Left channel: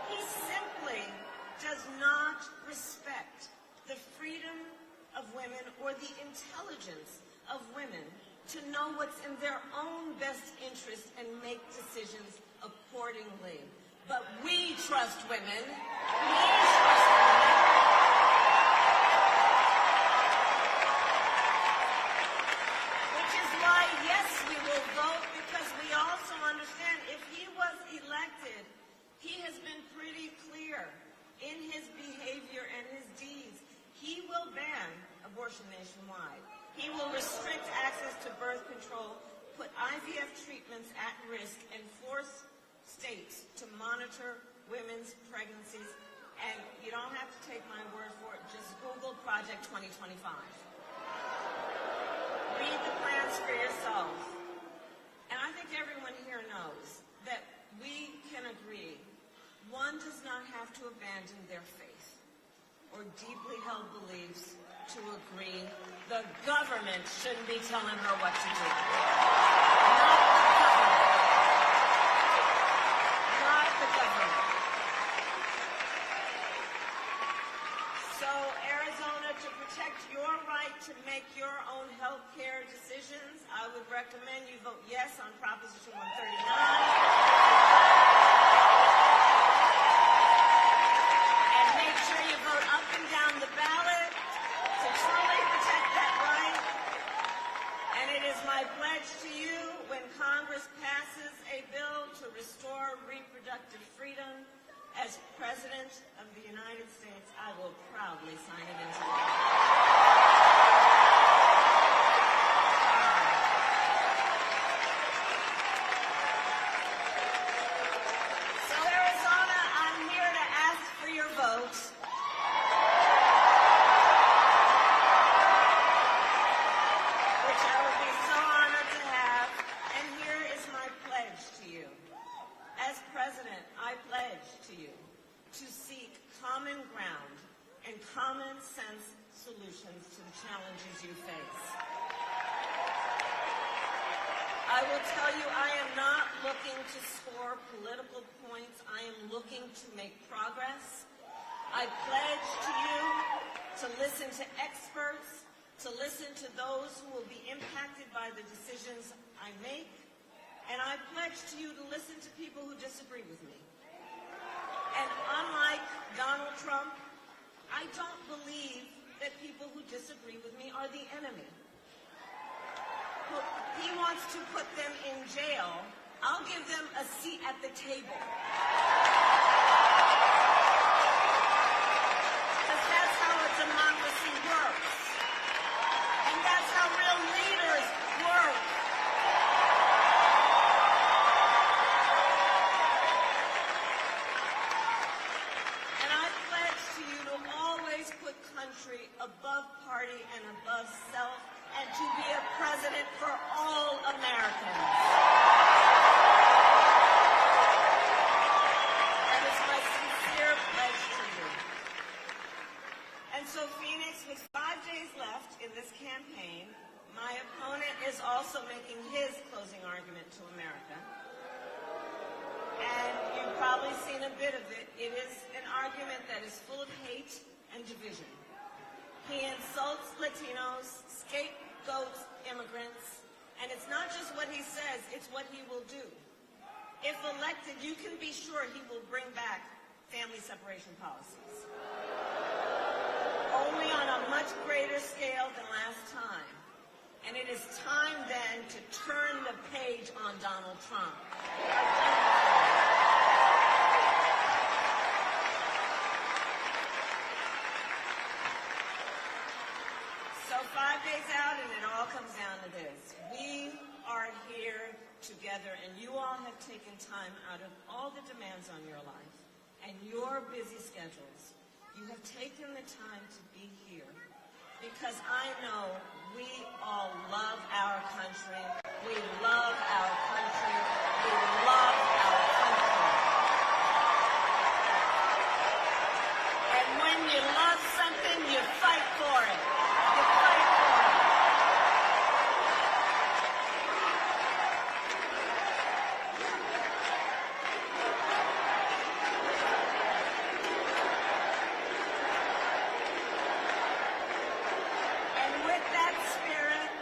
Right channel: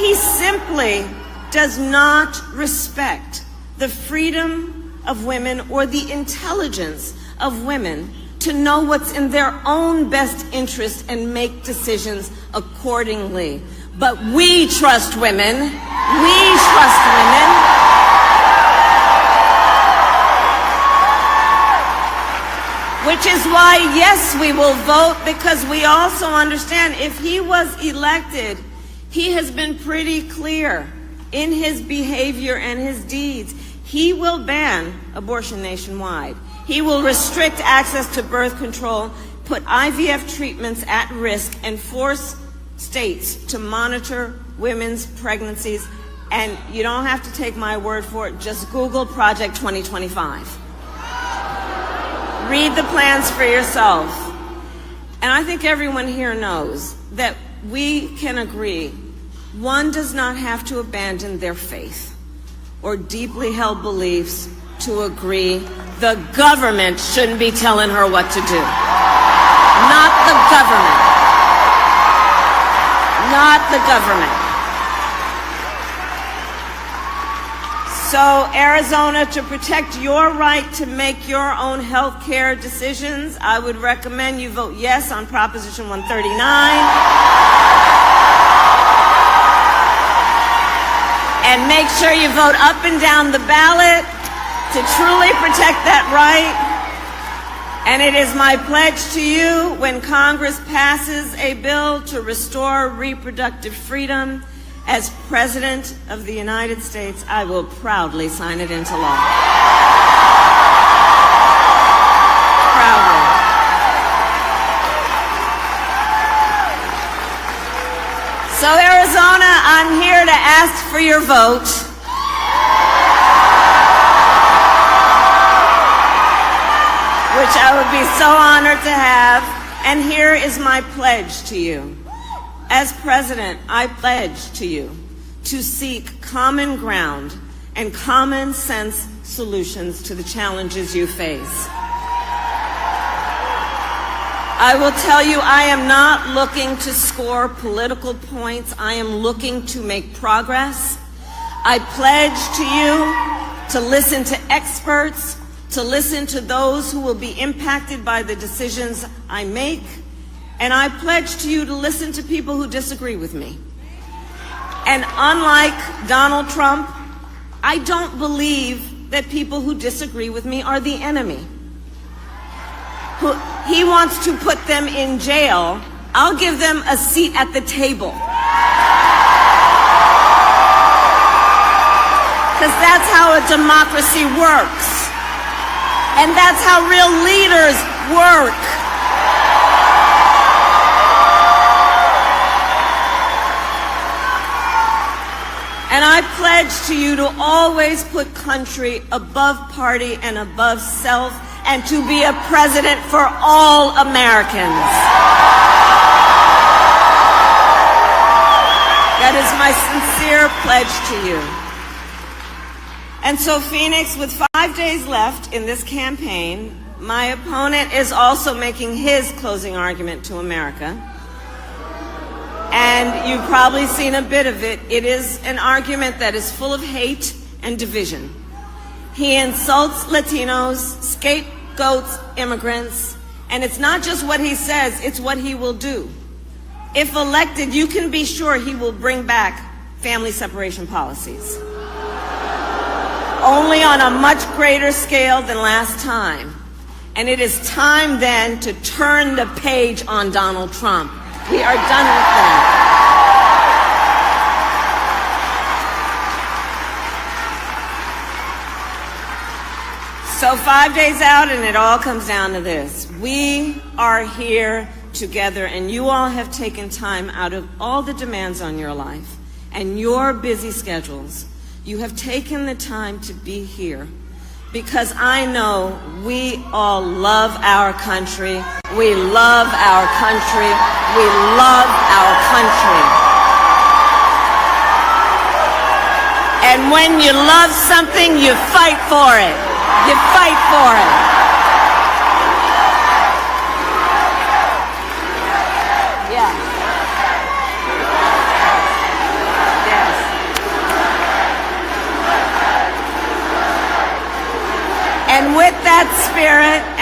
He simply does not respect the freedom of women or the intelligence of women to know what's in their own best interest and make decisions accordingly. But we trust women. We trust women. Which is why, yes, we will vote, because we also understand if he was elected, he has been pretty clear in his behavior and his deeds. He will ban abortion nationwide. He will restrict access to birth control, put IVF treatments at risk, and force states to monitor women's pregnancies. And you don't have to take my word for it. Just Google Project 2025. Read the plans for yourself. And I think everyone here knows that we can agree one does not have to abandon their faith or deeply held beliefs to agree the government shouldn't be telling her what to do. Not the government. Not the government. So, Arizona, to protect your right to make your own health care decisions, I would recommend you vote yes on Proposition 139. And make sure you vote up and down the ballot to truly protect that right. And it is my pledge to you, when Congress passes a bill to restore reproductive freedom, as President of the United States, I will proudly sign it into law. Proudly. So, Arizona, I'm here to ask for your vote. Which I would be so honored to have. And here is my pledge to you. As president, I pledge to you to seek common ground and common sense solutions to the challenges you face. I will tell you, I am not looking to score political points. I am looking to make progress. I pledge to you to listen to experts, to listen to those who will be impacted by the decisions I make. And I pledge to you to listen to people who disagree with me. And unlike Donald Trump, I don't believe that people who disagree with me are the enemy. He wants to put them in jail. I'll give them a seat at the table. Because that's how a democracy works. And that's how real leaders work. And I pledge to you to always put country above party and above self, and to be a president for all Americans. That is my sincere pledge to you. And so, Phoenix, with 5 days left in this campaign, my opponent is also making his closing argument to America. And you've probably seen a bit of it. It is an argument that is full of hate and division. He insults Latinos, scapegoats immigrants, and it's not just what he says, it's what he will do. If elected, you can be sure he will bring back family separation policies. Only on a much greater scale than last time. And it is time then to turn the page on Donald Trump. We are done with that. So 5 days out, and it all comes down to this. We are here together, and you all have taken time out of all the demands on your life and your busy schedules. You have taken the time to be here because I know we all love our country. We love our country. We love our country. And when you love something, you fight for it. You fight for it. Yeah. Yeah.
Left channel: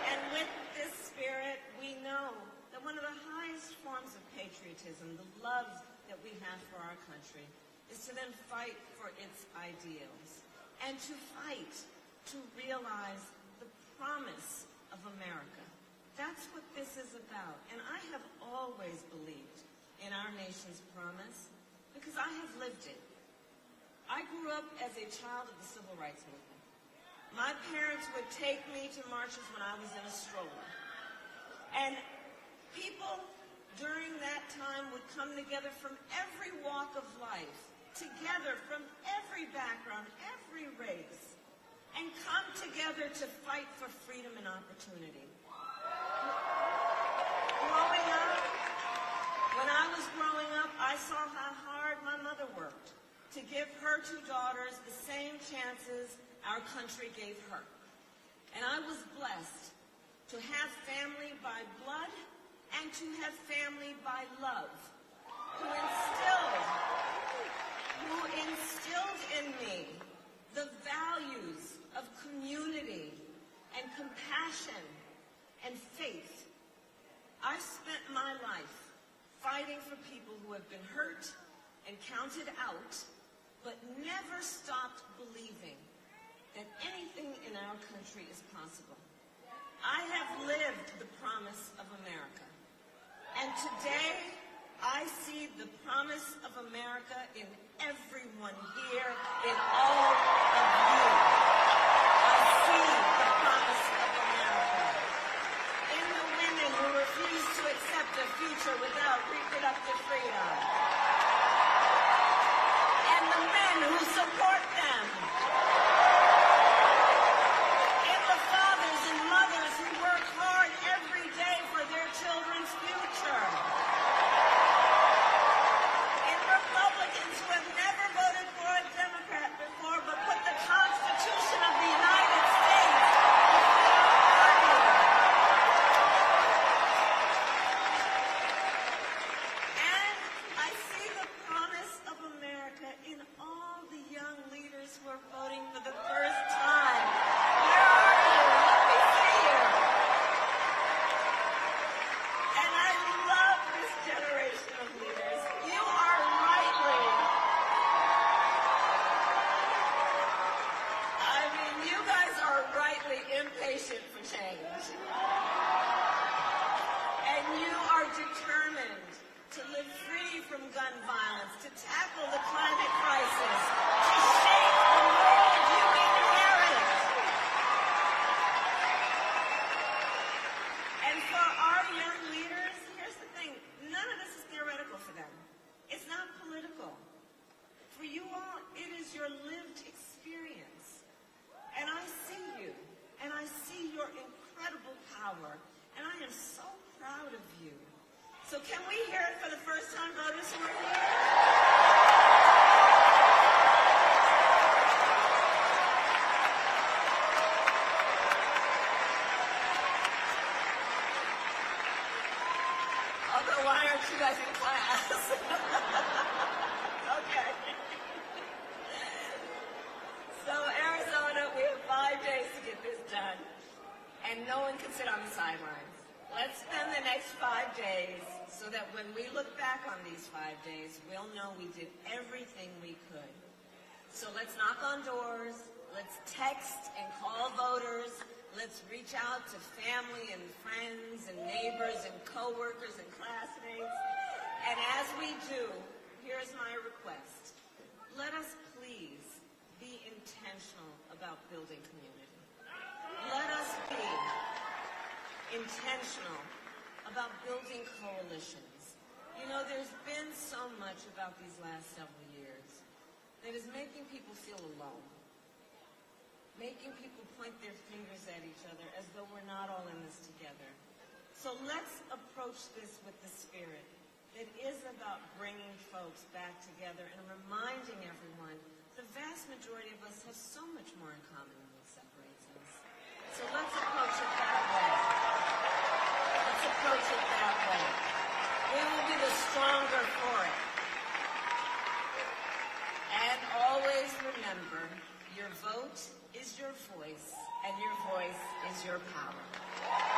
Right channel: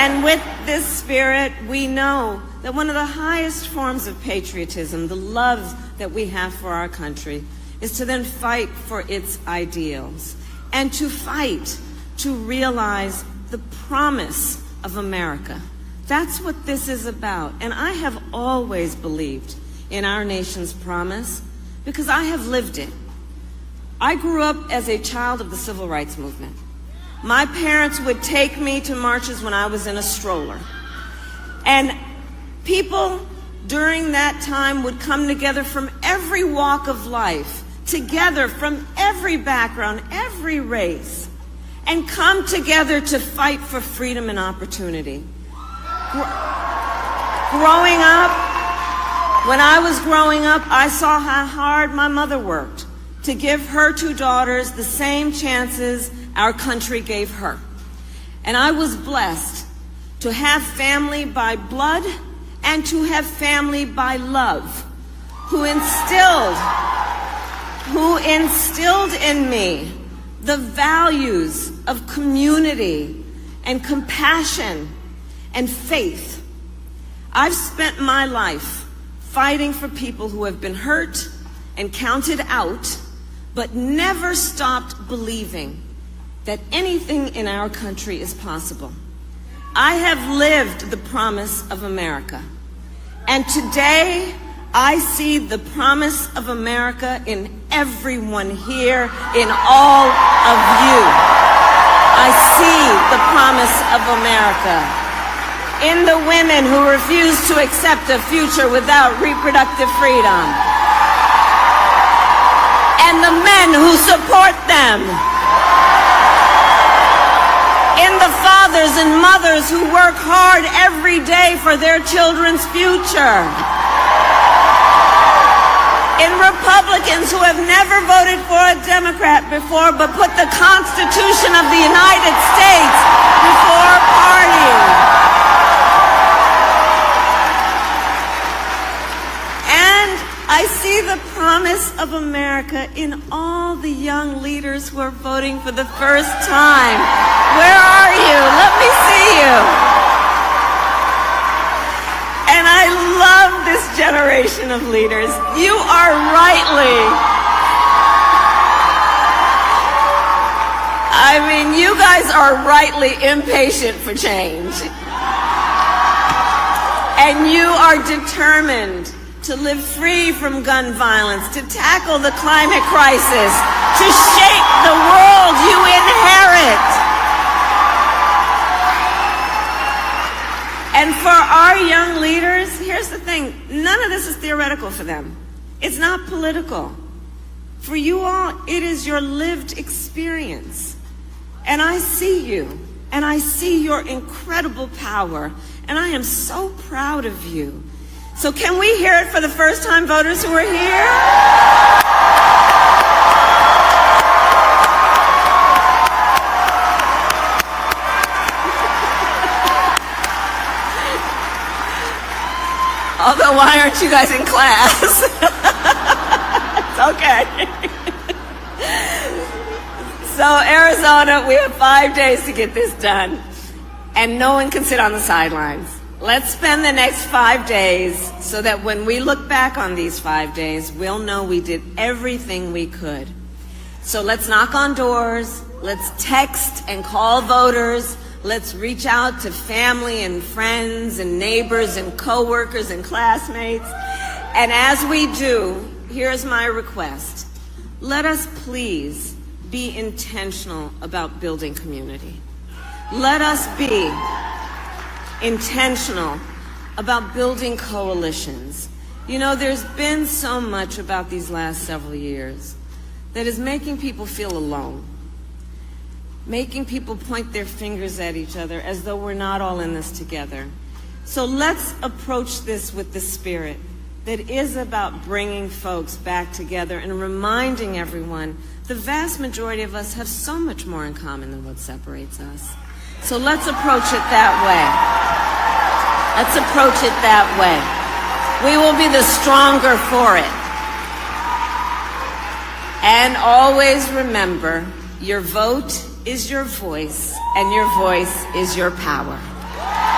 And with this spirit, we know that one of the highest forms of patriotism, the love that we have for our country, is to then fight for its ideals and to fight to realize the promise of America. That's what this is about. And I have always believed in our nation's promise because I have lived it. I grew up as a child of the civil rights movement. My parents would take me to marches when I was in a stroller. And people during that time would come together from every walk of life, together from every background, every race, and come together to fight for freedom and opportunity. Growing up, when I was growing up, I saw how hard my mother worked to give her two daughters the same chances our country gave her. And I was blessed to have family by blood and to have family by love, who instilled in me the values of community and compassion and faith. I've spent my life fighting for people who have been hurt and counted out, but never stopped believing that anything in our country is possible. I have lived the promise of America, and today I see the promise of America in everyone here, in all of you. I see the promise of America in the women who refuse to accept a future without reproductive freedom, and the men who support them, in the fathers and mothers who work hard every day for their children's future, in Republicans who have never voted for a Democrat before but put the Constitution of the United States before party. And I see the promise of America in all the young leaders who are voting for the first time. Where are you? Let me see you. And I love this generation of leaders. You are you guys are rightly impatient for change. And you are determined to live free from gun violence, to tackle the climate crisis, to shape the world you inherit. And for our young leaders, here's the thing, none of this is theoretical for them. It's not political. For you all, it is your lived experience. And I see you, and I see your incredible power, and I am so proud of you. So can we hear it for the first-time voters who are here? Although, why aren't you guys in class? It's okay. So, Arizona, we have 5 days to get this done, and no one can sit on the sidelines. Let's spend the next 5 days so that when we look back on these 5 days, we'll know we did everything we could. So let's knock on doors, let's text and call voters, let's reach out to family and friends and neighbors and coworkers and classmates. And as we do, here's my request. Let us please be intentional about building community. Let us be intentional about building coalitions. You know, there's been so much about these last several years that is making people feel alone, making people point their fingers at each other as though we're not all in this together. So let's approach this with the spirit that is about bringing folks back together and reminding everyone the vast majority of us have so much more in common than what separates us. So let's approach it that way. Let's approach it that way. We will be the stronger for it. And always remember, your vote is your voice, and your voice is your power.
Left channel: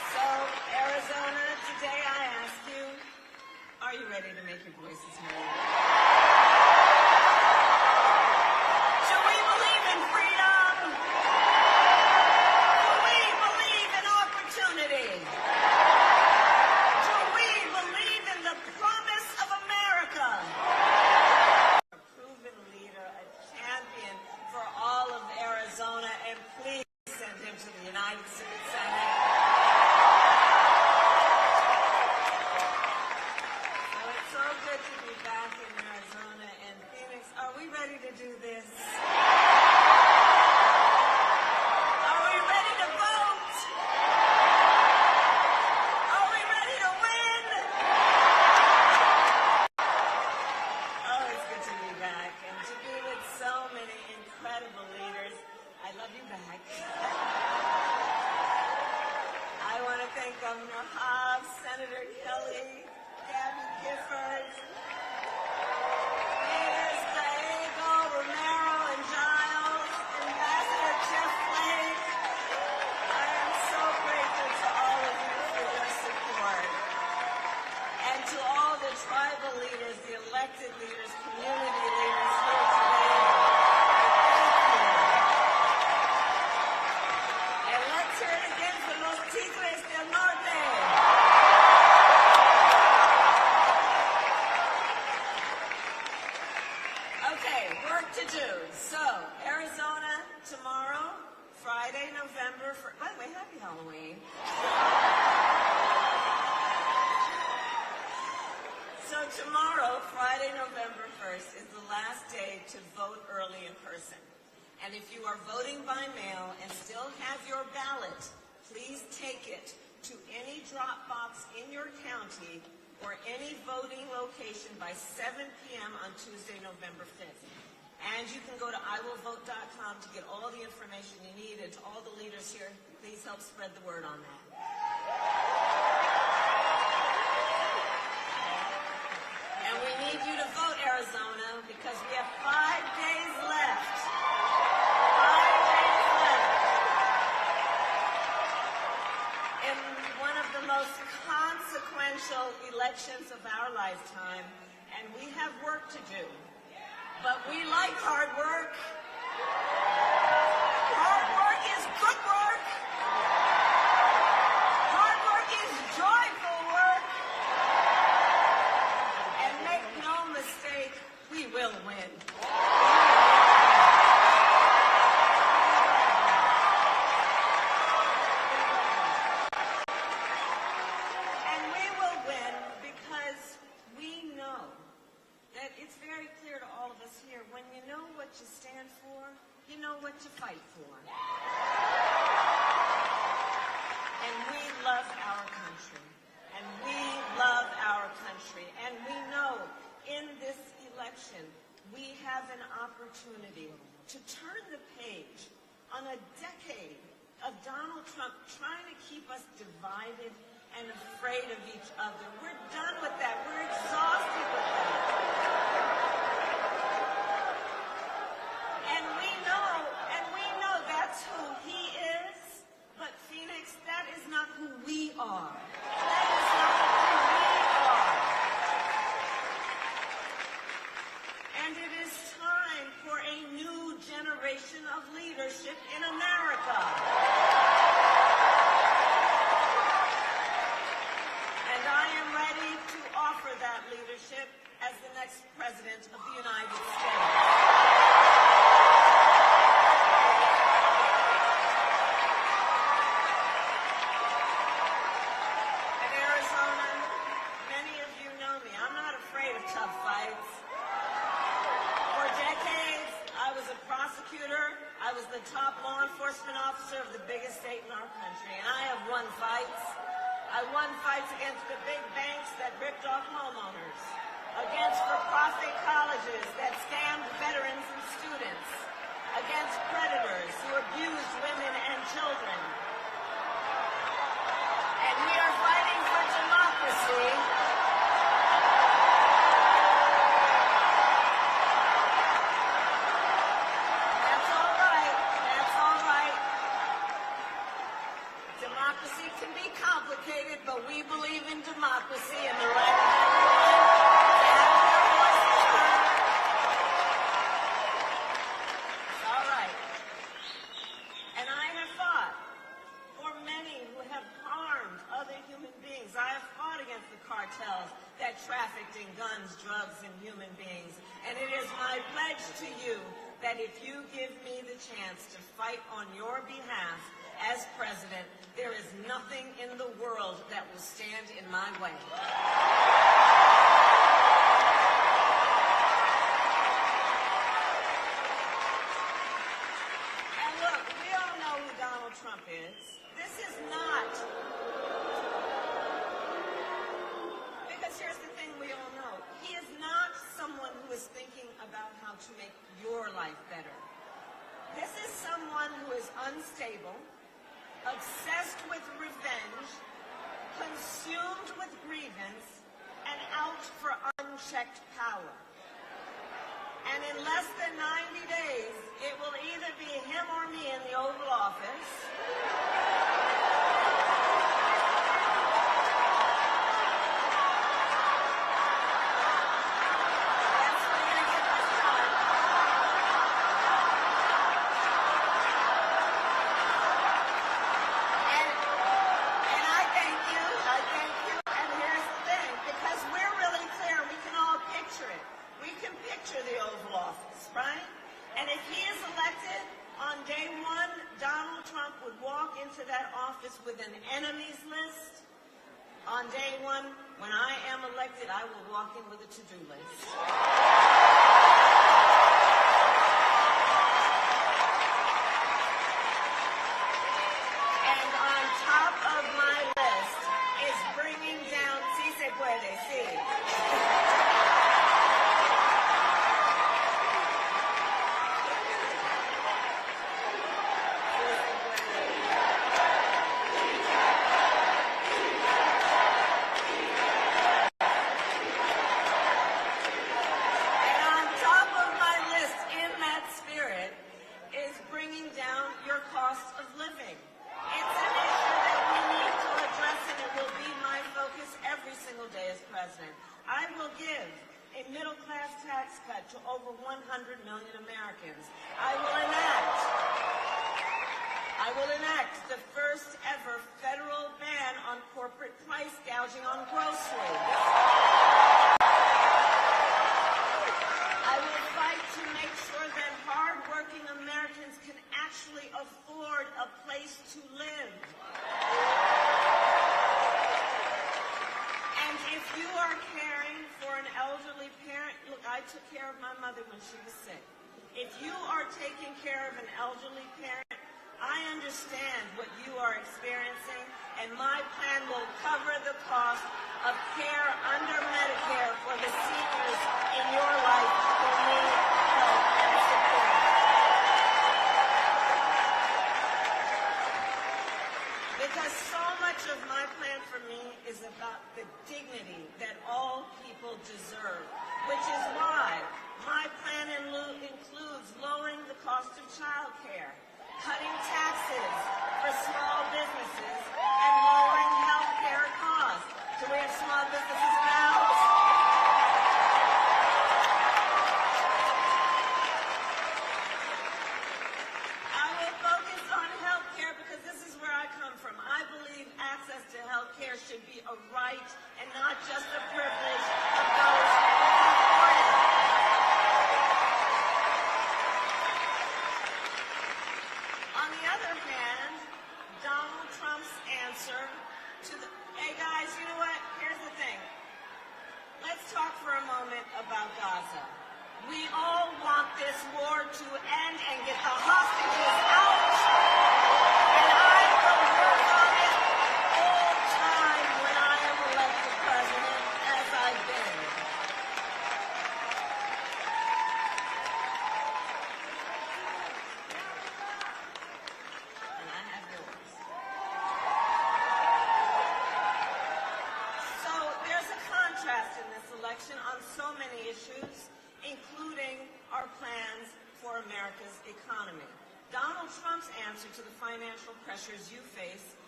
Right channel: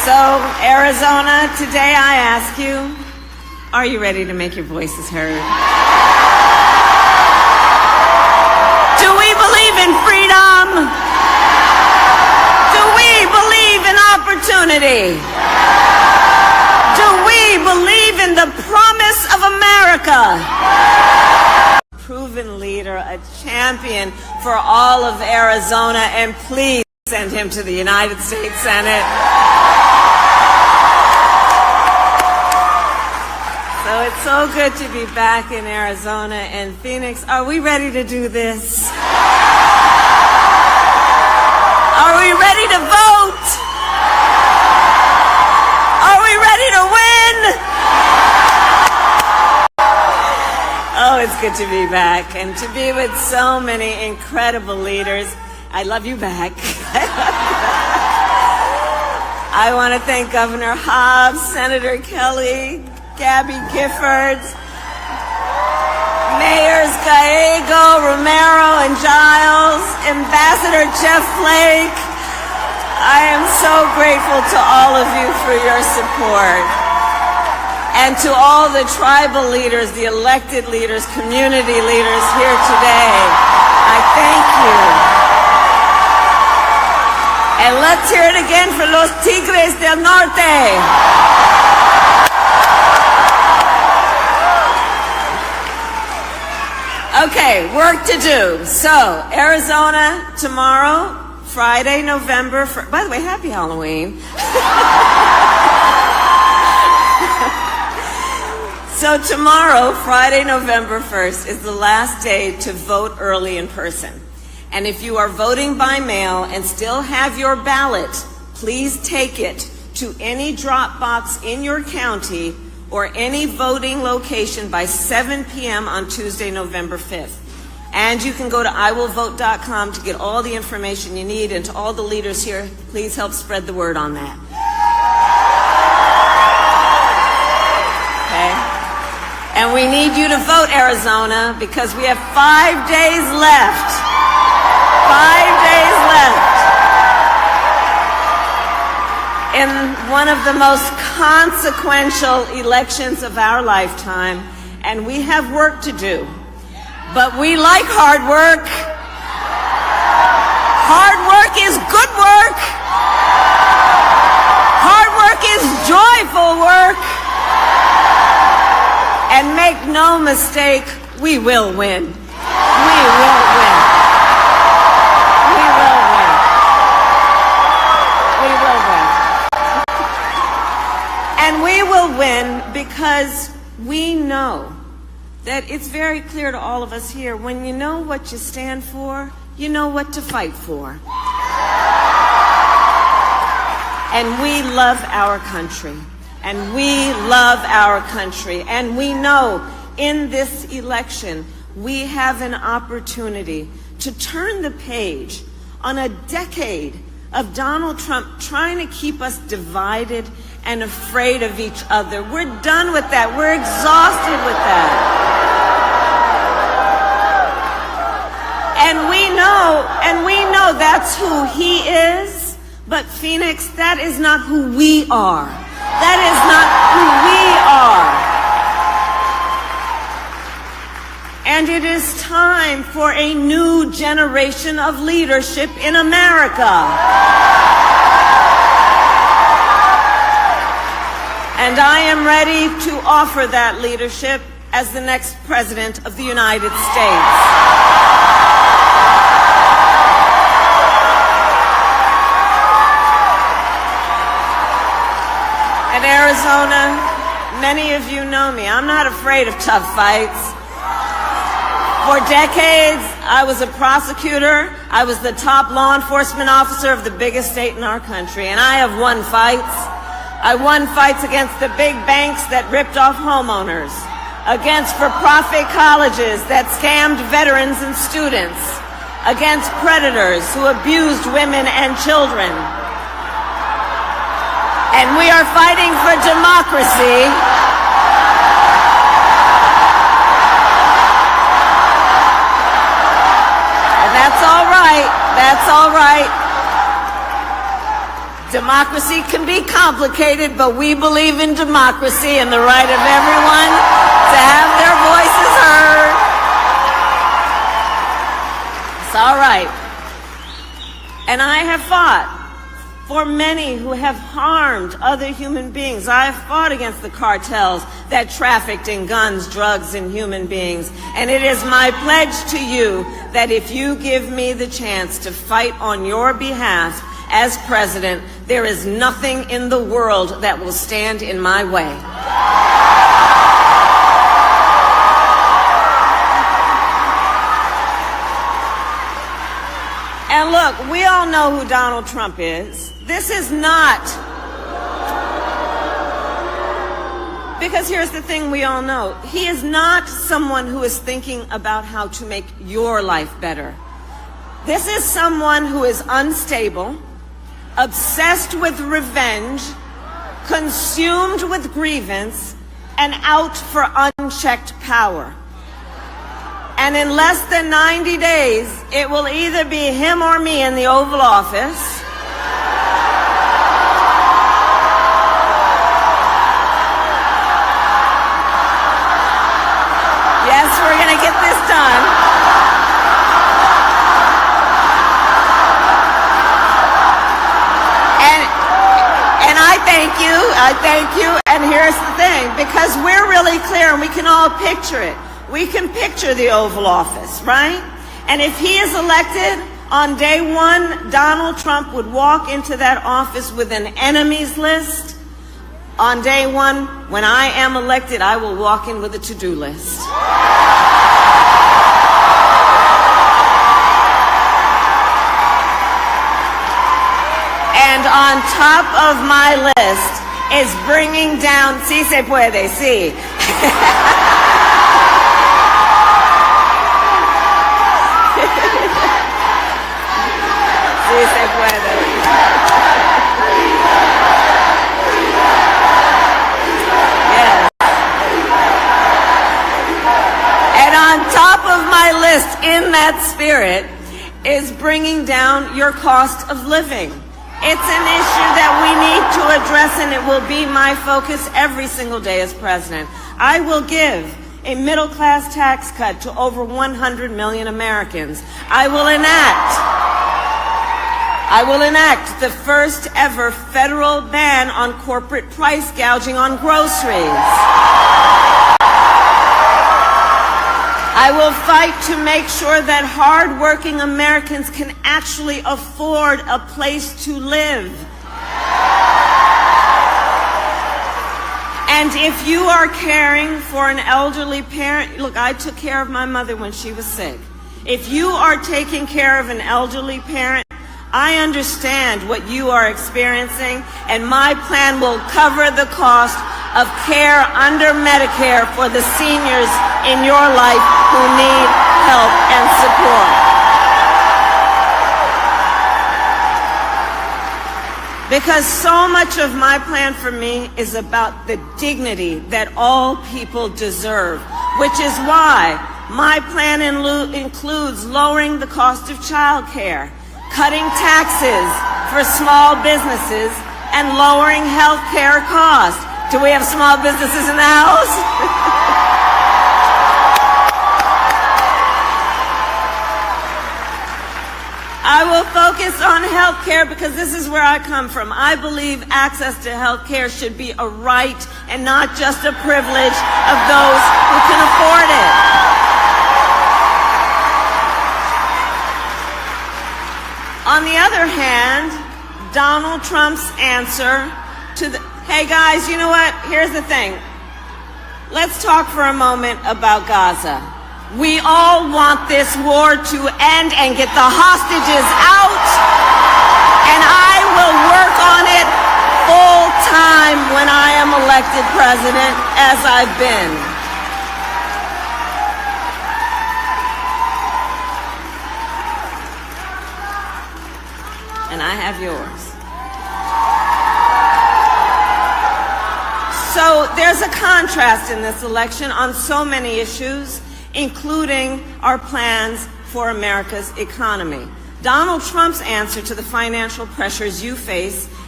So, Arizona, today I ask you, are you ready to make your voices heard? Do we believe in freedom? Do we believe in opportunity? Do we believe in the promise of America? Proven leader, a champion for all of Arizona, and please send him to the United States Senate. So it's so good to be back in Arizona and Phoenix. Are we ready to do this? Are we ready to vote? Are we ready to win? Oh, it's good to be back and to be with so many incredible leaders. I love you back. I want to thank Governor Hobbs, Senator Kelly, Gabby Giffords, Mayors Gallego, Romero, and Giles, Ambassador Jeff Flake. I am so grateful to all of you for your support. And to all the tribal leaders, the elected leaders, community leaders here today, I thank you. And let's hear it again for los Tigres del Norte. Okay, work to do. So, Arizona tomorrow, Friday, November 1st. By the way, happy Halloween. So tomorrow, Friday, November 1st, is the last day to vote early in person. And if you are voting by mail and still have your ballot, please take it to any drop box in your county or any voting location by 7 p.m. on Tuesday, November 5th. And you can go to iwillvote.com to get all the information you need. And to all the leaders here, please help spread the word on that. Okay? And we need you to vote, Arizona, because we have 5 days left. 5 days left in one of the most consequential elections of our lifetime, and we have work to do. But we like hard work. Hard work is good work. Hard work is joyful work. And make no mistake, we will win. We will win. We will win. We will win. And we will win because we know that it's very clear to all of us here, when you know what you stand for, you know what to fight for. And we love our country. And we love our country. And we know in this election, we have an opportunity to turn the page on a decade of Donald Trump trying to keep us divided and afraid of each other. We're done with that. We're exhausted with that. And we know that's who he is, but Phoenix, that is not who we are. That is not who we are. And it is time for a new generation of leadership in America. And I am ready to offer that leadership as the next President of the United States. In Arizona, many of you know me. I'm not afraid of tough fights. For decades, I was a prosecutor. I was the top law enforcement officer of the biggest state in our country, and I have won fights. I won fights against the big banks that ripped off homeowners, against for-profit colleges that scammed veterans and students, against predators who abused women and children. And we are fighting for democracy. And that's all right. That's all right. Democracy can be complicated, but we believe in democracy and the right of everyone to have their voices heard. It's all right. And I have fought for many who have harmed other human beings. I have fought against the cartels that trafficked in guns, drugs, and human beings. And it is my pledge to you that if you give me the chance to fight on your behalf as president, there is nothing in the world that will stand in my way. And look, we all know who Donald Trump is. This is not, because here's the thing we all know. He is not someone who is thinking about how to make your life better. This is someone who is unstable, obsessed with revenge, consumed with grievance, and out for unchecked power. And in less than 90 days, it will either be him or me in the Oval Office. Yes, we're going to get this done. And I thank you, and here's the thing, because we're really clear and we can all picture it. We can picture the Oval Office, right? And if he is elected, on day one, Donald Trump would walk into that office with an enemies list. On day one, when I am elected, I will walk in with a to-do list. And on top of my list is bringing down, sí se puede, sí. Sí se puede. Yes. And on top of my list, in that spirit, is bringing down your cost of living. It's an issue that we need to address, and it will be my focus every single day as president. I will give a middle-class tax cut to over 100 million Americans. I will enact the first ever federal ban on corporate price gouging on groceries. I will fight to make sure that hard-working Americans can actually afford a place to live. And if you are caring for an elderly parent, look, I took care of my mother when she was sick. If you are taking care of an elderly parent, I understand what you are experiencing, and my plan will cover the cost of care under Medicare for the seniors in your life who need help and support. Because so much of my plan for me is about the dignity that all people deserve, which is why my plan includes lowering the cost of child care, cutting taxes for small businesses, and lowering health care costs. Do we have small businesses in the house? I will focus on health care because this is where I come from. I believe access to health care should be a right and not just a privilege of those who can afford it. On the other hand, Donald Trump's answer to the, hey guys, you know what? Here's the thing. Let's talk for a moment about Gaza. We all want this war to end and get the hostages out, and I will work on it full time when I am elected president, as I've been. And I have yours. So there's a contrast in this election on so many issues, including our plans for America's economy. Donald Trump's answer to the financial pressures you face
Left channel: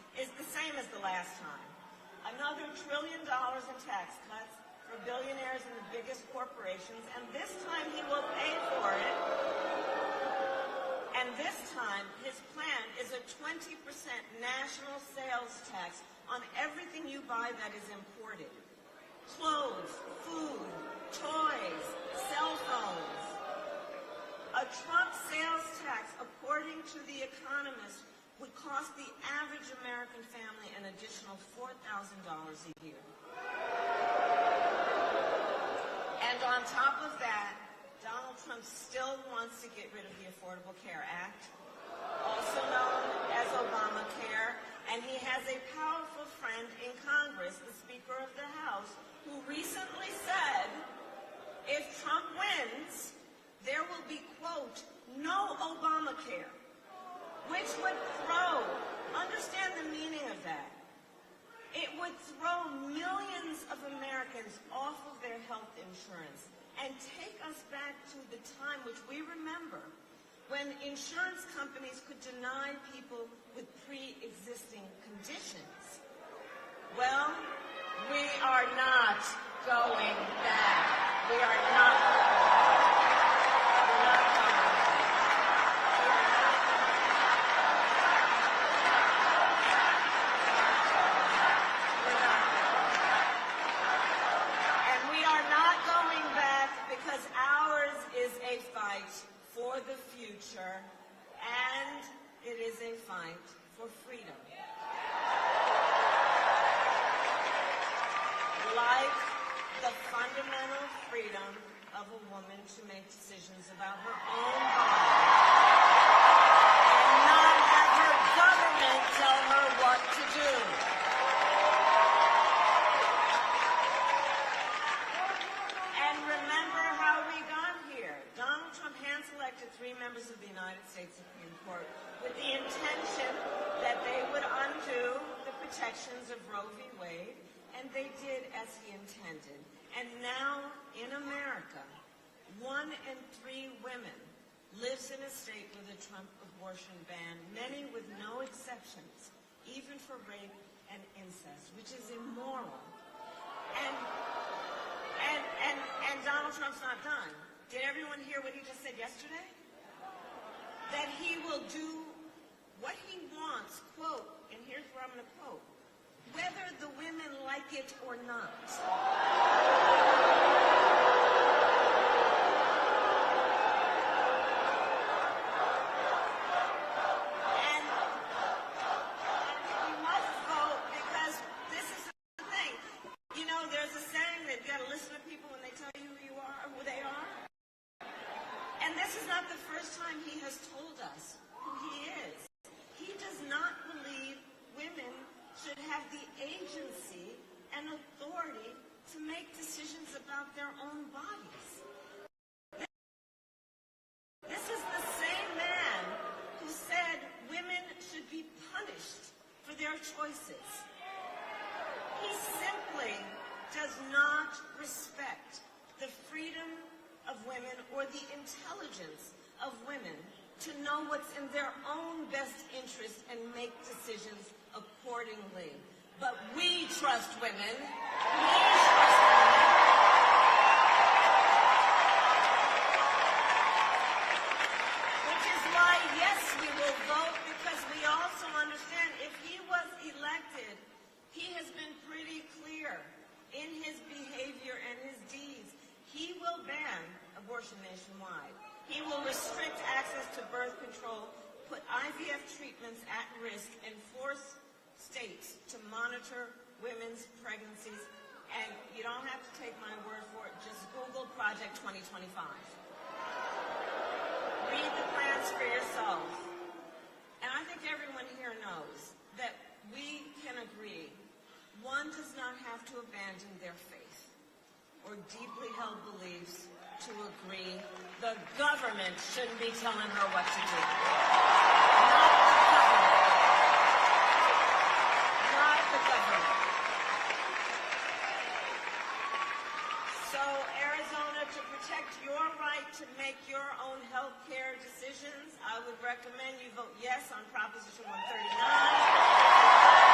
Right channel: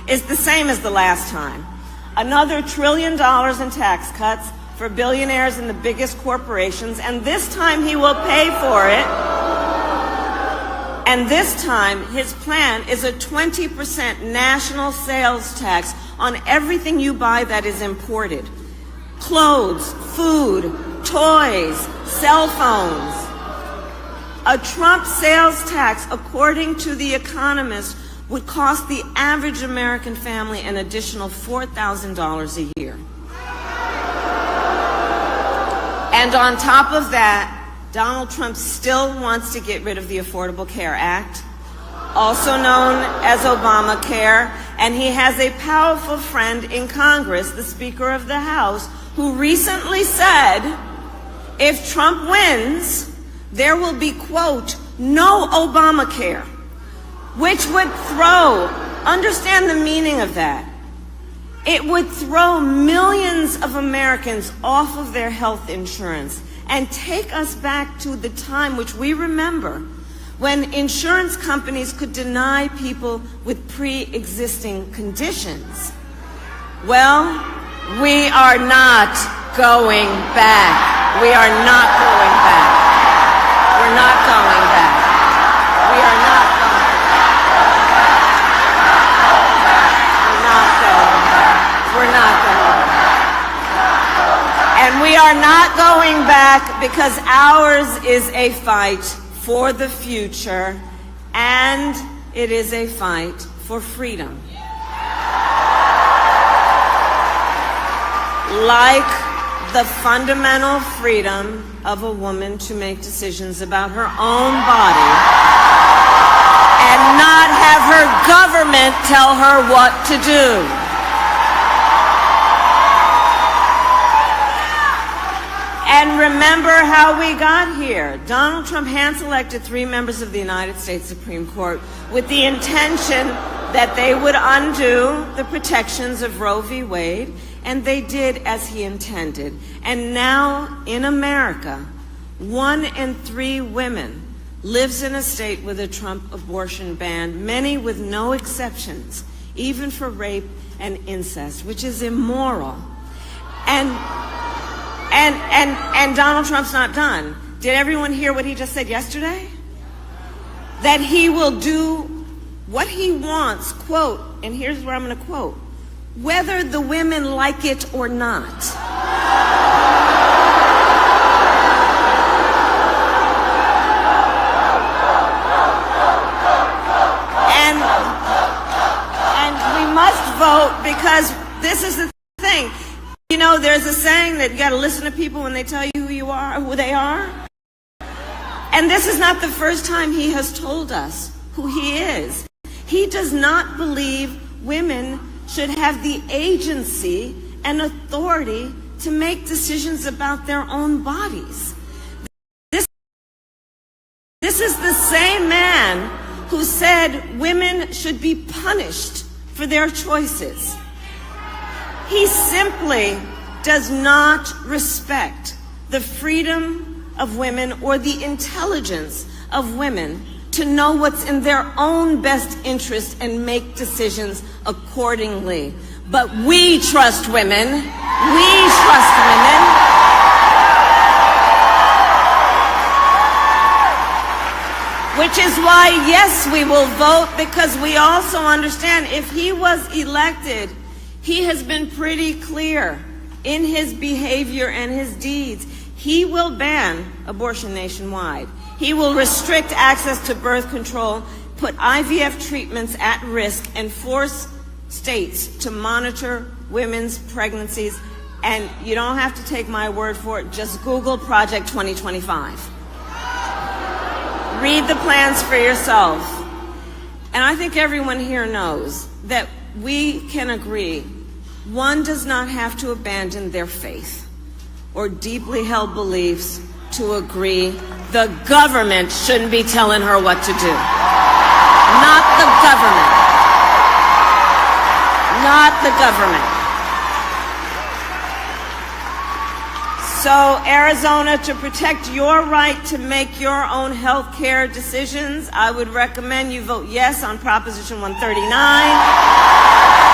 is the same as the last time. Another $1 trillion in tax cuts for billionaires and the biggest corporations, and this time he will pay for it. And this time, his plan is a 20% national sales tax on everything you buy that is imported. Clothes, food, toys, cell phones. A Trump sales tax, according to The Economist, would cost the average American family an additional $4,000 a year. And on top of that, Donald Trump still wants to get rid of the Affordable Care Act, also known as Obamacare, and he has a powerful friend in Congress, the Speaker of the House, who recently said, if Trump wins, there will be, quote, no Obamacare, which would throw, understand the meaning of that, it would throw millions of Americans off of their health insurance and take us back to the time which we remember when insurance companies could deny people with pre-existing conditions. Well, we are not going back. We are not going back. We're not going back. We are not going back. We're not going back. And we are not going back because ours is a fight for the future, and it is a fight for freedom. Like the fundamental freedom of a woman to make decisions about her own body and not have her government tell her what to do. And remember how we got here. Donald Trump hand-selected 3 members of the United States Supreme Court with the intention that they would undo the protections of Roe v. Wade, and they did as he intended. And now in America, 1 in 3 women lives in a state with a Trump abortion ban, many with no exceptions, even for rape and incest, which is immoral. And Donald Trump's not done. Did everyone hear what he just said yesterday? That he will do what he wants, quote, and here's where I'm going to quote, whether the women like it or not. And we must vote because this is the thing. You know, there's a saying that you got to listen to people when they tell you who you are, who they are. And this is not the first time he has told us who he is. He does not believe women should have the agency and authority to make decisions about their own bodies. This is the same man who said women should be punished for their choices. He simply does not respect the freedom of women or the intelligence of women to know what's in their own best interest and make decisions accordingly. But we trust women. We trust women. Which is why, yes, we will vote, because we also understand if he was elected, he has been pretty clear in his behavior and his deeds. He will ban abortion nationwide. He will restrict access to birth control, put IVF treatments at risk, and force states to monitor women's pregnancies. And you don't have to take my word for it. Just Google Project 2025. Read the plans for yourself. And I think everyone here knows that we can agree one does not have to abandon their faith or deeply held beliefs to agree the government shouldn't be telling her what to do. Not the government. Not the government. So, Arizona, to protect your right to make your own health care decisions, I would recommend you vote yes on Proposition 139.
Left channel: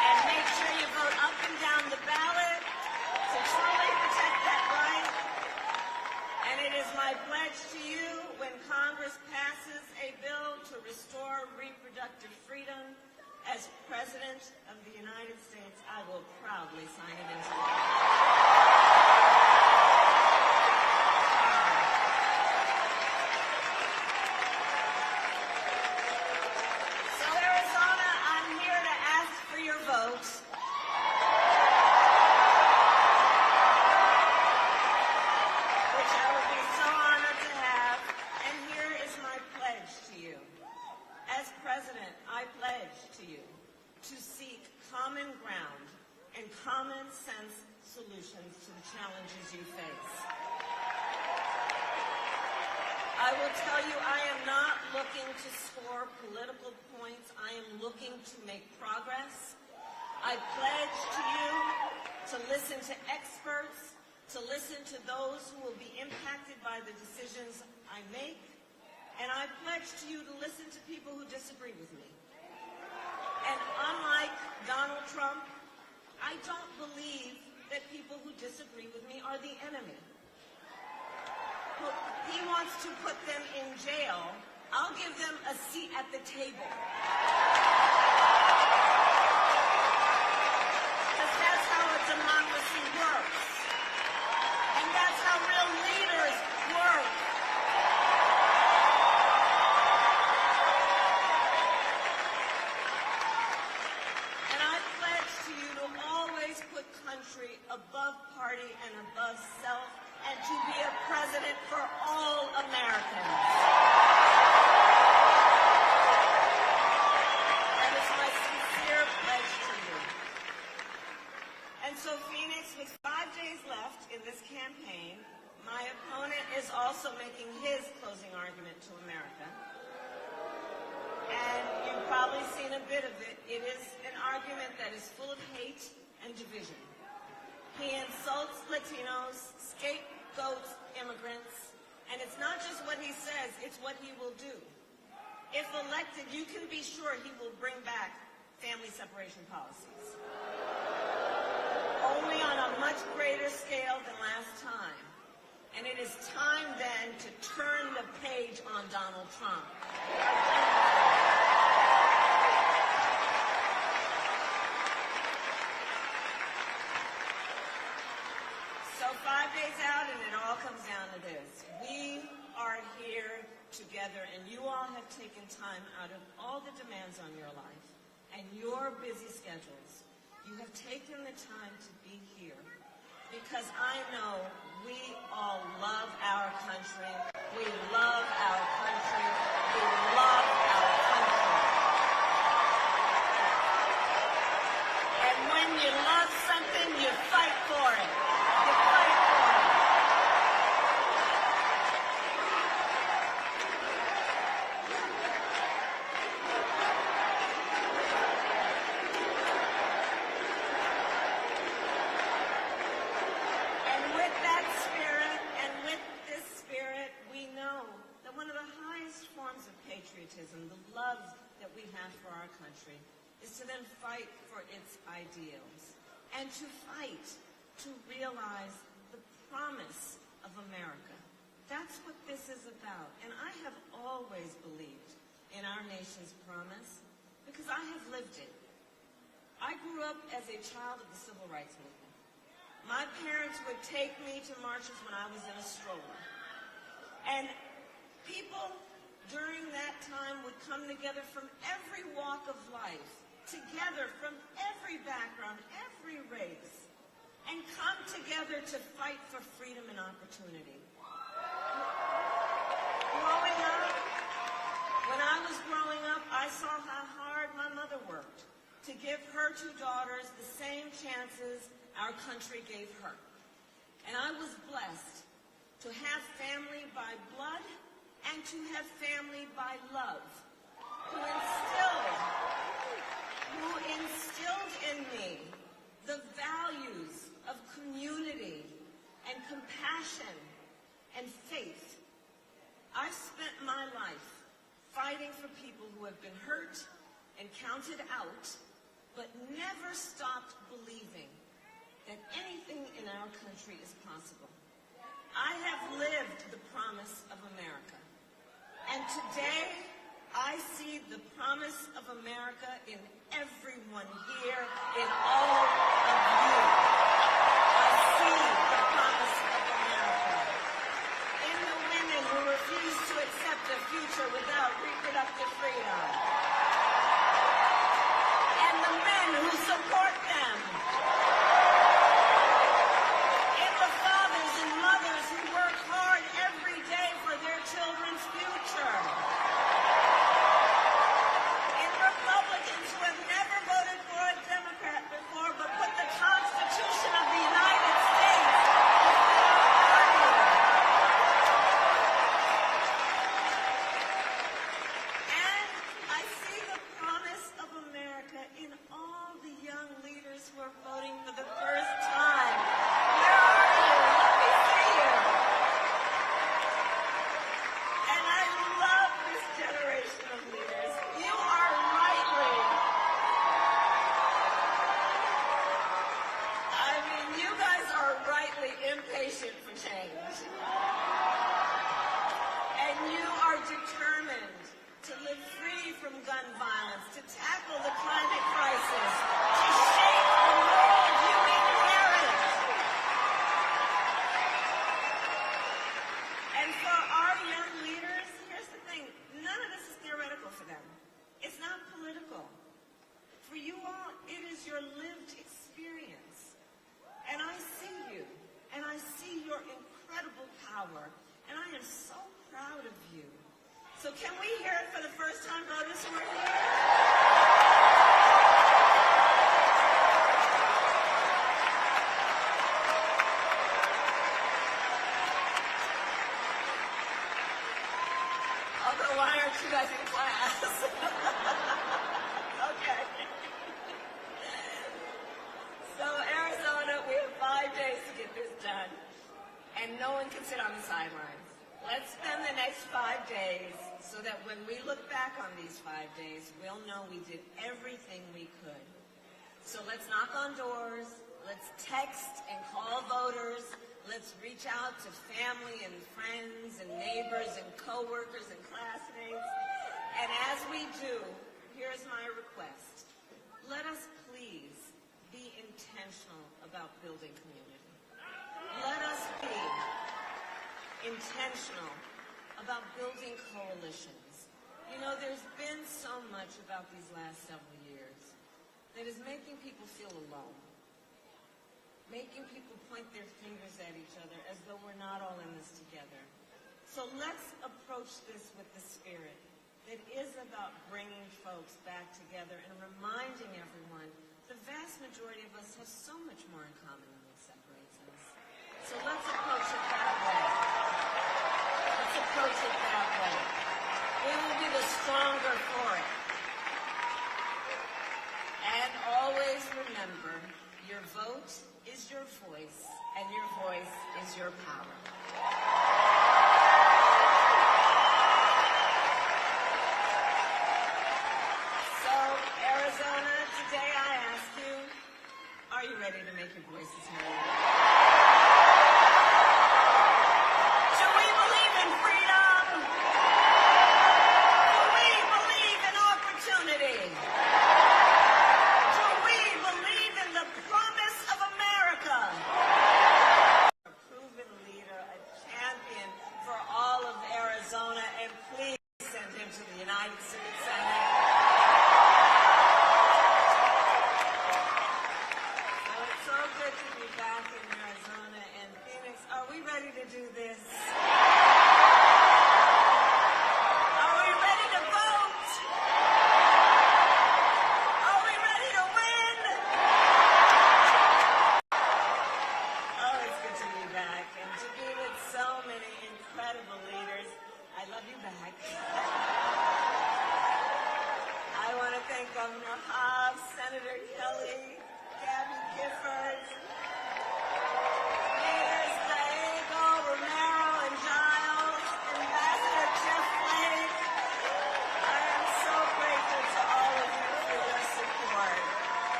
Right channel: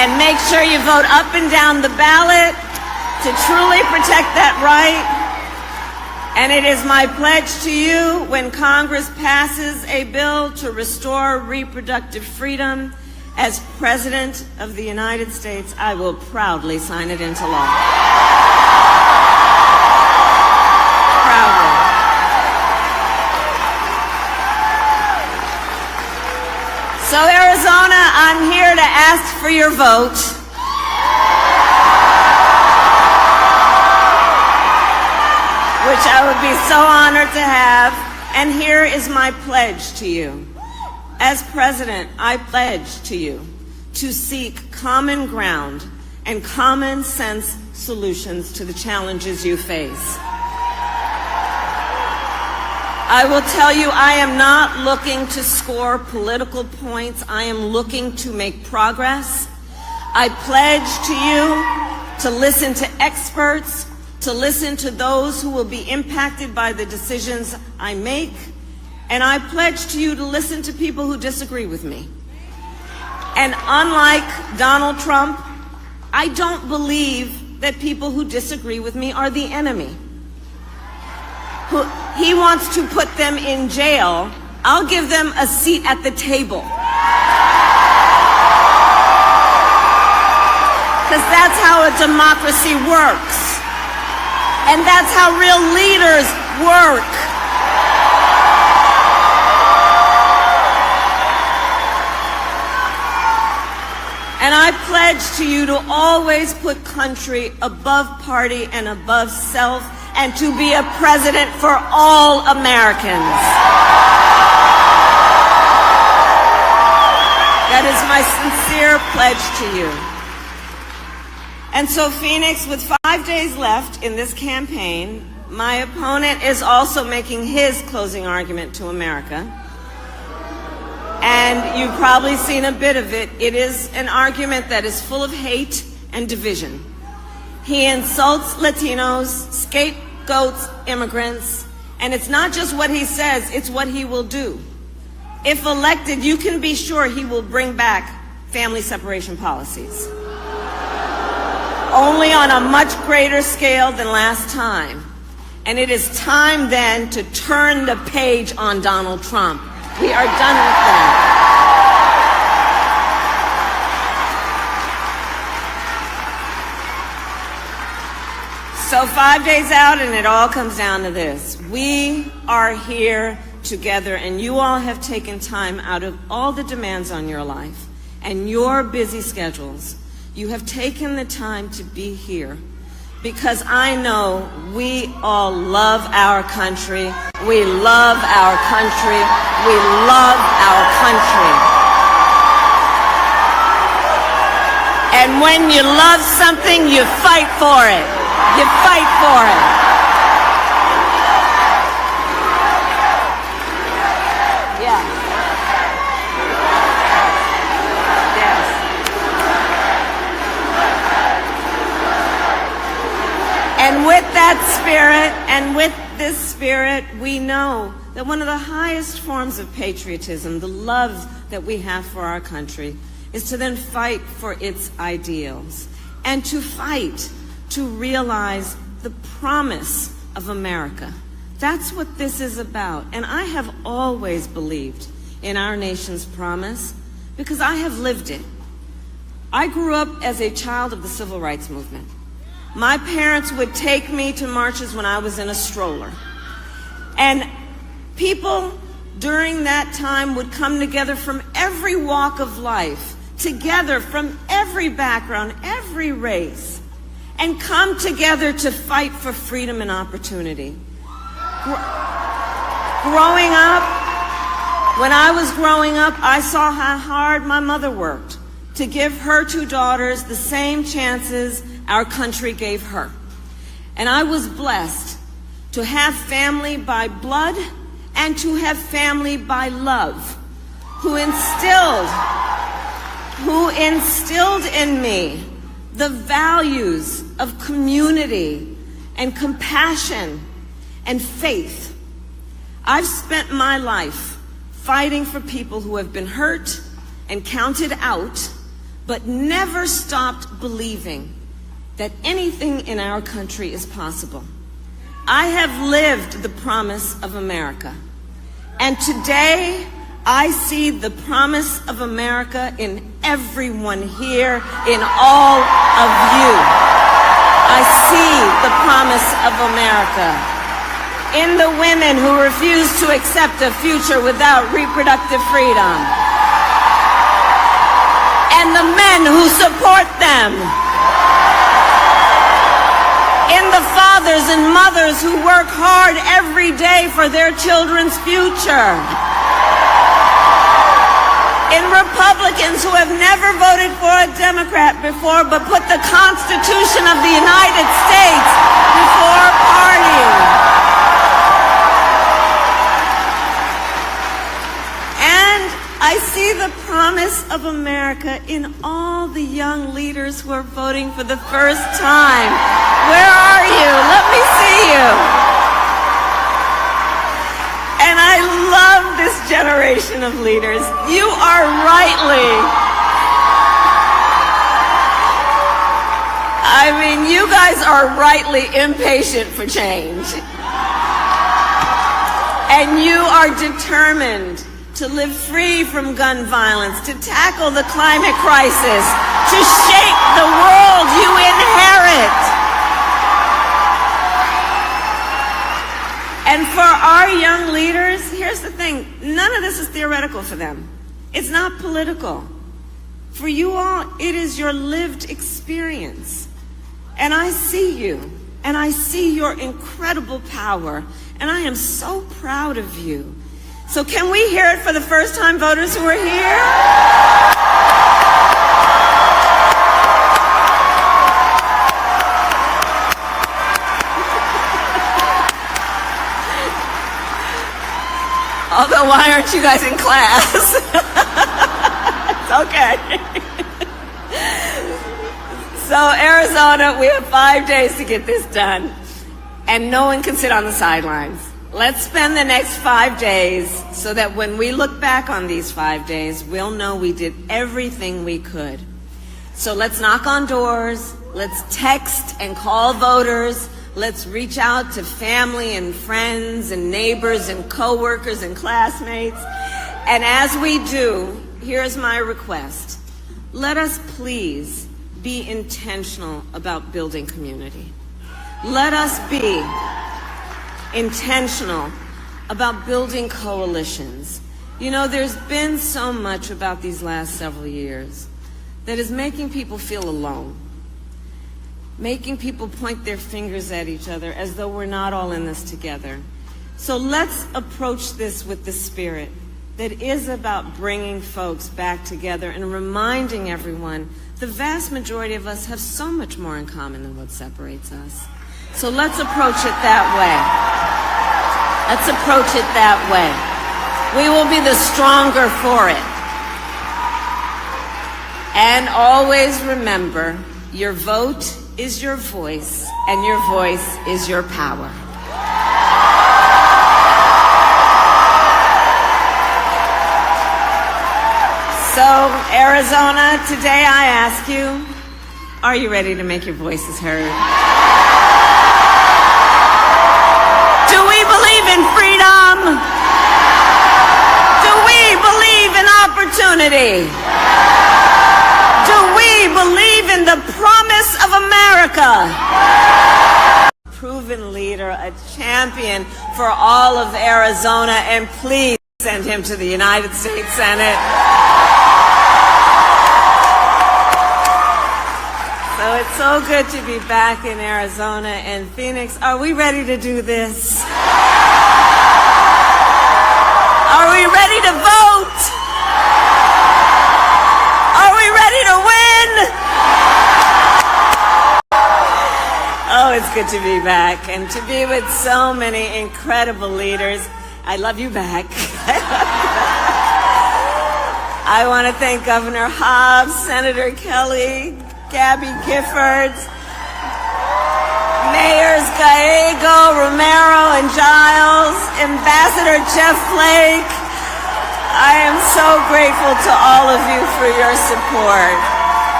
And make sure you vote up and down the ballot to truly protect that right. And it is my pledge to you, when Congress passes a bill to restore reproductive freedom, as President of the United States, I will proudly sign it into law. Proudly. So Arizona, I'm here to ask for your vote. Which I would be so honored to have. And here is my pledge to you. As President, I pledge to you to seek common ground and common sense solutions to the challenges you face. I will tell you, I am not looking to score political points. I am looking to make progress. I pledge to you to listen to experts, to listen to those who will be impacted by the decisions I make, and I pledge to you to listen to people who disagree with me. And unlike Donald Trump, I don't believe that people who disagree with me are the enemy. He wants to put them in jail. I'll give them a seat at the table. Because that's how a democracy works. And that's how real leaders work. And I pledge to you to always put country above party and above self, and to be a president for all Americans. That is my sincere pledge to you. And so, Phoenix, with 5 days left in this campaign, my opponent is also making his closing argument to America. And you've probably seen a bit of it. It is an argument that is full of hate and division. He insults Latinos, scapegoats immigrants, and it's not just what he says, it's what he will do. If elected, you can be sure he will bring back family separation policies. Only on a much greater scale than last time. And it is time then to turn the page on Donald Trump. We are done with that. So 5 days out, and it all comes down to this. We are here together, and you all have taken time out of all the demands on your life and your busy schedules. You have taken the time to be here because I know we all love our country. We love our country. We love our country. And when you love something, you fight for it. You fight for it. Yeah. Yes. And with that spirit, and with this spirit, we know that one of the highest forms of patriotism, the love that we have for our country, is to then fight for its ideals and to fight to realize the promise of America. That's what this is about. And I have always believed in our nation's promise because I have lived it. I grew up as a child of the civil rights movement. My parents would take me to marches when I was in a stroller. And people during that time would come together from every walk of life, together from every background, every race, and come together to fight for freedom and opportunity. Growing up, when I was growing up, I saw how hard my mother worked to give her two daughters the same chances our country gave her. And I was blessed to have family by blood and to have family by love, who instilled in me the values of community and compassion and faith. I've spent my life fighting for people who have been hurt and counted out, but never stopped believing that anything in our country is possible. I have lived the promise of America, and today I see the promise of America in everyone here, in all of you. I see the promise of America in the women who refuse to accept a future without reproductive freedom, and the men who support them, in the fathers and mothers who work hard every day for their children's future, in Republicans who have never voted for a Democrat before but put the Constitution of the United States before party. And I see the promise of America in all the young leaders who are voting for the first time. Where are you? Let me see you. And I love this generation of leaders. You are you guys are rightly impatient for change. And you are determined to live free from gun violence, to tackle the climate crisis, to shape the world you inherit. And for our young leaders, here's the thing, none of this is theoretical for them. It's not political. For you all, it is your lived experience. And I see you, and I see your incredible power, and I am so proud of you. So can we hear it for the first-time voters who are here? Although, why aren't you guys in class? It's okay. So, Arizona, we have 5 days to get this done, and no one can sit on the sidelines. Let's spend the next 5 days so that when we look back on these 5 days, we'll know we did everything we could. So let's knock on doors, let's text and call voters, let's reach out to family and friends and neighbors and coworkers and classmates. And as we do, here's my request. Let us please be intentional about building community. Let us be intentional about building coalitions. You know, there's been so much about these last several years that is making people feel alone, making people point their fingers at each other as though we're not all in this together. So let's approach this with the spirit that is about bringing folks back together and reminding everyone the vast majority of us have so much more in common than what separates us. So let's approach it that way. Let's approach it that way. We will be the stronger for it. And always remember, your vote is your voice, and your voice is your power. So, Arizona, today I ask you, are you ready to make your voices heard? Do we believe in freedom? Do we believe in opportunity? Do we believe in the promise of America? Proven leader, a champion for all of Arizona, and please send him to the United States Senate. So it's so good to be back in Arizona and Phoenix. Are we ready to do this? Are we ready to vote? Are we ready to win? Oh, it's good to be back and to be with so many incredible leaders. I love you back. I want to thank Governor Hobbs, Senator Kelly, Gabby Giffords, Mayors Gallego, Romero, and Giles, Ambassador Jeff Flake. I am so grateful to all of you for your support.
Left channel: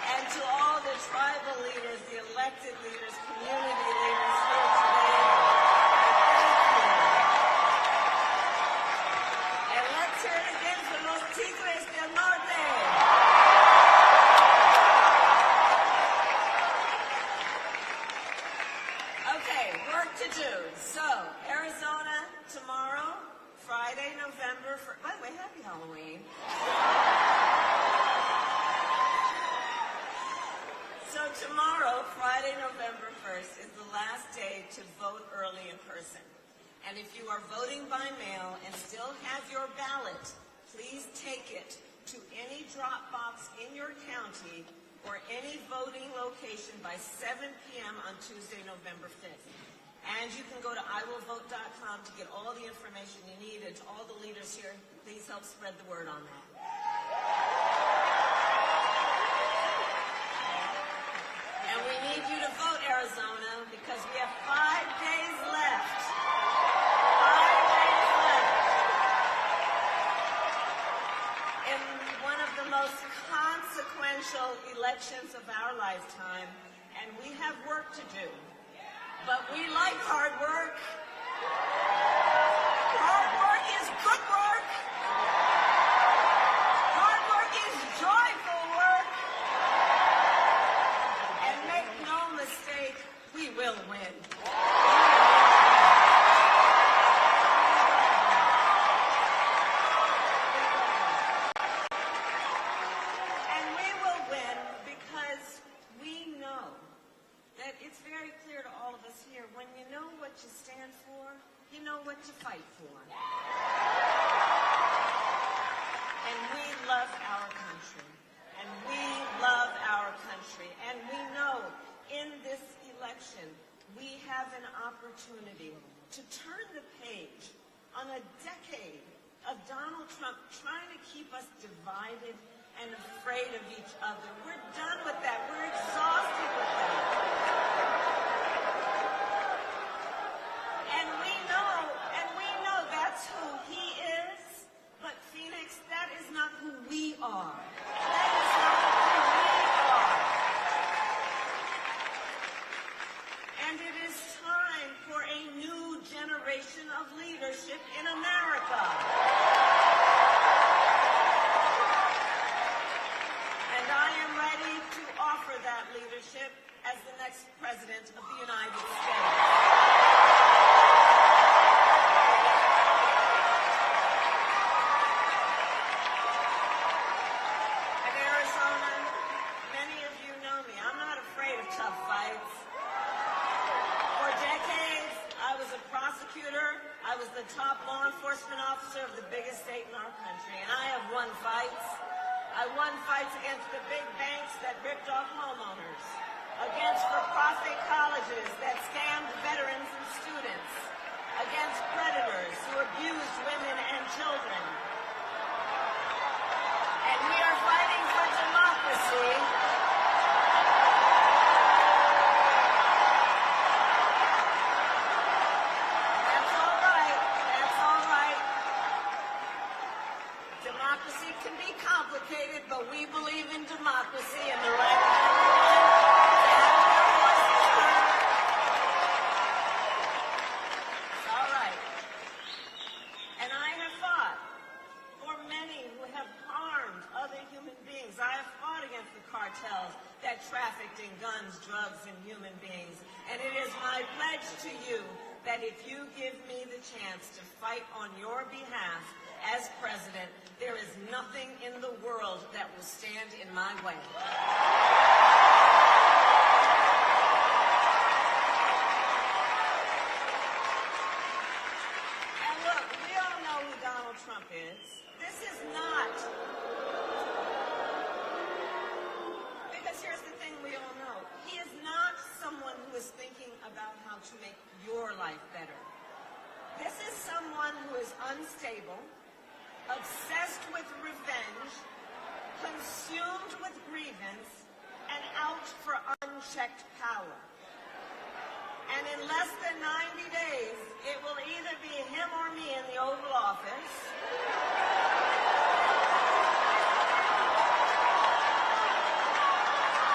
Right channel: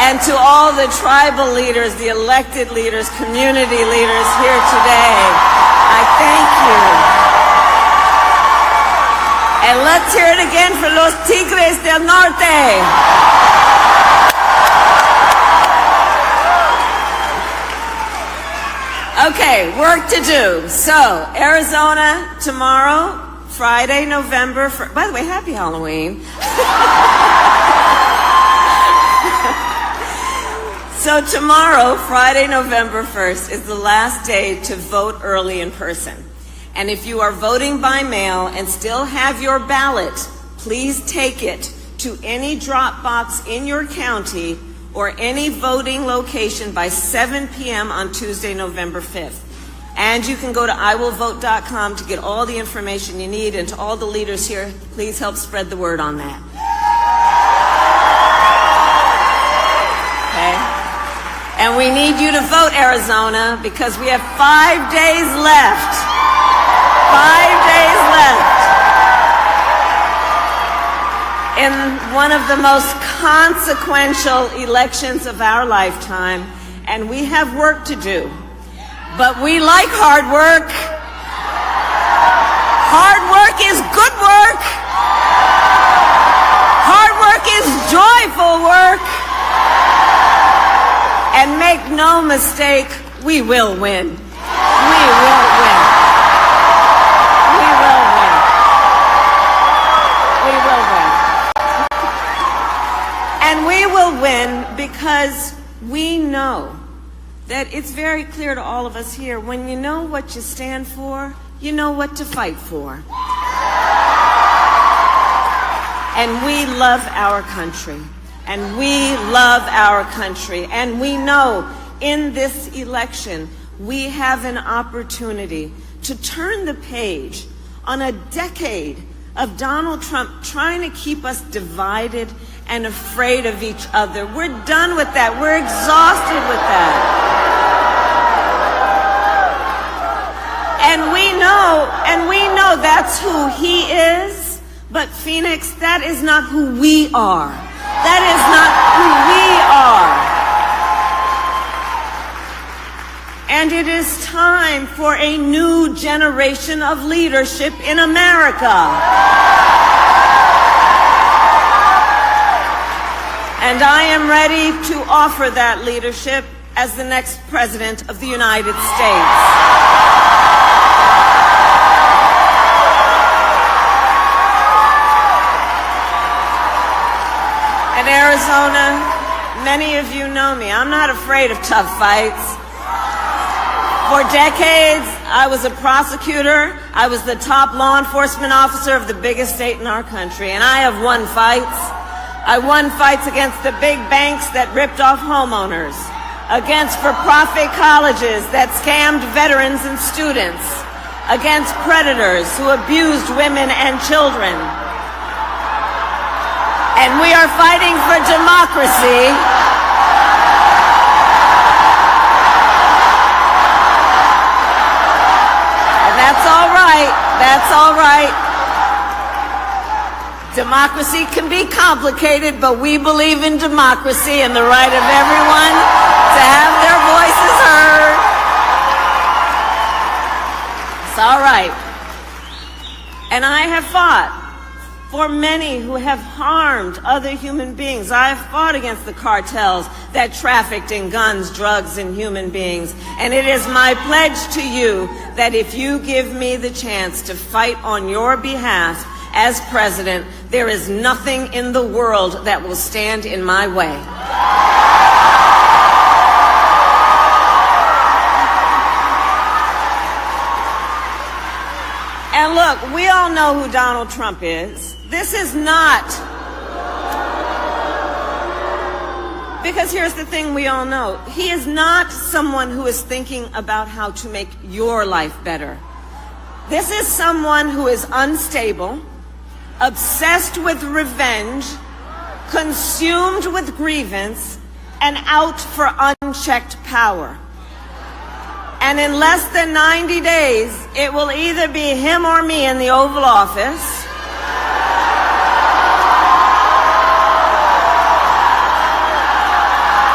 And to all the tribal leaders, the elected leaders, community leaders here today, I thank you. And let's hear it again for los Tigres del Norte. Okay, work to do. So, Arizona tomorrow, Friday, November 1st. By the way, happy Halloween. So tomorrow, Friday, November 1st, is the last day to vote early in person. And if you are voting by mail and still have your ballot, please take it to any drop box in your county or any voting location by 7 p.m. on Tuesday, November 5th. And you can go to iwillvote.com to get all the information you need. And to all the leaders here, please help spread the word on that. Okay? And we need you to vote, Arizona, because we have 5 days left. 5 days left in one of the most consequential elections of our lifetime. And we have work to do. But we like hard work. Hard work is good work. Hard work is joyful work. And make no mistake, we will win. We will win. We will win. We will win. And we will win because we know that it's very clear to all of us here, when you know what you stand for, you know what to fight for. And we love our country. And we love our country. And we know in this election, we have an opportunity to turn the page on a decade of Donald Trump trying to keep us divided and afraid of each other. We're done with that. We're exhausted with that. And we know that's who he is. But Phoenix, that is not who we are. That is not who we are. And it is time for a new generation of leadership in America. And I am ready to offer that leadership as the next President of the United States. In Arizona, many of you know me. I'm not afraid of tough fights. For decades, I was a prosecutor. I was the top law enforcement officer of the biggest state in our country, and I have won fights. I won fights against the big banks that ripped off homeowners, against for-profit colleges that scammed veterans and students, against predators who abused women and children. And we are fighting for democracy. And that's all right. That's all right. Democracy can be complicated, but we believe in democracy and the right of everyone to have their voices heard. It's all right. And I have fought for many who have harmed other human beings. I have fought against the cartels that trafficked in guns, drugs, and human beings. And it is my pledge to you that if you give me the chance to fight on your behalf as president, there is nothing in the world that will stand in my way. And look, we all know who Donald Trump is. This is not, because here's the thing we all know. He is not someone who is thinking about how to make your life better. This is someone who is unstable, obsessed with revenge, consumed with grievance, and out for unchecked power. And in less than 90 days, it will either be him or me in the Oval Office.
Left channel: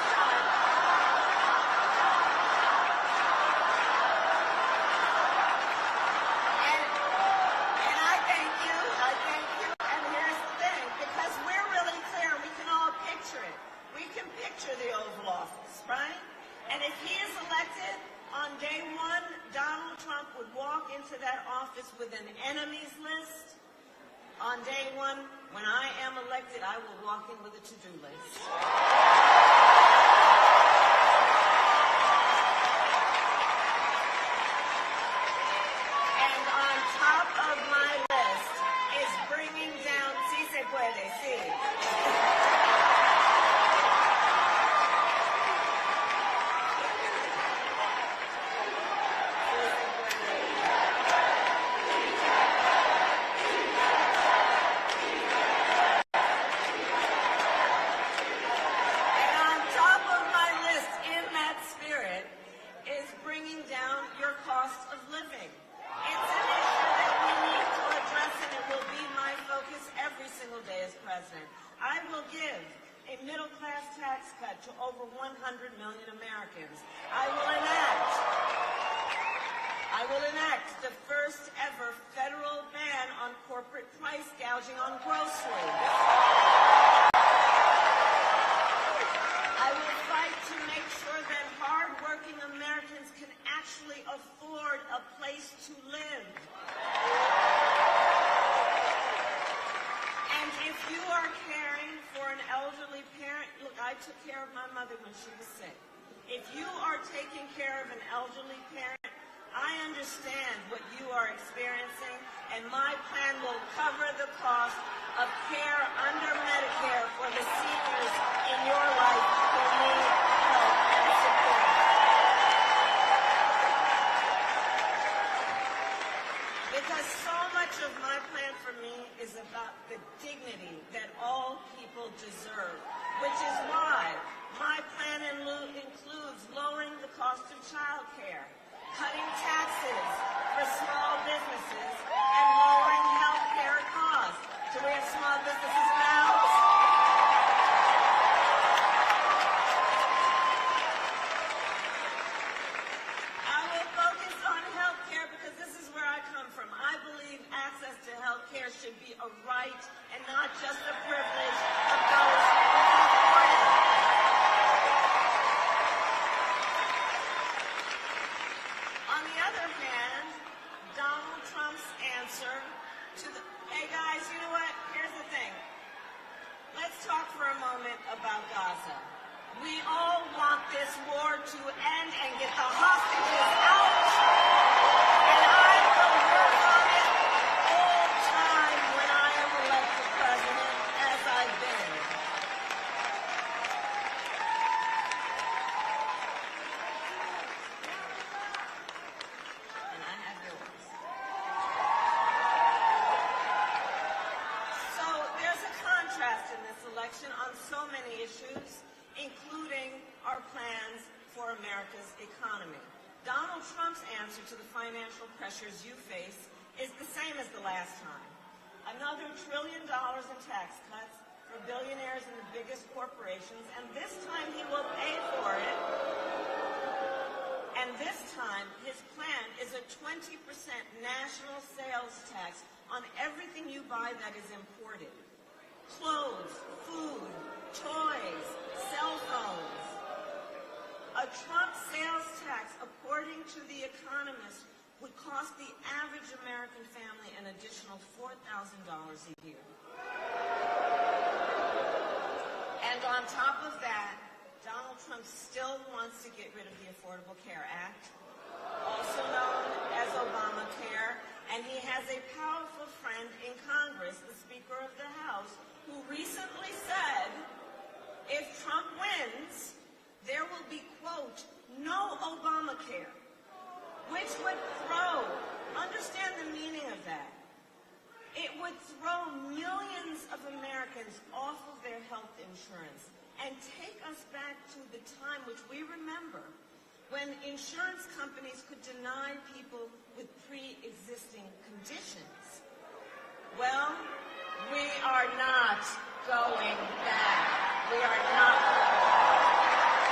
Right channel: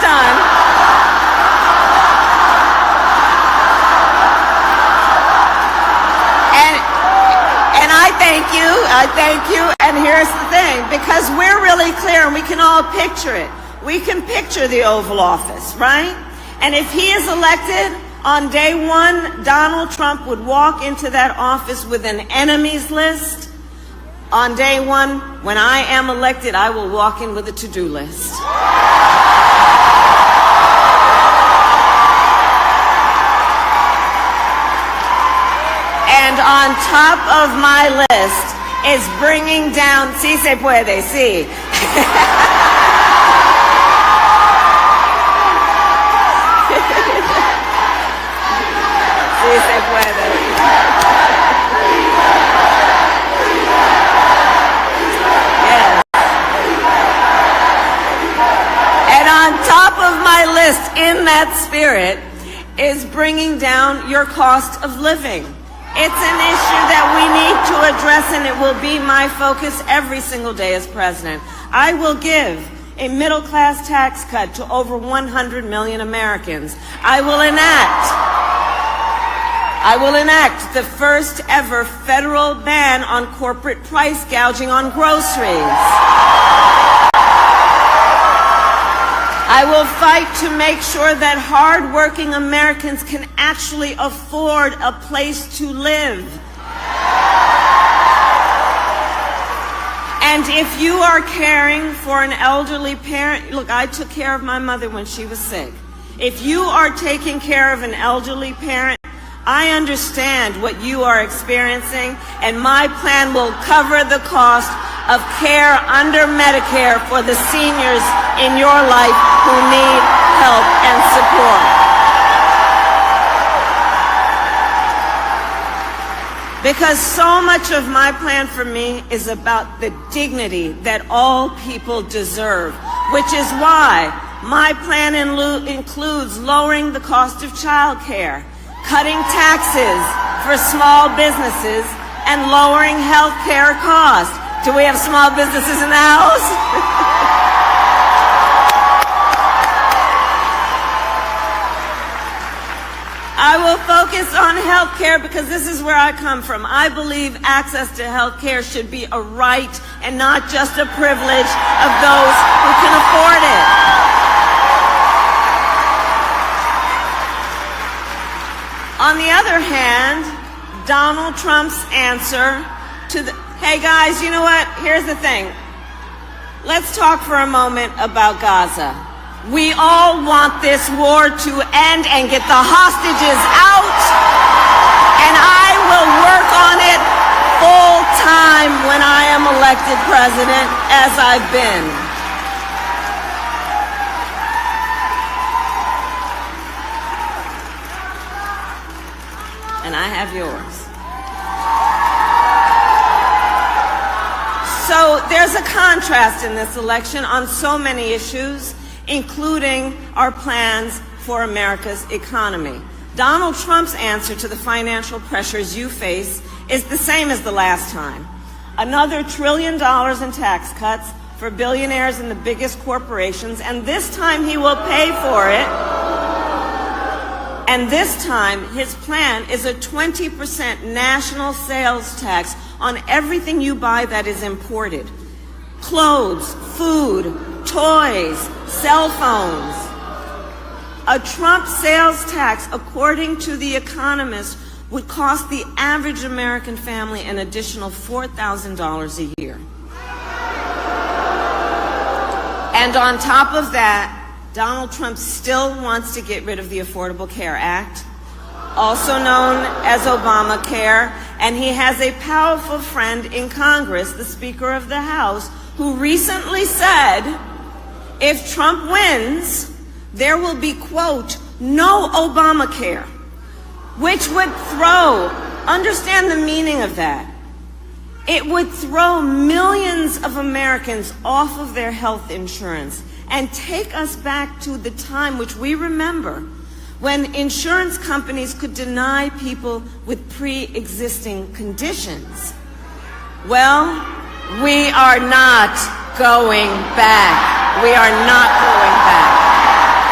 done. And I thank you, and here's the thing, because we're really clear and we can all picture it. We can picture the Oval Office, right? And if he is elected, on day one, Donald Trump would walk into that office with an enemies list. On day one, when I am elected, I will walk in with a to-do list. And on top of my list is bringing down, sí se puede, sí. Sí se puede. Yes. And on top of my list, in that spirit, is bringing down your cost of living. It's an issue that we need to address, and it will be my focus every single day as president. I will give a middle-class tax cut to over 100 million Americans. I will enact the first ever federal ban on corporate price gouging on groceries. I will fight to make sure that hard-working Americans can actually afford a place to live. And if you are caring for an elderly parent, look, I took care of my mother when she was sick. If you are taking care of an elderly parent, I understand what you are experiencing, and my plan will cover the cost of care under Medicare for the seniors in your life who need help and support. Because so much of my plan for me is about the dignity that all people deserve, which is why my plan includes lowering the cost of child care, cutting taxes for small businesses, and lowering health care costs. Do we have small businesses in the house? I will focus on health care because this is where I come from. I believe access to health care should be a right and not just a privilege of those who can afford it. On the other hand, Donald Trump's answer to the, hey guys, you know what? Here's the thing. Let's talk for a moment about Gaza. We all want this war to end and get the hostages out, and I will work on it full time when I am elected president, as I've been. And I have yours. So there's a contrast in this election on so many issues, including our plans for America's economy. Donald Trump's answer to the financial pressures you face is the same as the last time. Another $1 trillion in tax cuts for billionaires and the biggest corporations, and this time he will pay for it. And this time, his plan is a 20% national sales tax on everything you buy that is imported. Clothes, food, toys, cell phones. A Trump sales tax, according to The Economist, would cost the average American family an additional $4,000 a year. And on top of that, Donald Trump still wants to get rid of the Affordable Care Act, also known as Obamacare, and he has a powerful friend in Congress, the Speaker of the House, who recently said, if Trump wins, there will be, quote, no Obamacare, which would throw, understand the meaning of that, it would throw millions of Americans off of their health insurance and take us back to the time which we remember when insurance companies could deny people with pre-existing conditions. Well, we are not going back. We are not going back.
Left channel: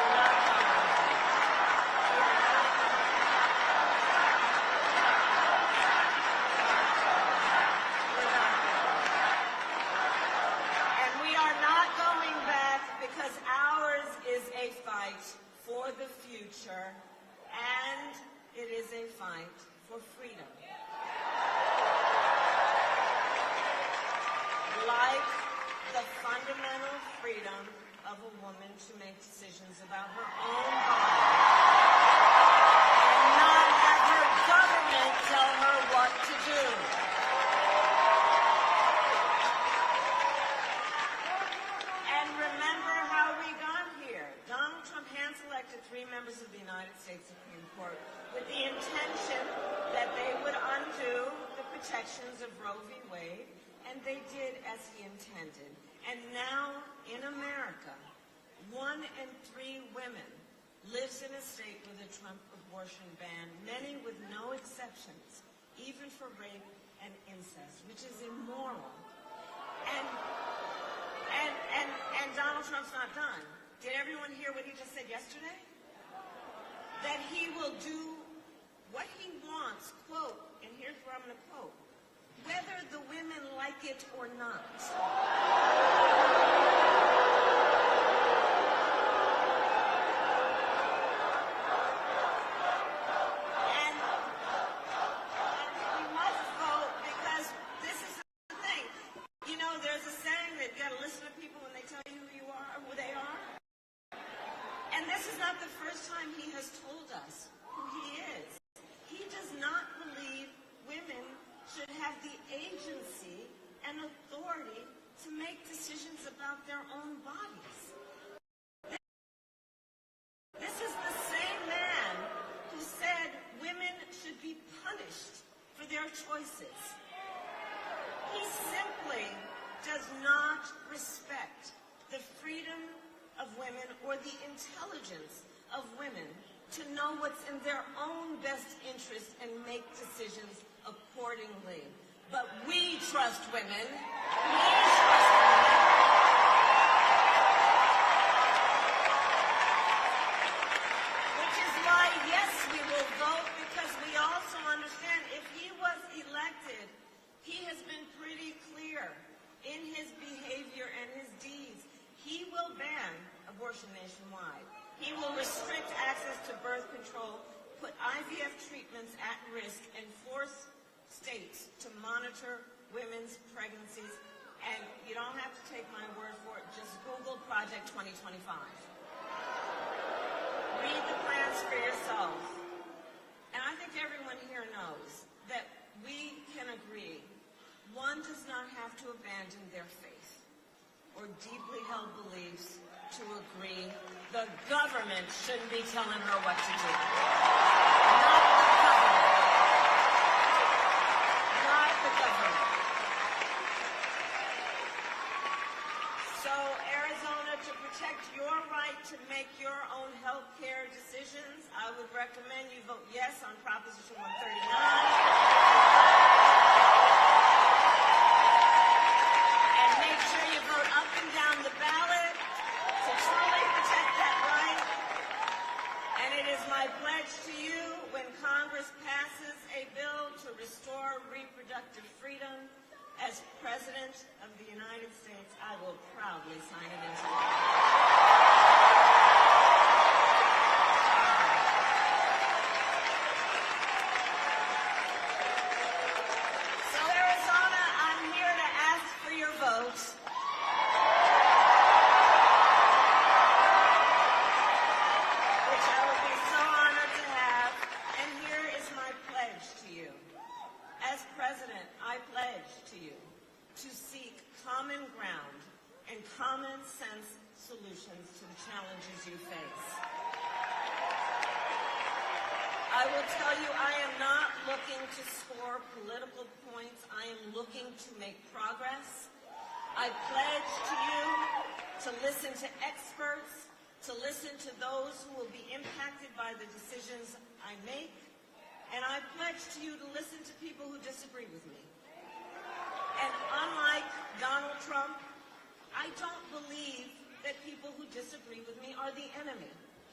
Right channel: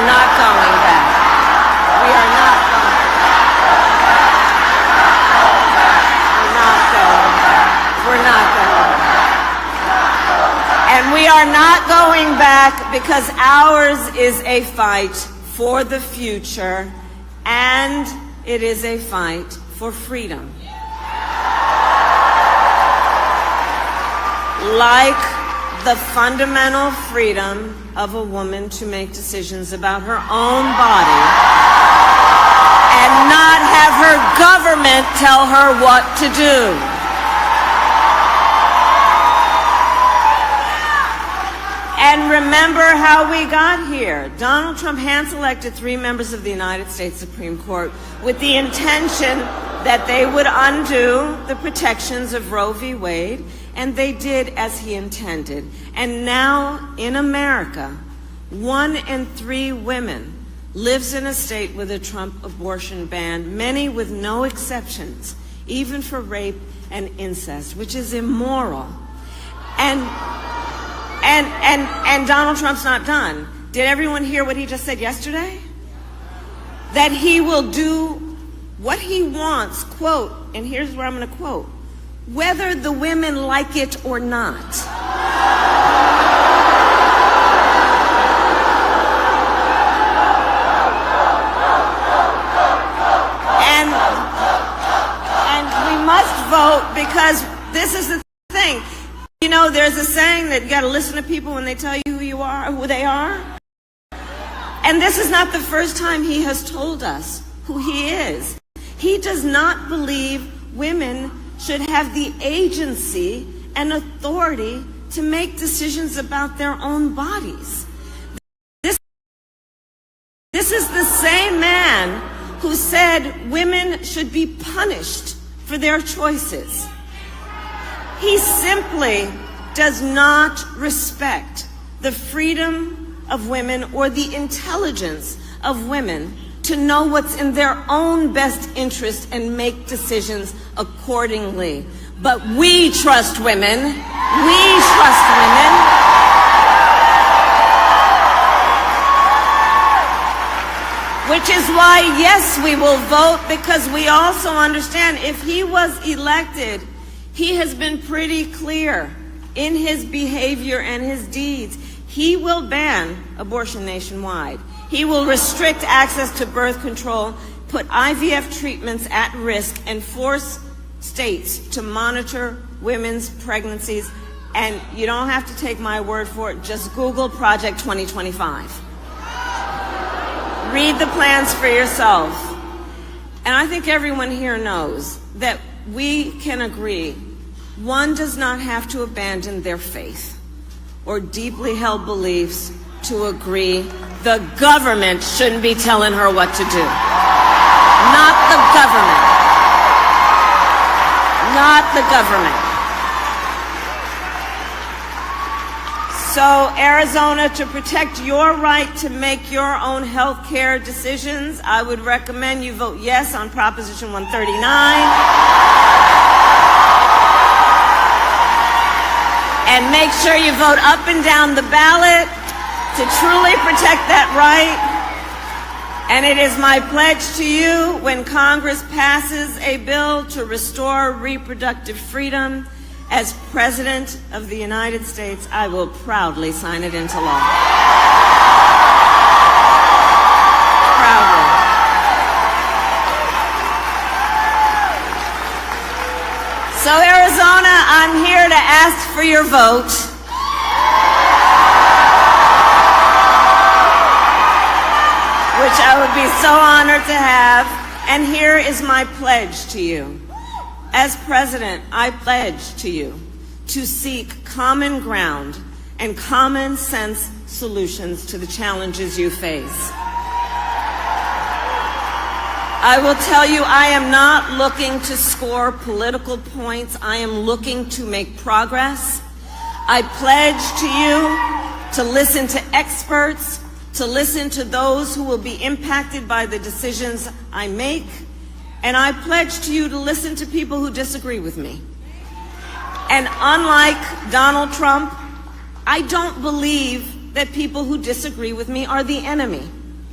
are not going back. We are not going back. We're not going back. And we are not going back because ours is a fight for the future, and it is a fight for freedom. Like the fundamental freedom of a woman to make decisions about her own body and not have her government tell her what to do. And remember how we got here. Donald Trump hand-selected 3 members of the United States Supreme Court with the intention that they would undo the protections of Roe v. Wade, and they did as he intended. And now in America, 1 in 3 women lives in a state with a Trump abortion ban, many with no exceptions, even for rape and incest, which is immoral. And Donald Trump's not done. Did everyone hear what he just said yesterday? That he will do what he wants, quote, and here's where I'm going to quote, whether the women like it or not. And we must vote because this is the thing. You know, there's a saying that you got to listen to people when they tell you who you are, who they are. And this is not the first time he has told us who he is. He does not believe women should have the agency and authority to make decisions about their own bodies. This is the same man who said women should be punished for their choices. He simply does not respect the freedom of women or the intelligence of women to know what's in their own best interest and make decisions accordingly. But we trust women. We trust women. Which is why, yes, we will vote, because we also understand if he was elected, he has been pretty clear in his behavior and his deeds. He will ban abortion nationwide. He will restrict access to birth control, put IVF treatments at risk, and force states to monitor women's pregnancies. And you don't have to take my word for it. Just Google Project 2025. Read the plans for yourself. And I think everyone here knows that we can agree one does not have to abandon their faith or deeply held beliefs to agree the government shouldn't be telling her what to do. Not the government. Not the government. So, Arizona, to protect your right to make your own health care decisions, I would recommend you vote yes on Proposition 139. And make sure you vote up and down the ballot to truly protect that right. And it is my pledge to you, when Congress passes a bill to restore reproductive freedom, as President of the United States, I will proudly sign it into law. Proudly. So, Arizona, I'm here to ask for your vote. Which I would be so honored to have. And here is my pledge to you. As president, I pledge to you to seek common ground and common sense solutions to the challenges you face. I will tell you, I am not looking to score political points. I am looking to make progress. I pledge to you to listen to experts, to listen to those who will be impacted by the decisions I make. And I pledge to you to listen to people who disagree with me. And unlike Donald Trump, I don't believe that people who disagree with me are the enemy.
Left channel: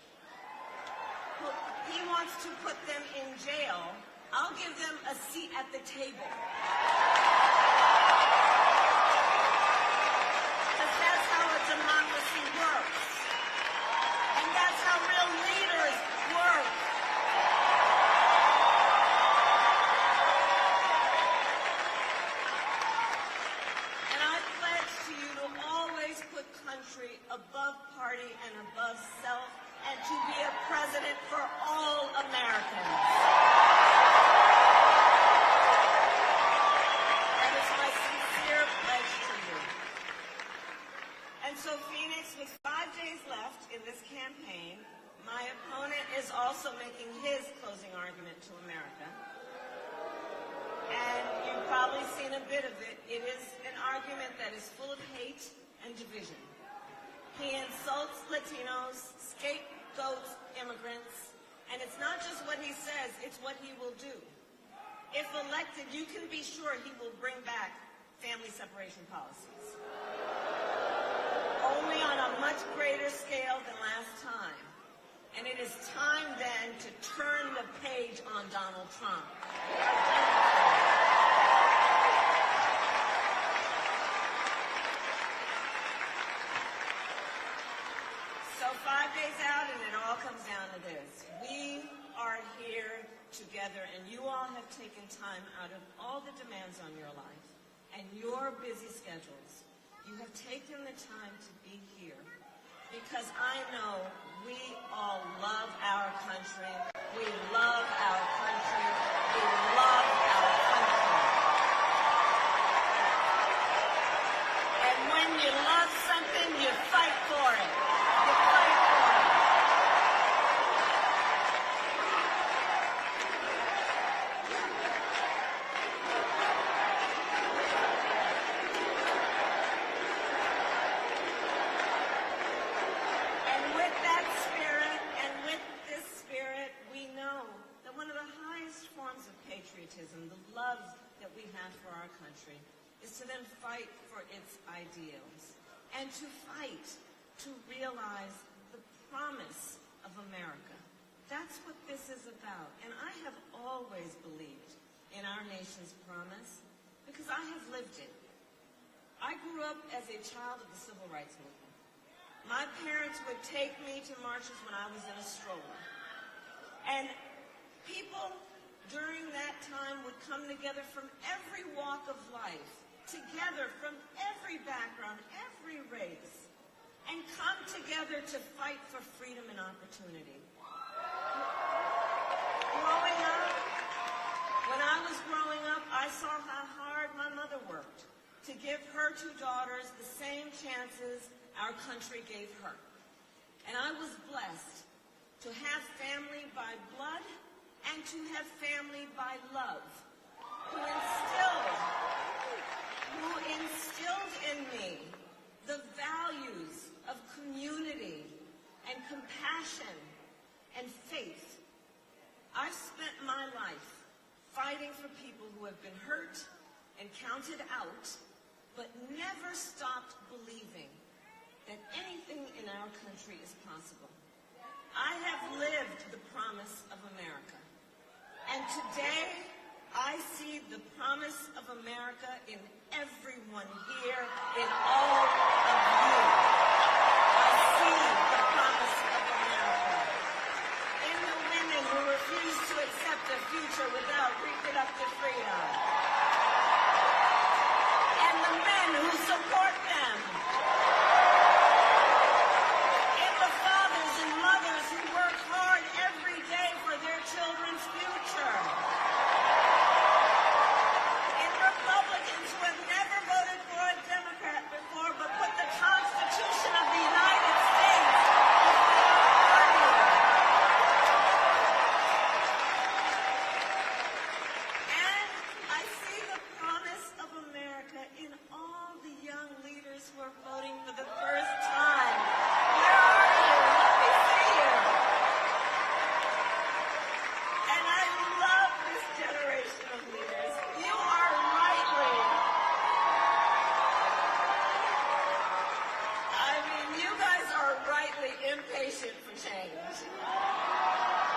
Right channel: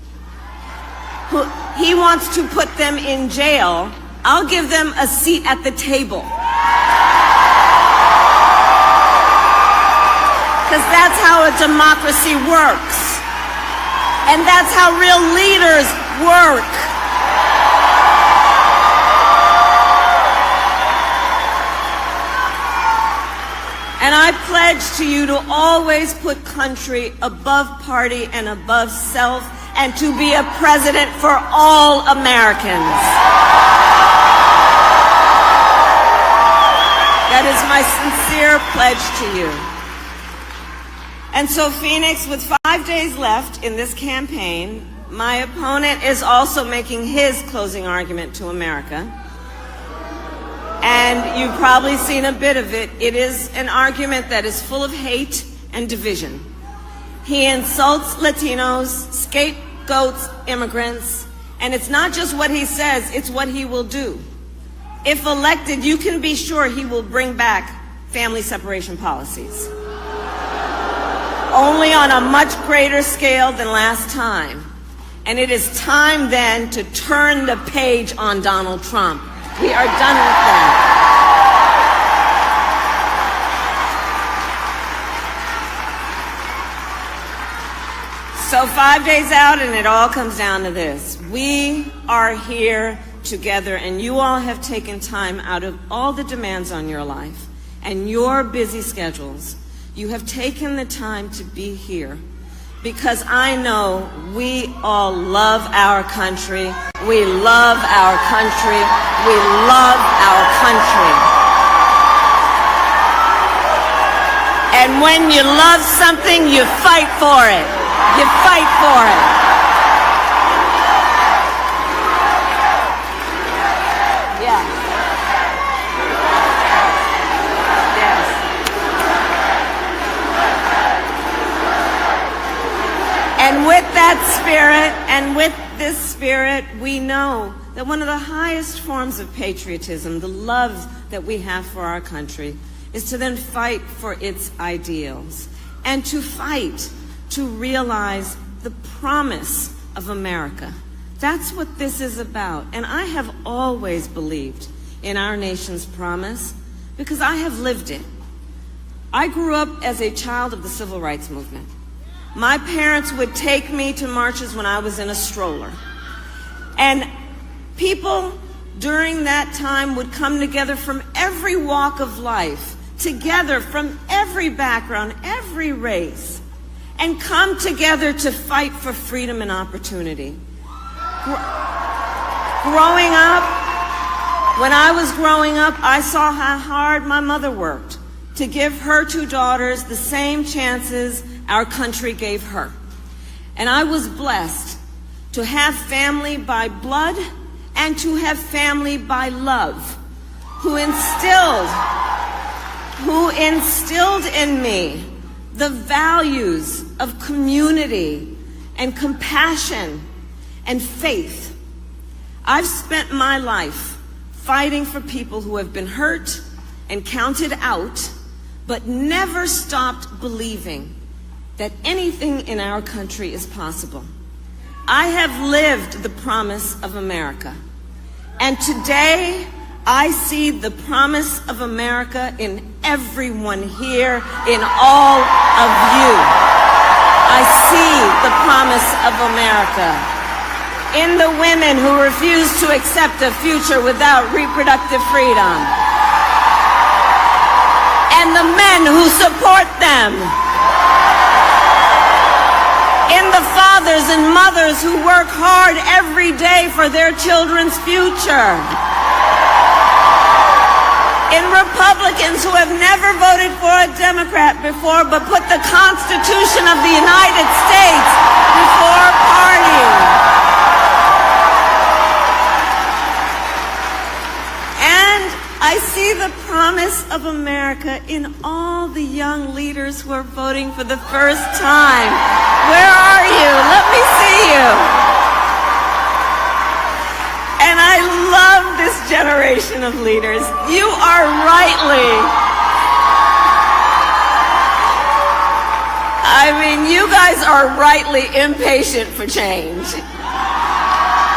he wants to put them in jail, I'll give them a seat at the table. Because that's how a democracy works. And that's how real leaders work. And I pledge to you to always put country above party and above self, and to be a president for all Americans. That is my sincere pledge to you. And so, Phoenix, with 5 days left in this campaign, my opponent is also making his closing argument to America. And you've probably seen a bit of it. It is an argument that is full of hate and division. He insults Latinos, scapegoats immigrants, and it's not just what he says, it's what he will do. If elected, you can be sure he will bring back family separation policies. Only on a much greater scale than last time. And it is time then to turn the page on Donald Trump. We are done with that. So 5 days out, and it all comes down to this. We are here together, and you all have taken time out of all the demands on your life and your busy schedules. You have taken the time to be here because I know we all love our country. We love our country. We love our country. And when you love something, you fight for it. You fight for it. Yeah. Yes. And with that spirit, and with this spirit, we know that one of the highest forms of patriotism, the love that we have for our country, is to then fight for its ideals and to fight to realize the promise of America. That's what this is about. And I have always believed in our nation's promise because I have lived it. I grew up as a child of the civil rights movement. My parents would take me to marches when I was in a stroller. And people during that time would come together from every walk of life, together from every background, every race, and come together to fight for freedom and opportunity. Growing up, when I was growing up, I saw how hard my mother worked to give her 2 daughters the same chances our country gave her. And I was blessed to have family by blood and to have family by love, who instilled in me the values of community and compassion and faith. I've spent my life fighting for people who have been hurt and counted out, but never stopped believing that anything in our country is possible. I have lived the promise of America. And today, I see the promise of America in everyone here, in all of you. I see the promise of America in the women who refuse to accept a future without reproductive freedom, and the men who support them, in the fathers and mothers who work hard every day for their children's future, in Republicans who have never voted for a Democrat before but put the Constitution of the United States before party. And I see the promise of America in all the young leaders who are voting for the first time. Where are you? Let me see you. And I love this generation of leaders. You are you guys are rightly impatient for change.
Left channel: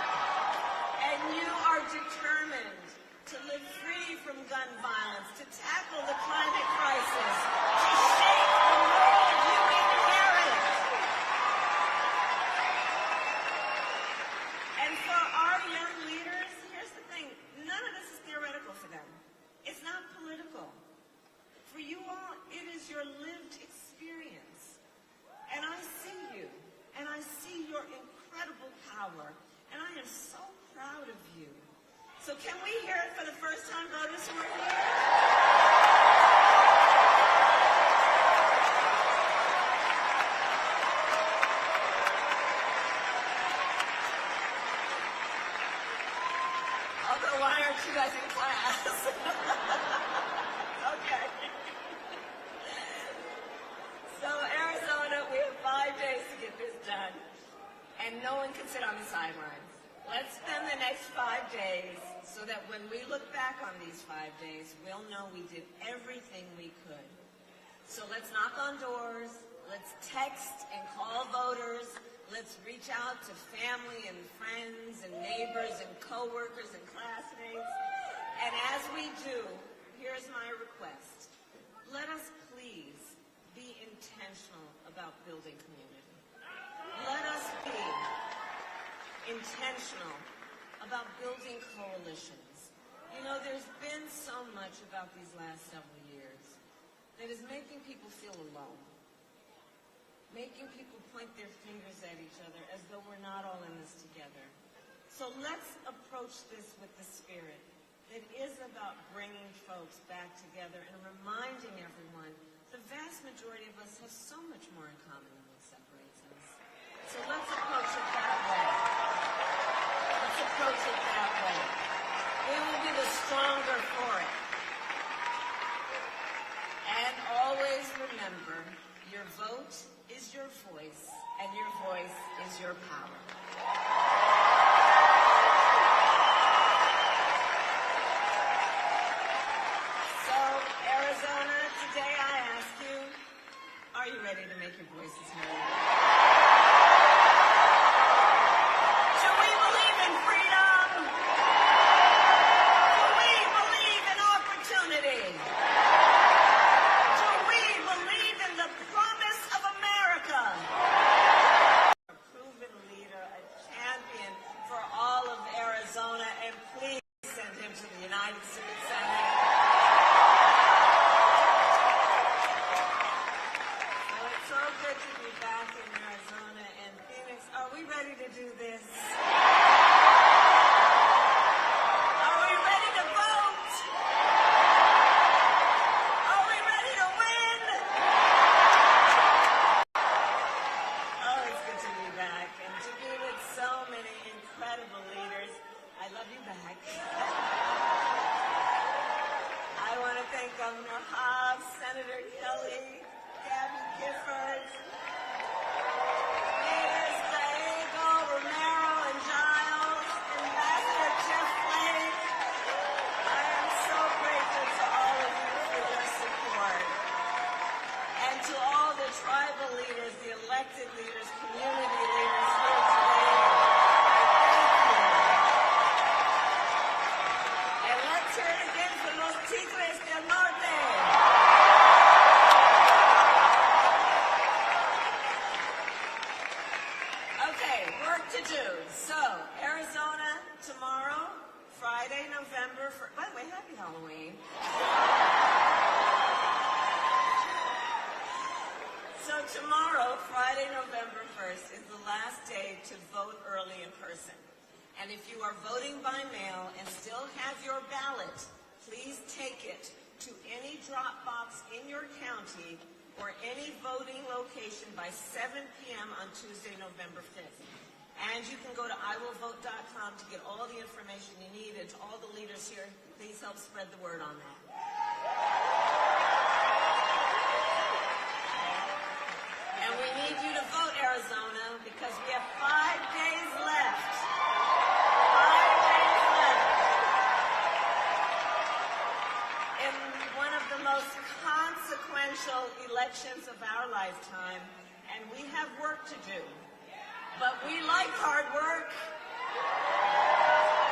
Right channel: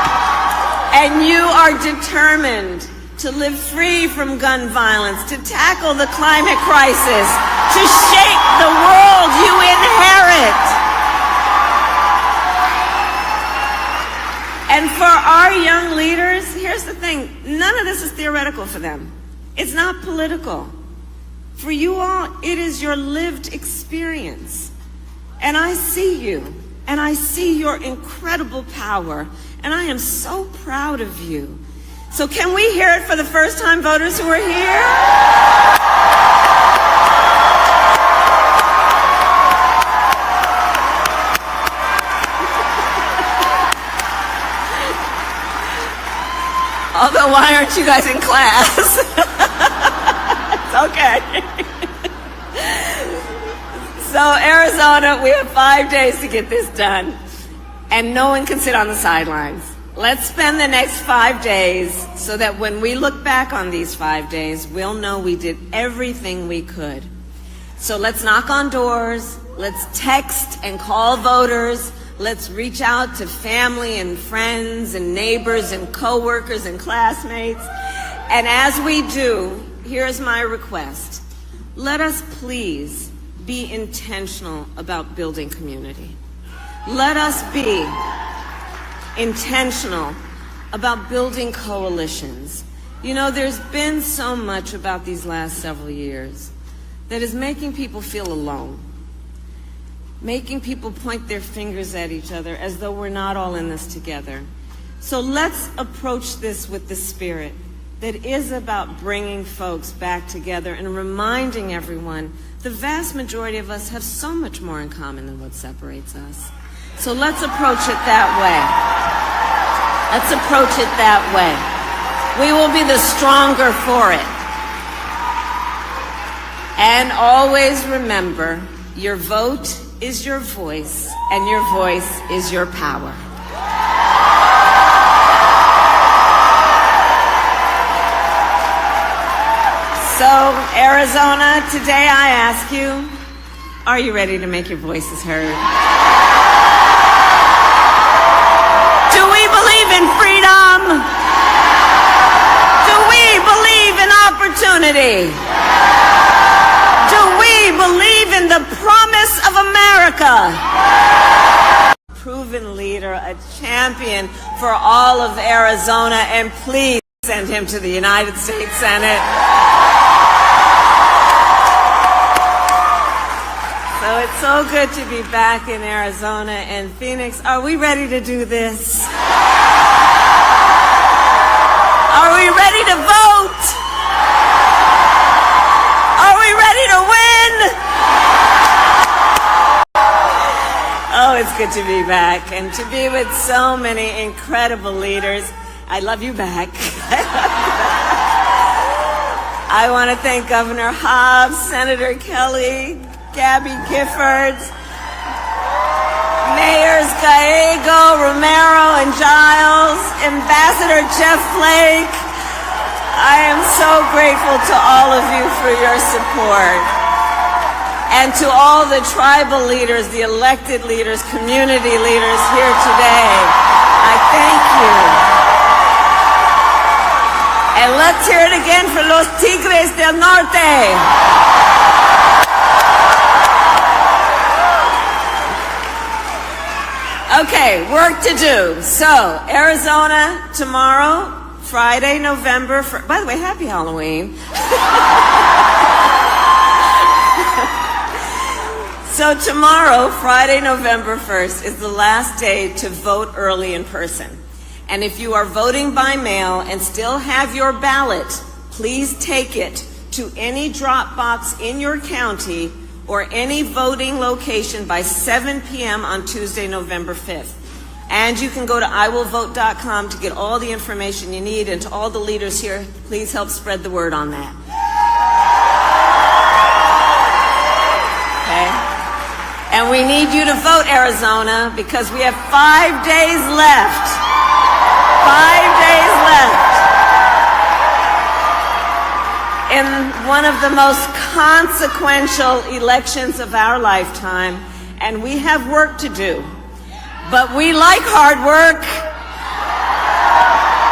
And you are determined to live free from gun violence, to tackle the climate crisis, to shape the world you inherit. And for our young leaders, here's the thing, none of this is theoretical for them. It's not political. For you all, it is your lived experience. And I see you, and I see your incredible power, and I am so proud of you. So can we hear it for the first-time voters who are here? Although, why aren't you guys in class? It's okay. So, Arizona, we have 5 days to get this done, and no one can sit on the sidelines. Let's spend the next 5 days so that when we look back on these 5 days, we'll know we did everything we could. So let's knock on doors, let's text and call voters, let's reach out to family and friends and neighbors and coworkers and classmates. And as we do, here's my request. Let us please be intentional about building community. Let us be intentional about building coalitions. You know, there's been so much about these last several years that is making people feel alone, making people point their fingers at each other as though we're not all in this together. So let's approach this with the spirit that is about bringing folks back together and reminding everyone the vast majority of us have so much more in common than what separates us. So let's approach it that way. Let's approach it that way. We will be the stronger for it. And always remember, your vote is your voice, and your voice is your power. So, Arizona, today I ask you, are you ready to make your voices heard? Do we believe in freedom? Do we believe in opportunity? Do we believe in the promise of America? Proven leader, a champion for all of Arizona, and please send him to the United States Senate. So it's so good to be back in Arizona and Phoenix. Are we ready to do this? Are we ready to vote? Are we ready to win? Oh, it's good to be back and to be with so many incredible leaders. I love you back. I want to thank Governor Hobbs, Senator Kelly, Gabby Giffords, Mayors Gallego, Romero, and Giles, Ambassador Jeff Flake. I am so grateful to all of you for your support. And to all the tribal leaders, the elected leaders, community leaders here today, I thank you. And let's hear it again for los Tigres del Norte. Okay, work to do. So, Arizona, tomorrow, Friday, November 1st. By the way, happy Halloween. So tomorrow, Friday, November 1st, is the last day to vote early in person. And if you are voting by mail and still have your ballot, please take it to any drop box in your county or any voting location by 7 p.m. on Tuesday, November 5th. And you can go to iwillvote.com to get all the information you need. And to all the leaders here, please help spread the word on that. Okay? And we need you to vote, Arizona, because we have 5 days left. 5 days left in one of the most consequential elections of our lifetime, and we have work to do. But we like hard work.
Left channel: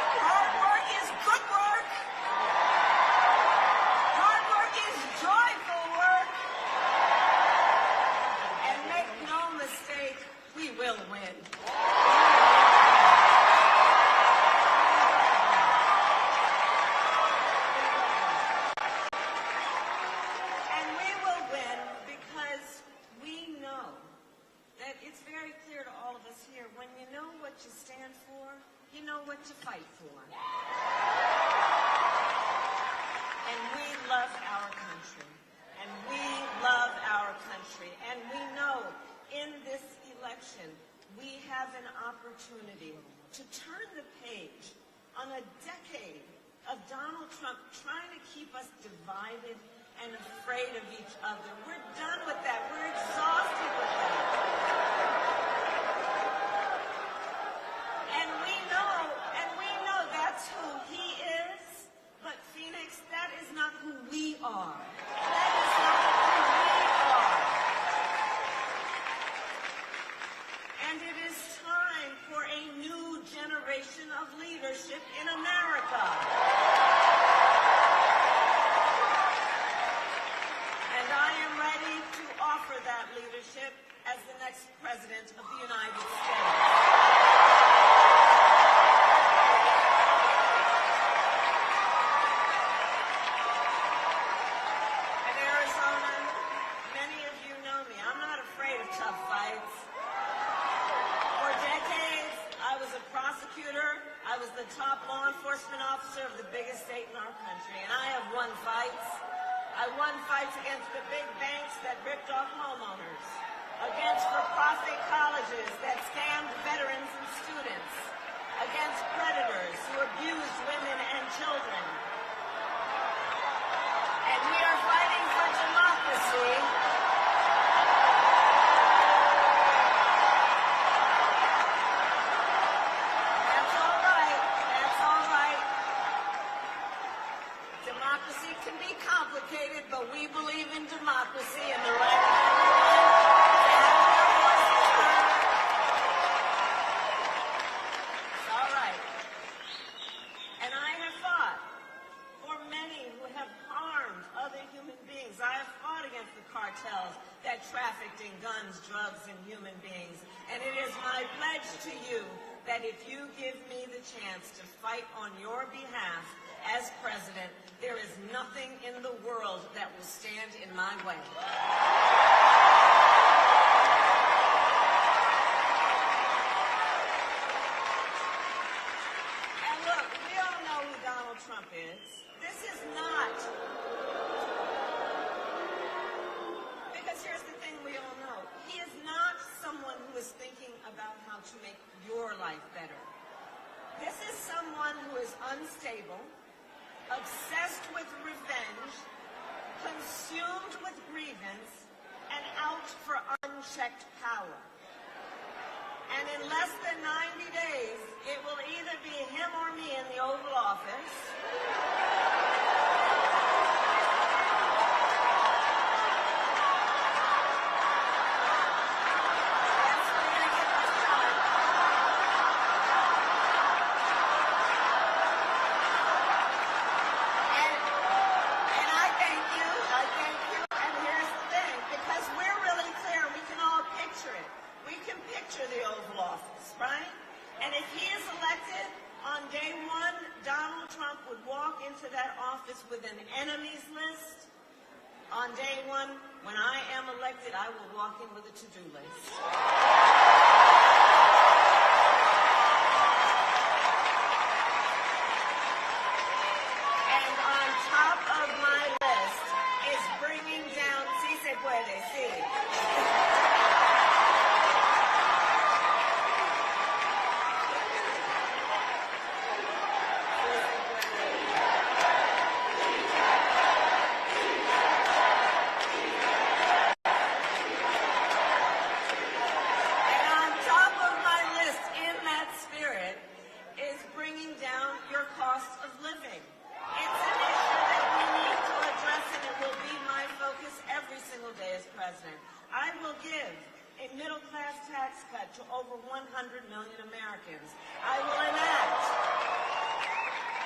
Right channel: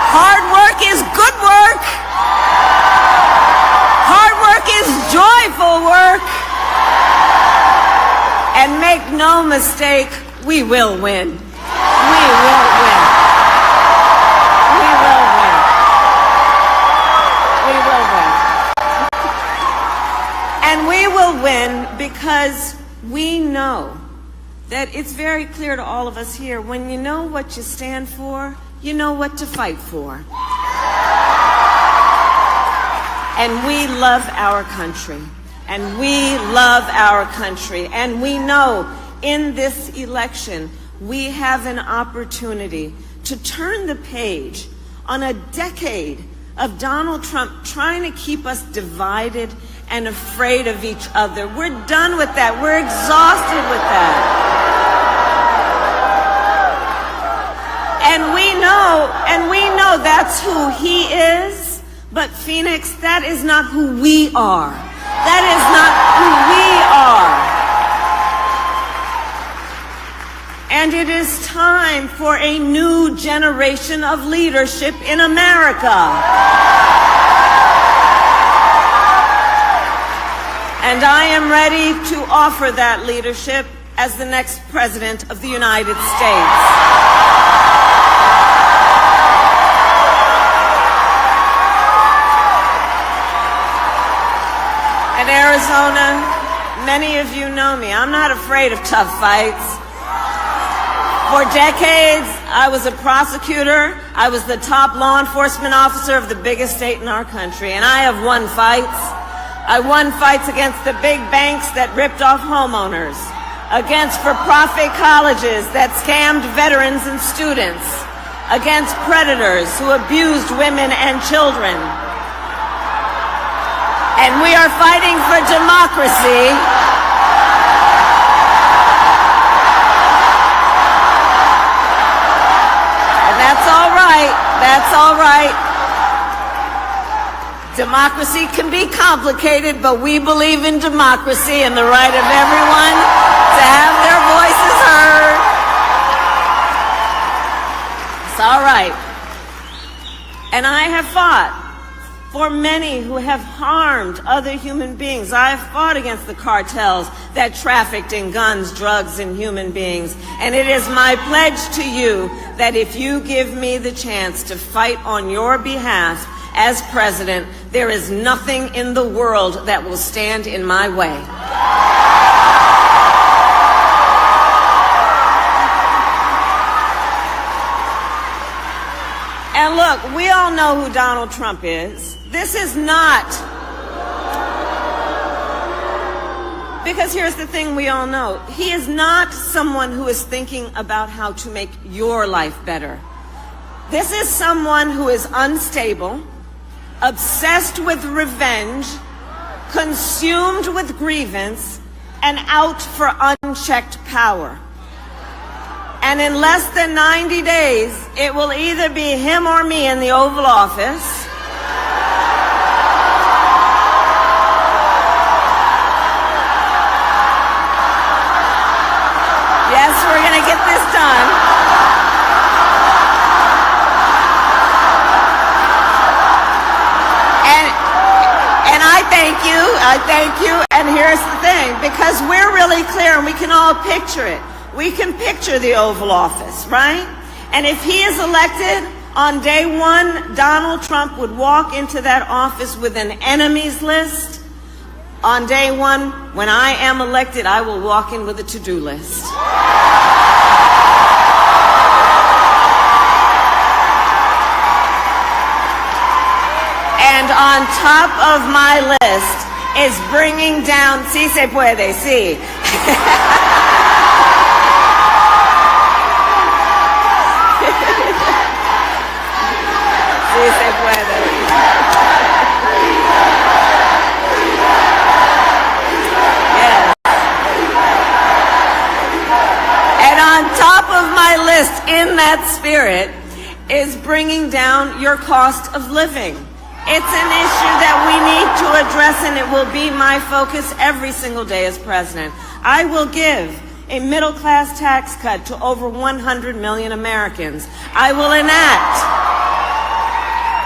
Hard work is good work. Hard work is joyful work. And make no mistake, we will win. We will win. We will win. We will win. And we will win because we know that it's very clear to all of us here, when you know what you stand for, you know what to fight for. And we love our country. And we love our country. And we know in this election, we have an opportunity to turn the page on a decade of Donald Trump trying to keep us divided and afraid of each other. We're done with that. We're exhausted with that. And we know that's who he is, but Phoenix, that is not who we are. That is not who we are. And it is time for a new generation of leadership in America. And I am ready to offer that leadership as the next President of the United States. In Arizona, many of you know me. I'm not afraid of tough fights. For decades, I was a prosecutor. I was the top law enforcement officer of the biggest state in our country, and I have won fights. I won fights against the big banks that ripped off homeowners, against for-profit colleges that scammed veterans and students, against predators who abused women and children. And we are fighting for democracy. And that's all right. That's all right. Democracy can be complicated, but we believe in democracy and the right of everyone to have their voices heard. It's all right. And I have fought for many who have harmed other human beings. I have fought against the cartels that trafficked in guns, drugs, and human beings. And it is my pledge to you that if you give me the chance to fight on your behalf as president, there is nothing in the world that will stand in my way. And look, we all know who Donald Trump is. This is not, because here's the thing we all know. He is not someone who is thinking about how to make your life better. This is someone who is unstable, obsessed with revenge, consumed with grievance, and out for unchecked power. And in less than 90 days, it will either be him or me in the Oval Office. Yes, we're going to get this done. And I thank you, and here's the thing, because we're really clear and we can all picture it. We can picture the Oval Office, right? And if he is elected, on day one, Donald Trump would walk into that office with an enemies list. On day one, when I am elected, I will walk in with a to-do list. And on top of my list is bringing down, sí se puede, sí. Sí se puede. Yes. And on top of my list, in that spirit, is bringing down your cost of living. It's an issue that we need to address, and it will be my focus every single day as president. I will give a middle-class tax cut to over 100 million Americans. I will enact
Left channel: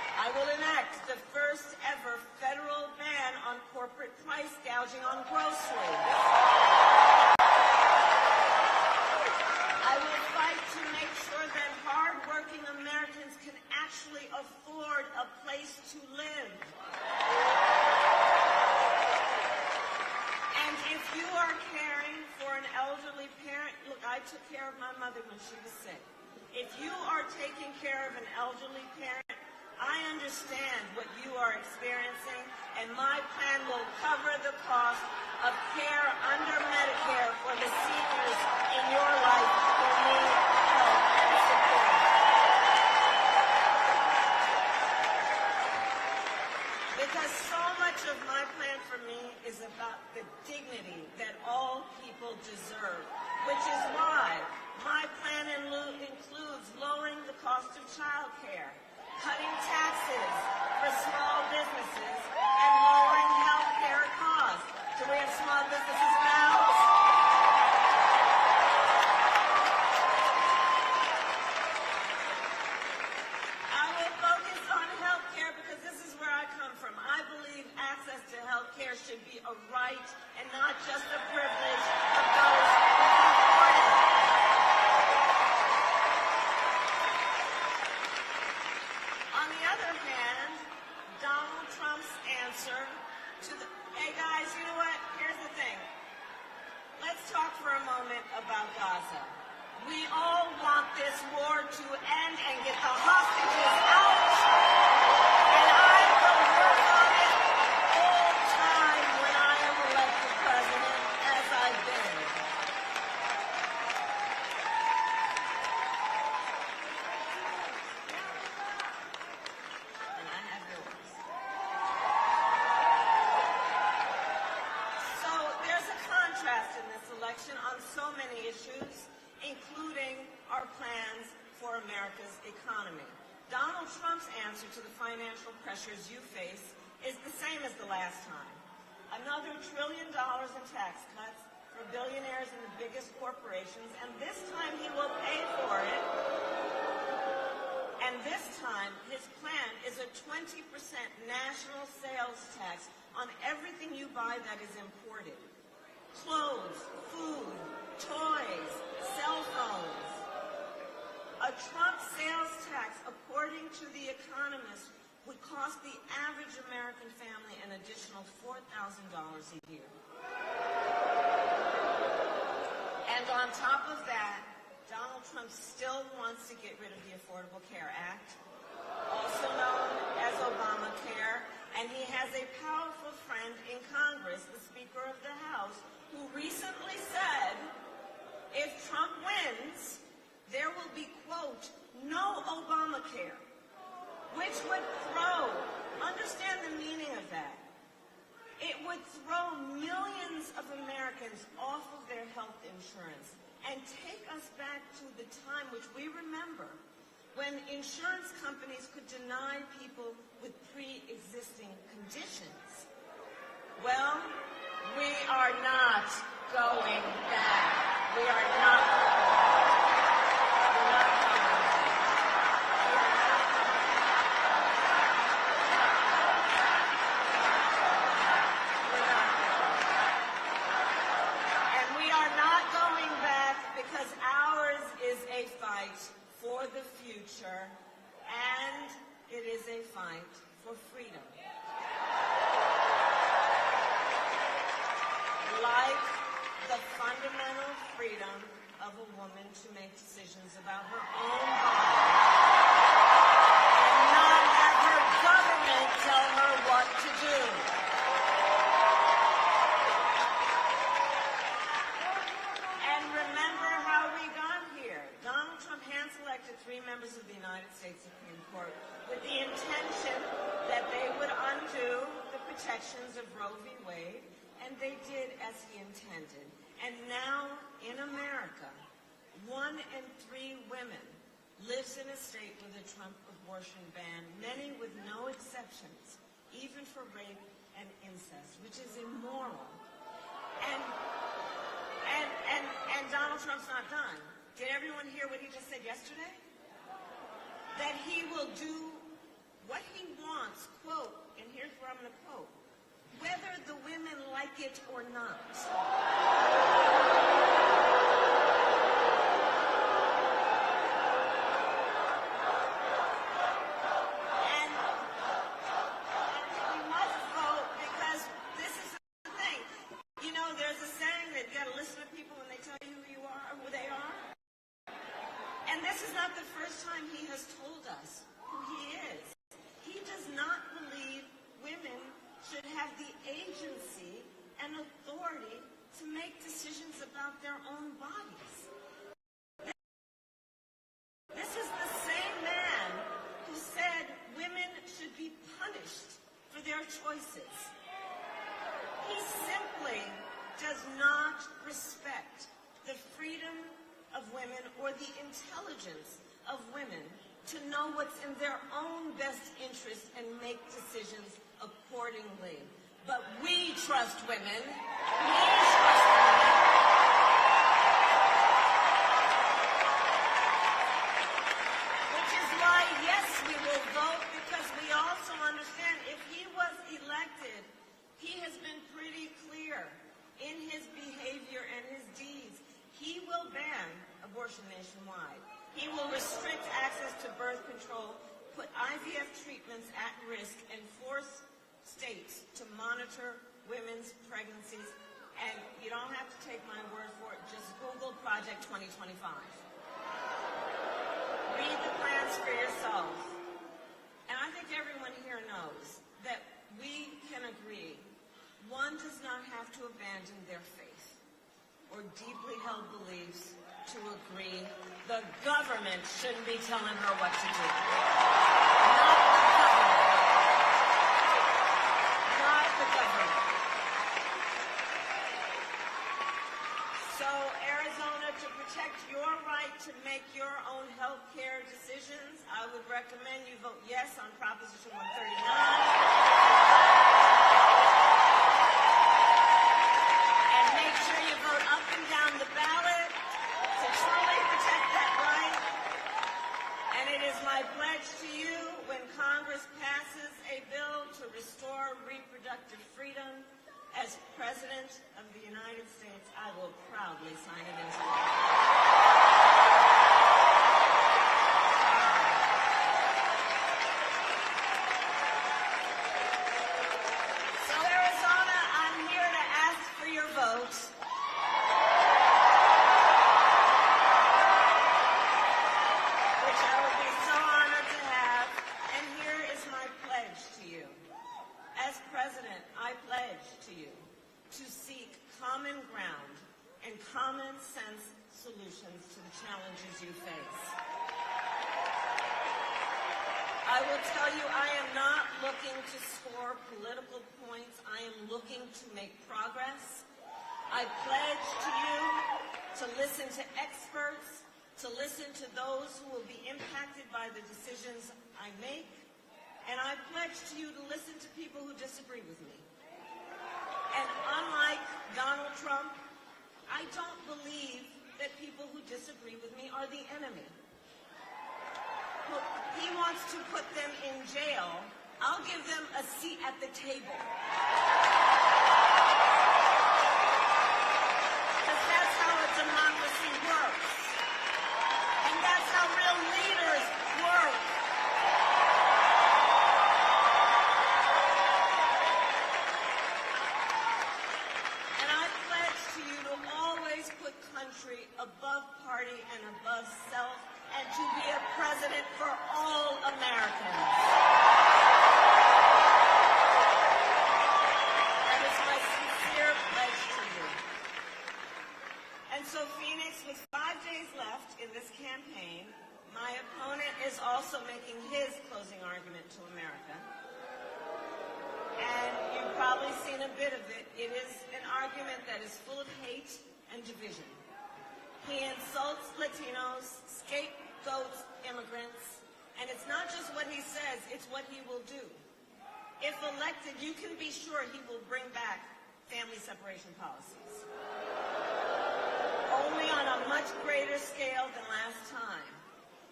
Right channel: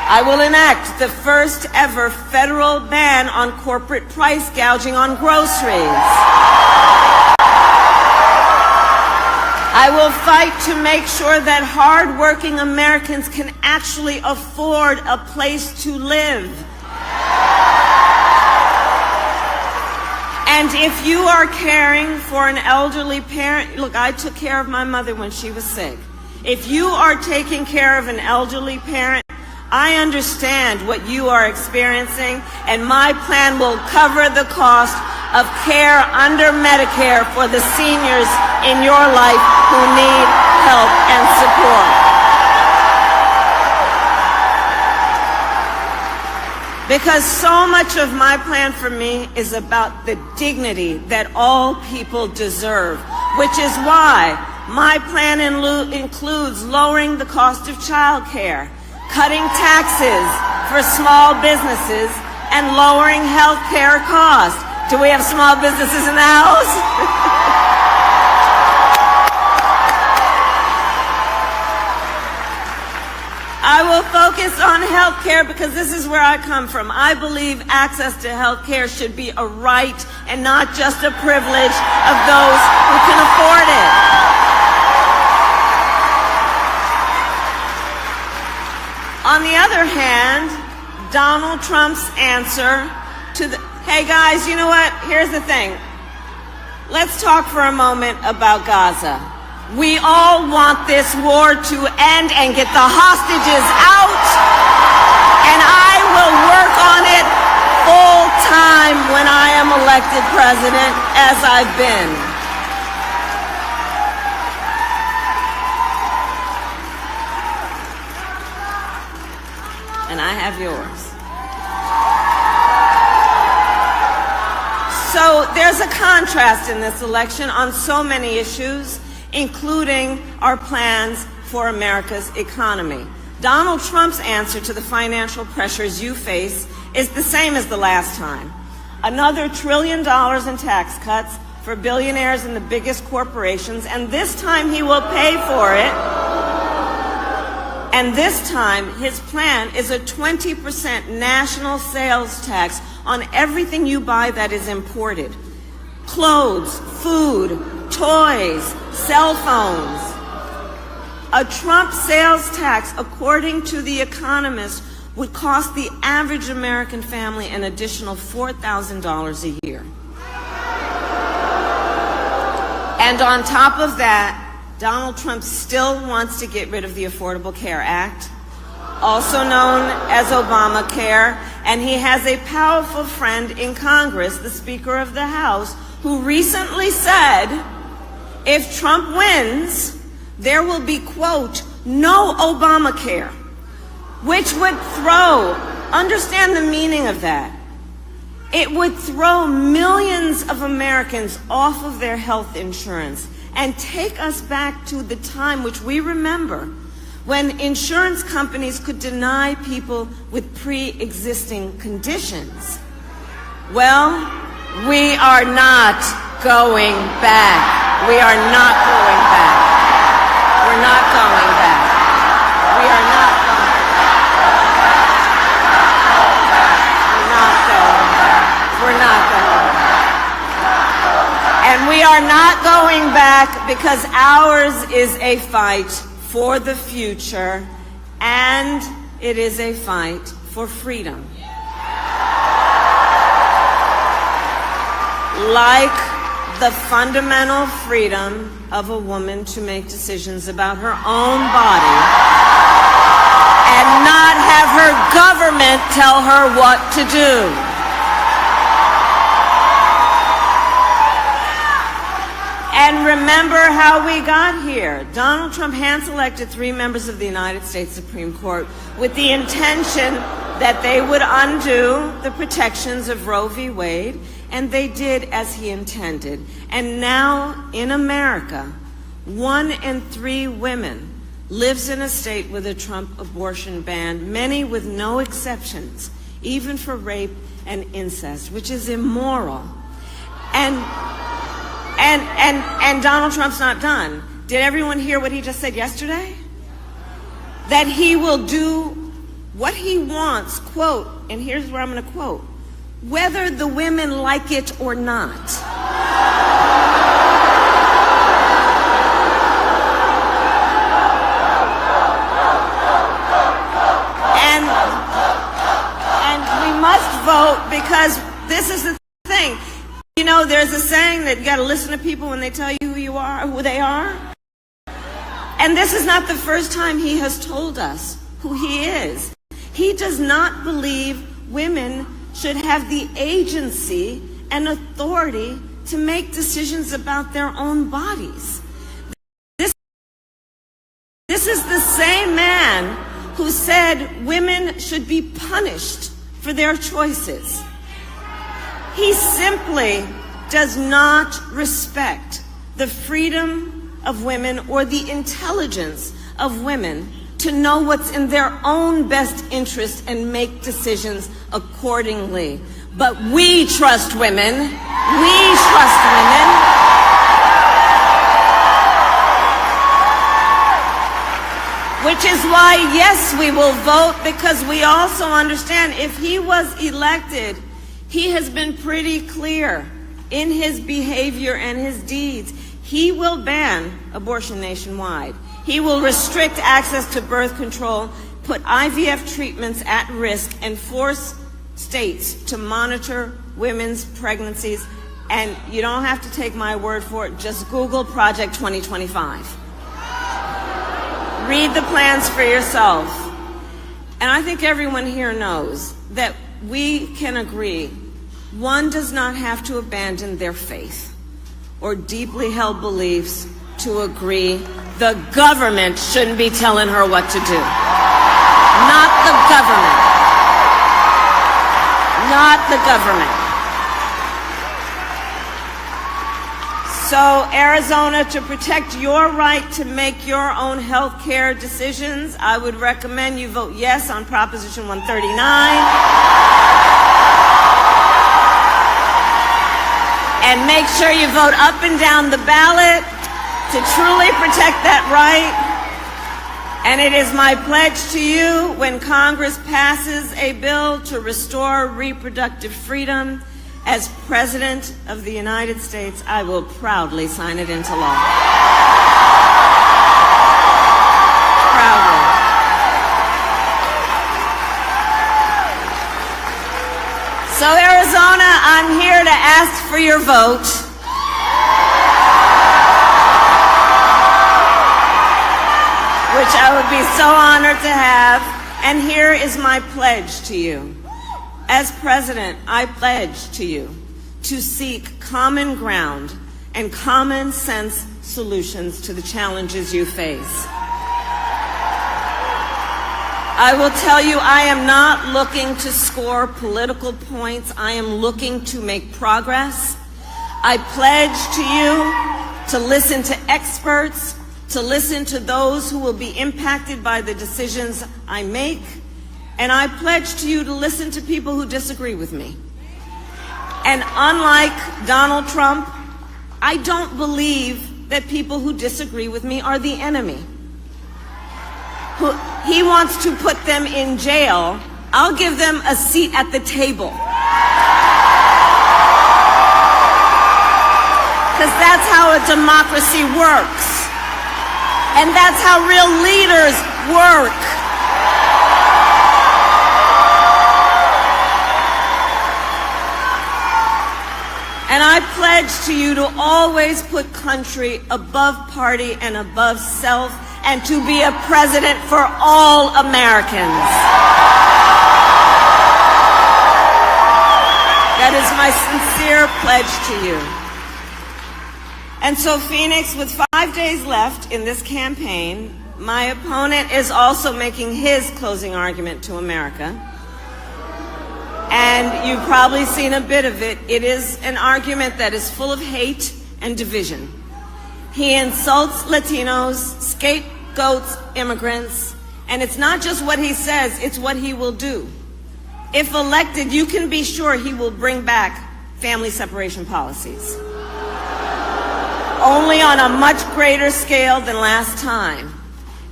I will enact the first ever federal ban on corporate price gouging on groceries. I will fight to make sure that hard-working Americans can actually afford a place to live. And if you are caring for an elderly parent, look, I took care of my mother when she was sick. If you are taking care of an elderly parent, I understand what you are experiencing, and my plan will cover the cost of care under Medicare for the seniors in your life who need help and support. Because so much of my plan for me is about the dignity that all people deserve, which is why my plan includes lowering the cost of child care, cutting taxes for small businesses, and lowering health care costs. Do we have small businesses in the house? I will focus on health care because this is where I come from. I believe access to health care should be a right and not just a privilege of those who can afford it. On the other hand, Donald Trump's answer to the, hey guys, you know what? Here's the thing. Let's talk for a moment about Gaza. We all want this war to end and get the hostages out, and I will work on it full time when I am elected president, as I've been. And I have yours. So there's a contrast in this election on so many issues, including our plans for America's economy. Donald Trump's answer to the financial pressures you face is the same as the last time. Another $1 trillion in tax cuts for billionaires and the biggest corporations, and this time he will pay for it. And this time, his plan is a 20% national sales tax on everything you buy that is imported. Clothes, food, toys, cell phones. A Trump sales tax, according to The Economist, would cost the average American family an additional $4,000 a year. And on top of that, Donald Trump still wants to get rid of the Affordable Care Act, also known as Obamacare, and he has a powerful friend in Congress, the Speaker of the House, who recently said, if Trump wins, there will be, quote, no Obamacare, which would throw, understand the meaning of that, it would throw millions of Americans off of their health insurance and take us back to the time which we remember when insurance companies could deny people with pre-existing conditions. Well, we are not going back. We are not going back. We're not going back. We are not going back. We're not going back. And we are not going back because ours is a fight for the future, and it is a fight for freedom. Like the fundamental freedom of a woman to make decisions about her own body and not have her government tell her what to do. And remember how we got here. Donald Trump hand-selected 3 members of the United States Supreme Court with the intention that they would undo the protections of Roe v. Wade, and they did as he intended. And now in America, 1 in 3 women lives in a state with a Trump abortion ban, many with no exceptions, even for rape and incest, which is immoral. And Donald Trump's not done. Did everyone hear what he just said yesterday? That he will do what he wants, quote, and here's where I'm going to quote, whether the women like it or not. And we must vote because this is the thing. You know, there's a saying that you got to listen to people when they tell you who you are, who they are. And this is not the first time he has told us who he is. He does not believe women should have the agency and authority to make decisions about their own bodies. This is the same man who said women should be punished for their choices. He simply does not respect the freedom of women or the intelligence of women to know what's in their own best interest and make decisions accordingly. But we trust women. We trust women. Which is why, yes, we will vote, because we also understand if he was elected, he has been pretty clear in his behavior and his deeds. He will ban abortion nationwide. He will restrict access to birth control, put IVF treatments at risk, and force states to monitor women's pregnancies. And you don't have to take my word for it. Just Google Project 2025. Read the plans for yourself. And I think everyone here knows that we can agree one does not have to abandon their faith or deeply held beliefs to agree the government shouldn't be telling her what to do. Not the government. Not the government. So, Arizona, to protect your right to make your own health care decisions, I would recommend you vote yes on Proposition 139. And make sure you vote up and down the ballot to truly protect that right. And it is my pledge to you, when Congress passes a bill to restore reproductive freedom, as President of the United States, I will proudly sign it into law. Proudly. So, Arizona, I'm here to ask for your vote. Which I would be so honored to have. And here is my pledge to you. As President, I pledge to you to seek common ground and common sense solutions to the challenges you face. I will tell you, I am not looking to score political points. I am looking to make progress. I pledge to you to listen to experts, to listen to those who will be impacted by the decisions I make. And I pledge to you to listen to people who disagree with me. And unlike Donald Trump, I don't believe that people who disagree with me are the enemy. He wants to put them in jail. I'll give them a seat at the table. Because that's how a democracy works. And that's how real leaders work. And I pledge to you to always put country above party and above self, and to be a president for all Americans. That is my sincere pledge to you. And so, Phoenix, with 5 days left in this campaign, my opponent is also making his closing argument to America. And you've probably seen a bit of it. It is an argument that is full of hate and division. He insults Latinos, scapegoats immigrants, and it's not just what he says, it's what he will do. If elected, you can be sure he will bring back family separation policies. Only on a much greater scale than last time.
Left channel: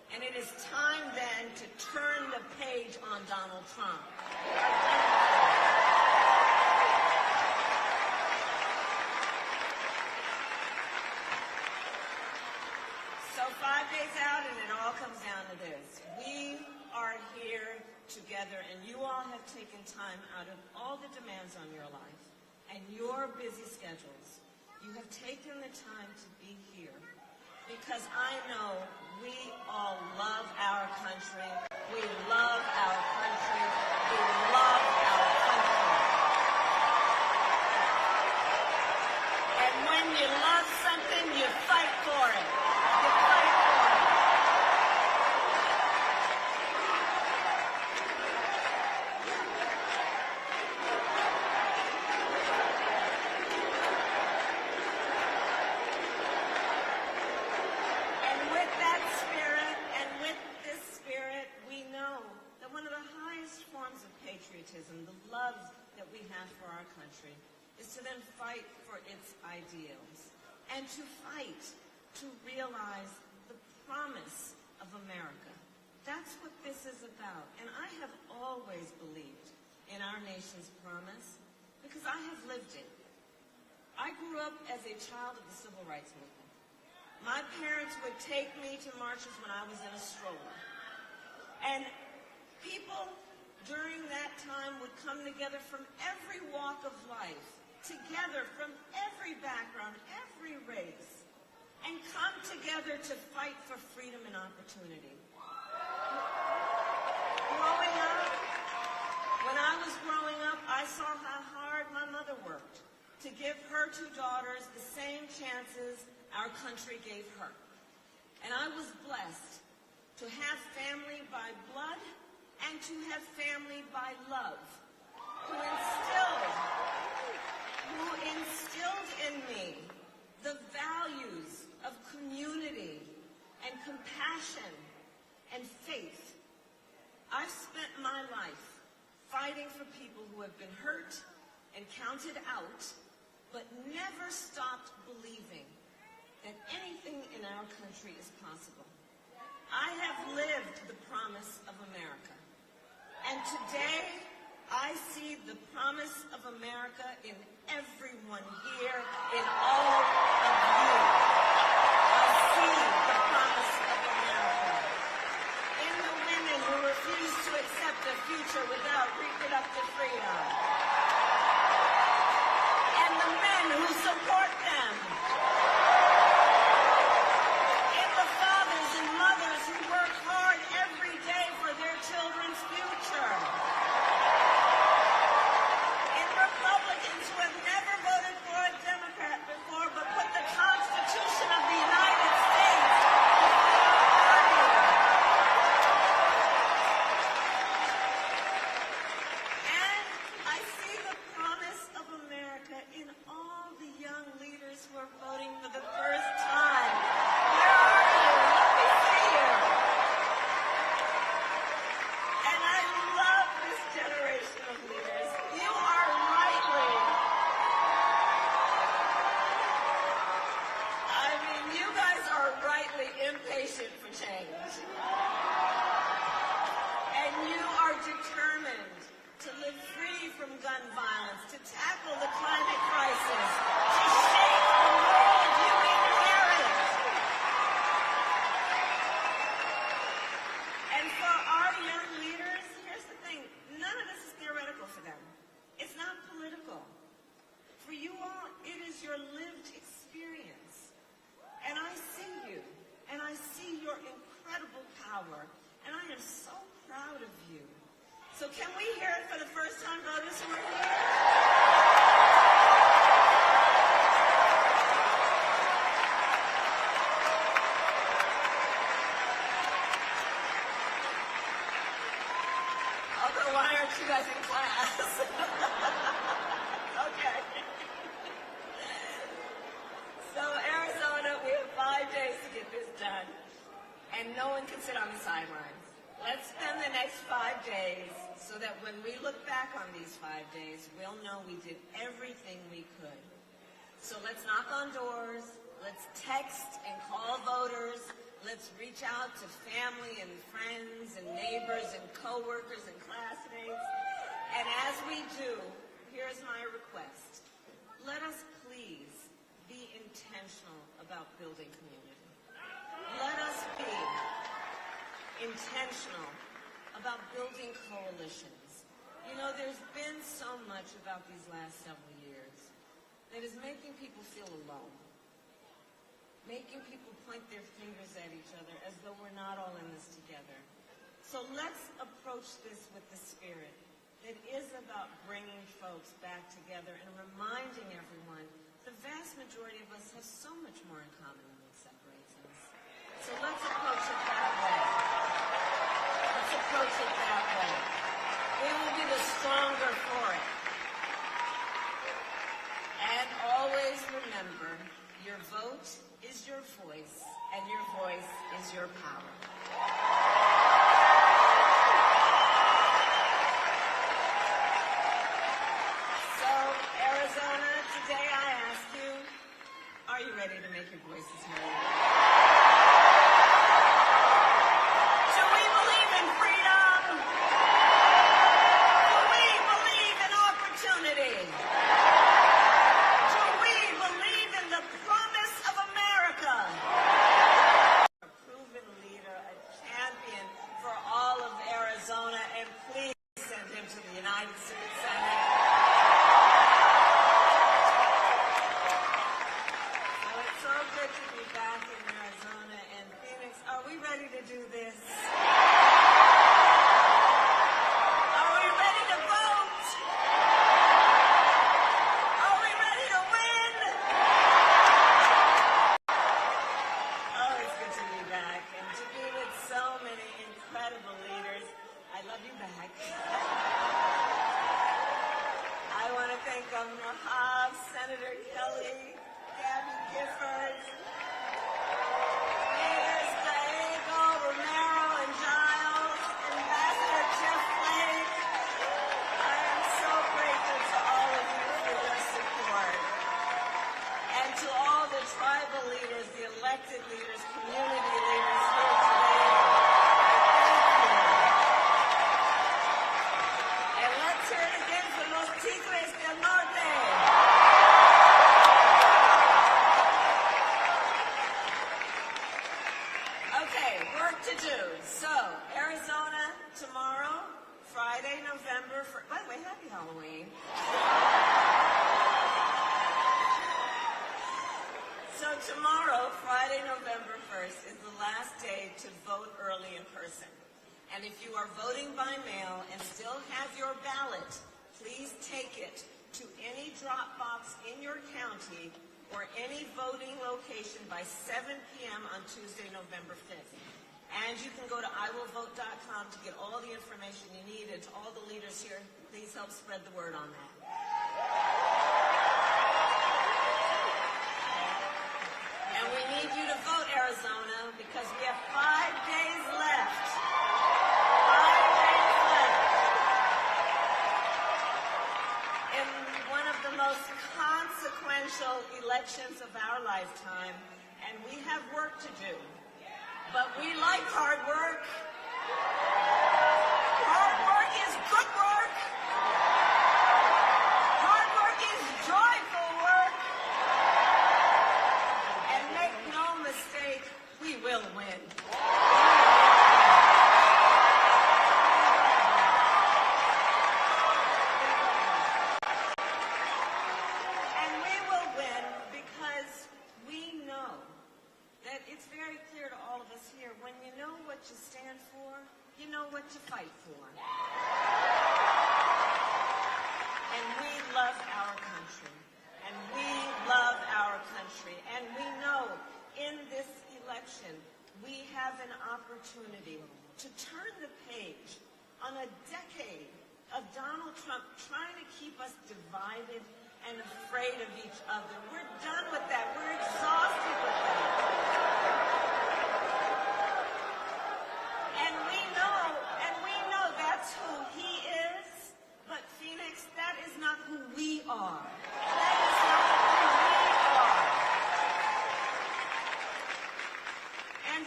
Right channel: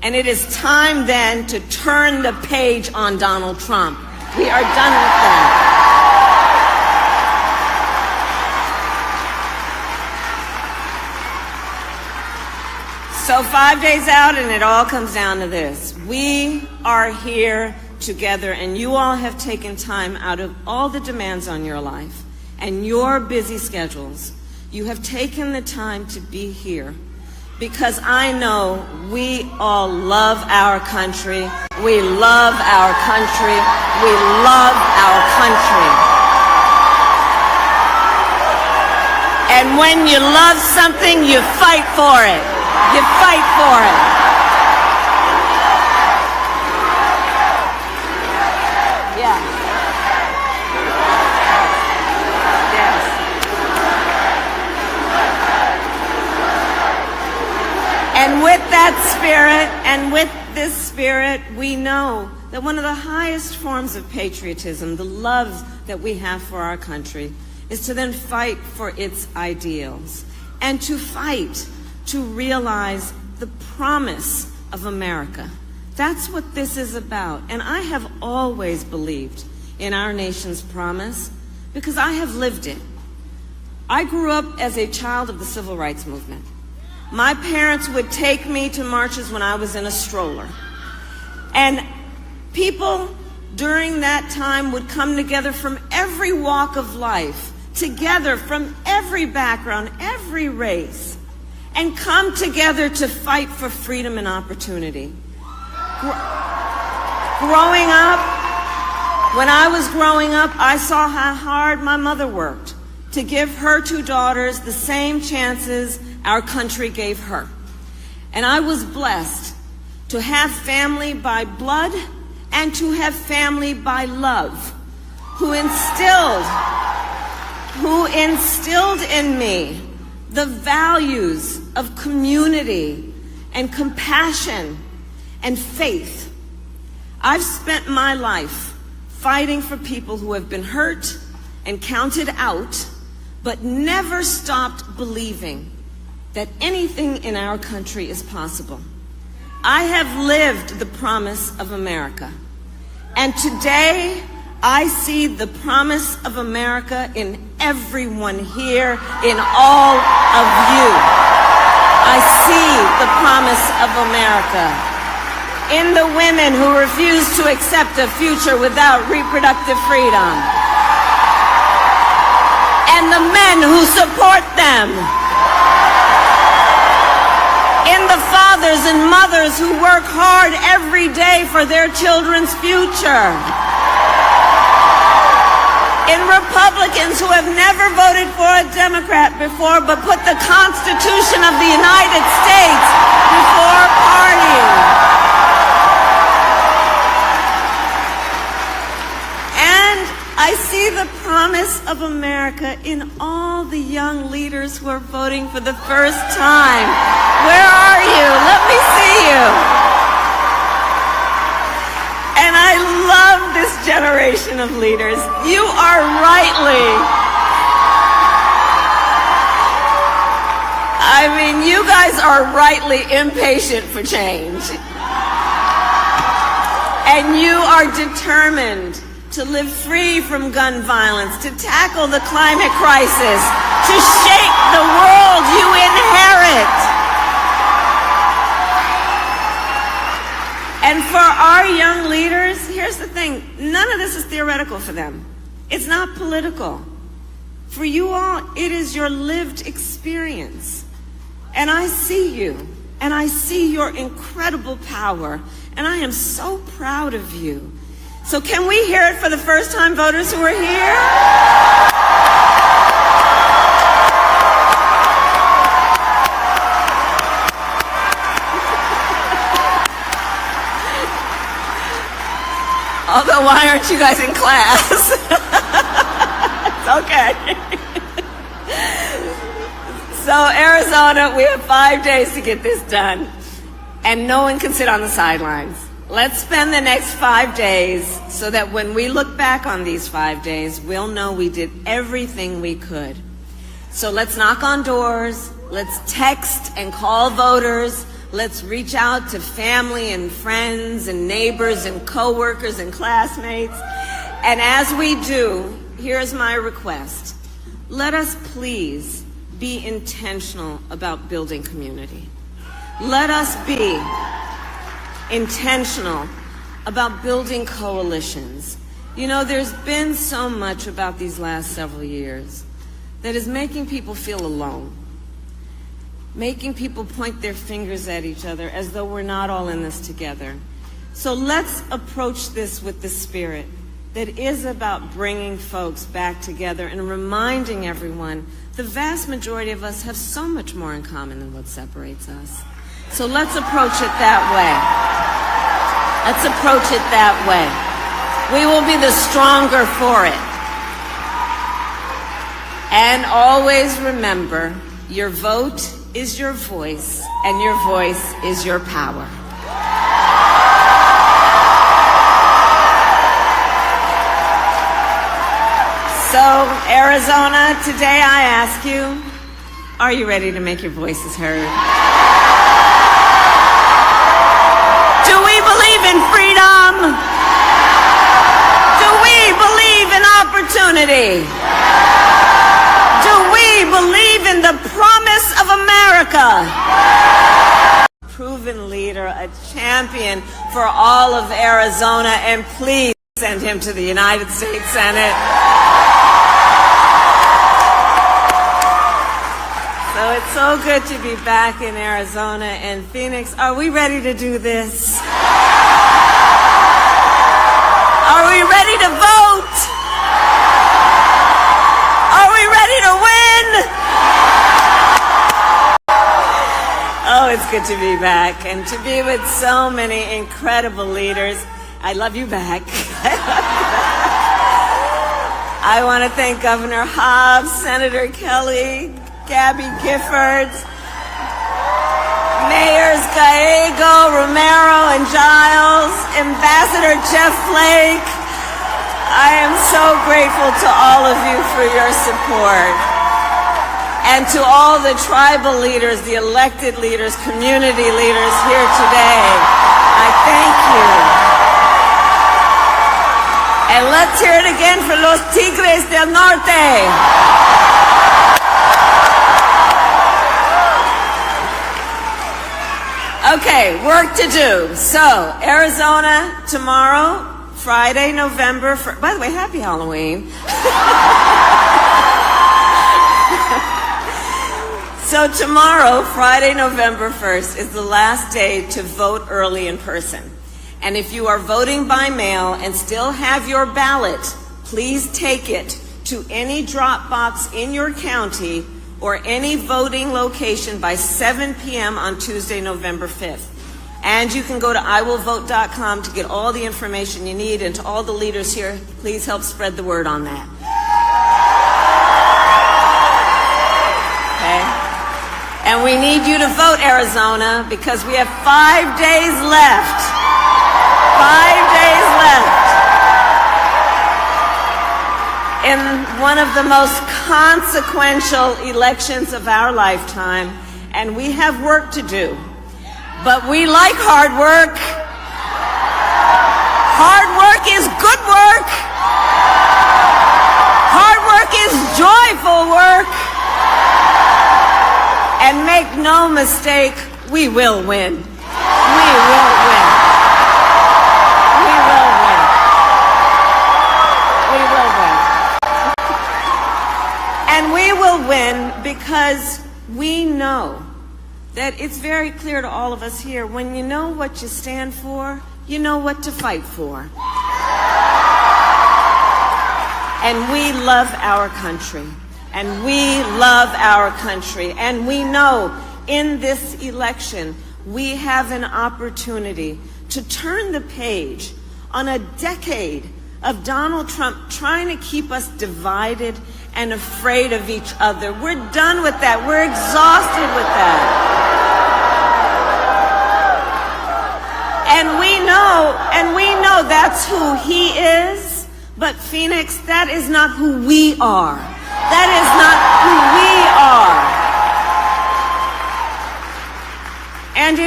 And it is time then to turn the page on Donald Trump. We are done with that. So 5 days out, and it all comes down to this. We are here together, and you all have taken time out of all the demands on your life and your busy schedules. You have taken the time to be here because I know we all love our country. We love our country. We love our country. And when you love something, you fight for it. You fight for it. Yeah. Yes. And with that spirit, and with this spirit, we know that one of the highest forms of patriotism, the love that we have for our country, is to then fight for its ideals and to fight to realize the promise of America. That's what this is about. And I have always believed in our nation's promise because I have lived it. I grew up as a child of the Civil Rights Movement. My parents would take me to marches when I was in a stroller. And people during that time would come together from every walk of life, together from every background, every race, and come together to fight for freedom and opportunity. Growing up, when I was growing up, I saw how hard my mother worked to give her two daughters the same chances our country gave her. And I was blessed to have family by blood and to have family by love, who instilled in me the values of community and compassion and faith. I've spent my life fighting for people who have been hurt and counted out, but never stopped believing that anything in our country is possible. I have lived the promise of America, and today I see the promise of America in everyone here, in all of you. I see the promise of America in the women who refuse to accept a future without reproductive freedom, and the men who support them, in the fathers and mothers who work hard every day for their children's future, in Republicans who have never voted for a Democrat before but put the Constitution of the United States before party. And I see the promise of America in all the young leaders who are voting for the first time. Where are you? Let me see you. And I love this generation of leaders. You are you guys are rightly impatient for change. And you are determined to live free from gun violence, to tackle the climate crisis, to shape the world you inherit. And for our young leaders, here's the thing, none of this is theoretical for them. It's not political. For you all, it is your lived experience. And I see you, and I see your incredible power, and I am so proud of you. So can we hear it for the first-time voters who are here? Although, why aren't you guys in class? It's okay. So, Arizona, we have 5 days to get this done, and no one can sit on the sidelines. Let's spend the next 5 days so that when we look back on these 5 days, we'll know we did everything we could. So let's knock on doors, let's text and call voters, Let's reach out to family and friends and neighbors and coworkers and classmates. And as we do, here's my request. Let us please be intentional about building community. Let us be intentional about building coalitions. You know, there's been so much about these last several years that is making people feel alone, making people point their fingers at each other as though we're not all in this together. So let's approach this with the spirit that is about bringing folks back together and reminding everyone the vast majority of us have so much more in common than what separates us. So let's approach it that way. Let's approach it that way. We will be the stronger for it. And always remember, your vote is your voice, and your voice is your power. So, Arizona, today I ask you, are you ready to make your voices heard? Do we believe in freedom? Do we believe in opportunity? Do we believe in the promise of America? Proven leader, a champion for all of Arizona, and please send him to the United States Senate. So it's so good to be back in Arizona and Phoenix. Are we ready to do this? Are we ready to vote? Are we ready to win? Oh, it's good to be back and to be with so many incredible leaders. I love you back. I want to thank Governor Hobbs, Senator Kelly, Gabby Giffords, Mayors Gallego, Romero, and Giles, Ambassador Jeff Flake. I am so grateful to all of you for your support. And to all the tribal leaders, the elected leaders, community leaders here today, I thank you. And let's hear it again for los Tigres del Norte. Okay, work to do. So, Arizona tomorrow, Friday, November 1st. By the way, happy Halloween. So tomorrow, Friday, November 1st, is the last day to vote early in person. And if you are voting by mail and still have your ballot, please take it to any drop box in your county or any voting location by 7 p.m. on Tuesday, November 5th. And you can go to iwillvote.com to get all the information you need. And to all the leaders here, please help spread the word on that. Okay? And we need you to vote, Arizona, because we have 5 days left. 5 days left in one of the most consequential elections of our lifetime, and we have work to do. But we like hard work. Hard work is good work. Hard work is joyful work. And make no mistake, we will win. We will win. We will win. We will win. And we will win because we know that it's very clear to all of us here, when you know what you stand for, you know what to fight for. And we love our country. And we love our country. And we know in this election, we have an opportunity to turn the page on a decade of Donald Trump trying to keep us divided and afraid of each other. We're done with that. We're exhausted with that. And we know that's who he is, but Phoenix, that is not who we are. That is not who we are. And it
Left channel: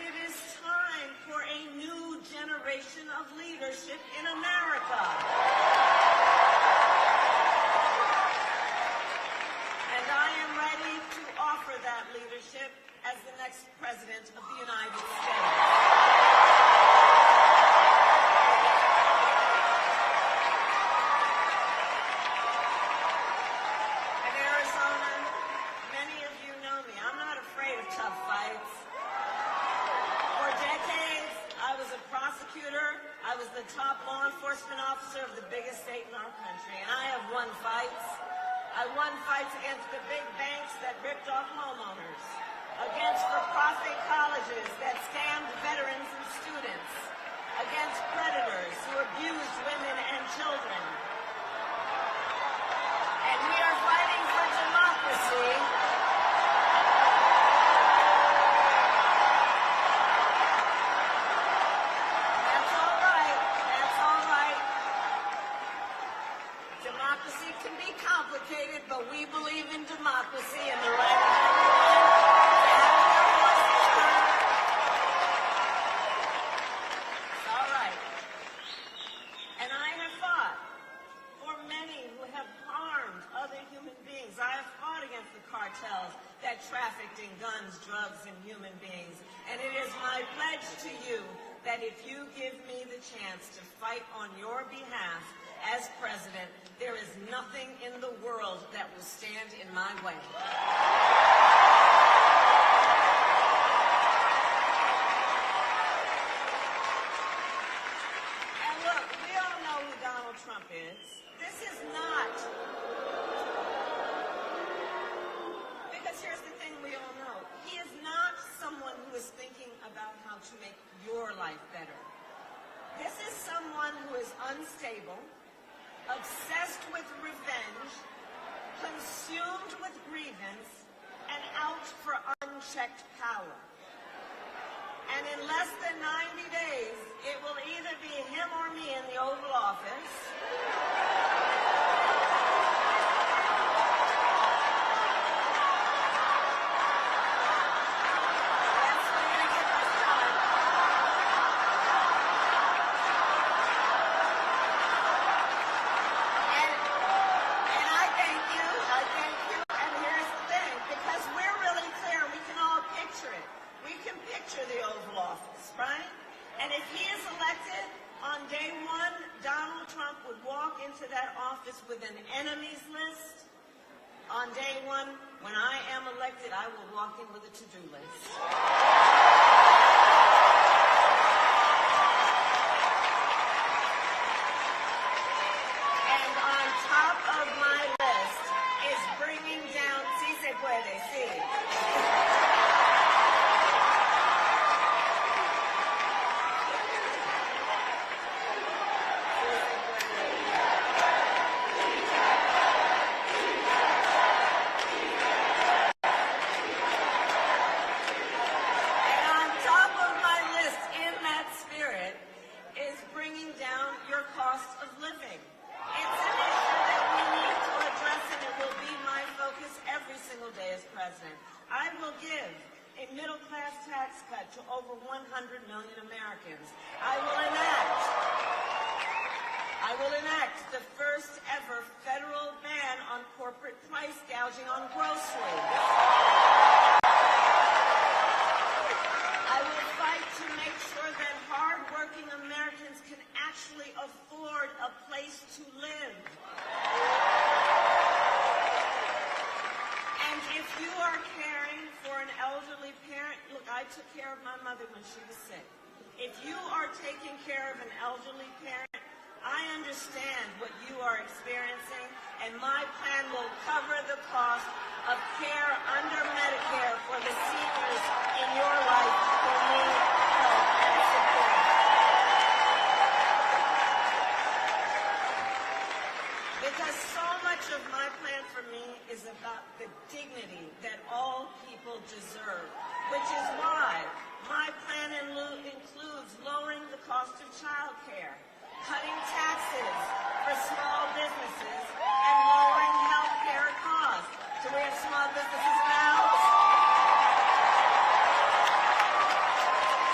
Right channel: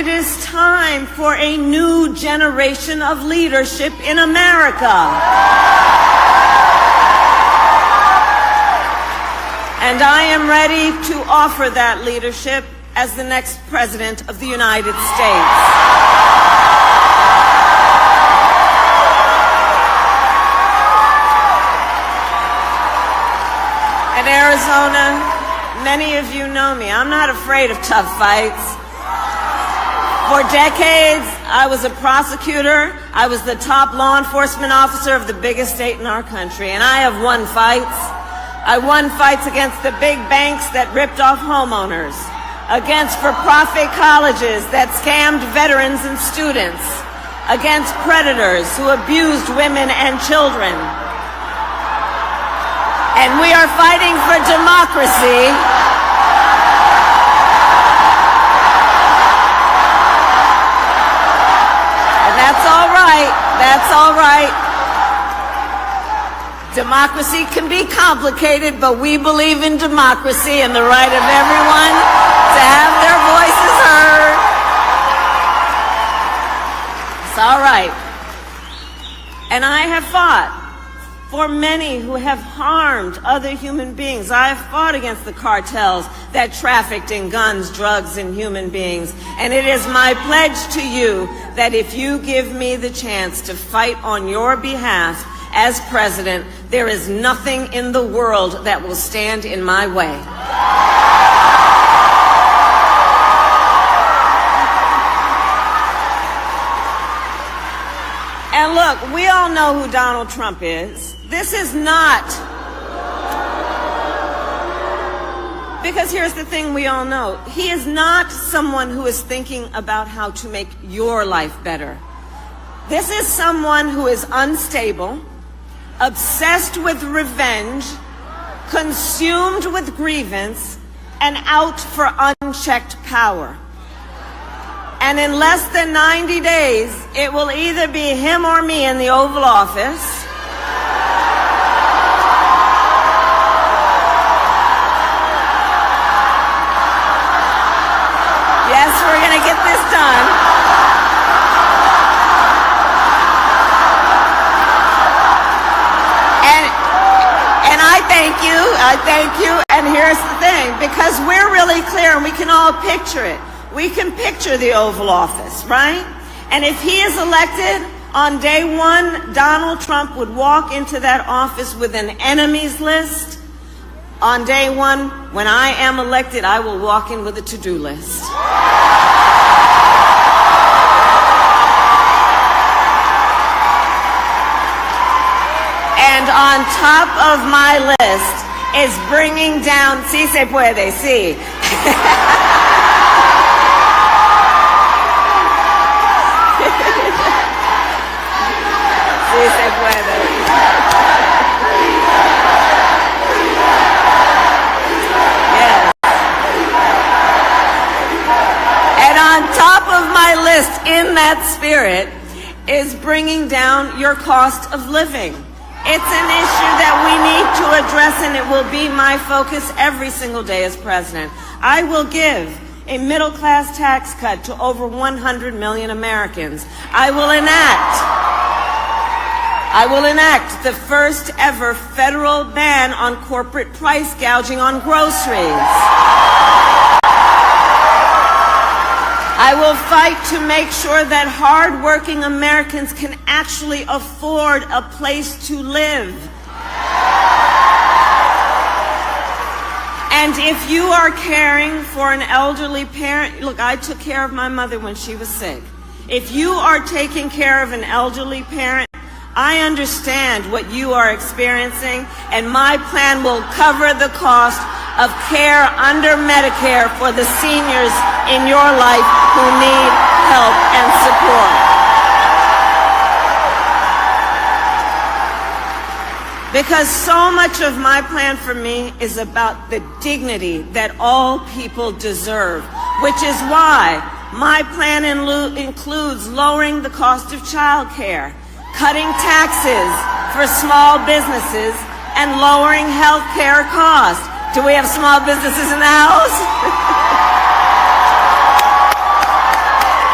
it is time for a new generation of leadership in America. And I am ready to offer that leadership as the next President of the United States. In Arizona, many of you know me. I'm not afraid of tough fights. For decades, I was a prosecutor. I was the top law enforcement officer of the biggest state in our country, and I have won fights. I won fights against the big banks that ripped off homeowners, against for-profit colleges that scammed veterans and students, against predators who abused women and children. And we are fighting for democracy. And that's all right. That's all right. Democracy can be complicated, but we believe in democracy and the right of everyone to have their voices heard. It's all right. And I have fought for many who have harmed other human beings. I have fought against the cartels that trafficked in guns, drugs, and human beings. And it is my pledge to you that if you give me the chance to fight on your behalf as president, there is nothing in the world that will stand in my way. And look, we all know who Donald Trump is. This is not, because here's the thing we all know. He is not someone who is thinking about how to make your life better. This is someone who is unstable, obsessed with revenge, consumed with grievance, and out for unchecked power. And in less than 90 days, it will either be him or me in the Oval Office. Yes, we're going to get this done. And I thank you, and here's the thing, because we're really clear and we can all picture it. We can picture the Oval Office, right? And if he is elected, on day one, Donald Trump would walk into that office with an enemies list. On day one, when I am elected, I will walk in with a to-do list. And on top of my list is bringing down, sí se puede, sí. Sí se puede. Yes. And on top of my list, in that spirit, is bringing down your cost of living. It's an issue that we need to address, and it will be my focus every single day as president. I will give a middle-class tax cut to over 100 million Americans. I will enact the first ever federal ban on corporate price gouging on groceries. I will fight to make sure that hardworking Americans can actually afford a place to live. And if you are caring for an elderly parent, look, I took care of my mother when she was sick. If you are taking care of an elderly parent, I understand what you are experiencing, and my plan will cover the cost of care under Medicare for the seniors in your life who need help and support. Because so much of my plan for me is about the dignity that all people deserve, which is why my plan includes lowering the cost of child care, cutting taxes for small businesses, and lowering health care costs. Do we have small businesses in the house?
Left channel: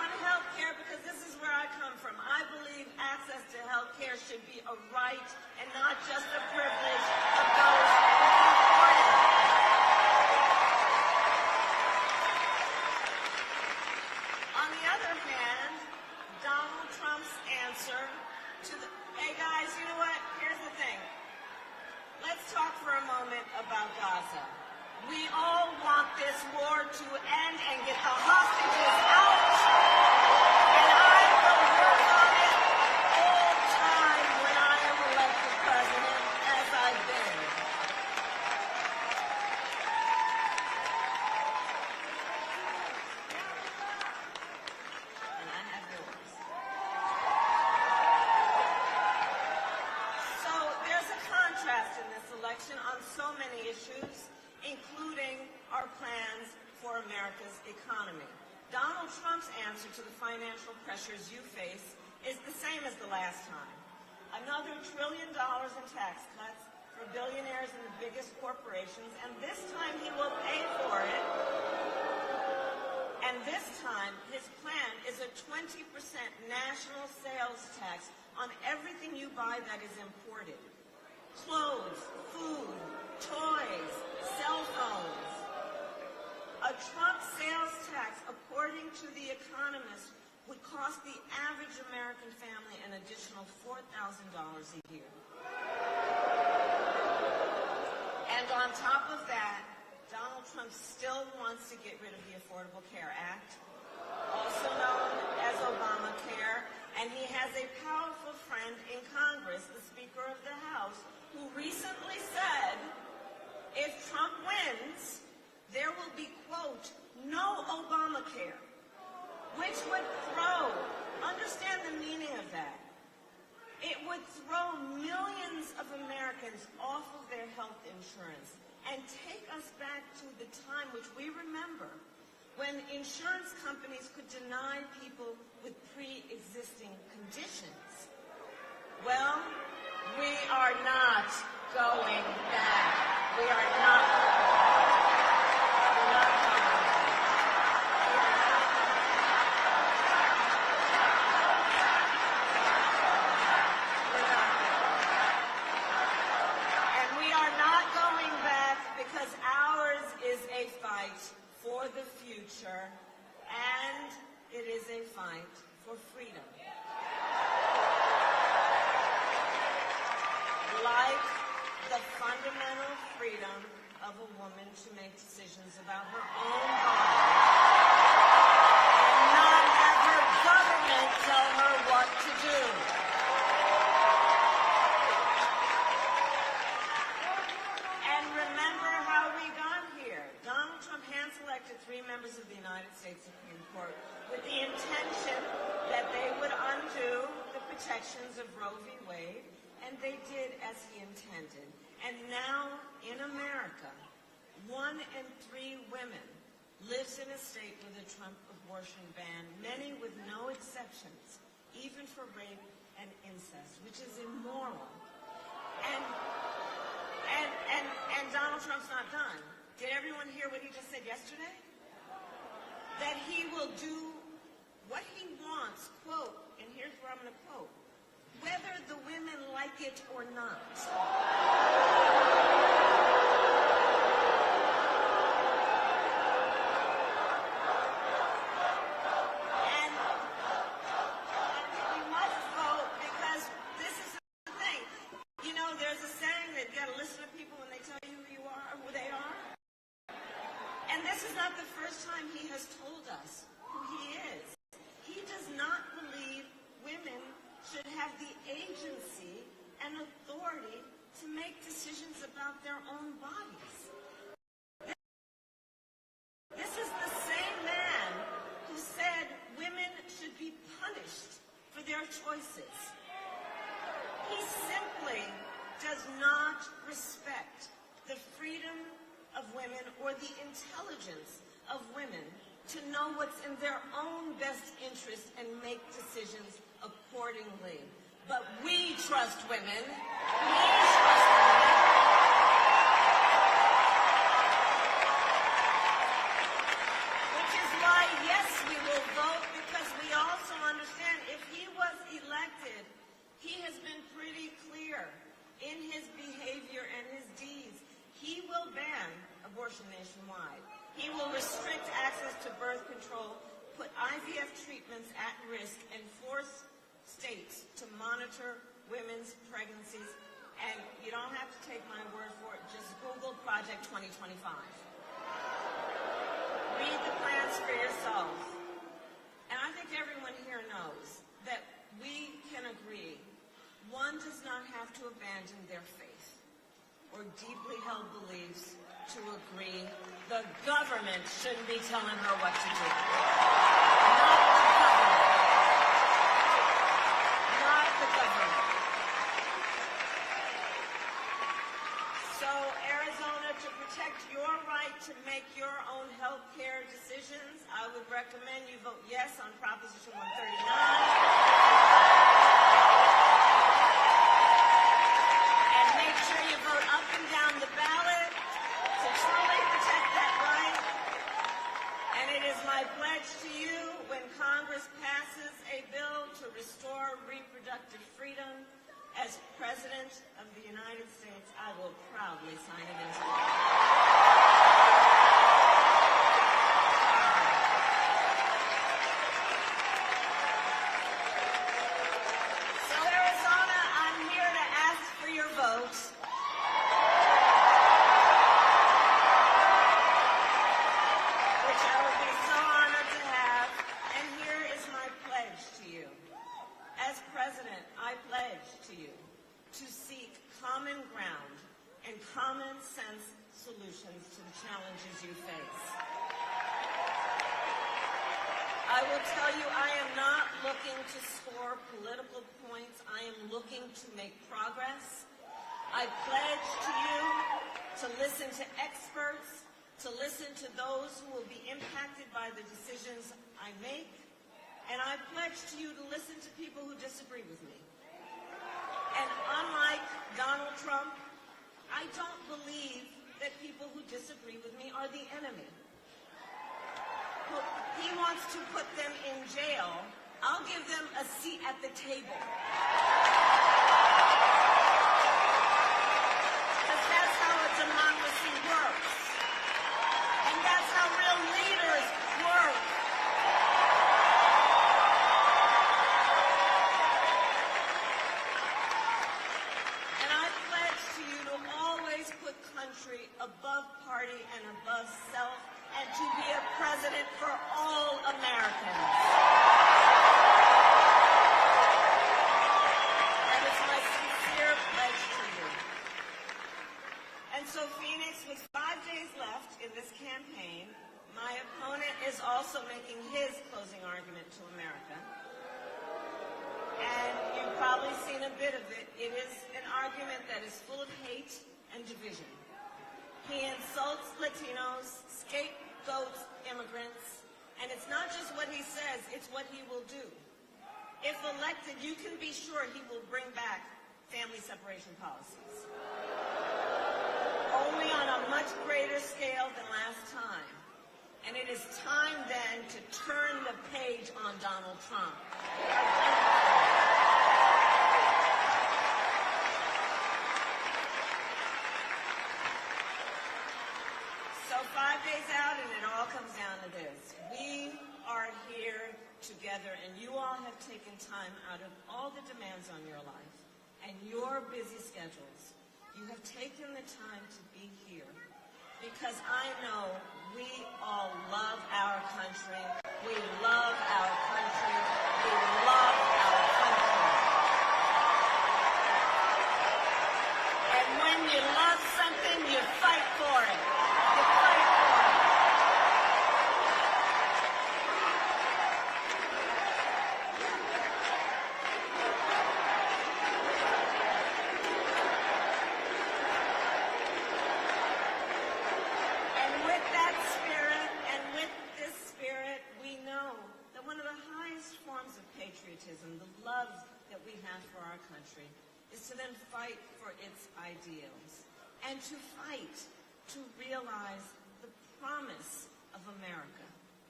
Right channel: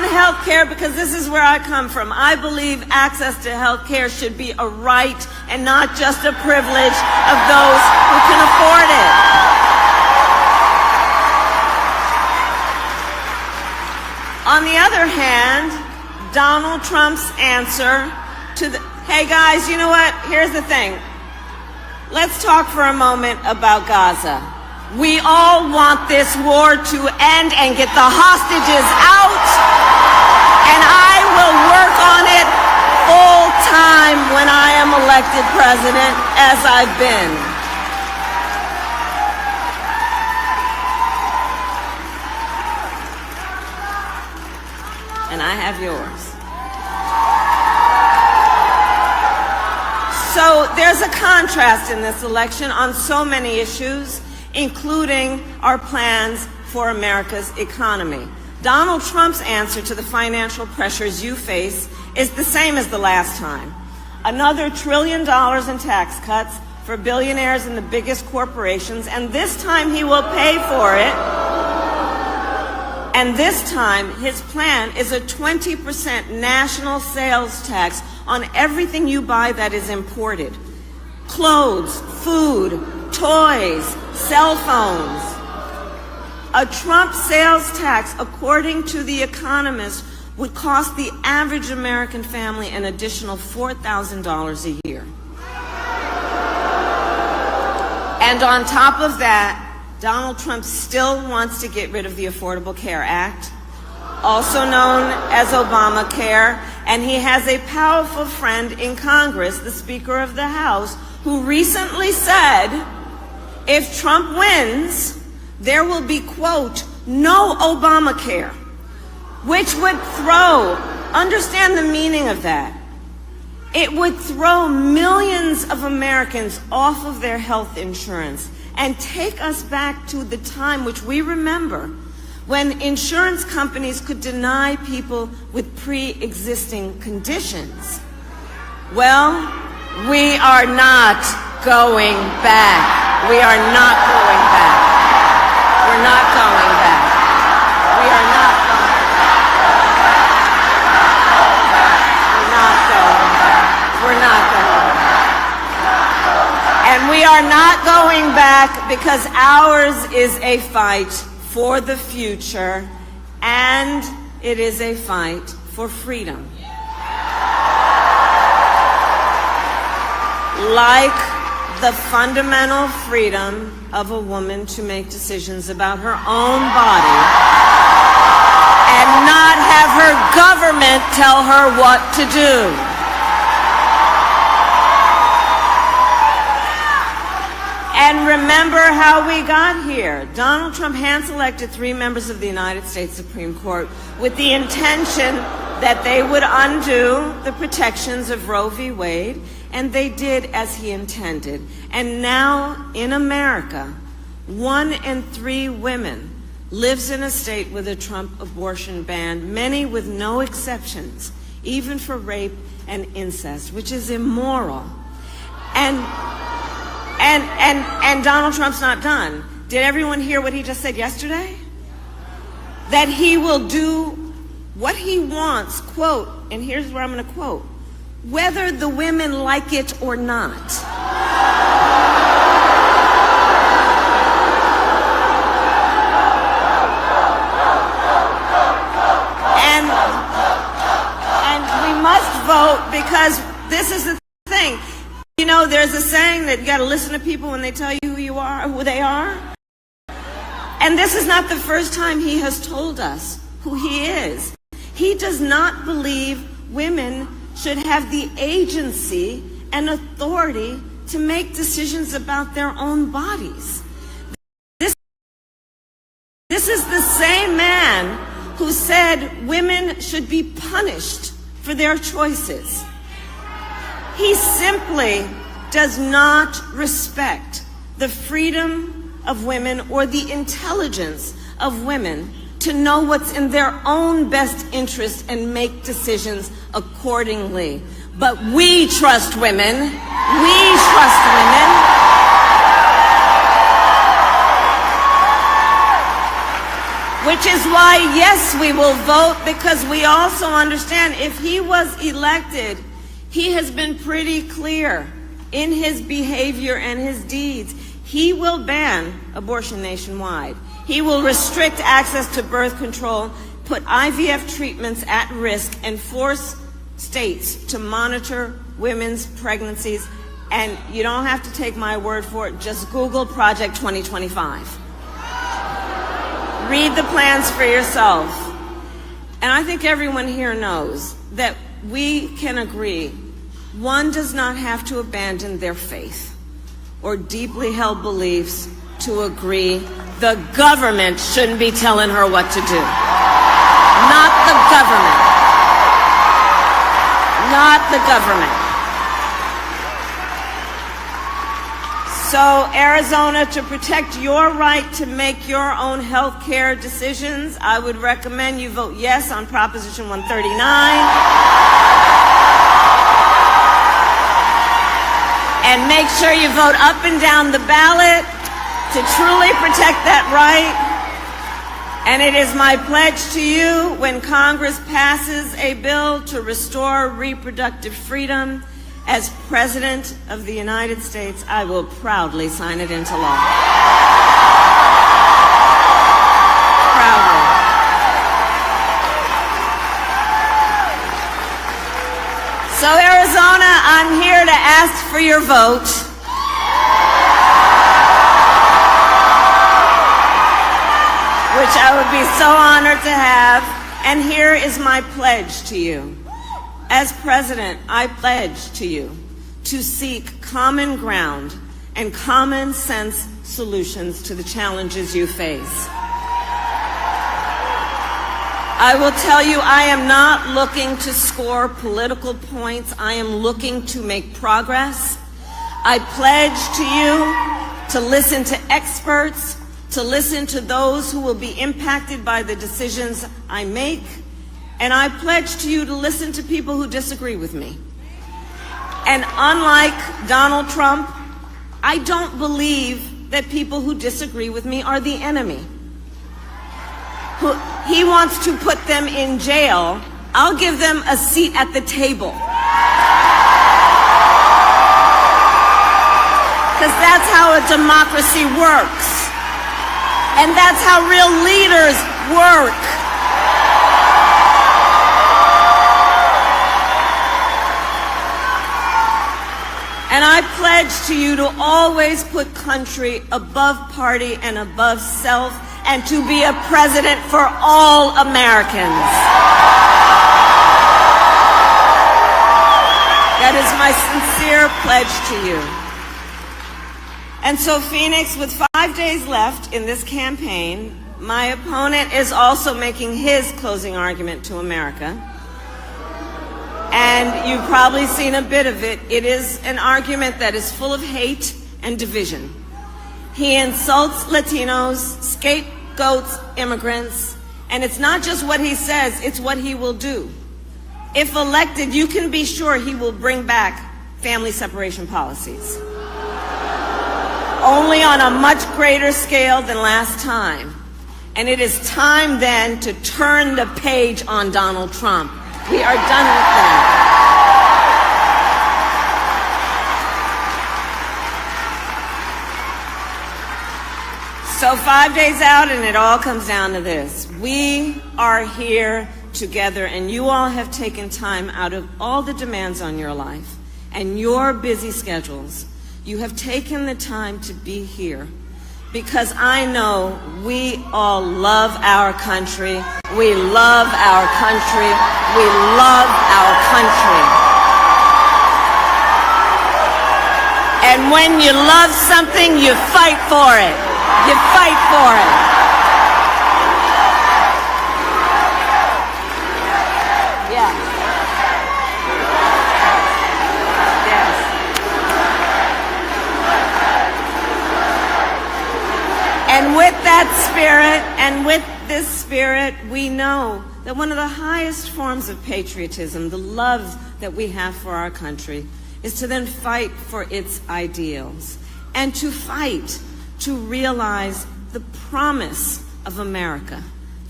on health care, because this is where I come from. I believe access to health care should be a right and not just a privilege of those who can afford it. On the other hand, Donald Trump's answer to the, hey guys, you know what? Here's the thing. Let's talk for a moment about Gaza. We all want this war to end and get the hostages out, and I will work on it full time when I am elected president, as I've been. And I have yours. So there's a contrast in this election on so many issues, including our plans for America's economy. Donald Trump's answer to the financial pressures you face is the same as the last time. Another $1 trillion in tax cuts for billionaires and the biggest corporations, and this time he will pay for it. And this time, his plan is a 20% national sales tax on everything you buy that is imported. Clothes, food, toys, cell phones. A Trump sales tax, according to The Economist, would cost the average American family an additional $4,000 a year. And on top of that, Donald Trump still wants to get rid of the Affordable Care Act, also known as Obamacare, and he has a powerful friend in Congress, the Speaker of the House, who recently said, if Trump wins, there will be, quote, no Obamacare, which would throw, understand the meaning of that, it would throw millions of Americans off of their health insurance and take us back to the time which we remember when insurance companies could deny people with pre-existing conditions. Well, we are not going back. We are not going back. We're not going back. We are not going back. We're not going back. And we are not going back because ours is a fight for the future, and it is a fight for freedom. Like the fundamental freedom of a woman to make decisions about her own body and not have her government tell her what to do. And remember how we got here. Donald Trump hand-selected 3 members of the United States Supreme Court with the intention that they would undo the protections of Roe v. Wade, and they did as he intended. And now in America, 1 in 3 women lives in a state with a Trump abortion ban, many with no exceptions, even for rape and incest, which is immoral. And Donald Trump's not done. Did everyone hear what he just said yesterday? That he will do what he wants, quote, and here's where I'm going to quote, whether the women like it or not. And we must vote, because this is the thing. You know, there's a saying that you got to listen to people when they tell you who you are, who they are. And this is not the first time he has told us who he is. He does not believe women should have the agency and authority to make decisions about their own bodies. This is the same man who said women should be punished for their choices. He simply does not respect the freedom of women or the intelligence of women to know what's in their own best interest and make decisions accordingly. But we trust women. We trust women. Which is why, yes, we will vote, because we also understand if he was elected, he has been pretty clear in his behavior and his deeds. He will ban abortion nationwide. He will restrict access to birth control, put IVF treatments at risk, and force states to monitor women's pregnancies. And you don't have to take my word for it. Just Google Project 2025. Read the plans for yourself. And I think everyone here knows that we can agree one does not have to abandon their faith or deeply held beliefs to agree the government shouldn't be telling her what to do. Not the government. Not the government. So, Arizona, to protect your right to make your own health care decisions, I would recommend you vote yes on Proposition 139. And make sure you vote up and down the ballot to truly protect that right. And it is my pledge to you, when Congress passes a bill to restore reproductive freedom, as President of the United States, I will proudly sign it into law. Proudly. So, Arizona, I'm here to ask for your vote. Which I would be so honored to have. And here is my pledge to you. As President, I pledge to you to seek common ground and common sense solutions to the challenges you face. I will tell you, I am not looking to score political points. I am looking to make progress. I pledge to you to listen to experts, to listen to those who will be impacted by the decisions I make. And I pledge to you to listen to people who disagree with me. And unlike Donald Trump, I don't believe that people who disagree with me are the enemy. He wants to put them in jail. I'll give them a seat at the table. Because that's how a democracy works. And that's how real leaders work. And I pledge to you to always put country above party and above self, and to be a president for all Americans. That is my sincere pledge to you. And so, Phoenix, with 5 days left in this campaign, my opponent is also making his closing argument to America. And you've probably seen a bit of it. It is an argument that is full of hate and division. He insults Latinos, scapegoats immigrants, and it's not just what he says, it's what he will do. If elected, you can be sure he will bring back family separation policies. Only on a much greater scale than last time. And it is time then to turn the page on Donald Trump. We are done with that. So 5 days out, and it all comes down to this. We are here together, and you all have taken time out of all the demands on your life and your busy schedules. You have taken the time to be here because I know we all love our country. We love our country. We love our country. And when you love something, you fight for it. You fight for it. Yeah. Yes. And with that spirit, and with this spirit, we know that one of the highest forms of patriotism, the love that we have for our country, is to then fight for its ideals and to fight to realize the promise of America,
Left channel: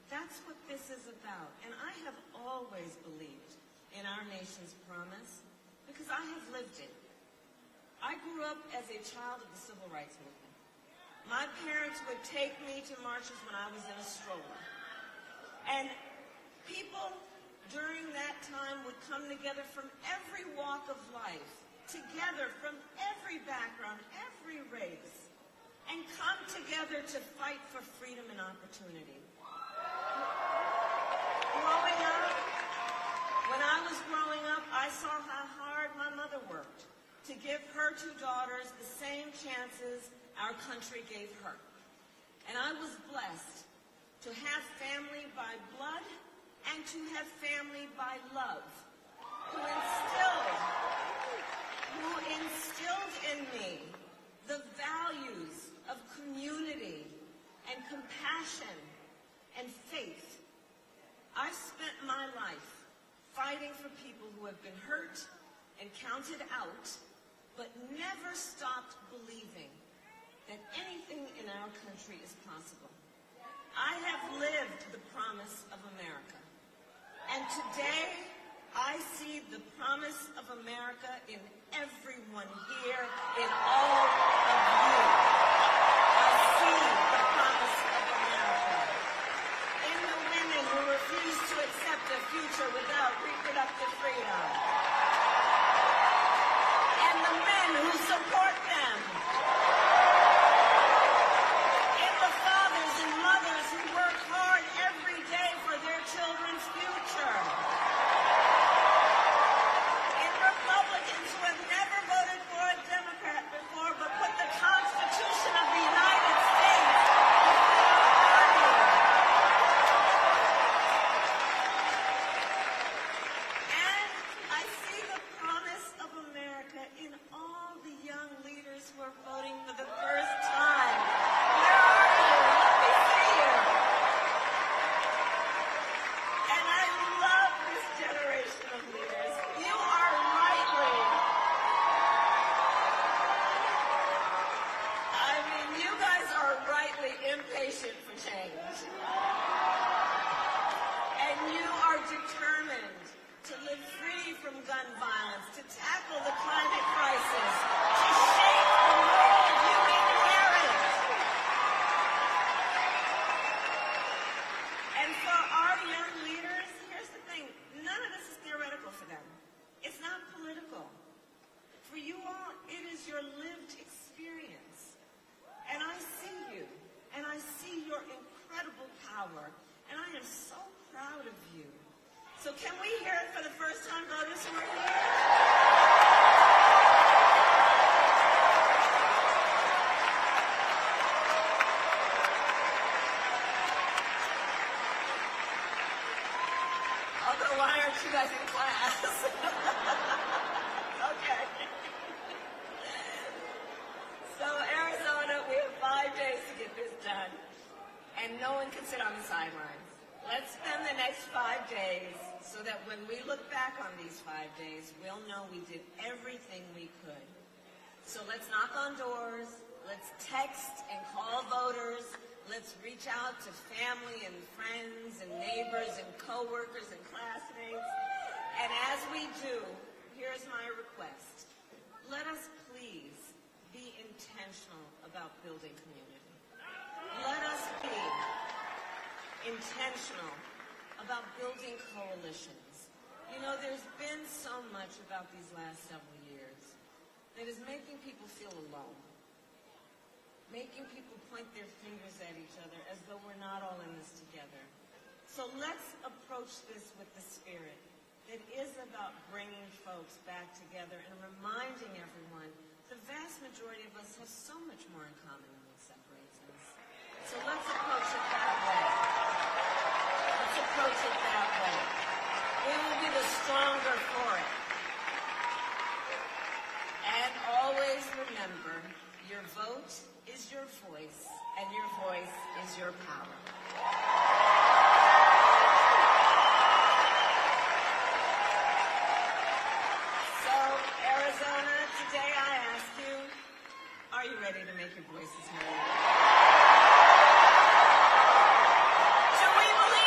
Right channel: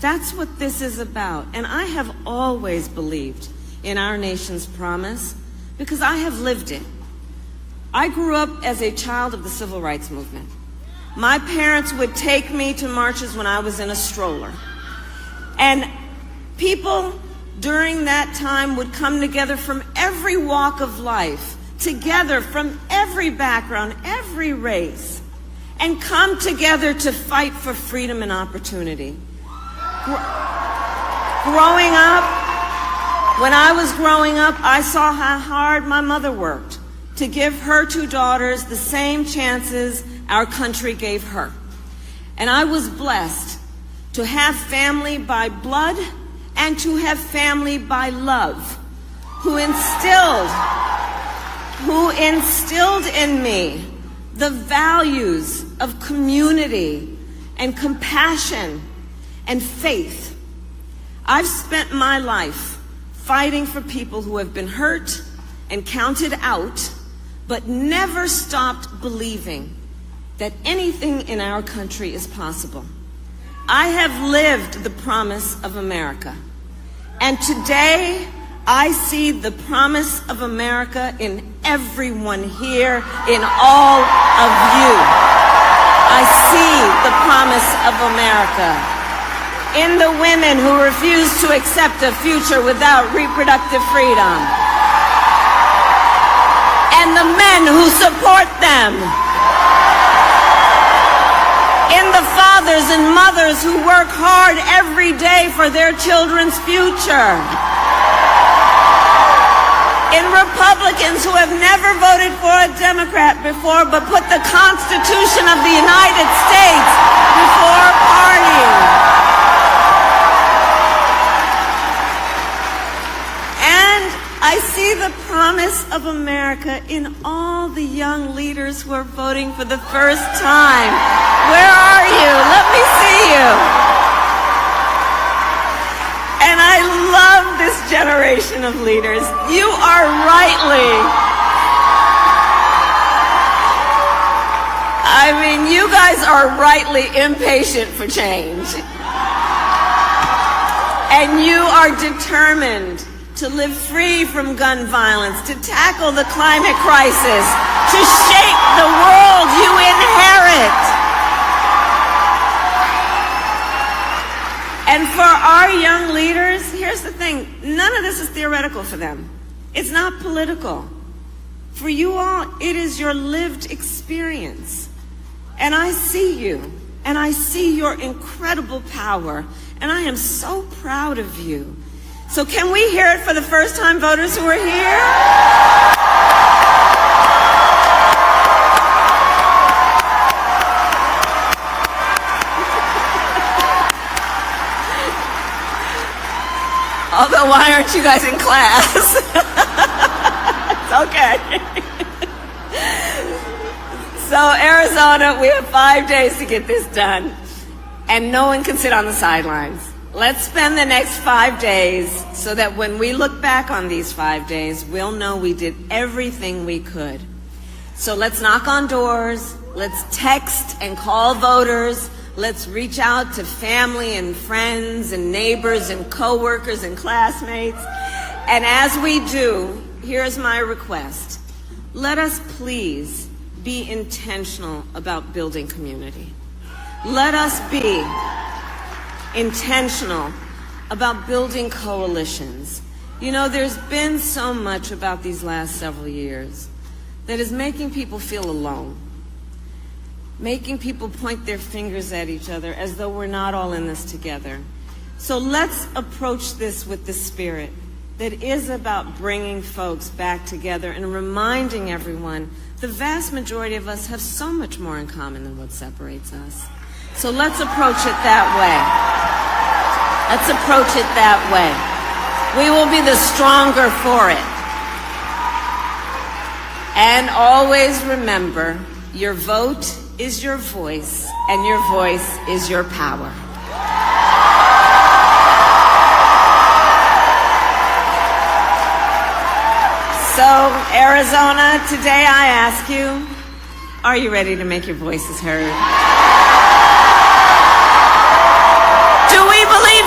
That's what this is about. And I have always believed in our nation's promise because I have lived it. I grew up as a child of the civil rights movement. My parents would take me to marches when I was in a stroller. And people during that time would come together from every walk of life, together from every background, every race, and come together to fight for freedom and opportunity. Growing up, when I was growing up, I saw how hard my mother worked to give her two daughters the same chances our country gave her. And I was blessed to have family by blood and to have family by love, who instilled in me the values of community and compassion and faith. I've spent my life fighting for people who have been hurt and counted out, but never stopped believing that anything in our country is possible. I have lived the promise of America, and today I see the promise of America in everyone here, in all of you. I see the promise of America in the women who refuse to accept a future without reproductive freedom, and the men who support them, in the fathers and mothers who work hard every day for their children's future, in Republicans who have never voted for a Democrat before but put the Constitution of the United States before party. And I see the promise of America in all the young leaders who are voting for the first time. Where are you? Let me see you. And I love this generation of leaders. You are you guys are rightly impatient for change. And you are determined to live free from gun violence, to tackle the climate crisis, to shape the world you inherit. And for our young leaders, here's the thing, none of this is theoretical for them. It's not political. For you all, it is your lived experience. And I see you, and I see your incredible power, and I am so proud of you. So can we hear it for the first-time voters who are here? Although, why aren't you guys in class? It's okay. So, Arizona, we have 5 days to get this done, and no one can sit on the sidelines. Let's spend the next 5 days so that when we look back on these 5 days, we'll know we did everything we could. So let's knock on doors, let's text and call voters, let's reach out to family and friends and neighbors and coworkers and classmates. And as we do, here's my request. Let us please be intentional about building community. Let us be intentional about building coalitions. You know, there's been so much about these last several years that is making people feel alone, making people point their fingers at each other as though we're not all in this together. So let's approach this with the spirit that is about bringing folks back together and reminding everyone the vast majority of us have so much more in common than what separates us. So let's approach it that way. Let's approach it that way. We will be the stronger for it. And always remember, your vote is your voice, and your voice is your power. So, Arizona, today I ask you, are you ready to make your voices heard? Do we believe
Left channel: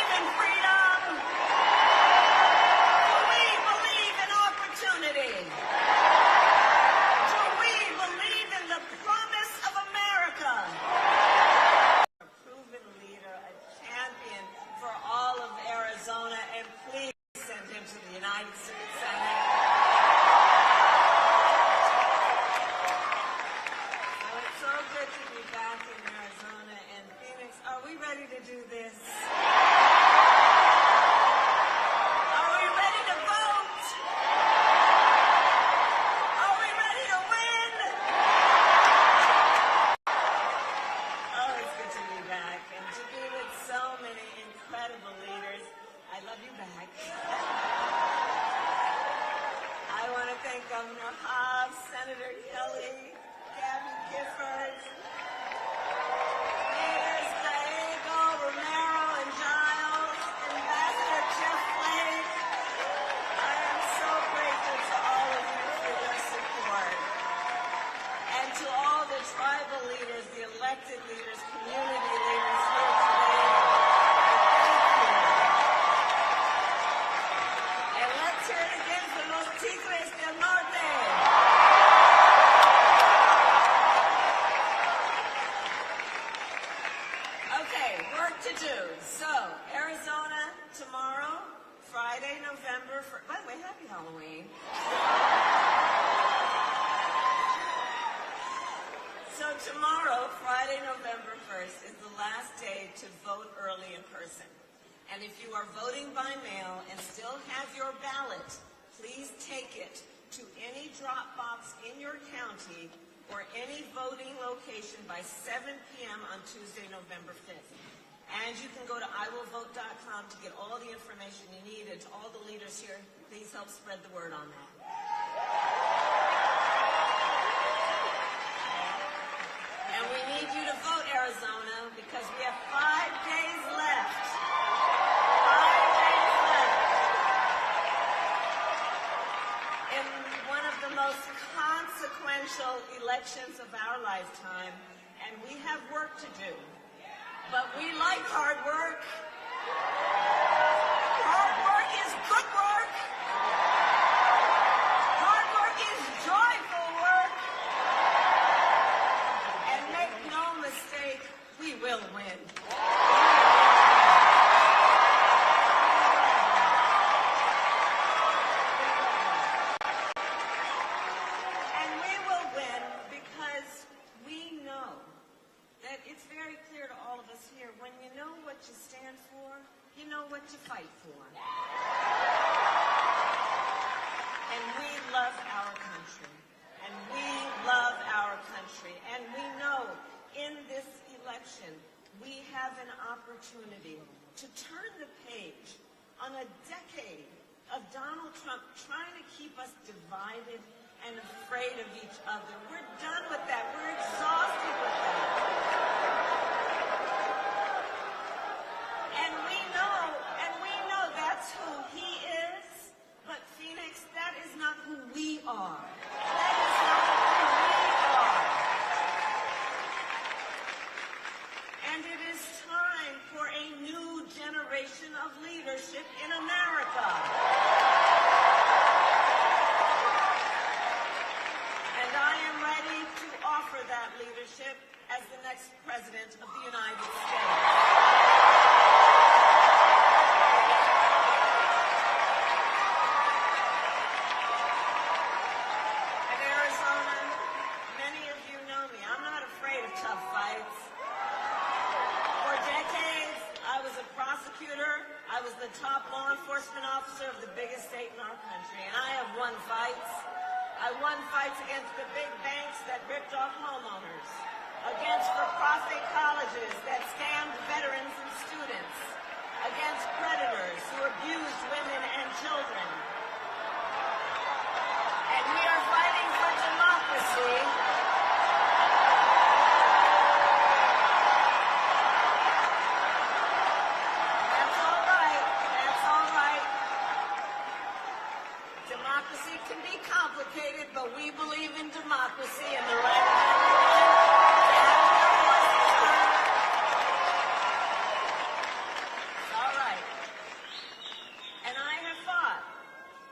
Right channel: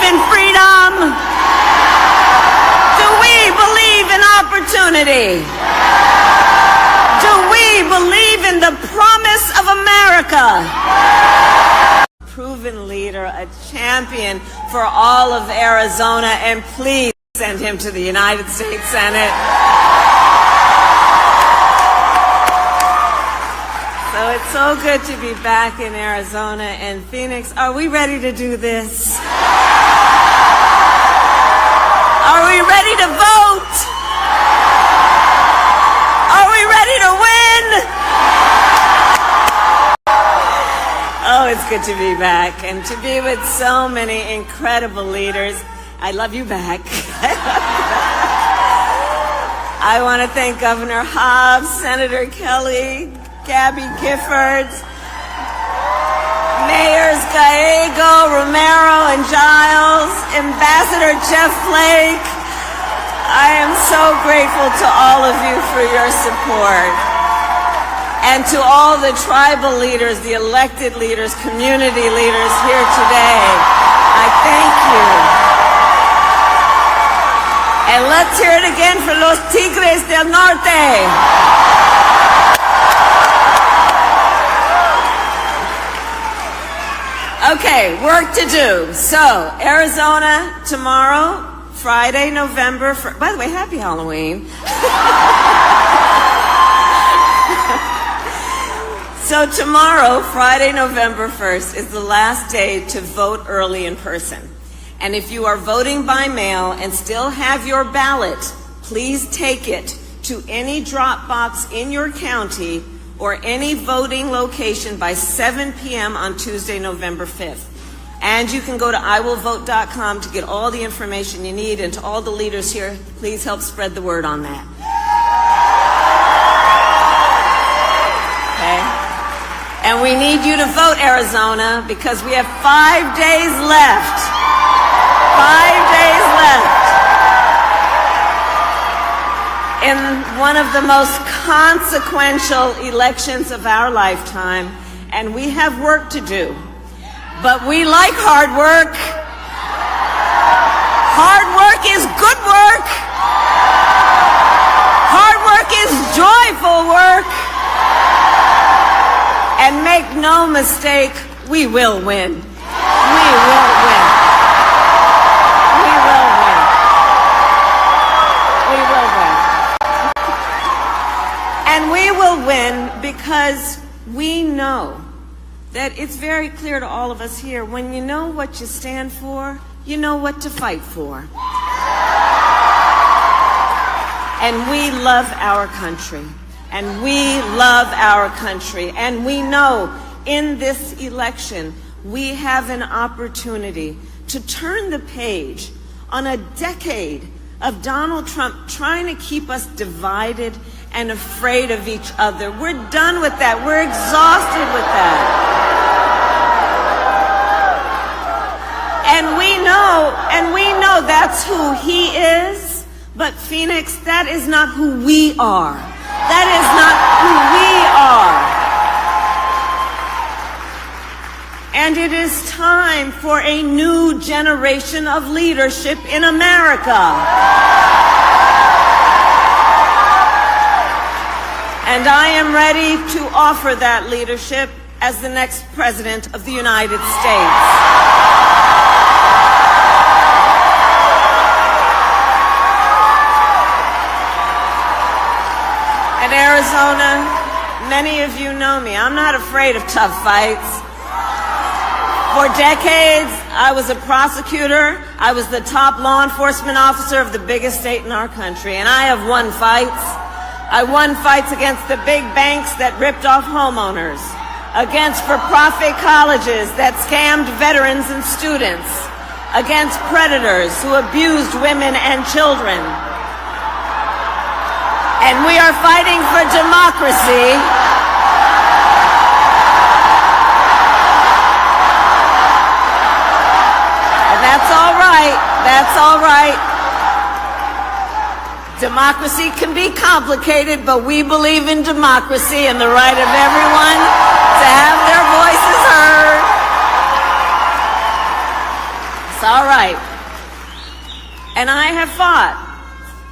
Do we believe in opportunity? Do we believe in the promise of America? Proven leader, a champion for all of Arizona, and please send him to the United States Senate. So it's so good to be back in Arizona and Phoenix. Are we ready to do this? Are we ready to vote? Are we ready to win? Oh, it's good to be back and to be with so many incredible leaders. I love you back. I want to thank Governor Hobbs, Senator Kelly, Gabby Giffords, Mayors Gallego, Romero, and Giles, Ambassador Jeff Flake. I am so grateful to all of you for your support. And to all the tribal leaders, the elected leaders, community leaders here today, I thank you. And let's hear it again for los Tigres del Norte. Okay, work to do. So, Arizona tomorrow, Friday, November 1st. By the way, happy Halloween. So tomorrow, Friday, November 1st, is the last day to vote early in person. And if you are voting by mail and still have your ballot, please take it to any drop box in your county or any voting location by 7 p.m. on Tuesday, November 5th. And you can go to iwillvote.com to get all the information you need. And to all the leaders here, please help spread the word on that. Okay? And we need you to vote, Arizona, because we have 5 days left. 5 days left in one of the most consequential elections of our lifetime, and we have work to do. But we like hard work. Hard work is good work. Hard work is joyful work. And make no mistake, we will win. We will win. We will win. We will win. And we will win because we know that it's very clear to all of us here, when you know what you stand for, you know what to fight for. And we love our country. And we love our country. And we know in this election, we have an opportunity to turn the page on a decade of Donald Trump trying to keep us divided and afraid of each other. We're done with that. We're exhausted with that. And we know that's who he is. But Phoenix, that is not who we are. That is not who we are. And it is time for a new generation of leadership in America. And I am ready to offer that leadership as the next President of the United States. In Arizona, many of you know me. I'm not afraid of tough fights. For decades, I was a prosecutor. I was the top law enforcement officer of the biggest state in our country, and I have won fights. I won fights against the big banks that ripped off homeowners, against for-profit colleges that scammed veterans and students, against predators who abused women and children. And we are fighting for democracy. And that's all right. That's all right. Democracy can be complicated, but we believe in democracy and the right of everyone to have their voices heard. It's all right.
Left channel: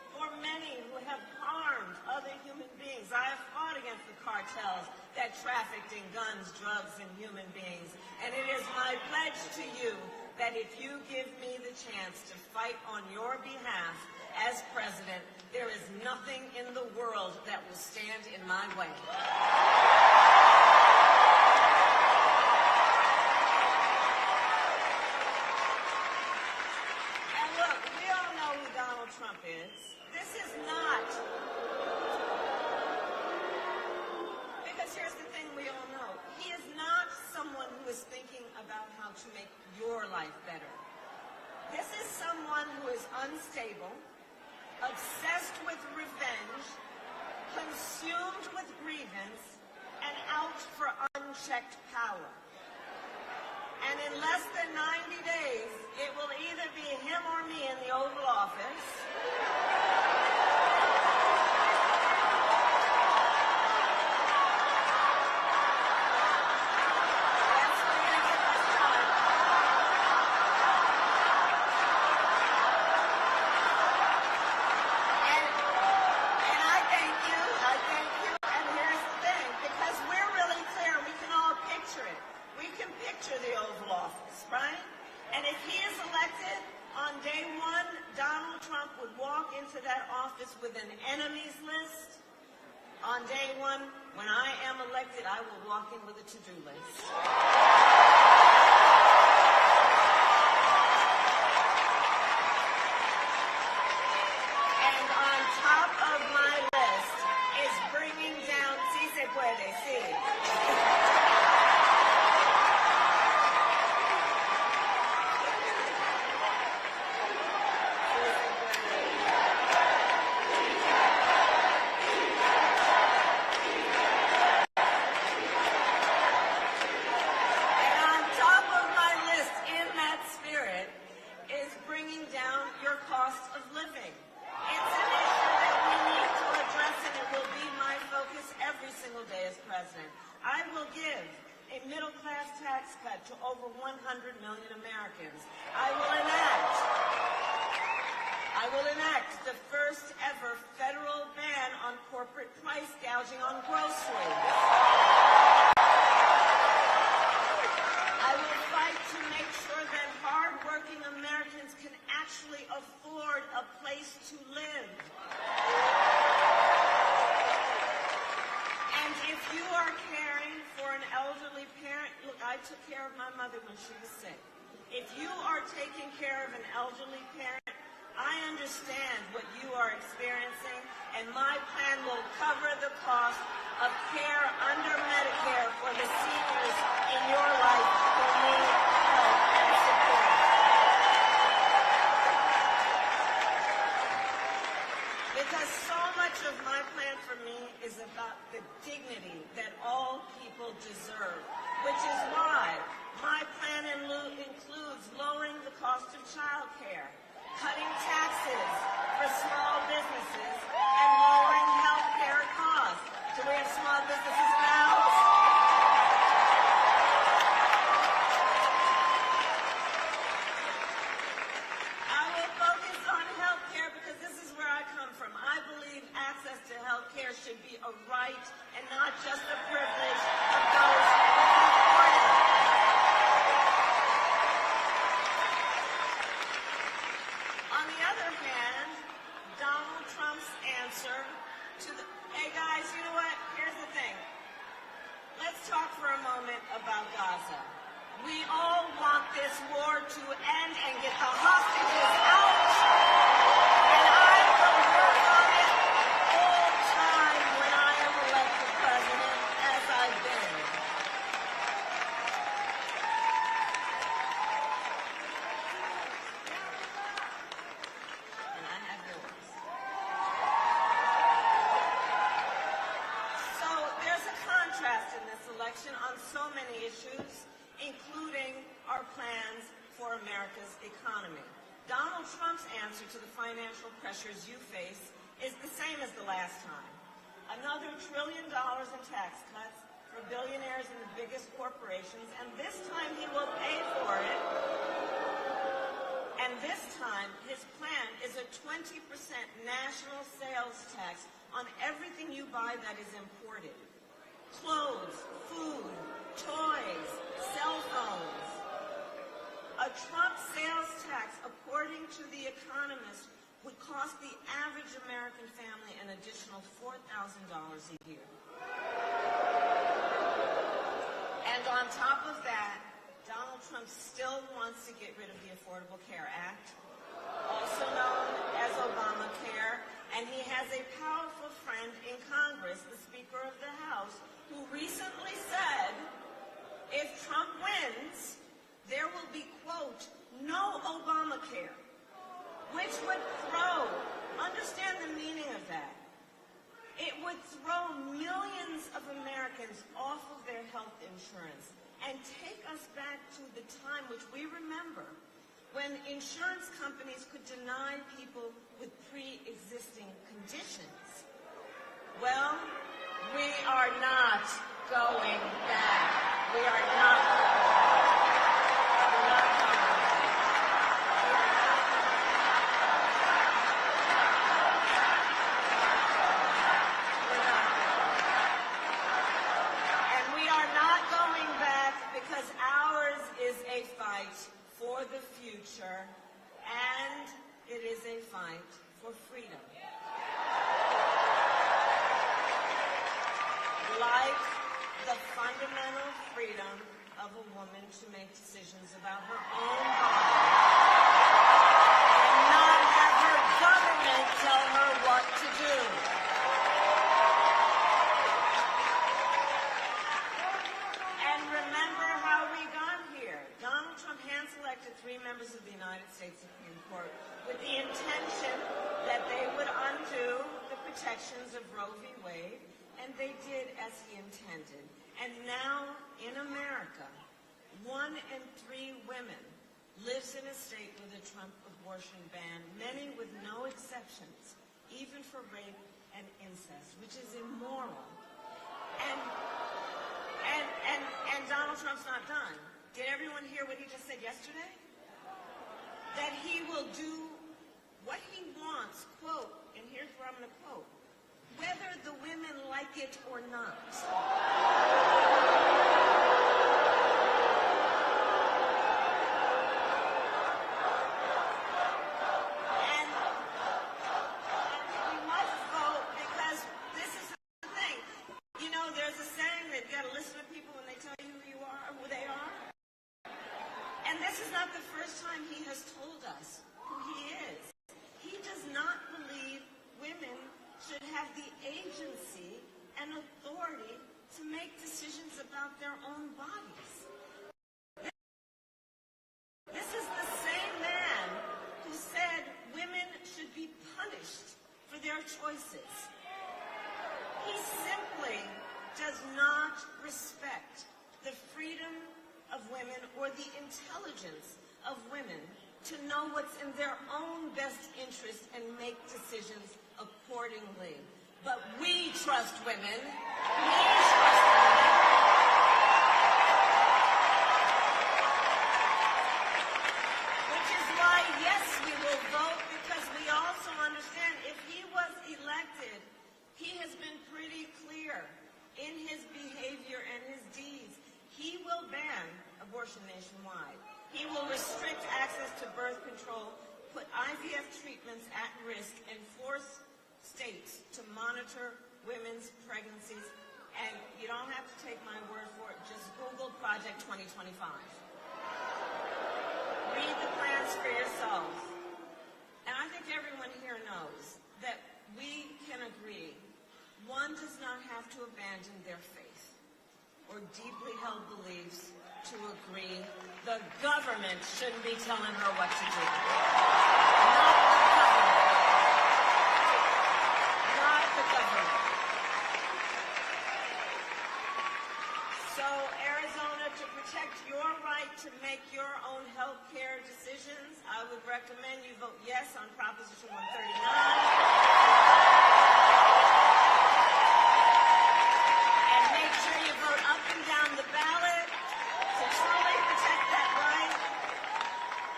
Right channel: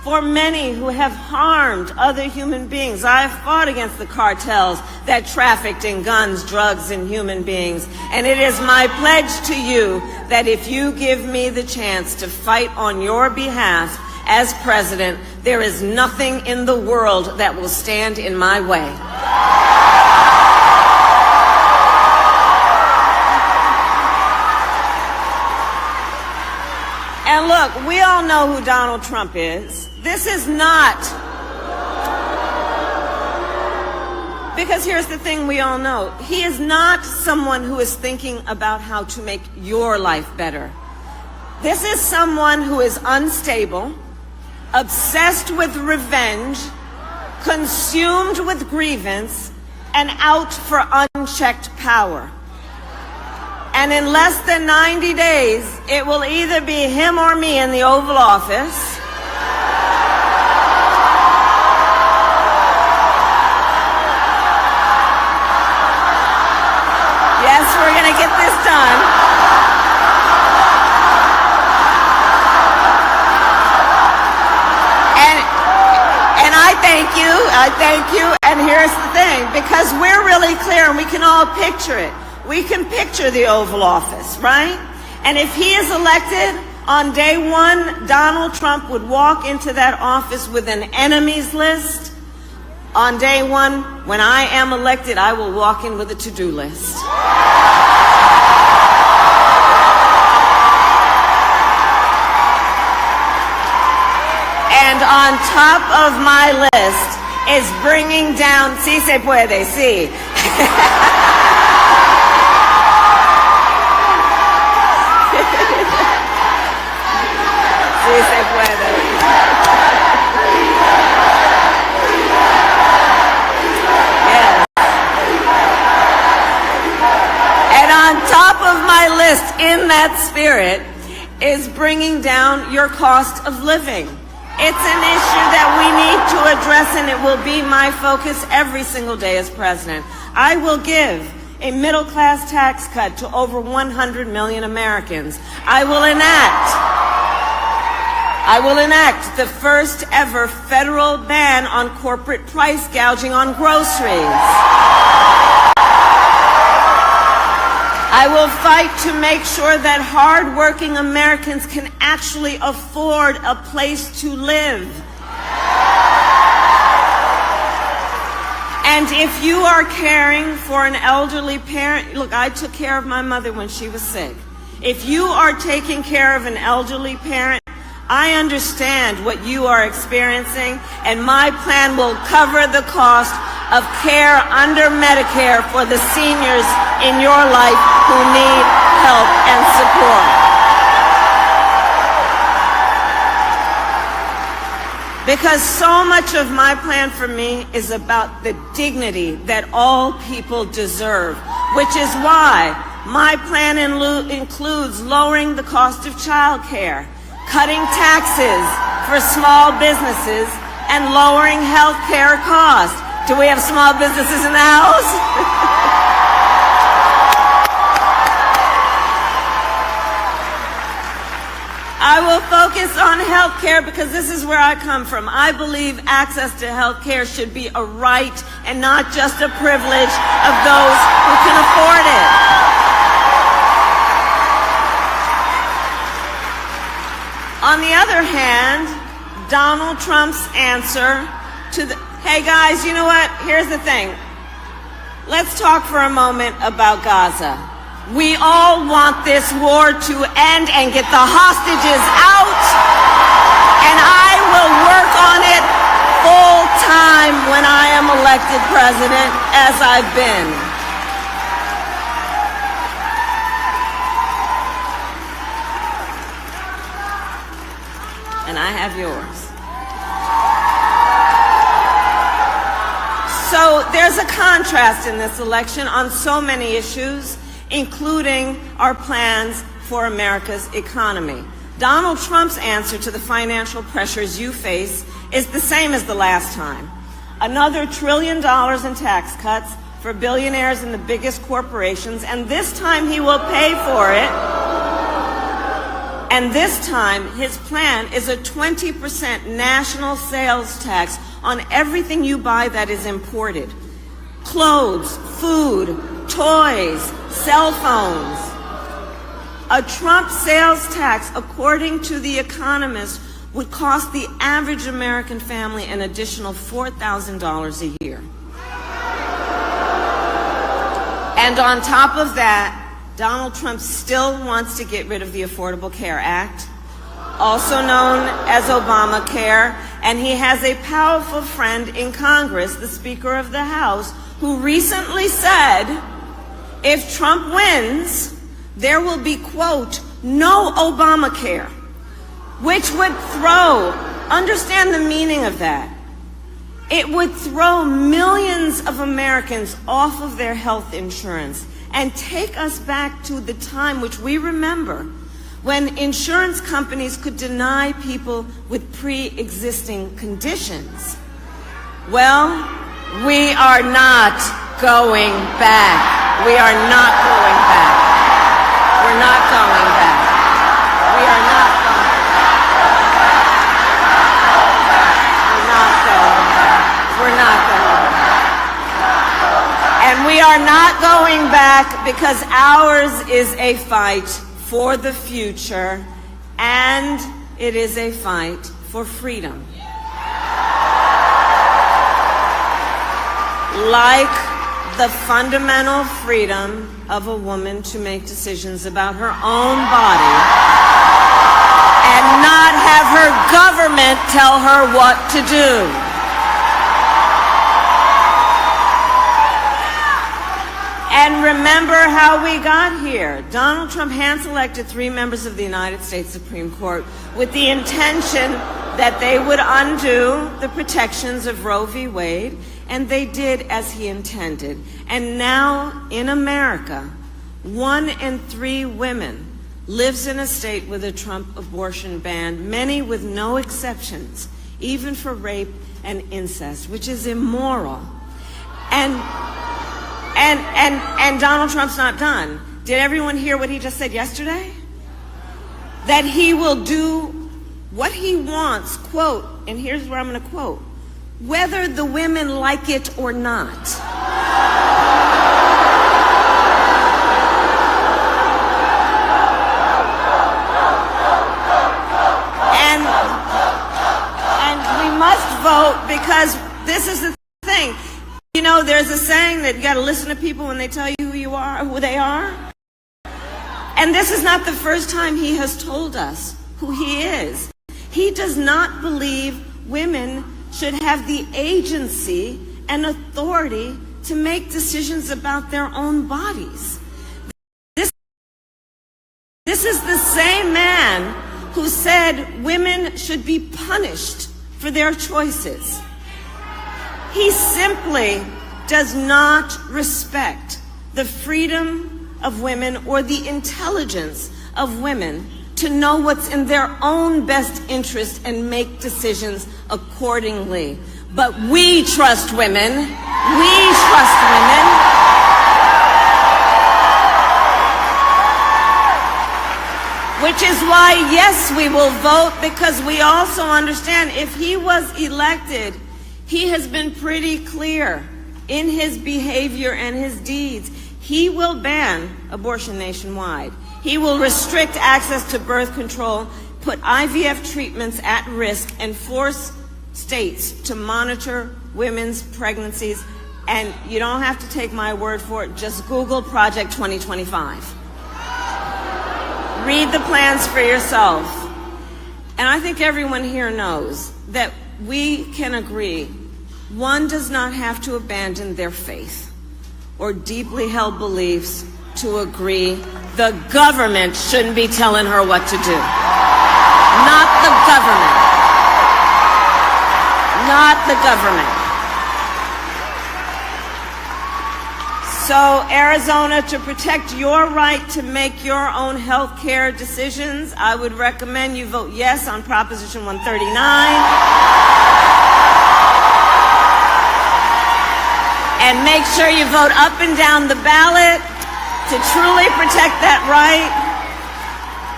for many who have harmed other human beings. I have fought against the cartels that trafficked in guns, drugs, and human beings. And it is my pledge to you that if you give me the chance to fight on your behalf as president, there is nothing in the world that will stand in my way. And look, we all know who Donald Trump is. This is not, because here's the thing we all know. He is not someone who is thinking about how to make your life better. This is someone who is unstable, obsessed with revenge, consumed with grievance, and out for unchecked power. And in less than 90 days, it will either be him or me in the Oval Office. Yes, we're going to get this done. And I thank you. And here's the thing, because we're really clear and we can all picture it. We can picture the Oval Office, right? And if he is elected, on day one, Donald Trump would walk into that office with an enemies list. On day one, when I am elected, I will walk in with a to-do list. And on top of my list is bringing down, sí se puede, sí. Sí se puede. Yes. And on top of my list, in that spirit, is bringing down your cost of living. It's an issue that we need to address, and it will be my focus every single day as president. I will give a middle-class tax cut to over 100 million Americans. I will enact the first ever federal ban on corporate price gouging on groceries. I will fight to make sure that hard-working Americans can actually afford a place to live. And if you are caring for an elderly parent, look, I took care of my mother when she was sick. If you are taking care of an elderly parent, I understand what you are experiencing, and my plan will cover the cost of care under Medicare for the seniors in your life who need help and support. Because so much of my plan for me is about the dignity that all people deserve, which is why my plan includes lowering the cost of child care, cutting taxes for small businesses, and lowering health care costs. Do we have small businesses in the house? I will focus on health care because this is where I come from. I believe access to health care should be a right and not just a privilege of those who can afford it. On the other hand, Donald Trump's answer to the, hey guys, you know what? Here's the thing. Let's talk for a moment about Gaza. We all want this war to end and get the hostages out, and I will work on it full time when I am elected president, as I've been. And I have yours. So there's a contrast in this election on so many issues, including our plans for America's economy. Donald Trump's answer to the financial pressures you face is the same as the last time. Another $1 trillion in tax cuts for billionaires and the biggest corporations, and this time he will pay for it. And this time, his plan is a 20% national sales tax on everything you buy that is imported. Clothes, food, toys, cell phones. A Trump sales tax, according to The Economist, would cost the average American family an additional $4,000 a year. And on top of that, Donald Trump still wants to get rid of the Affordable Care Act, also known as Obamacare, and he has a powerful friend in Congress, the Speaker of the House, who recently said, if Trump wins, there will be, quote, no Obamacare, which would understand the meaning of that. It would throw millions of Americans off of their health insurance and take us back to the time which we remember when insurance companies could deny people with pre-existing conditions. Well, we are not going back. We are not going back. We're not going back. We are not going back. We're not going back. And we are not going back because ours is a fight for the future, and it is a fight for freedom. Like the fundamental freedom of a woman to make decisions about her own body and not have her government tell her what to do. And remember how we got here. Donald Trump hand-selected 3 members of the United States Supreme Court with the intention that they would undo the protections of Roe v. Wade, and they did as he intended. And now in America, 1 in 3 women lives in a state with a Trump abortion ban, many with no exceptions, even for rape and incest, which is immoral. And Donald Trump's not done. Did everyone hear what he just said yesterday? That he will do what he wants, quote, and here's where I'm going to quote, whether the women like it or not. And we must vote because this is the thing. You know, there's a saying that you got to listen to people when they tell you who you are, who they are. And this is not the first time he has told us who he is. He does not believe women should have the agency and authority to make decisions about their own bodies. This is the same man who said women should be punished for their choices. He simply does not respect the freedom of women or the intelligence of women to know what's in their own best interest and make decisions accordingly. But we trust women. We trust women. Which is why, yes, we will vote, because we also understand if he was elected, he has been pretty clear in his behavior and his deeds. He will ban abortion nationwide. He will restrict access to birth control, put IVF treatments at risk, and force states to monitor women's pregnancies. And you don't have to take my word for it. Just Google Project 2025. Read the plans for yourself. And I think everyone here knows that we can agree one does not have to abandon their faith or deeply held beliefs to agree the government shouldn't be telling her what to do. Not the government. Not the government. So, Arizona, to protect your right to make your own health care decisions, I would recommend you vote yes on Proposition 139. And make sure you vote up and down the ballot to truly protect that right.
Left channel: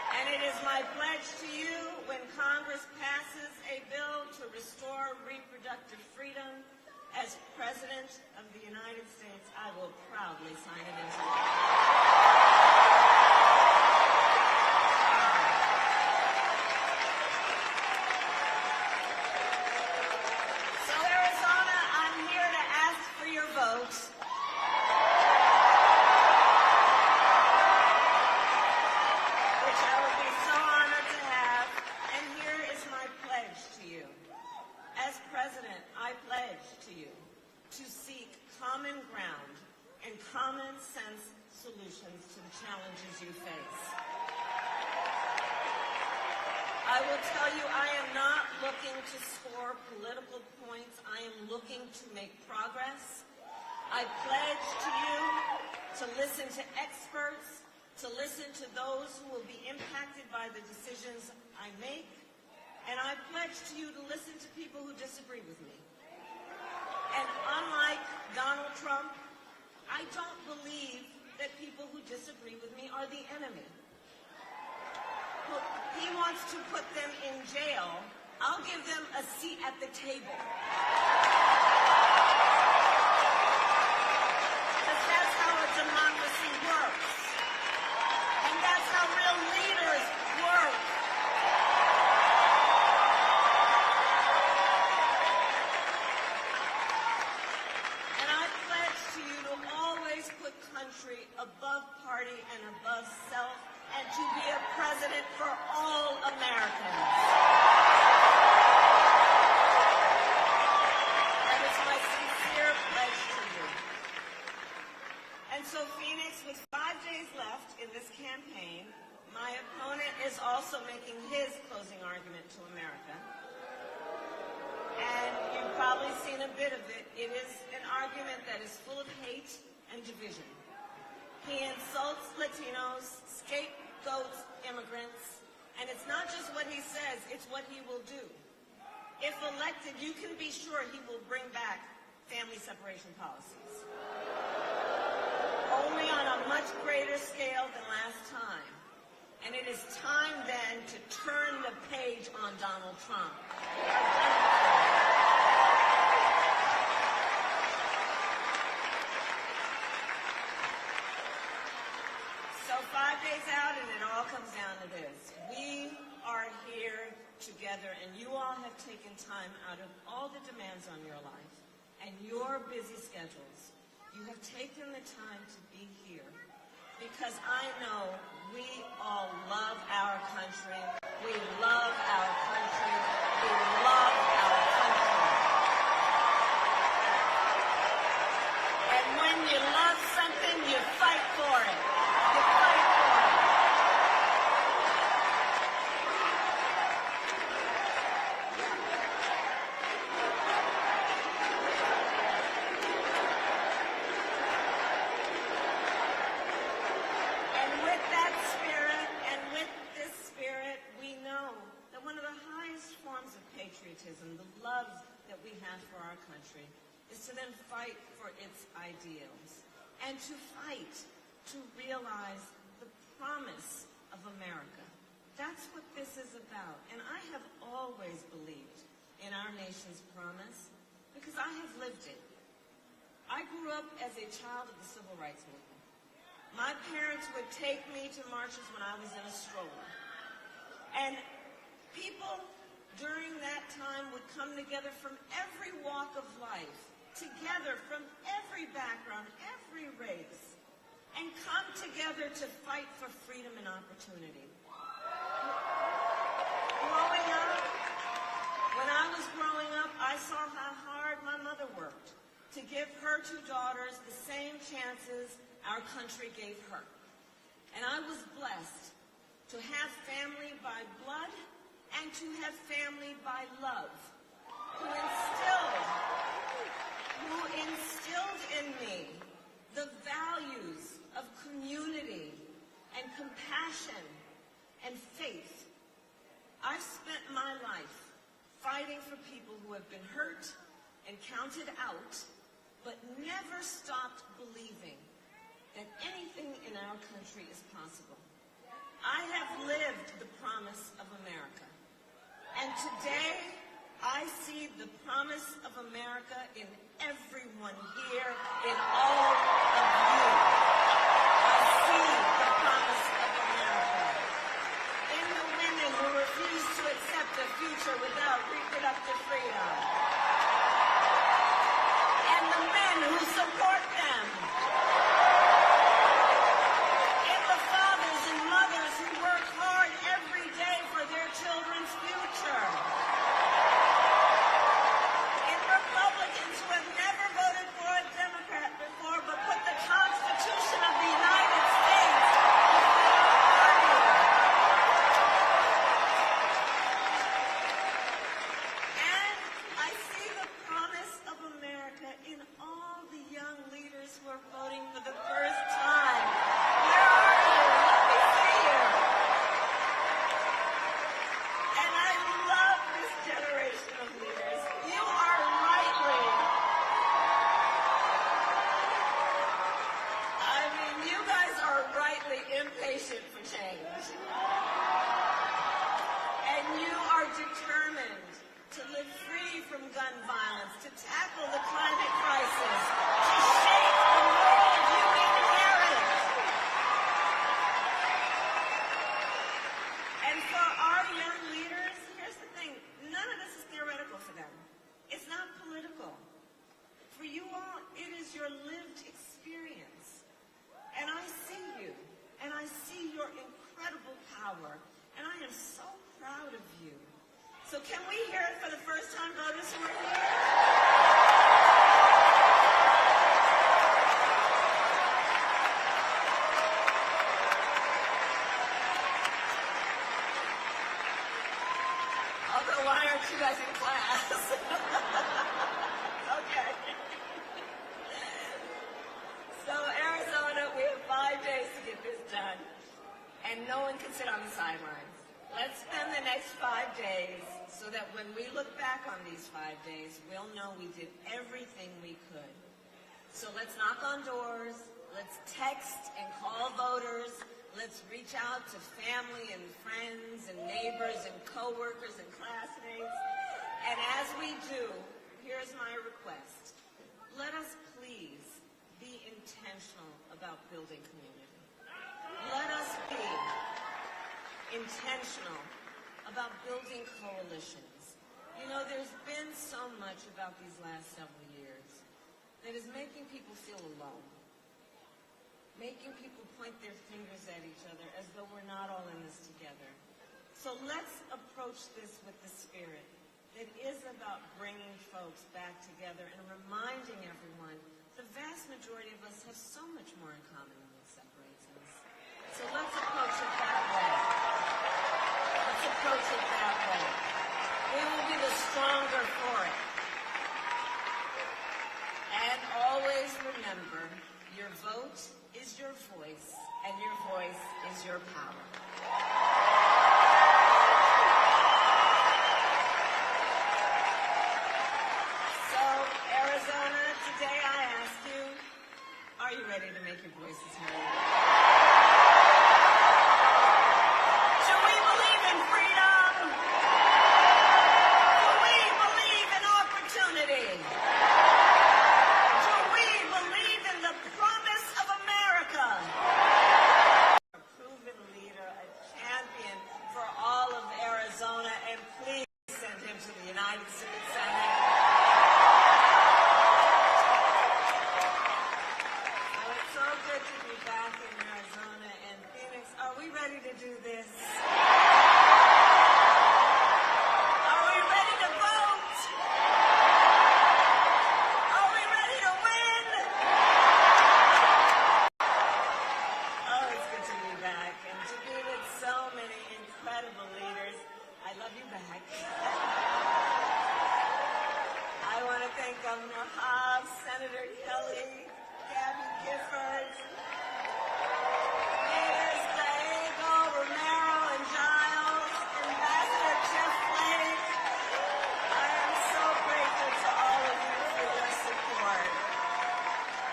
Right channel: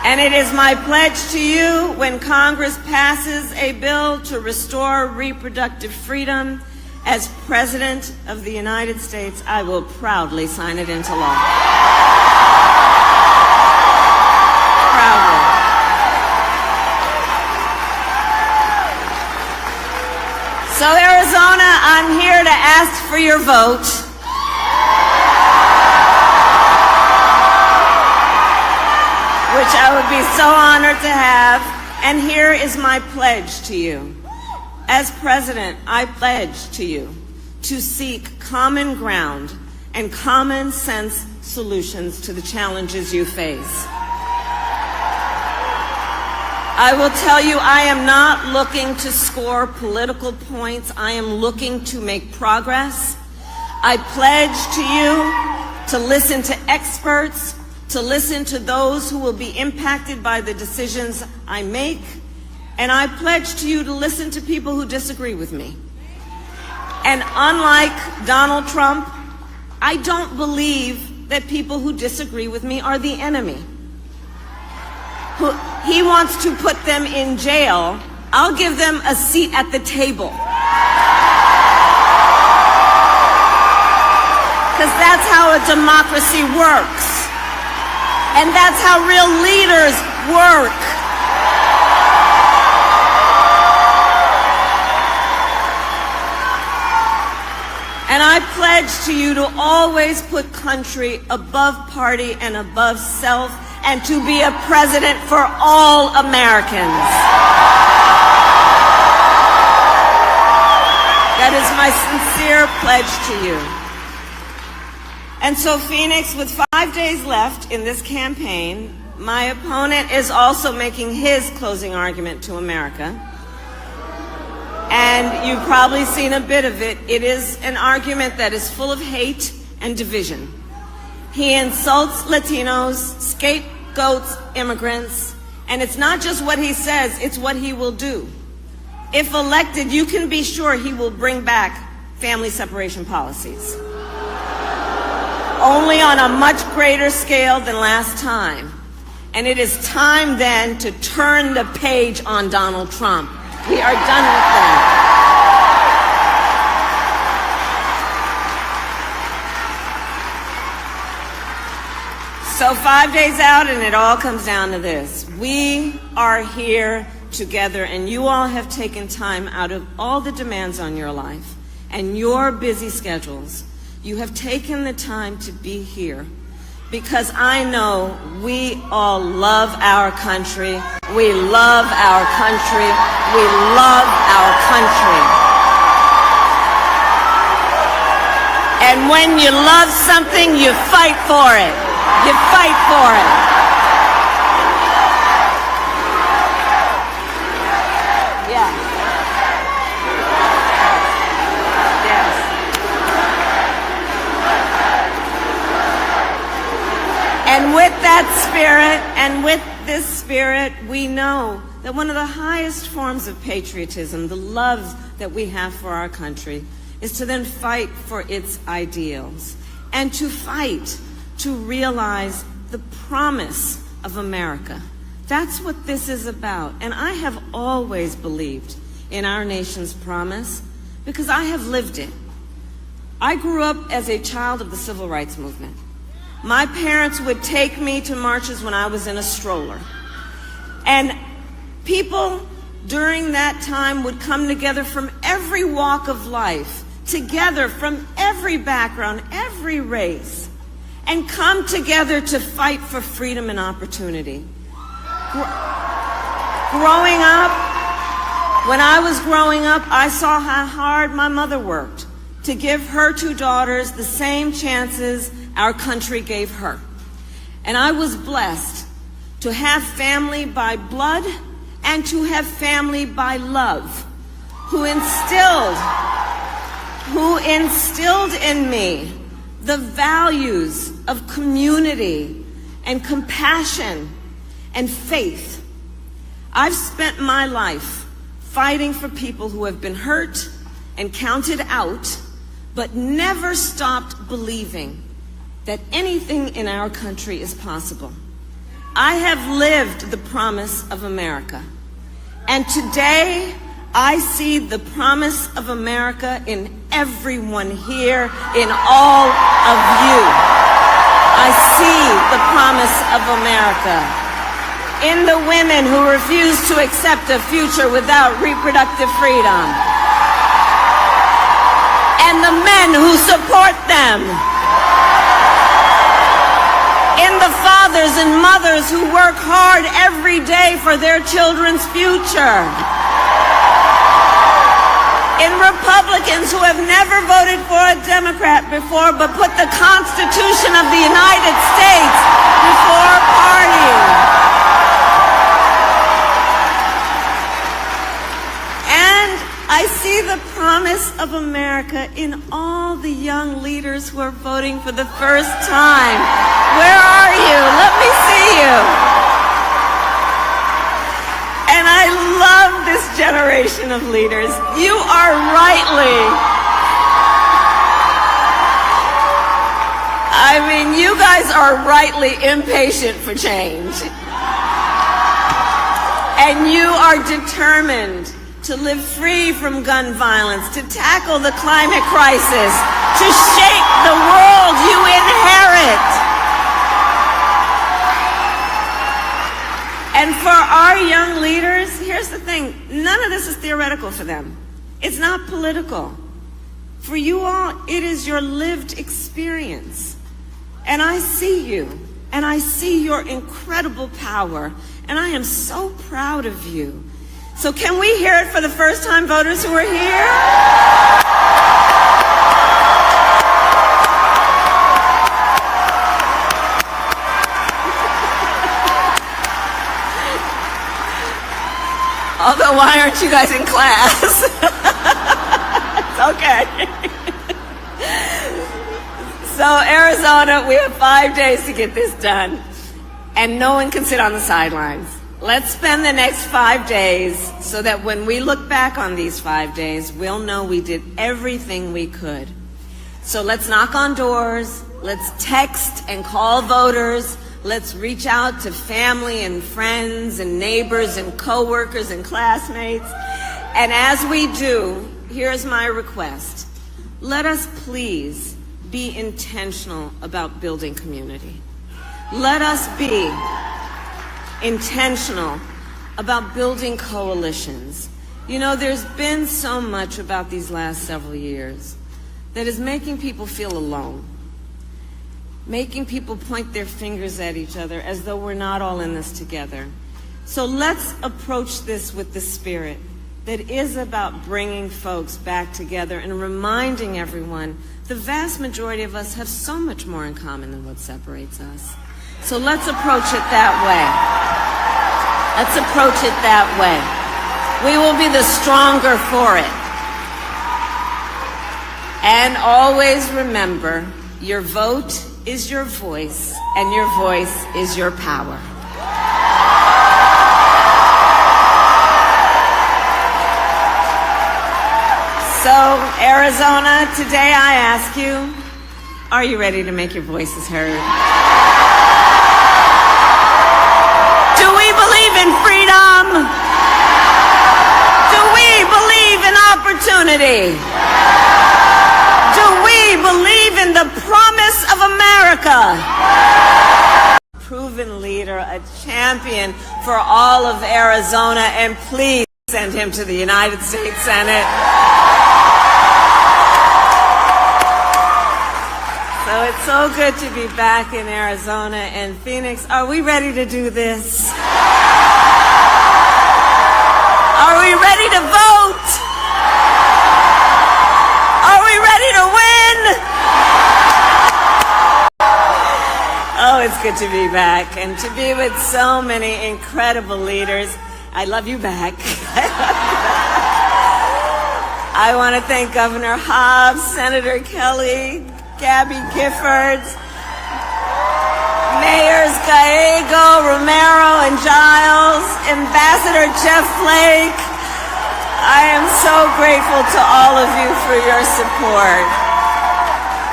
And it is my pledge to you, when Congress passes a bill to restore reproductive freedom, as President of the United States, I will proudly sign it into law. Proudly. So, Arizona, I'm here to ask for your vote. Which I would be so honored to have. And here is my pledge to you. As President, I pledge to you to seek common ground and common sense solutions to the challenges you face. I will tell you, I am not looking to score political points. I am looking to make progress. I pledge to you to listen to experts, to listen to those who will be impacted by the decisions I make, and I pledge to you to listen to people who disagree with me. And unlike Donald Trump, I don't believe that people who disagree with me are the enemy. He wants to put them in jail. I'll give them a seat at the table. Because that's how a democracy works. And that's how real leaders work. And I pledge to you to always put country above party and above self, and to be a president for all Americans. That is my sincere pledge to you. And so, Phoenix, with 5 days left in this campaign, my opponent is also making his closing argument to America. And you've probably seen a bit of it. It is an argument that is full of hate and division. He insults Latinos, scapegoats immigrants, and it's not just what he says, it's what he will do. If elected, you can be sure he will bring back family separation policies. Only on a much greater scale than last time. And it is time then to turn the page on Donald Trump. We are done with that. So 5 days out, and it all comes down to this. We are here together, and you all have taken time out of all the demands on your life and your busy schedules. You have taken the time to be here because I know we all love our country. We love our country. We love our country. And when you love something, you fight for it. You fight for it. And with that spirit, and with this spirit, we know that one of the highest forms of patriotism, the love that we have for our country, is to then fight for its ideals and to fight to realize the promise of America. That's what this is about. And I have always believed in our nation's promise because I have lived it. I grew up as a child of the civil rights movement. My parents would take me to marches when I was in a stroller. And people during that time would come together from every walk of life, together from every background, every race, and come together to fight for freedom and opportunity. Growing up, when I was growing up, I saw how hard my mother worked to give her two daughters the same chances our country gave her. And I was blessed to have family by blood and to have family by love, who instilled in me the values of community and compassion and faith. I've spent my life fighting for people who have been hurt and counted out, but never stopped believing that anything in our country is possible. I have lived the promise of America. And today, I see the promise of America in everyone here, in all of you. I see the promise of America in the women who refuse to accept a future without reproductive freedom, and the men who support them, in the fathers and mothers who work hard every day for their children's future, in Republicans who have never voted for a Democrat before but put the Constitution of the United States before party. And I see the promise of America in all the young leaders who are voting for the first time. Where are you? Let me see you. And I love this generation of leaders. You are you guys are rightly impatient for change. And you are determined to live free from gun violence, to tackle the climate crisis, to shape the world you inherit. And for our young leaders, here's the thing, none of this is theoretical for them. It's not political. For you all, it is your lived experience. And I see you, and I see your incredible power, and I am so proud of you. So can we hear it for the first-time voters who are here? Although, why aren't you guys in class? It's okay. So, Arizona, we have 5 days to get this done, and no one can sit on the sidelines. Let's spend the next 5 days so that when we look back on these 5 days, we'll know we did everything we could. So let's knock on doors, let's text and call voters, let's reach out to family and friends and neighbors and coworkers and classmates. And as we do, here's my request. Let us please be intentional about building community. Let us be intentional about building coalitions. You know, there's been so much about these last several years that is making people feel alone, making people point their fingers at each other as though we're not all in this together. So let's approach this with the spirit that is about bringing folks back together and reminding everyone the vast majority of us have so much more in common than what separates us. So let's approach it that way. Let's approach it that way. We will be the stronger for it. And always remember, your vote is your voice, and your voice is your power. So, Arizona, today I ask you, are you ready to make your voices heard? Do we believe in freedom? Do we believe in opportunity? Do we believe in the promise of America? Proven leader, a champion for all of Arizona, and please send him to the United States Senate. So it's so good to be back in Arizona and Phoenix. Are we ready to do this? Are we ready to vote? Are we ready to win? Oh, it's good to be back and to be with so many incredible leaders. I love you back. I want to thank Governor Hobbs, Senator Kelly, Gabby Giffords, Mayors Gallego, Romero, and Giles, Ambassador Jeff Flake. I am so grateful to all of you for your support.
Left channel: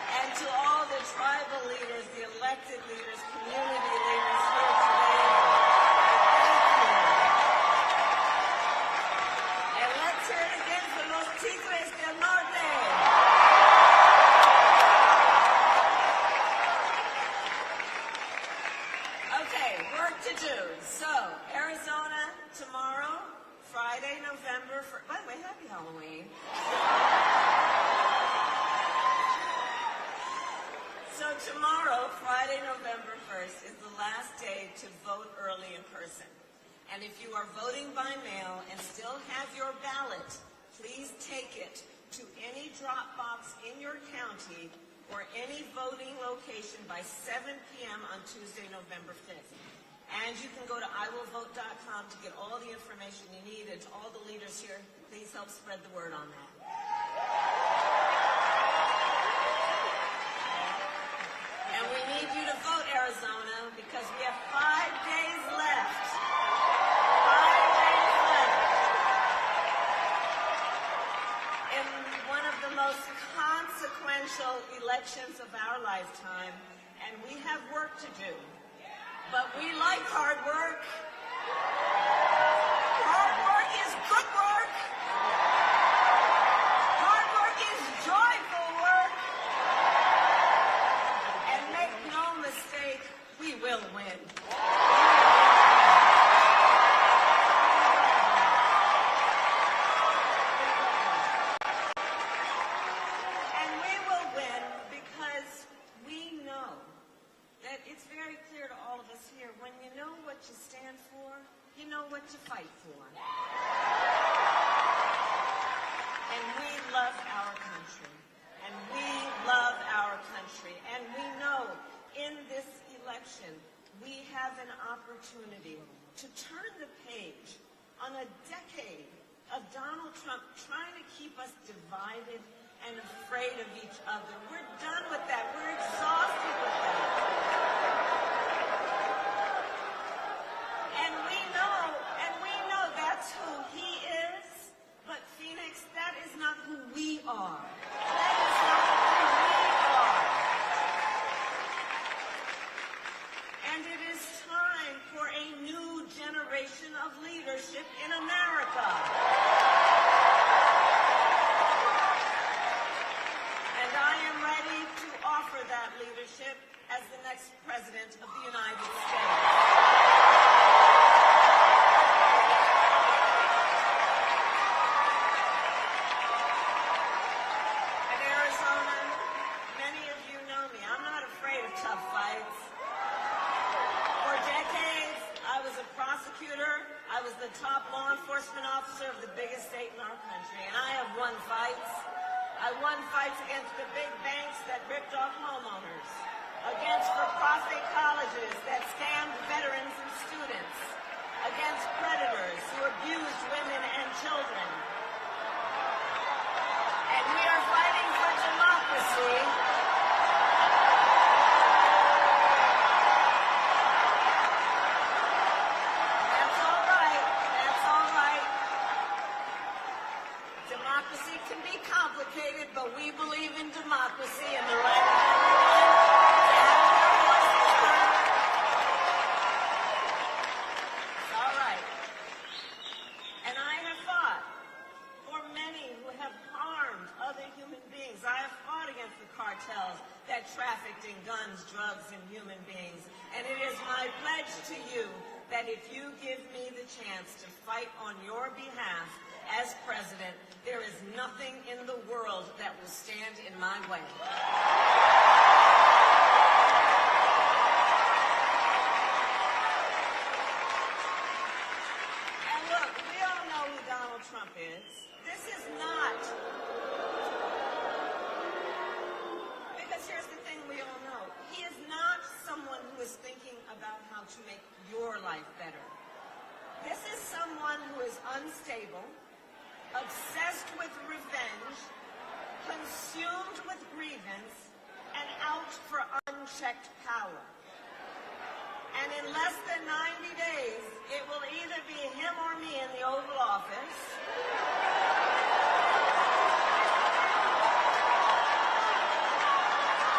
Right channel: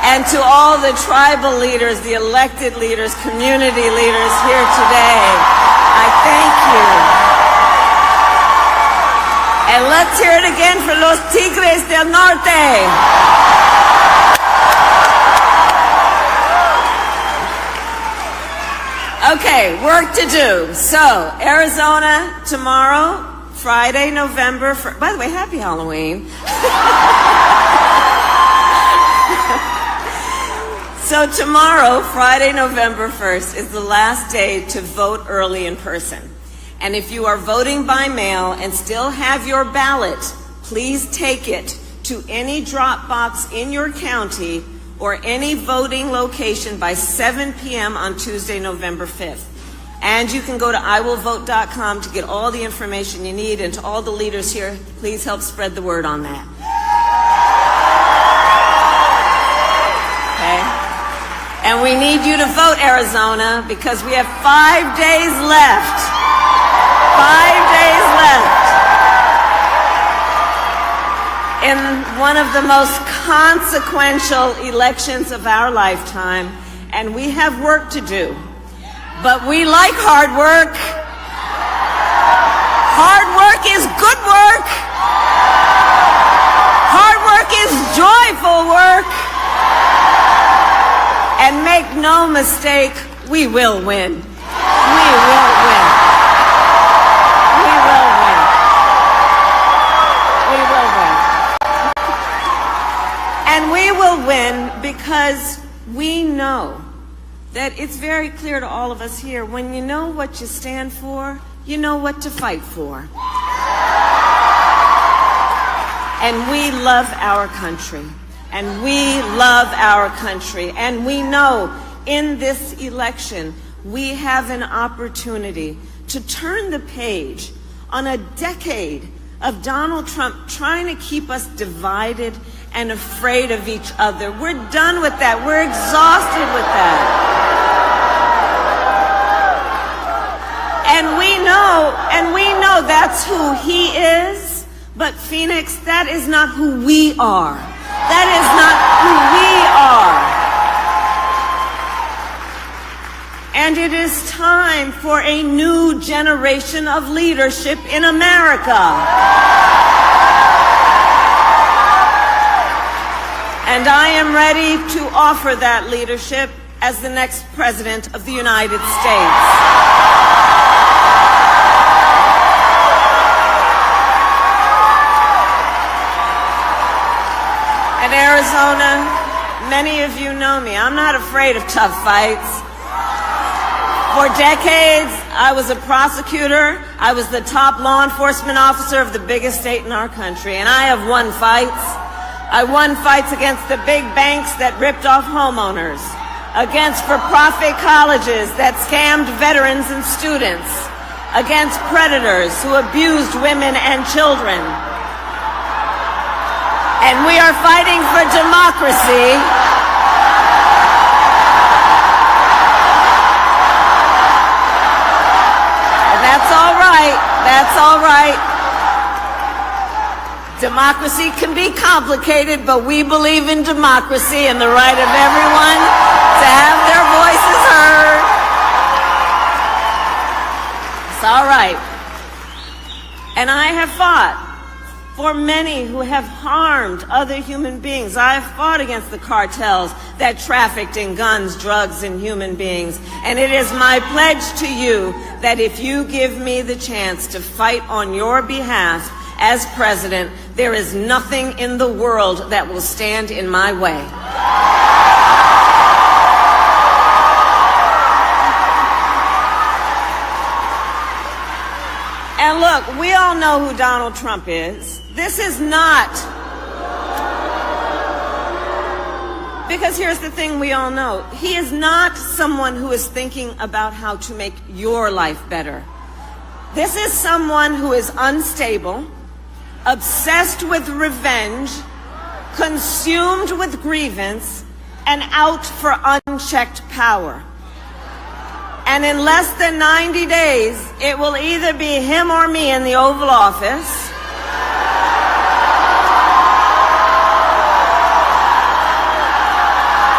And to all the tribal leaders, the elected leaders, community leaders here today, I thank you. And let's hear it again for los Tigres del Norte. Okay, work to do. So, Arizona tomorrow, Friday, November 1st. By the way, happy Halloween. So tomorrow, Friday, November 1st, is the last day to vote early in person. And if you are voting by mail and still have your ballot, please take it to any drop box in your county or any voting location by 7 p.m. on Tuesday, November 5th. And you can go to iwillvote.com to get all the information you need. And to all the leaders here, please help spread the word on that. Okay? And we need you to vote, Arizona, because we have 5 days left. 5 days left in one of the most consequential elections of our lifetime. And we have work to do. But we like hard work. Hard work is good work. Hard work is joyful work. And make no mistake, we will win. We will win. We will win. We will win. And we will win because we know that it's very clear to all of us here, when you know what you stand for, you know what to fight for. And we love our country. And we love our country. And we know in this election, we have an opportunity to turn the page on a decade of Donald Trump trying to keep us divided and afraid of each other. We're done with that. We're exhausted with that. And we know that's who he is. But Phoenix, that is not who we are. That is not who we are. And it is time for a new generation of leadership in America. And I am ready to offer that leadership as the next President of the United States. Arizona, many of you know me. I'm not afraid of tough fights. For decades, I was a prosecutor. I was the top law enforcement officer of the biggest state in our country, and I have won fights. I won fights against the big banks that ripped off homeowners, against for-profit colleges that scammed veterans and students, against predators who abused women and children. And we are fighting for democracy. And that's all right. That's all right. Democracy can be complicated, but we believe in democracy and the right of everyone to have their voices heard. It's all right. And I have fought for many who have harmed other human beings. I have fought against the cartels that trafficked in guns, drugs, and human beings. And it is my pledge to you that if you give me the chance to fight on your behalf as president, there is nothing in the world that will stand in my way. And look, we all know who Donald Trump is. This is not, because here's the thing we all know. He is not someone who is thinking about how to make your life better. This is someone who is unstable, obsessed with revenge, consumed with grievance, and out for unchecked power. And in less than 90 days, it will either be him or me in the Oval Office.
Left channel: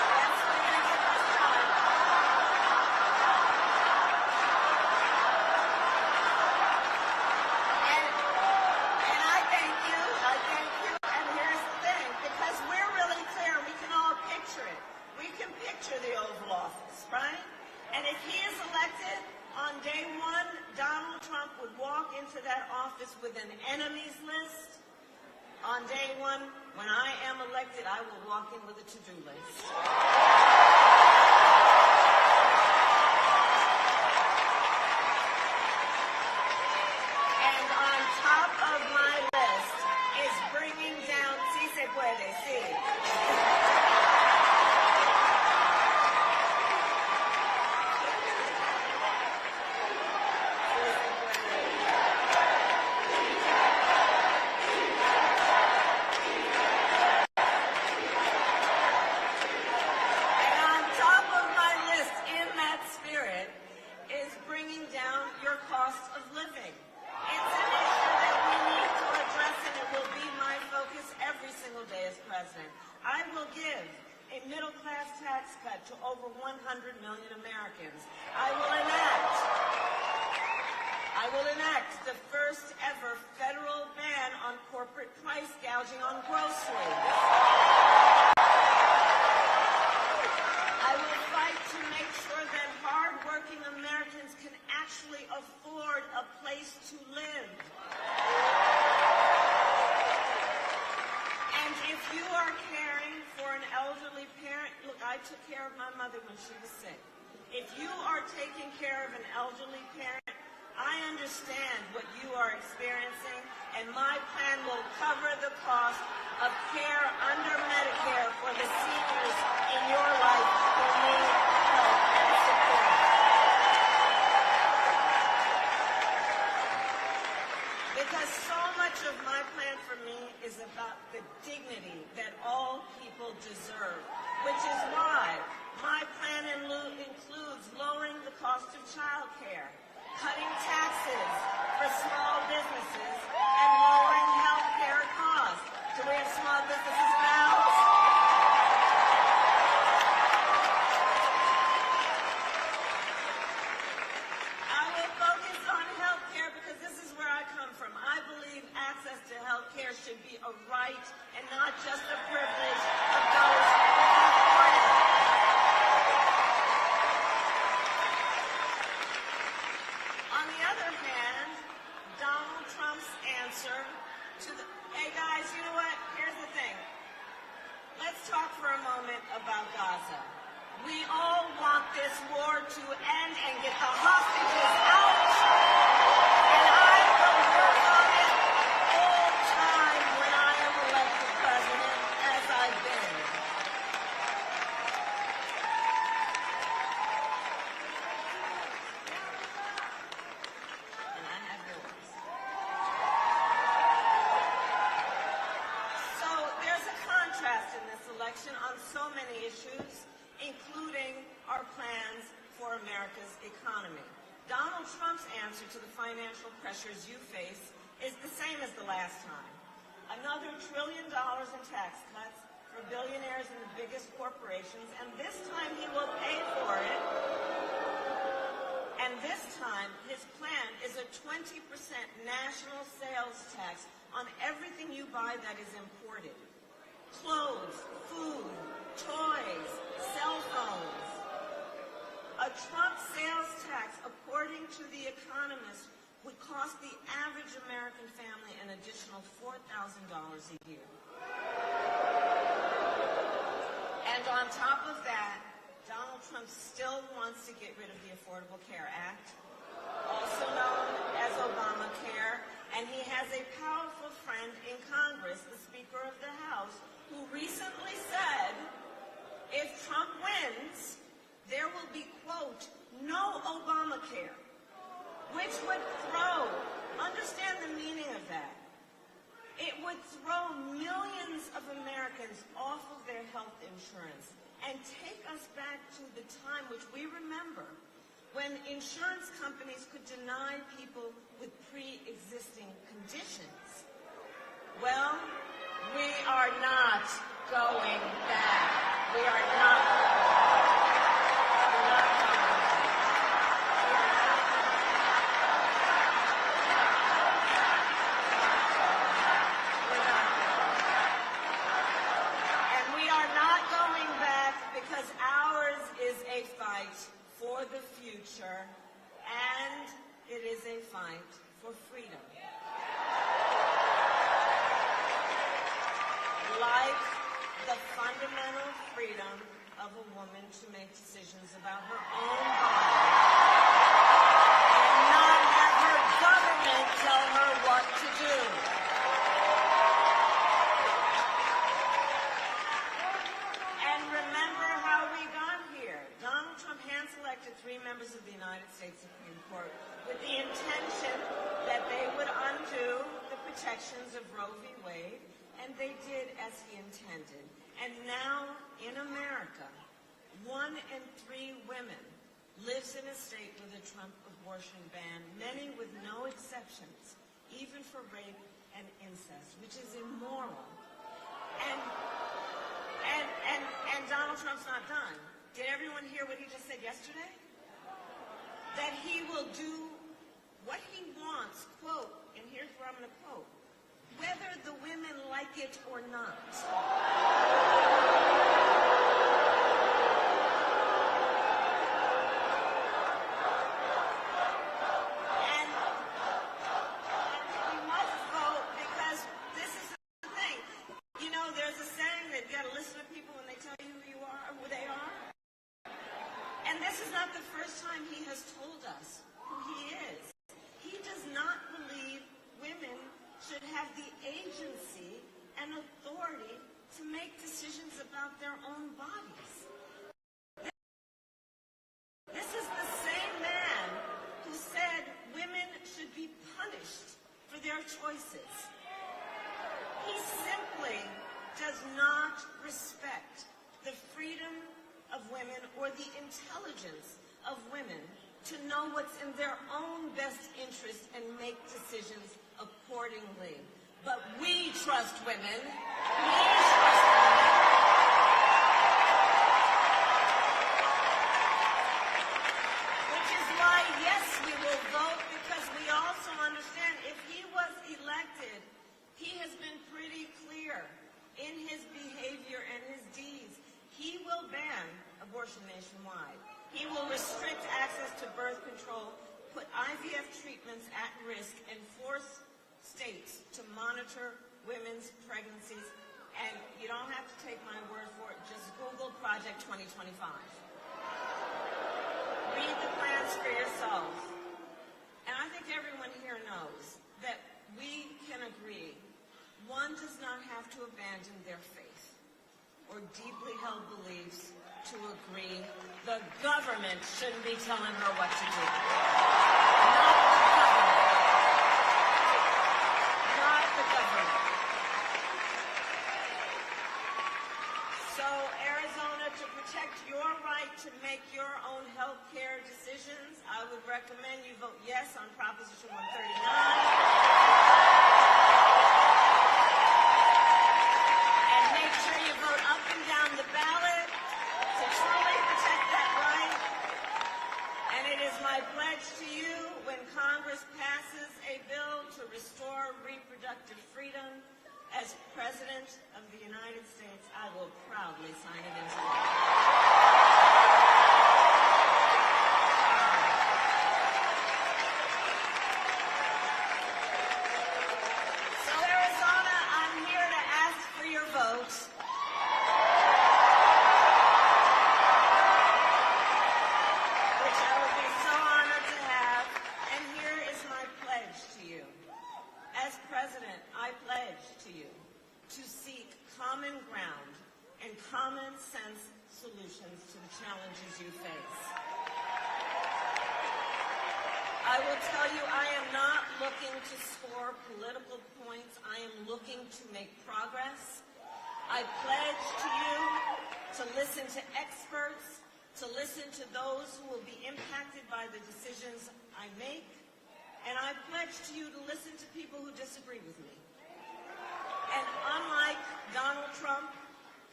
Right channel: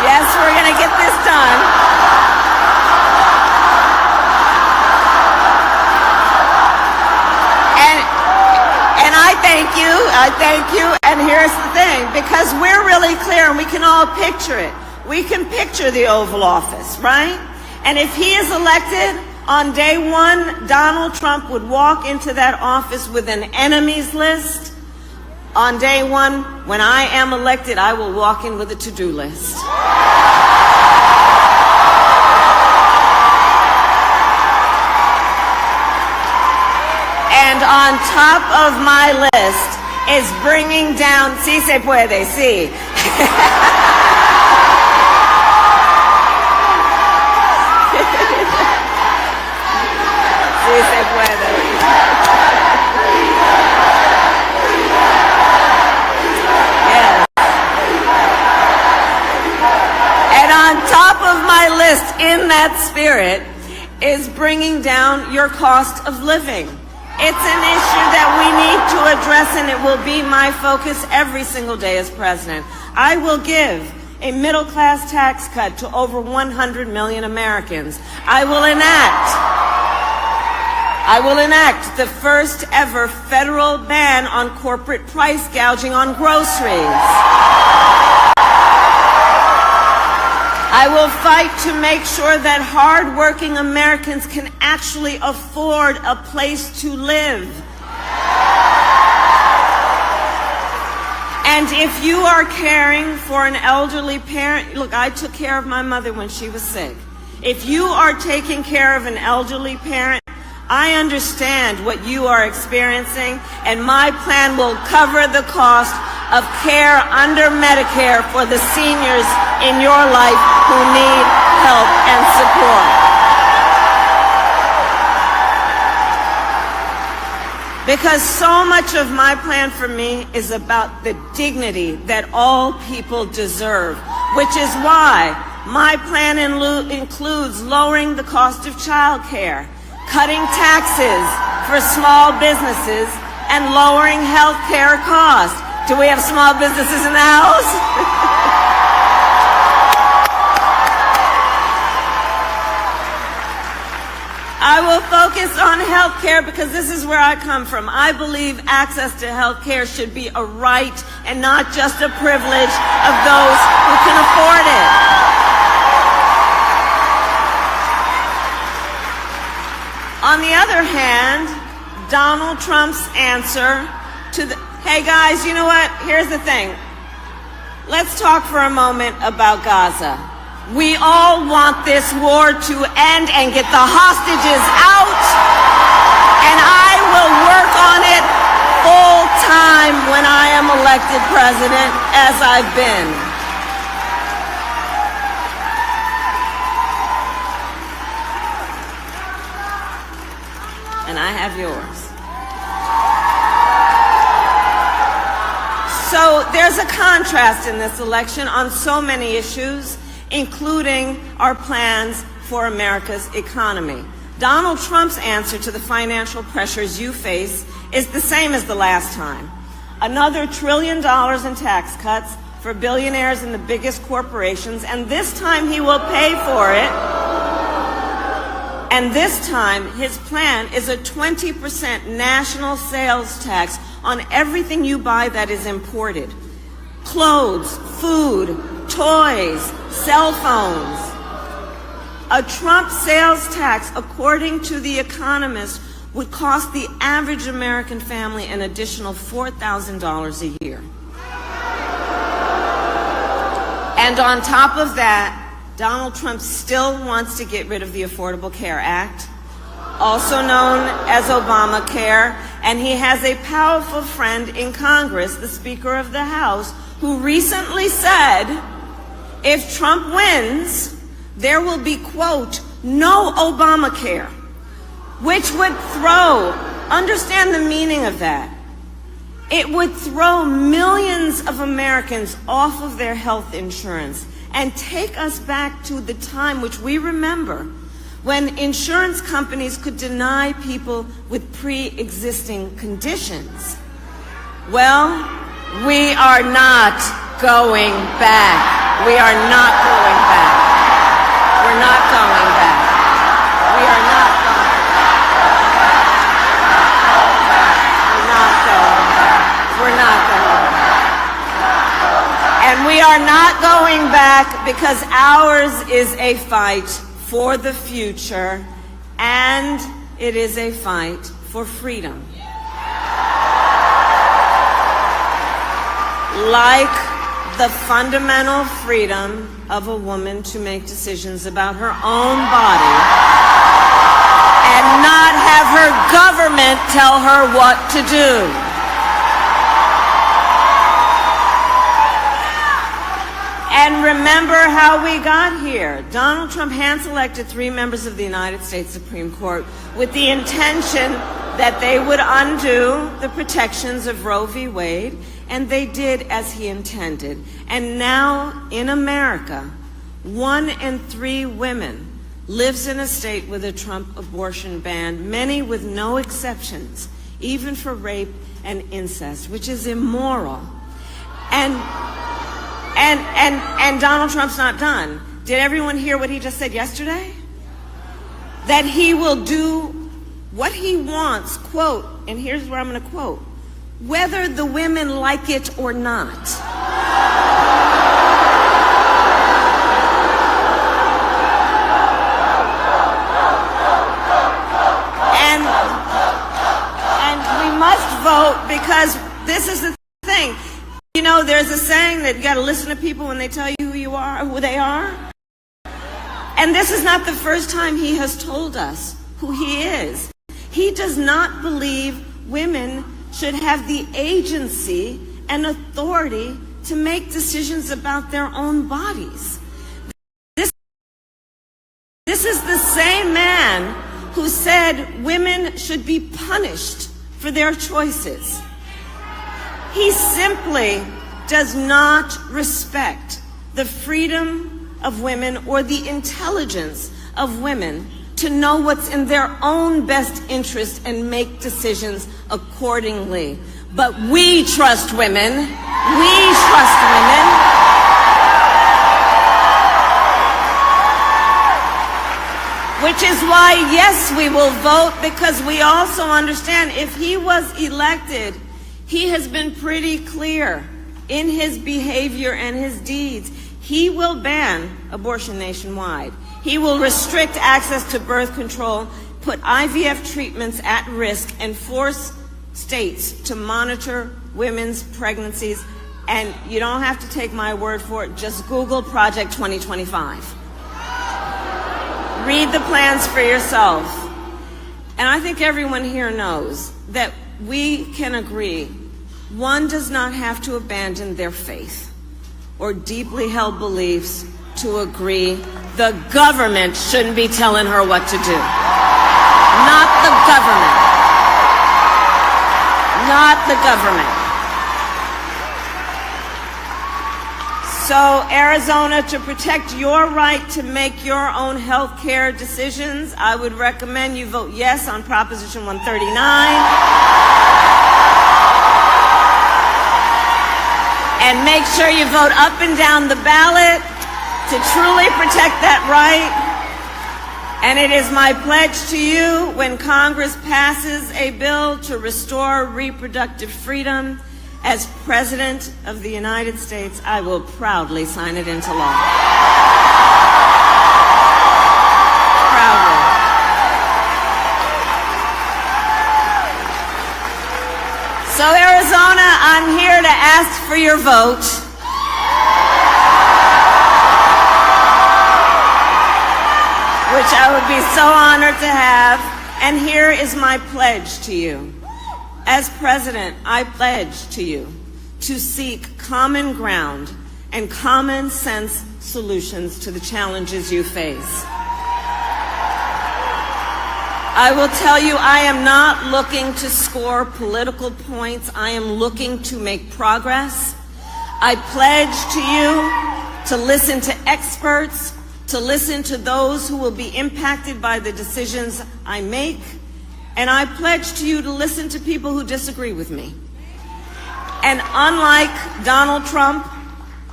Yes, we're going to get this done. And I thank you, and here's the thing, because we're really clear and we can all picture it. We can picture the Oval Office, right? And if he is elected, on day one, Donald Trump would walk into that office with an enemies list. On day one, when I am elected, I will walk in with a to-do list. And on top of my list is bringing down, sí se puede, sí. Sí se puede. Yes. And on top of my list, in that spirit, is bringing down your cost of living. It's an issue that we need to address, and it will be my focus every single day as president. I will give a middle-class tax cut to over 100 million Americans. I will enact the first ever federal ban on corporate price gouging on groceries. I will fight to make sure that hard-working Americans can actually afford a place to live. And if you are caring for an elderly parent, look, I took care of my mother when she was sick. If you are taking care of an elderly parent, I understand what you are experiencing, and my plan will cover the cost of care under Medicare for the seniors in your life who need help and support. Because so much of my plan for me is about the dignity that all people deserve, which is why my plan includes lowering the cost of child care, cutting taxes for small businesses, and lowering health care costs. Do we have small businesses in the house? I will focus on health care because this is where I come from. I believe access to health care should be a right and not just a privilege of those who can afford it. On the other hand, Donald Trump's answer to the, hey guys, you know what? Here's the thing. Let's talk for a moment about Gaza. We all want this war to end and get the hostages out, and I will work on it full time when I am elected president, as I've been. And I have yours. So there's a contrast in this election on so many issues, including our plans for America's economy. Donald Trump's answer to the financial pressures you face is the same as the last time. Another $1 trillion in tax cuts for billionaires and the biggest corporations, and this time he will pay for it. And this time, his plan is a 20% national sales tax on everything you buy that is imported. Clothes, food, toys, cell phones. A Trump sales tax, according to The Economist, would cost the average American family an additional $4,000 a year. And on top of that, Donald Trump still wants to get rid of the Affordable Care Act, also known as Obamacare, and he has a powerful friend in Congress, the Speaker of the House, who recently said, if Trump wins, there will be, quote, no Obamacare, which would throw, understand the meaning of that, it would throw millions of Americans off of their health insurance and take us back to the time which we remember when insurance companies could deny people with pre-existing conditions. Well, we are not going back. We are not going back. We're not going back. We are not going back. We're not going back. And we are not going back because ours is a fight for the future, and it is a fight for freedom. Like the fundamental freedom of a woman to make decisions about her own body and not have her government tell her what to do. And remember how we got here. Donald Trump hand-selected 3 members of the United States Supreme Court with the intention that they would undo the protections of Roe v. Wade, and they did as he intended. And now in America, 1 in 3 women lives in a state with a Trump abortion ban, many with no exceptions, even for rape and incest, which is immoral. And Donald Trump's not done. Did everyone hear what he just said yesterday? That he will do what he wants, quote, and here's where I'm going to quote, whether the women like it or not. And we must vote because this is the thing. You know, there's a saying that you got to listen to people when they tell you who you are, who they are. And this is not the first time he has told us who he is. He does not believe women should have the agency and authority to make decisions about their own bodies. This is the same man who said women should be punished for their choices. He simply does not respect the freedom of women or the intelligence of women to know what's in their own best interest and make decisions accordingly. But we trust women. We trust women. Which is why, yes, we will vote, because we also understand if he was elected, he has been pretty clear in his behavior and his deeds. He will ban abortion nationwide. He will restrict access to birth control, put IVF treatments at risk, and force states to monitor women's pregnancies. And you don't have to take my word for it. Just Google Project 2025. Read the plans for yourself. And I think everyone here knows that we can agree one does not have to abandon their faith or deeply held beliefs to agree the government shouldn't be telling her what to do. Not the government. Not the government. So, Arizona, to protect your right to make your own health care decisions, I would recommend you vote yes on Proposition 139. And make sure you vote up and down the ballot to truly protect that right. And it is my pledge to you, when Congress passes a bill to restore reproductive freedom, as President of the United States, I will proudly sign it into law. Proudly. So, Arizona, I'm here to ask for your vote. Which I would be so honored to have. And here is my pledge to you. As President, I pledge to you to seek common ground and common sense solutions to the challenges you face. I will tell you, I am not looking to score political points. I am looking to make progress. I pledge to you to listen to experts, to listen to those who will be impacted by the decisions I make. And I pledge to you to listen to people who disagree with me. And unlike Donald Trump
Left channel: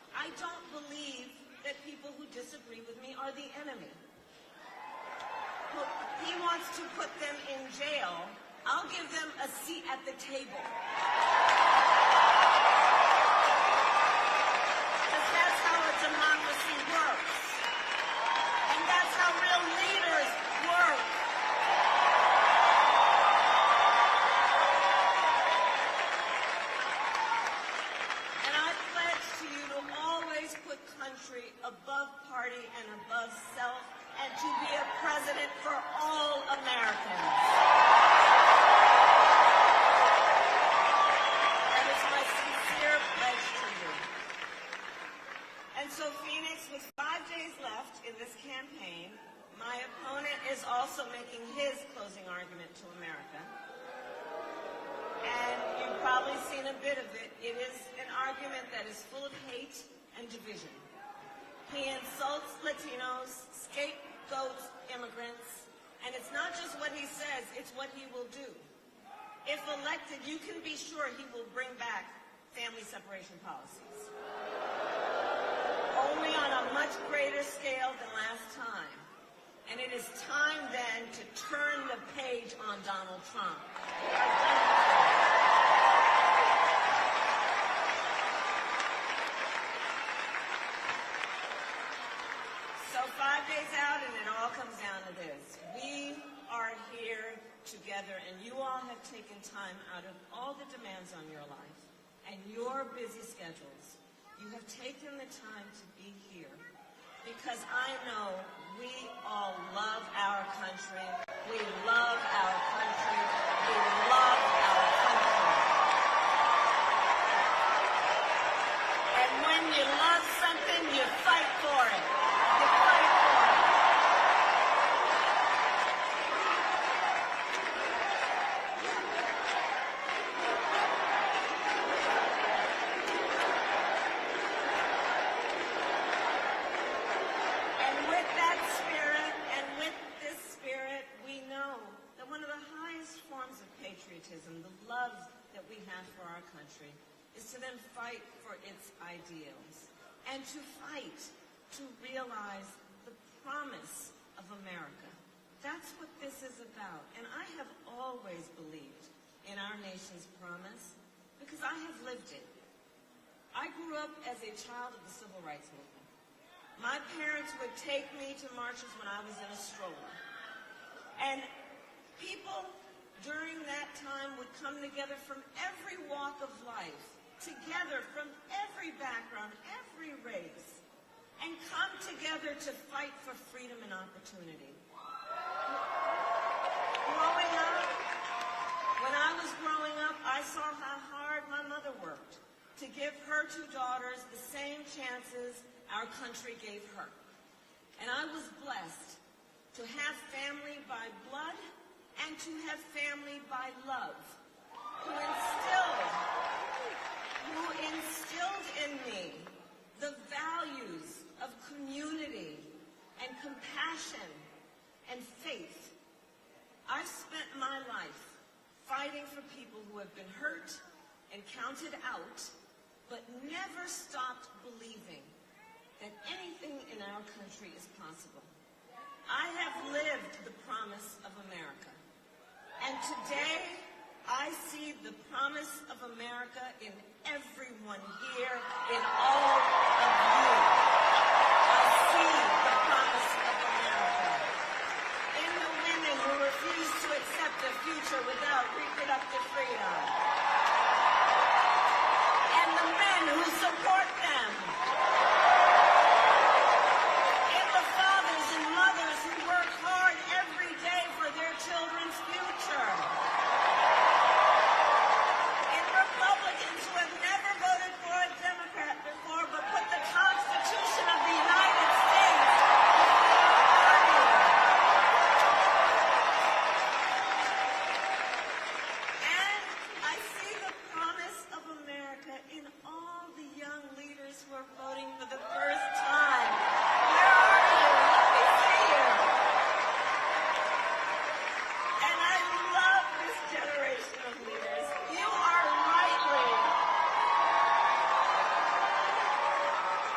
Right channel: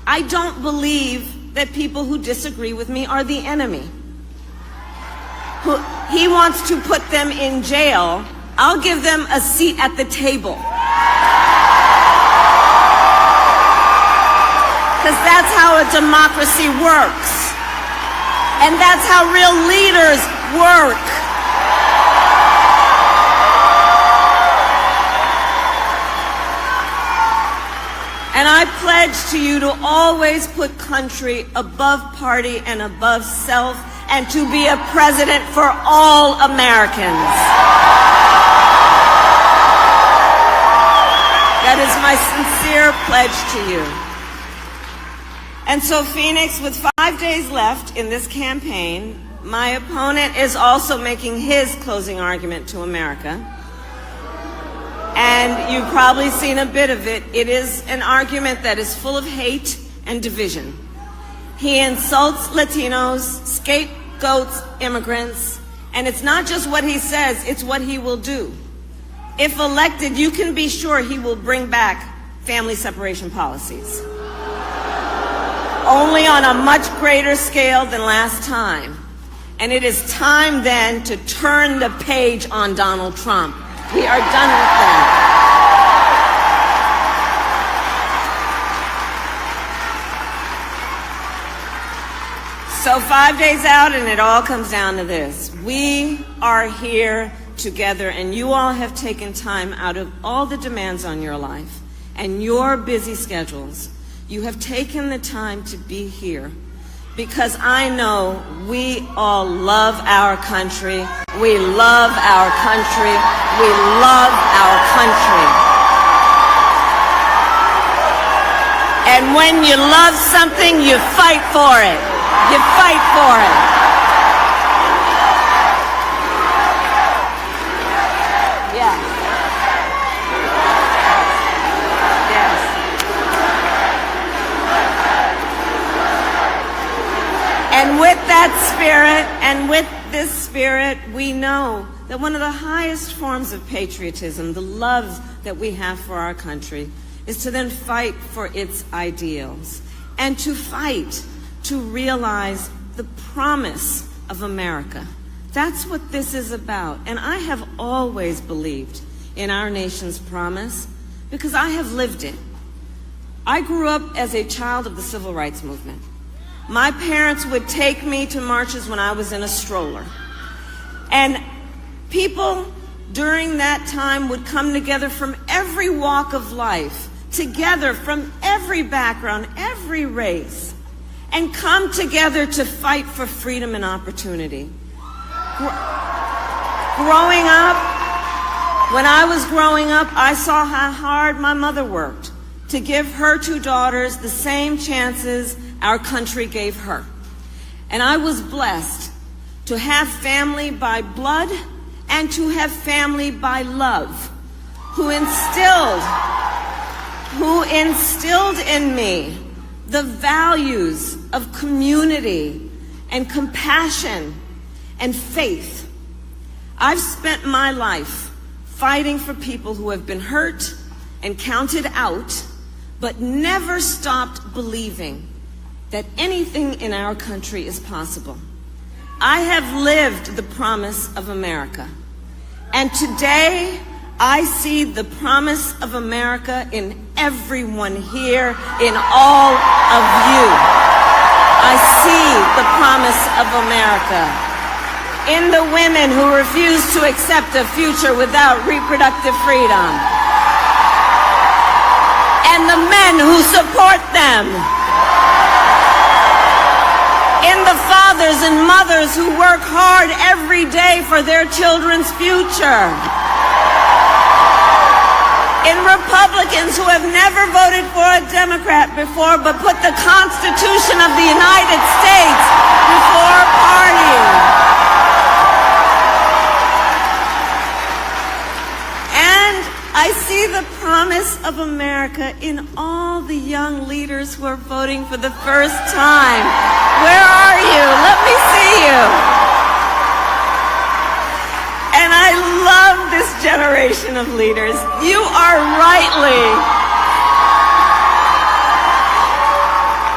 I don't believe that people who disagree with me are the enemy. He wants to put them in jail. I'll give them a seat at the table. Because that's how a democracy works. And that's how real leaders work. And I pledge to you to always put country above party and above self, and to be a president for all Americans. That is my sincere pledge to you. And so, Phoenix, with 5 days left in this campaign, my opponent is also making his closing argument to America. And you've probably seen a bit of it. It is an argument that is full of hate and division. He insults Latinos, scapegoats immigrants, and it's not just what he says, it's what he will do. If elected, you can be sure he will bring back family separation policies. Only on a much greater scale than last time. And it is time then to turn the page on Donald Trump. We are done with that. So 5 days out, and it all comes down to this. We are here together, and you all have taken time out of all the demands on your life and your busy schedules. You have taken the time to be here because I know we all love our country. We love our country. We love our country. And when you love something, you fight for it. You fight for it. Yeah. Yes. And with that spirit, and with this spirit, we know that one of the highest forms of patriotism, the love that we have for our country, is to then fight for its ideals and to fight to realize the promise of America. That's what this is about. And I have always believed in our nation's promise because I have lived it. I grew up as a child of the Civil Rights Movement. My parents would take me to marches when I was in a stroller. And people during that time would come together from every walk of life, together from every background, every race, and come together to fight for freedom and opportunity. Growing up, when I was growing up, I saw how hard my mother worked to give her two daughters the same chances our country gave her. And I was blessed to have family by blood and to have family by love, who instilled in me the values of community and compassion and faith. I've spent my life fighting for people who have been hurt and counted out, but never stopped believing that anything in our country is possible. I have lived the promise of America. And today, I see the promise of America in everyone here, in all of you. I see the promise of America in the women who refuse to accept a future without reproductive freedom, and the men who support them, in the fathers and mothers who work hard every day for their children's future, in Republicans who have never voted for a Democrat before but put the Constitution of the United States before party. And I see the promise of America in all the young leaders who are voting for the first time. Where are you? Let me see you. And I love this generation of leaders. You are rightly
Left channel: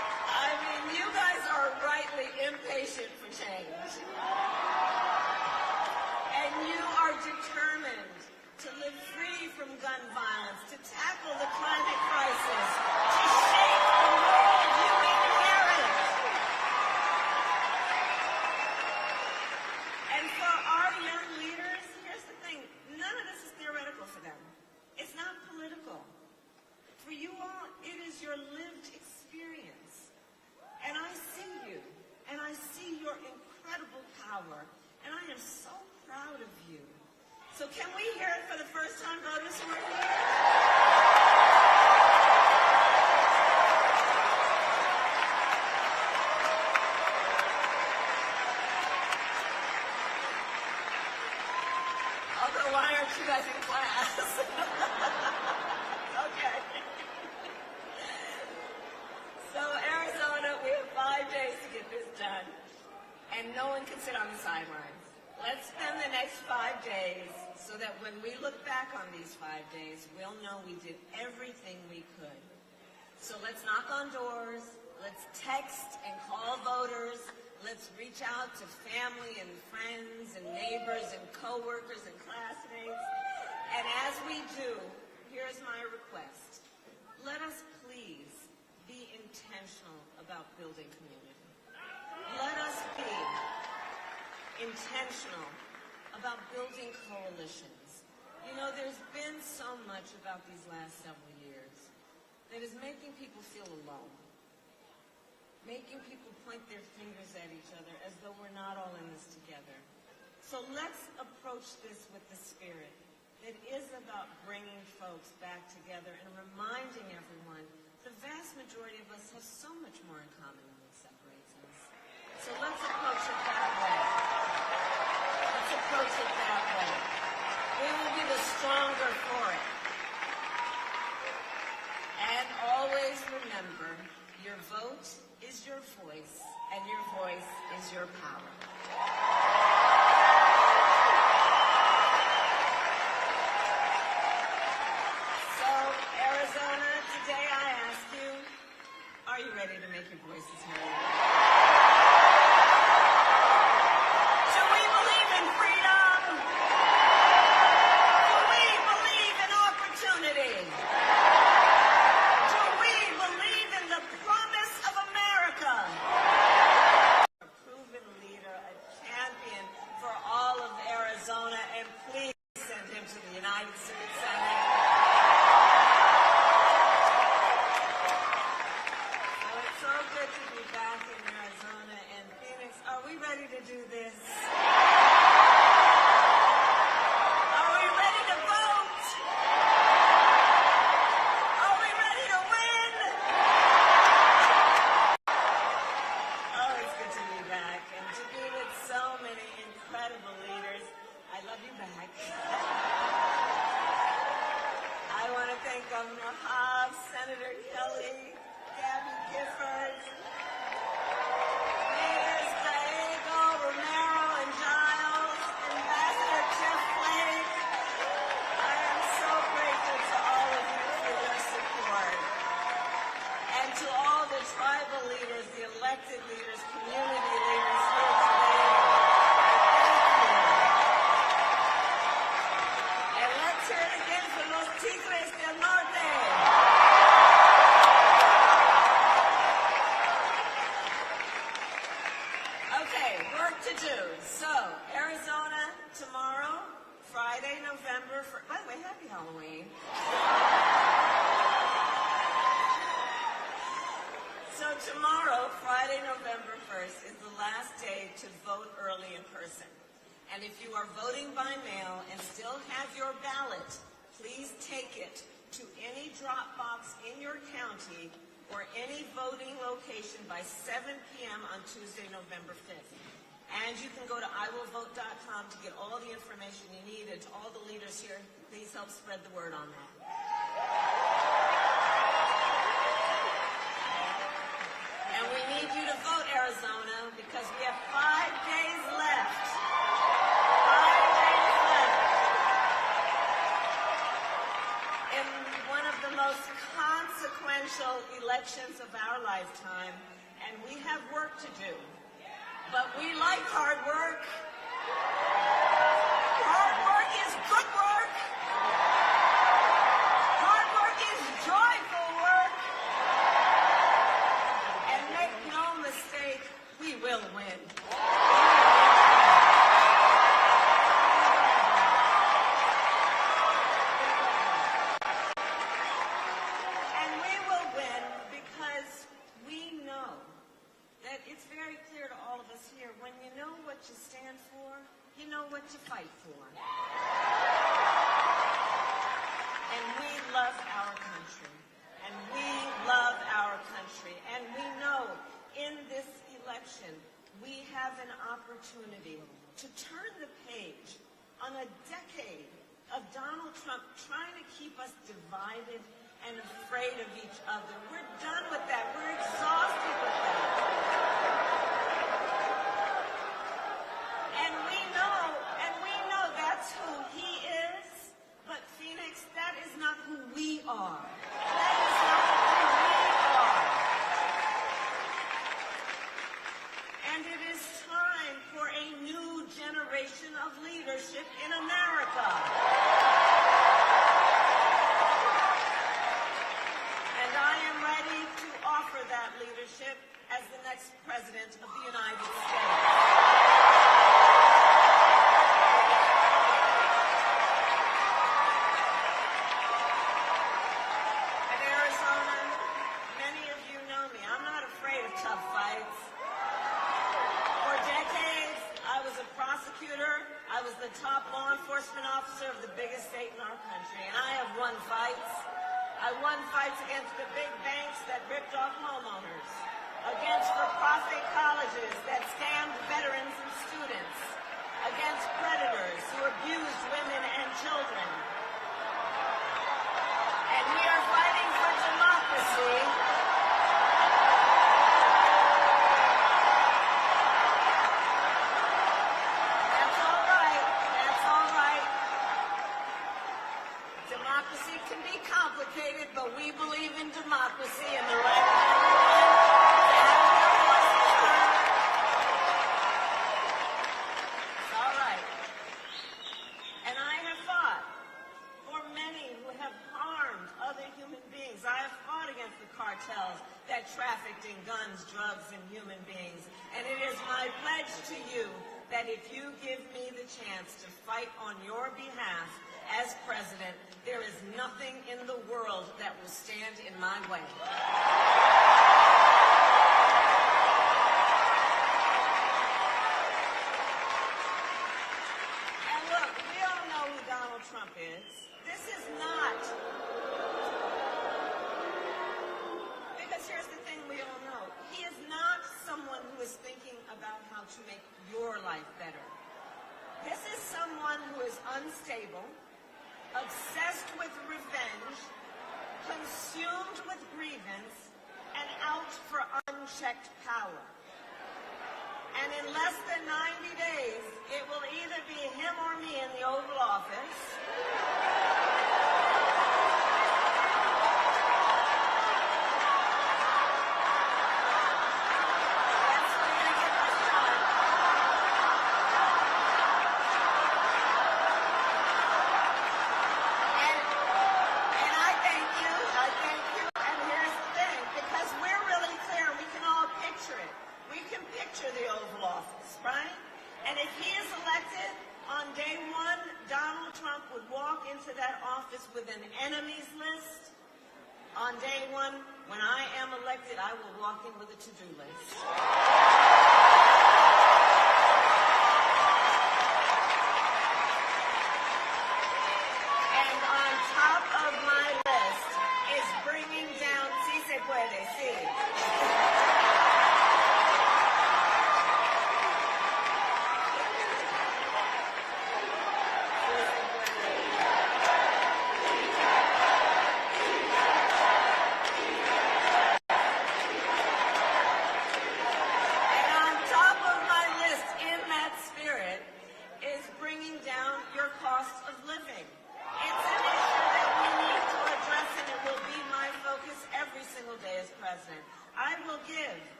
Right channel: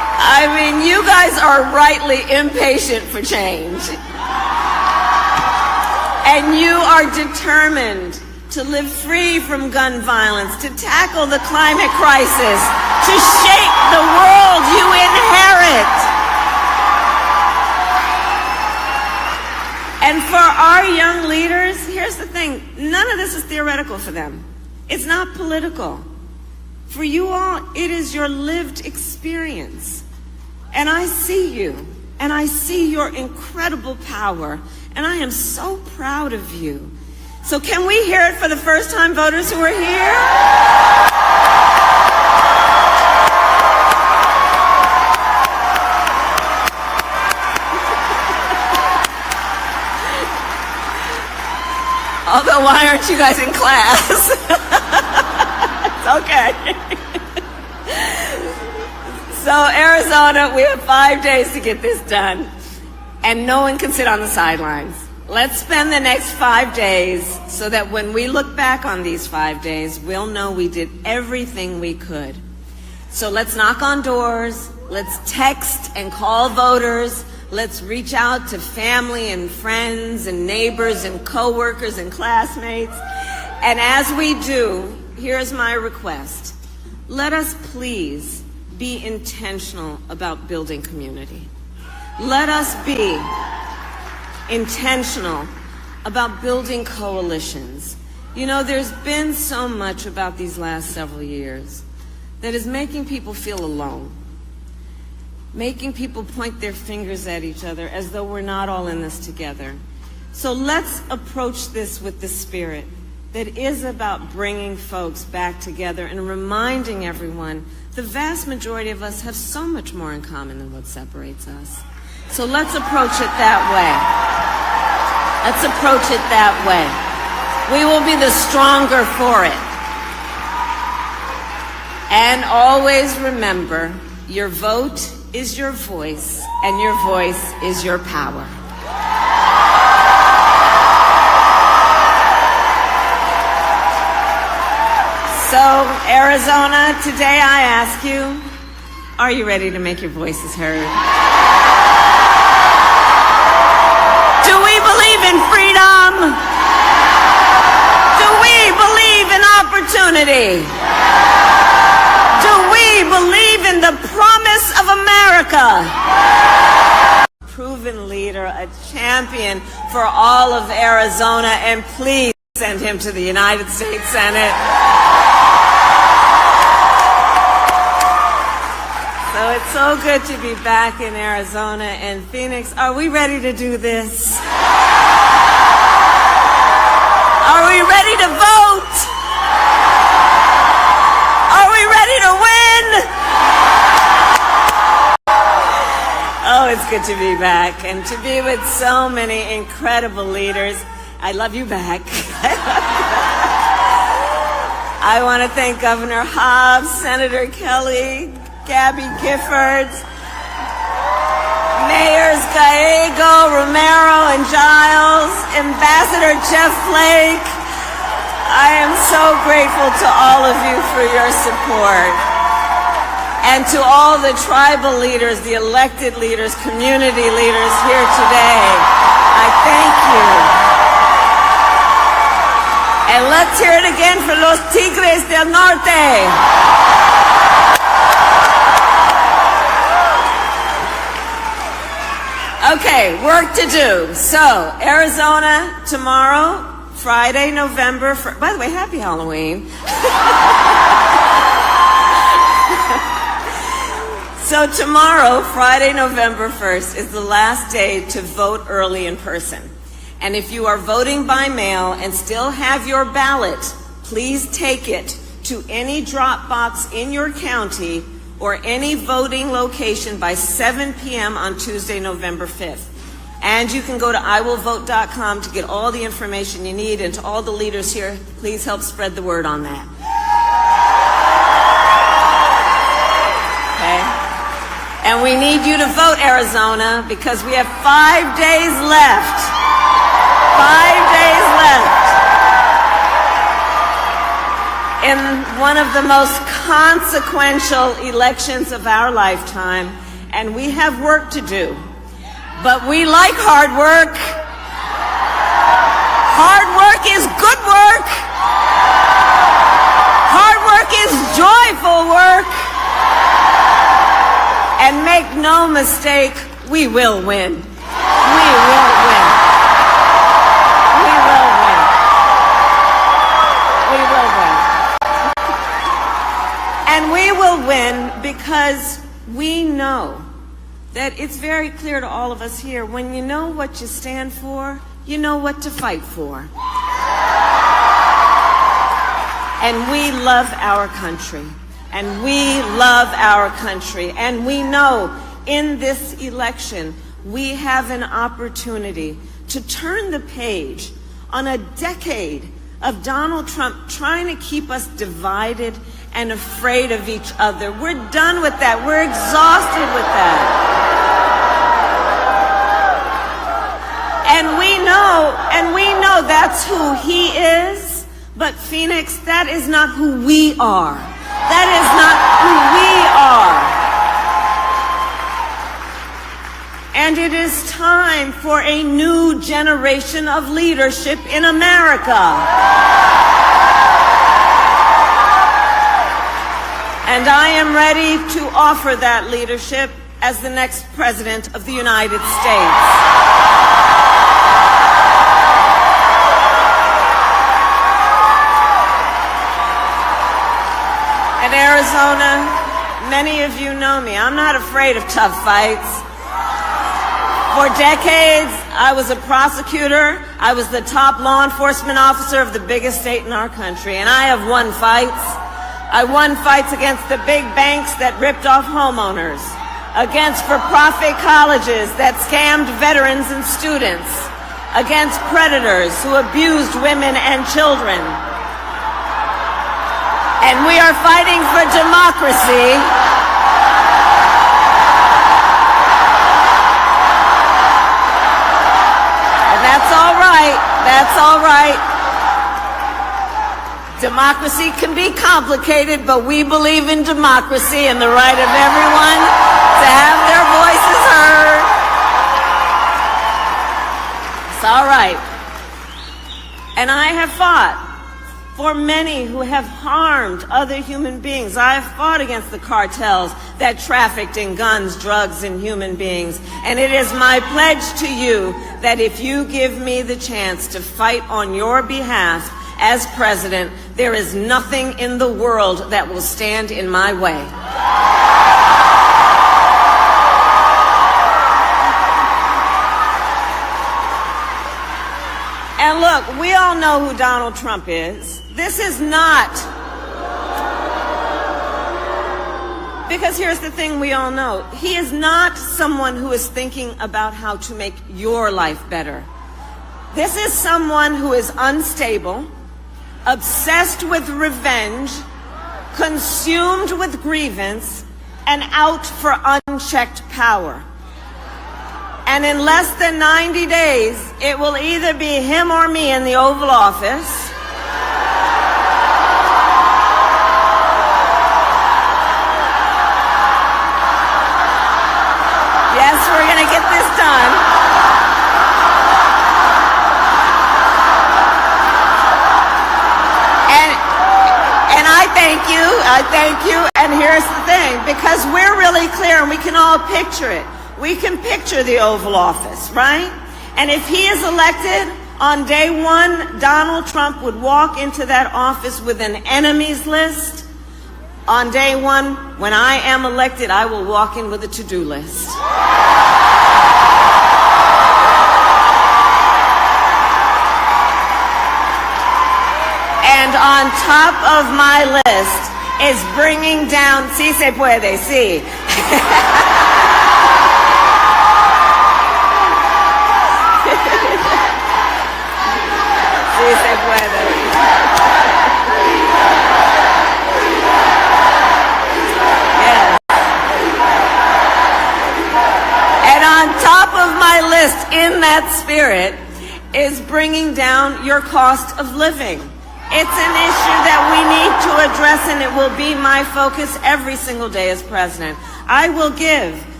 I mean, you guys are rightly impatient for change. And you are determined to live free from gun violence, to tackle the climate crisis, to shape the world you inherit. And for our young leaders, here's the thing, none of this is theoretical for them. It's not political. For you all, it is your lived experience. And I see you, and I see your incredible power, and I am so proud of you. So can we hear it for the first-time voters who are here? Although, why aren't you guys in class? It's okay. So, Arizona, we have 5 days to get this done, and no one can sit on the sidelines. Let's spend the next 5 days so that when we look back on these 5 days, we'll know we did everything we could. So let's knock on doors, let's text and call voters, let's reach out to family and friends and neighbors and coworkers and classmates. And as we do, here's my request. Let us please be intentional about building community. Let us be intentional about building coalitions. You know, there's been so much about these last several years that is making people feel alone, making people point their fingers at each other as though we're not all in this together. So let's approach this with the spirit that is about bringing folks back together and reminding everyone the vast majority of us have so much more in common than what separates us. So let's approach it that way. Let's approach it that way. We will be the stronger for it. And always remember, your vote is your voice, and your voice is your power. So, Arizona, today I ask you, are you ready to make your voices heard? Do we believe in freedom? Do we believe in opportunity? Do we believe in the promise of America? Proven leader, a champion for all of Arizona, and please send him to the United States Senate. So it's so good to be back in Arizona and Phoenix. Are we ready to do this? Are we ready to vote? Are we ready to win? Oh, it's good to be back and to be with so many incredible leaders. I love you back. I want to thank Governor Hobbs, Senator Kelly, Gabby Giffords, Mayors Gallego, Romero, and Giles, Ambassador Jeff Flake. I am so grateful to all of you for your support. And to all the tribal leaders, the elected leaders, community leaders here today, I thank you. And let's hear it again for los Tigres del Norte. Okay, work to do. So, Arizona, tomorrow, Friday, November 1st. By the way, happy Halloween. So tomorrow, Friday, November 1st, is the last day to vote early in person. And if you are voting by mail and still have your ballot, please take it to any drop box in your county or any voting location by 7 p.m. on Tuesday, November 5th. And you can go to iwillvote.com to get all the information you need. And to all the leaders here, please help spread the word on that. Okay? And we need you to vote, Arizona, because we have 5 days left. 5 days left in one of the most consequential elections of our lifetime. and we have work to do. But we like hard work. Hard work is good work. Hard work is joyful work. And make no mistake, we will win. We will win. We will win. We will win. And we will win because we know that it's very clear to all of us here, when you know what you stand for, you know what to fight for. And we love our country. And we love our country. And we know in this election, we have an opportunity to turn the page on a decade of Donald Trump trying to keep us divided and afraid of each other. We're done with that. We're exhausted with that. And we know that's who he is. But Phoenix, that is not who we are. That is not who we are. And it is time for a new generation of leadership in America. And I am ready to offer that leadership as the next President of the United States. In Arizona, many of you know me. I'm not afraid of tough fights. For decades, I was a prosecutor. I was the top law enforcement officer of the biggest state in our country, and I have won fights. I won fights against the big banks that ripped off homeowners, against for-profit colleges that scammed veterans and students, against predators who abused women and children. And we are fighting for democracy. And that's all right. That's all right. Democracy can be complicated, but we believe in democracy and the right of everyone to have their voices heard. It's all right. And I have fought for many who have harmed other human beings. I have fought against the cartels that trafficked in guns, drugs, and human beings. And it is my pledge to you that if you give me the chance to fight on your behalf as president, there is nothing in the world that will stand in my way. And look, we all know who Donald Trump is. This is not, because here's the thing we all know. He is not someone who is thinking about how to make your life better. This is someone who is unstable, obsessed with revenge, consumed with grievance, and out for unchecked power. And in less than 90 days, it will either be him or me in the Oval Office. Yes, we're going to get this done. And I thank you, and here's the thing, because we're really clear and we can all picture it. We can picture the Oval Office, right? And if he is elected, on day one, Donald Trump would walk into that office with an enemies list. On day one, when I am elected, I will walk in with a to-do list. And on top of my list is bringing down, sí se puede, sí. Sí se puede. Yes. And on top of my list, in that spirit, is bringing down your cost of living. It's an issue that we need to address, and it will be my focus every single day as president. I will give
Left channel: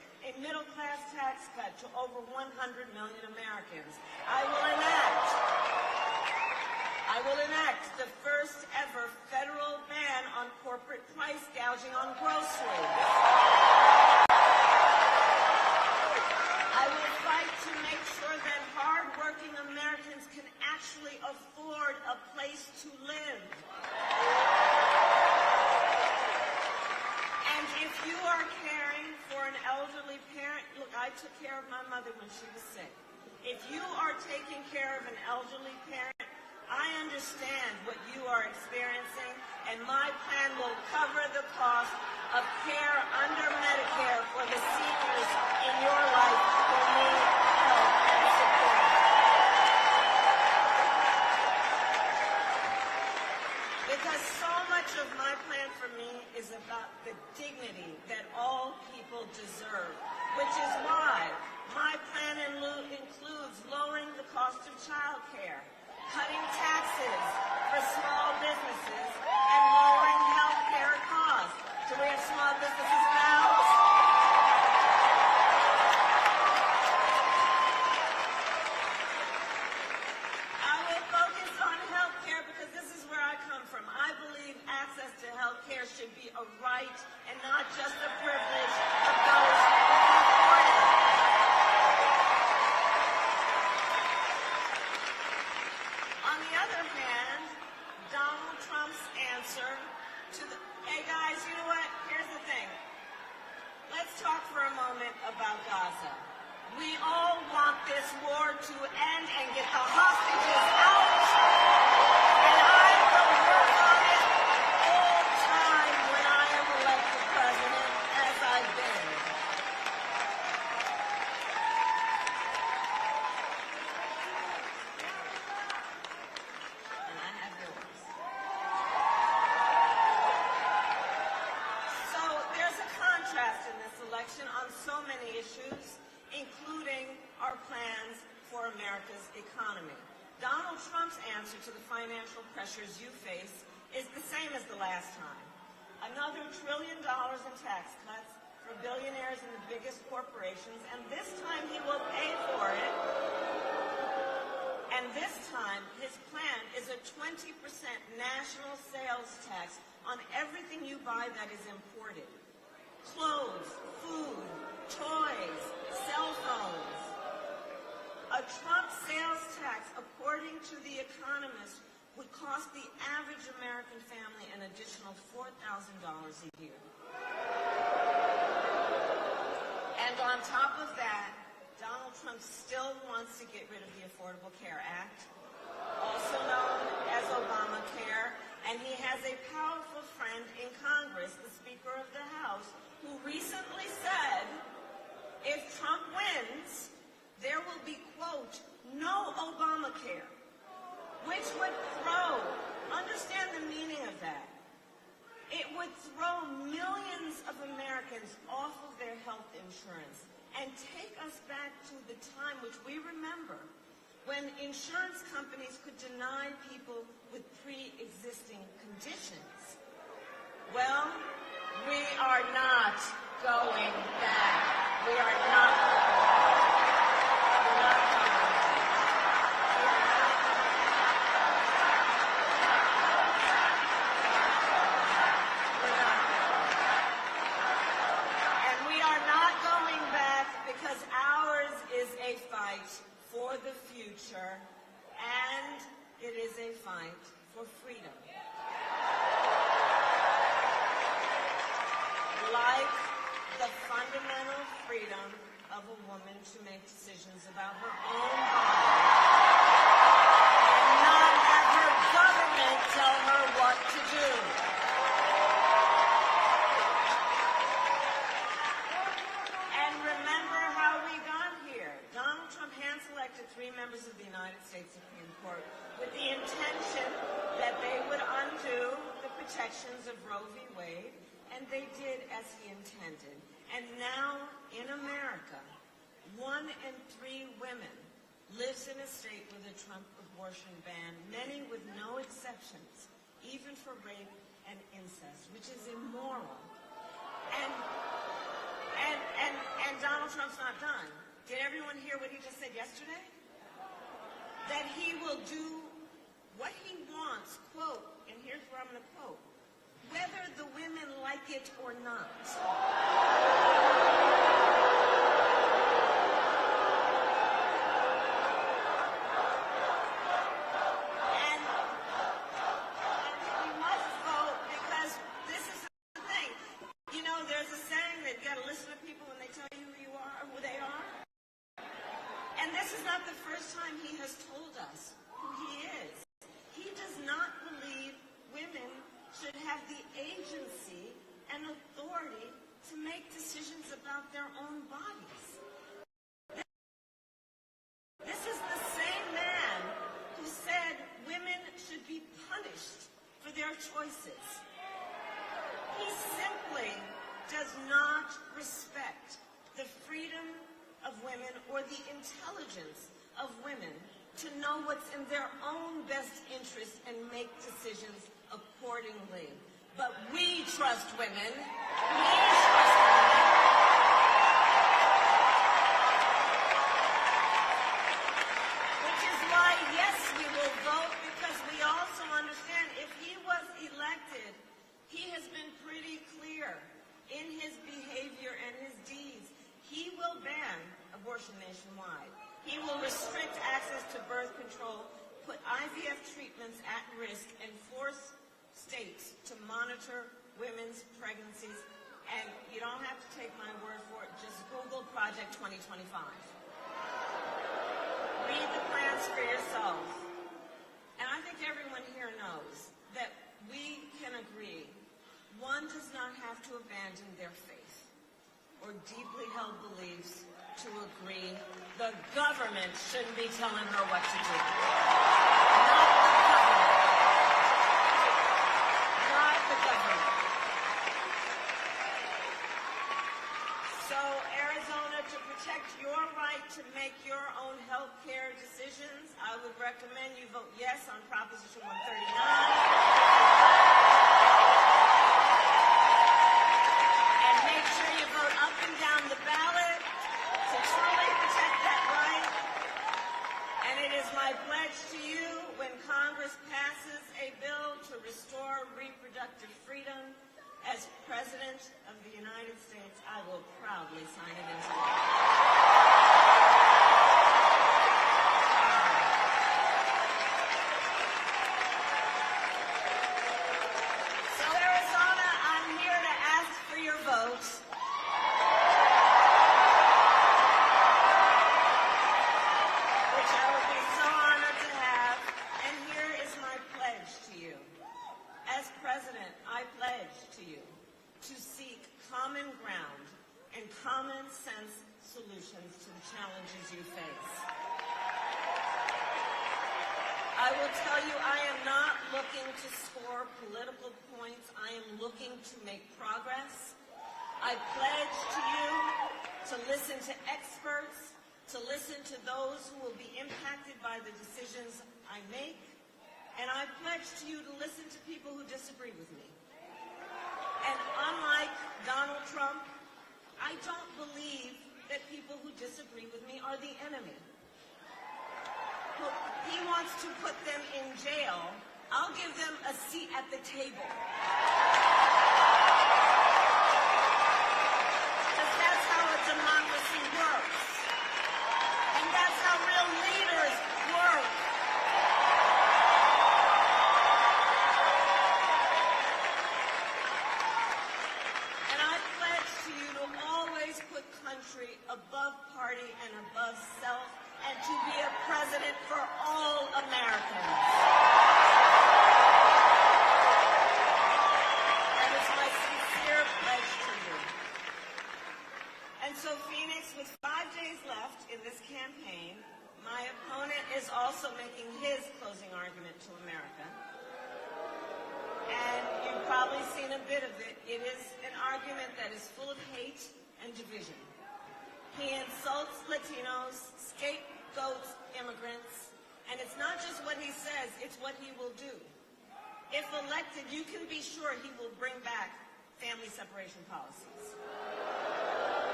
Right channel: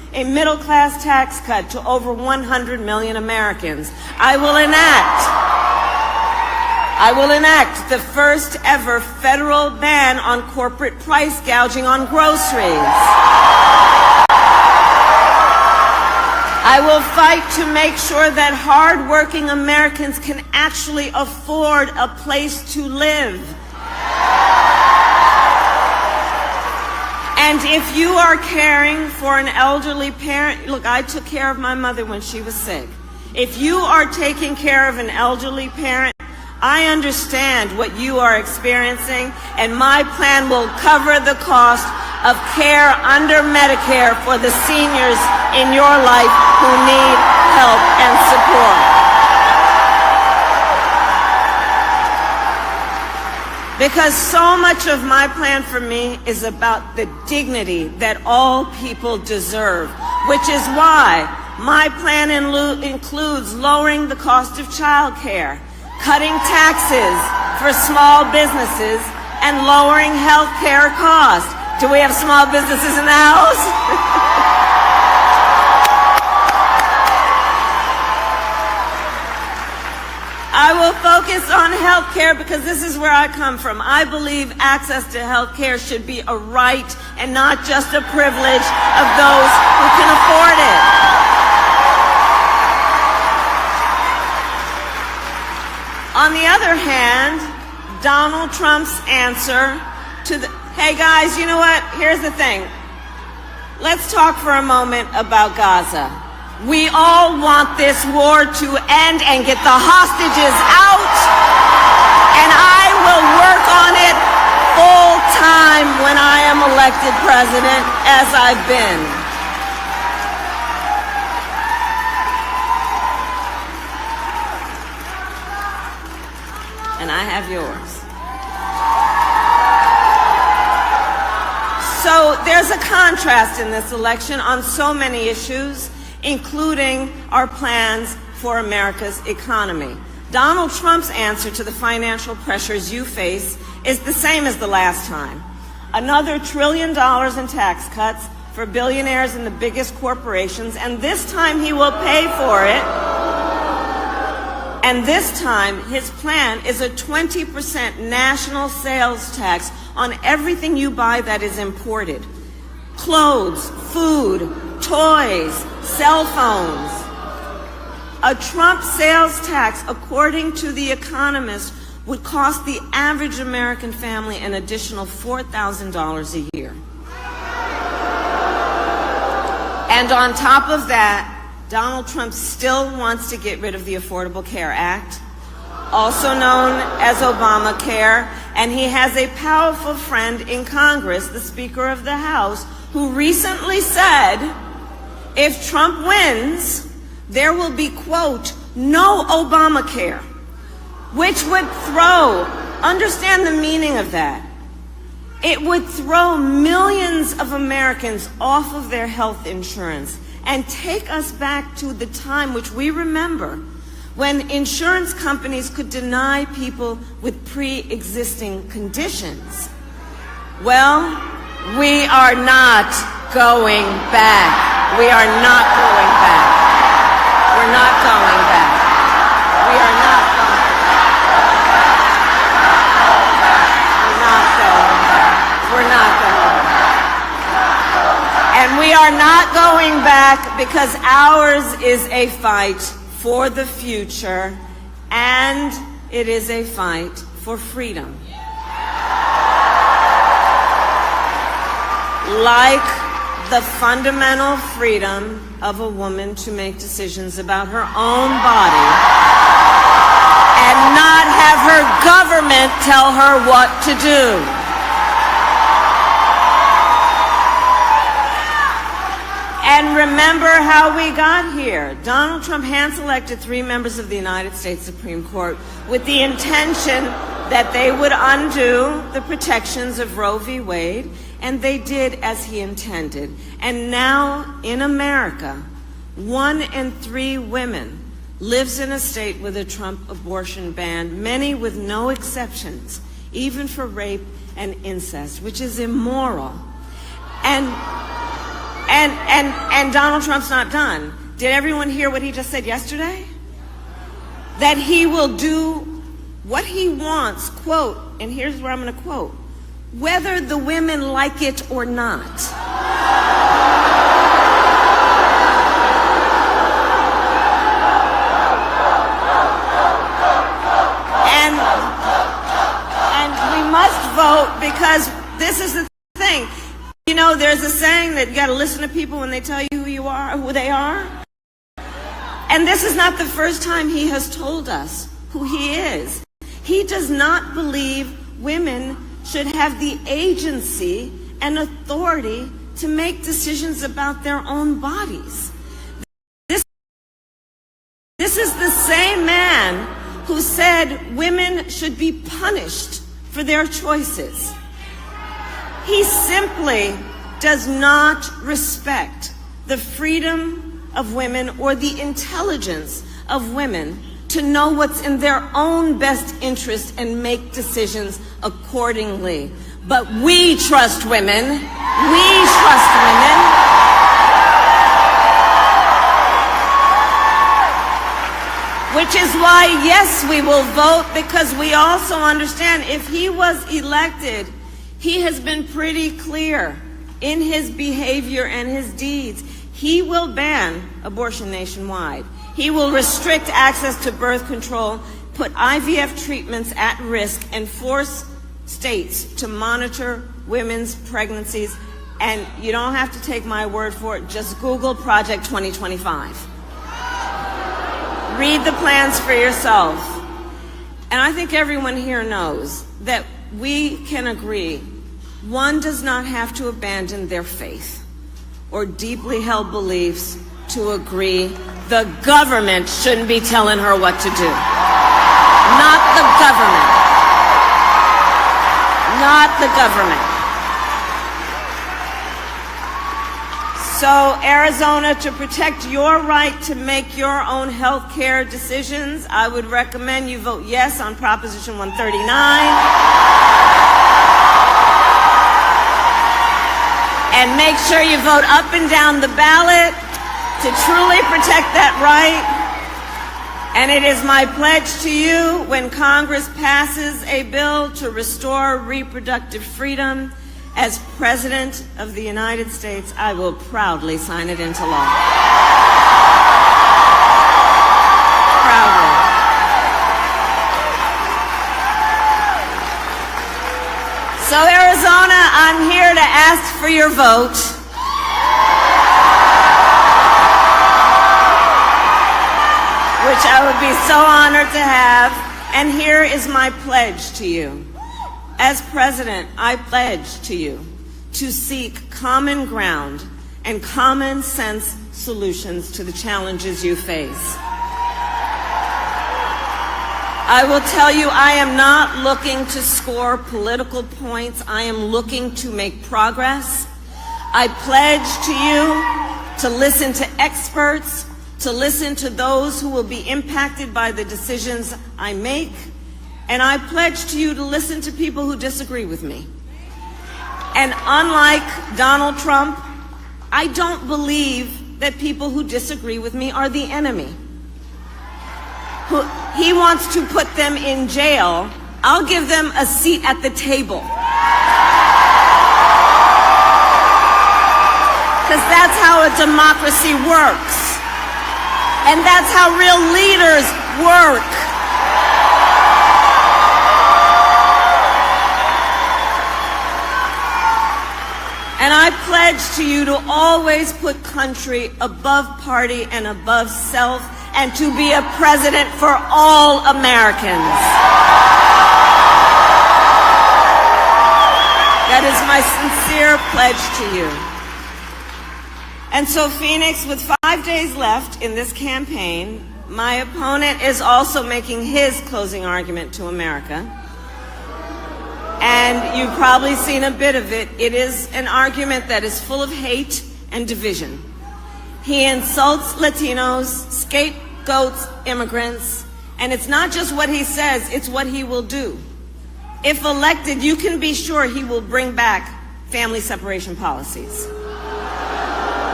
a middle-class tax cut to over 100 million Americans. I will enact the first ever federal ban on corporate price gouging on groceries. I will fight to make sure that hard-working Americans can actually afford a place to live. And if you are caring for an elderly parent, look, I took care of my mother when she was sick. If you are taking care of an elderly parent, I understand what you are experiencing, and my plan will cover the cost of care under Medicare for the seniors in your life who need help and support. Because so much of my plan for me is about the dignity that all people deserve, which is why my plan includes lowering the cost of child care, cutting taxes for small businesses, and lowering health care costs. Do we have small businesses in the house? I will focus on health care because this is where I come from. I believe access to health care should be a right and not just a privilege of those who can afford it. On the other hand, Donald Trump's answer to the, hey guys, you know what? Here's the thing. Let's talk for a moment about Gaza. We all want this war to end and get the hostages out, and I will work on it full time when I am elected president, as I've been. And I have yours. So there's a contrast in this election on so many issues, including our plans for America's economy. Donald Trump's answer to the financial pressures you face is the same as the last time. Another $1 trillion in tax cuts for billionaires and the biggest corporations, and this time he will pay for it. And this time, his plan is a 20% national sales tax on everything you buy that is imported. Clothes, food, toys, cell phones. A Trump sales tax, according to The Economist, would cost the average American family an additional $4,000 a year. And on top of that, Donald Trump still wants to get rid of the Affordable Care Act, also known as Obamacare, and he has a powerful friend in Congress, the Speaker of the House, who recently said, if Trump wins, there will be, quote, no Obamacare, which would throw, understand the meaning of that, it would throw millions of Americans off of their health insurance and take us back to the time which we remember when insurance companies could deny people with pre-existing conditions. Well, we are not going back. We are not going back. We're not going back. We are not going back. We're not going back. We're not going back. And we are not going back because ours is a fight for the future, and it is a fight for freedom. Like the fundamental freedom of a woman to make decisions about her own body and not have her government tell her what to do. And remember how we got here. Donald Trump hand-selected 3 members of the United States Supreme Court with the intention that they would undo the protections of Roe v. Wade, and they did as he intended. And now, in America, 1 in 3 women lives in a state with a Trump abortion ban, many with no exceptions, even for rape and incest, which is immoral. And Donald Trump's not done. Did everyone hear what he just said yesterday? That he will do what he wants, quote, and here's where I'm going to quote, whether the women like it or not. And we must vote because this is the thing. You know, there's a saying that you got to listen to people when they tell you who you are, who they are. And this is not the first time he has told us who he is. He does not believe women should have the agency and authority to make decisions about their own bodies. This is the same man who said women should be punished for their choices. He simply does not respect the freedom of women or the intelligence of women to know what's in their own best interest and make decisions accordingly. But we trust women. We trust women. Which is why, yes, we will vote, because we also understand if he was elected, he has been pretty clear in his behavior and his deeds. He will ban abortion nationwide. He will restrict access to birth control, put IVF treatments at risk, and force states to monitor women's pregnancies. And you don't have to take my word for it. Just Google Project 2025. Read the plans for yourself. And I think everyone here knows that we can agree one does not have to abandon their faith or deeply held beliefs to agree the government shouldn't be telling her what to do. Not the government. Not the government. So, Arizona, to protect your right to make your own health care decisions, I would recommend you vote yes on Proposition 139. And make sure you vote up and down the ballot to truly protect that right. And it is my pledge to you, when Congress passes a bill to restore reproductive freedom, as President of the United States, I will proudly sign it into law. Proudly. So, Arizona, I'm here to ask for your vote. Which I would be so honored to have. And here is my pledge to you. As president, I pledge to you to seek common ground and common sense solutions to the challenges you face. I will tell you, I am not looking to score political points. I am looking to make progress. I pledge to you to listen to experts, to listen to those who will be impacted by the decisions I make. And I pledge to you to listen to people who disagree with me. And unlike Donald Trump, I don't believe that people who disagree with me are the enemy. He wants to put them in jail. I'll give them a seat at the table. Because that's how a democracy works. And that's how real leaders work. And I pledge to you to always put country above party and above self, and to be a president for all Americans. That is my sincere pledge to you. And so, Phoenix, with 5 days left in this campaign, my opponent is also making his closing argument to America. And you've probably seen a bit of it. It is an argument that is full of hate and division. He insults Latinos, scapegoats immigrants, and it's not just what he says, it's what he will do. If elected, you can be sure he will bring back family separation policies.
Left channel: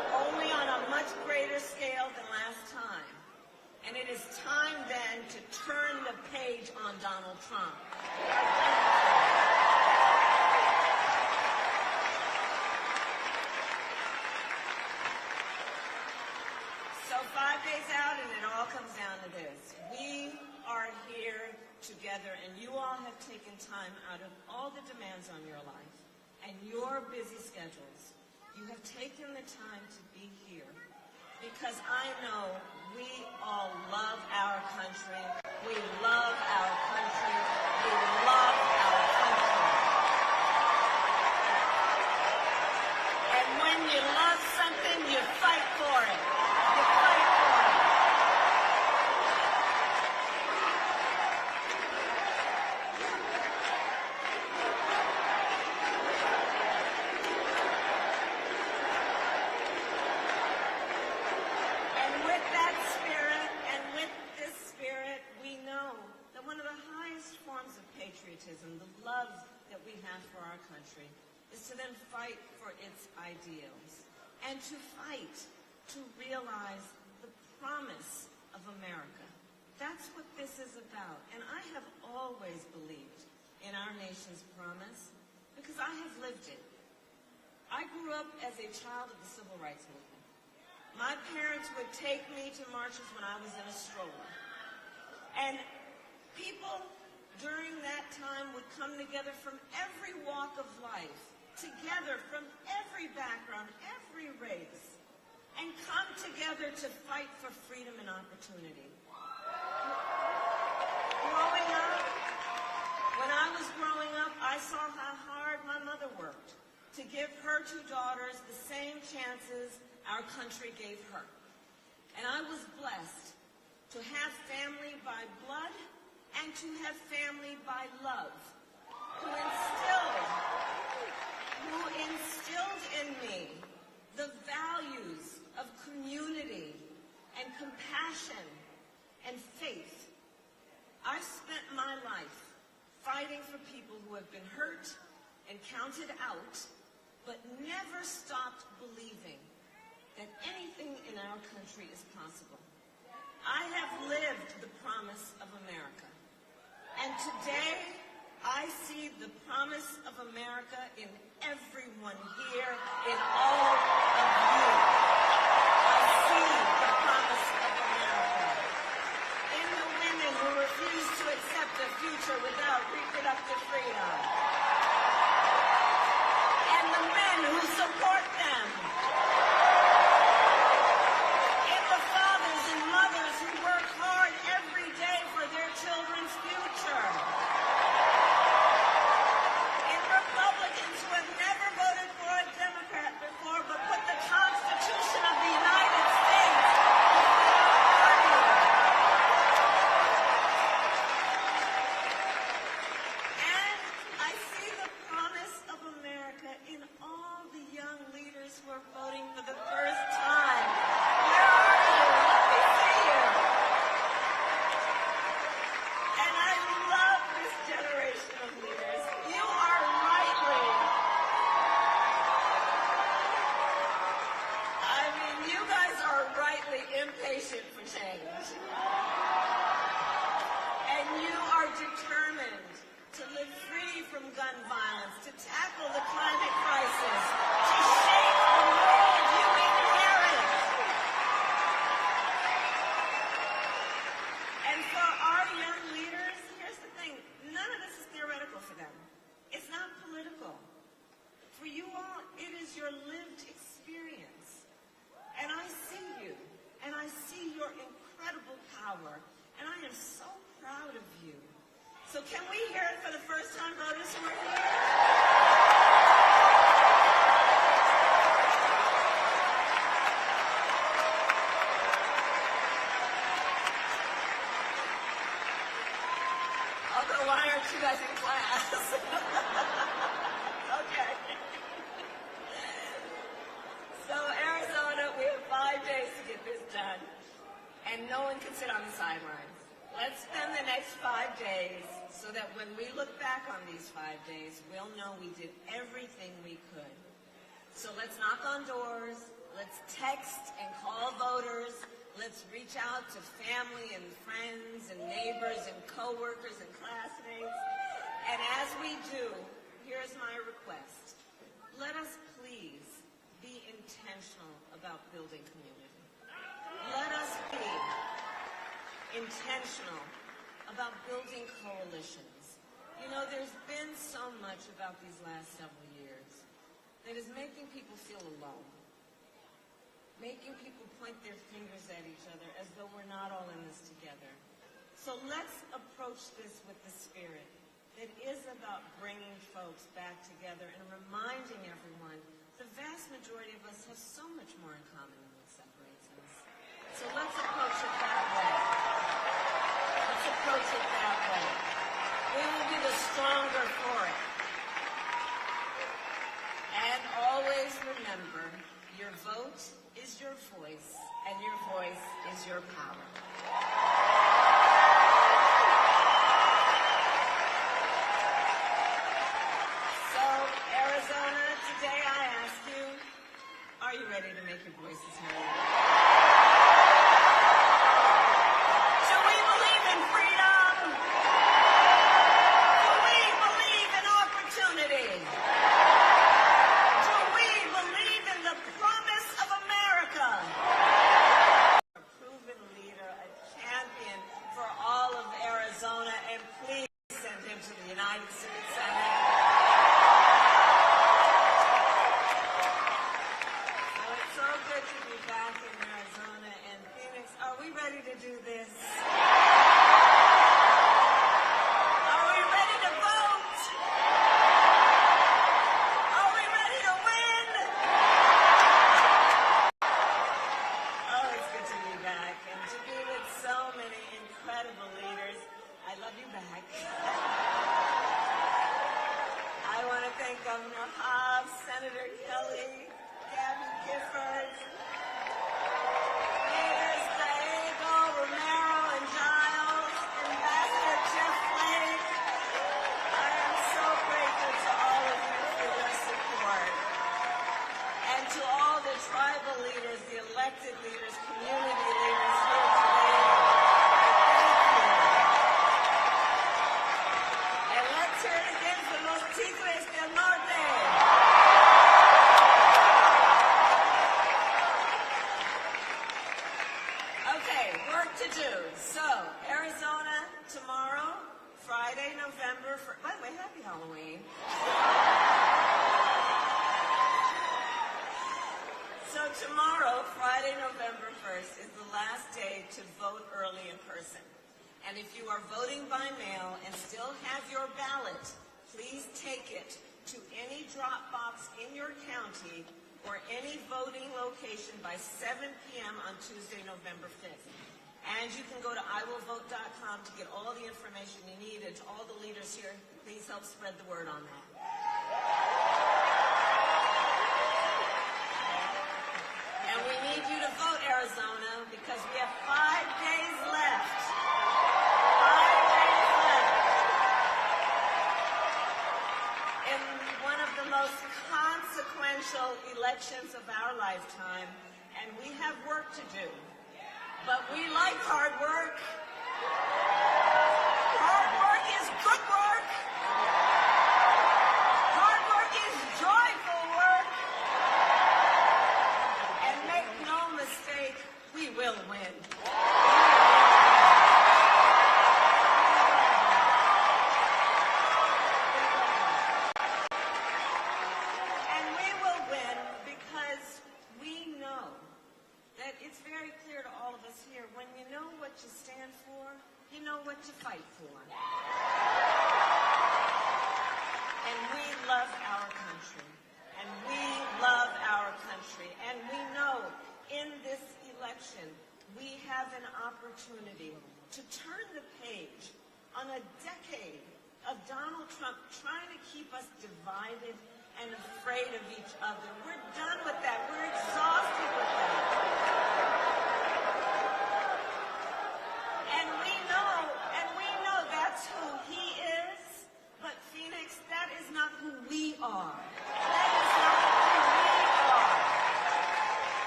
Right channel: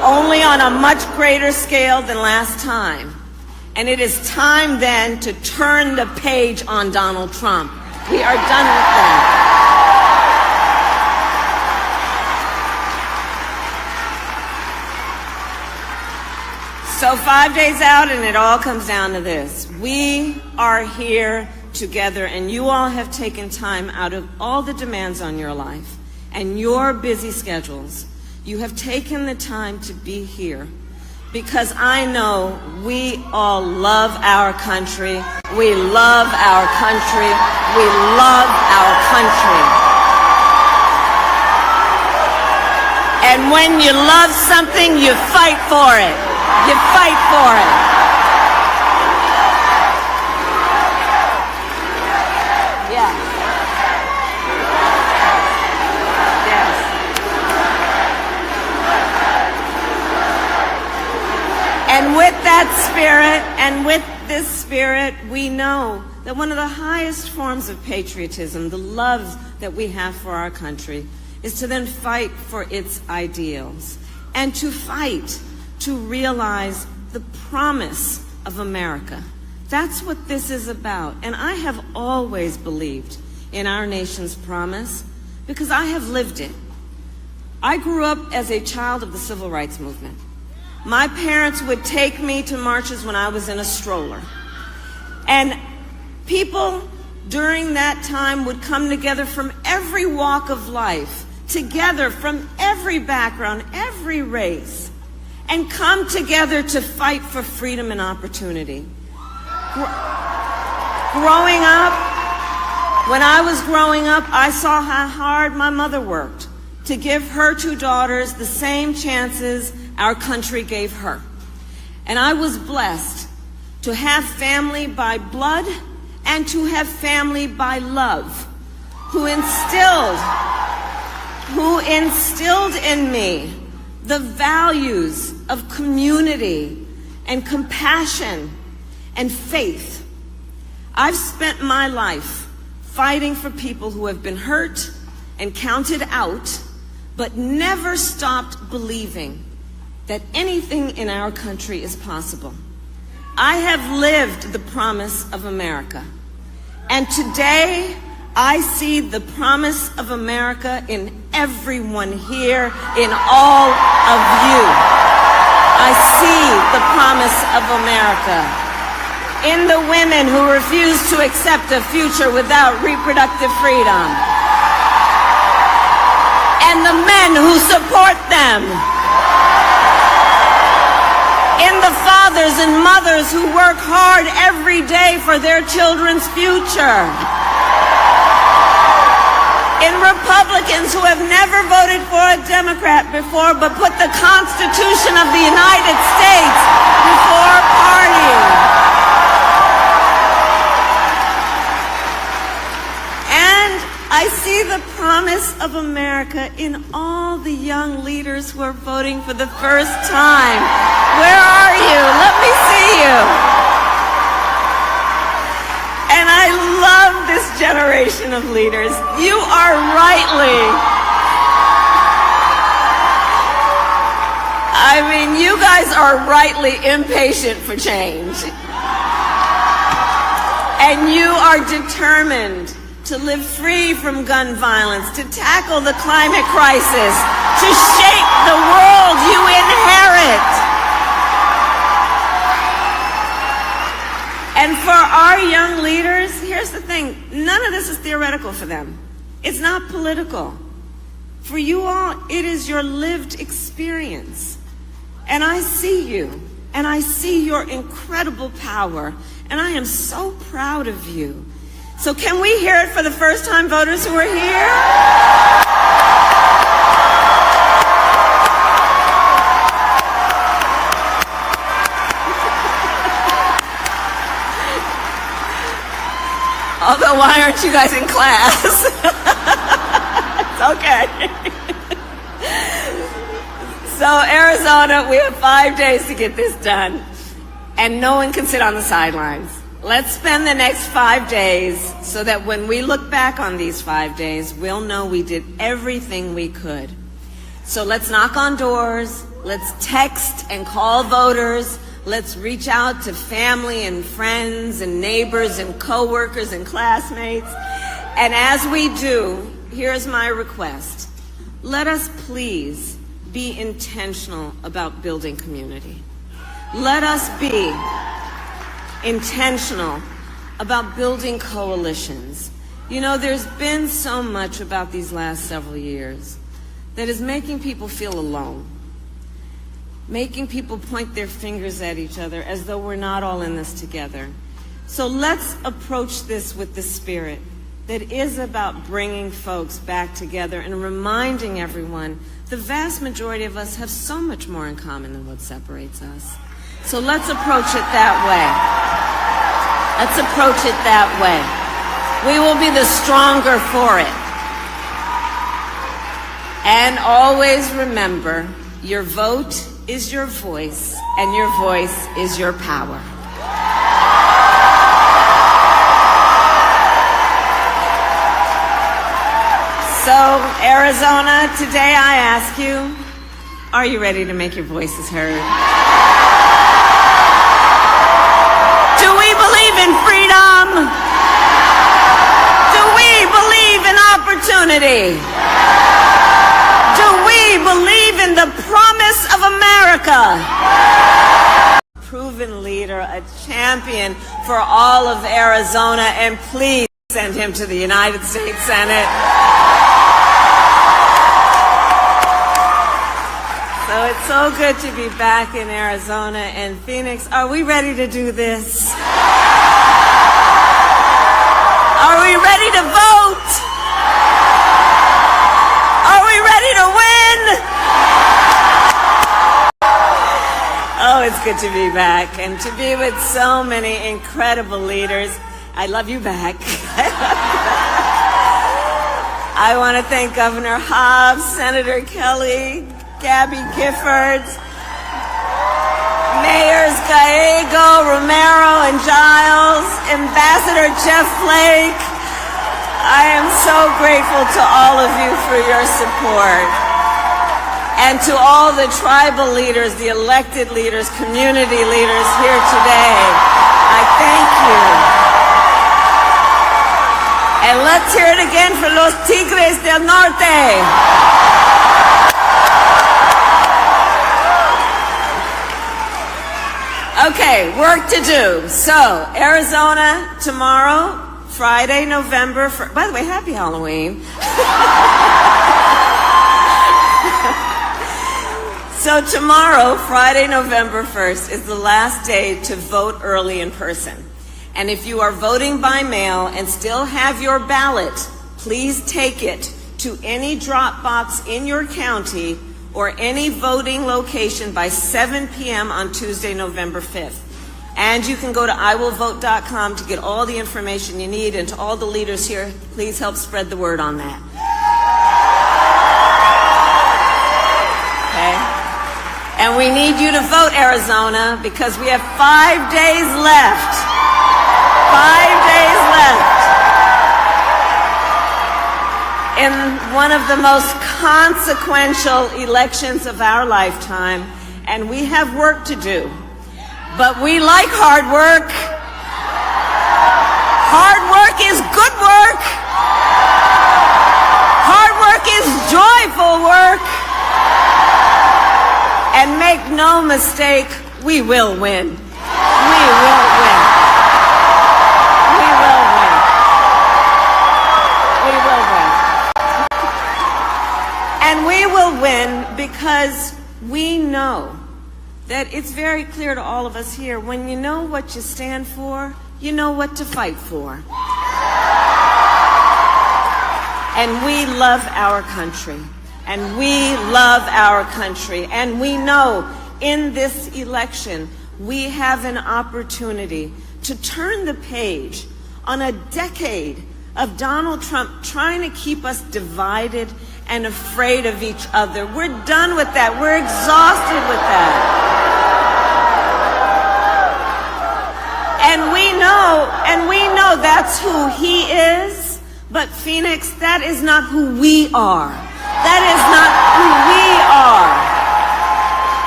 only on a much greater scale than last time. And it is time then to turn the page on Donald Trump. We are done with that. So 5 days out, and it all comes down to this. We are here together, and you all have taken time out of all the demands on your life and your busy schedules. You have taken the time to be here because I know we all love our country. We love our country. We love our country. And when you love something, you fight for it. You fight for it. Yeah. Yes. And with that spirit, and with this spirit, we know that one of the highest forms of patriotism, the love that we have for our country, is to then fight for its ideals and to fight to realize the promise of America. That's what this is about. And I have always believed in our nation's promise because I have lived it. I grew up as a child of the civil rights movement. My parents would take me to marches when I was in a stroller. And people during that time would come together from every walk of life, together from every background, every race, and come together to fight for freedom and opportunity. Growing up, when I was growing up, I saw how hard my mother worked to give her two daughters the same chances our country gave her. And I was blessed to have family by blood and to have family by love, who instilled in me the values of community and compassion and faith. I've spent my life fighting for people who have been hurt and counted out, but never stopped believing that anything in our country is possible. I have lived the promise of America, and today I see the promise of America in everyone here, in all of you. I see the promise of America in the women who refuse to accept a future without reproductive freedom, and the men who support them, in the fathers and mothers who work hard every day for their children's future, in Republicans who have never voted for a Democrat before but put the Constitution of the United States before party. And I see the promise of America in all the young leaders who are voting for the first time. Where are you? Let me see you. And I love this generation of leaders. You are you guys are rightly impatient for change. And you are determined to live free from gun violence, to tackle the climate crisis, to shape the world you inherit. And for our young leaders, here's the thing, none of this is theoretical for them. It's not political. For you all, it is your lived experience. And I see you, and I see your incredible power, and I am so proud of you. So can we hear it for the first-time voters who are here? Although, why aren't you guys in class? It's okay. So, Arizona, we have 5 days to get this done, and no one can sit on the sidelines. Let's spend the next 5 days so that when we look back on these 5 days, we'll know we did everything we could. So let's knock on doors, Let's text and call voters. Let's reach out to family and friends and neighbors and coworkers and classmates. And as we do, here's my request. Let us please be intentional about building community. Let us be intentional about building coalitions. You know, there's been so much about these last several years that is making people feel alone, making people point their fingers at each other as though we're not all in this together. So let's approach this with the spirit that is about bringing folks back together and reminding everyone the vast majority of us have so much more in common than what separates us. So let's approach it that way. Let's approach it that way. We will be the stronger for it. And always remember, your vote is your voice, and your voice is your power. So, Arizona, today I ask you, are you ready to make your voices heard? Do we believe in freedom? Do we believe in opportunity? Do we believe in the promise of America? Proven leader, a champion for all of Arizona, and please send him to the United States Senate. So it's so good to be back in Arizona and Phoenix. Are we ready to do this? Are we ready to vote? Are we ready to win? Oh, it's good to be back and to be with so many incredible leaders. I love you back. I want to thank Governor Hobbs, Senator Kelly, Gabby Giffords, Mayors Gallego, Romero, and Giles, Ambassador Jeff Flake. I am so grateful to all of you for your support. And to all the tribal leaders, the elected leaders, community leaders here today, I thank you. And let's hear it again for los Tigres del Norte. Okay, work to do. So, Arizona tomorrow, Friday, November 1st. By the way, happy Halloween. So tomorrow, Friday, November 1st, is the last day to vote early in person. And if you are voting by mail and still have your ballot, please take it to any drop box in your county or any voting location by 7 p.m. on Tuesday, November 5th. And you can go to iwillvote.com to get all the information you need. And to all the leaders here, please help spread the word on that. Okay? And we need you to vote, Arizona, because we have 5 days left. 5 days left in one of the most consequential elections of our lifetime, and we have work to do. But we like hard work. Hard work is good work. Hard work is joyful work. And make no mistake, we will win. We will win. We will win. We will win. And we will win because we know that it's very clear to all of us here, when you know what you stand for, you know what to fight for. And we love our country. And we love our country. And we know in this election, we have an opportunity to turn the page on a decade of Donald Trump trying to keep us divided and afraid of each other. We're done with that. We're exhausted with that. And we know that's who he is, but Phoenix, that is not who we are. That is not who we are.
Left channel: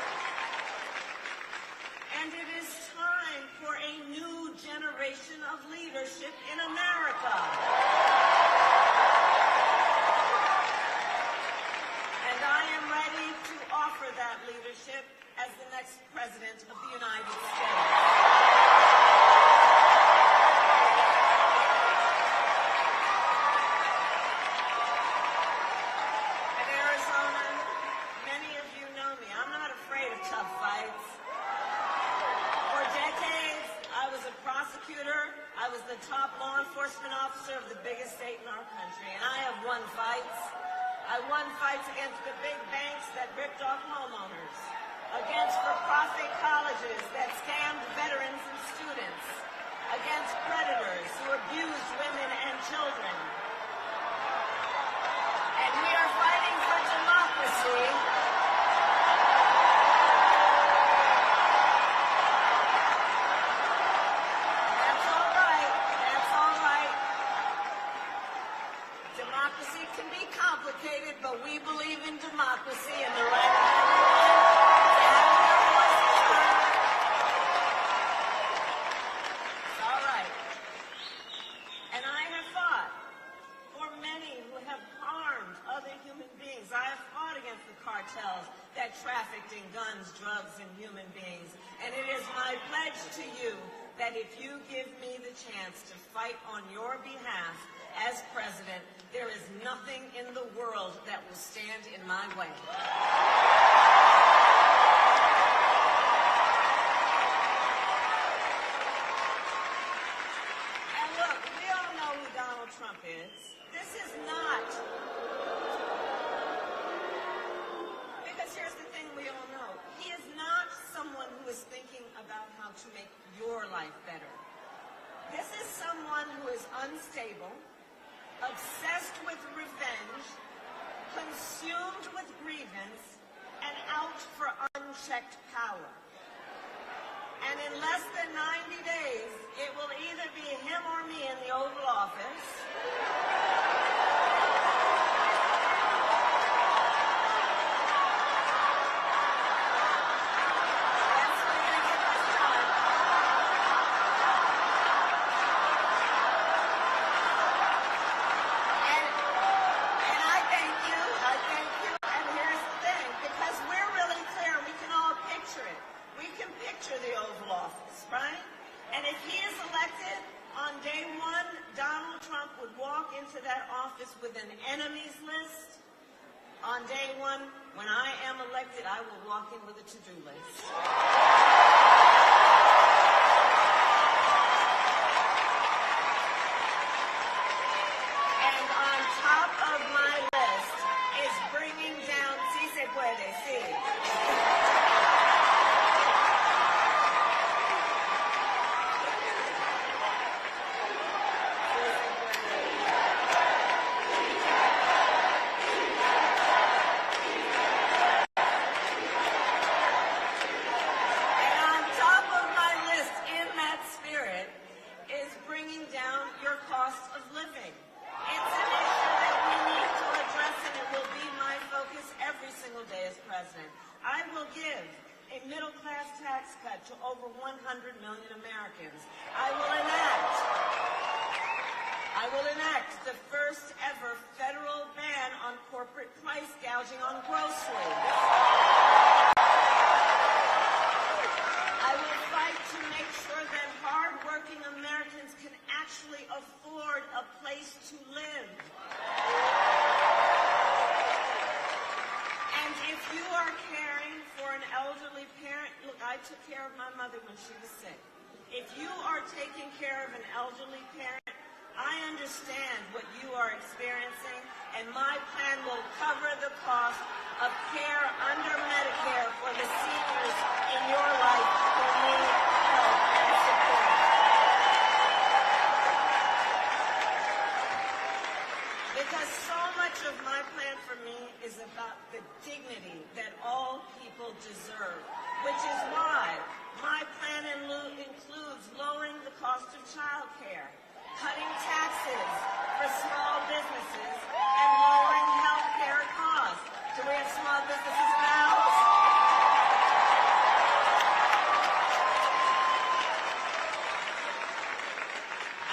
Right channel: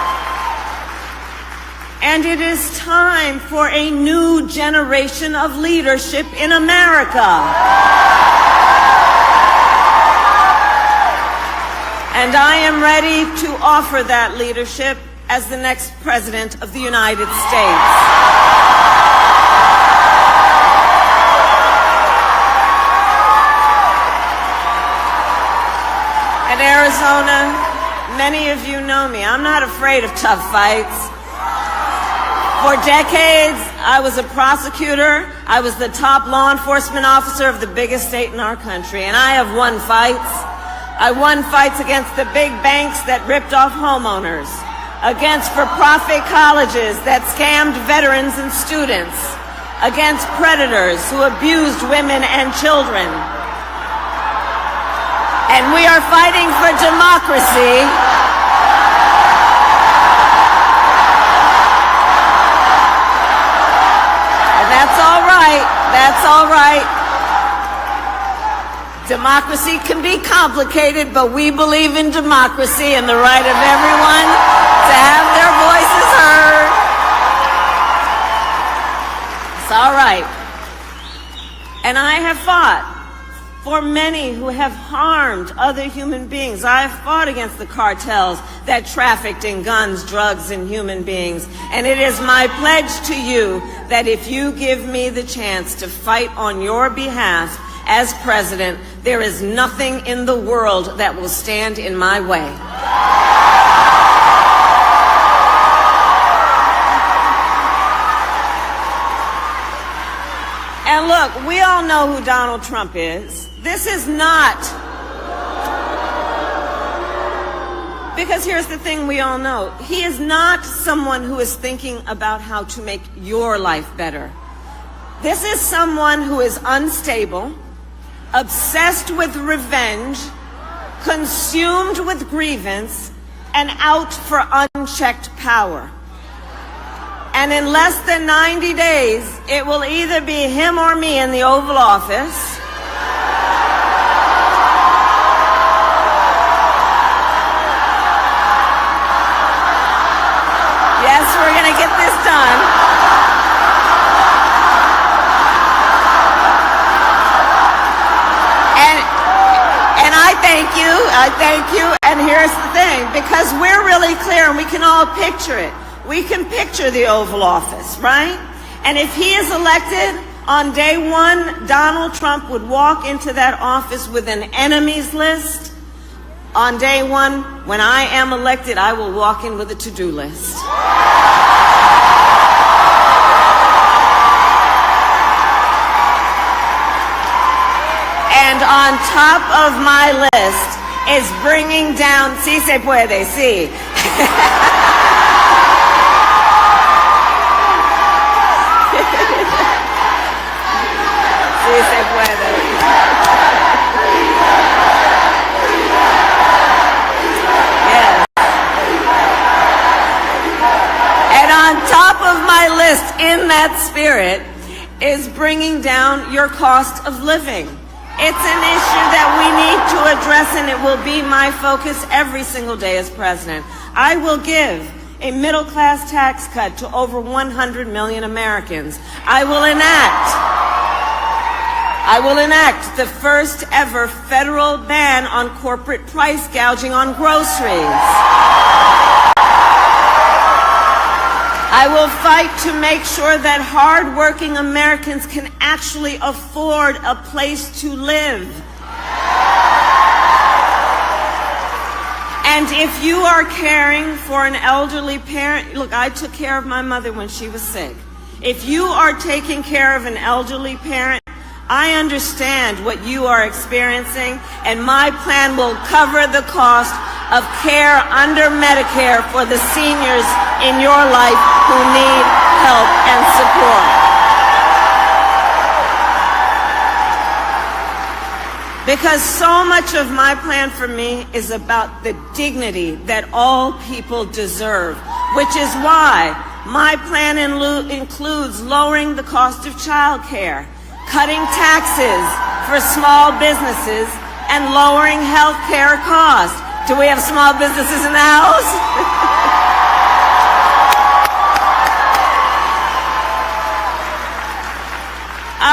And it is time for a new generation of leadership in America. And I am ready to offer that leadership as the next President of the United States. In Arizona, many of you know me. I'm not afraid of tough fights. For decades, I was a prosecutor. I was the top law enforcement officer of the biggest state in our country, and I have won fights. I won fights against the big banks that ripped off homeowners, against for-profit colleges that scammed veterans and students, against predators who abused women and children. And we are fighting for democracy. And that's all right. That's all right. Democracy can be complicated, but we believe in democracy and the right of everyone to have their voices heard. It's all right. And I have fought for many who have harmed other human beings. I have fought against the cartels that trafficked in guns, drugs, and human beings. And it is my pledge to you that if you give me the chance to fight on your behalf as president, there is nothing in the world that will stand in my way. And look, we all know who Donald Trump is. This is not, because here's the thing we all know. He is not someone who is thinking about how to make your life better. This is someone who is unstable, obsessed with revenge, consumed with grievance, and out for unchecked power. And in less than 90 days, it will either be him or me in the Oval Office. Yes, we're going to get this done. And I thank you, and here's the thing, because we're really clear and we can all picture it. We can picture the Oval Office, right? And if he is elected, on day one, Donald Trump would walk into that office with an enemies list. On day one, when I am elected, I will walk in with a to-do list. And on top of my list is bringing down, sí se puede, sí. Sí se puede. Yes. And on top of my list, in that spirit, is bringing down your cost of living. It's an issue that we need to address, and it will be my focus every single day as president. I will give a middle-class tax cut to over 100 million Americans. I will enact the first ever federal ban on corporate price gouging on groceries. I will fight to make sure that hard-working Americans can actually afford a place to live. And if you are caring for an elderly parent, look, I took care of my mother when she was sick. If you are taking care of an elderly parent, I understand what you are experiencing, and my plan will cover the cost of care under Medicare for the seniors in your life who need help and support. Because so much of my plan for me is about the dignity that all people deserve, which is why my plan includes lowering the cost of child care, cutting taxes for small businesses, and lowering health care costs. Do we have small businesses in the house?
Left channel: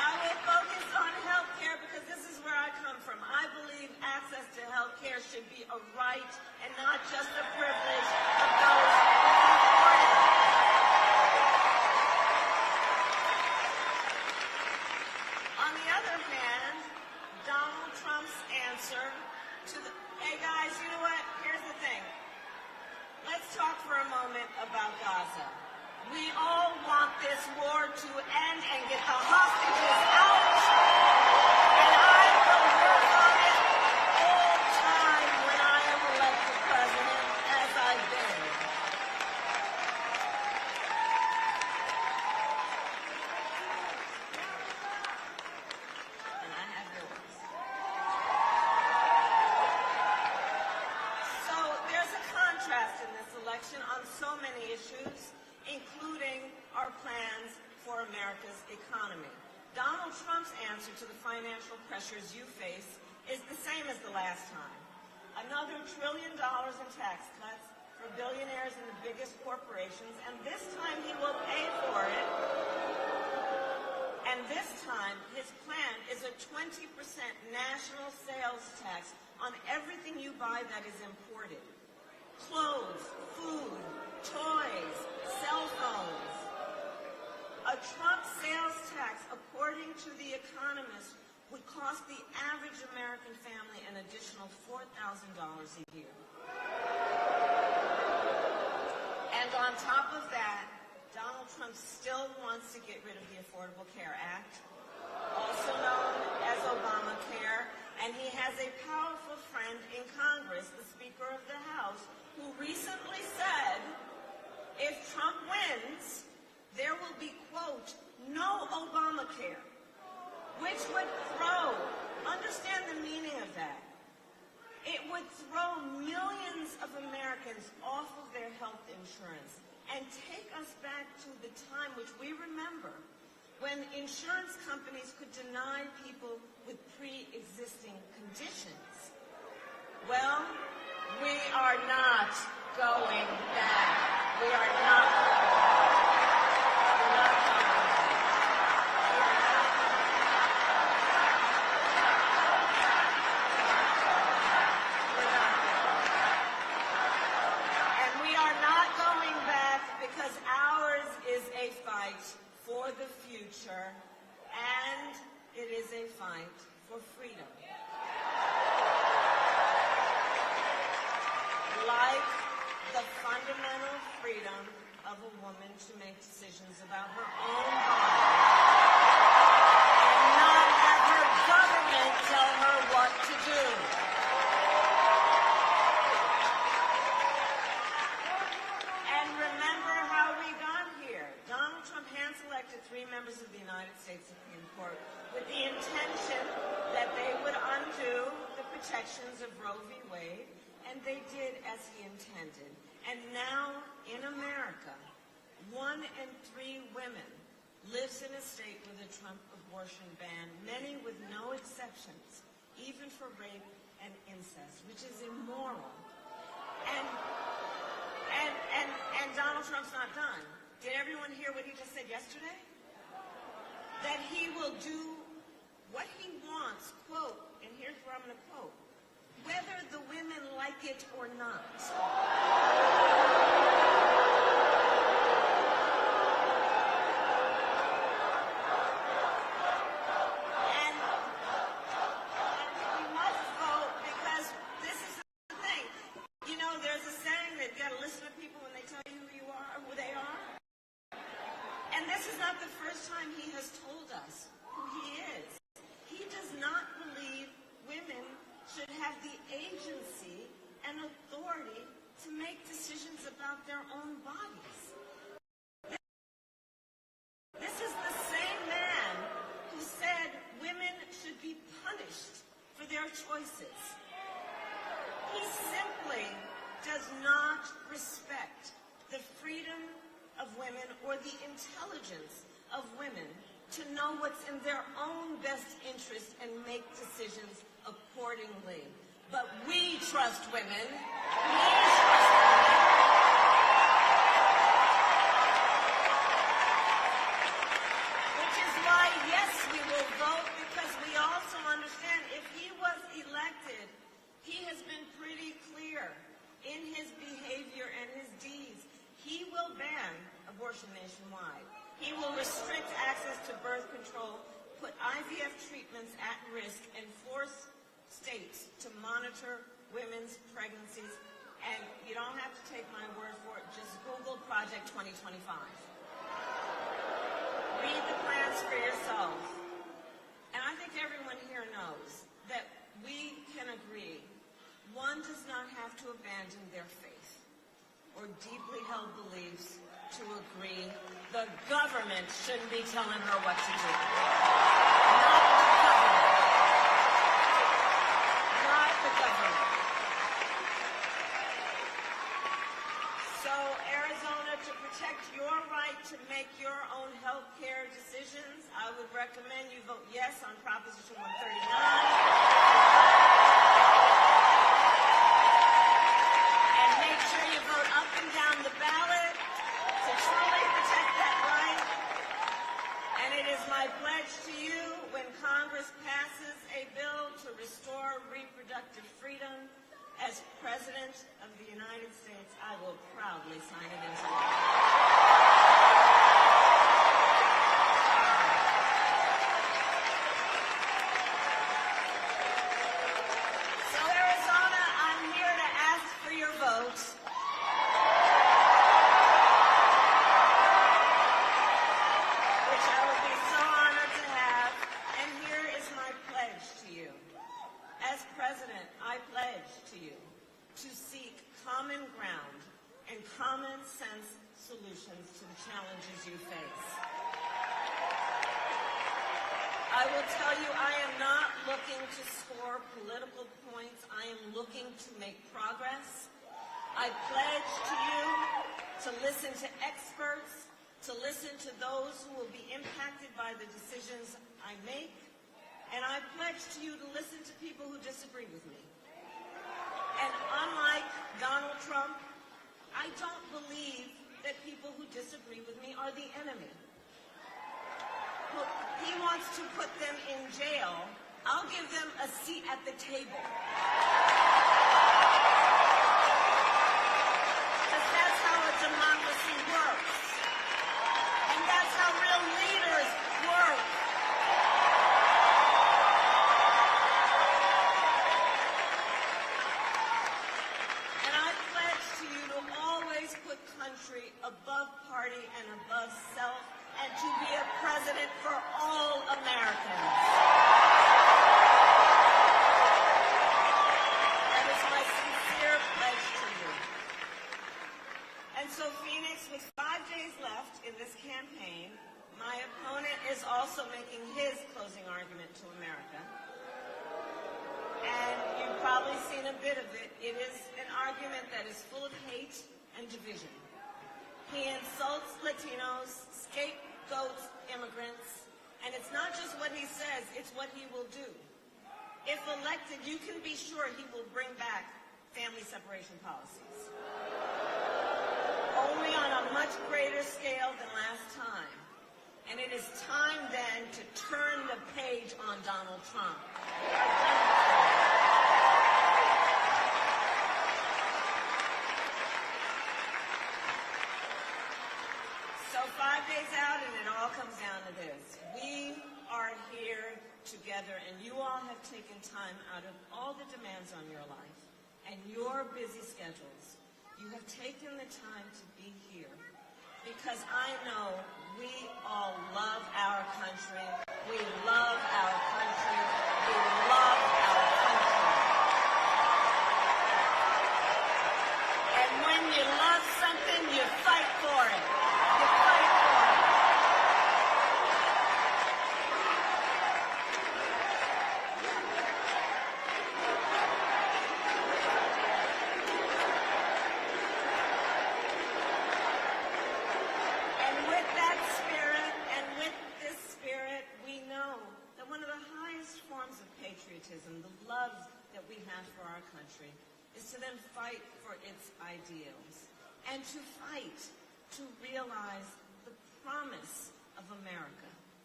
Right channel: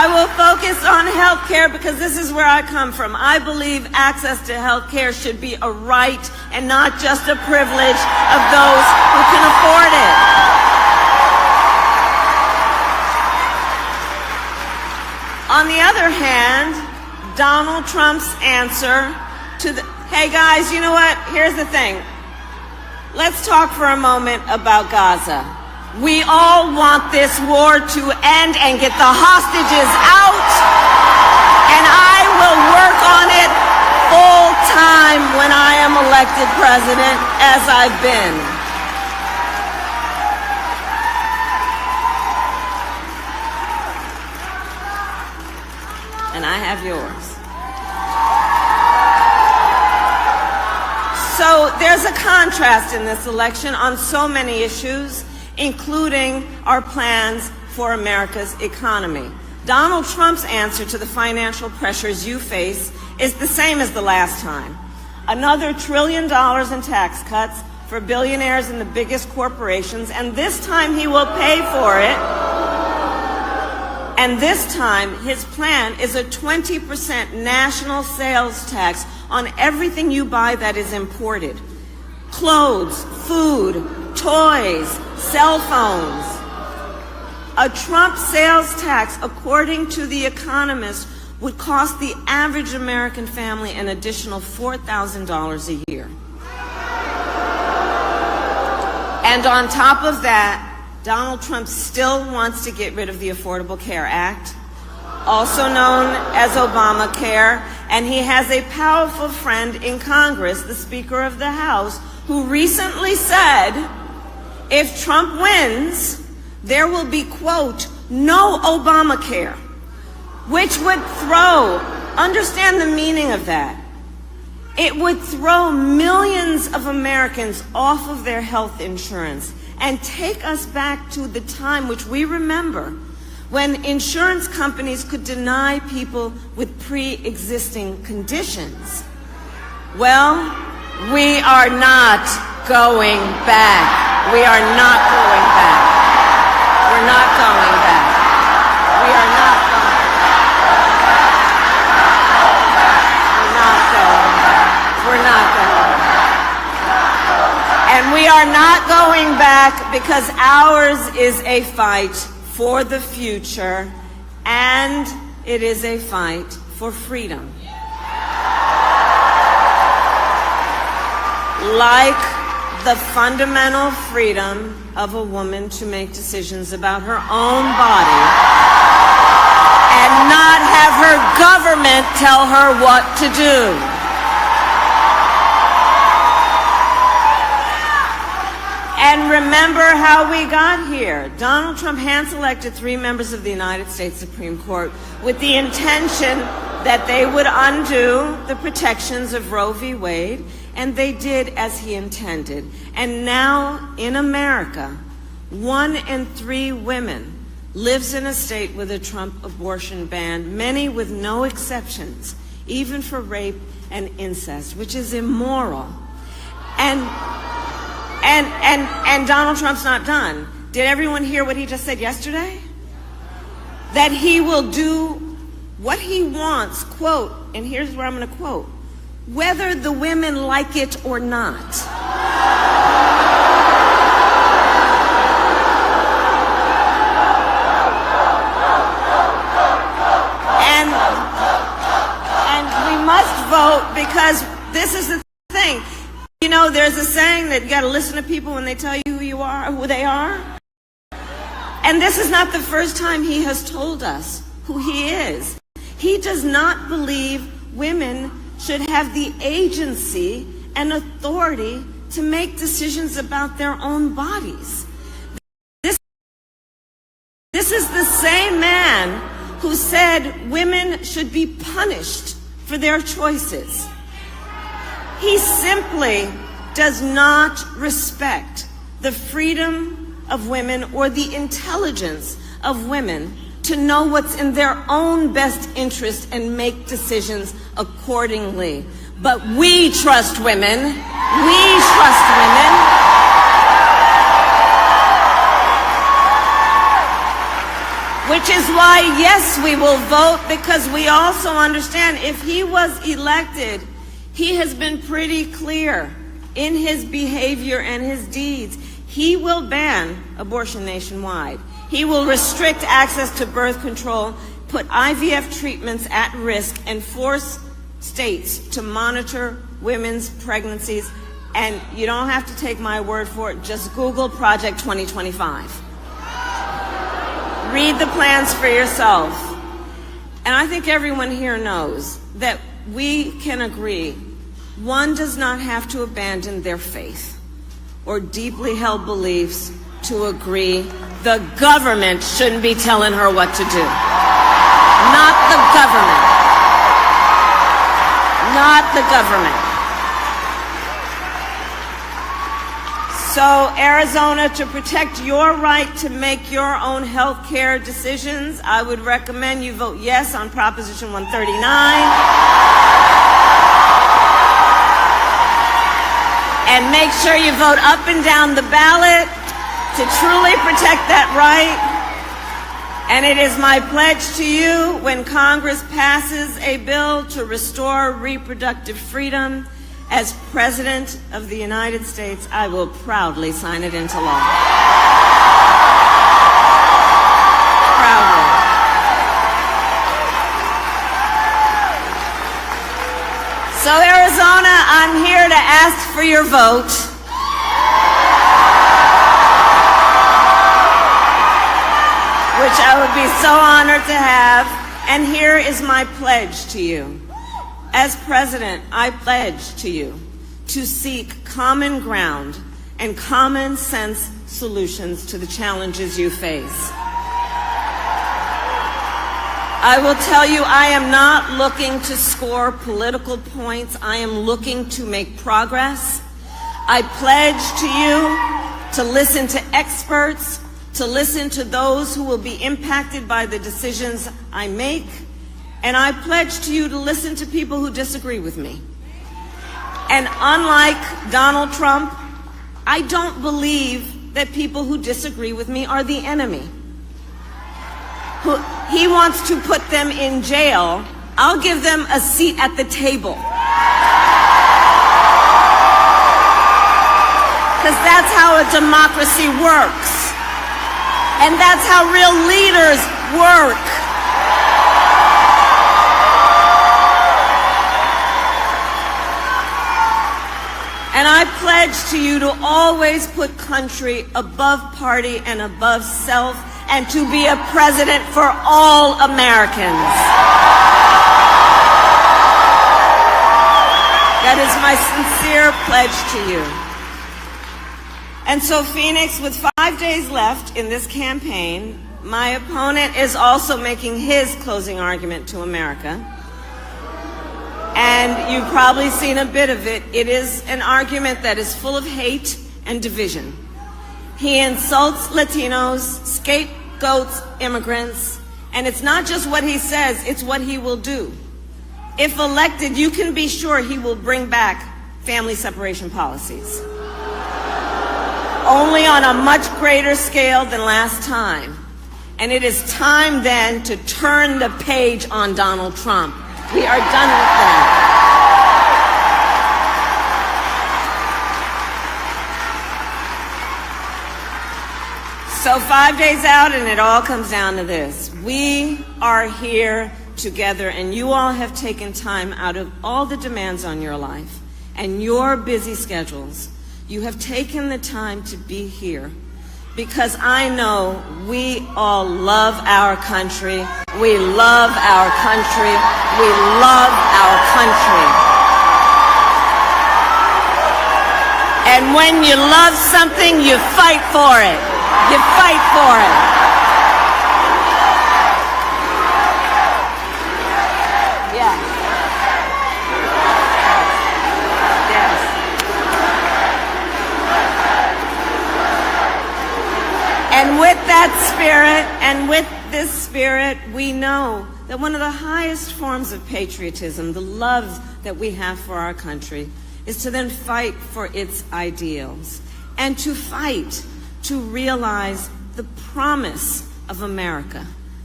I will focus on health care because this is where I come from. I believe access to health care should be a right and not just a privilege of those who can afford it. On the other hand, Donald Trump's answer to the, hey guys, you know what? Here's the thing. Let's talk for a moment about Gaza. We all want this war to end and get the hostages out, and I will work on it full time when I am elected president, as I've been. And I have yours. So there's a contrast in this election on so many issues, including our plans for America's economy. Donald Trump's answer to the financial pressures you face is the same as the last time. Another $1 trillion in tax cuts for billionaires and the biggest corporations, and this time he will pay for it. And this time, his plan is a 20% national sales tax on everything you buy that is imported. Clothes, food, toys, cell phones. A Trump sales tax, according to The Economist, would cost the average American family an additional $4,000 a year. And on top of that, Donald Trump still wants to get rid of the Affordable Care Act, also known as Obamacare, and he has a powerful friend in Congress, the Speaker of the House, who recently said, if Trump wins, there will be, quote, no Obamacare, which would throw, understand the meaning of that, it would throw millions of Americans off of their health insurance and take us back to the time which we remember when insurance companies could deny people with pre-existing conditions. Well, we are not going back. We are not going back. We're not going back. We are not going back. We're not going back. We're not going back. And we are not going back because ours is a fight for the future, and it is a fight for freedom. Like the fundamental freedom of a woman to make decisions about her own body and not have her government tell her what to do. And remember how we got here. Donald Trump hand-selected 3 members of the United States Supreme Court with the intention that they would undo the protections of Roe v. Wade, and they did as he intended. And now in America, 1 in 3 women lives in a state with a Trump abortion ban, many with no exceptions, even for rape and incest, which is immoral. And Donald Trump's not done. Did everyone hear what he just said yesterday? That he will do what he wants, quote, and here's where I'm going to quote, whether the women like it or not. And we must vote because this is the thing. You know, there's a saying that you got to listen to people when they tell you who you are, who they are. And this is not the first time he has told us who he is. He does not believe women should have the agency and authority to make decisions about their own bodies. This is the same man who said women should be punished for their choices. He simply does not respect the freedom of women or the intelligence of women to know what's in their own best interest and make decisions accordingly. But we trust women. We trust women. Which is why, yes, we will vote, because we also understand if he was elected, he has been pretty clear in his behavior and his deeds. He will ban abortion nationwide. He will restrict access to birth control, put IVF treatments at risk, and force states to monitor women's pregnancies. And you don't have to take my word for it. Just Google Project 2025. Read the plans for yourself. And I think everyone here knows that we can agree one does not have to abandon their faith or deeply held beliefs to agree the government shouldn't be telling her what to do. Not the government. Not the government. So, Arizona, to protect your right to make your own health care decisions, I would recommend you vote yes on Proposition 139. And make sure you vote up and down the ballot to truly protect that right. And it is my pledge to you, when Congress passes a bill to restore reproductive freedom, as President of the United States, I will proudly sign it into law. Proudly. So, Arizona, I'm here to ask for your vote. Which I would be so honored to have. And here is my pledge to you. As President, I pledge to you to seek common ground and common sense solutions to the challenges you face. I will tell you, I am not looking to score political points. I am looking to make progress. I pledge to you to listen to experts, to listen to those who will be impacted by the decisions I make. And I pledge to you to listen to people who disagree with me. And unlike Donald Trump, I don't believe that people who disagree with me are the enemy. He wants to put them in jail. I'll give them a seat at the table. Because that's how a democracy works. And that's how real leaders work. And I pledge to you to always put country above party and above self, and to be a president for all Americans. That is my sincere pledge to you. And so, Phoenix, with 5 days left in this campaign, my opponent is also making his closing argument to America. And you've probably seen a bit of it. It is an argument that is full of hate and division. He insults Latinos, scapegoats immigrants, and it's not just what he says, it's what he will do. If elected, you can be sure he will bring back family separation policies. Only on a much greater scale than last time. And it is time then to turn the page on Donald Trump. We are done with that. So 5 days out, and it all comes down to this. We are here together, and you all have taken time out of all the demands on your life and your busy schedules. You have taken the time to be here because I know we all love our country. We love our country. We love our country. And when you love something, you fight for it. You fight for it. Yeah. Yes. And with that spirit, and with this spirit, we know that one of the highest forms of patriotism, the love that we have for our country, is to then fight for its ideals and to fight to realize the promise of America,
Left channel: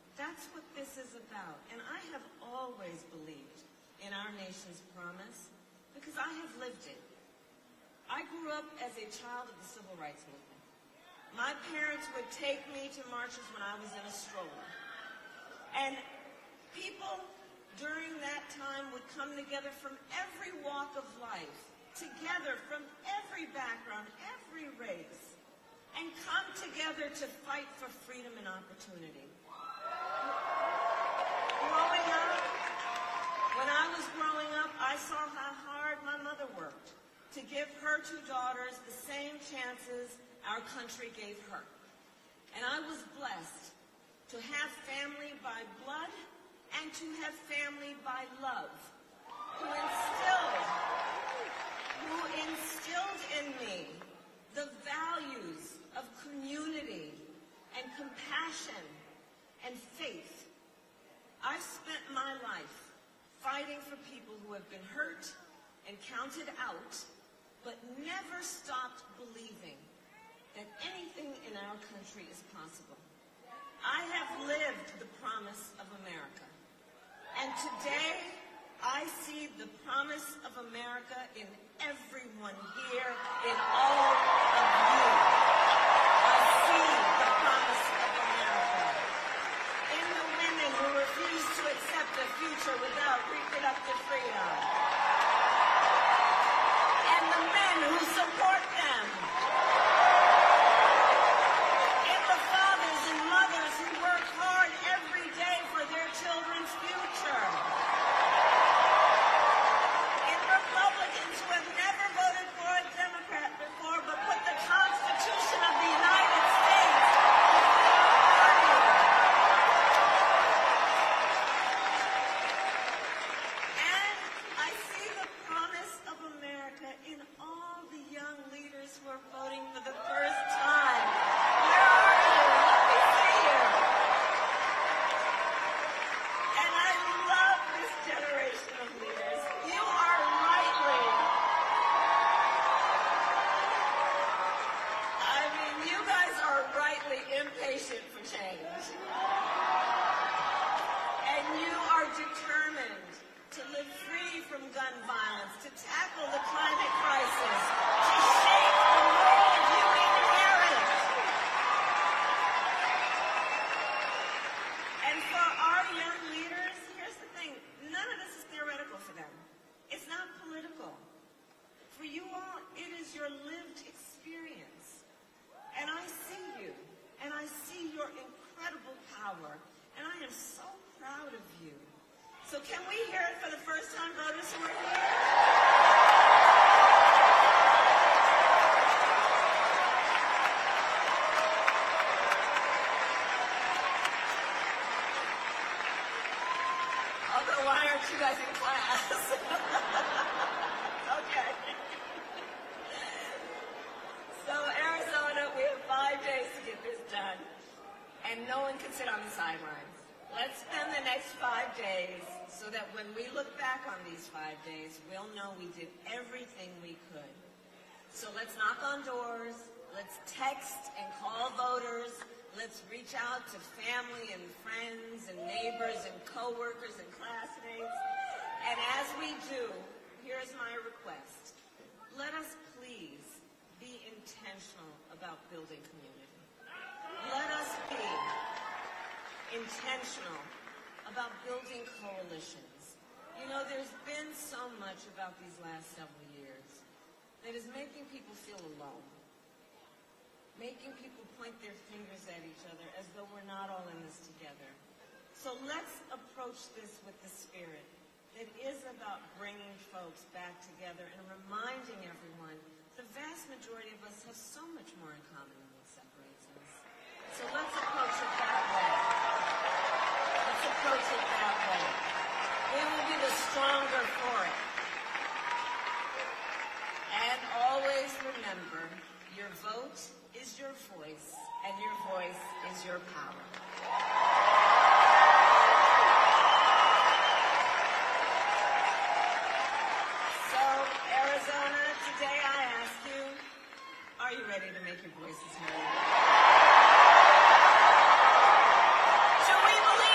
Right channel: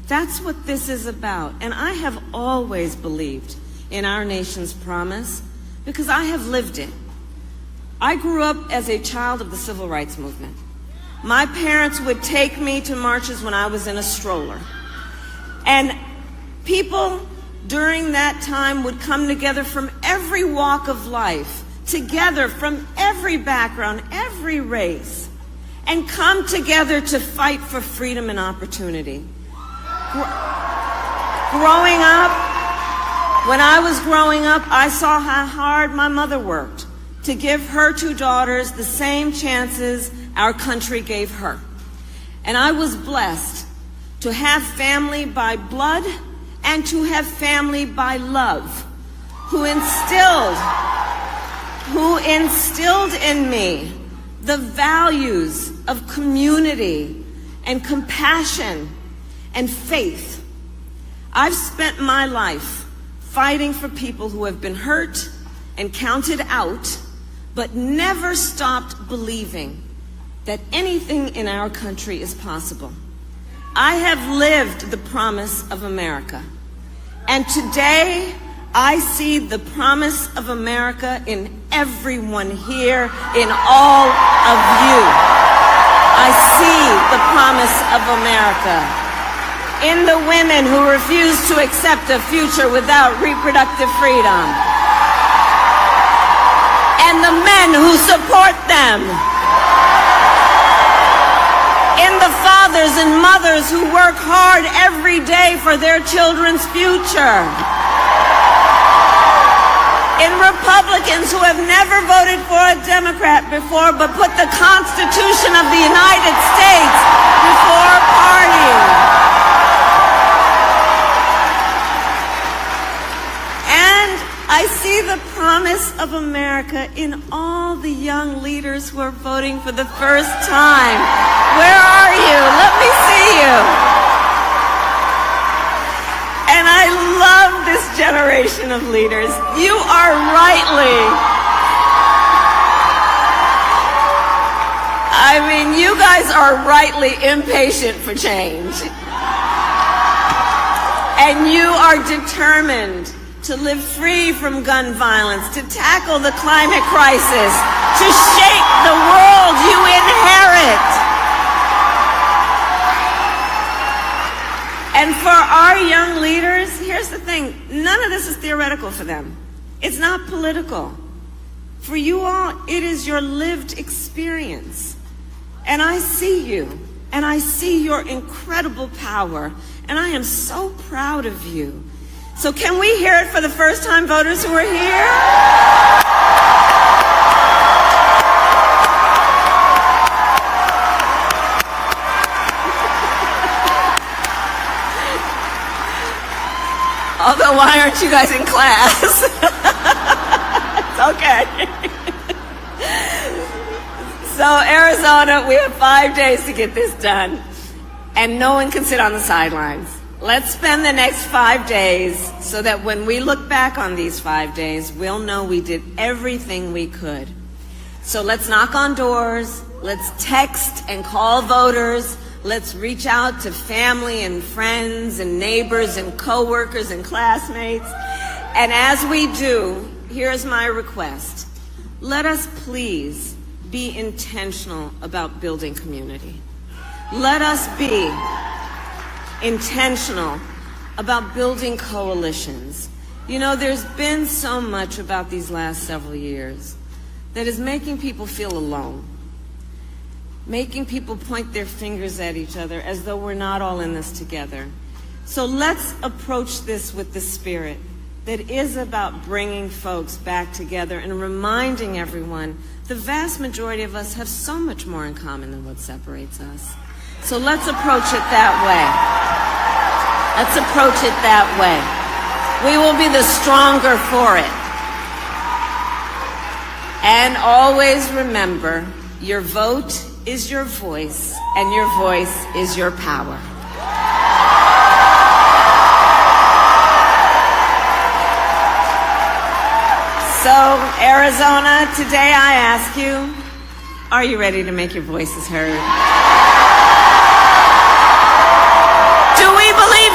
That's what this is about. And I have always believed in our nation's promise because I have lived it. I grew up as a child of the civil rights movement. My parents would take me to marches when I was in a stroller. And people during that time would come together from every walk of life, together from every background, every race, and come together to fight for freedom and opportunity. Growing up, when I was growing up, I saw how hard my mother worked to give her two daughters the same chances our country gave her. And I was blessed to have family by blood and to have family by love, who instilled in me the values of community and compassion and faith. I've spent my life fighting for people who have been hurt and counted out, but never stopped believing that anything in our country is possible. I have lived the promise of America. And today, I see the promise of America in everyone here, in all of you. I see the promise of America in the women who refuse to accept a future without reproductive freedom, and the men who support them, in the fathers and mothers who work hard every day for their children's future, in Republicans who have never voted for a Democrat before but put the Constitution of the United States before a party. And I see the promise of America in all the young leaders who are voting for the first time. Where are you? Let me see you. And I love this generation of leaders. You are you guys are rightly impatient for change. And you are determined to live free from gun violence, to tackle the climate crisis, to shape the world you inherit. And for our young leaders, here's the thing, none of this is theoretical for them. It's not political. For you all, it is your lived experience. And I see you, and I see your incredible power, and I am so proud of you. So can we hear it for the first-time voters who are here? Although, why aren't you guys in class? It's okay. So, Arizona, we have 5 days to get this done, and no one can sit on the sidelines. Let's spend the next 5 days so that when we look back on these 5 days, we'll know we did everything we could. So let's knock on doors, let's text and call voters, let's reach out to family and friends and neighbors and coworkers and classmates. And as we do, here's my request. Let us please be intentional about building community. Let us be intentional about building coalitions. You know, there's been so much about these last several years that is making people feel alone, making people point their fingers at each other as though we're not all in this together. So let's approach this with the spirit that is about bringing folks back together and reminding everyone the vast majority of us have so much more in common than what separates us. So let's approach it that way. Let's approach it that way. We will be the stronger for it. And always remember, your vote is your voice, and your voice is your power. So, Arizona, today I ask you, are you ready to make your voices heard? Do we believe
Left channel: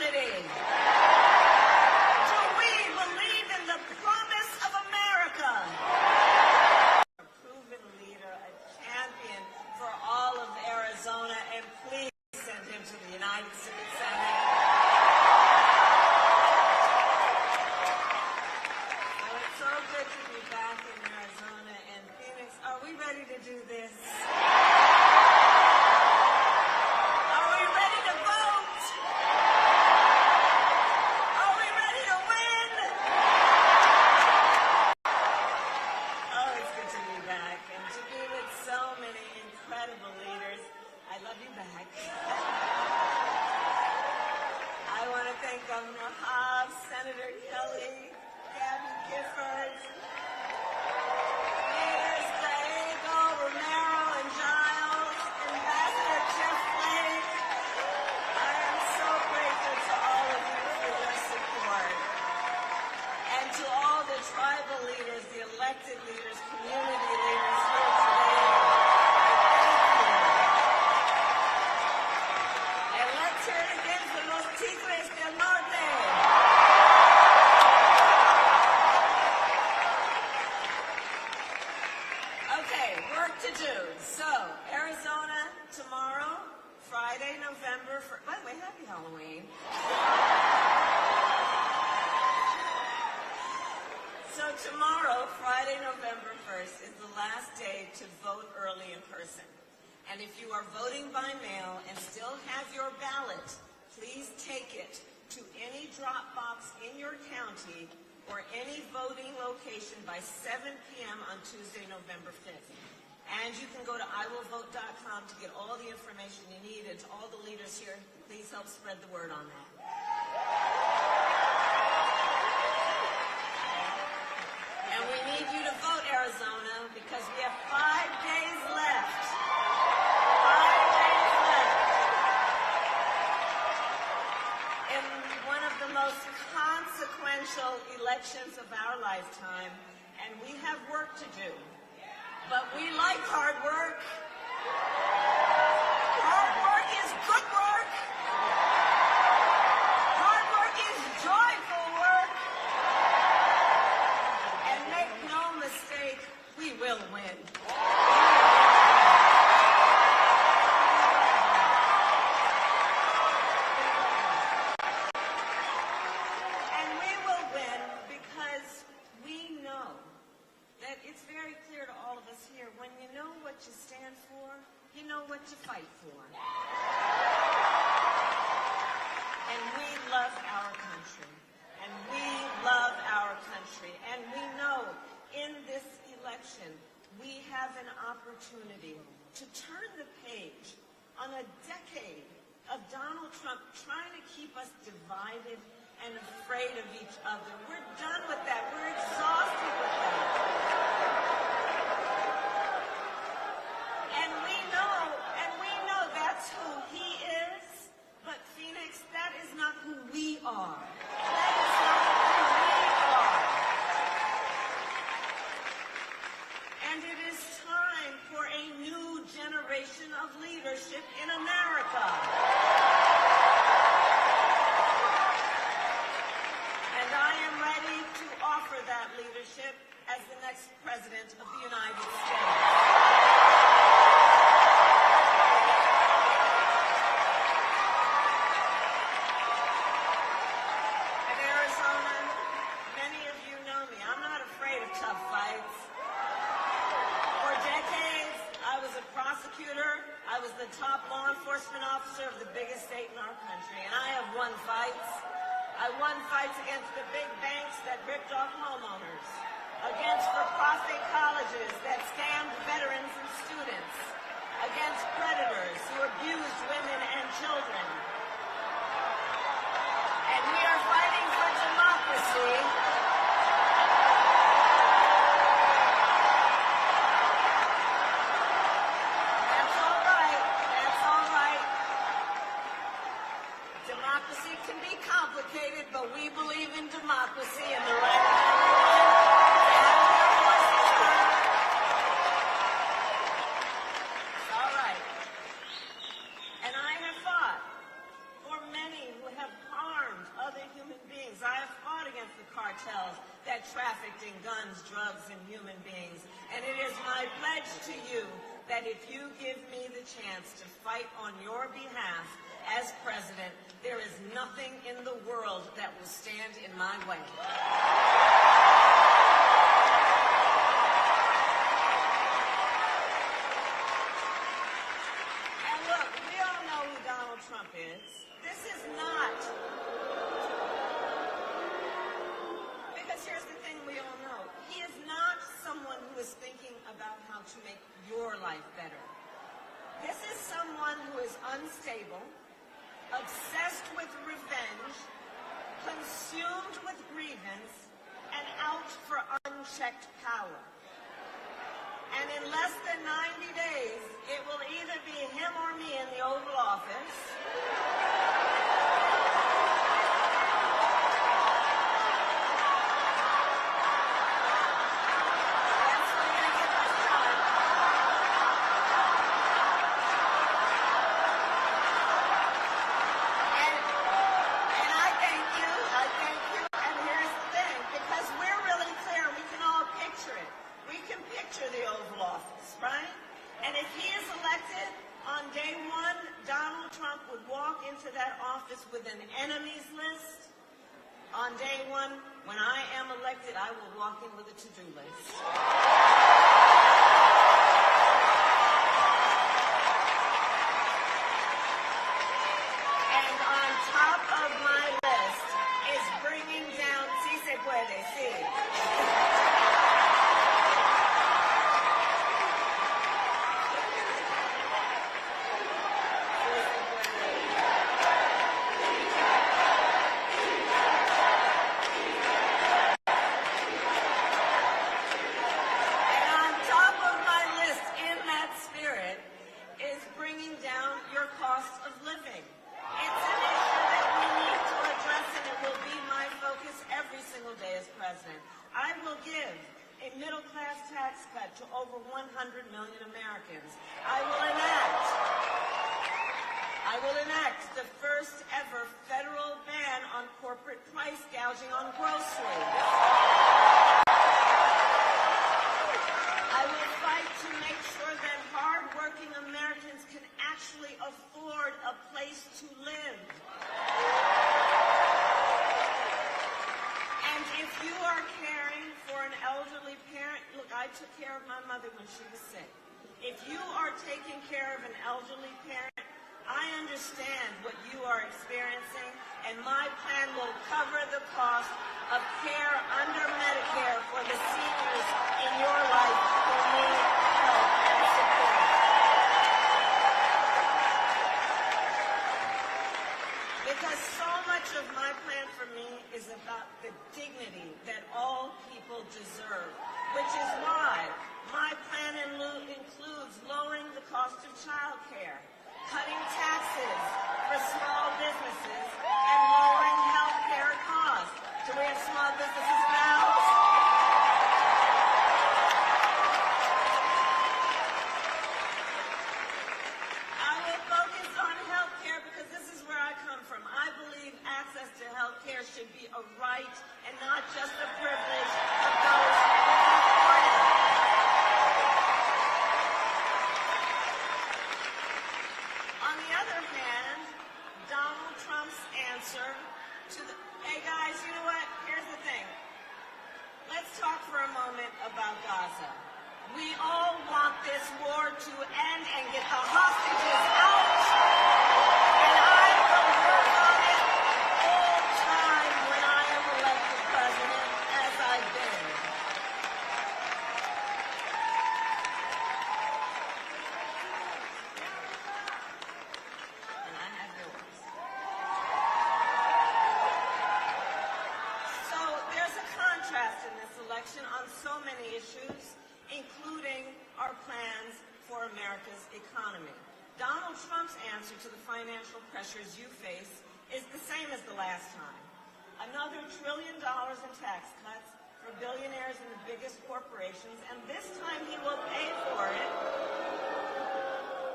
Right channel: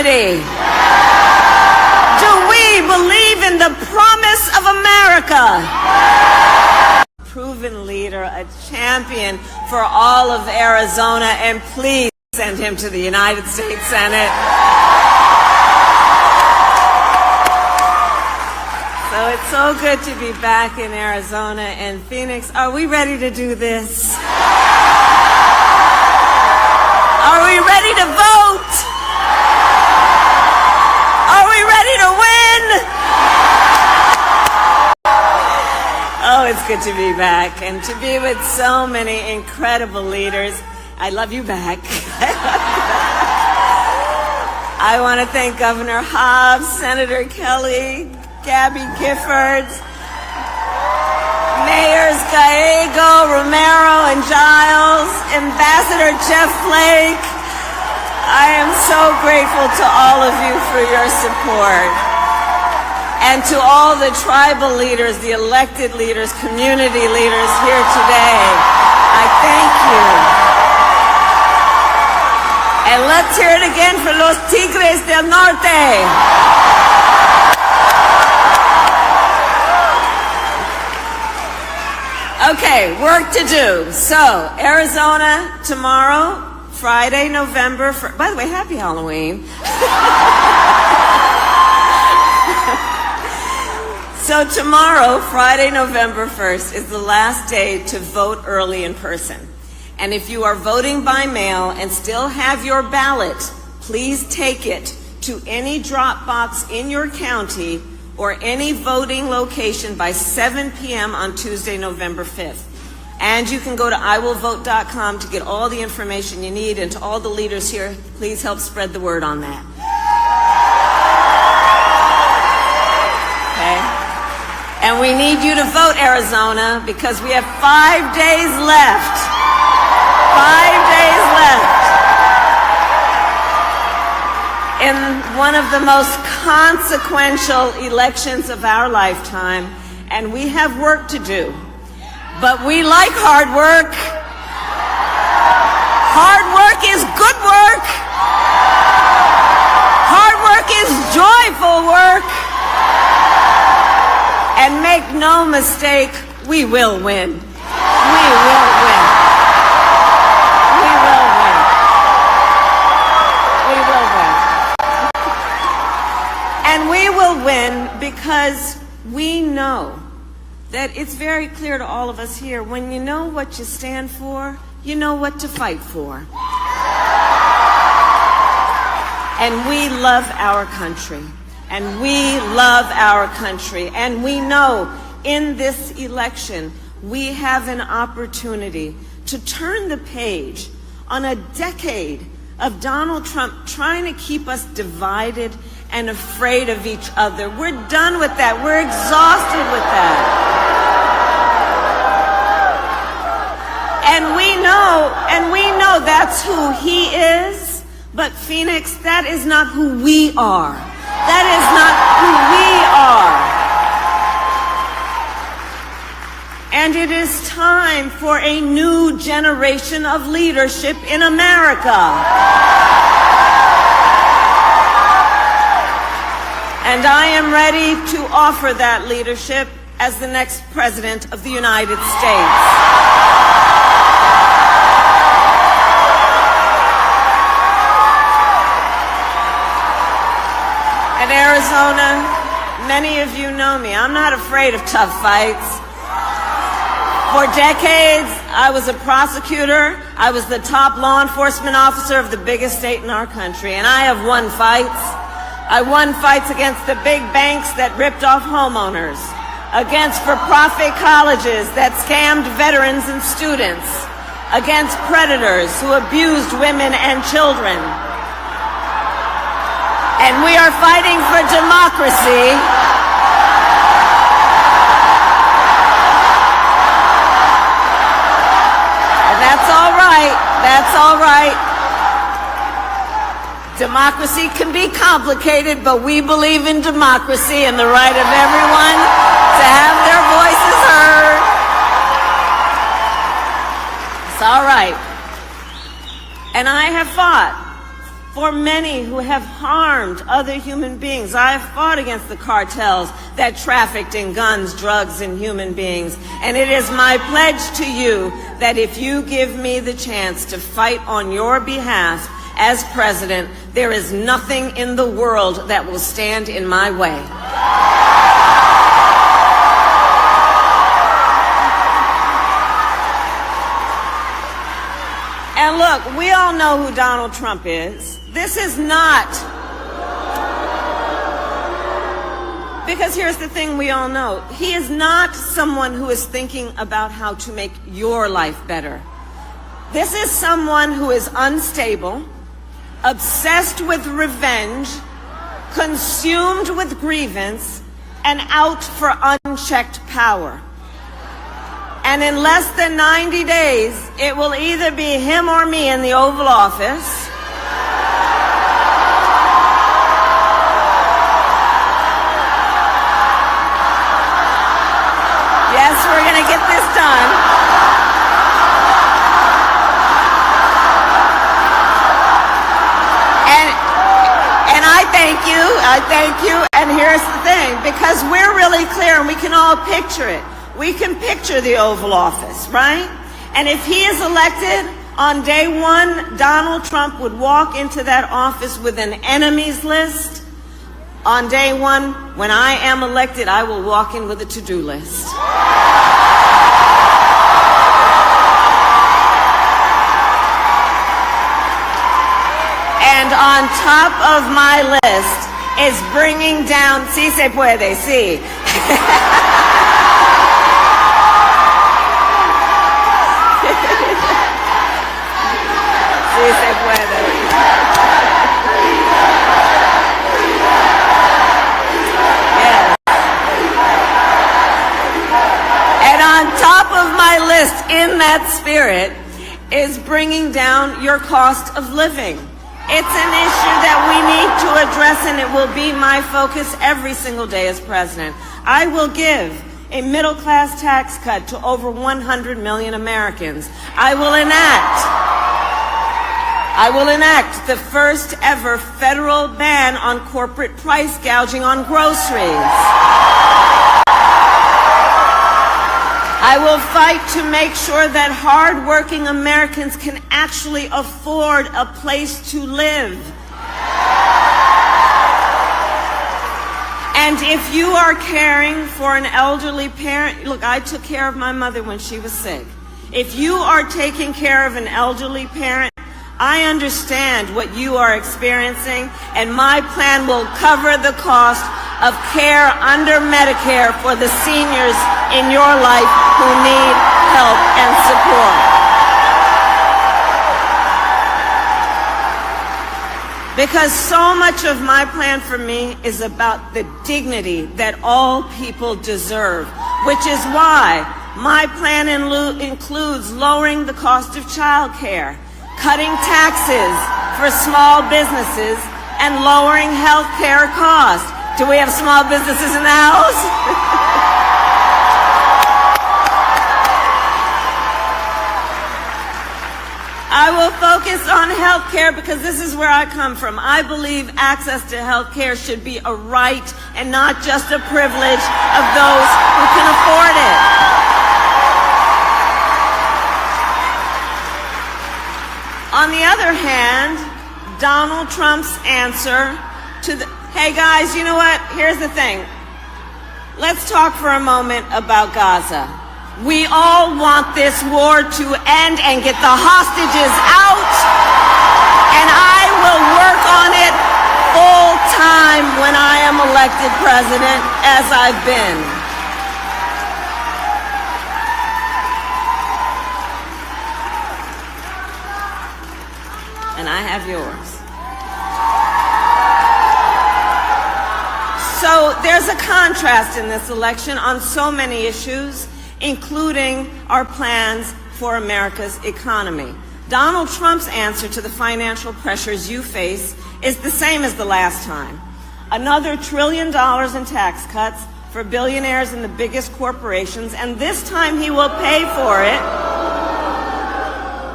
unity? Do we believe in the promise of America? Proven leader, a champion for all of Arizona, and please send him to the United States Senate. So it's so good to be back in Arizona and Phoenix. Are we ready to do this? Are we ready to vote? Are we ready to win? Oh, it's good to be back and to be with so many incredible leaders. I love you back. I want to thank Governor Hobbs, Senator Kelly, Gabby Giffords, Mayors Gallego, Romero, and Giles, Ambassador Jeff Flake. I am so grateful to all of you for your support. And to all the tribal leaders, the elected leaders, community leaders here today, I thank you. And let's hear it again for los Tigres del Norte. Okay, work to do. So, Arizona tomorrow, Friday, November 1st. By the way, happy Halloween. So tomorrow, Friday, November 1st, is the last day to vote early in person. And if you are voting by mail and still have your ballot, please take it to any drop box in your county or any voting location by 7 p.m. on Tuesday, November 5th. And you can go to iwillvote.com to get all the information you need. And to all the leaders here, please help spread the word on that. Okay? And we need you to vote, Arizona, because we have 5 days left. 5 days left in one of the most consequential elections of our lifetime, and we have work to do. But we like hard work. Hard work is good work. Hard work is joyful work. And make no mistake, we will win. We will win. We will win. We will win. And we will win because we know that it's very clear to all of us here, when you know what you stand for, you know what to fight for. And we love our country. And we love our country. And we know in this election, we have an opportunity to turn the page on a decade of Donald Trump trying to keep us divided and afraid of each other. We're done with that. We're exhausted with that. And we know that's who he is. But Phoenix, that is not who we are. That is not who we are. And it is time for a new generation of leadership in America. And I am ready to offer that leadership as the next President of the United States. Arizona, many of you know me. I'm not afraid of tough fights. For decades, I was a prosecutor. I was the top law enforcement officer of the biggest state in our country, and I have won fights. I won fights against the big banks that ripped off homeowners, against for-profit colleges that scammed veterans and students, against predators who abused women and children. And we are fighting for democracy. And that's all right. That's all right. Democracy can be complicated, but we believe in democracy and the right of everyone to have their voices heard. It's all right. And I have fought for many who have harmed other human beings. I have fought against the cartels that trafficked in guns, drugs, and human beings. And it is my pledge to you that if you give me the chance to fight on your behalf as president, there is nothing in the world that will stand in my way. And look, we all know who Donald Trump is. This is not, because here's the thing we all know. He is not someone who is thinking about how to make your life better. This is someone who is unstable, obsessed with revenge, consumed with grievance, and out for unchecked power. And in less than 90 days, it will either be him or me in the Oval Office. Yes, we're going to get this done. And I thank you, and here's the thing, because we're really clear and we can all picture it. We can picture the Oval Office, right? And if he is elected, on day one, Donald Trump would walk into that office with an enemies list. On day one, when I am elected, I will walk in with a to-do list. And on top of my list is bringing down, sí se puede, sí. Sí se puede. Yes. And on top of my list, in that spirit, is bringing down your cost of living. It's an issue that we need to address, and it will be my focus every single day as president. I will give a middle-class tax cut to over 100 million Americans. I will enact the first ever federal ban on corporate price gouging on groceries. I will fight to make sure that hard-working Americans can actually afford a place to live. And if you are caring for an elderly parent, look, I took care of my mother when she was sick. If you are taking care of an elderly parent, I understand what you are experiencing, and my plan will cover the cost of care under Medicare for the seniors in your life who need help and support. Because so much of my plan for me is about the dignity that all people deserve, which is why my plan includes lowering the cost of child care, cutting taxes for small businesses, and lowering health care costs. Do we have small businesses in the house? I will focus on health care because this is where I come from. I believe access to health care should be a right and not just a privilege of those who can afford it. On the other hand, Donald Trump's answer to the, hey guys, you know what? Here's the thing. Let's talk for a moment about Gaza. We all want this war to end and get the hostages out, and I will work on it full time when I am elected president, as I've been. And I have yours. So there's a contrast in this election on so many issues, including our plans for America's economy. Donald Trump's answer to the financial pressures you face is the same as the last time. Another $1 trillion in tax cuts for billionaires and the biggest corporations, and this time he will pay for it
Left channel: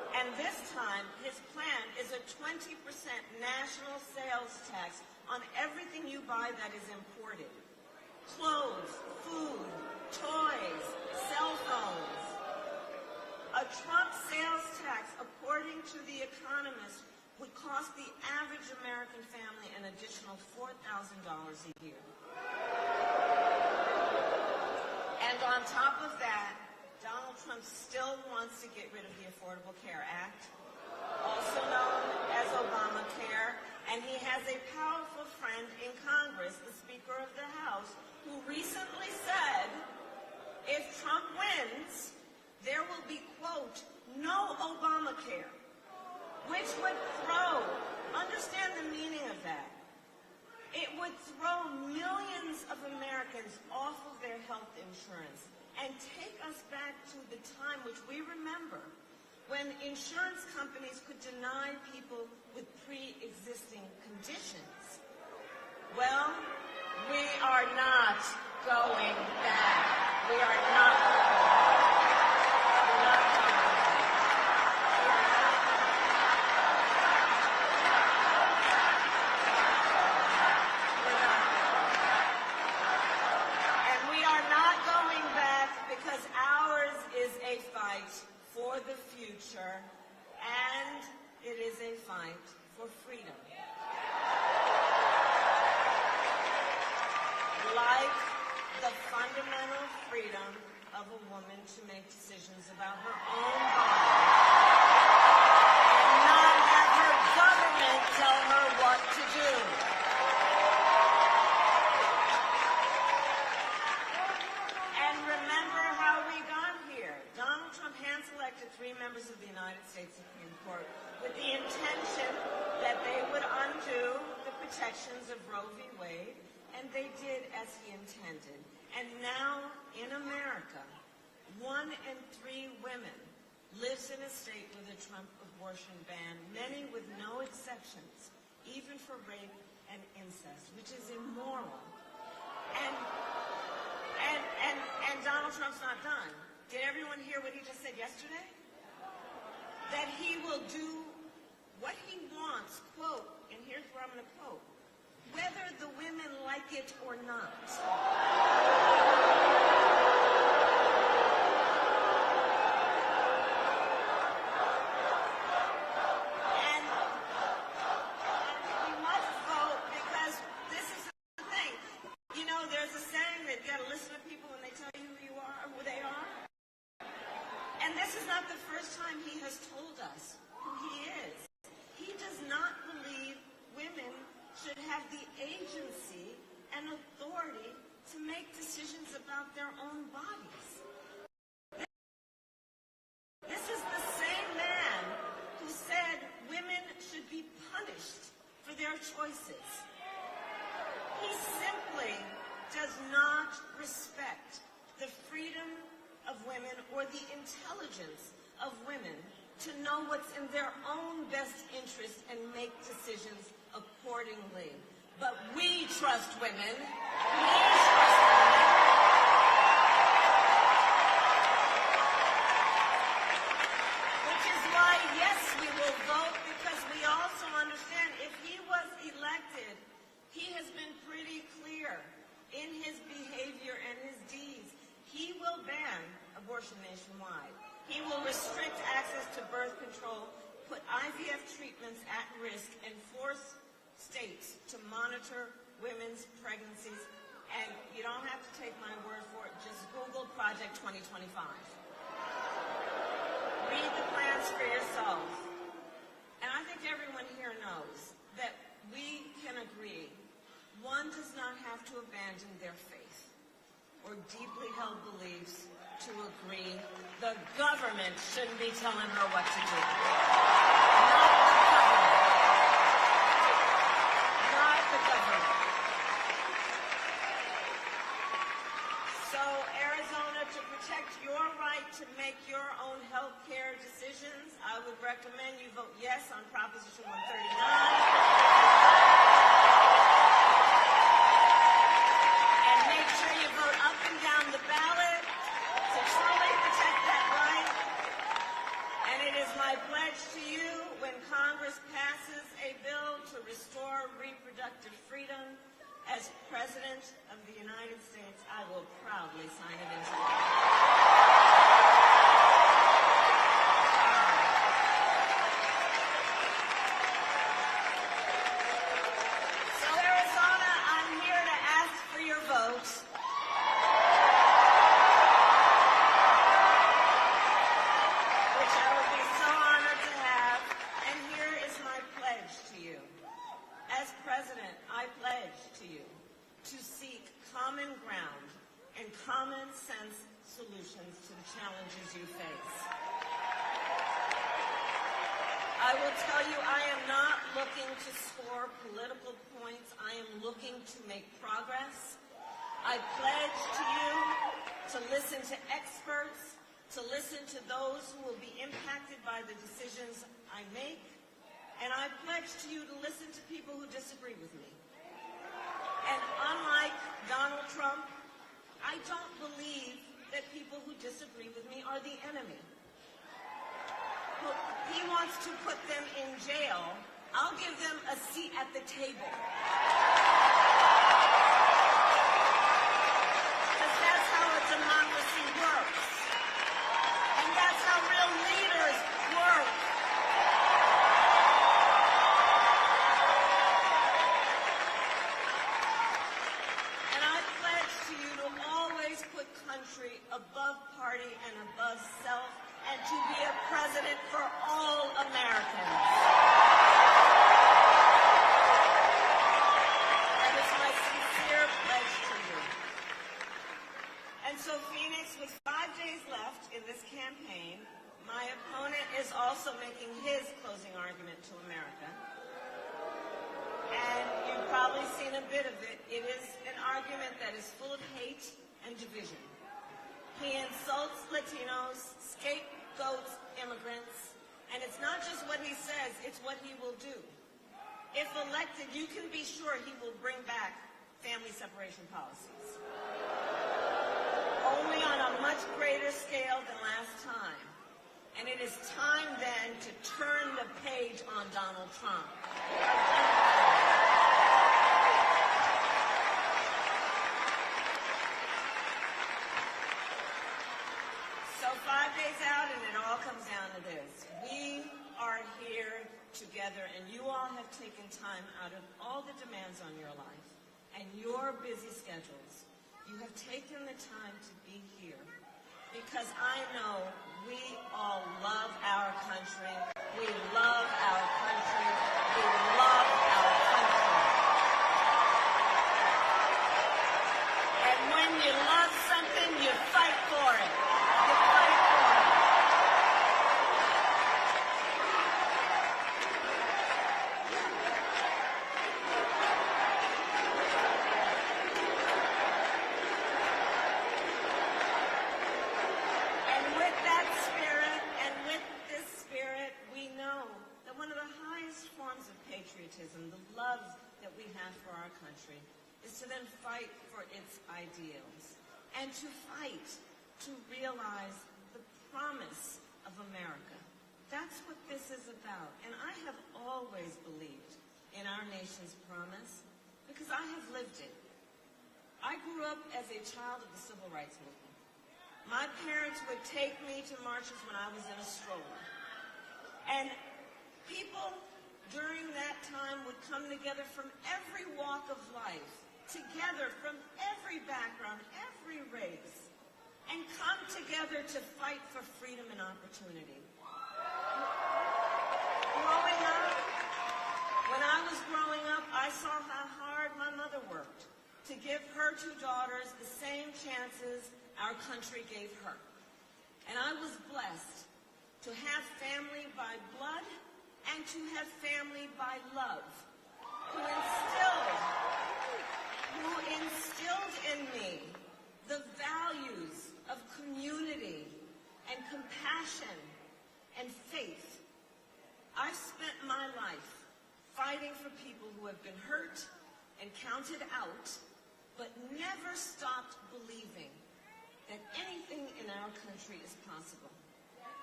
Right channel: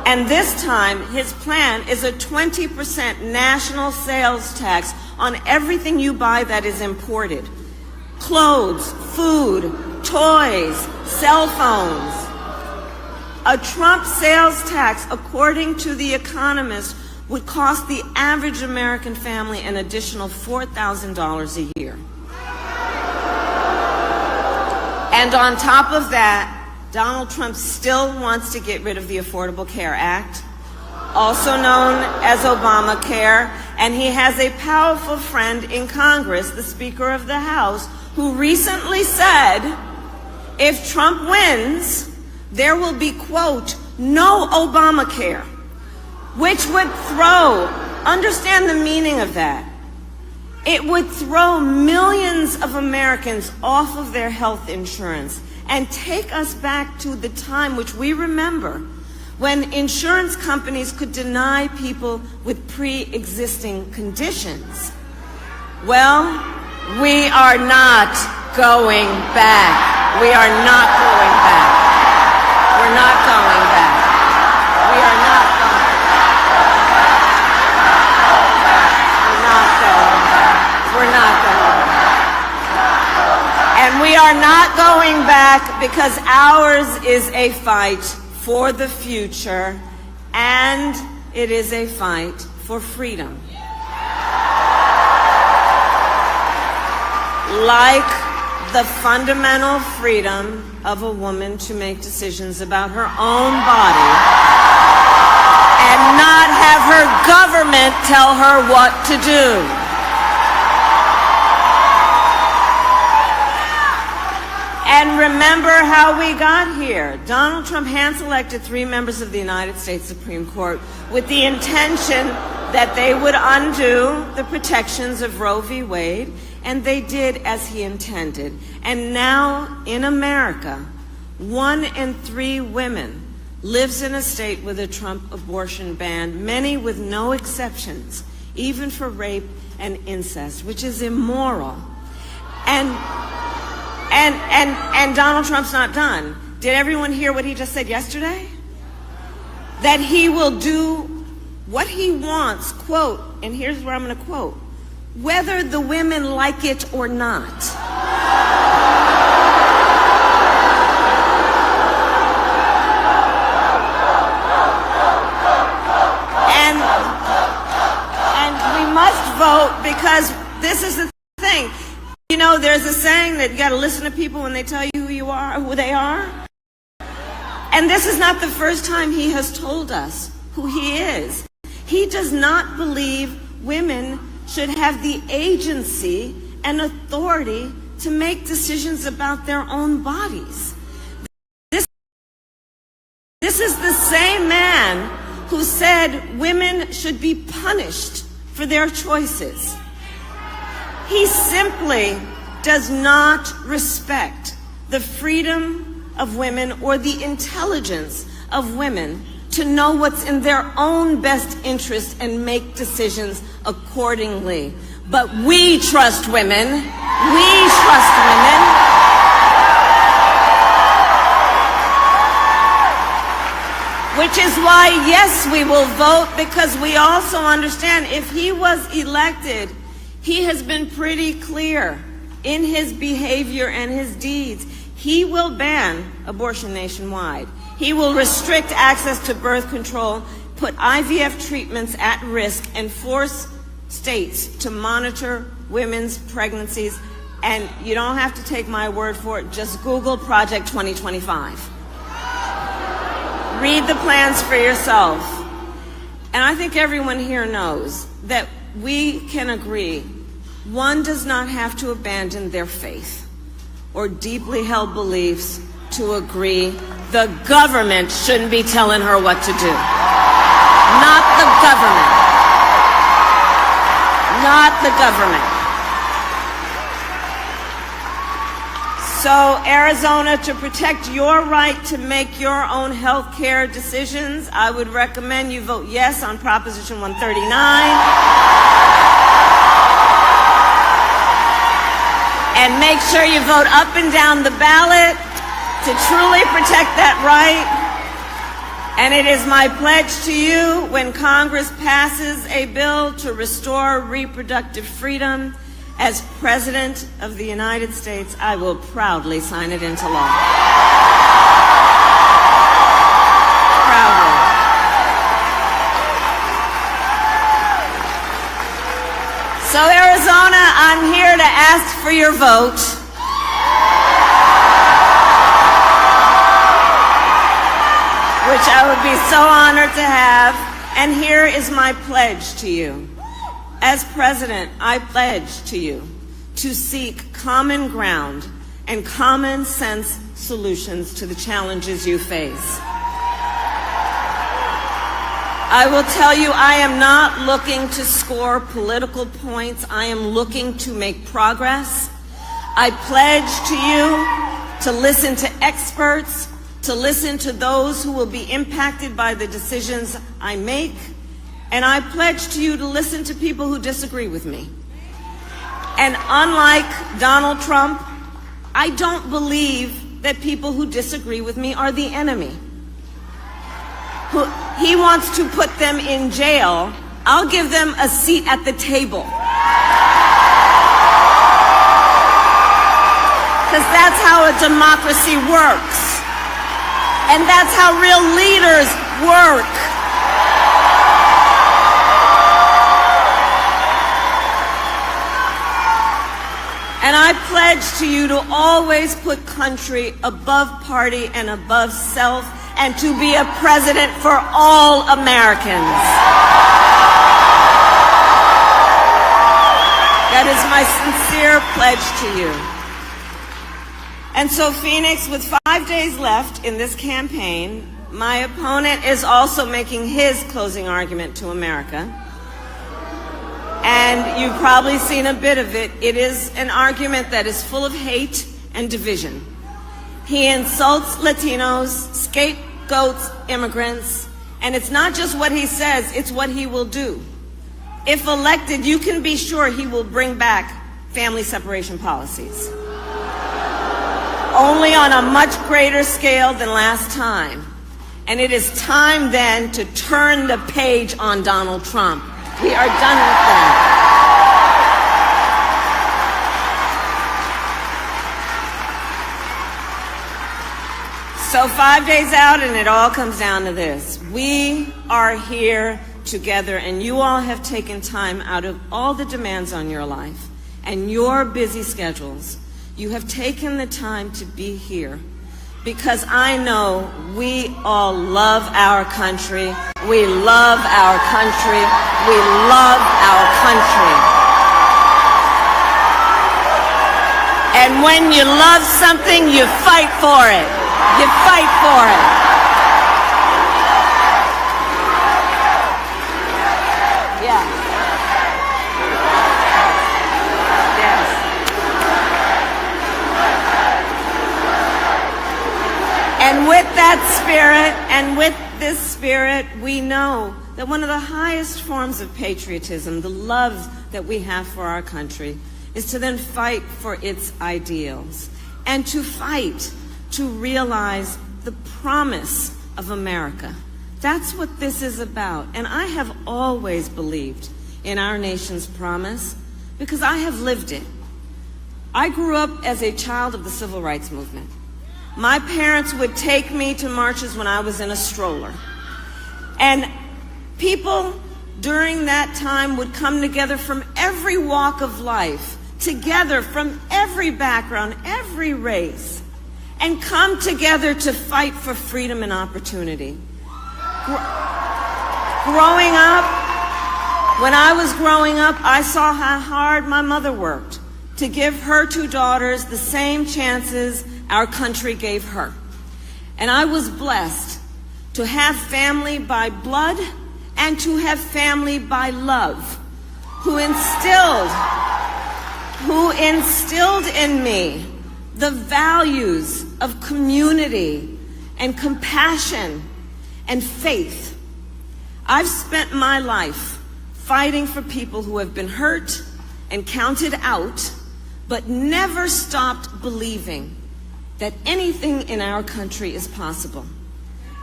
And this time, his plan is a 20% national sales tax on everything you buy that is imported. Clothes, food, toys, cell phones. A Trump sales tax, according to The Economist, would cost the average American family an additional $4,000 a year. And on top of that, Donald Trump still wants to get rid of the Affordable Care Act, also known as Obamacare, and he has a powerful friend in Congress, the Speaker of the House, who recently said, if Trump wins, there will be, quote, no Obamacare, which would throw, understand the meaning of that, it would throw millions of Americans off of their health insurance and take us back to the time which we remember when insurance companies could deny people with pre-existing conditions. Well, we are not going back. We are not going back. We're not going back. We are not going back. We're not going back. And we are not going back because ours is a fight for the future, and it is a fight for freedom. Like the fundamental freedom of a woman to make decisions about her own body and not have her government tell her what to do. And remember how we got here. Donald Trump hand-selected 3 members of the United States Supreme Court with the intention that they would undo the protections of Roe v. Wade, and they did as he intended. And now in America, 1 in 3 women lives in a state with a Trump abortion ban, many with no exceptions, even for rape and incest, which is immoral. And Donald Trump's not done. Did everyone hear what he just said yesterday? That he will do what he wants, quote, and here's where I'm going to quote, whether the women like it or not. And we must vote because this is the thing. You know, there's a saying that you got to listen to people when they tell you who you are, who they are. And this is not the first time he has told us who he is. He does not believe women should have the agency and authority to make decisions about their own bodies. This is the same man who said women should be punished for their choices. He simply does not respect the freedom of women or the intelligence of women to know what's in their own best interest and make decisions accordingly. But we trust women. We trust women. Which is why, yes, we will vote, because we also understand if he was elected, he has been pretty clear in his behavior and his deeds. He will ban abortion nationwide. He will restrict access to birth control, put IVF treatments at risk, and force states to monitor women's pregnancies. And you don't have to take my word for it. Just Google Project 2025. Read the plans for yourself. And I think everyone here knows that we can agree one does not have to abandon their faith or deeply held beliefs to agree the government shouldn't be telling her what to do. Not the government. Not the government. So, Arizona, to protect your right to make your own health care decisions, I would recommend you vote yes on Proposition 139. And make sure you vote up and down the ballot to truly protect that right. And it is my pledge to you, when Congress passes a bill to restore reproductive freedom, as President of the United States, I will proudly sign it into law. Proudly. So Arizona, I'm here to ask for your vote. Which I would be so honored to have. And here is my pledge to you. As President, I pledge to you to seek common ground and common sense solutions to the challenges you face. I will tell you, I am not looking to score political points. I am looking to make progress. I pledge to you to listen to experts, to listen to those who will be impacted by the decisions I make, and I pledge to you to listen to people who disagree with me. And unlike Donald Trump, I don't believe that people who disagree with me are the enemy. He wants to put them in jail. I'll give them a seat at the table. Because that's how a democracy works. And that's how real leaders work. And I pledge to you to always put country above party and above self, and to be a president for all Americans. That is my sincere pledge to you. And so, Phoenix, with 5 days left in this campaign, my opponent is also making his closing argument to America. And you've probably seen a bit of it. It is an argument that is full of hate and division. He insults Latinos, scapegoats immigrants, and it's not just what he says, it's what he will do. If elected, you can be sure he will bring back family separation policies. Only on a much greater scale than last time. And it is time then to turn the page on Donald Trump. We are done with that. So 5 days out, and it all comes down to this. We are here together, and you all have taken time out of all the demands on your life and your busy schedules. You have taken the time to be here because I know we all love our country. We love our country. We love our country. And when you love something, you fight for it. You fight for it. Yeah. And with that spirit, and with this spirit, we know that one of the highest forms of patriotism, the love that we have for our country, is to then fight for its ideals and to fight to realize the promise of America. That's what this is about. And I have always believed in our nation's promise because I have lived it. I grew up as a child of the Civil Rights Movement. My parents would take me to marches when I was in a stroller. And people during that time would come together from every walk of life, together from every background, every race, and come together to fight for freedom and opportunity. Growing up, when I was growing up, I saw how hard my mother worked to give her two daughters the same chances our country gave her. And I was blessed to have family by blood and to have family by love, who instilled in me the values of community and compassion and faith. I've spent my life fighting for people who have been hurt and counted out, but never stopped believing that anything in our country is possible.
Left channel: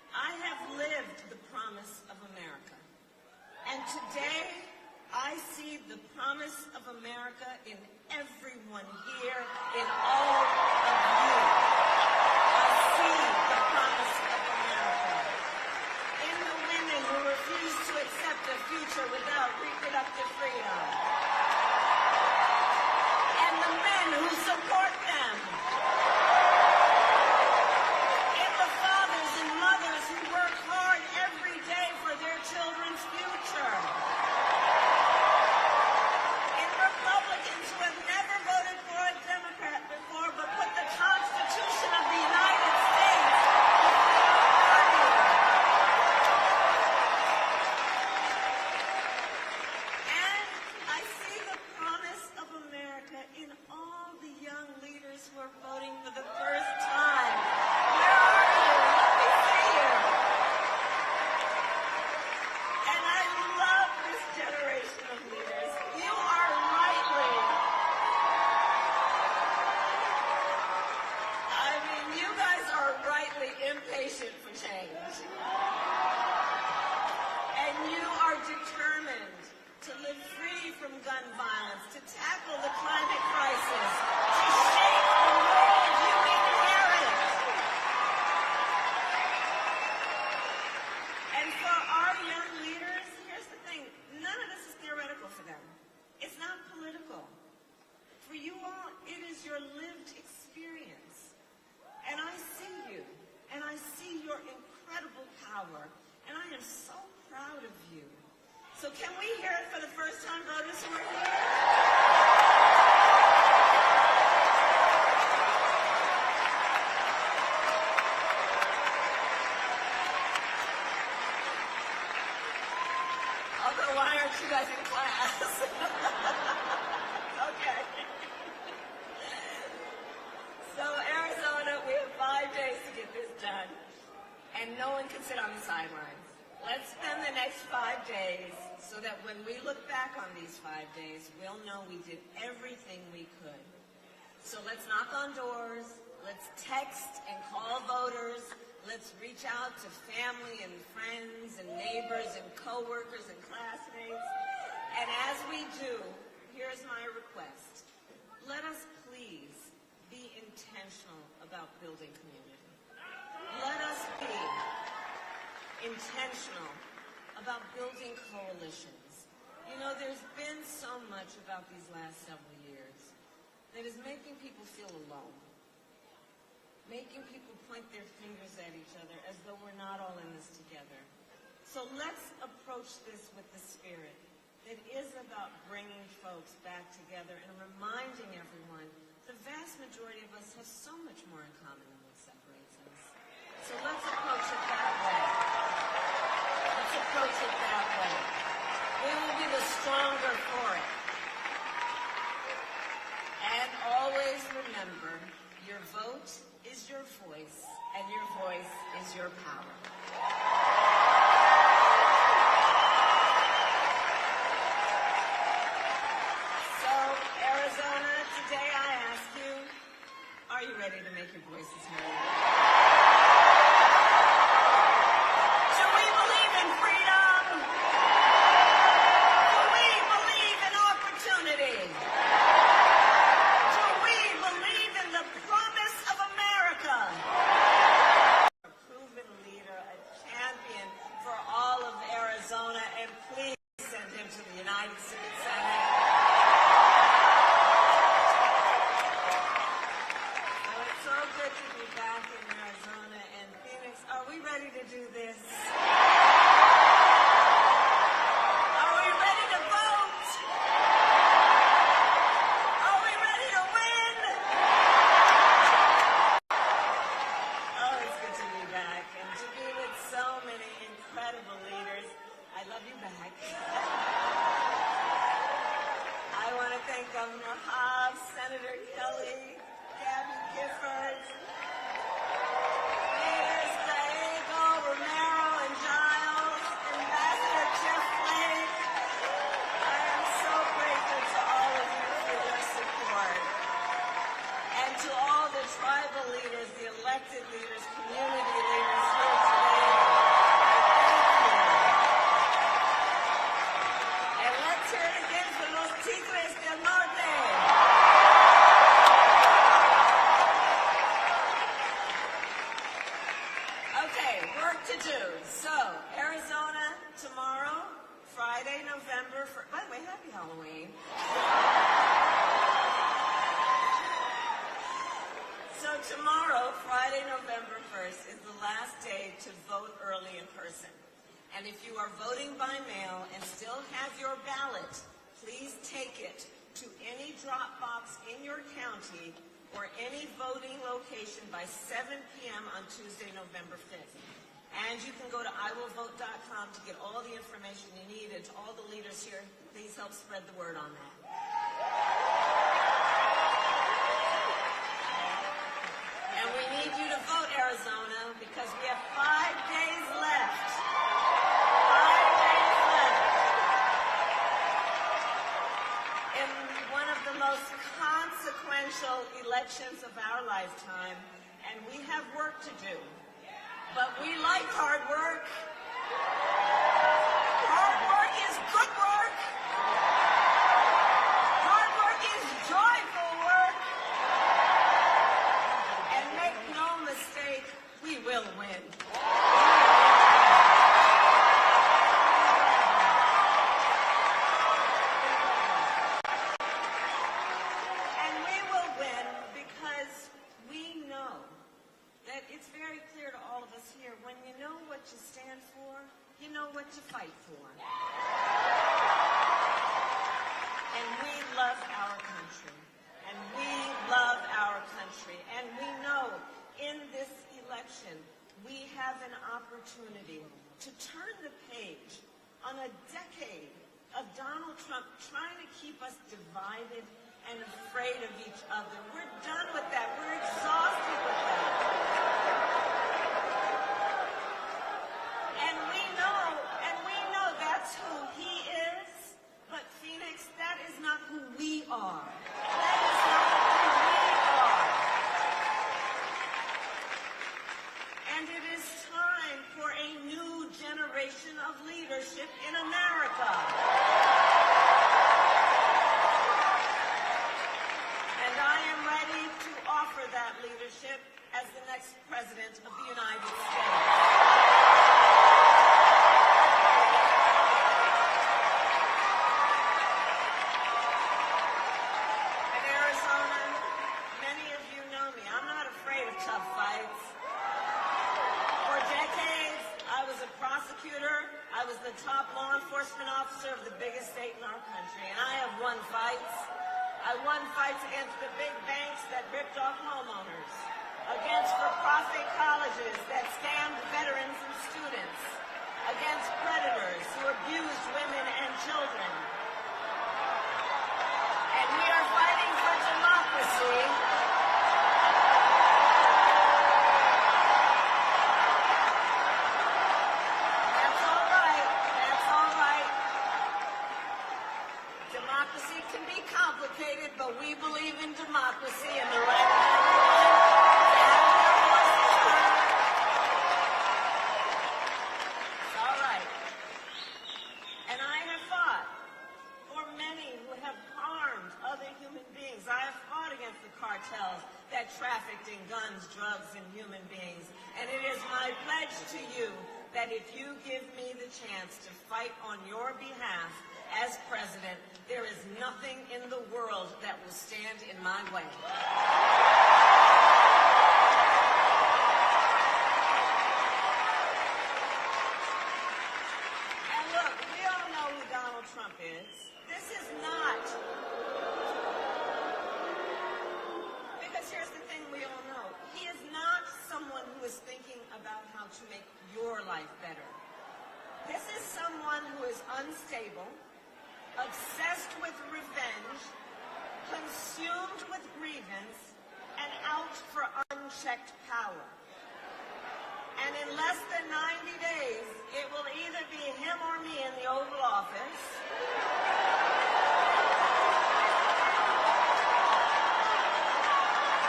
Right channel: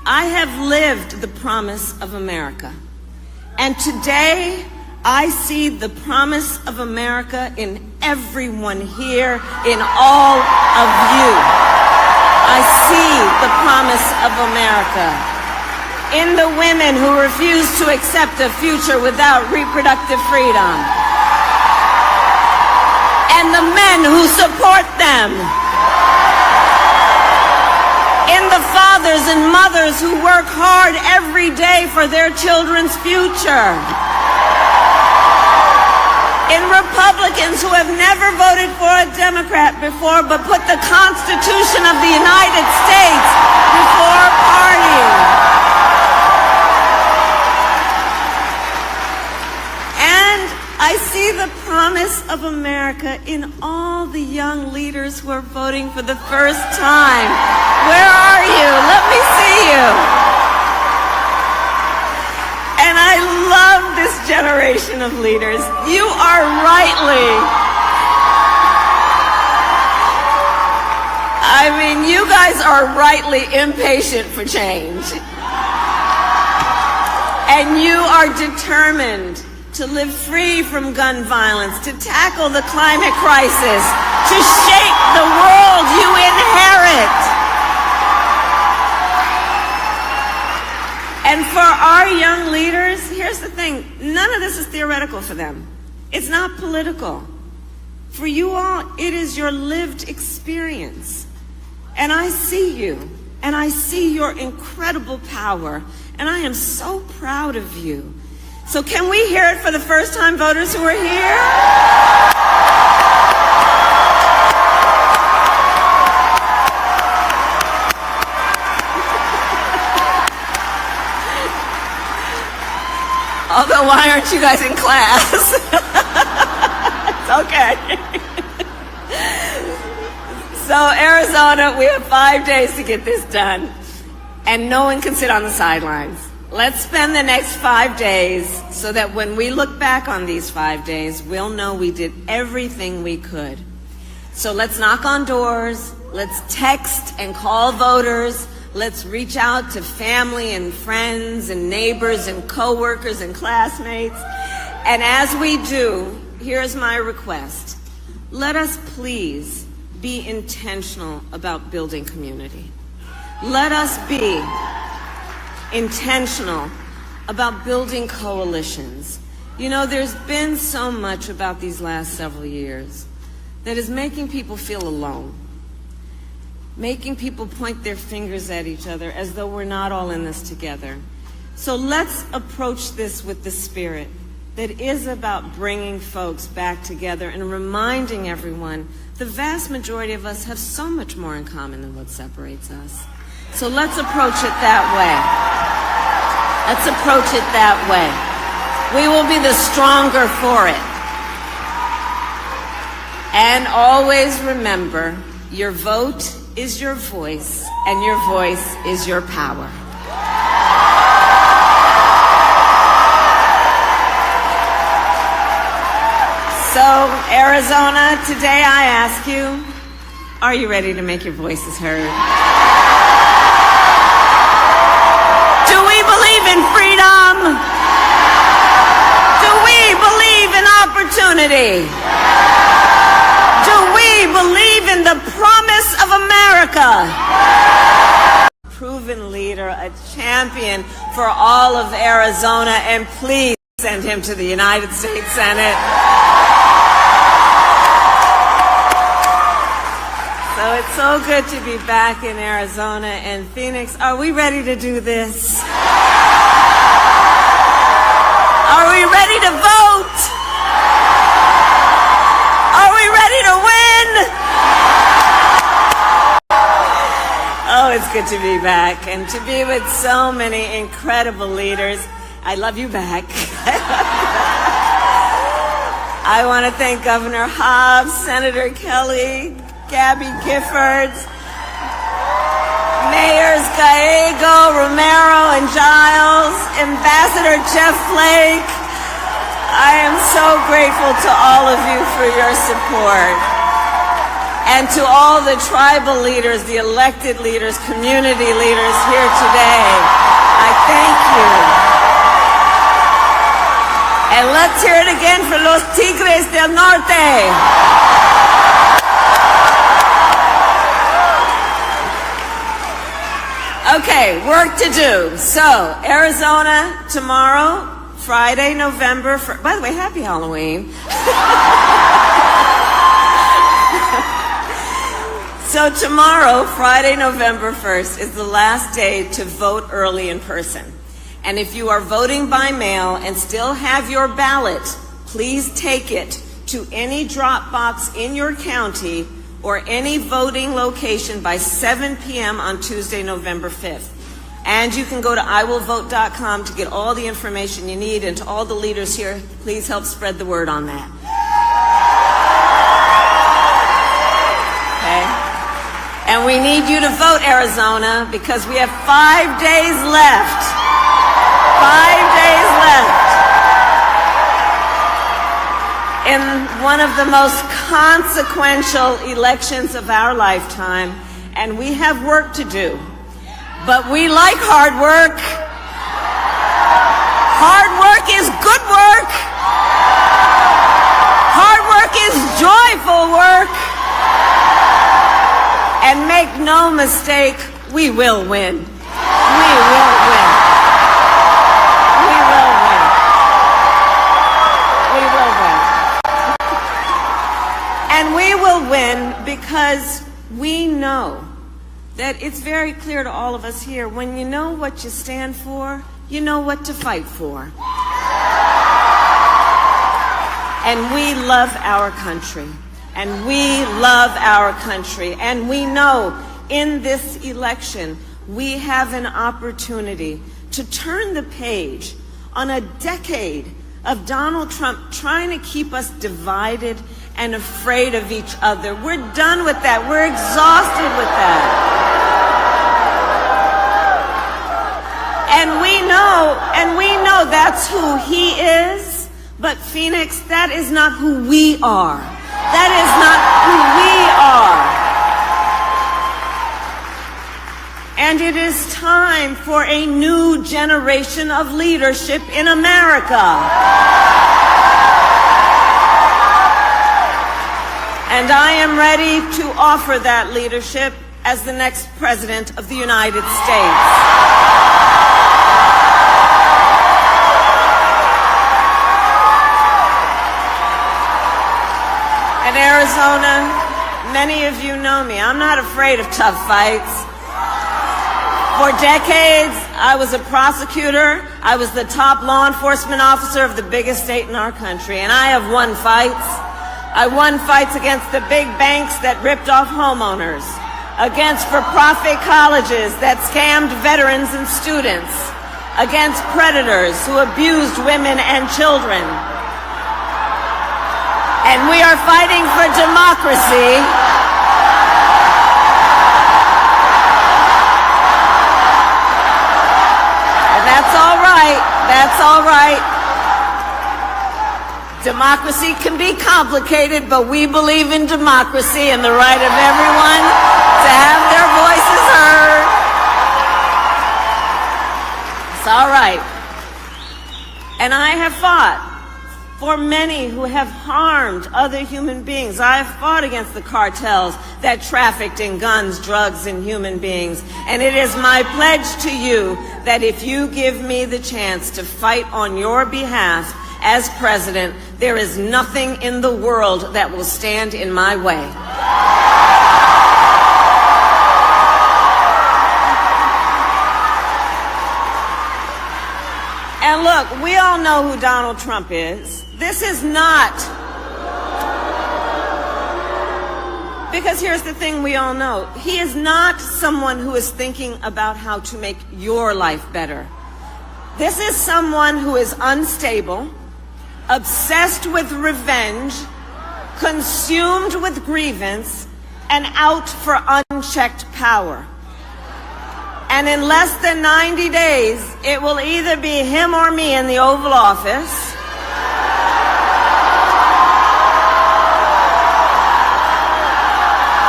I have lived the promise of America. And today, I see the promise of America in everyone here, in all of you. I see the promise of America in the women who refuse to accept a future without reproductive freedom, and the men who support them, in the fathers and mothers who work hard every day for their children's future, in Republicans who have never voted for a Democrat before but put the Constitution of the United States before party. And I see the promise of America in all the young leaders who are voting for the first time. Where are you? Let me see you. And I love this generation of leaders. You are you guys are rightly impatient for change. And you are determined to live free from gun violence, to tackle the climate crisis, to shape the world you inherit. And for our young leaders, here's the thing, none of this is theoretical for them. It's not political. For you all, it is your lived experience. And I see you, and I see your incredible power, and I am so proud of you. So can we hear it for the first-time voters who are here? Although, why aren't you guys in class? It's okay. So, Arizona, we have 5 days to get this done, and no one can sit on the sidelines. Let's spend the next 5 days so that when we look back on these 5 days, we'll know we did everything we could. So let's knock on doors, let's text and call voters, let's reach out to family and friends and neighbors and coworkers and classmates. And as we do, here's my request. Let us please be intentional about building community. Let us be intentional about building coalitions. You know, there's been so much about these last several years that is making people feel alone, making people point their fingers at each other as though we're not all in this together. So let's approach this with the spirit that is about bringing folks back together and reminding everyone the vast majority of us have so much more in common than what separates us. So let's approach it that way. Let's approach it that way. We will be the stronger for it. And always remember, your vote is your voice, and your voice is your power. So, Arizona, today I ask you, are you ready to make your voices heard? Do we believe in freedom? Do we believe in opportunity? Do we believe in the promise of America? Proven leader, a champion for all of Arizona, and please send him to the United States Senate. So it's so good to be back in Arizona and Phoenix. Are we ready to do this? Are we ready to vote? Are we ready to win? Oh, it's good to be back and to be with so many incredible leaders. I love you back. I want to thank Governor Hobbs, Senator Kelly, Gabby Giffords, Mayors Gallego, Romero, and Giles, Ambassador Jeff Flake. I am so grateful to all of you for your support. And to all the tribal leaders, the elected leaders, community leaders here today, I thank you. And let's hear it again for los Tigres del Norte. Okay, work to do. So, Arizona tomorrow, Friday, November 1st. By the way, happy Halloween. So tomorrow, Friday, November 1st, is the last day to vote early in person. And if you are voting by mail and still have your ballot, please take it to any drop box in your county or any voting location by 7 p.m. on Tuesday, November 5th. And you can go to iwillvote.com to get all the information you need. And to all the leaders here, please help spread the word on that. Okay? And we need you to vote, Arizona, because we have 5 days left. 5 days left in one of the most consequential elections of our lifetime, and we have work to do. But we like hard work. Hard work is good work. Hard work is joyful work. And make no mistake, we will win. We will win. We will win. We will win. And we will win because we know that it's very clear to all of us here, when you know what you stand for, you know what to fight for. And we love our country. And we love our country. And we know in this election, we have an opportunity to turn the page on a decade of Donald Trump trying to keep us divided and afraid of each other. We're done with that. We're exhausted with that. And we know that's who he is. But Phoenix, that is not who we are. That is not who we are. And it is time for a new generation of leadership in America. And I am ready to offer that leadership as the next President of the United States. In Arizona, many of you know me. I'm not afraid of tough fights. For decades, I was a prosecutor. I was the top law enforcement officer of the biggest state in our country, and I have won fights. I won fights against the big banks that ripped off homeowners, against for-profit colleges that scammed veterans and students, against predators who abused women and children. And we are fighting for democracy. And that's all right. That's all right. Democracy can be complicated, but we believe in democracy and the right of everyone to have their voices heard. It's all right. And I have fought for many who have harmed other human beings. I have fought against the cartels that trafficked in guns, drugs, and human beings. And it is my pledge to you that if you give me the chance to fight on your behalf as president, there is nothing in the world that will stand in my way. And look, we all know who Donald Trump is. This is not, because here's the thing we all know. He is not someone who is thinking about how to make your life better. This is someone who is unstable, obsessed with revenge, consumed with grievance, and out for unchecked power. And in less than 90 days, it will either be him or me in the Oval Office.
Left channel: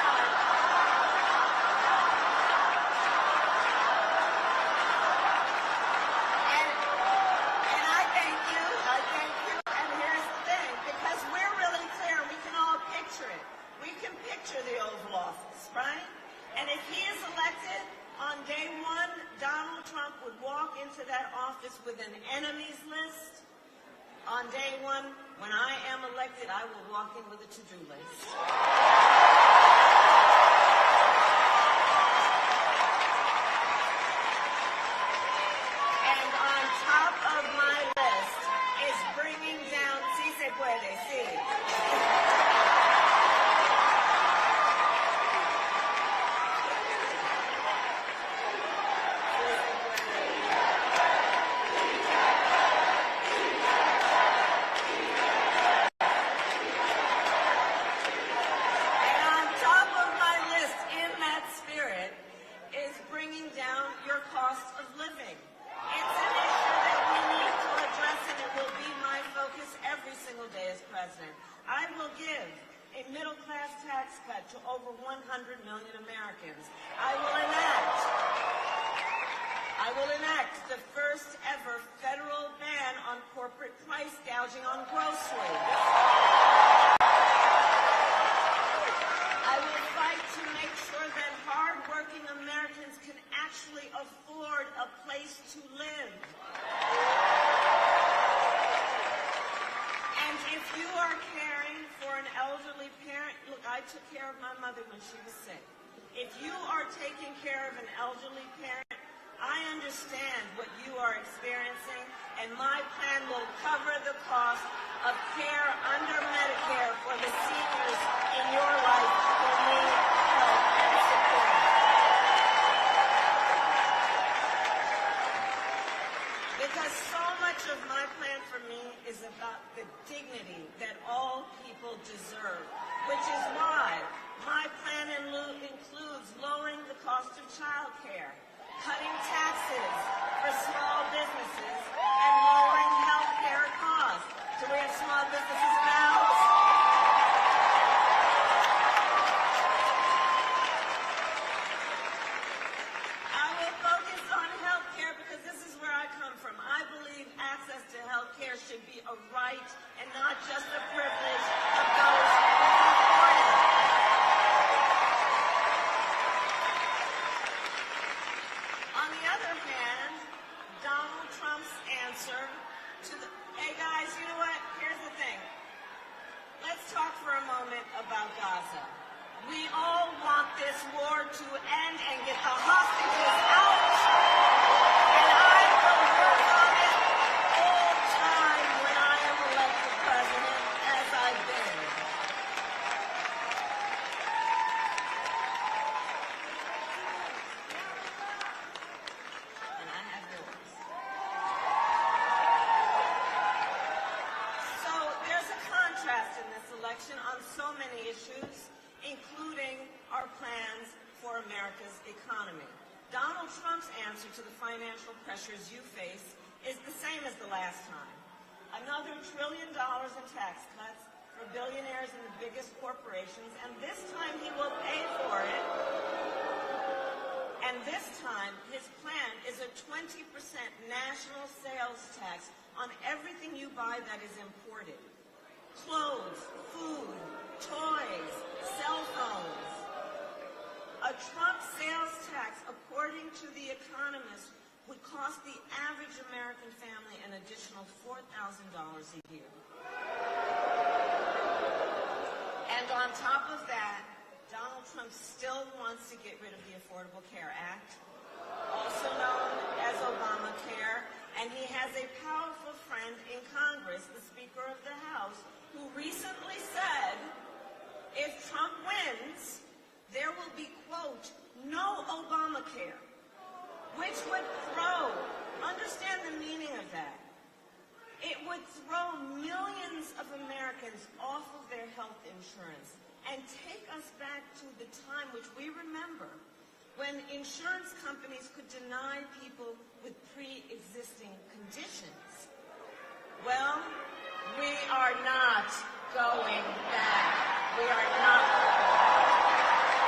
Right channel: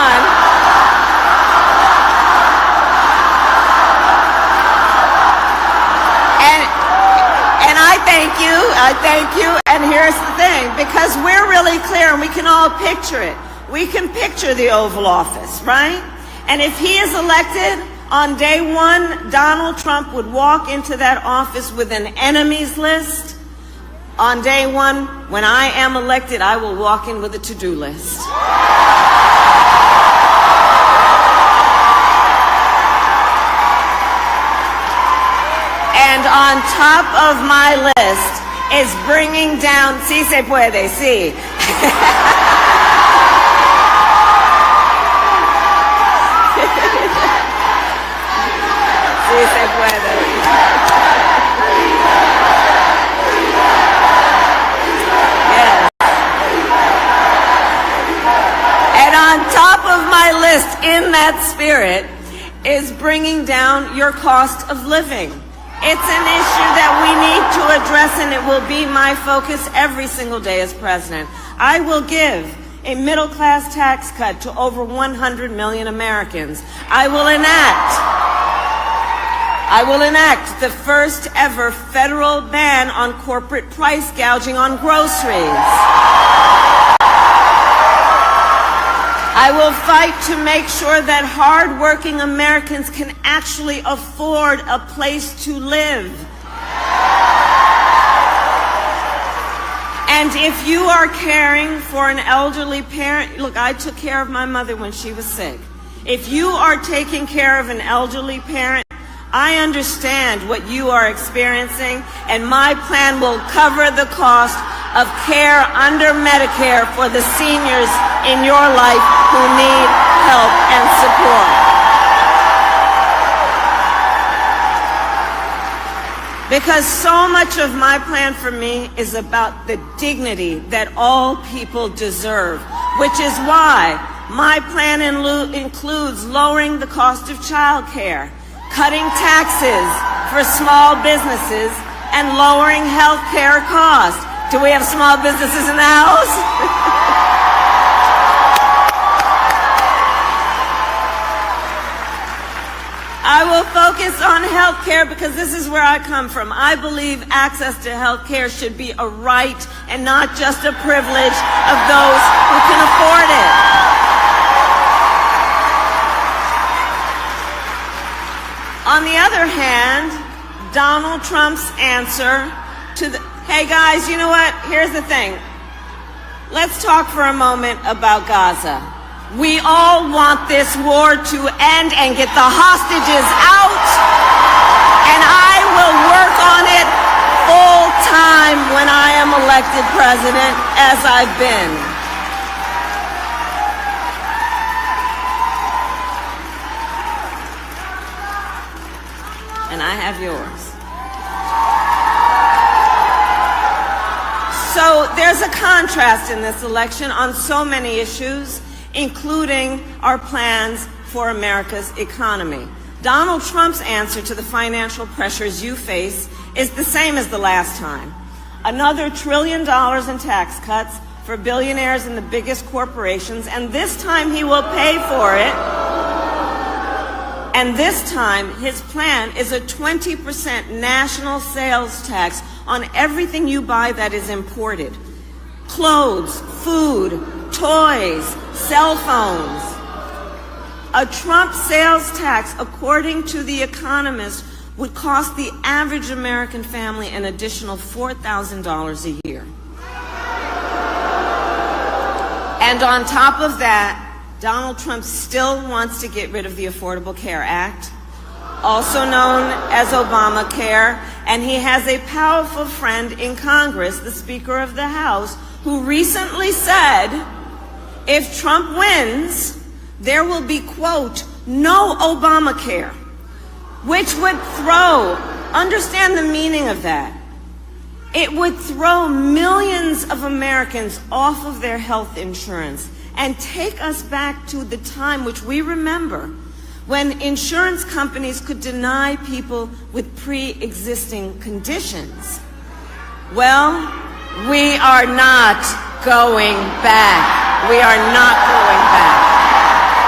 done. And I thank you, and here's the thing, because we're really clear and we can all picture it. We can picture the Oval Office, right? And if he is elected, on day one, Donald Trump would walk into that office with an enemies list. On day one, when I am elected, I will walk in with a to-do list. And on top of my list is bringing down, sí se puede, sí. Sí se puede. Yes. And on top of my list, in that spirit, is bringing down your cost of living. It's an issue that we need to address, and it will be my focus every single day as president. I will give a middle-class tax cut to over 100 million Americans. I will enact the first ever federal ban on corporate price gouging on groceries. I will fight to make sure that hard-working Americans can actually afford a place to live. And if you are caring for an elderly parent, look, I took care of my mother when she was sick. If you are taking care of an elderly parent, I understand what you are experiencing, and my plan will cover the cost of care under Medicare for the seniors in your life who need help and support. Because so much of my plan for me is about the dignity that all people deserve, which is why my plan includes lowering the cost of child care, cutting taxes for small businesses, and lowering health care costs. Do we have small businesses in the house? I will focus on health care because this is where I come from. I believe access to health care should be a right and not just a privilege of those who can afford it. On the other hand, Donald Trump's answer to the, hey guys, you know what? Here's the thing. Let's talk for a moment about Gaza. We all want this war to end and get the hostages out, and I will work on it full time when I am elected president, as I've been. And I have yours. So there's a contrast in this election on so many issues, including our plans for America's economy. Donald Trump's answer to the financial pressures you face is the same as the last time. Another $1 trillion in tax cuts for billionaires and the biggest corporations, and this time he will pay for it. And this time, his plan is a 20% national sales tax on everything you buy that is imported. Clothes, food, toys, cell phones. A Trump sales tax, according to The Economist, would cost the average American family an additional $4,000 a year. And on top of that, Donald Trump still wants to get rid of the Affordable Care Act, also known as Obamacare, and he has a powerful friend in Congress, the Speaker of the House, who recently said, if Trump wins, there will be, quote, no Obamacare, which would throw, understand the meaning of that, it would throw millions of Americans off of their health insurance and take us back to the time which we remember when insurance companies could deny people with pre-existing conditions. Well, we are not going back. We are not going back.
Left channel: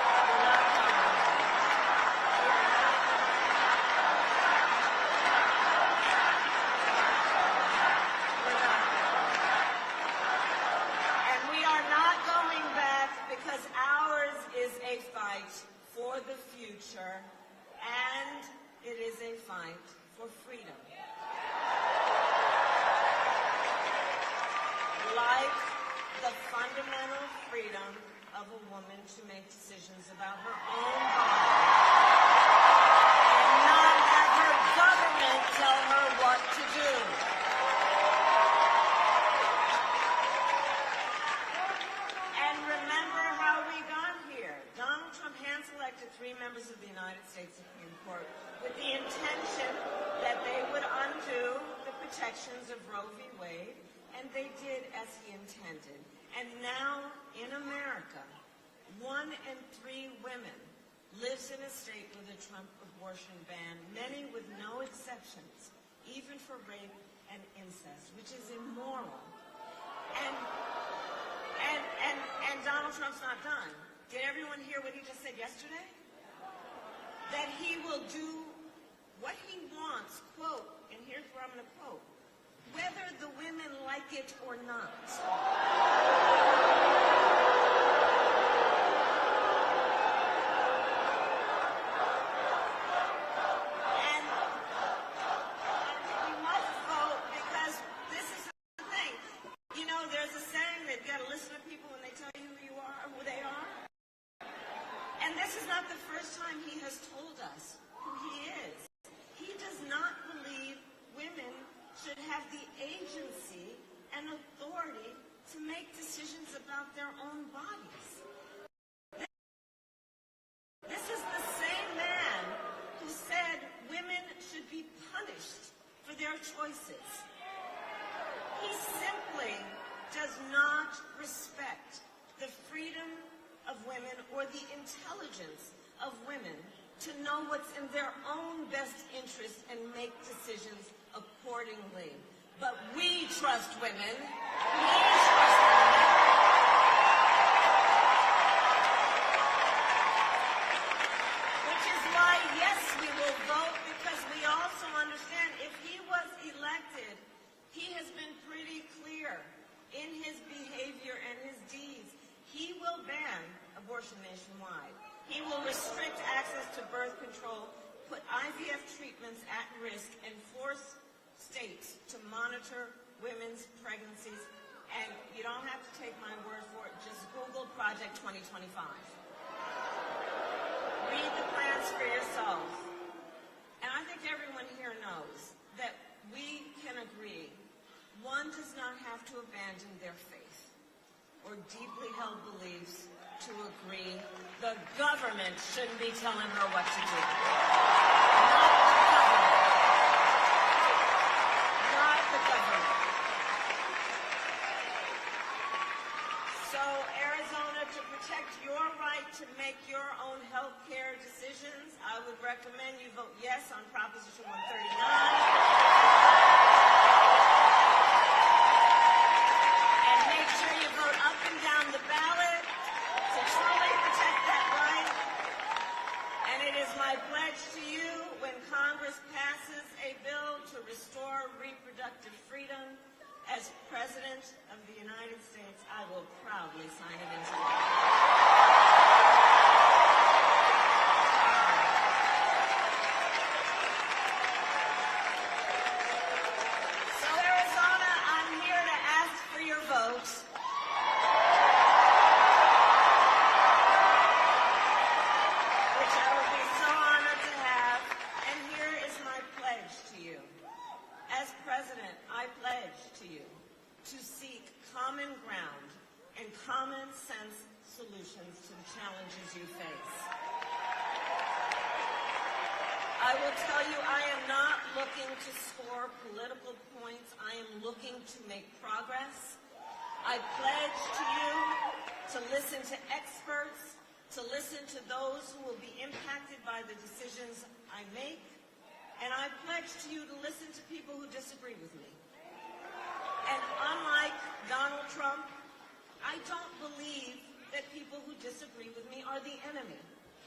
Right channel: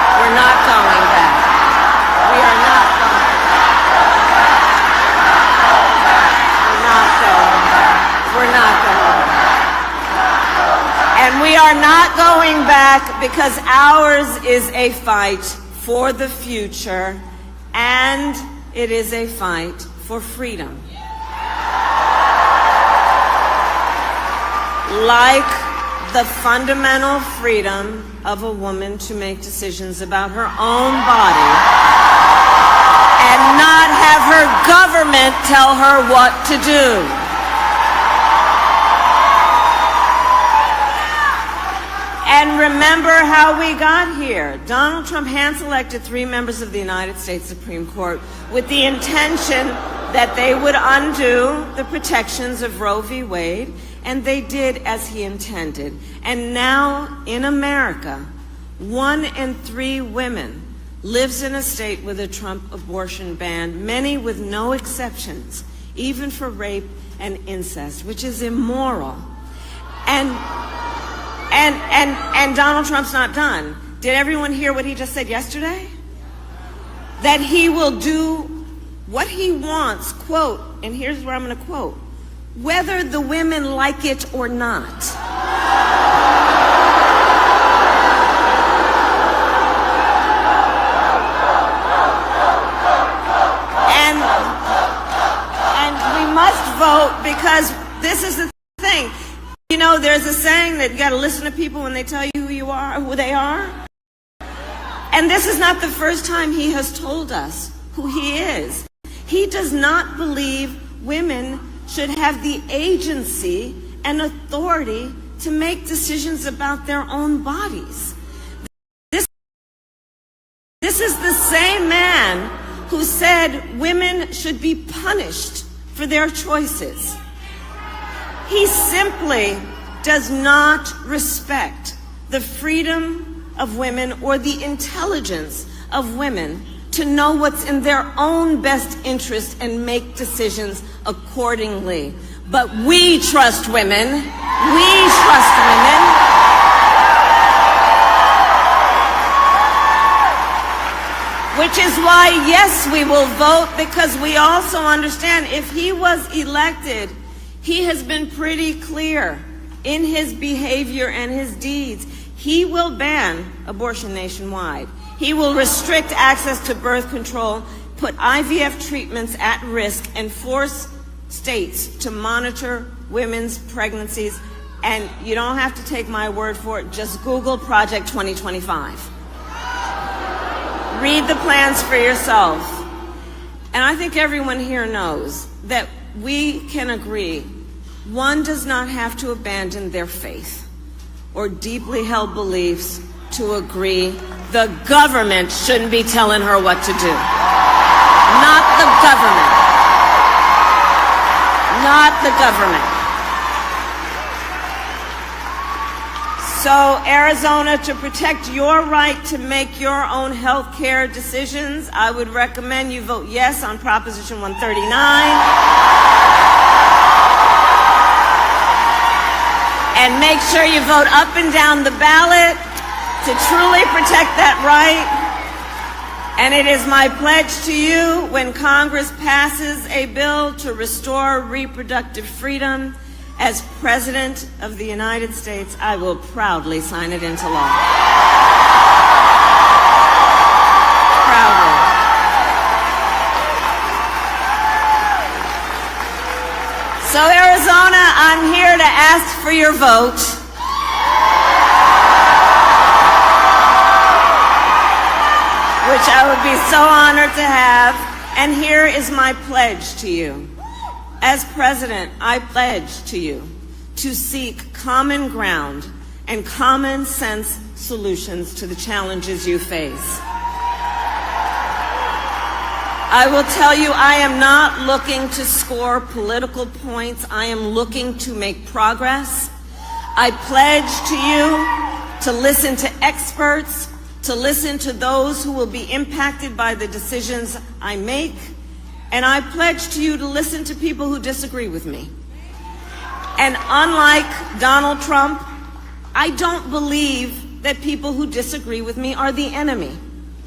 are not going back. We are not going back. We're not going back. And we are not going back because ours is a fight for the future, and it is a fight for freedom. Like the fundamental freedom of a woman to make decisions about her own body and not have her government tell her what to do. And remember how we got here. Donald Trump hand-selected 3 members of the United States Supreme Court with the intention that they would undo the protections of Roe v. Wade, and they did as he intended. And now in America, 1 in 3 women lives in a state with a Trump abortion ban, many with no exceptions, even for rape and incest, which is immoral. And Donald Trump's not done. Did everyone hear what he just said yesterday? That he will do what he wants, quote, and here's where I'm going to quote, whether the women like it or not. And we must vote because this is the thing. You know, there's a saying that you got to listen to people when they tell you who you are, who they are. And this is not the first time he has told us who he is. He does not believe women should have the agency and authority to make decisions about their own bodies. This is the same man who said women should be punished for their choices. He simply does not respect the freedom of women or the intelligence of women to know what's in their own best interest and make decisions accordingly. But we trust women. We trust women. Which is why, yes, we will vote, because we also understand if he was elected, he has been pretty clear in his behavior and his deeds. He will ban abortion nationwide. He will restrict access to birth control, put IVF treatments at risk, and force states to monitor women's pregnancies. And you don't have to take my word for it. Just Google Project 2025. Read the plans for yourself. And I think everyone here knows that we can agree one does not have to abandon their faith or deeply held beliefs to agree the government shouldn't be telling her what to do. Not the government. Not the government. So, Arizona, to protect your right to make your own health care decisions, I would recommend you vote yes on Proposition 139. And make sure you vote up and down the ballot to truly protect that right. And it is my pledge to you, when Congress passes a bill to restore reproductive freedom, as President of the United States, I will proudly sign it into law. Proudly. So, Arizona, I'm here to ask for your vote. Which I would be so honored to have. And here is my pledge to you. As president, I pledge to you to seek common ground and common sense solutions to the challenges you face. I will tell you, I am not looking to score political points. I am looking to make progress. I pledge to you to listen to experts, to listen to those who will be impacted by the decisions I make. And I pledge to you to listen to people who disagree with me. And unlike Donald Trump, I don't believe that people who disagree with me are the enemy.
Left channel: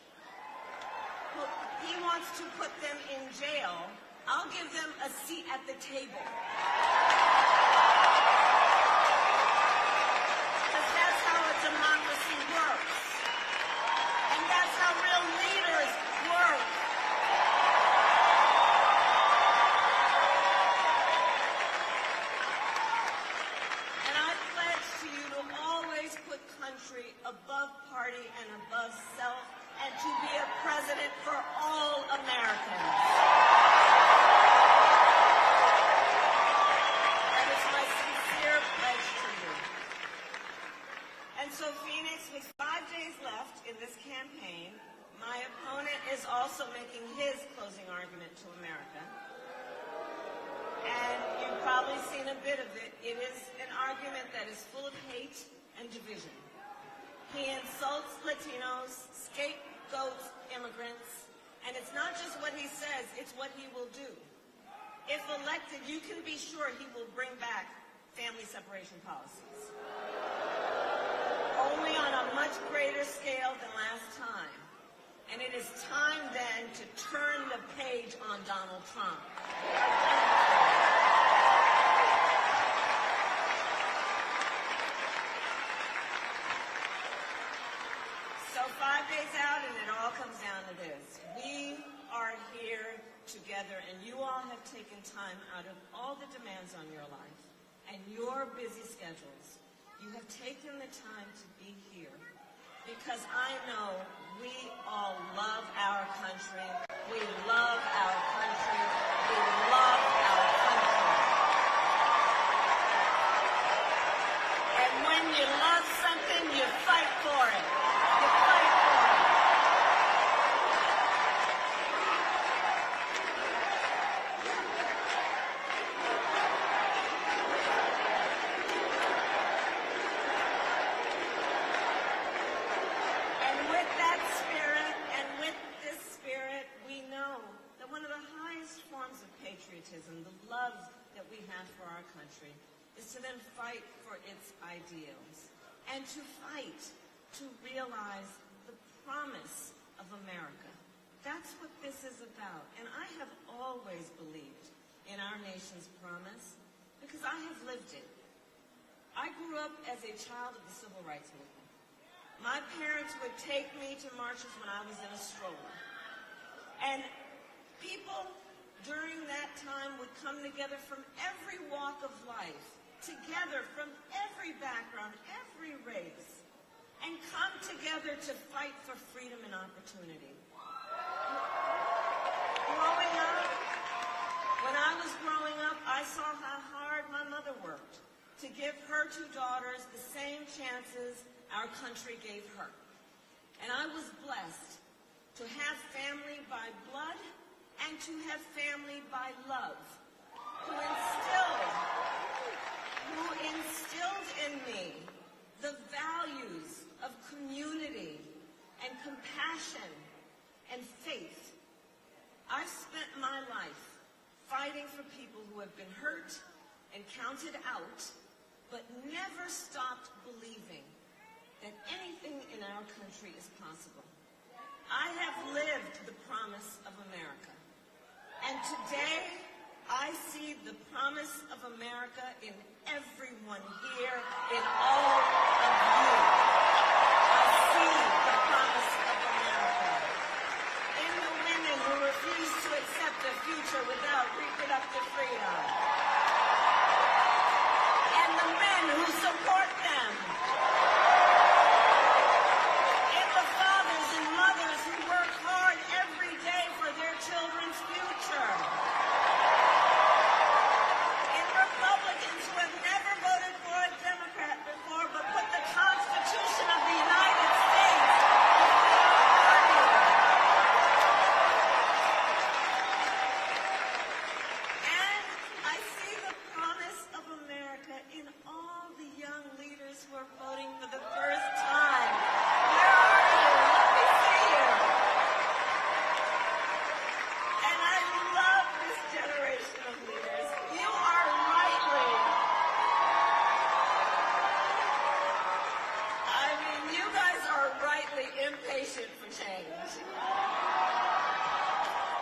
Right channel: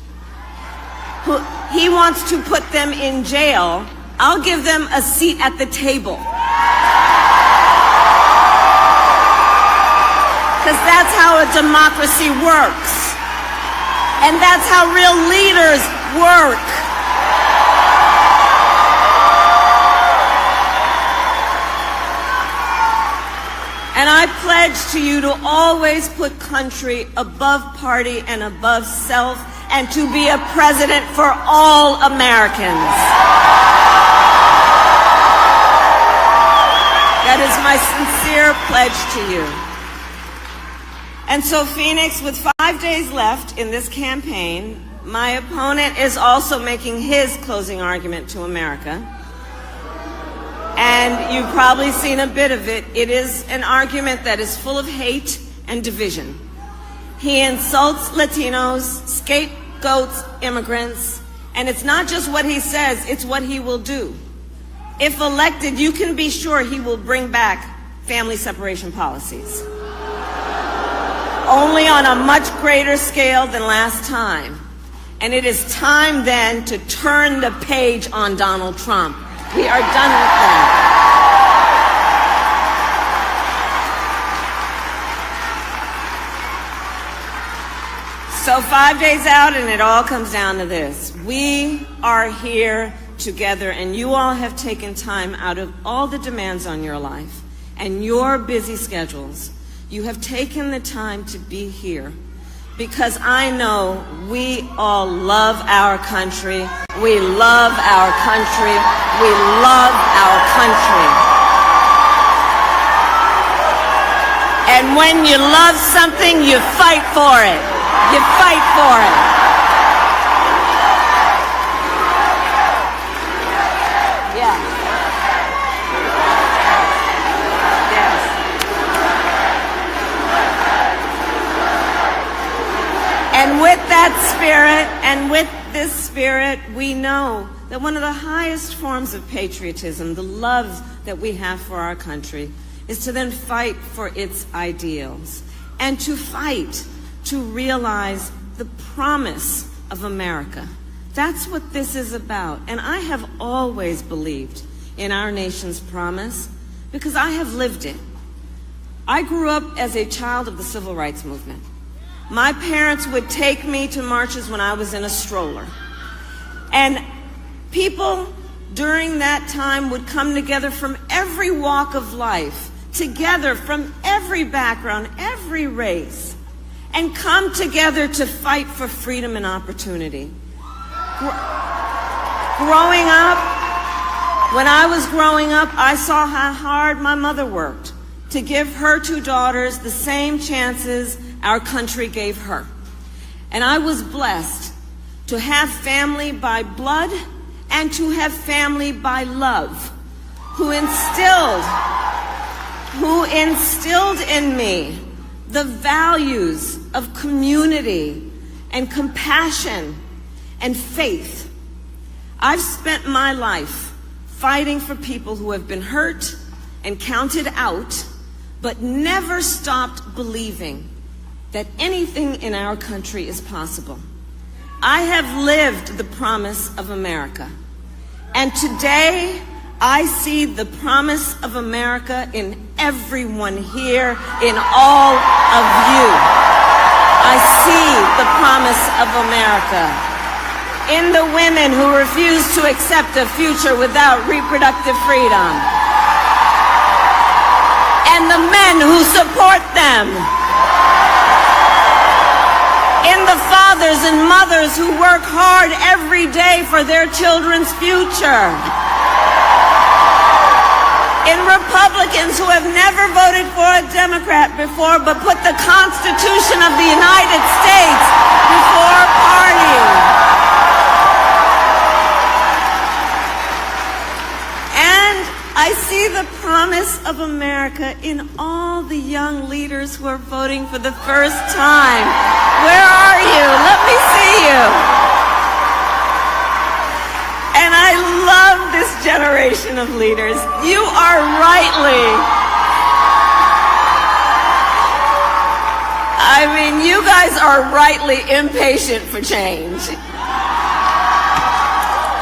he wants to put them in jail, I'll give them a seat at the table. Because that's how a democracy works. And that's how real leaders work. And I pledge to you to always put country above party and above self, and to be a president for all Americans. That is my sincere pledge to you. And so, Phoenix, with 5 days left in this campaign, my opponent is also making his closing argument to America. And you've probably seen a bit of it. It is an argument that is full of hate and division. He insults Latinos, scapegoats immigrants, and it's not just what he says, it's what he will do. If elected, you can be sure he will bring back family separation policies. Only on a much greater scale than last time. And it is time then to turn the page on Donald Trump. We are done with that. So 5 days out, and it all comes down to this. We are here together, and you all have taken time out of all the demands on your life and your busy schedules. You have taken the time to be here because I know we all love our country. We love our country. We love our country. And when you love something, you fight for it. You fight for it. Yeah. Yes. And with that spirit, and with this spirit, we know that one of the highest forms of patriotism, the love that we have for our country, is to then fight for its ideals and to fight to realize the promise of America. That's what this is about. And I have always believed in our nation's promise because I have lived it. I grew up as a child of the civil rights movement. My parents would take me to marches when I was in a stroller. And people during that time would come together from every walk of life, together from every background, every race, and come together to fight for freedom and opportunity. Growing up, when I was growing up, I saw how hard my mother worked to give her two daughters the same chances our country gave her. And I was blessed to have family by blood and to have family by love, who instilled in me the values of community and compassion and faith. I've spent my life fighting for people who have been hurt and counted out, but never stopped believing that anything in our country is possible. I have lived the promise of America, and today I see the promise of America in everyone here, in all of you. I see the promise of America in the women who refuse to accept a future without reproductive freedom, and the men who support them, in the fathers and mothers who work hard every day for their children's future, in Republicans who have never voted for a Democrat before but put the Constitution of the United States before party. And I see the promise of America in all the young leaders who are voting for the first time. Where are you? Let me see you. And I love this generation of leaders. You are you guys are rightly impatient for change.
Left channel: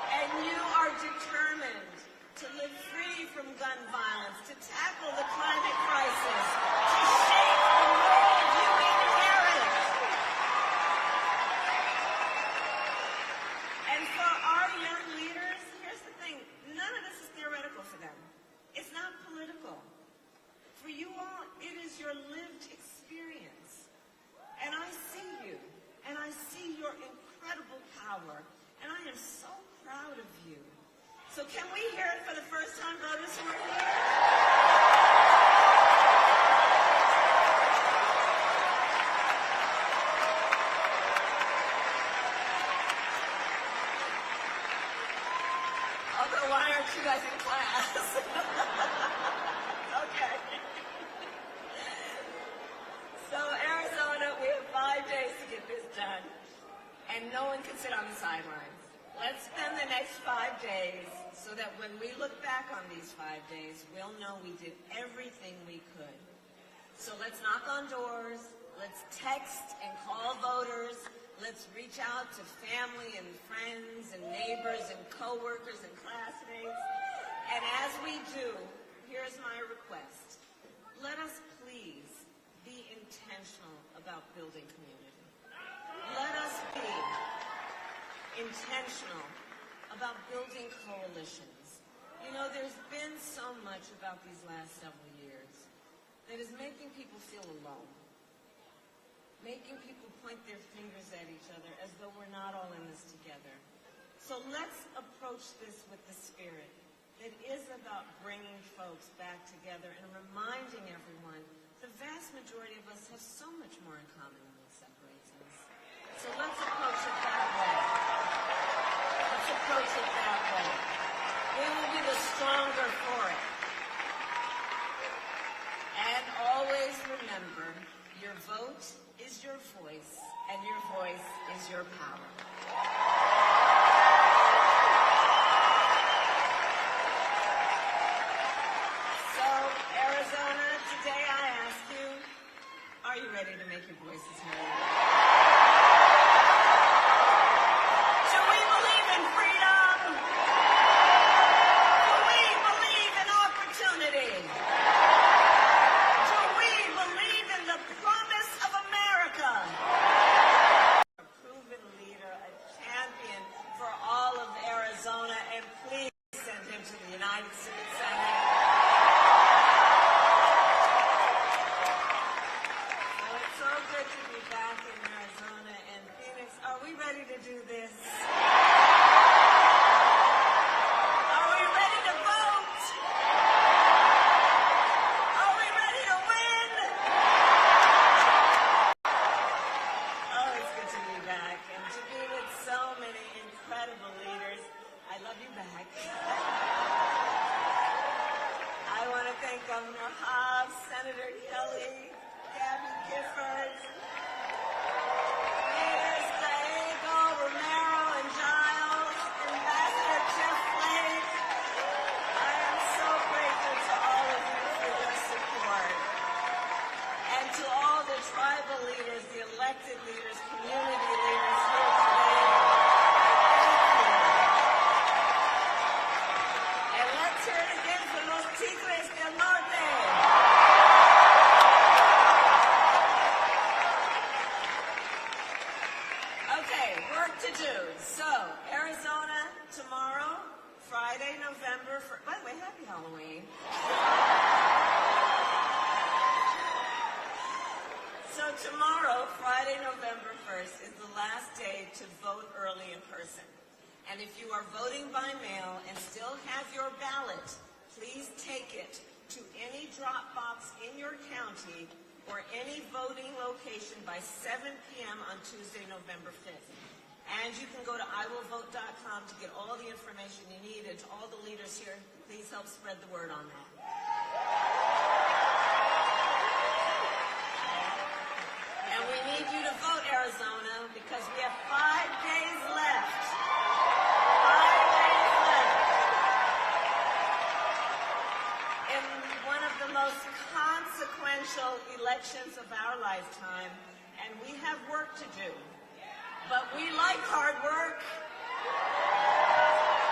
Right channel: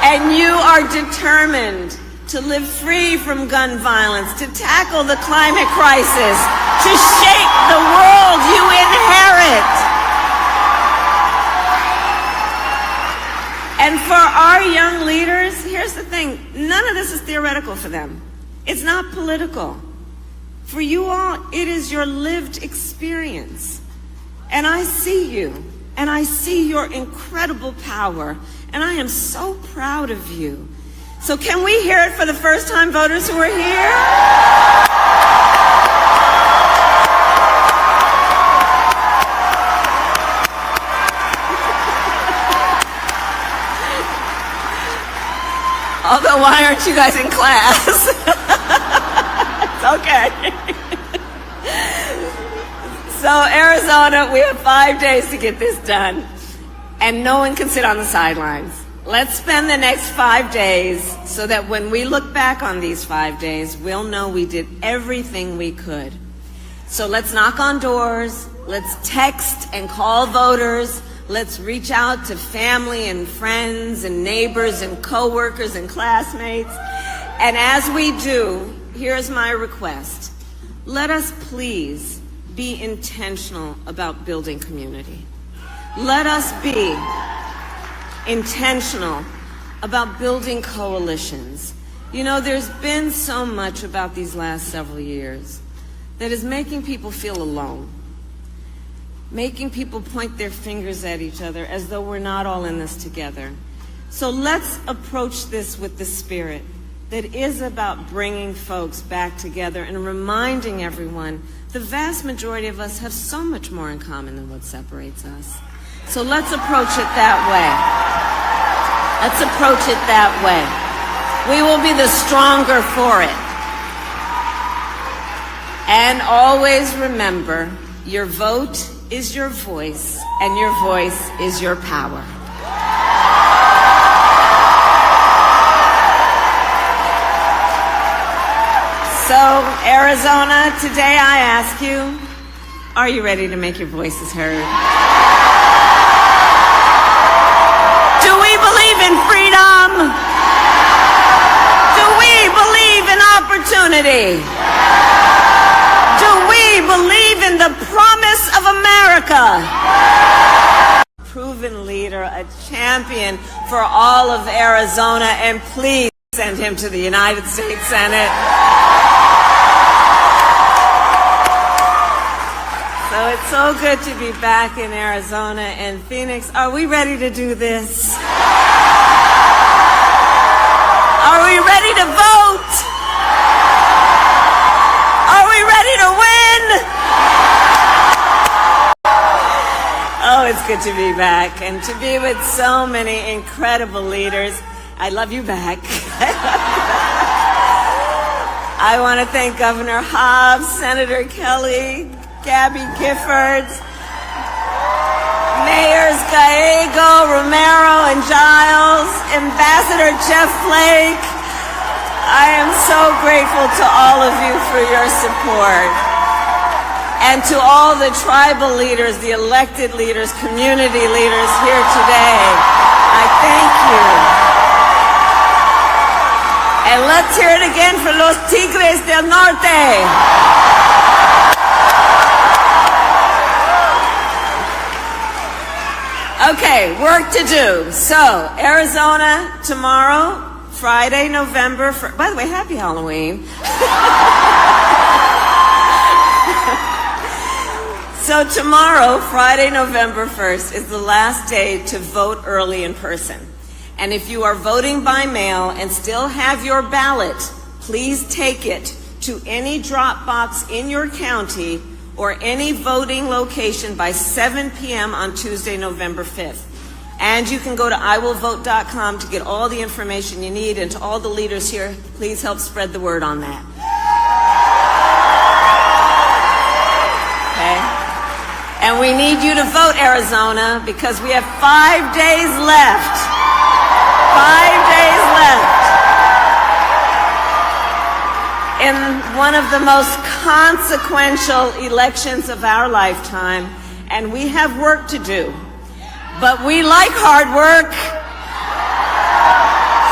And you are determined to live free from gun violence, to tackle the climate crisis, to shape the world you inherit. And for our young leaders, here's the thing, none of this is theoretical for them. It's not political. For you all, it is your lived experience. And I see you, and I see your incredible power, and I am so proud of you. So can we hear it for the first-time voters who are here? Although, why aren't you guys in class? It's okay. So Arizona, we have 5 days to get this done, and no one can sit on the sidelines. Let's spend the next 5 days so that when we look back on these 5 days, we'll know we did everything we could. So let's knock on doors, let's text and call voters, let's reach out to family and friends and neighbors and coworkers and classmates. And as we do, here's my request. Let us please be intentional about building community. Let us be intentional about building coalitions. You know, there's been so much about these last several years that is making people feel alone, making people point their fingers at each other as though we're not all in this together. So let's approach this with the spirit that is about bringing folks back together and reminding everyone the vast majority of us have so much more in common than what separates us. So let's approach it that way. Let's approach it that way. We will be the stronger for it. And always remember, your vote is your voice, and your voice is your power. So, Arizona, today I ask you, are you ready to make your voices heard? Do we believe in freedom? Do we believe in opportunity? Do we believe in the promise of America? Proven leader, a champion for all of Arizona, and please send him to the United States Senate. So it's so good to be back in Arizona and Phoenix. Are we ready to do this? Are we ready to vote? Are we ready to win? Oh, it's good to be back and to be with so many incredible leaders. I love you back. I want to thank Governor Hobbs, Senator Kelly, Gabby Giffords, Mayors Gallego, Romero, and Giles, Ambassador Jeff Flake. I am so grateful to all of you for your support. And to all the tribal leaders, the elected leaders, community leaders here today, I thank you. And let's hear it again for los Tigres del Norte. Okay, work to do. So, Arizona tomorrow, Friday, November 1st. By the way, happy Halloween. So tomorrow, Friday, November 1st, is the last day to vote early in person. And if you are voting by mail and still have your ballot, please take it to any drop box in your county or any voting location by 7 p.m. on Tuesday, November 5th. And you can go to iwillvote.com to get all the information you need. And to all the leaders here, please help spread the word on that. Okay? And we need you to vote, Arizona, because we have 5 days left. 5 days left in one of the most consequential elections of our lifetime, and we have work to do. But we like hard work.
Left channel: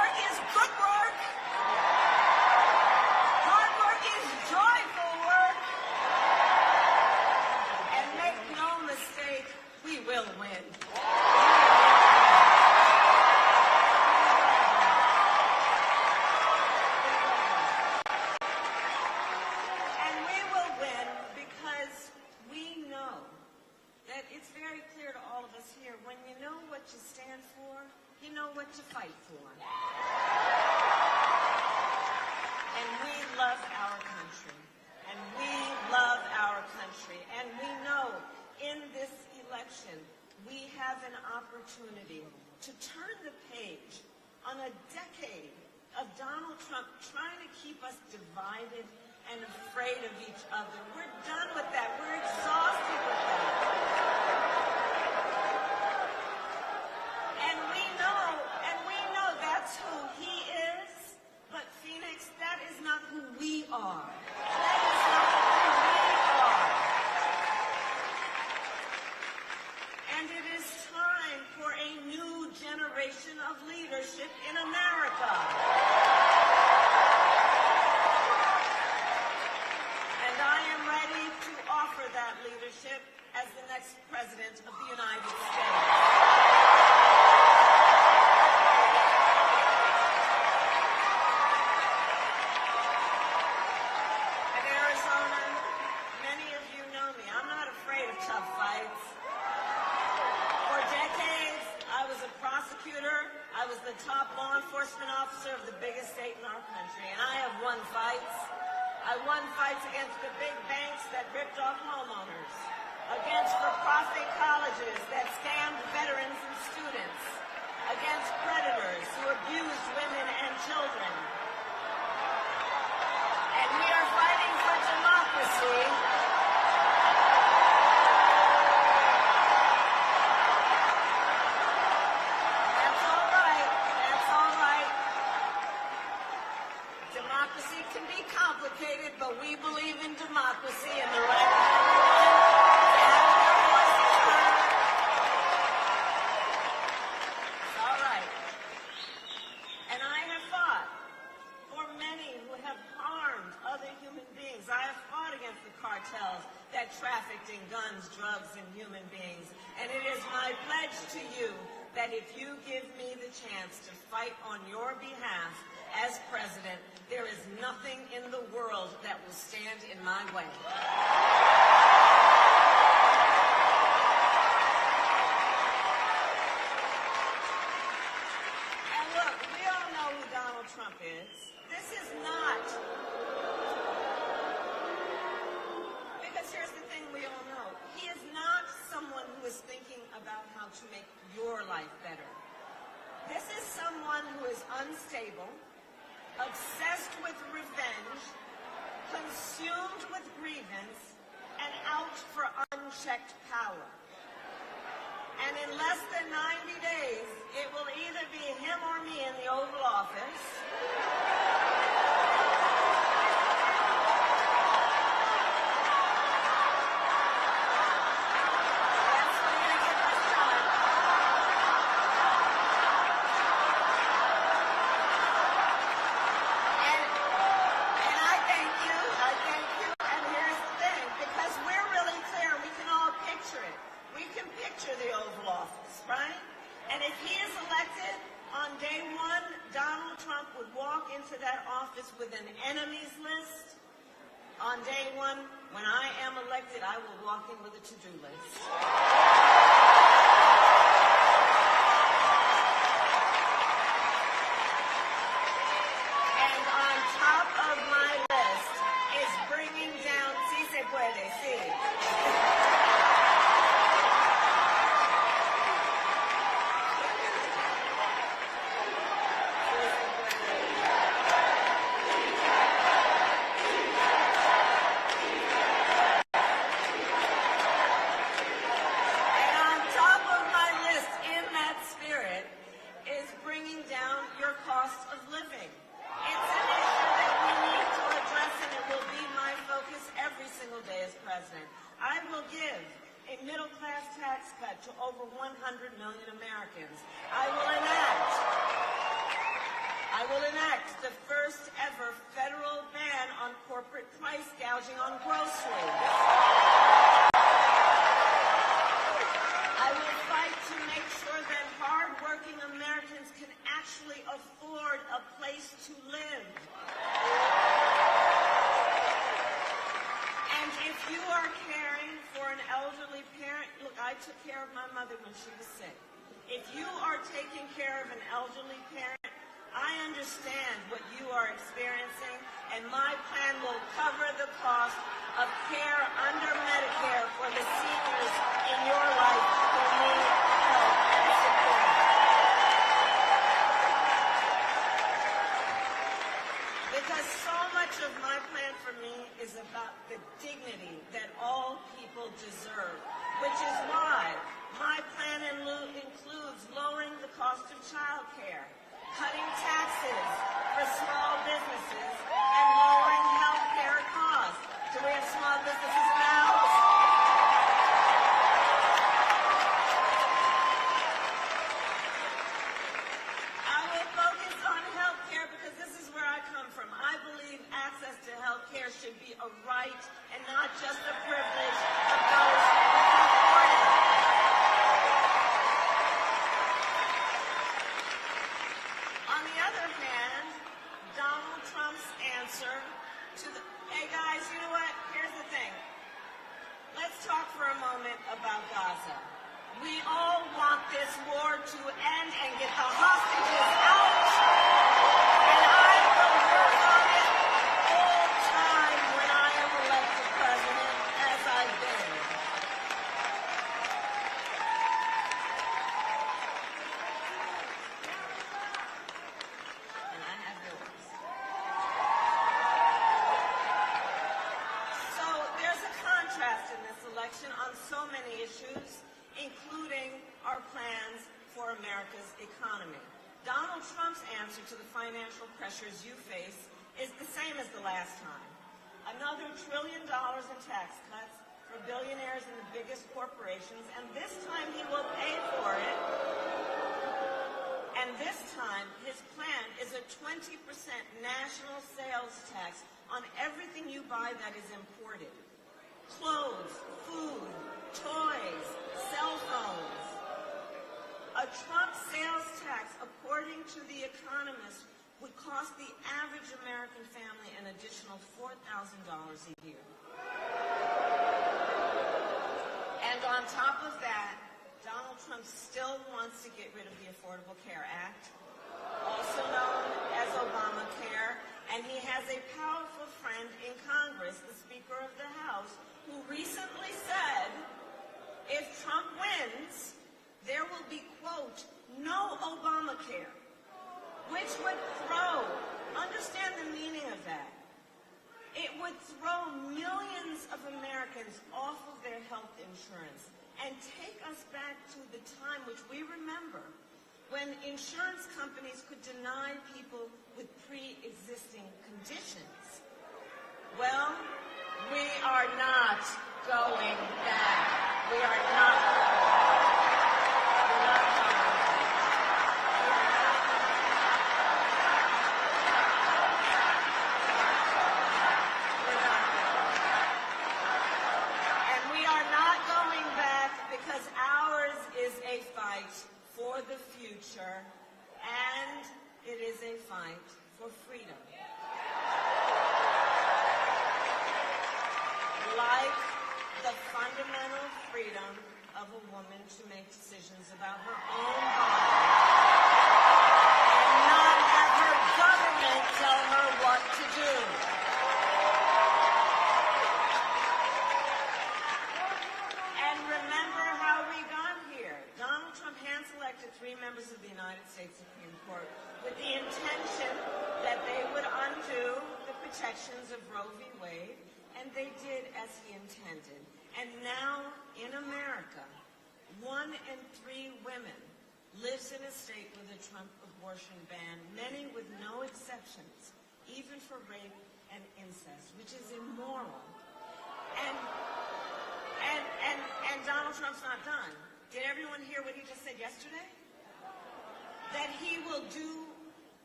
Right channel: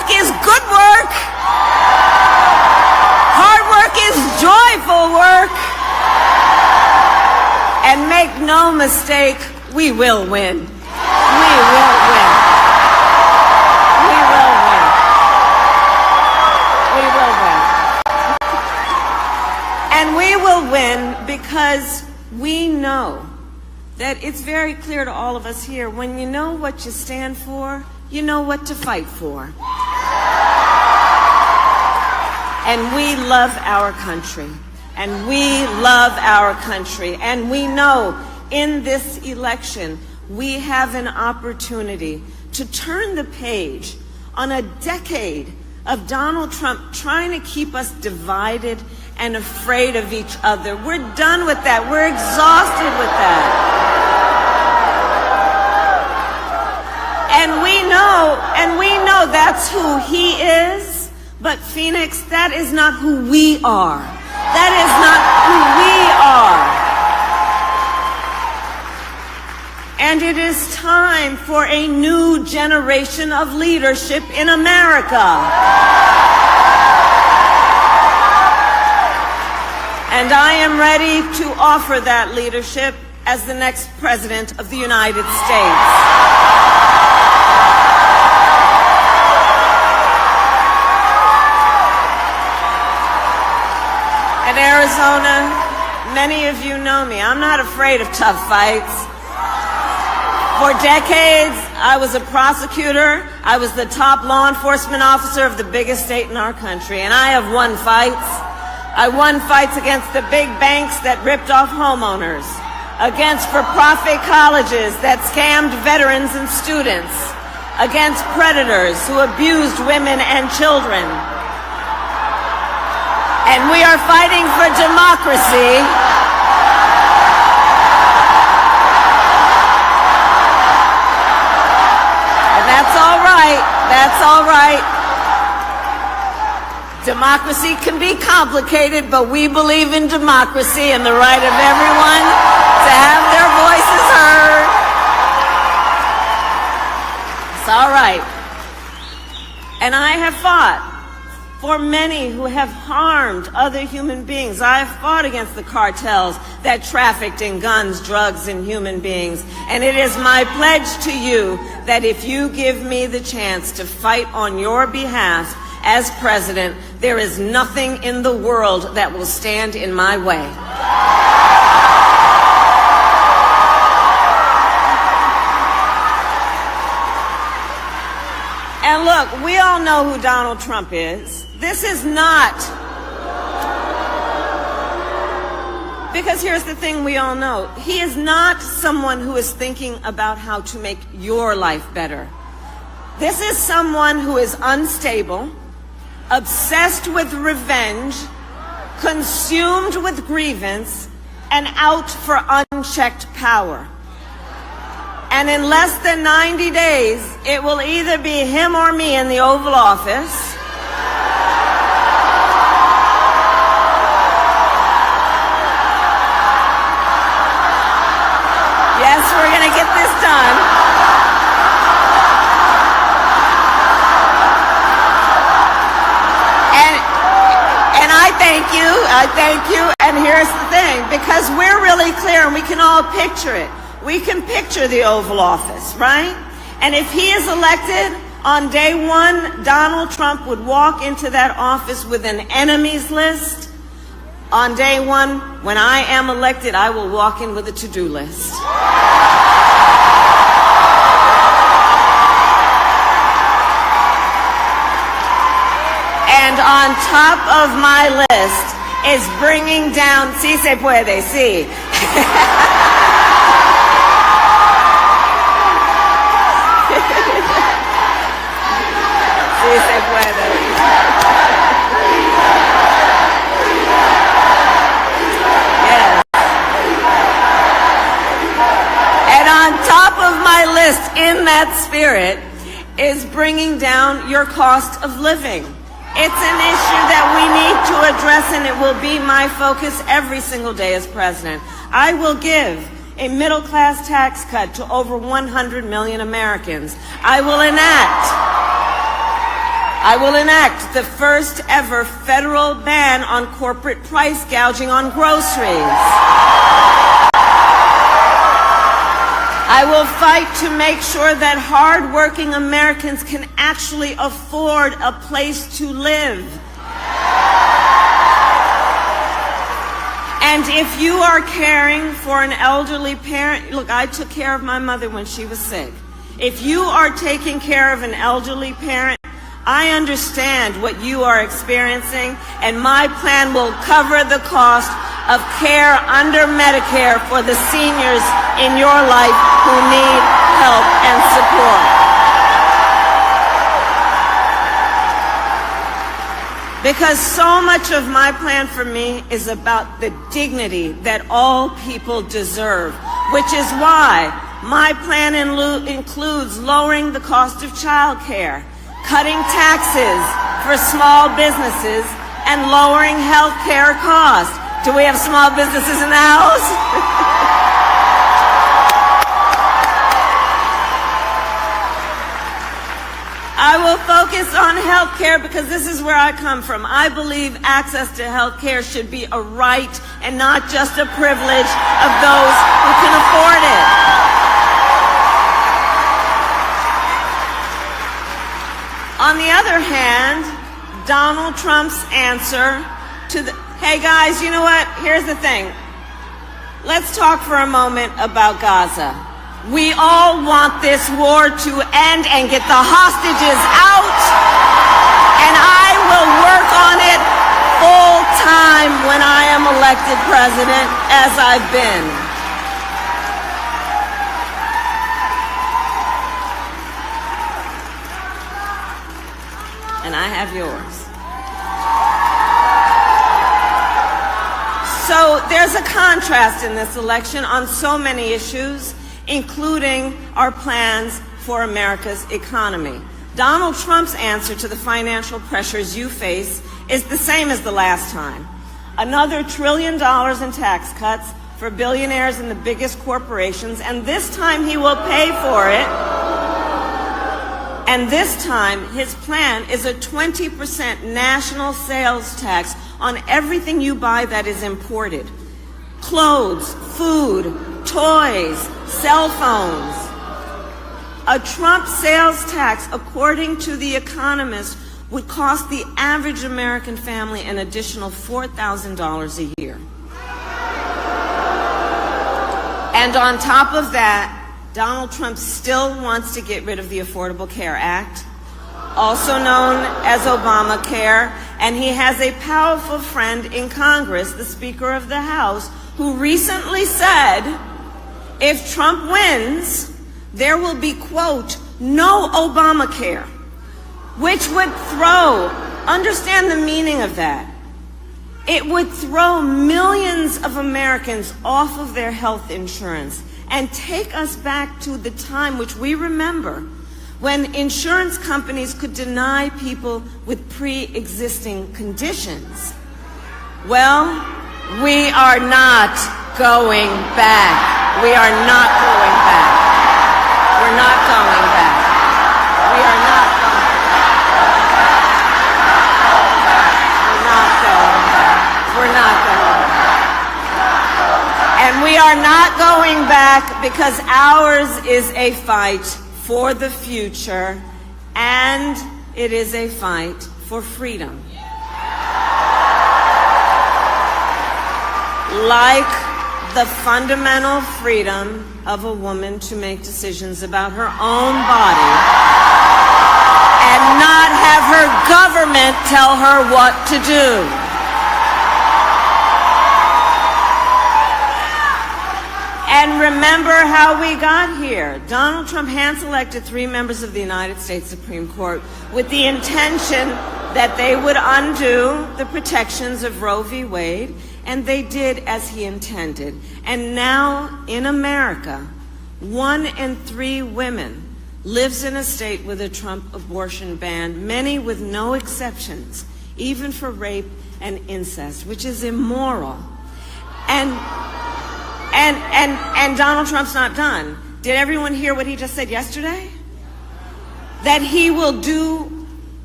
work is good work. Hard work is joyful work. And make no mistake, we will win. We will win. We will win. We will win. And we will win because we know that it's very clear to all of us here, when you know what you stand for, you know what to fight for. And we love our country. And we love our country. And we know in this election, we have an opportunity to turn the page on a decade of Donald Trump trying to keep us divided and afraid of each other. We're done with that. We're exhausted with that. And we know that's who he is. But Phoenix, that is not who we are. That is not who we are. And it is time for a new generation of leadership in America. And I am ready to offer that leadership as the next President of the United States. In Arizona, many of you know me. I'm not afraid of tough fights. For decades, I was a prosecutor. I was the top law enforcement officer of the biggest state in our country, and I have won fights. I won fights against the big banks that ripped off homeowners, against for-profit colleges that scammed veterans and students, against predators who abused women and children. And we are fighting for democracy. And that's all right. That's all right. Democracy can be complicated, but we believe in democracy and the right of everyone to have their voices heard. It's all right. And I have fought for many who have harmed other human beings. I have fought against the cartels that trafficked in guns, drugs, and human beings. And it is my pledge to you that if you give me the chance to fight on your behalf as president, there is nothing in the world that will stand in my way. And look, we all know who Donald Trump is. This is not, because here's the thing we all know. He is not someone who is thinking about how to make your life better. This is someone who is unstable, obsessed with revenge, consumed with grievance, and out for unchecked power. And in less than 90 days, it will either be him or me in the Oval Office. Yes, we're going to get this done. And I thank you. And here's the thing, because we're really clear and we can all picture it. We can picture the Oval Office, right? And if he is elected, on day one, Donald Trump would walk into that office with an enemies list. On day one, when I am elected, I will walk in with a to-do list. And on top of my list is bringing down, sí se puede, sí. Sí se puede. Yes. And on top of my list, in that spirit, is bringing down your cost of living. It's an issue that we need to address, and it will be my focus every single day as president. I will give a middle-class tax cut to over 100 million Americans. I will enact I will enact the first ever federal ban on corporate price gouging on groceries. I will fight to make sure that hard-working Americans can actually afford a place to live. And if you are caring for an elderly parent, look, I took care of my mother when she was sick. If you are taking care of an elderly parent, I understand what you are experiencing, and my plan will cover the cost of care under Medicare for the seniors in your life who need help and support. Because so much of my plan for me is about the dignity that all people deserve, which is why my plan includes lowering the cost of child care, cutting taxes for small businesses, and lowering health care costs. Do we have small businesses in the house? I will focus on health care because this is where I come from. I believe access to health care should be a right and not just a privilege of those who can afford it. On the other hand, Donald Trump's answer to the, hey guys, you know what? Here's the thing. Let's talk for a moment about Gaza. We all want this war to end and get the hostages out, and I will work on it full time when I am elected president, as I've been. And I have yours. So there's a contrast in this election on so many issues, including our plans for America's economy. Donald Trump's answer to the financial pressures you face is the same as the last time. Another $1 trillion in tax cuts for billionaires and the biggest corporations, and this time he will pay for it. And this time, his plan is a 20% national sales tax on everything you buy that is imported. Clothes, food, toys, cell phones. A Trump sales tax, according to The Economist, would cost the average American family an additional $4,000 a year. And on top of that, Donald Trump still wants to get rid of the Affordable Care Act, also known as Obamacare, and he has a powerful friend in Congress, the Speaker of the House, who recently said, if Trump wins, there will be, quote, no Obamacare, which would throw, understand the meaning of that, it would throw millions of Americans off of their health insurance and take us back to the time which we remember when insurance companies could deny people with pre-existing conditions. Well, we are not going back. We are not going back. We're not going back. We are not going back. We're not going back. And we are not going back because ours is a fight for the future, and it is a fight for freedom. Like the fundamental freedom of a woman to make decisions about her own body and not have her government tell her what to do. And remember how we got here. Donald Trump hand-selected 3 members of the United States Supreme Court with the intention that they would undo the protections of Roe v. Wade, and they did as he intended. And now in America, 1 in 3 women lives in a state with a Trump abortion ban, many with no exceptions, even for rape and incest, which is immoral. And Donald Trump's not done. Did everyone hear what he just said yesterday? That he will do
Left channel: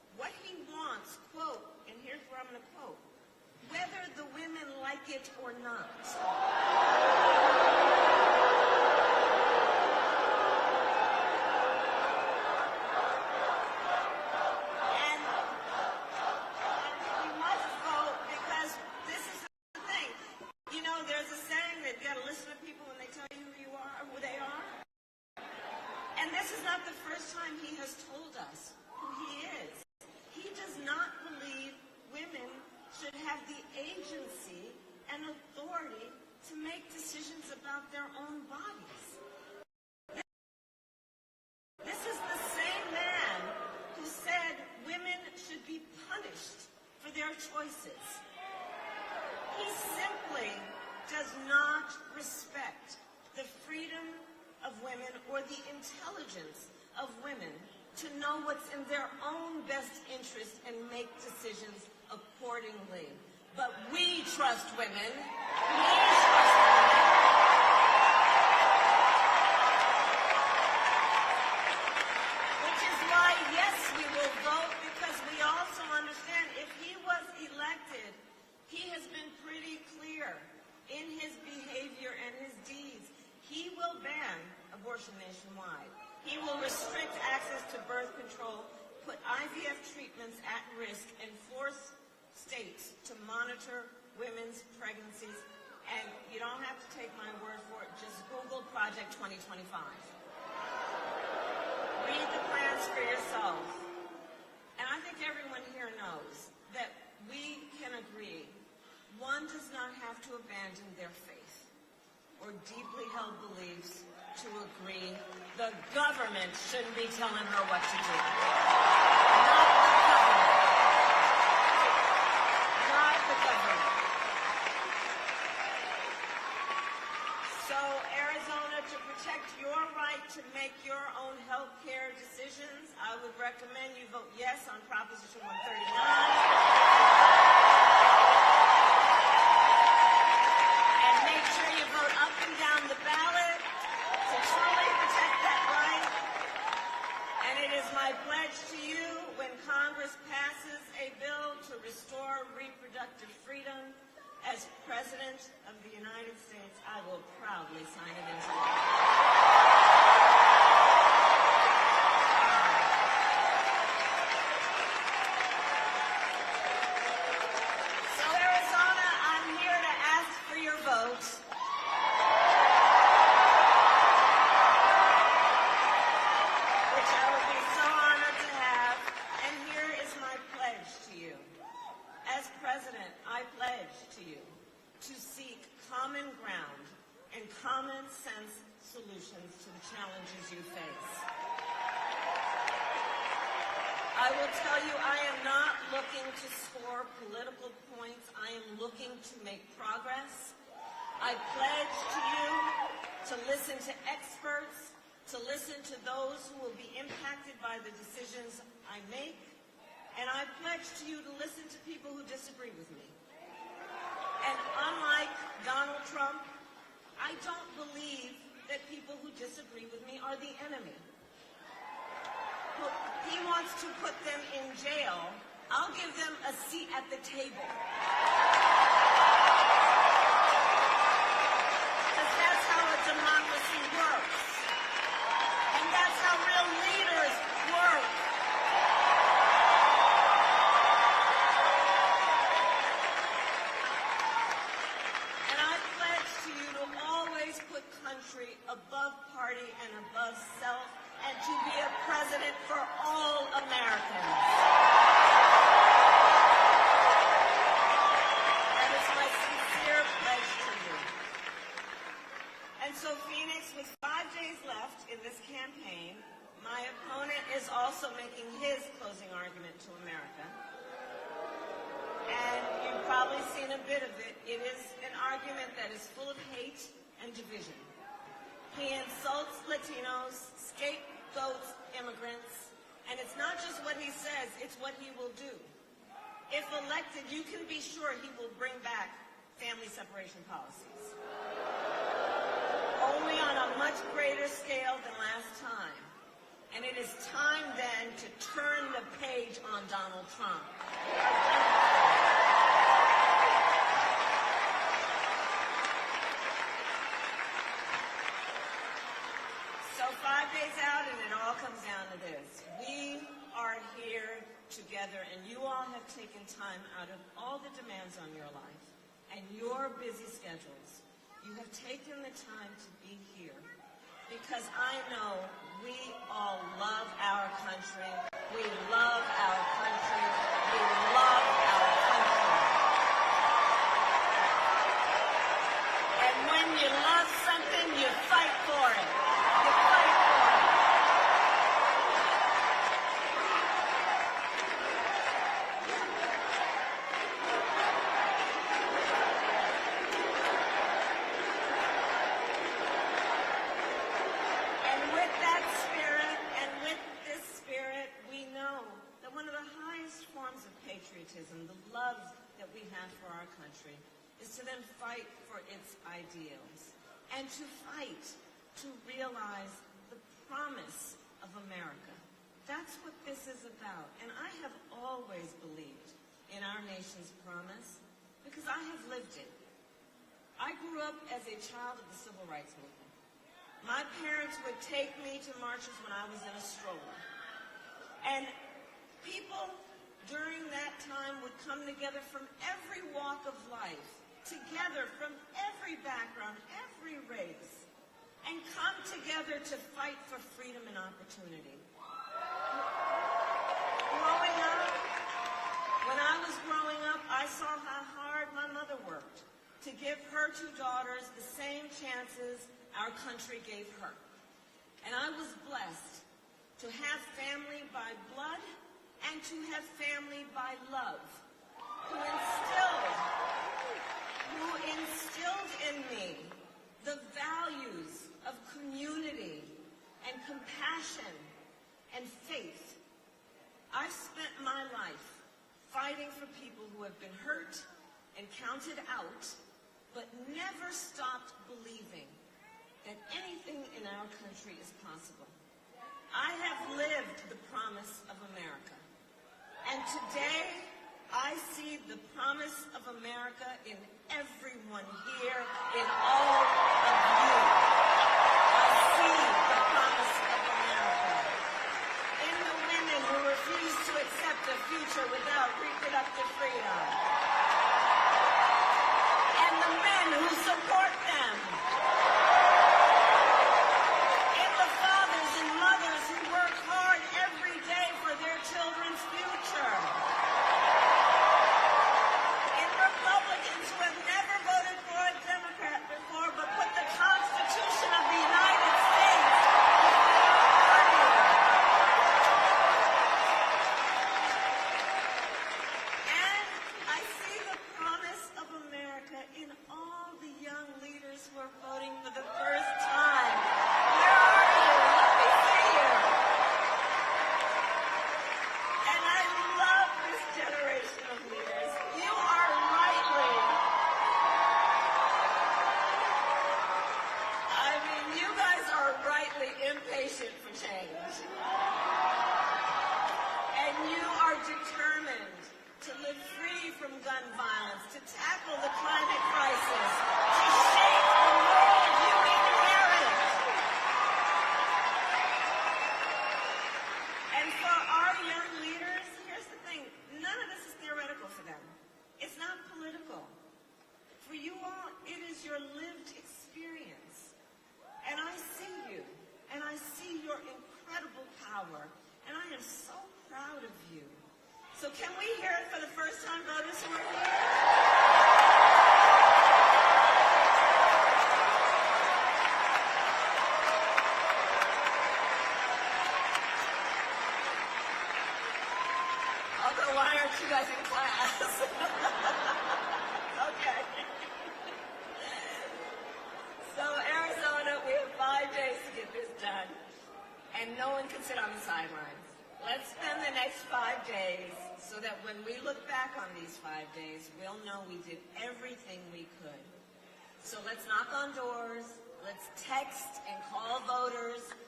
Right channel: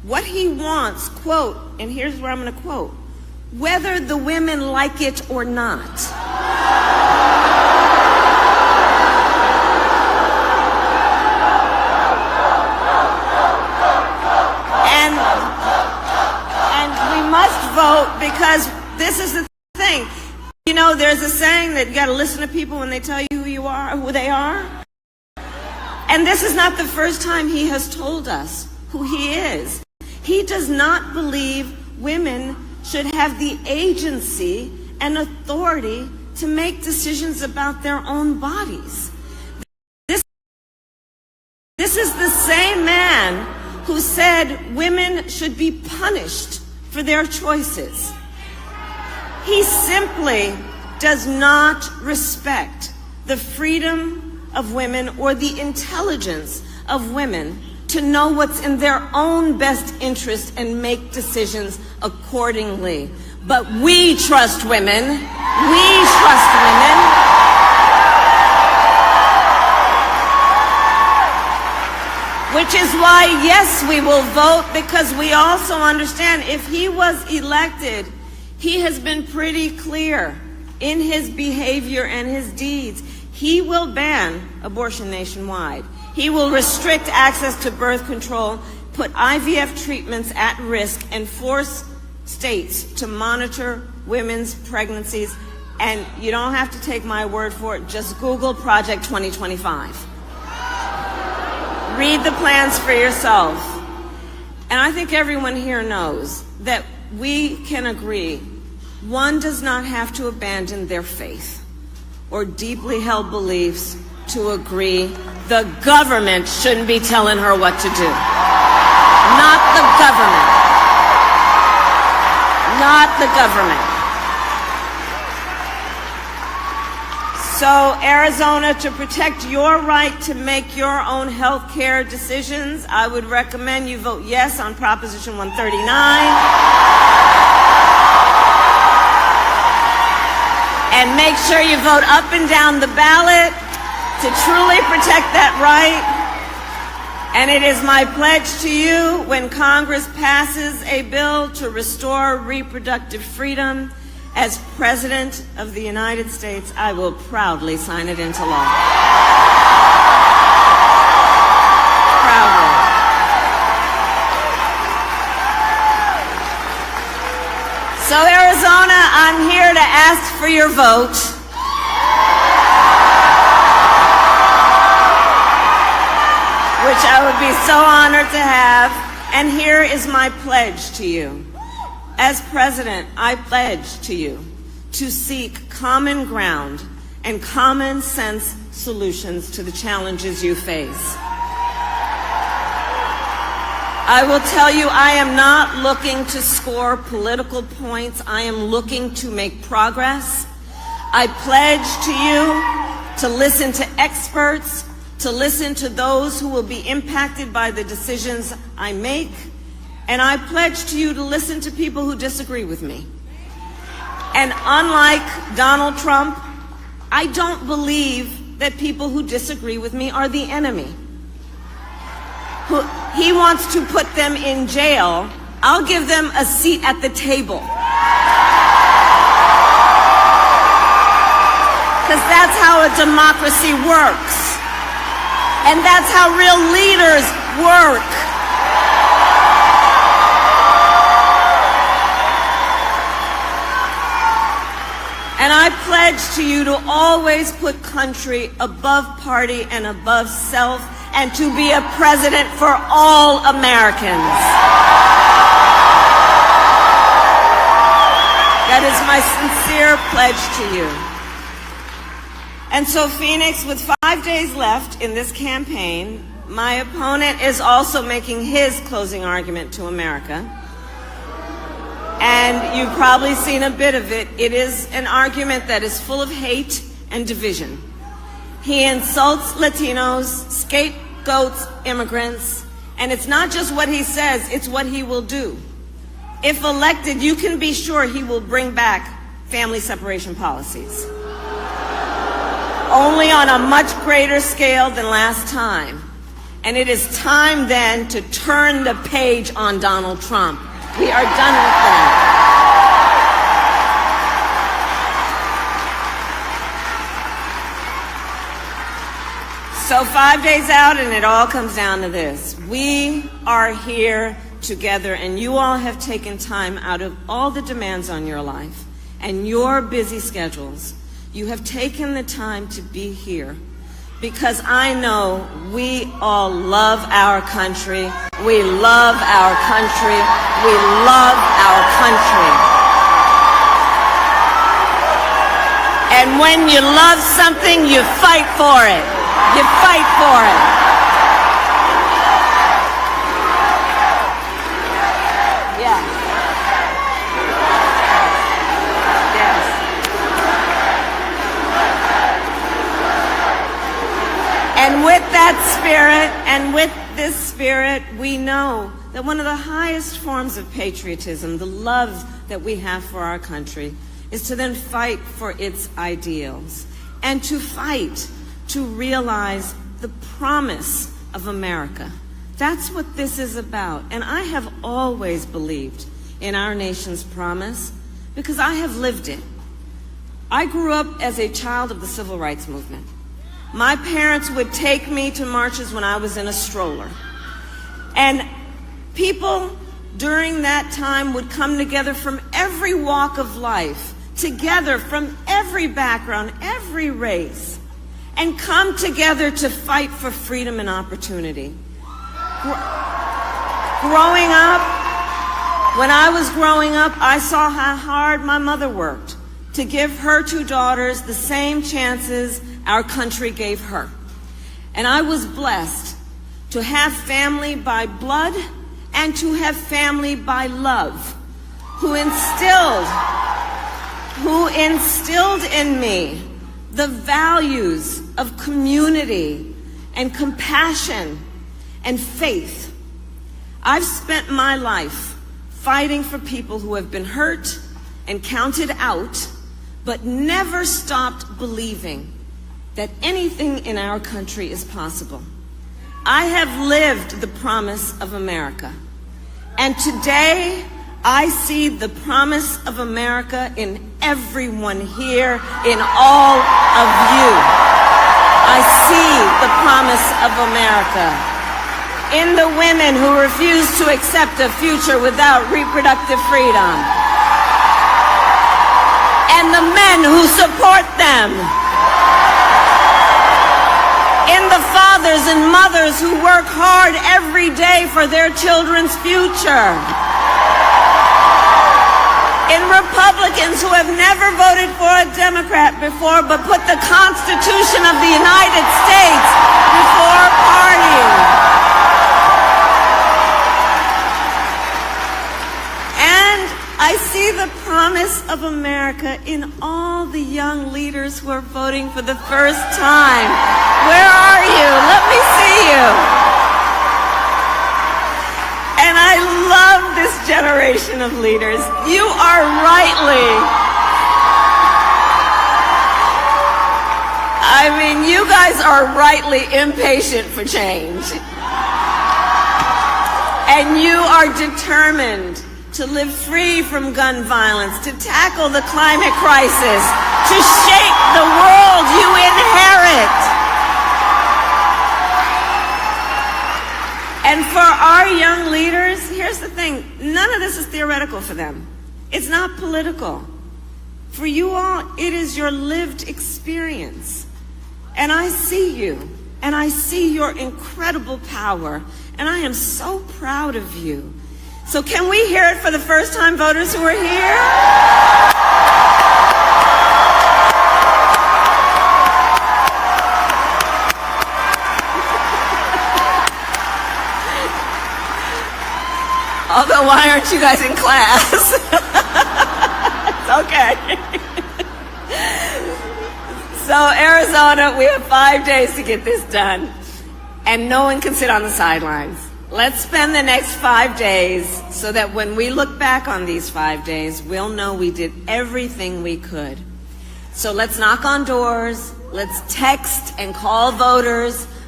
what he wants, quote, and here's where I'm going to quote, whether the women like it or not. And we must vote because this is the thing. You know, there's a saying that you got to listen to people when they tell you who you are, who they are. And this is not the first time he has told us who he is. He does not believe women should have the agency and authority to make decisions about their own bodies. This is the same man who said women should be punished for their choices. He simply does not respect the freedom of women or the intelligence of women to know what's in their own best interest and make decisions accordingly. But we trust women. We trust women. Which is why, yes, we will vote, because we also understand if he was elected, he has been pretty clear in his behavior and his deeds. He will ban abortion nationwide. He will restrict access to birth control, put IVF treatments at risk, and force states to monitor women's pregnancies. And you don't have to take my word for it. Just Google Project 2025. Read the plans for yourself. And I think everyone here knows that we can agree one does not have to abandon their faith or deeply held beliefs to agree the government shouldn't be telling her what to do. Not the government. Not the government. So, Arizona, to protect your right to make your own health care decisions, I would recommend you vote yes on Proposition 139. And make sure you vote up and down the ballot to truly protect that right. And it is my pledge to you, when Congress passes a bill to restore reproductive freedom, as President of the United States, I will proudly sign it into law. Proudly. So, Arizona, I'm here to ask for your vote. Which I would be so honored to have. And here is my pledge to you. As President, I pledge to you to seek common ground and common sense solutions to the challenges you face. I will tell you, I am not looking to score political points. I am looking to make progress. I pledge to you to listen to experts, to listen to those who will be impacted by the decisions I make. And I pledge to you to listen to people who disagree with me. And unlike Donald Trump, I don't believe that people who disagree with me are the enemy. He wants to put them in jail. I'll give them a seat at the table. Because that's how a democracy works. And that's how real leaders work. And I pledge to you to always put country above party and above self, and to be a president for all Americans. That is my sincere pledge to you. And so, Phoenix, with 5 days left in this campaign, my opponent is also making his closing argument to America. And you've probably seen a bit of it. It is an argument that is full of hate and division. He insults Latinos, scapegoats immigrants, and it's not just what he says, it's what he will do. If elected, you can be sure he will bring back family separation policies. Only on a much greater scale than last time. And it is time then to turn the page on Donald Trump. We are done with that. So 5 days out, and it all comes down to this. We are here together, and you all have taken time out of all the demands on your life and your busy schedules. You have taken the time to be here because I know we all love our country. We love our country. We love our country. And when you love something, you fight for it. You fight for it. Yeah. Yes. And with that spirit, and with this spirit, we know that one of the highest forms of patriotism, the love that we have for our country, is to then fight for its ideals and to fight to realize the promise of America. That's what this is about. And I have always believed in our nation's promise because I have lived it. I grew up as a child of the civil rights movement. My parents would take me to marches when I was in a stroller. And people during that time would come together from every walk of life, together from every background, every race, and come together to fight for freedom and opportunity. Growing up, when I was growing up, I saw how hard my mother worked to give her two daughters the same chances our country gave her. And I was blessed to have family by blood and to have family by love, who instilled in me the values of community and compassion and faith. I've spent my life fighting for people who have been hurt and counted out, but never stopped believing that anything in our country is possible. I have lived the promise of America, and today I see the promise of America in everyone here, in all of you. I see the promise of America in the women who refuse to accept a future without reproductive freedom, and the men who support them, in the fathers and mothers who work hard every day for their children's future, in Republicans who have never voted for a Democrat before but put the Constitution of the United States before party. And I see the promise of America in all the young leaders who are voting for the first time. Where are you? Let me see you. And I love this generation of leaders. You are you guys are rightly impatient for change. And you are determined to live free from gun violence, to tackle the climate crisis, to shape the world you inherit. And for our young leaders, here's the thing, none of this is theoretical for them. It's not political. For you all, it is your lived experience. And I see you, and I see your incredible power, and I am so proud of you. So can we hear it for the first-time voters who are here? Although, why aren't you guys in class? It's okay. So, Arizona, we have 5 days to get this done, and no one can sit on the sidelines. Let's spend the next 5 days so that when we look back on these 5 days, we'll know we did everything we could. So let's knock on doors, let's text and call voters,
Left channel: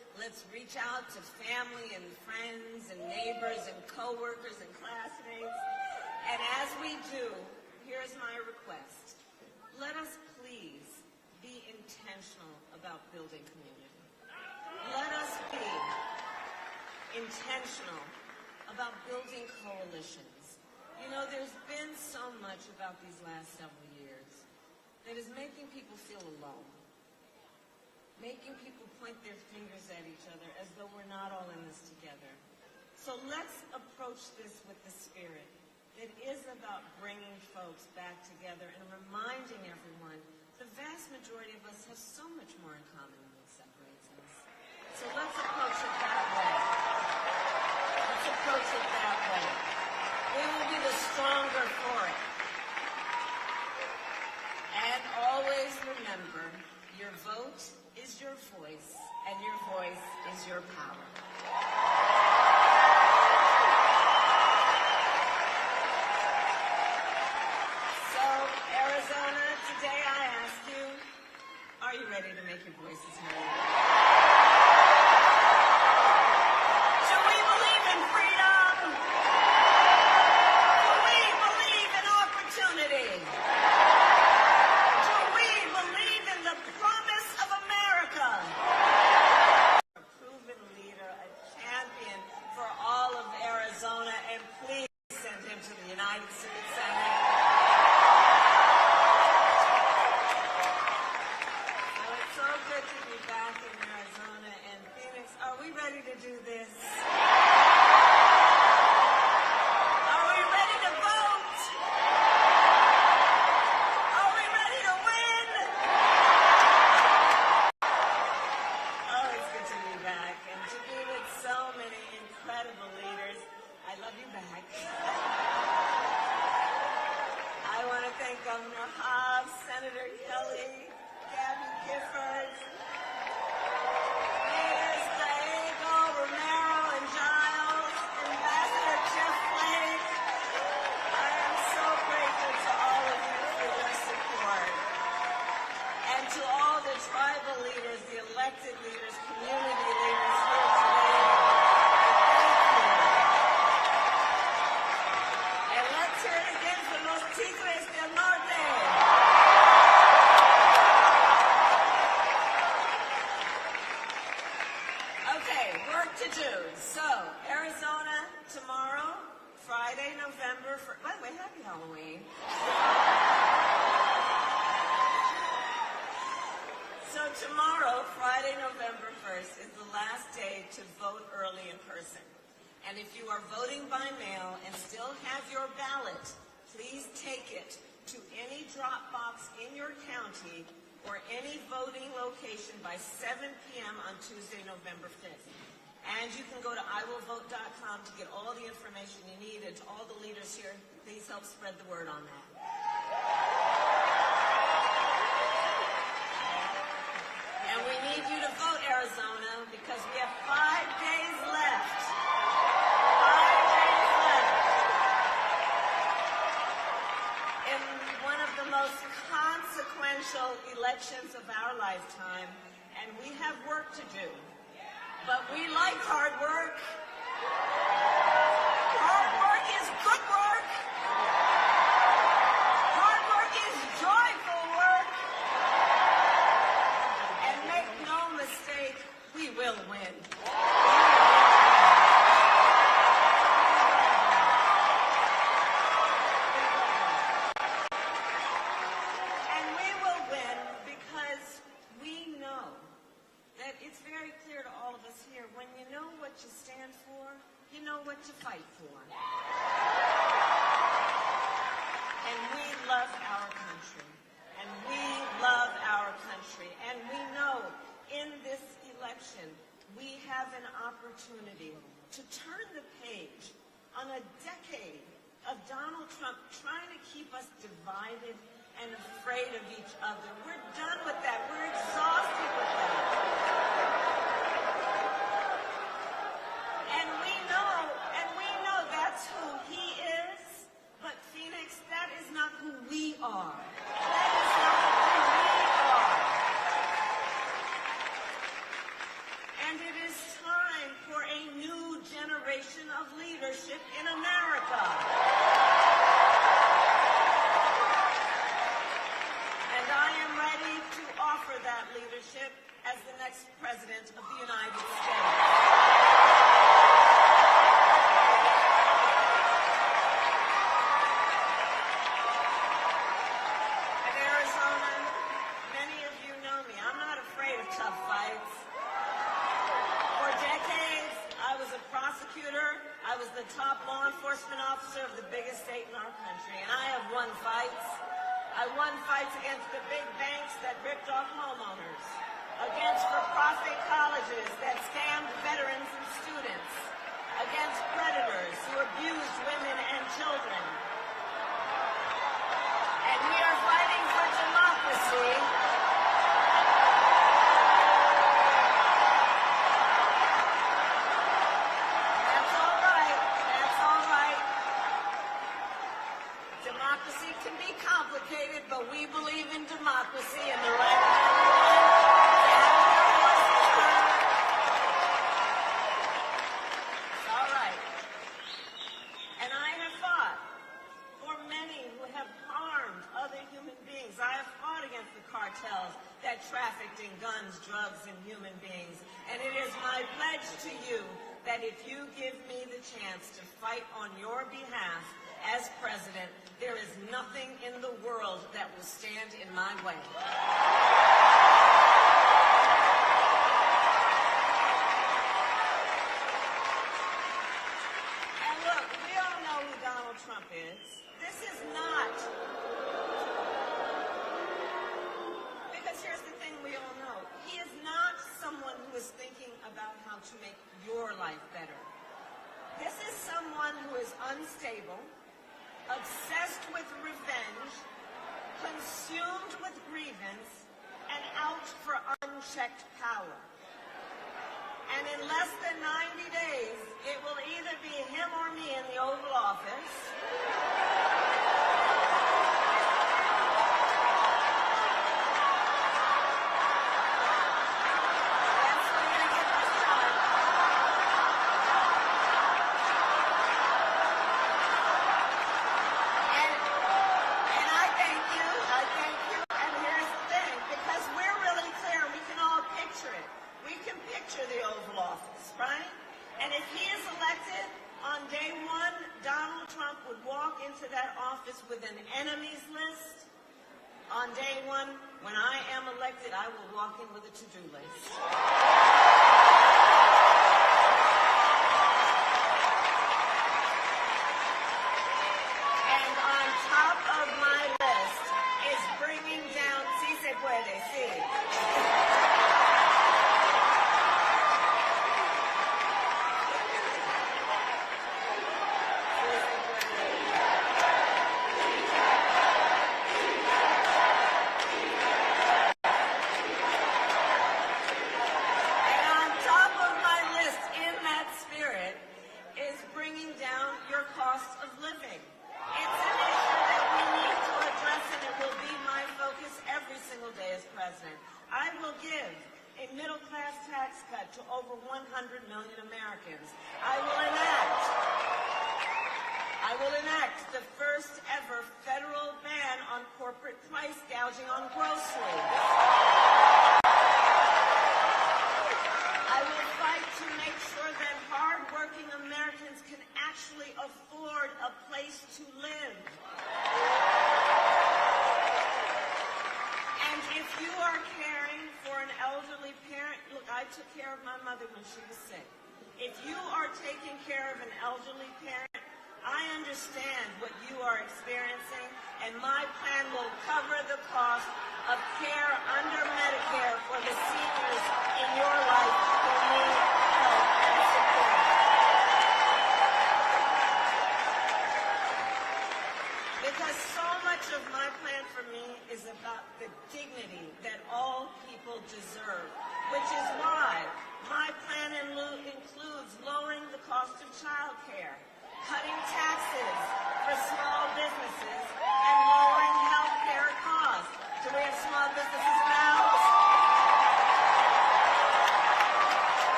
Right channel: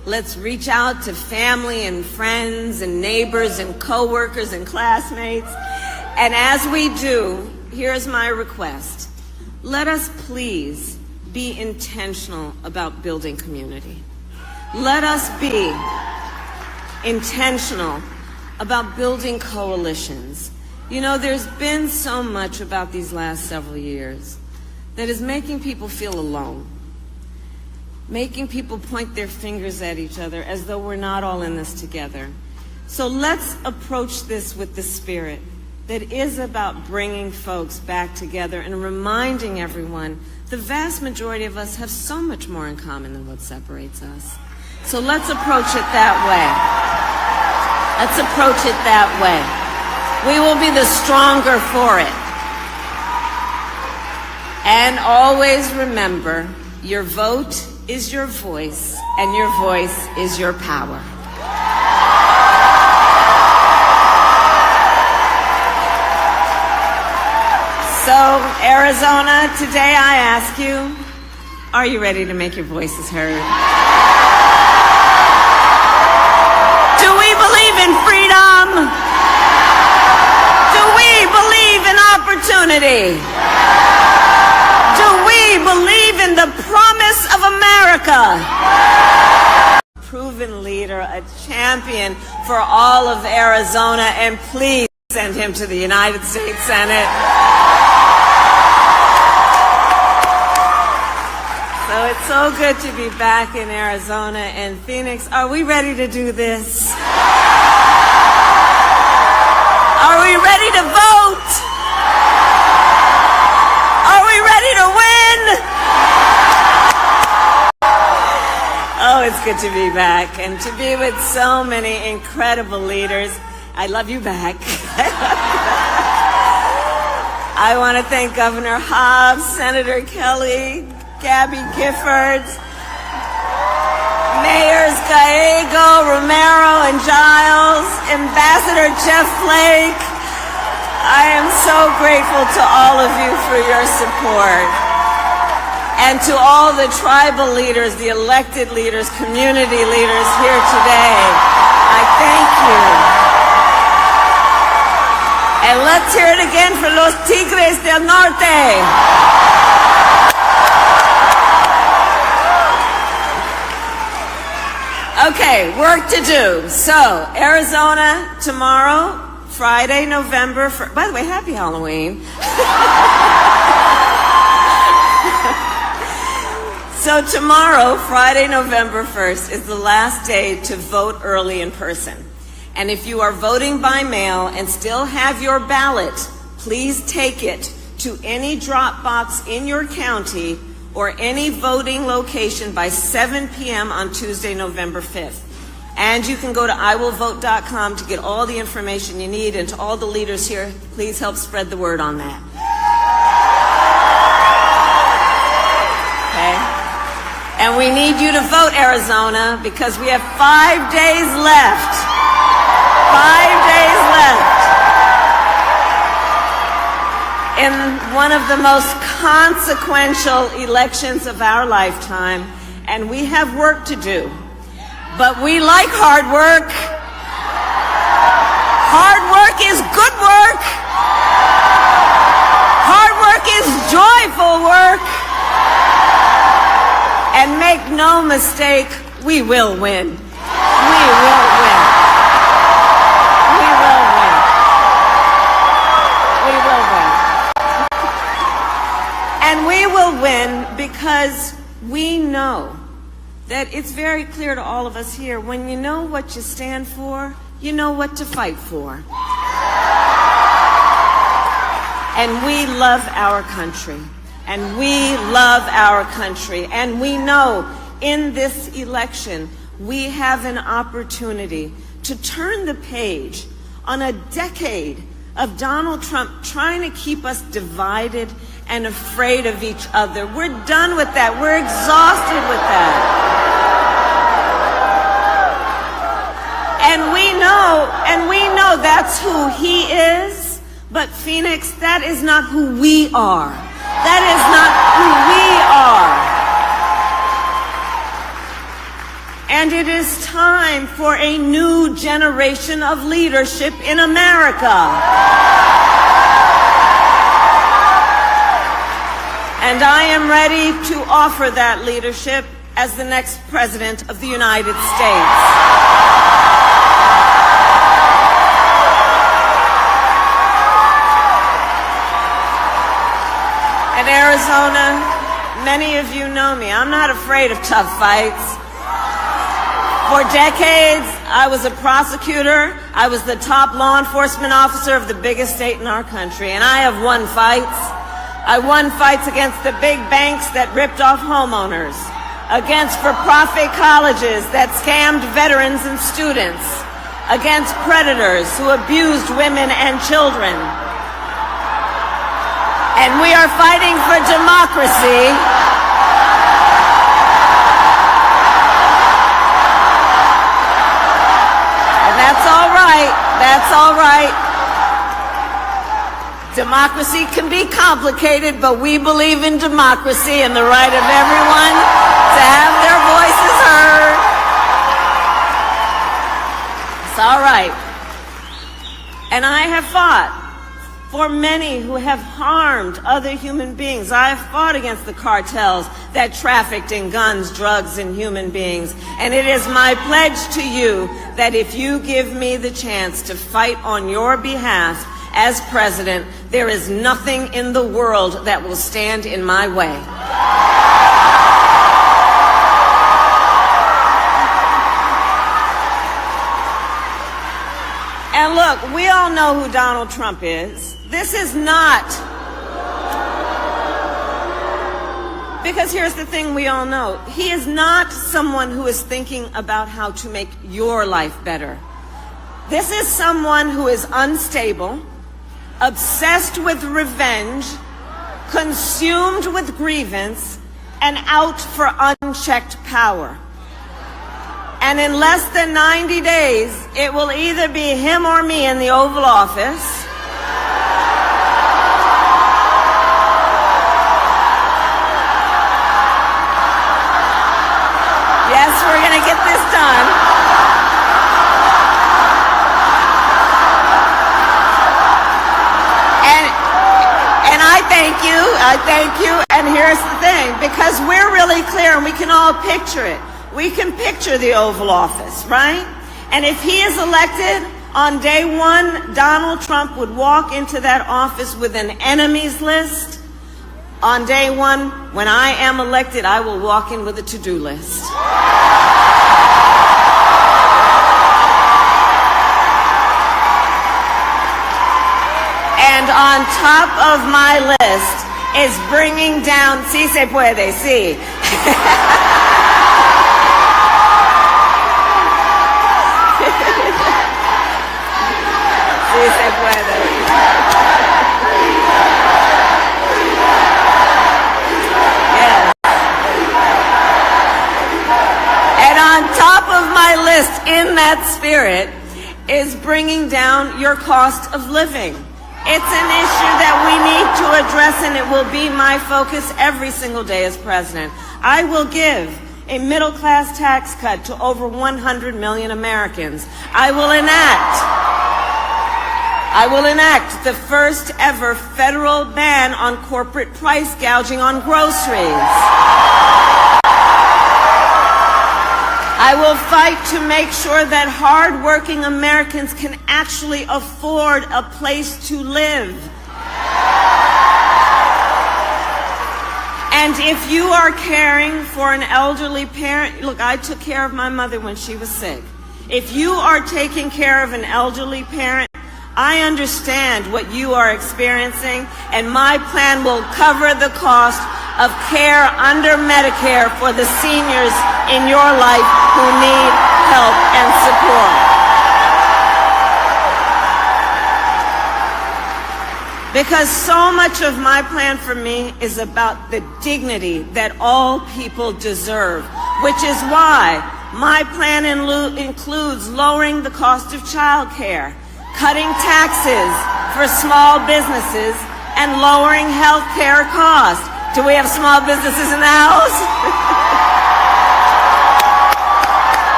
Let's reach out to family and friends and neighbors and coworkers and classmates. And as we do, here's my request. Let us please be intentional about building community. Let us be intentional about building coalitions. You know, there's been so much about these last several years that is making people feel alone, making people point their fingers at each other as though we're not all in this together. So let's approach this with the spirit that is about bringing folks back together and reminding everyone the vast majority of us have so much more in common than what separates us. So let's approach it that way. Let's approach it that way. We will be the stronger for it. And always remember, your vote is your voice, and your voice is your power. So, Arizona, today I ask you, are you ready to make your voices heard? Do we believe in freedom? Do we believe in opportunity? Do we believe in the promise of America? Proven leader, a champion for all of Arizona, and please send him to the United States Senate. So it's so good to be back in Arizona and Phoenix. Are we ready to do this? Are we ready to vote? Are we ready to win? Oh, it's good to be back and to be with so many incredible leaders. I love you back. I want to thank Governor Hobbs, Senator Kelly, Gabby Giffords, Mayors Gallego, Romero, and Giles, Ambassador Jeff Flake. I am so grateful to all of you for your support. And to all the tribal leaders, the elected leaders, community leaders here today, I thank you. And let's hear it again for los Tigres del Norte. Okay, work to do. So, Arizona tomorrow, Friday, November 1st. By the way, happy Halloween. So tomorrow, Friday, November 1st, is the last day to vote early in person. And if you are voting by mail and still have your ballot, please take it to any drop box in your county or any voting location by 7 p.m. on Tuesday, November 5th. And you can go to iwillvote.com to get all the information you need. And to all the leaders here, please help spread the word on that. Okay? And we need you to vote, Arizona, because we have 5 days left. 5 days left in one of the most consequential elections of our lifetime, and we have work to do. But we like hard work. Hard work is good work. Hard work is joyful work. And make no mistake, we will win. We will win. We will win. We will win. And we will win because we know that it's very clear to all of us here, when you know what you stand for, you know what to fight for. And we love our country. And we love our country. And we know in this election, we have an opportunity to turn the page on a decade of Donald Trump trying to keep us divided and afraid of each other. We're done with that. We're exhausted with that. And we know that's who he is, but Phoenix, that is not who we are. That is not who we are. And it is time for a new generation of leadership in America. And I am ready to offer that leadership as the next President of the United States. In Arizona, many of you know me. I'm not afraid of tough fights. For decades, I was a prosecutor. I was the top law enforcement officer of the biggest state in our country, and I have won fights. I won fights against the big banks that ripped off homeowners, against for-profit colleges that scammed veterans and students, against predators who abused women and children. And we are fighting for democracy. That's all right. That's all right. Democracy can be complicated, but we believe in democracy and the right of everyone to have their voices heard. It's all right. And I have fought for many who have harmed other human beings. I have fought against the cartels that trafficked in guns, drugs, and human beings. And it is my pledge to you that if you give me the chance to fight on your behalf as president, there is nothing in the world that will stand in my way. And look, we all know who Donald Trump is. This is not, because here's the thing we all know. He is not someone who is thinking about how to make your life better. This is someone who is unstable, obsessed with revenge, consumed with grievance, and out for unchecked power. And in less than 90 days, it will either be him or me in the Oval Office. Yes, we're going to get this done. And I thank you, and here's the thing, because we're really clear and we can all picture it. We can picture the Oval Office, right? And if he is elected, on day one, Donald Trump would walk into that office with an enemies list. On day one, when I am elected, I will walk in with a to-do list. And on top of my list is bringing down, sí se puede, sí. Sí se puede. Yes. And on top of my list, in that spirit, is bringing down your cost of living. It's an issue that we need to address, and it will be my focus every single day as president. I will give a middle-class tax cut to over 100 million Americans. I will enact the first ever federal ban on corporate price gouging on groceries. I will fight to make sure that hard-working Americans can actually afford a place to live. And if you are caring for an elderly parent, look, I took care of my mother when she was sick. If you are taking care of an elderly parent, I understand what you are experiencing, and my plan will cover the cost of care under Medicare for the seniors in your life who need help and support. Because so much of my plan for me is about the dignity that all people deserve, which is why my plan includes lowering the cost of child care, cutting taxes for small businesses, and lowering health care costs. Do we have small businesses in the house?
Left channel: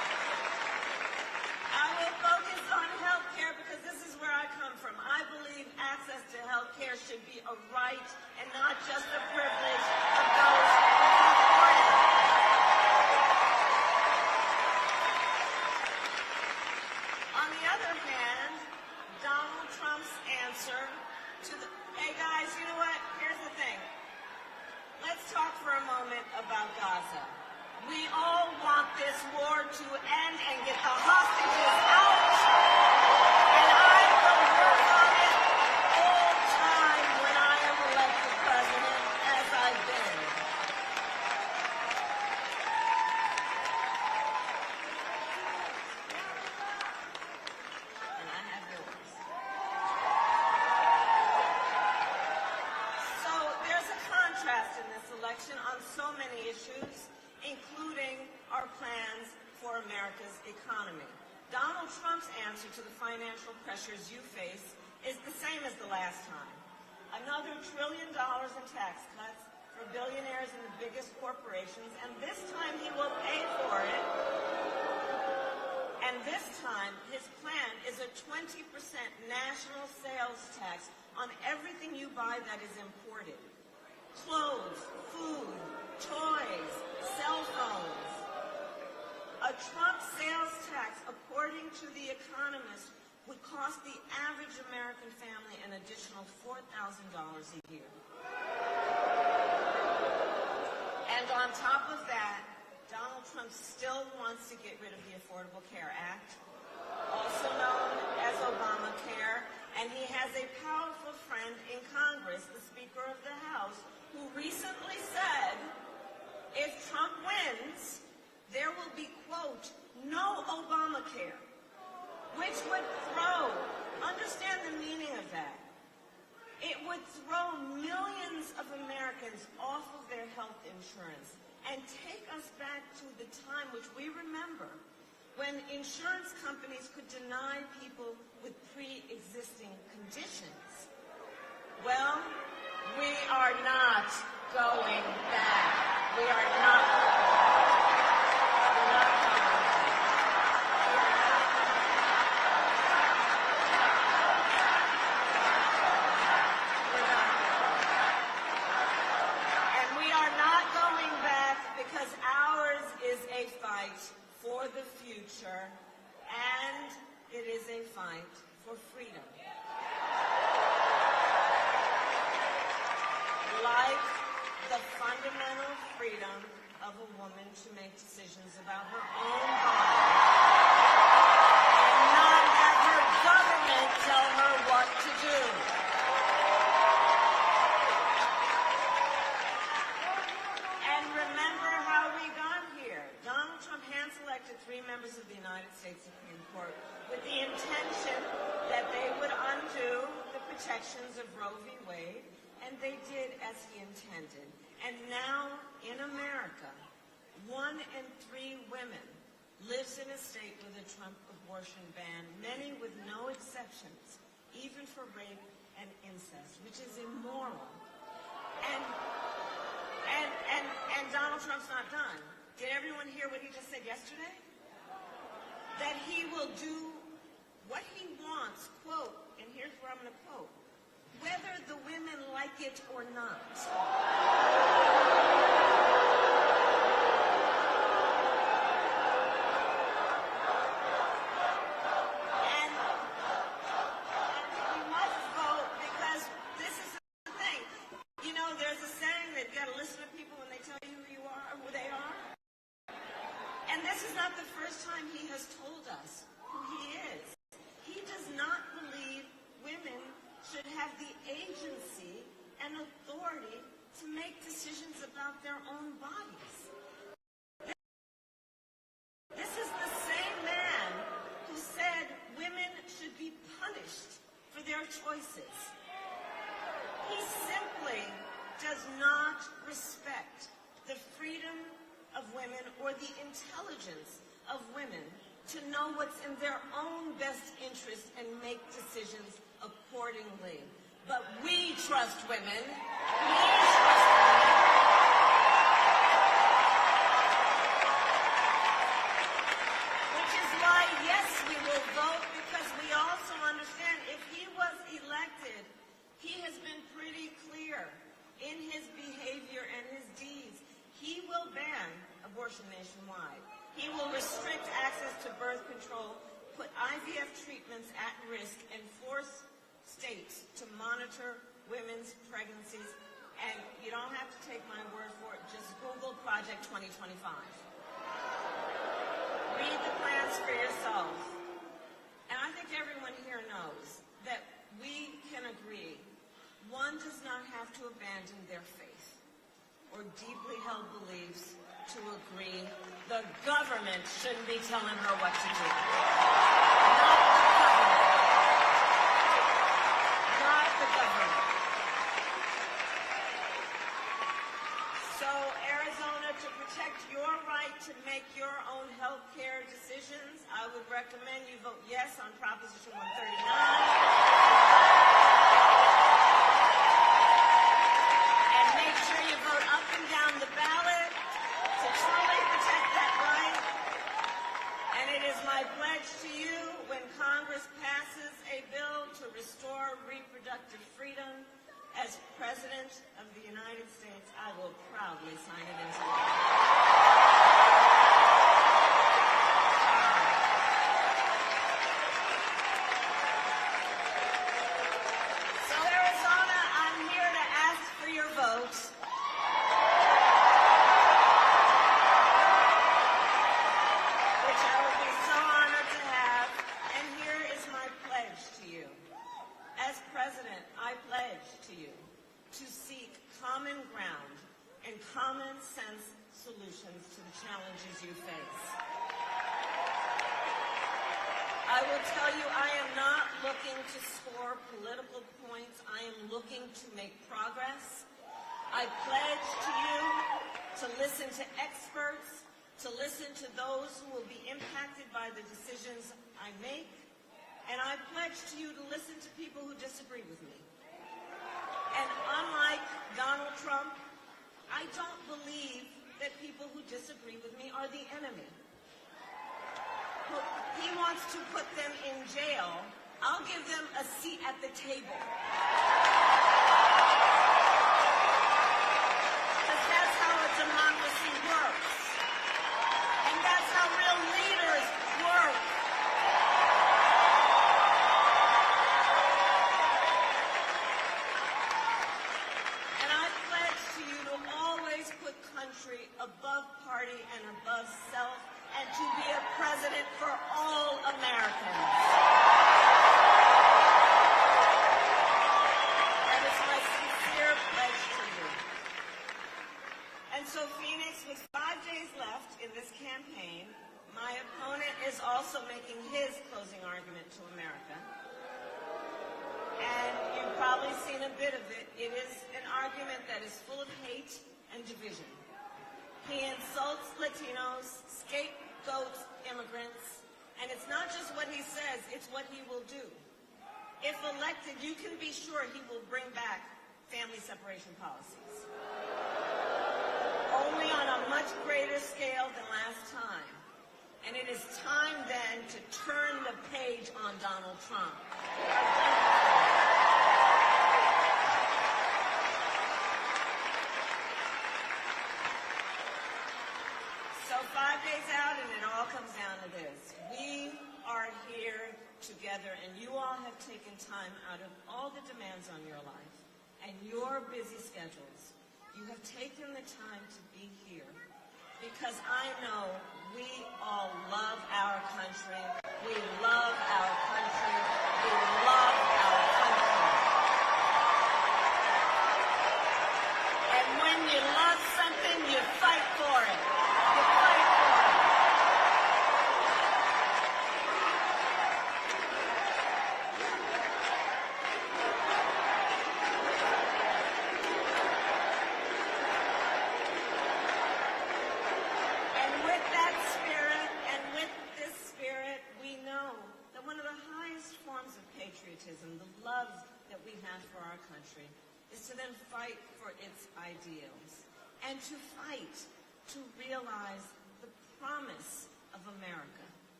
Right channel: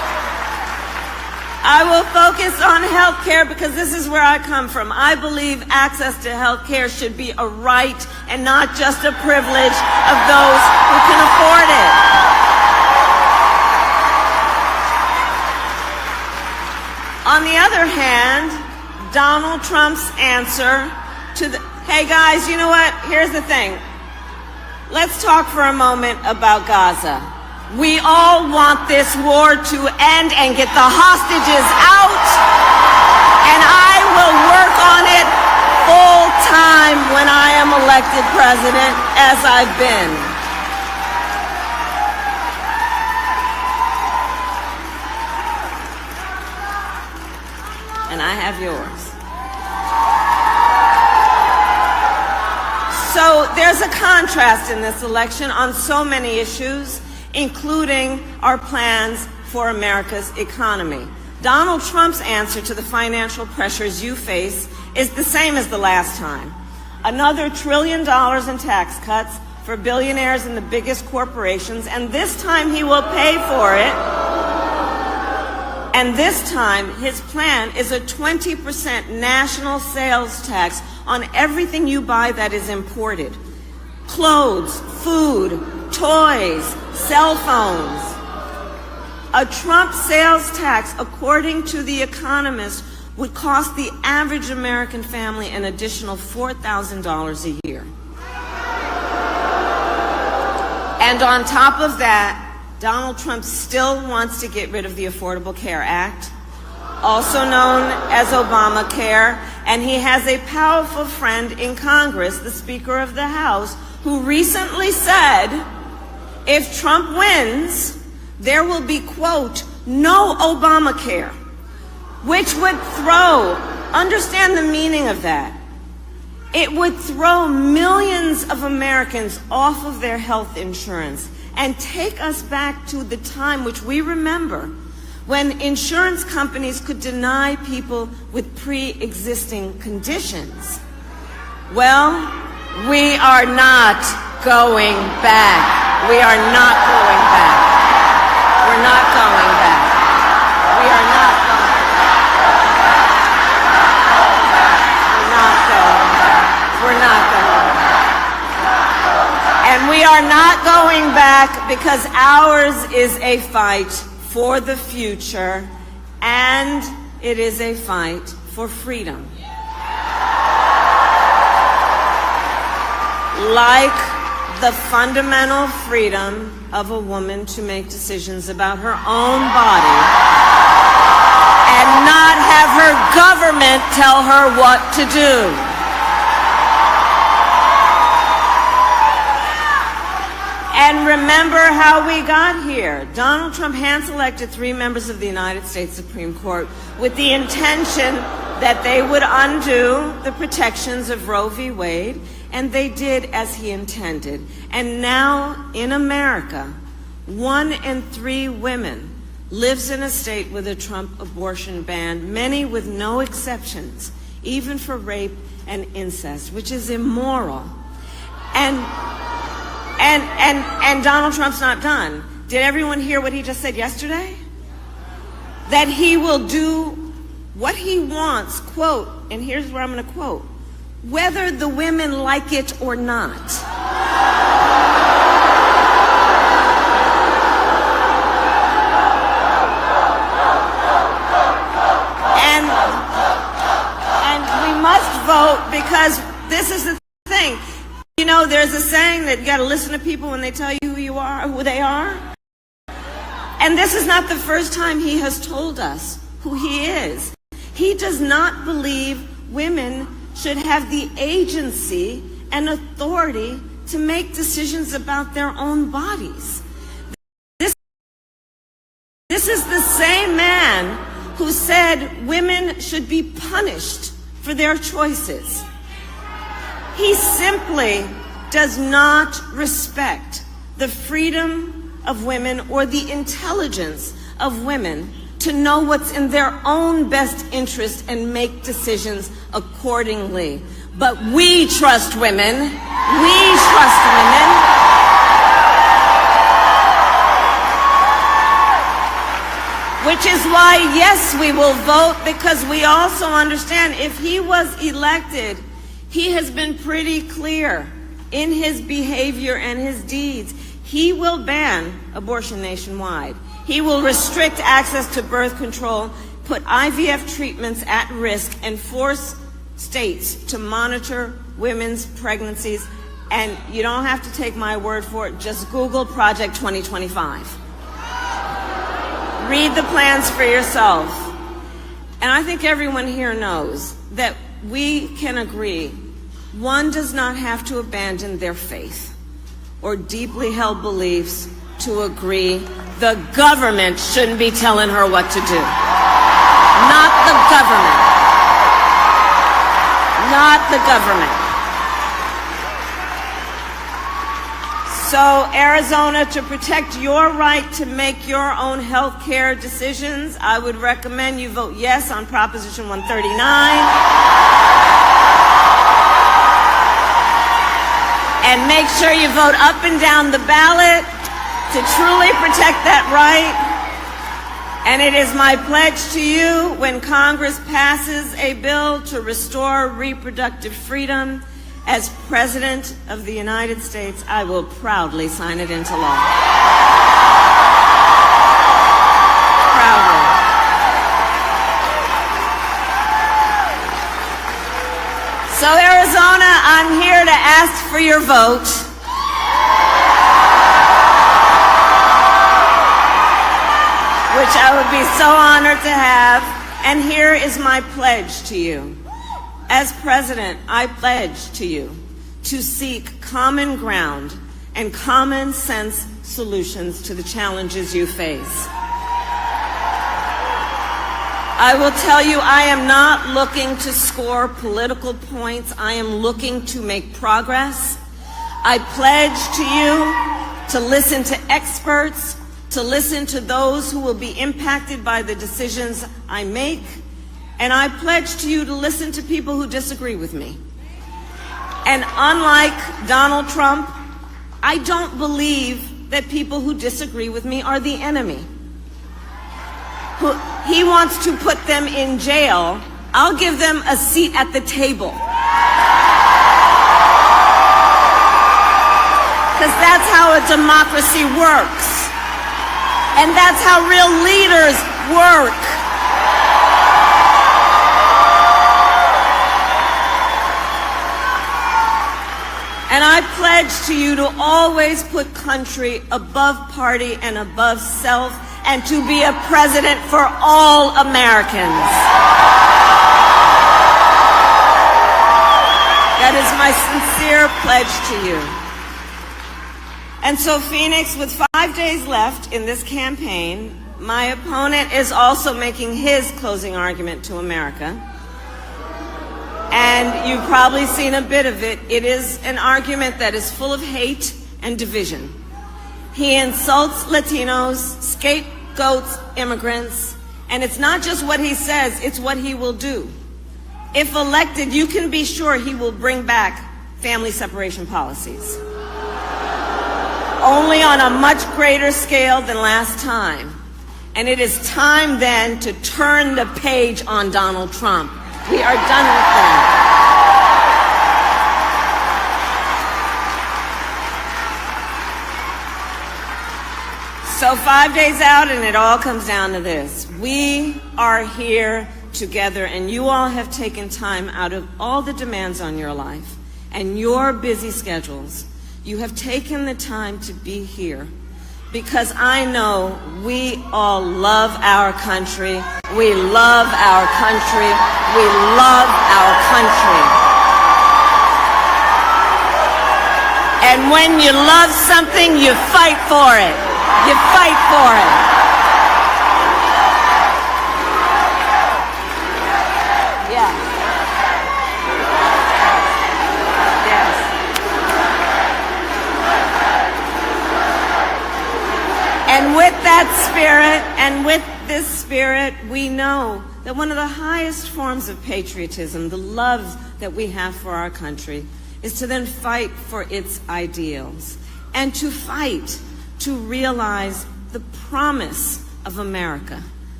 on health care because this is where I come from. I believe access to health care should be a right and not just a privilege of those who can afford it. On the other hand, Donald Trump's answer to the, hey guys, you know what? Here's the thing. Let's talk for a moment about Gaza. We all want this war to end and get the hostages out, and I will work on it full time when I am elected president, as I've been. And I have yours. So there's a contrast in this election on so many issues, including our plans for America's economy. Donald Trump's answer to the financial pressures you face is the same as the last time. Another $1 trillion in tax cuts for billionaires and the biggest corporations, and this time he will pay for it. And this time, his plan is a 20% national sales tax on everything you buy that is imported. Clothes, food, toys, cell phones. A Trump sales tax, according to The Economist, would cost the average American family an additional $4,000 a year. And on top of that, Donald Trump still wants to get rid of the Affordable Care Act, also known as Obamacare, and he has a powerful friend in Congress, the Speaker of the House, who recently said, if Trump wins, there will be, quote, no Obamacare, which would throw, understand the meaning of that, it would throw millions of Americans off of their health insurance and take us back to the time which we remember when insurance companies could deny people with pre-existing conditions. Well, we are not going back. We are not going back. We're not going back. We are not going back. We're not going back. And we are not going back because ours is a fight for the future, and it is a fight for freedom. Like the fundamental freedom of a woman to make decisions about her own body and not have her government tell her what to do. And remember how we got here. Donald Trump hand-selected 3 members of the United States Supreme Court with the intention that they would undo the protections of Roe v. Wade, and they did as he intended. And now in America, 1 in 3 women lives in a state with a Trump abortion ban, many with no exceptions, even for rape and incest, which is immoral. And Donald Trump's not done. Did everyone hear what he just said yesterday? That he will do what he wants, quote, and here's where I'm going to quote, whether the women like it or not. And we must vote because this is the thing. You know, there's a saying that you got to listen to people when they tell you who you are, who they are. And this is not the first time he has told us who he is. He does not believe women should have the agency and authority to make decisions about their own bodies. This is the same man who said women should be punished for their choices. He simply does not respect the freedom of women or the intelligence of women to know what's in their own best interest and make decisions accordingly. But we trust women. We trust women. Which is why, yes, we will vote, because we also understand if he was elected, he has been pretty clear in his behavior and his deeds. He will ban abortion nationwide. He will restrict access to birth control, put IVF treatments at risk, and force states to monitor women's pregnancies. And you don't have to take my word for it. Just Google Project 2025. Read the plans for yourself. And I think everyone here knows that we can agree one does not have to abandon their faith or deeply held beliefs to agree the government shouldn't be telling her what to do. Not the government. Not the government. So, Arizona, to protect your right to make your own health care decisions, I would recommend you vote yes on Proposition 139. And make sure you vote up and down the ballot to truly protect that right. And it is my pledge to you, when Congress passes a bill to restore reproductive freedom, as President of the United States, I will proudly sign it into law. Proudly. So, Arizona, I'm here to ask for your vote. Which I would be so honored to have. And here is my pledge to you. As President, I pledge to you to seek common ground and common sense solutions to the challenges you face. I will tell you, I am not looking to score political points. I am looking to make progress. I pledge to you to listen to experts, to listen to those who will be impacted by the decisions I make. And I pledge to you to listen to people who disagree with me. And unlike Donald Trump, I don't believe that people who disagree with me are the enemy. He wants to put them in jail. I'll give them a seat at the table. Because that's how a democracy works. And that's how real leaders work. And I pledge to you to always put country above party and above self, and to be a president for all Americans. That is my sincere pledge to you. And so, Phoenix, with 5 days left in this campaign, my opponent is also making his closing argument to America. And you've probably seen a bit of it. It is an argument that is full of hate and division. He insults Latinos, scapegoats immigrants, and it's not just what he says, it's what he will do. If elected, you can be sure he will bring back family separation policies. Only on a much greater scale than last time. And it is time then to turn the page on Donald Trump. We are done with that. So 5 days out, and it all comes down to this. We are here together, and you all have taken time out of all the demands on your life and your busy schedules. You have taken the time to be here because I know we all love our country. We love our country. We love our country. And when you love something, you fight for it. You fight for it. Yeah. Yes. And with that spirit, and with this spirit, we know that one of the highest forms of patriotism, the love that we have for our country, is to then fight for its ideals and to fight to realize the promise of America,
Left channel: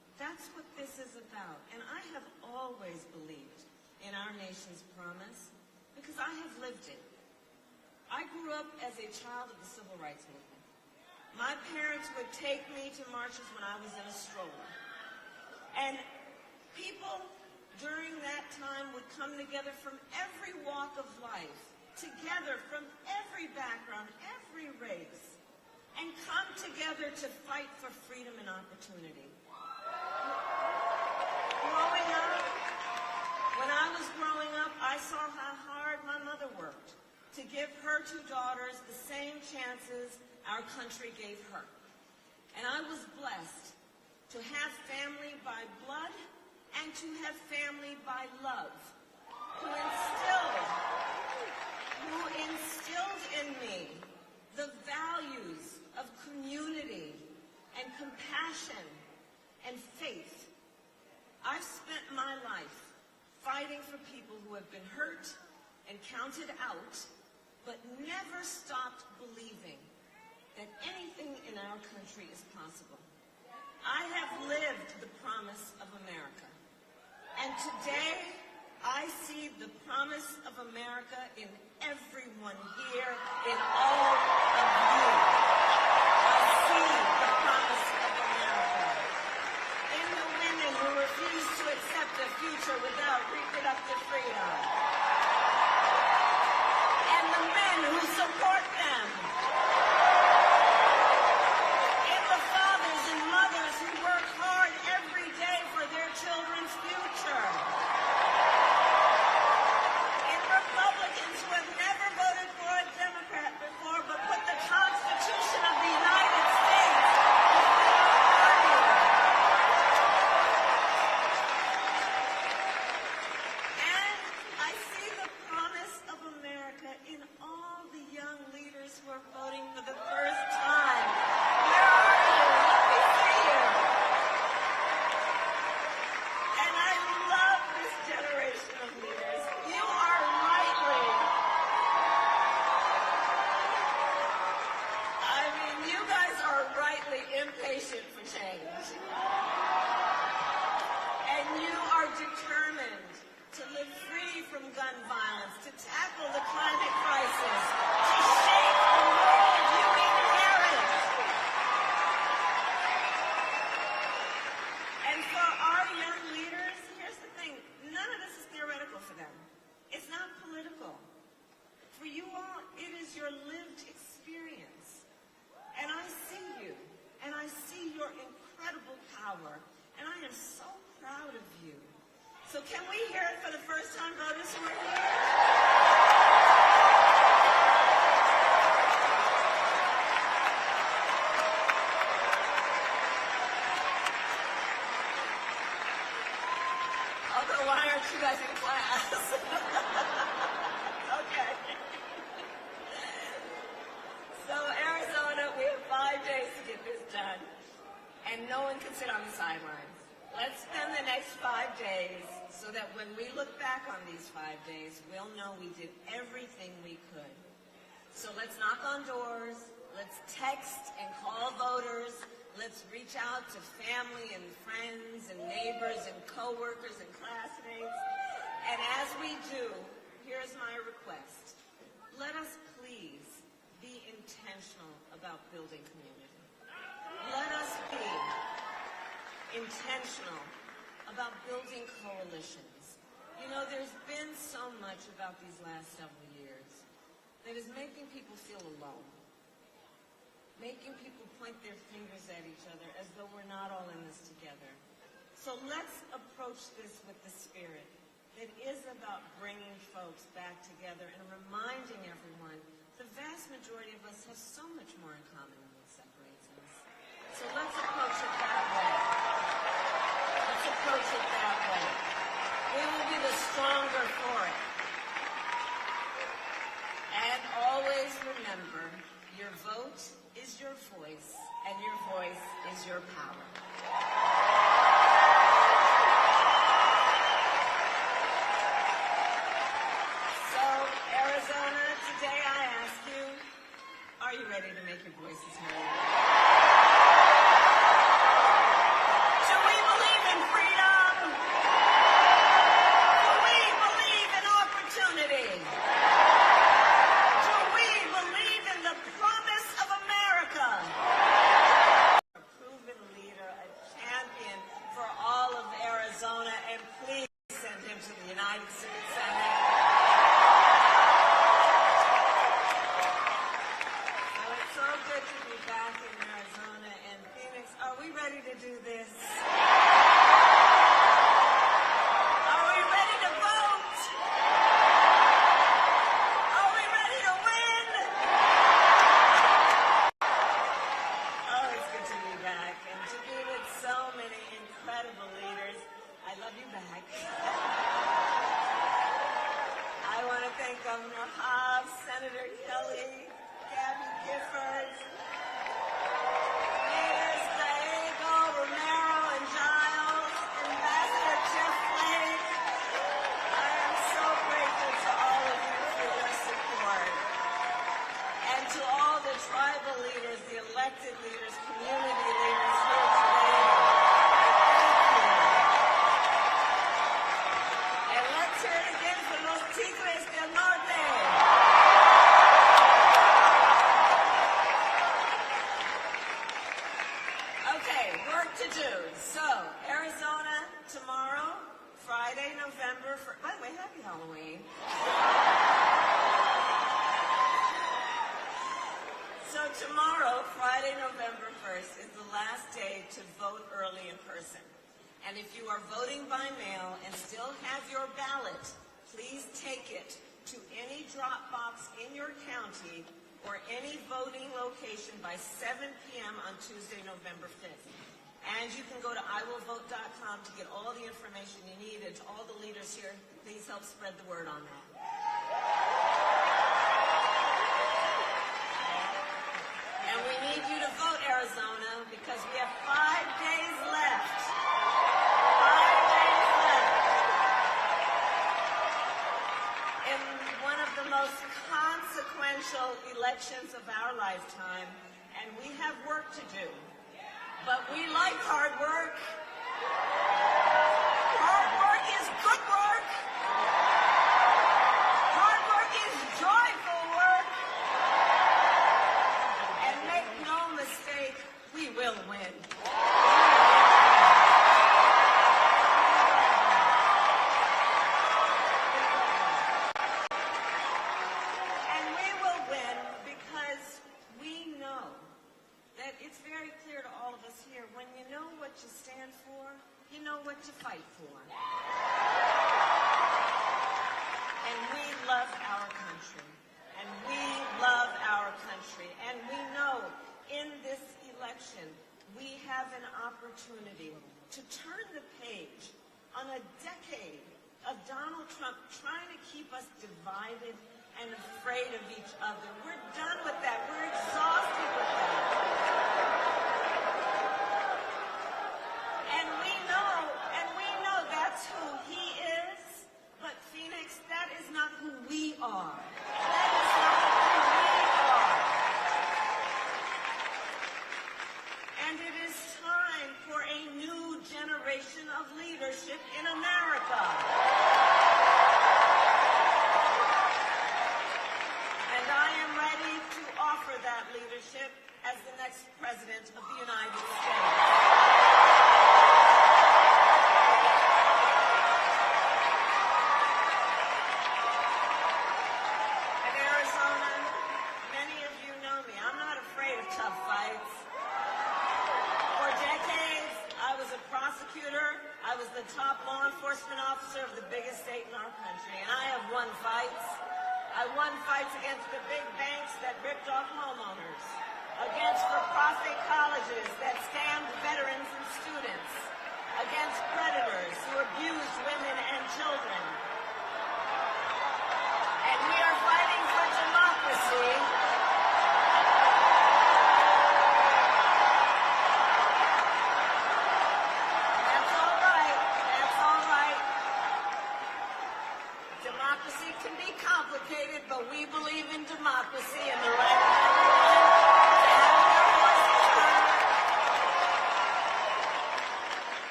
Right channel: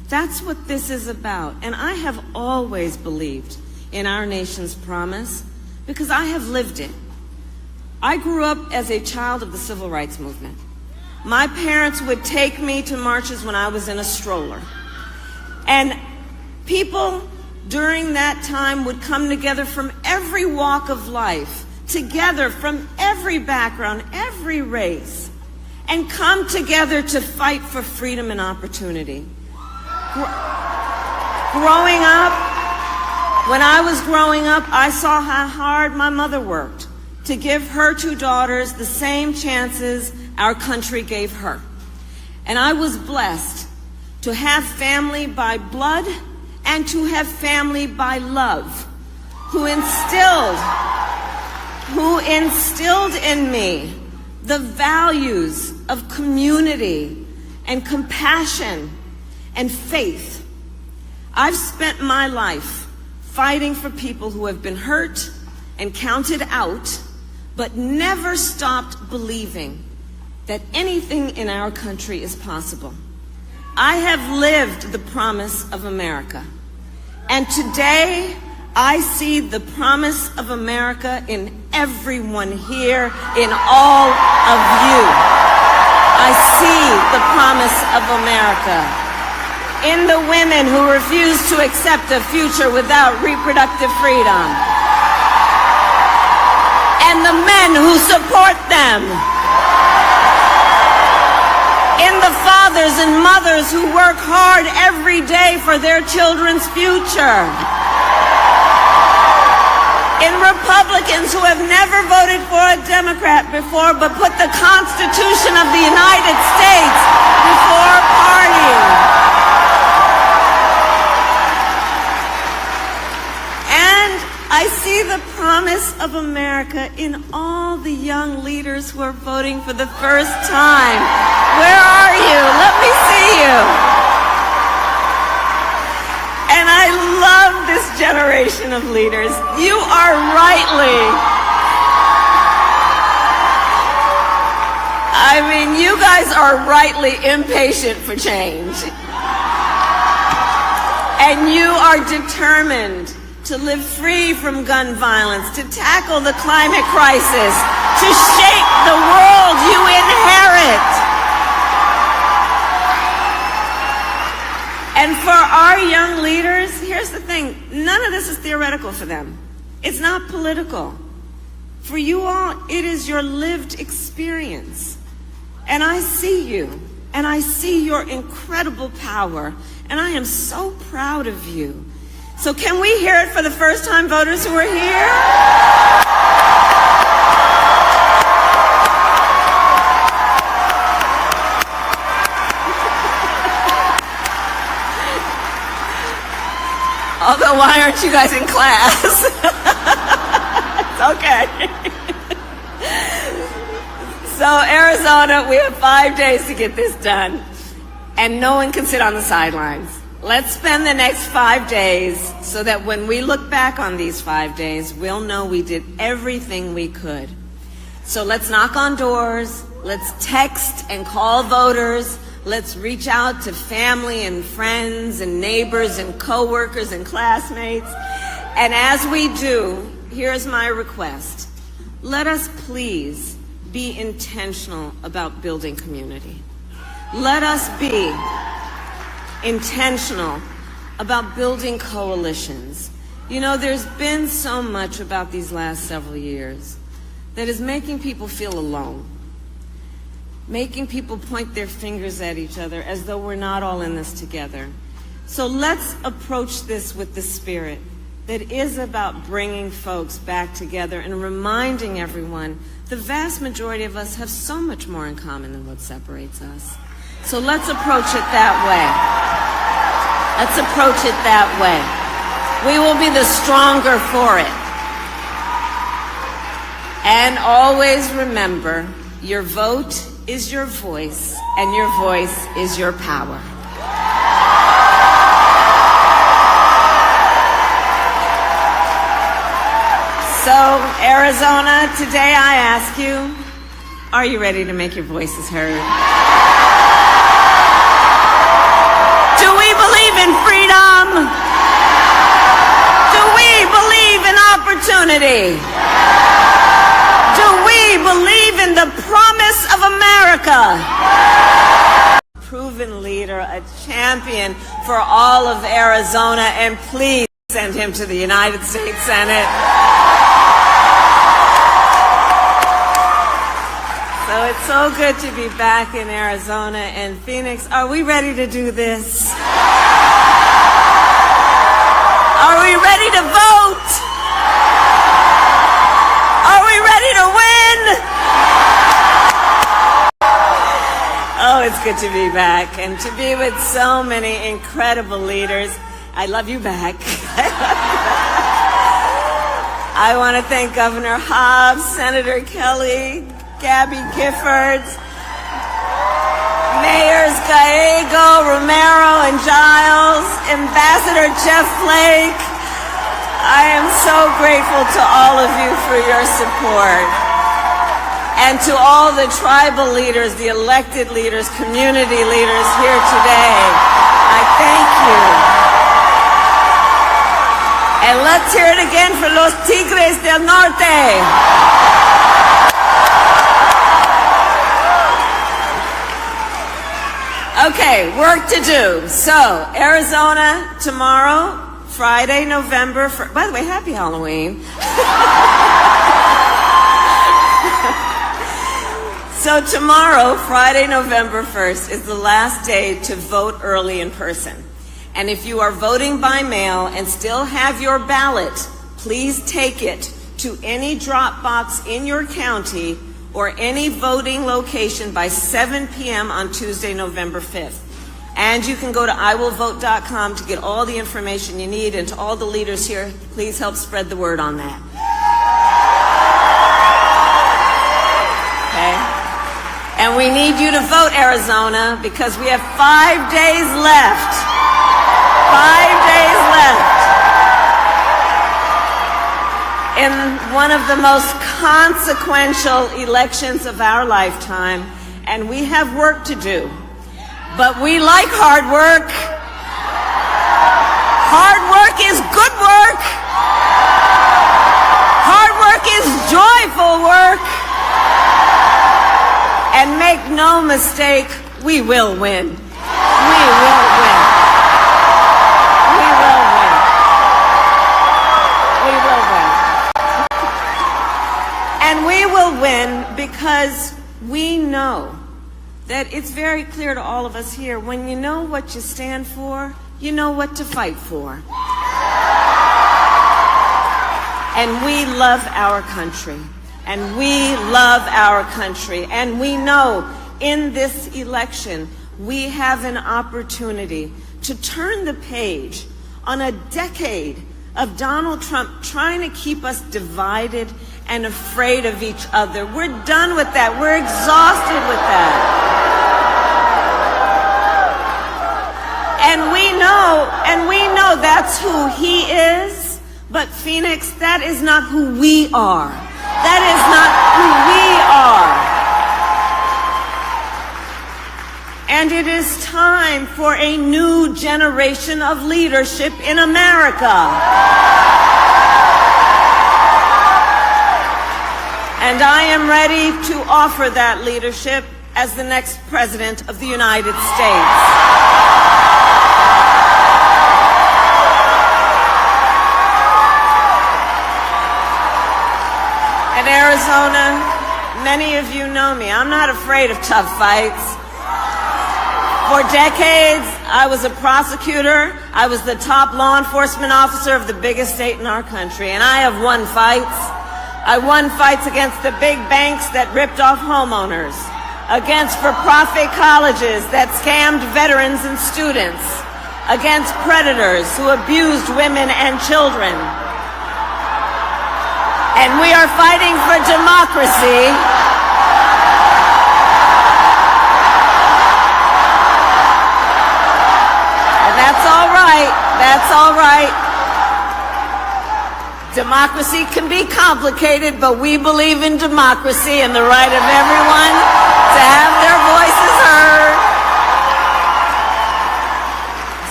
That's what this is about. And I have always believed in our nation's promise because I have lived it. I grew up as a child of the civil rights movement. My parents would take me to marches when I was in a stroller. And people during that time would come together from every walk of life, together from every background, every race, and come together to fight for freedom and opportunity. Growing up, when I was growing up, I saw how hard my mother worked to give her two daughters the same chances our country gave her. And I was blessed to have family by blood and to have family by love, who instilled in me the values of community and compassion and faith. I've spent my life fighting for people who have been hurt and counted out, but never stopped believing that anything in our country is possible. I have lived the promise of America. And today, I see the promise of America in everyone here, in all of you. I see the promise of America in the women who refuse to accept a future without reproductive freedom, and the men who support them, in the fathers and mothers who work hard every day for their children's future, in Republicans who have never voted for a Democrat before but put the Constitution of the United States before party. And I see the promise of America in all the young leaders who are voting for the first time. Where are you? Let me see you. And I love this generation of leaders. You are you guys are rightly impatient for change. And you are determined to live free from gun violence, to tackle the climate crisis, to shape the world you inherit. And for our young leaders, here's the thing, none of this is theoretical for them. It's not political. For you all, it is your lived experience. And I see you, and I see your incredible power, and I am so proud of you. So can we hear it for the first-time voters who are here? Although, why aren't you guys in class? It's okay. So, Arizona, we have 5 days to get this done, and no one can sit on the sidelines. Let's spend the next 5 days so that when we look back on these 5 days, we'll know we did everything we could. So let's knock on doors, let's text and call voters, let's reach out to family and friends and neighbors and coworkers and classmates. And as we do, here's my request. Let us please be intentional about building community. Let us be intentional about building coalitions. You know, there's been so much about these last several years that is making people feel alone, making people point their fingers at each other as though we're not all in this together. So let's approach this with the spirit that is about bringing folks back together and reminding everyone the vast majority of us have so much more in common than what separates us. So let's approach it that way. Let's approach it that way. We will be the stronger for it. And always remember, your vote is your voice, and your voice is your power. So, Arizona, today I ask you, are you ready to make your voices heard? Do we believe in freedom? Do we believe in opportunity? Do we believe in the promise of America? Proven leader, a champion for all of Arizona, and please send him to the United States Senate. So it's so good to be back in Arizona and Phoenix. Are we ready to do this? Are we ready to vote? Are we ready to win? Oh, it's good to be back and to be with so many incredible leaders. I love you back. I want to thank Governor Hobbs, Senator Kelly, Gabby Giffords, Mayors Gallego, Romero, and Giles, Ambassador Jeff Flake. I am so grateful to all of you for your support. And to all the tribal leaders, the elected leaders, community leaders here today, I thank you. And let's hear it again for los Tigres del Norte. Okay, work to do. So, Arizona tomorrow, Friday, November 1st. By the way, happy Halloween. So tomorrow, Friday, November 1st, is the last day to vote early in person. And if you are voting by mail and still have your ballot, please take it to any drop box in your county or any voting location by 7 p.m. on Tuesday, November 5th. And you can go to iwillvote.com to get all the information you need. And to all the leaders here, please help spread the word on that. Okay? And we need you to vote, Arizona, because we have 5 days left. 5 days left in one of the most consequential elections of our lifetime, and we have work to do. But we like hard work. Hard work is good work. Hard work is joyful work. And make no mistake, we will win. We will win. We will win. We will win. And we will win because we know that it's very clear to all of us here, when you know what you stand for, you know what to fight for. And we love our country. And we love our country. And we know in this election, we have an opportunity to turn the page on a decade of Donald Trump trying to keep us divided and afraid of each other. We're done with that. We're exhausted with that. And we know that's who he is. But Phoenix, that is not who we are. That is not who we are. And it is time for a new generation of leadership in America. And I am ready to offer that leadership as the next President of the United States. In Arizona, many of you know me. I'm not afraid of tough fights. For decades, I was a prosecutor. I was the top law enforcement officer of the biggest state in our country, and I have won fights. I won fights against the big banks that ripped off homeowners, against for-profit colleges that scammed veterans and students, against predators who abused women and children. And we are fighting for democracy. And that's all right. That's all right. Democracy can be complicated, but we believe in democracy and the right of everyone to have their voices heard.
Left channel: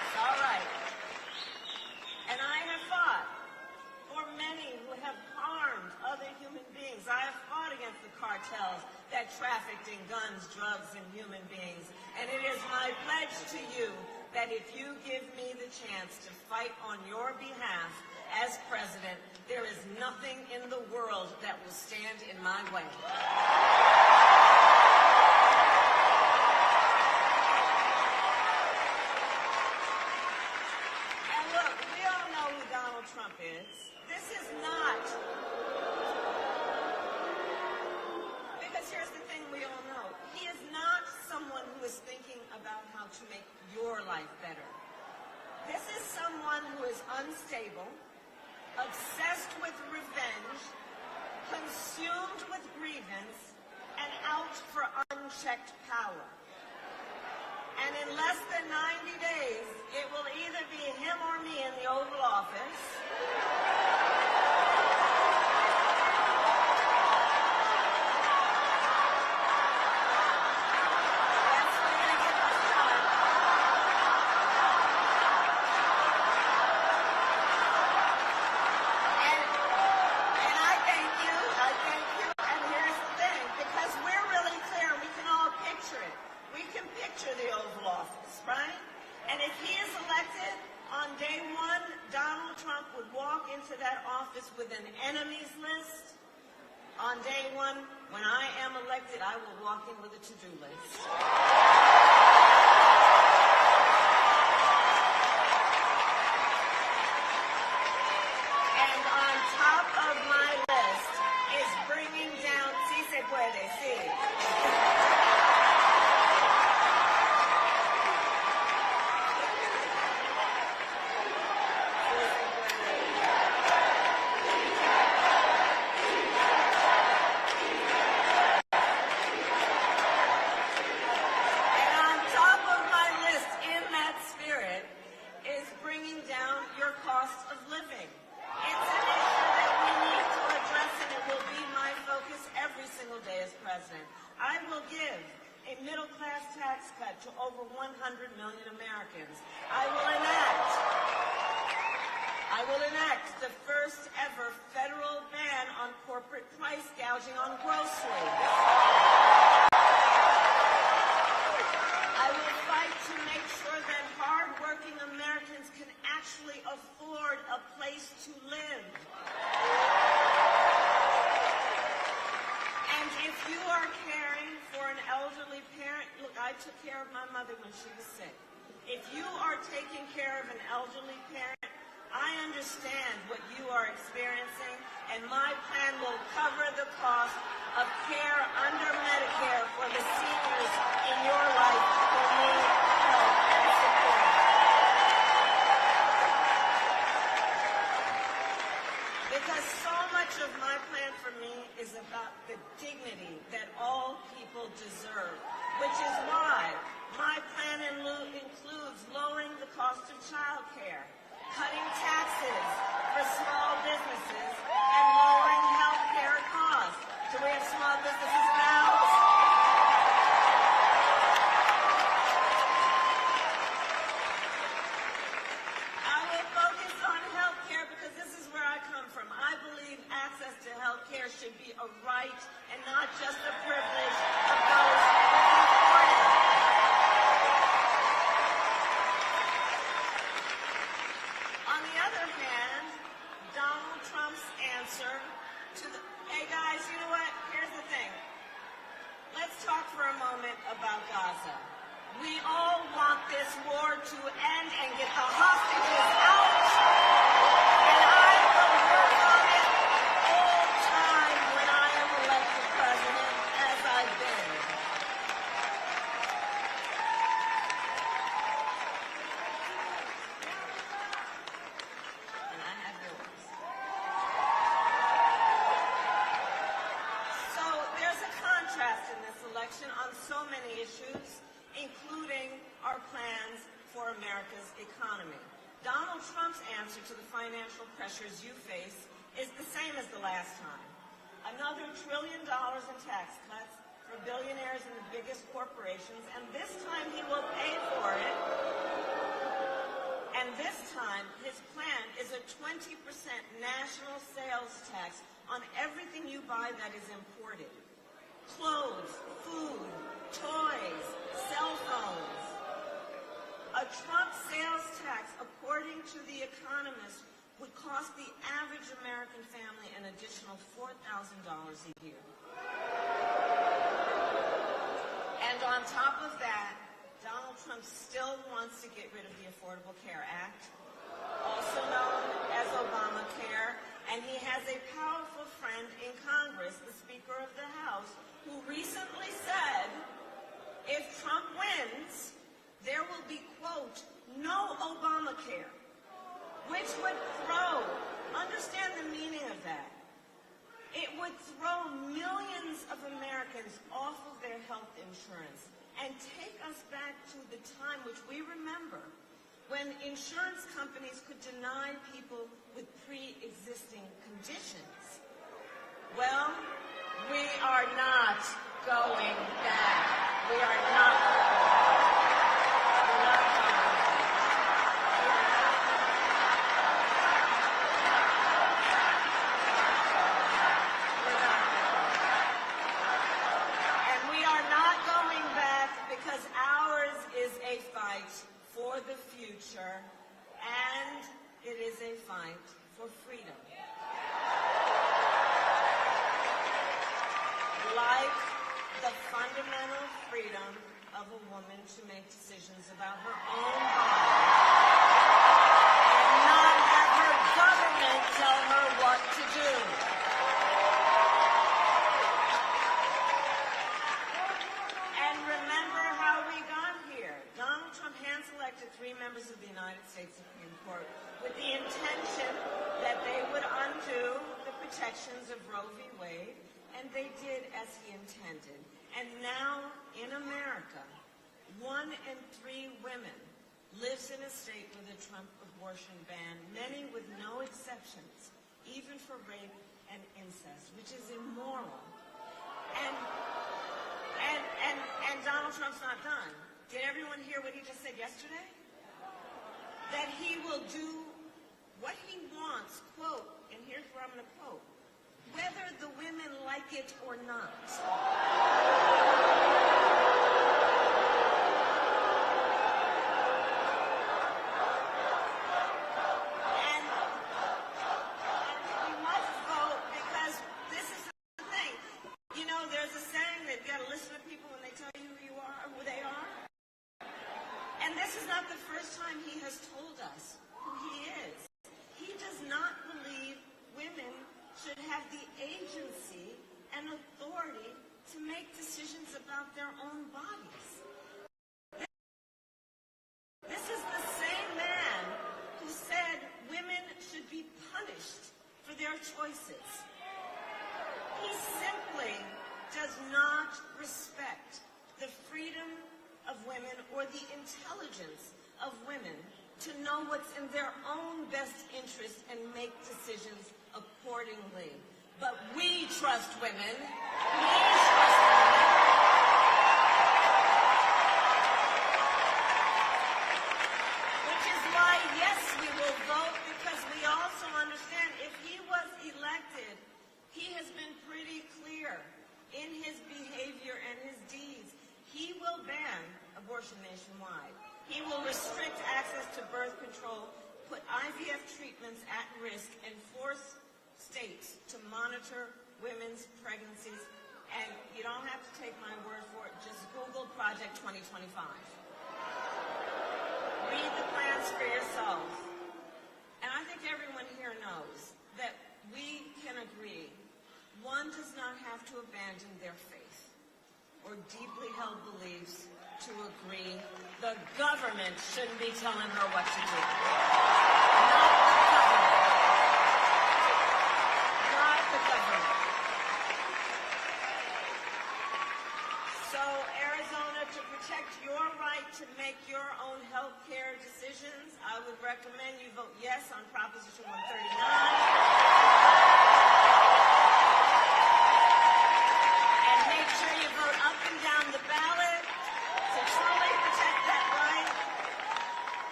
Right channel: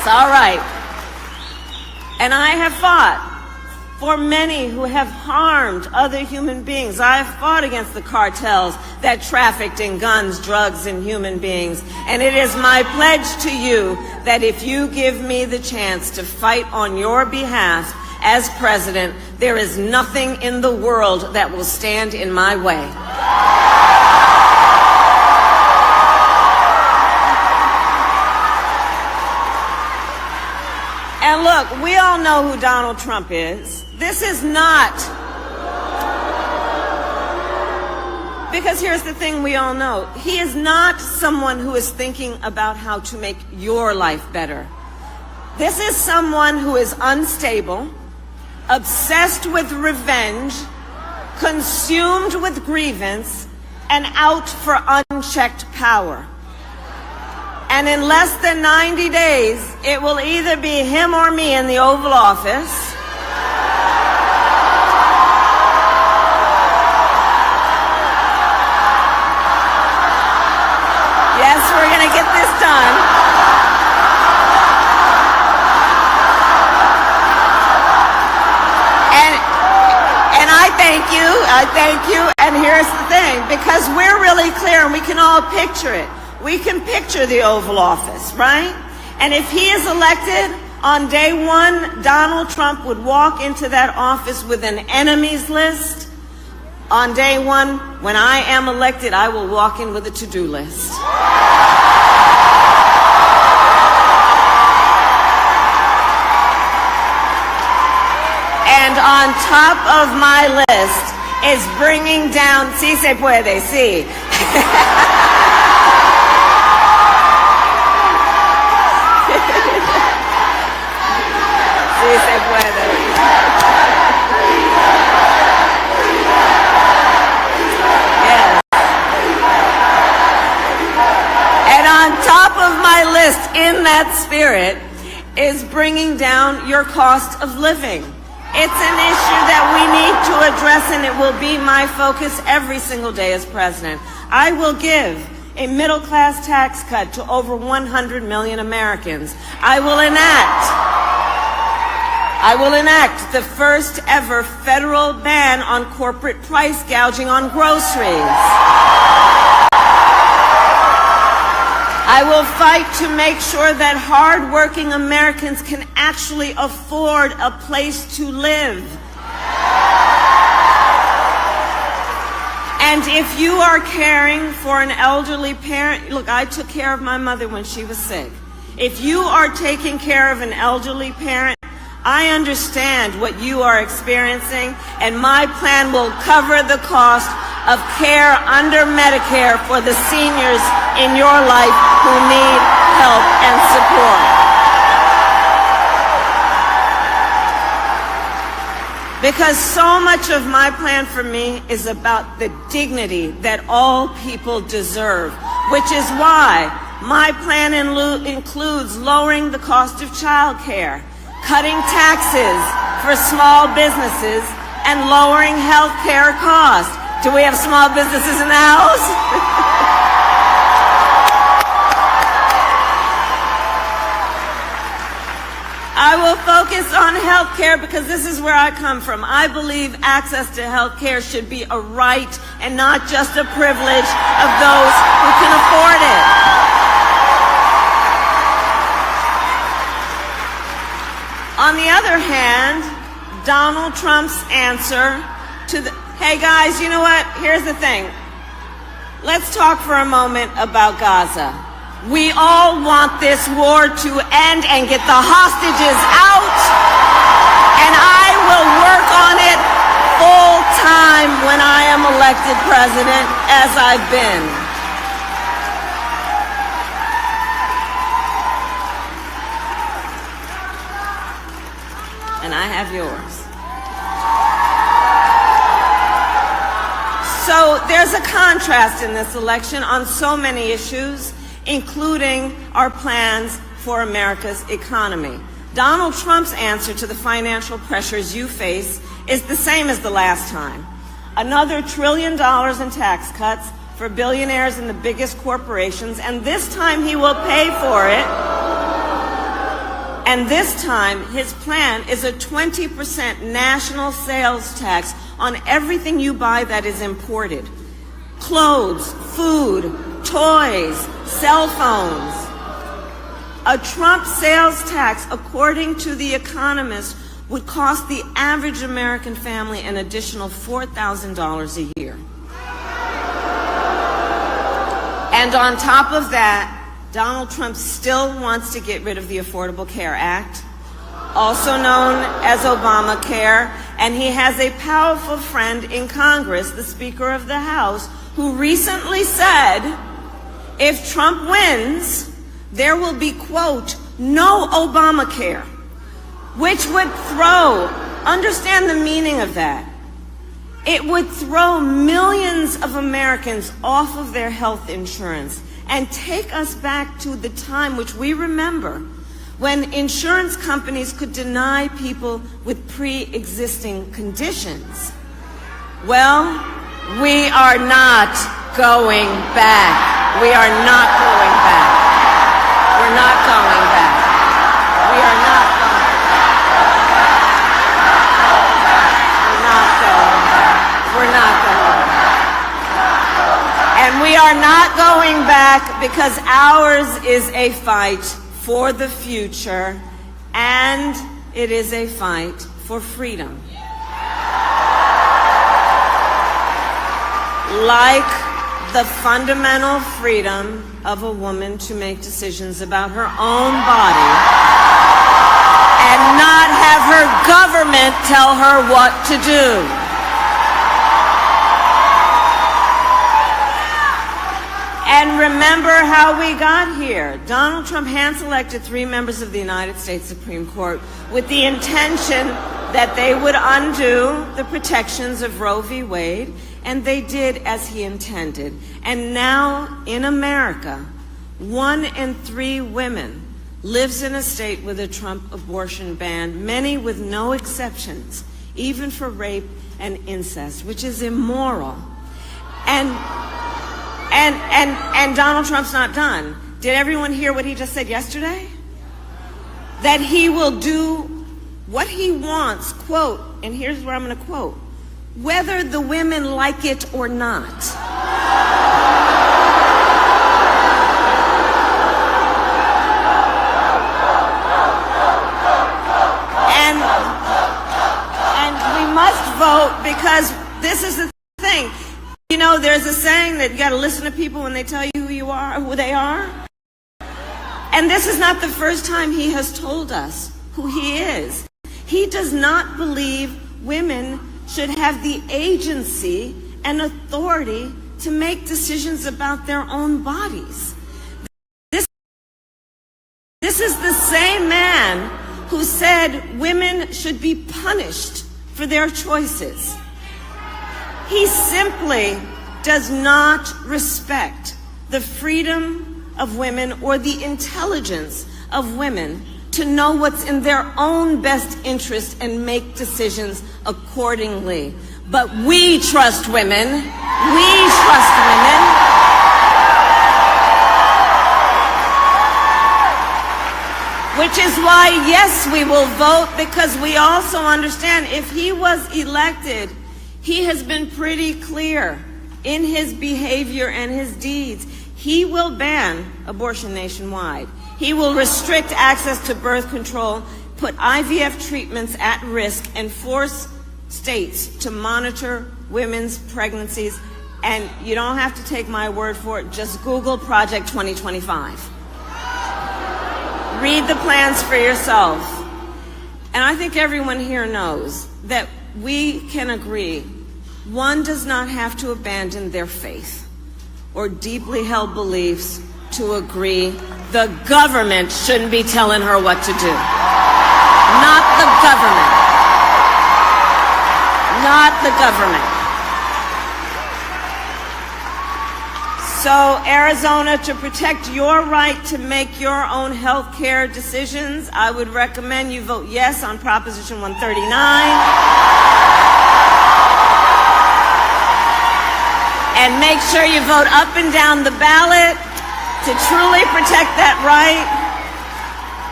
It's all right. And I have fought for many who have harmed other human beings. I have fought against the cartels that trafficked in guns, drugs, and human beings. And it is my pledge to you that if you give me the chance to fight on your behalf as president, there is nothing in the world that will stand in my way. And look, we all know who Donald Trump is. This is not, because here's the thing we all know. He is not someone who is thinking about how to make your life better. This is someone who is unstable, obsessed with revenge, consumed with grievance, and out for unchecked power. And in less than 90 days, it will either be him or me in the Oval Office. Yes, we're going to get this done. And I thank you, and here's the thing, because we're really clear and we can all picture it. We can picture the Oval Office, right? And if he is elected, on day one, Donald Trump would walk into that office with an enemies list. On day one, when I am elected, I will walk in with a to-do list. And on top of my list is bringing down, sí se puede, sí. Sí se puede. Yes. And on top of my list, in that spirit, is bringing down your cost of living. It's an issue that we need to address, and it will be my focus every single day as president. I will give a middle-class tax cut to over 100 million Americans. I will enact the first ever federal ban on corporate price gouging on groceries. I will fight to make sure that hard-working Americans can actually afford a place to live. And if you are caring for an elderly parent, look, I took care of my mother when she was sick. If you are taking care of an elderly parent, I understand what you are experiencing, and my plan will cover the cost of care under Medicare for the seniors in your life who need help and support. Because so much of my plan for me is about the dignity that all people deserve, which is why my plan includes lowering the cost of child care, cutting taxes for small businesses, and lowering health care costs. Do we have small businesses in the house? I will focus on health care because this is where I come from. I believe access to health care should be a right and not just a privilege of those who can afford it. On the other hand, Donald Trump's answer to the, hey guys, you know what? Here's the thing. Let's talk for a moment about Gaza. We all want this war to end and get the hostages out, and I will work on it full time when I am elected president, as I've been. And I have yours. So there's a contrast in this election on so many issues, including our plans for America's economy. Donald Trump's answer to the financial pressures you face is the same as the last time. Another $1 trillion in tax cuts for billionaires and the biggest corporations, and this time he will pay for it And this time, his plan is a 20% national sales tax on everything you buy that is imported. Clothes, food, toys, cell phones. A Trump sales tax, according to The Economist, would cost the average American family an additional $4,000 a year. And on top of that, Donald Trump still wants to get rid of the Affordable Care Act, also known as Obamacare, and he has a powerful friend in Congress, the Speaker of the House, who recently said, if Trump wins, there will be, quote, no Obamacare, which would understand the meaning of that. It would throw millions of Americans off of their health insurance and take us back to the time which we remember when insurance companies could deny people with pre-existing conditions. Well, we are not going back. We are not going back. We're not going back. We are not going back. We're not going back. We're not going back. And we are not going back because ours is a fight for the future, and it is a fight for freedom. Like the fundamental freedom of a woman to make decisions about her own body and not have her government tell her what to do. And remember how we got here. Donald Trump hand-selected 3 members of the United States Supreme Court with the intention that they would undo the protections of Roe v. Wade, and they did as he intended. And now in America, 1 in 3 women lives in a state with a Trump abortion ban, many with no exceptions, even for rape and incest, which is immoral. And Donald Trump's not done. Did everyone hear what he just said yesterday? That he will do what he wants, quote, and here's where I'm going to quote, whether the women like it or not. And we must vote because this is the thing. You know, there's a saying that you got to listen to people when they tell you who you are, who they are. And this is not the first time he has told us who he is. He does not believe women should have the agency and authority to make decisions about their own bodies. This is the same man who said women should be punished for their choices. He simply does not respect the freedom of women or the intelligence of women to know what's in their own best interest and make decisions accordingly. But we trust women. We trust women. Which is why, yes, we will vote, because we also understand if he was elected, he has been pretty clear in his behavior and his deeds. He will ban abortion nationwide. He will restrict access to birth control, put IVF treatments at risk, and force states to monitor women's pregnancies. And you don't have to take my word for it. Just Google Project 2025. Read the plans for yourself. And I think everyone here knows that we can agree one does not have to abandon their faith or deeply held beliefs to agree the government shouldn't be telling her what to do. Not the government. Not the government. So, Arizona, to protect your right to make your own health care decisions, I would recommend you vote yes on Proposition 139. And make sure you vote up and down the ballot to truly protect that right.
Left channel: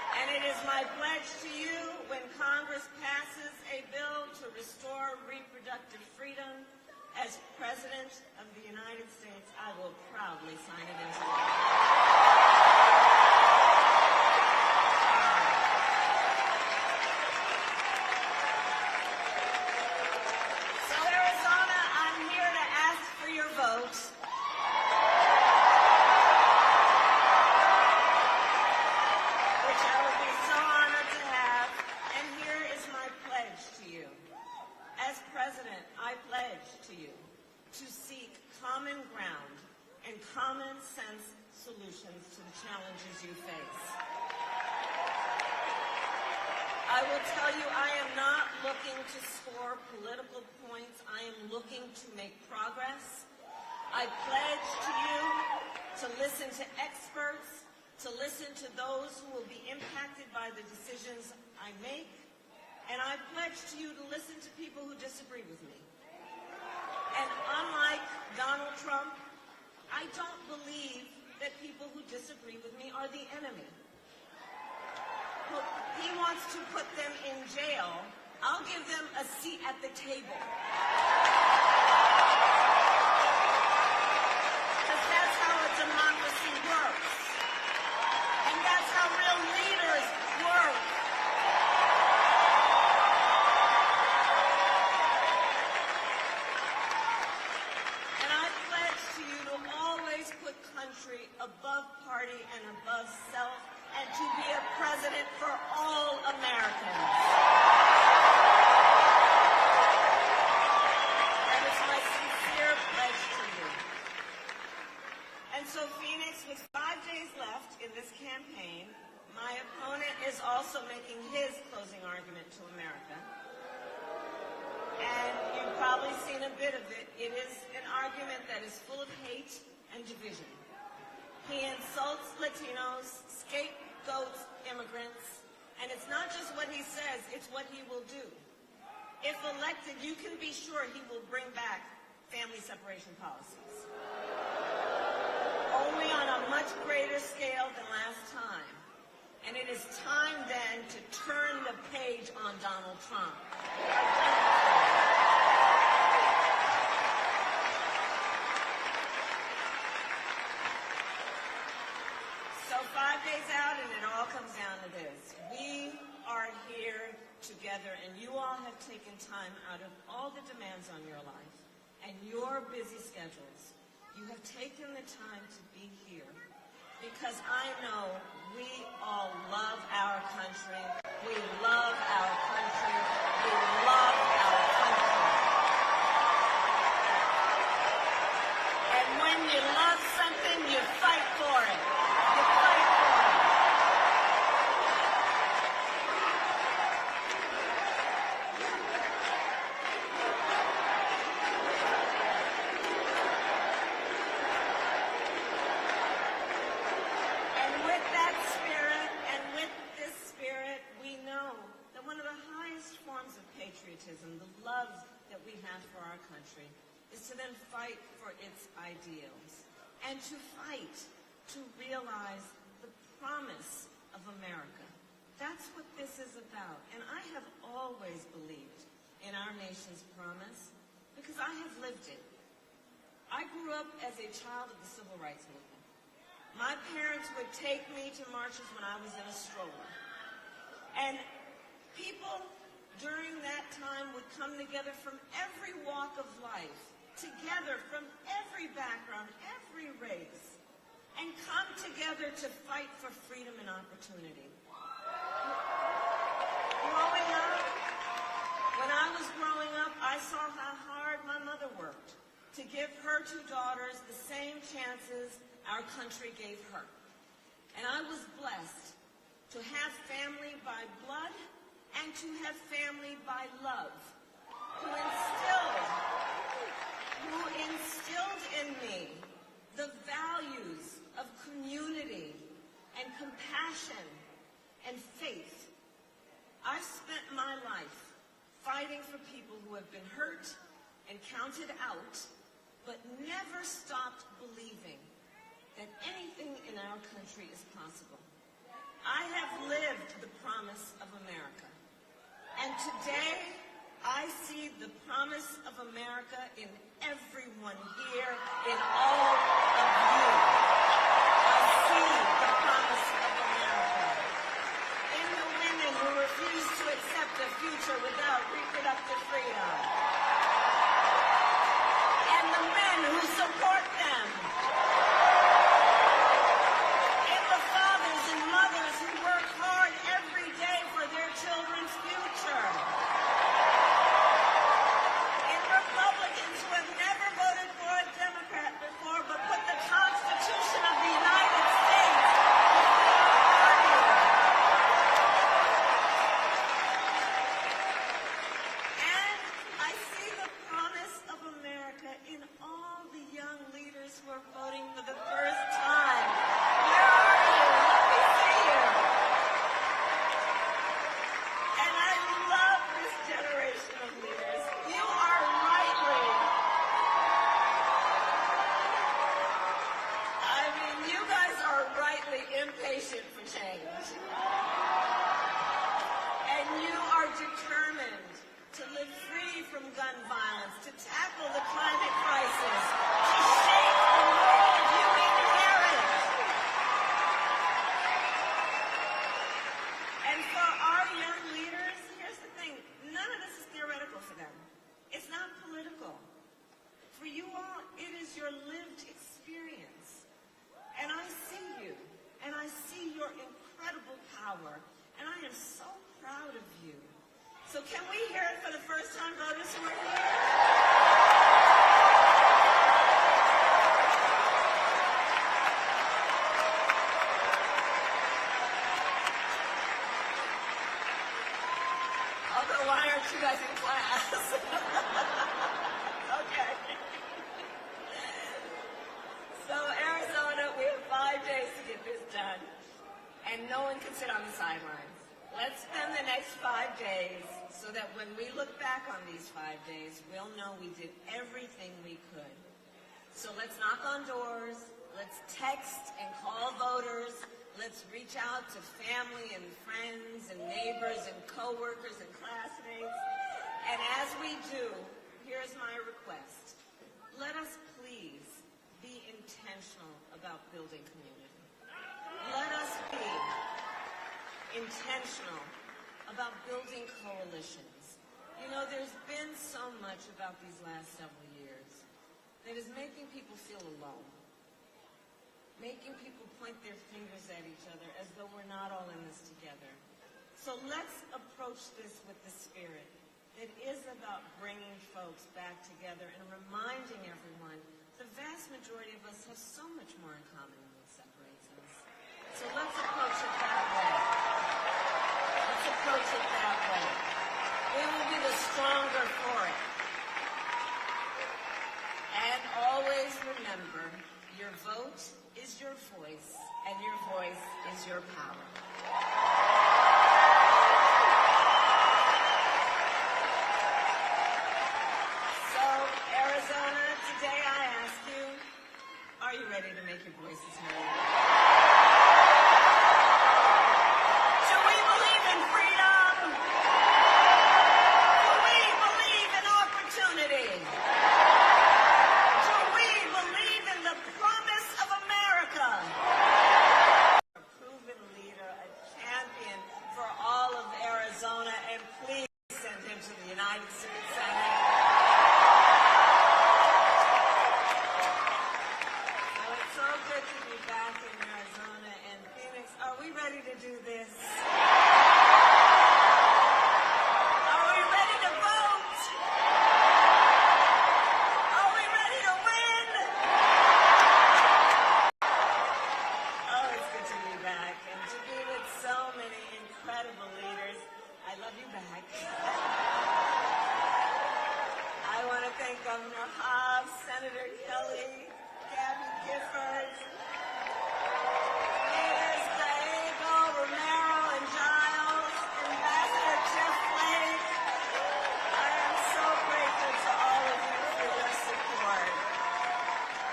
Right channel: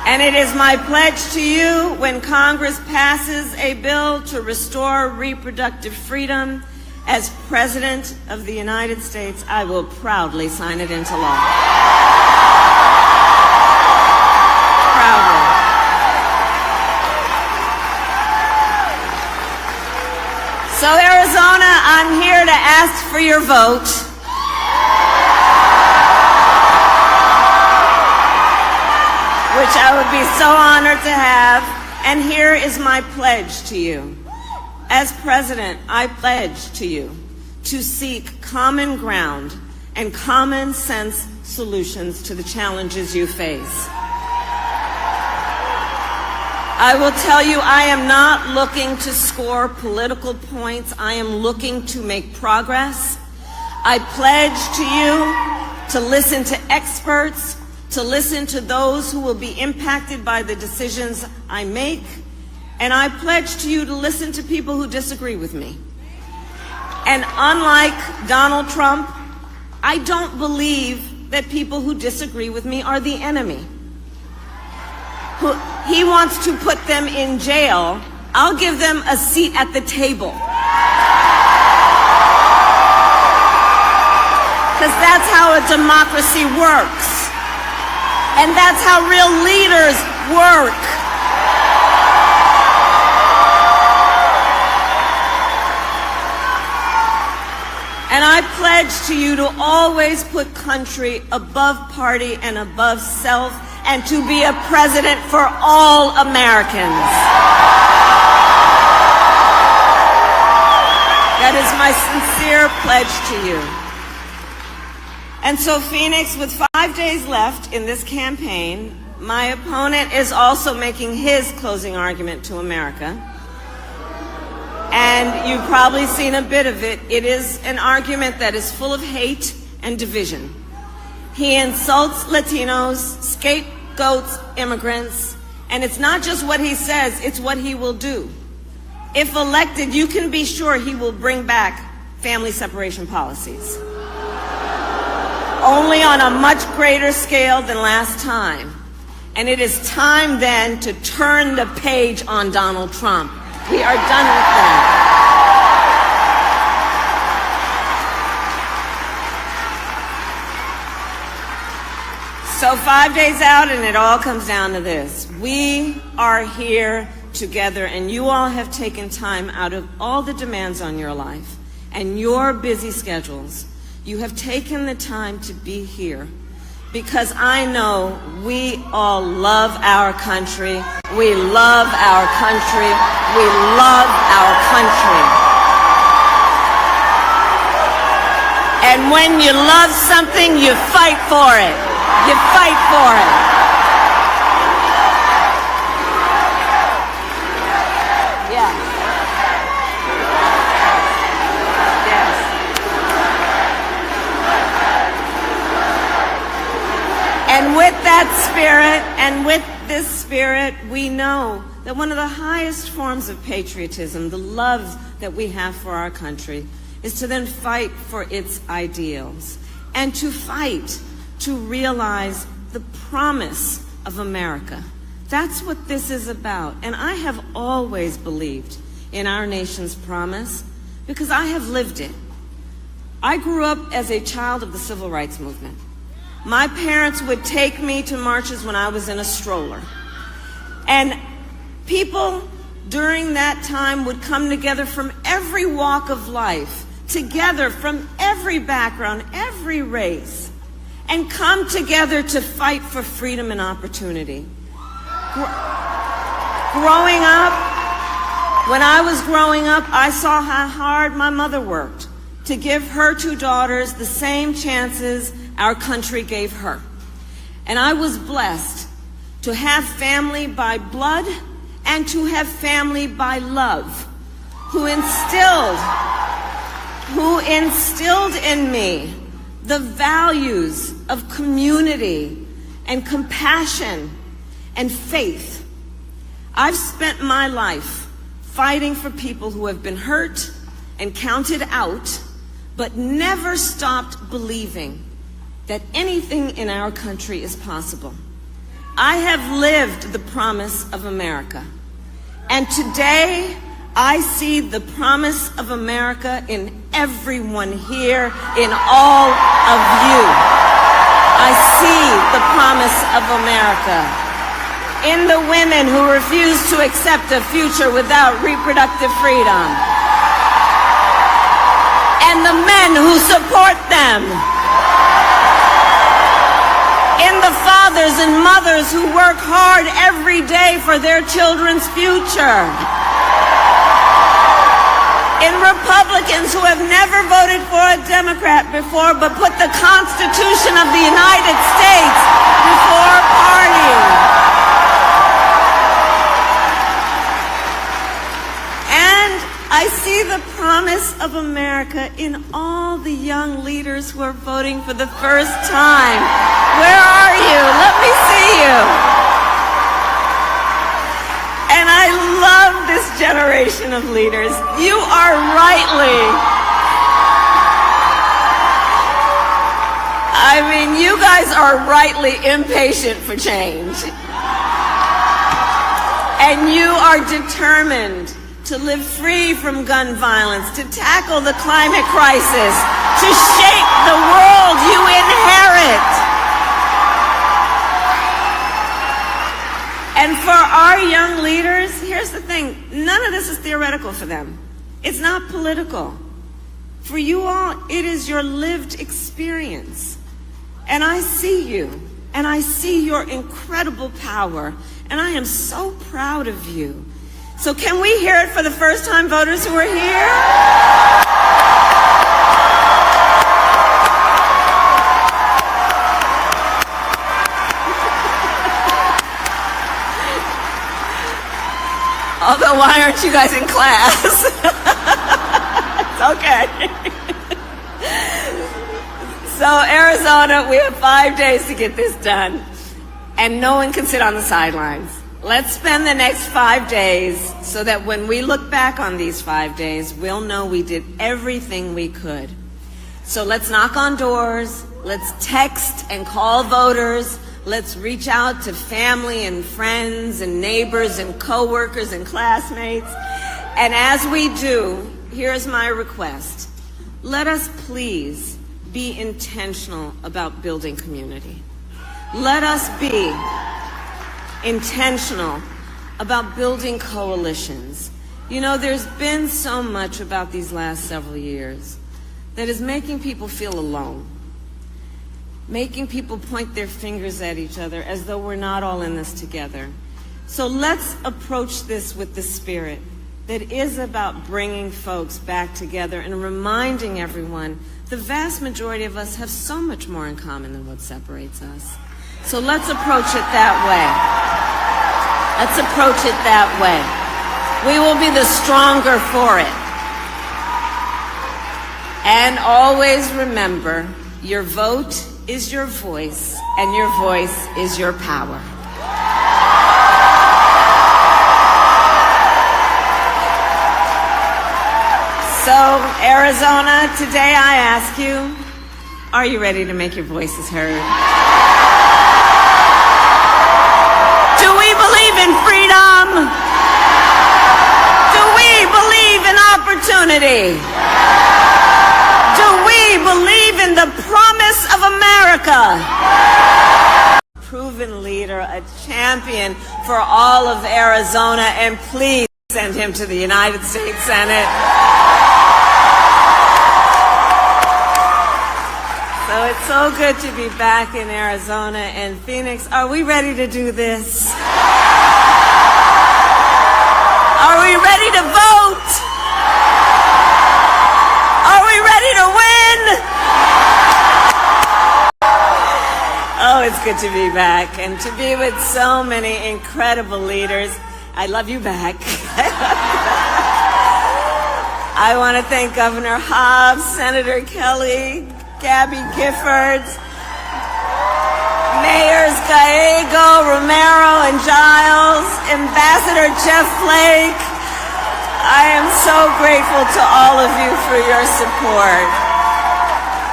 And it is my pledge to you, when Congress passes a bill to restore reproductive freedom, as President of the United States, I will proudly sign it into law. Proudly. So, Arizona, I'm here to ask for your vote. Which I would be so honored to have. And here is my pledge to you. As President, I pledge to you to seek common ground and common sense solutions to the challenges you face. I will tell you, I am not looking to score political points. I am looking to make progress. I pledge to you to listen to experts, to listen to those who will be impacted by the decisions I make, and I pledge to you to listen to people who disagree with me. And unlike Donald Trump, I don't believe that people who disagree with me are the enemy. He wants to put them in jail. I'll give them a seat at the table. Because that's how a democracy works. And that's how real leaders work. And I pledge to you to always put country above party and above self, and to be a president for all Americans. That is my sincere pledge to you. And so, Phoenix, with 5 days left in this campaign, my opponent is also making his closing argument to America. And you've probably seen a bit of it. It is an argument that is full of hate and division. He insults Latinos, scapegoats immigrants, and it's not just what he says, it's what he will do. If elected, you can be sure he will bring back family separation policies. Only on a much greater scale than last time. And it is time then to turn the page on Donald Trump. We are done with that. So 5 days out, and it all comes down to this. We are here together, and you all have taken time out of all the demands on your life and your busy schedules. You have taken the time to be here because I know we all love our country. We love our country. We love our country. And when you love something, you fight for it. You fight for it. Yeah. Yes. And with that spirit, and with this spirit, we know that one of the highest forms of patriotism, the love that we have for our country, is to then fight for its ideals and to fight to realize the promise of America. That's what this is about. And I have always believed in our nation's promise because I have lived it. I grew up as a child of the civil rights movement. My parents would take me to marches when I was in a stroller. And people during that time would come together from every walk of life, together from every background, every race, and come together to fight for freedom and opportunity. Growing up, when I was growing up, I saw how hard my mother worked to give her two daughters the same chances our country gave her. And I was blessed to have family by blood and to have family by love, who instilled in me the values of community and compassion and faith. I've spent my life fighting for people who have been hurt and counted out, but never stopped believing that anything in our country is possible. I have lived the promise of America. And today, I see the promise of America in everyone here, in all of you. I see the promise of America in the women who refuse to accept a future without reproductive freedom, and the men who support them, in the fathers and mothers who work hard every day for their children's future, in Republicans who have never voted for a Democrat before but put the Constitution of the United States before party. And I see the promise of America in all the young leaders who are voting for the first time. Where are you? Let me see you. And I love this generation of leaders. You are you guys are rightly impatient for change. And you are determined to live free from gun violence, to tackle the climate crisis, to shape the world you inherit. And for our young leaders, here's the thing, none of this is theoretical for them. It's not political. For you all, it is your lived experience. And I see you, and I see your incredible power, and I am so proud of you. So can we hear it for the first-time voters who are here? Although, why aren't you guys in class? It's okay. So, Arizona, we have 5 days to get this done, and no one can sit on the sidelines. Let's spend the next 5 days so that when we look back on these 5 days, we'll know we did everything we could. So let's knock on doors, let's text and call voters, let's reach out to family and friends and neighbors and coworkers and classmates. And as we do, here's my request. Let us please be intentional about building community. Let us be intentional about building coalitions. You know, there's been so much about these last several years that is making people feel alone, making people point their fingers at each other as though we're not all in this together. So let's approach this with the spirit that is about bringing folks back together and reminding everyone the vast majority of us have so much more in common than what separates us. So let's approach it that way. Let's approach it that way. We will be the stronger for it. And always remember, your vote is your voice, and your voice is your power. So, Arizona, today I ask you, are you ready to make your voices heard? Do we believe in freedom? Do we believe in opportunity? Do we believe in the promise of America? Proven leader, a champion for all of Arizona, and please send him to the United States Senate. So it's so good to be back in Arizona and Phoenix. Are we ready to do this? Are we ready to vote? Are we ready to win? Oh, it's good to be back and to be with so many incredible leaders. I love you back. I want to thank Governor Hobbs, Senator Kelly, Gabby Giffords, Mayors Gallego, Romero, and Giles, Ambassador Jeff Flake. I am so grateful to all of you for your support.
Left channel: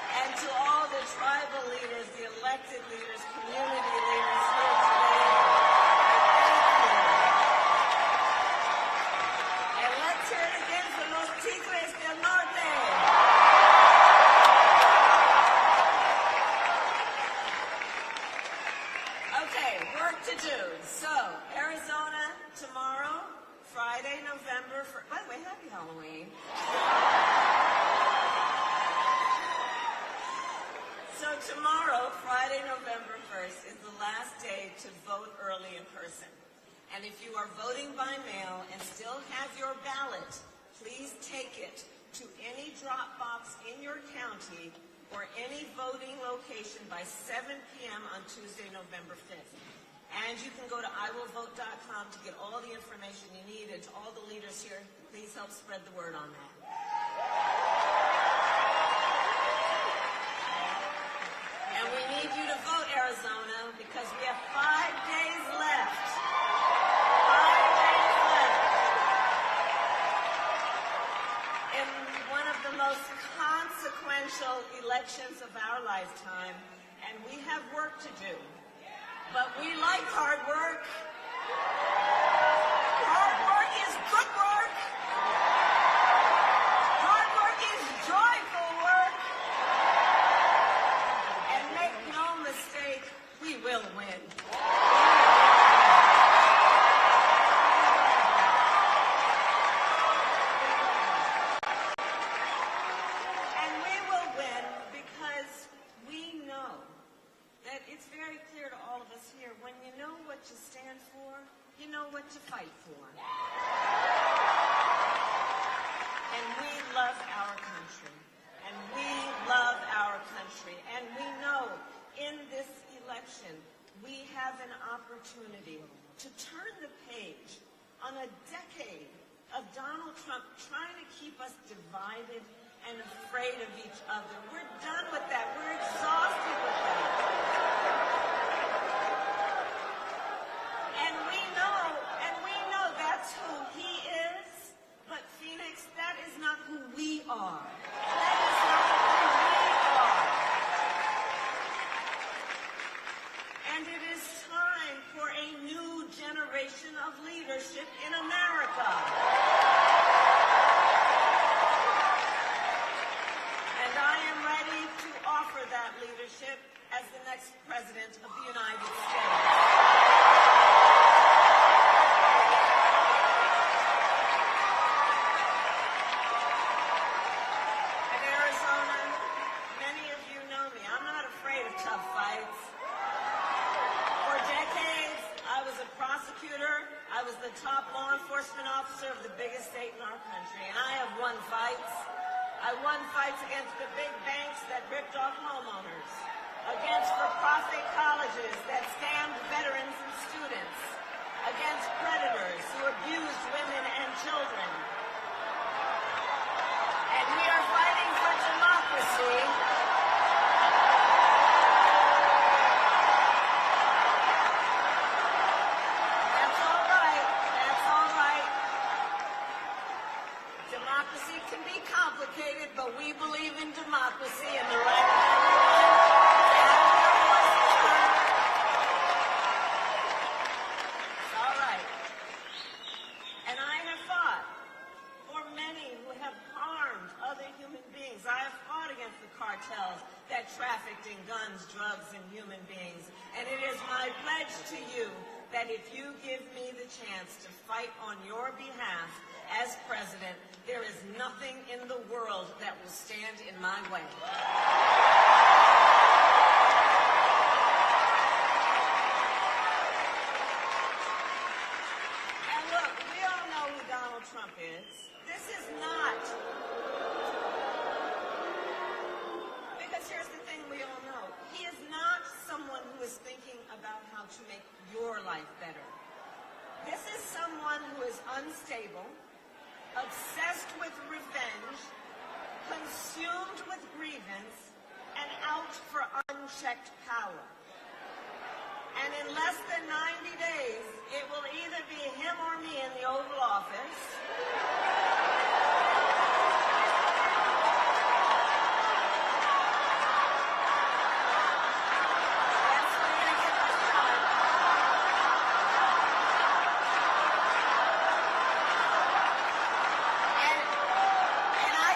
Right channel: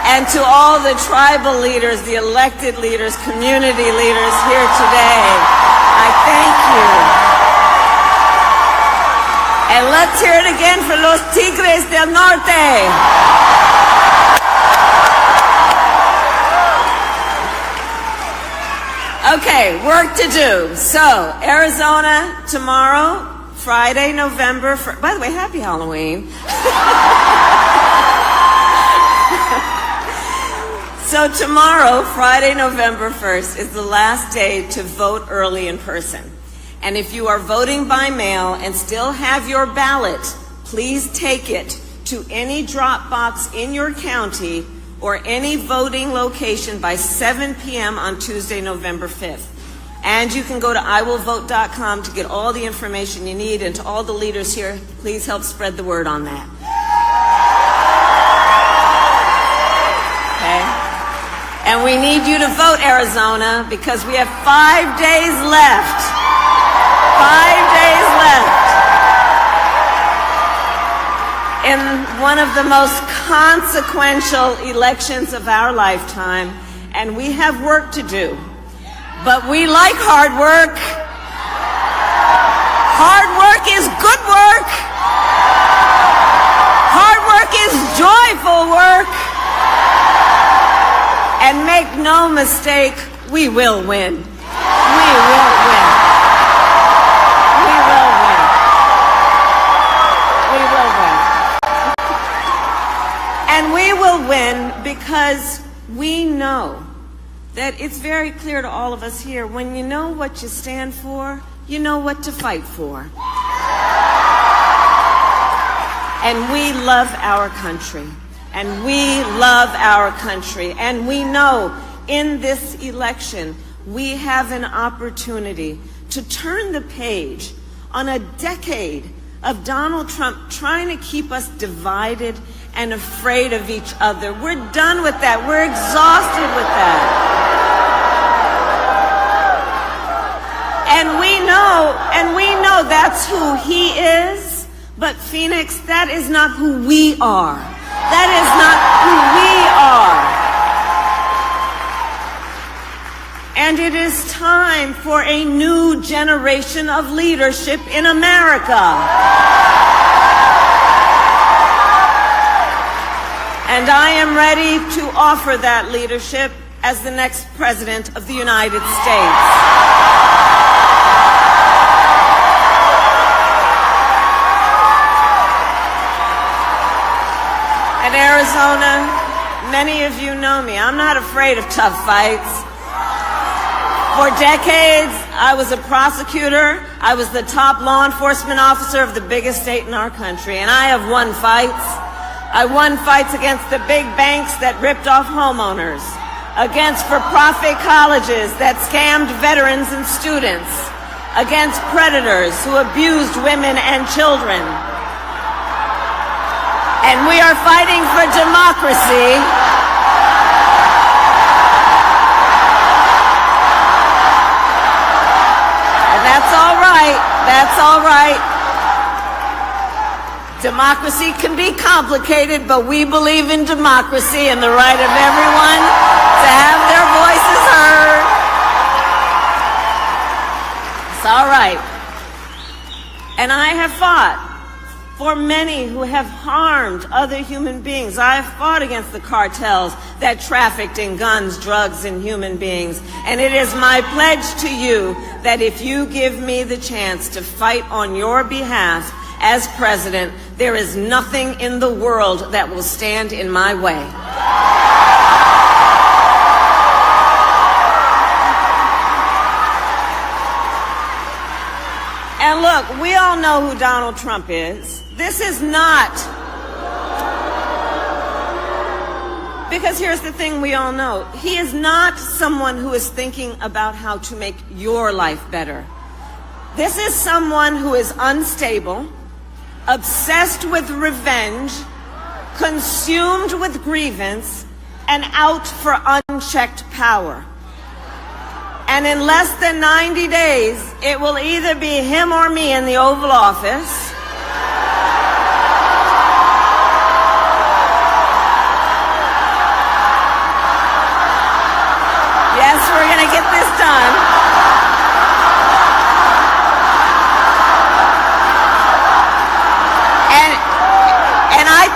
And to all the tribal leaders, the elected leaders, community leaders here today, I thank you. And let's hear it again for los Tigres del Norte. Okay, work to do. So, Arizona tomorrow, Friday, November 1st. By the way, happy Halloween. So tomorrow, Friday, November 1st, is the last day to vote early in person. And if you are voting by mail and still have your ballot, please take it to any drop box in your county or any voting location by 7 p.m. on Tuesday, November 5th. And you can go to iwillvote.com to get all the information you need. And to all the leaders here, please help spread the word on that. Okay? And we need you to vote, Arizona, because we have 5 days left. 5 days left in one of the most consequential elections of our lifetime. And we have work to do. But we like hard work. Hard work is good work. Hard work is joyful work. And make no mistake, we will win. We will win. We will win. We will win. And we will win because we know that it's very clear to all of us here, when you know what you stand for, you know what to fight for. And we love our country. And we love our country. And we know in this election, we have an opportunity to turn the page on a decade of Donald Trump trying to keep us divided and afraid of each other. We're done with that. We're exhausted with that. And we know that's who he is. But Phoenix, that is not who we are. That is not who we are. And it is time for a new generation of leadership in America. And I am ready to offer that leadership as the next President of the United States. In Arizona, many of you know me. I'm not afraid of tough fights. For decades, I was a prosecutor. I was the top law enforcement officer of the biggest state in our country, and I have won fights. I won fights against the big banks that ripped off homeowners, against for-profit colleges that scammed veterans and students, against predators who abused women and children. And we are fighting for democracy. And that's all right. That's all right. Democracy can be complicated, but we believe in democracy and the right of everyone to have their voices heard. It's all right. And I have fought for many who have harmed other human beings. I have fought against the cartels that trafficked in guns, drugs, and human beings. And it is my pledge to you that if you give me the chance to fight on your behalf as president, there is nothing in the world that will stand in my way. And look, we all know who Donald Trump is. This is not, because here's the thing we all know. He is not someone who is thinking about how to make your life better. This is someone who is unstable, obsessed with revenge, consumed with grievance, and out for unchecked power. And in less than 90 days, it will either be him or me in the Oval Office.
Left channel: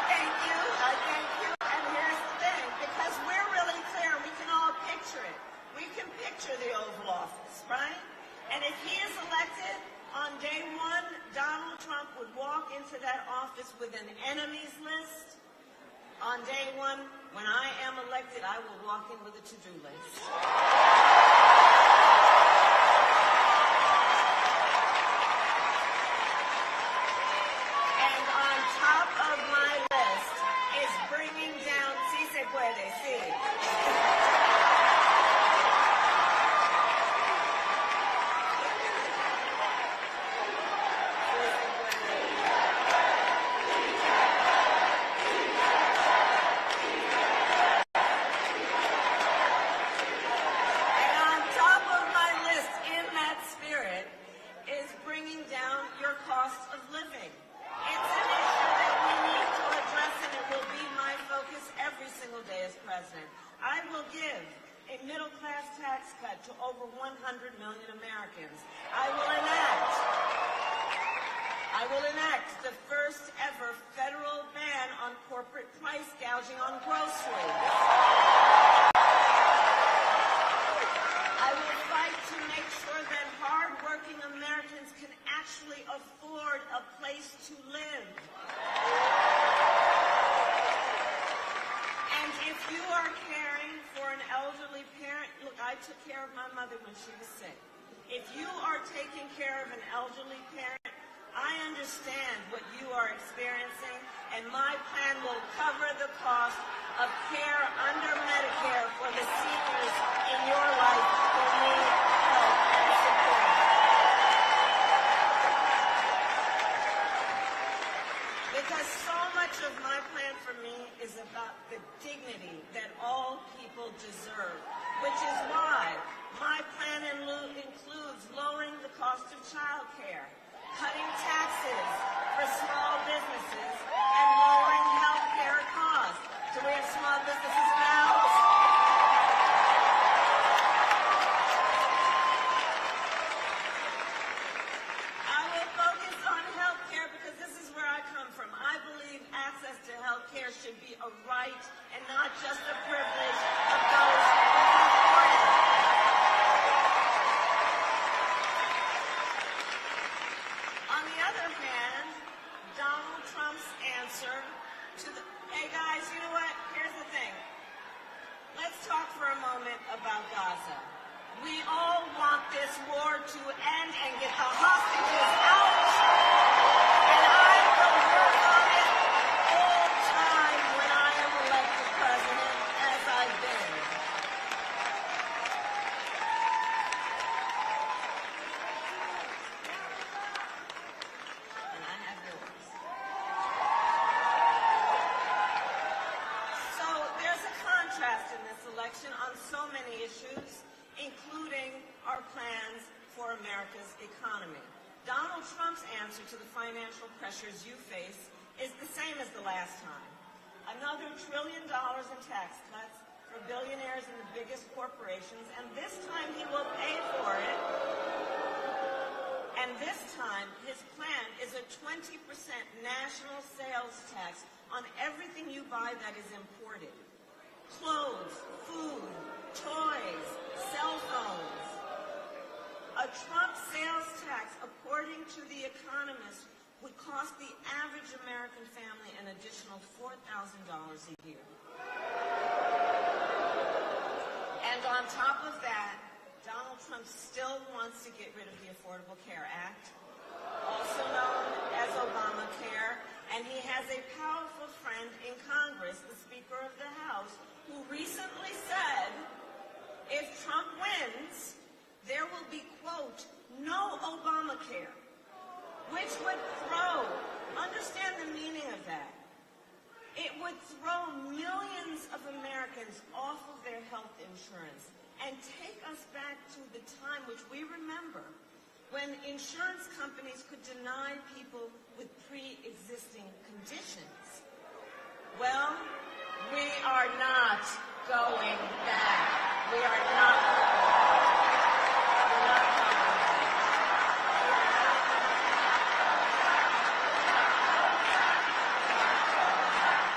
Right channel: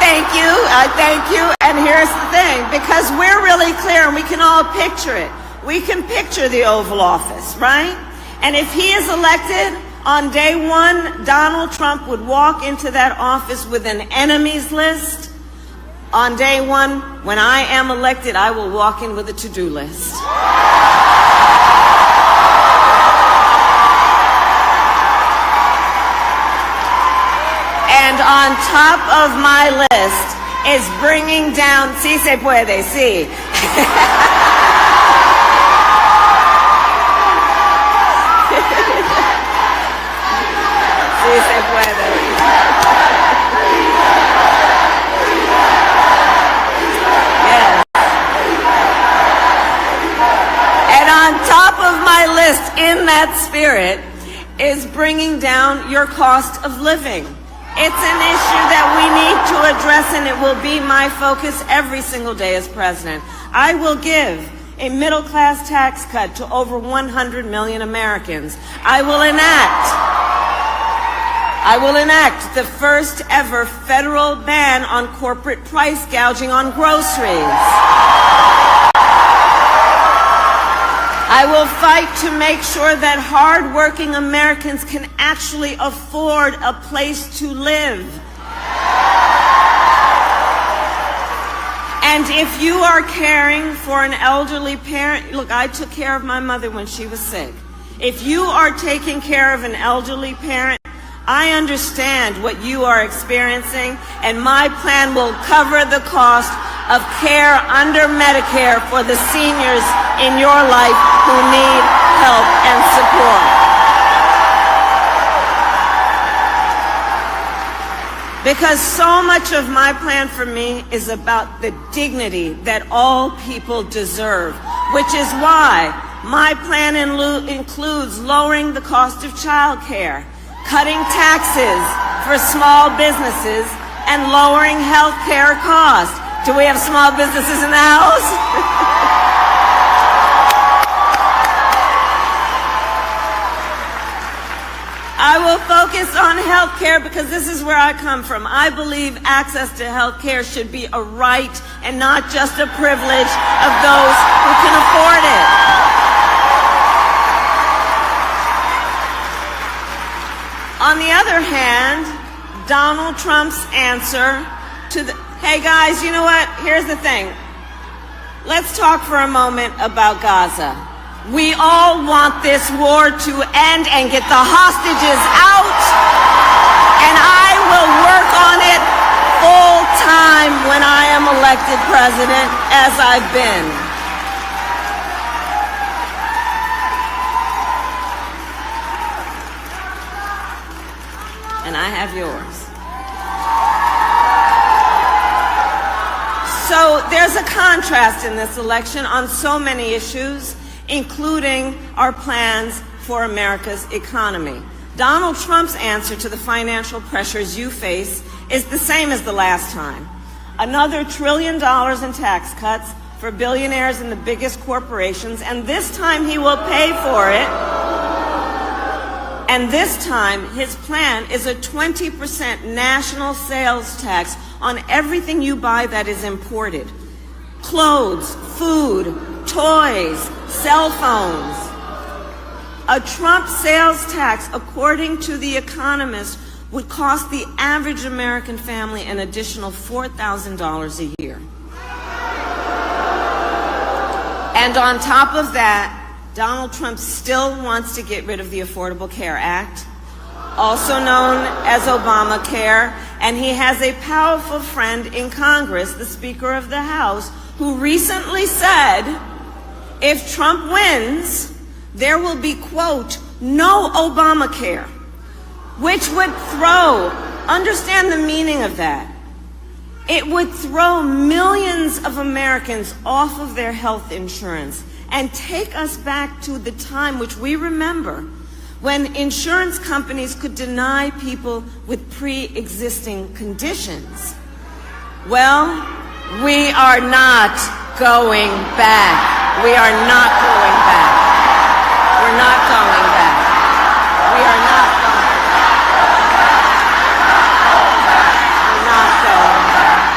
thank you. And here's the thing, because we're really clear and we can all picture it. We can picture the Oval Office, right? And if he is elected, on day one, Donald Trump would walk into that office with an enemies list. On day one, when I am elected, I will walk in with a to-do list. And on top of my list is bringing down, sí se puede, sí. Sí se puede. Yes. And on top of my list, in that spirit, is bringing down your cost of living. It's an issue that we need to address, and it will be my focus every single day as president. I will give a middle-class tax cut to over 100 million Americans. I will enact the first ever federal ban on corporate price gouging on groceries. I will fight to make sure that hard-working Americans can actually afford a place to live. And if you are caring for an elderly parent, look, I took care of my mother when she was sick. If you are taking care of an elderly parent, I understand what you are experiencing, and my plan will cover the cost of care under Medicare for the seniors in your life who need help and support. Because so much of my plan for me is about the dignity that all people deserve, which is why my plan includes lowering the cost of child care, cutting taxes for small businesses, and lowering health care costs. Do we have small businesses in the house? I will focus on health care because this is where I come from. I believe access to health care should be a right and not just a privilege of those who can afford it. On the other hand, Donald Trump's answer to the, hey guys, you know what? Here's the thing. Let's talk for a moment about Gaza. We all want this war to end and get the hostages out, and I will work on it full time when I am elected president, as I've been. And I have yours. So there's a contrast in this election on so many issues, including our plans for America's economy. Donald Trump's answer to the financial pressures you face is the same as the last time. Another $1 trillion in tax cuts for billionaires and the biggest corporations, and this time he will pay for it. And this time, his plan is a 20% national sales tax on everything you buy that is imported. Clothes, food, toys, cell phones. A Trump sales tax, according to The Economist, would cost the average American family an additional $4,000 a year. And on top of that, Donald Trump still wants to get rid of the Affordable Care Act, also known as Obamacare, and he has a powerful friend in Congress, the Speaker of the House, who recently said, if Trump wins, there will be, quote, no Obamacare, which would throw, understand the meaning of that, it would throw millions of Americans off of their health insurance and take us back to the time which we remember when insurance companies could deny people with pre-existing conditions. Well, we are not going back. We are not going back. We're not going back. We are not going back. We're not going back.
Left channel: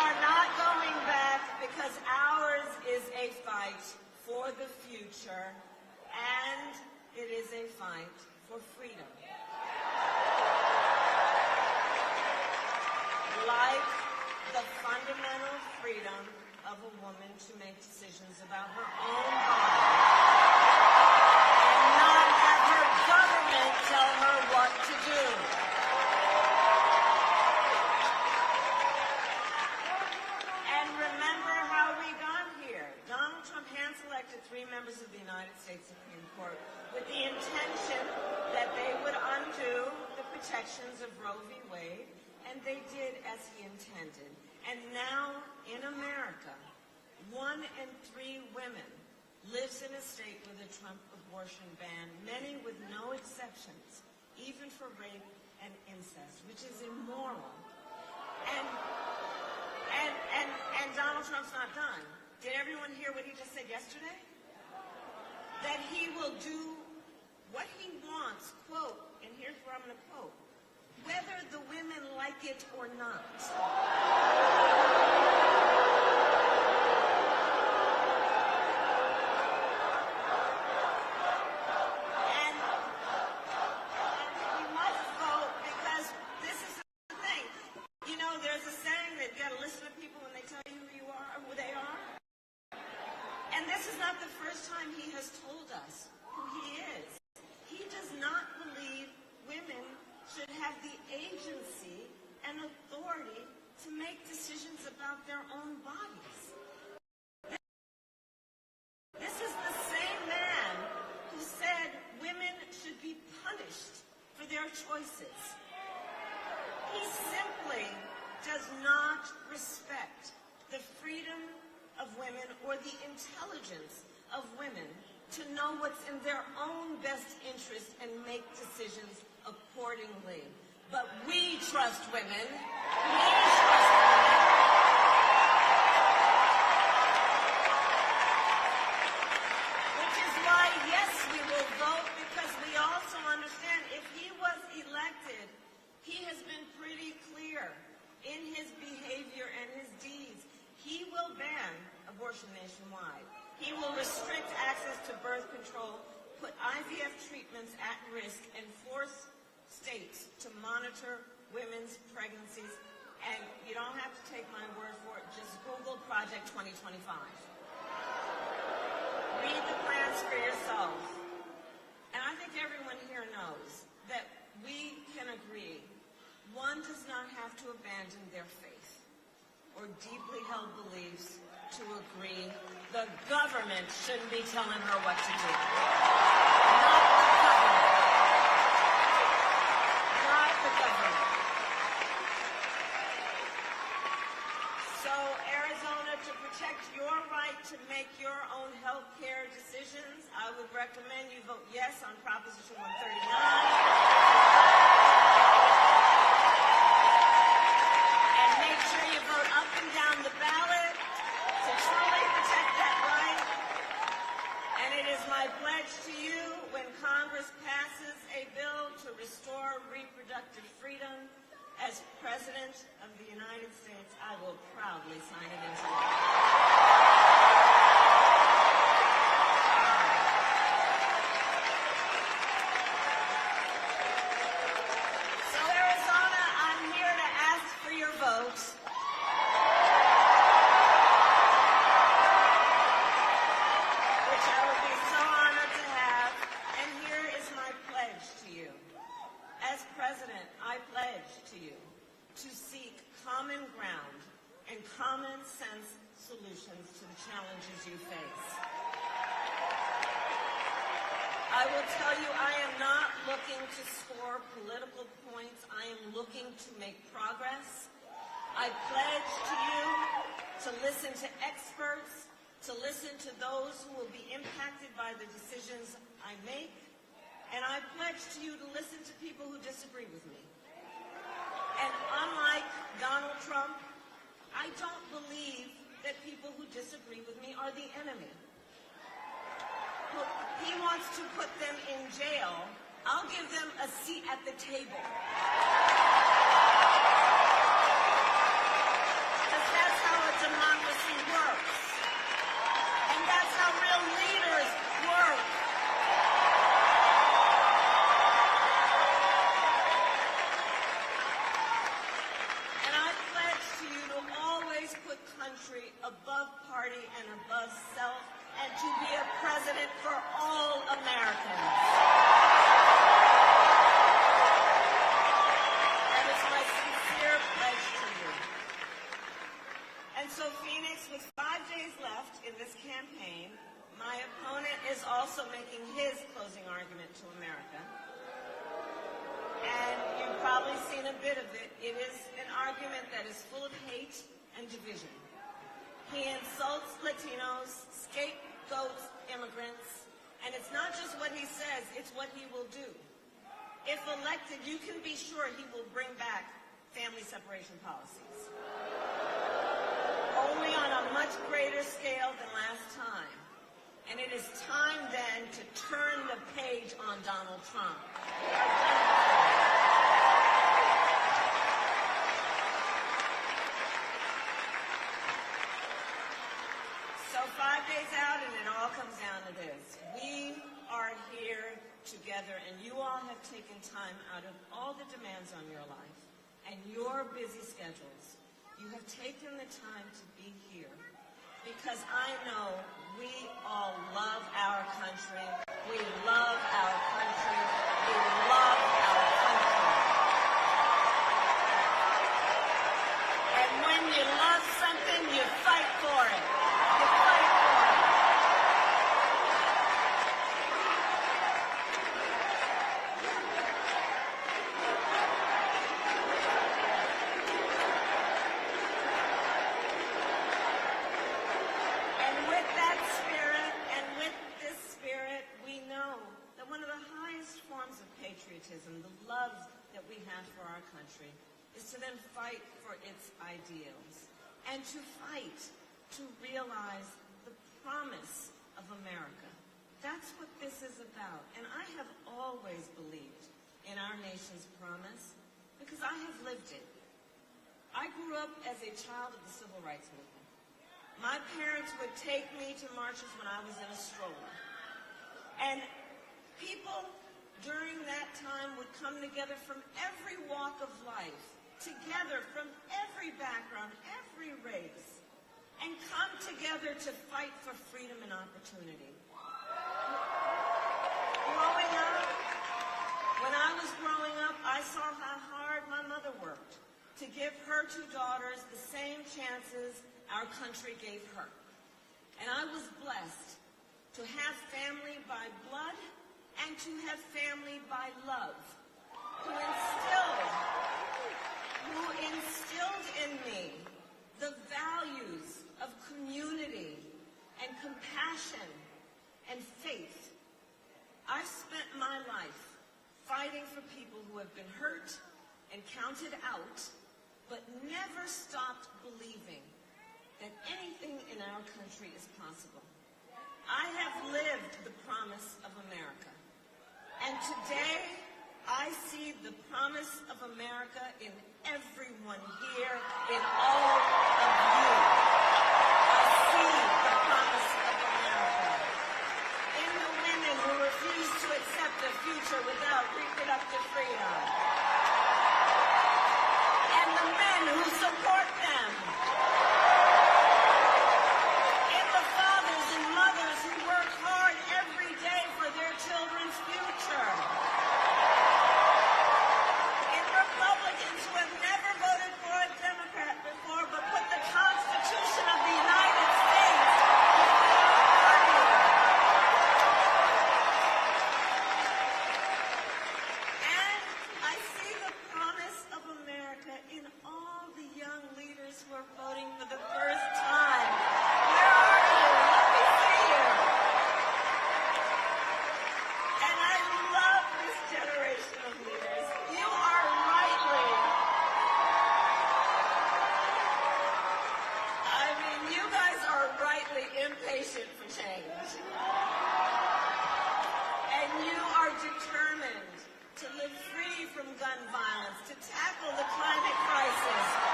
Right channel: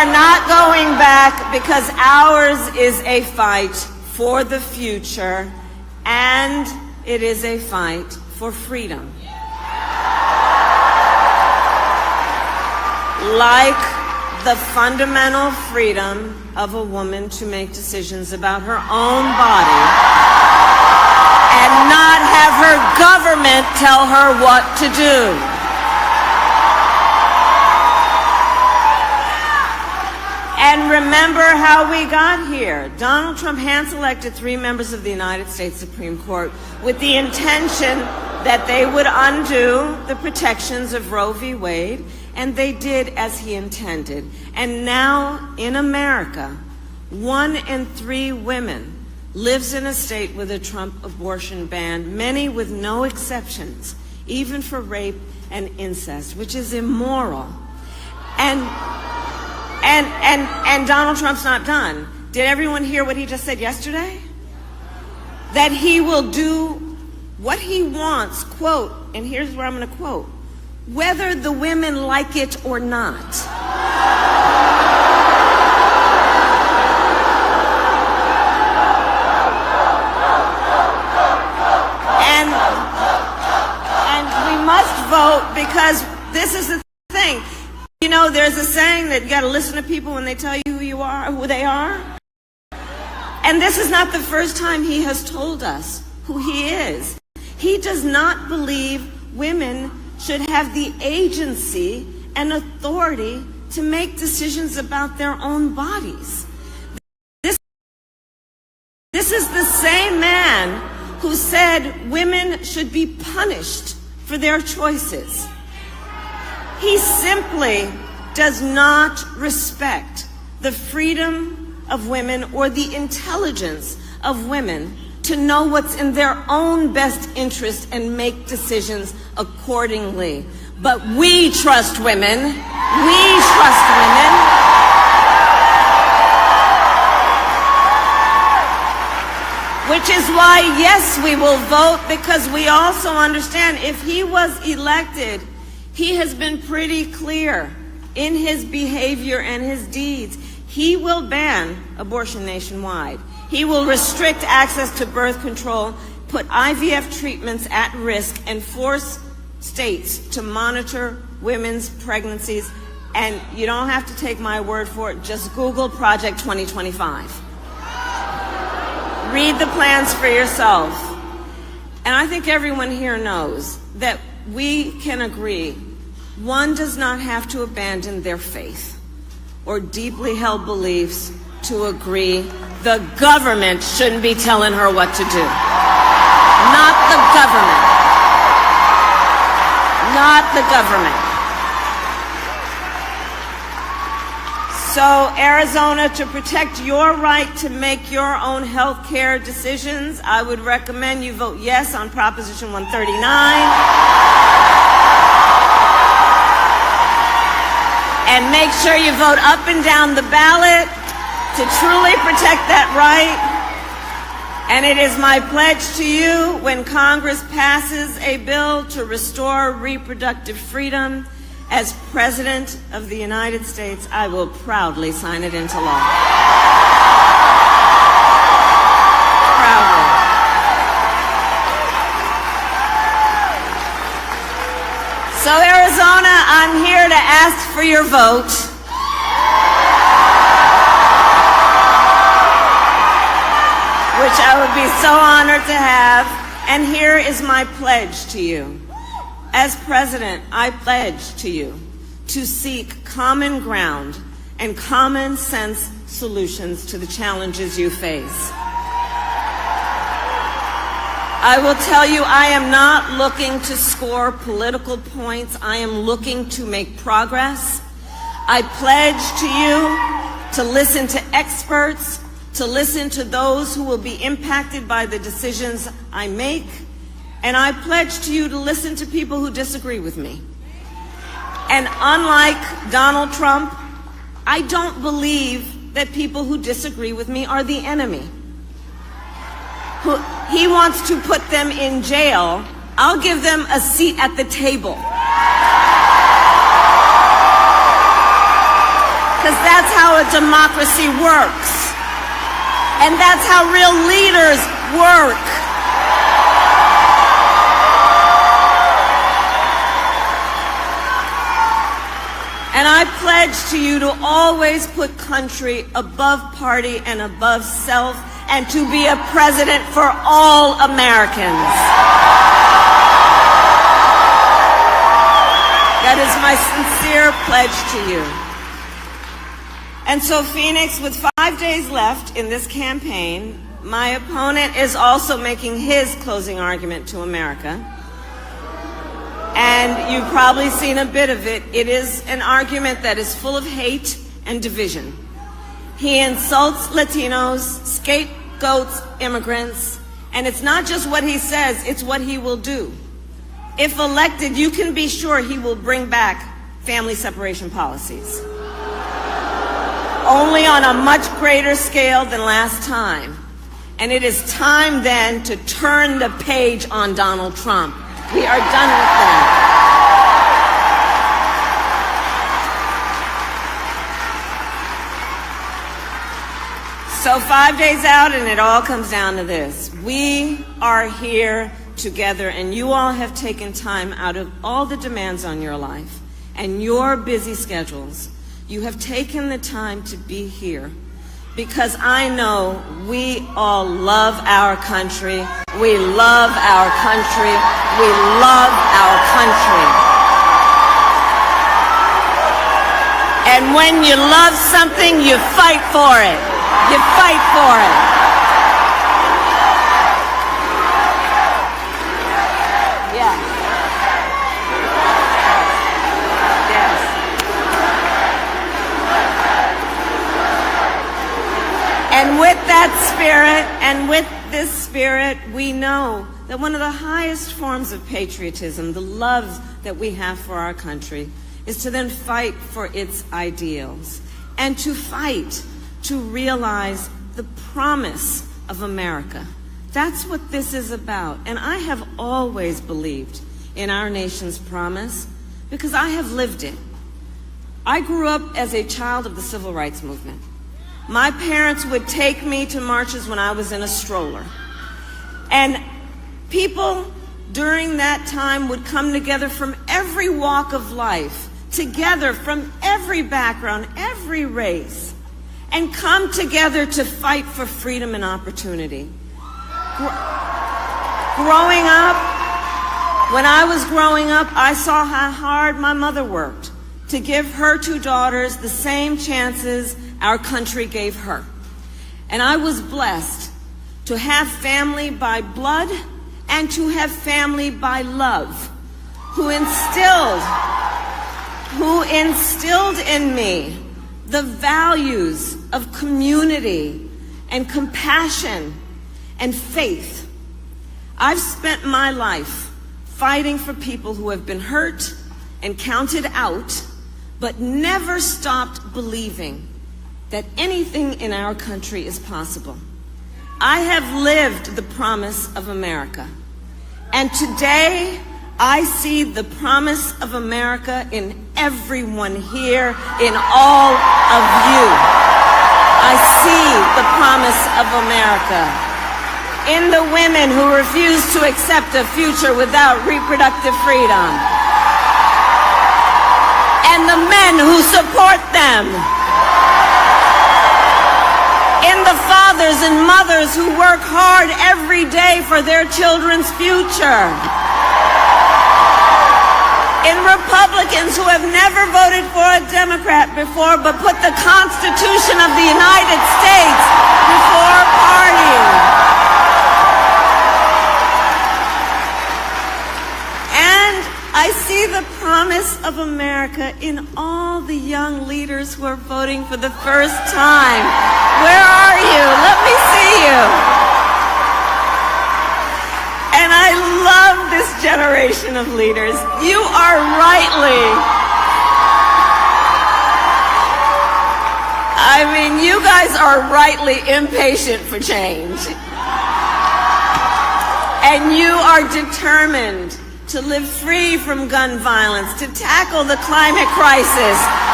are not going back because ours is a fight for the future, and it is a fight for freedom. Like the fundamental freedom of a woman to make decisions about her own body and not have her government tell her what to do. And remember how we got here. Donald Trump hand-selected 3 members of the United States Supreme Court with the intention that they would undo the protections of Roe v. Wade, and they did as he intended. And now in America, 1 in 3 women lives in a state with a Trump abortion ban, many with no exceptions, even for rape and incest, which is immoral. And Donald Trump's not done. Did everyone hear what he just said yesterday? That he will do what he wants, quote, and here's where I'm going to quote, whether the women like it or not. And we must vote because this is the thing. You know, there's a saying that you got to listen to people when they tell you who you are, who they are. And this is not the first time he has told us who he is. He does not believe women should have the agency and authority to make decisions about their own bodies. This is the same man who said women should be punished for their choices. He simply does not respect the freedom of women or the intelligence of women to know what's in their own best interest and make decisions accordingly. But we trust women. We trust women. Which is why, yes, we will vote, because we also understand if he was elected, he has been pretty clear in his behavior and his deeds. He will ban abortion nationwide. He will restrict access to birth control, put IVF treatments at risk, and force states to monitor women's pregnancies. And you don't have to take my word for it. Just Google Project 2025. Read the plans for yourself. And I think everyone here knows that we can agree one does not have to abandon their faith or deeply held beliefs to agree the government shouldn't be telling her what to do. Not the government. Not the government. So, Arizona, to protect your right to make your own health care decisions, I would recommend you vote yes on Proposition 139. And make sure you vote up and down the ballot to truly protect that right. And it is my pledge to you, when Congress passes a bill to restore reproductive freedom, as President of the United States, I will proudly sign it into law. Proudly. So, Arizona, I'm here to ask for your vote. Which I would be so honored to have. And here is my pledge to you. As president, I pledge to you to seek common ground and common sense solutions to the challenges you face. I will tell you, I am not looking to score political points. I am looking to make progress. I pledge to you to listen to experts, to listen to those who will be impacted by the decisions I make. And I pledge to you to listen to people who disagree with me. And unlike Donald Trump, I don't believe that people who disagree with me are the enemy. He wants to put them in jail. I'll give them a seat at the table. because that's how a democracy works. And that's how real leaders work. And I pledge to you to always put country above party and above self, and to be a president for all Americans. That is my sincere pledge to you. And so, Phoenix, with 5 days left in this campaign, my opponent is also making his closing argument to America. And you've probably seen a bit of it. It is an argument that is full of hate and division. He insults Latinos, scapegoats immigrants, and it's not just what he says, it's what he will do. If elected, you can be sure he will bring back family separation policies. Only on a much greater scale than last time. And it is time then to turn the page on Donald Trump. We are done with that. So 5 days out, and it all comes down to this. We are here together, and you all have taken time out of all the demands on your life and your busy schedules. You have taken the time to be here because I know we all love our country. We love our country. We love our country. And when you love something, you fight for it. You fight for it. Yeah. Yes. And with that spirit, and with this spirit, we know that one of the highest forms of patriotism, the love that we have for our country, is to then fight for its ideals and to fight to realize the promise of America. That's what this is about. And I have always believed in our nation's promise because I have lived it. I grew up as a child of the civil rights movement. My parents would take me to marches when I was in a stroller. And people during that time would come together from every walk of life, together from every background, every race, and come together to fight for freedom and opportunity. Growing up, when I was growing up, I saw how hard my mother worked to give her 2 daughters the same chances our country gave her. And I was blessed to have family by blood and to have family by love, who instilled in me the values of community and compassion and faith. I've spent my life fighting for people who have been hurt and counted out, but never stopped believing that anything in our country is possible. I have lived the promise of America. And today, I see the promise of America in everyone here, in all of you. I see the promise of America in the women who refuse to accept a future without reproductive freedom, and the men who support them, in the fathers and mothers who work hard every day for their children's future, in Republicans who have never voted for a Democrat before but put the Constitution of the United States before party. And I see the promise of America in all the young leaders who are voting for the first time. Where are you? Let me see you. And I love this generation of leaders. You are you guys are rightly impatient for change. And you are determined to live free from gun violence, to tackle the climate crisis,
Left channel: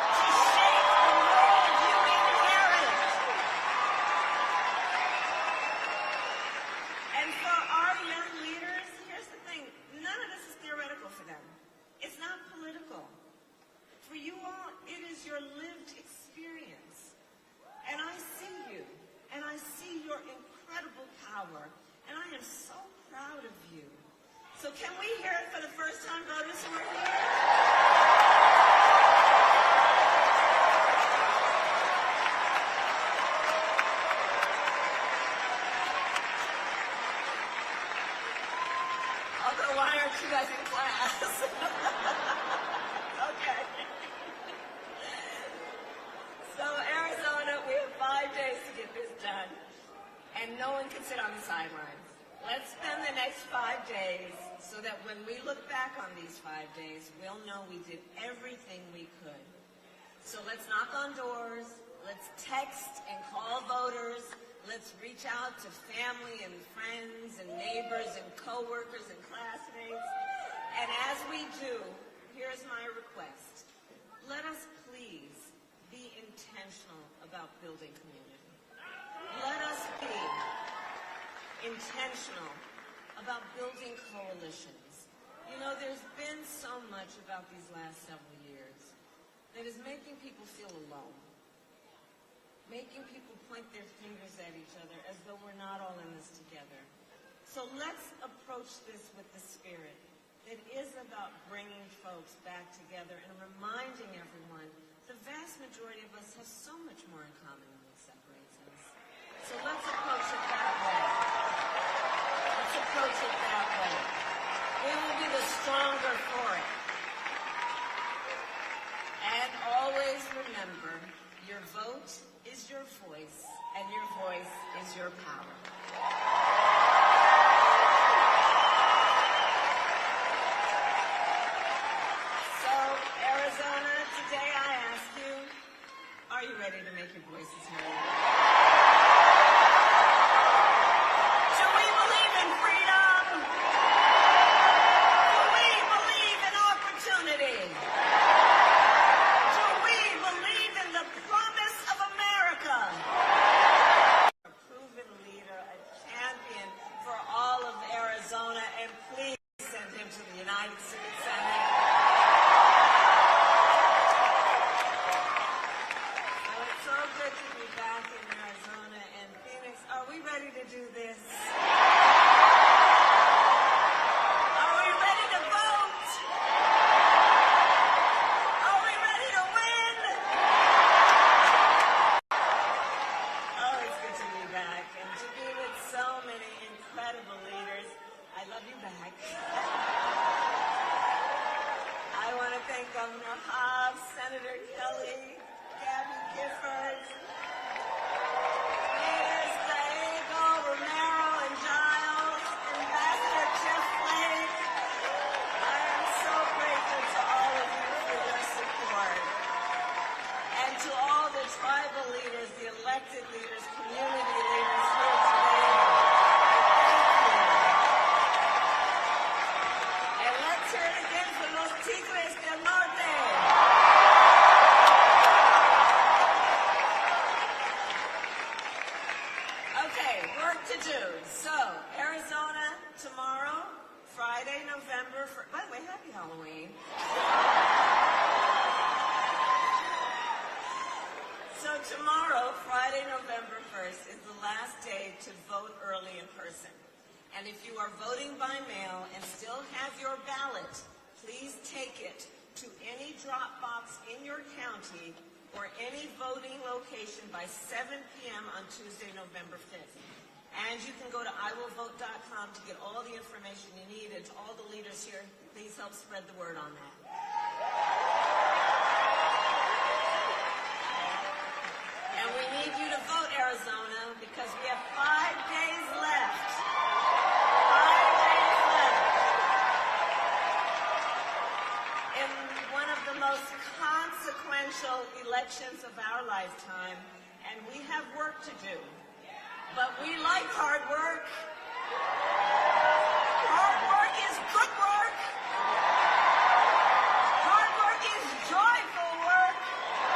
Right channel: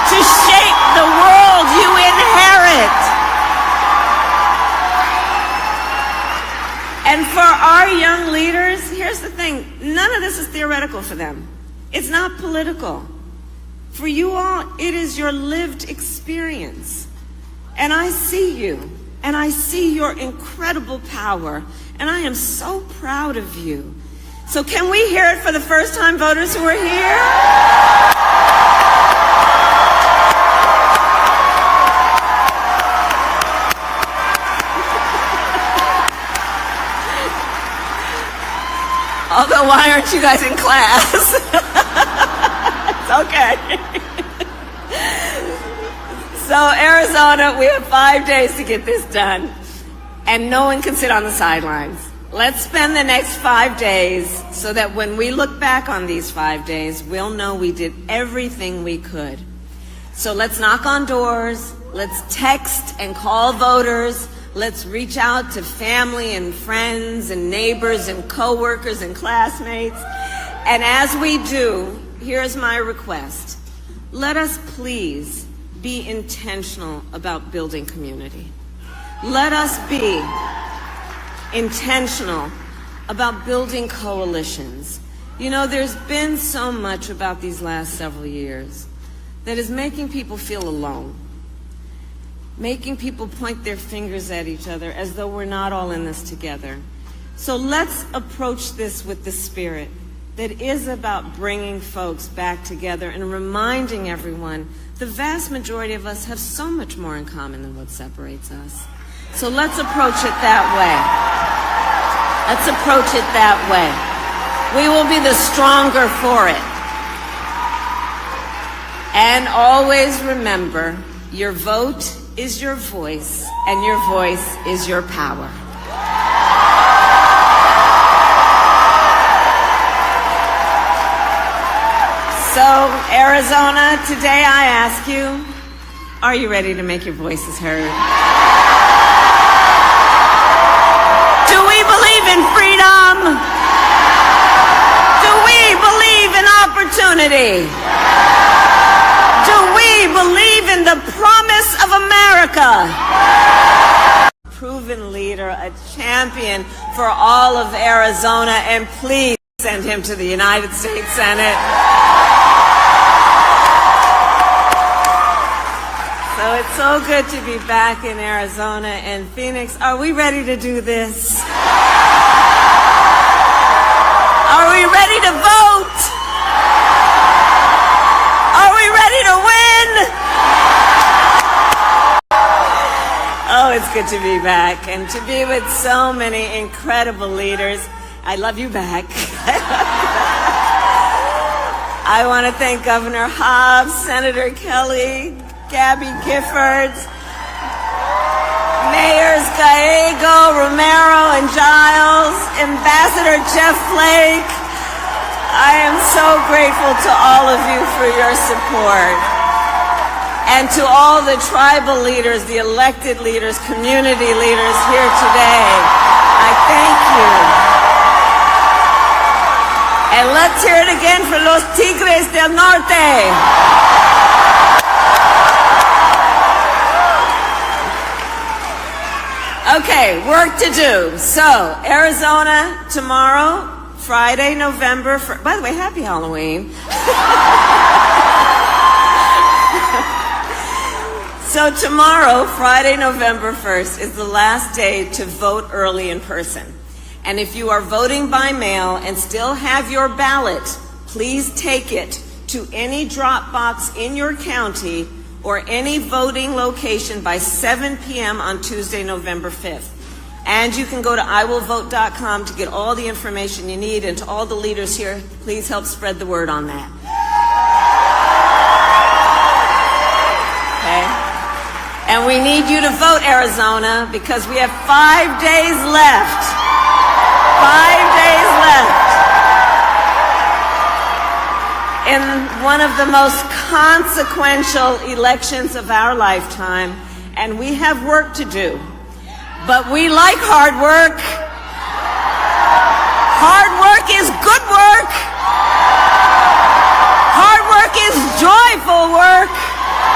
to shape the world you inherit. And for our young leaders, here's the thing, none of this is theoretical for them. It's not political. For you all, it is your lived experience. And I see you, and I see your incredible power, and I am so proud of you. So can we hear it for the first-time voters who are here? Although, why aren't you guys in class? It's okay. So, Arizona, we have 5 days to get this done, and no one can sit on the sidelines. Let's spend the next 5 days so that when we look back on these 5 days, we'll know we did everything we could. So let's knock on doors, let's text and call voters, let's reach out to family and friends and neighbors and coworkers and classmates. And as we do, here's my request. Let us please be intentional about building community. Let us be intentional about building coalitions. You know, there's been so much about these last several years that is making people feel alone, making people point their fingers at each other as though we're not all in this together. So let's approach this with the spirit that is about bringing folks back together and reminding everyone the vast majority of us have so much more in common than what separates us. So let's approach it that way. Let's approach it that way. We will be the stronger for it. And always remember, your vote is your voice, and your voice is your power. So, Arizona, today I ask you, are you ready to make your voices heard? Do we believe in freedom? Do we believe in opportunity? Do we believe in the promise of America? Proven leader, a champion for all of Arizona, and please send him to the United States Senate. So it's so good to be back in Arizona and Phoenix. Are we ready to do this? Are we ready to vote? Are we ready to win? Oh, it's good to be back and to be with so many incredible leaders. I love you back. I want to thank Governor Hobbs, Senator Kelly, Gabby Giffords, Mayors Gallego, Romero, and Giles, Ambassador Jeff Flake. I am so grateful to all of you for your support. And to all the tribal leaders, the elected leaders, community leaders here today, I thank you. And let's hear it again for los Tigres del Norte. Okay, work to do. So, Arizona, tomorrow, Friday, November 1st. By the way, happy Halloween. So tomorrow, Friday, November 1st, is the last day to vote early in person. And if you are voting by mail and still have your ballot, please take it to any drop box in your county or any voting location by 7 p.m. on Tuesday, November 5th. And you can go to iwillvote.com to get all the information you need. And to all the leaders here, please help spread the word on that. Okay? And we need you to vote, Arizona, because we have 5 days left. 5 days left in one of the most consequential elections of our lifetime, and we have work to do. But we like hard work. Hard work is good work. Hard work is joyful work.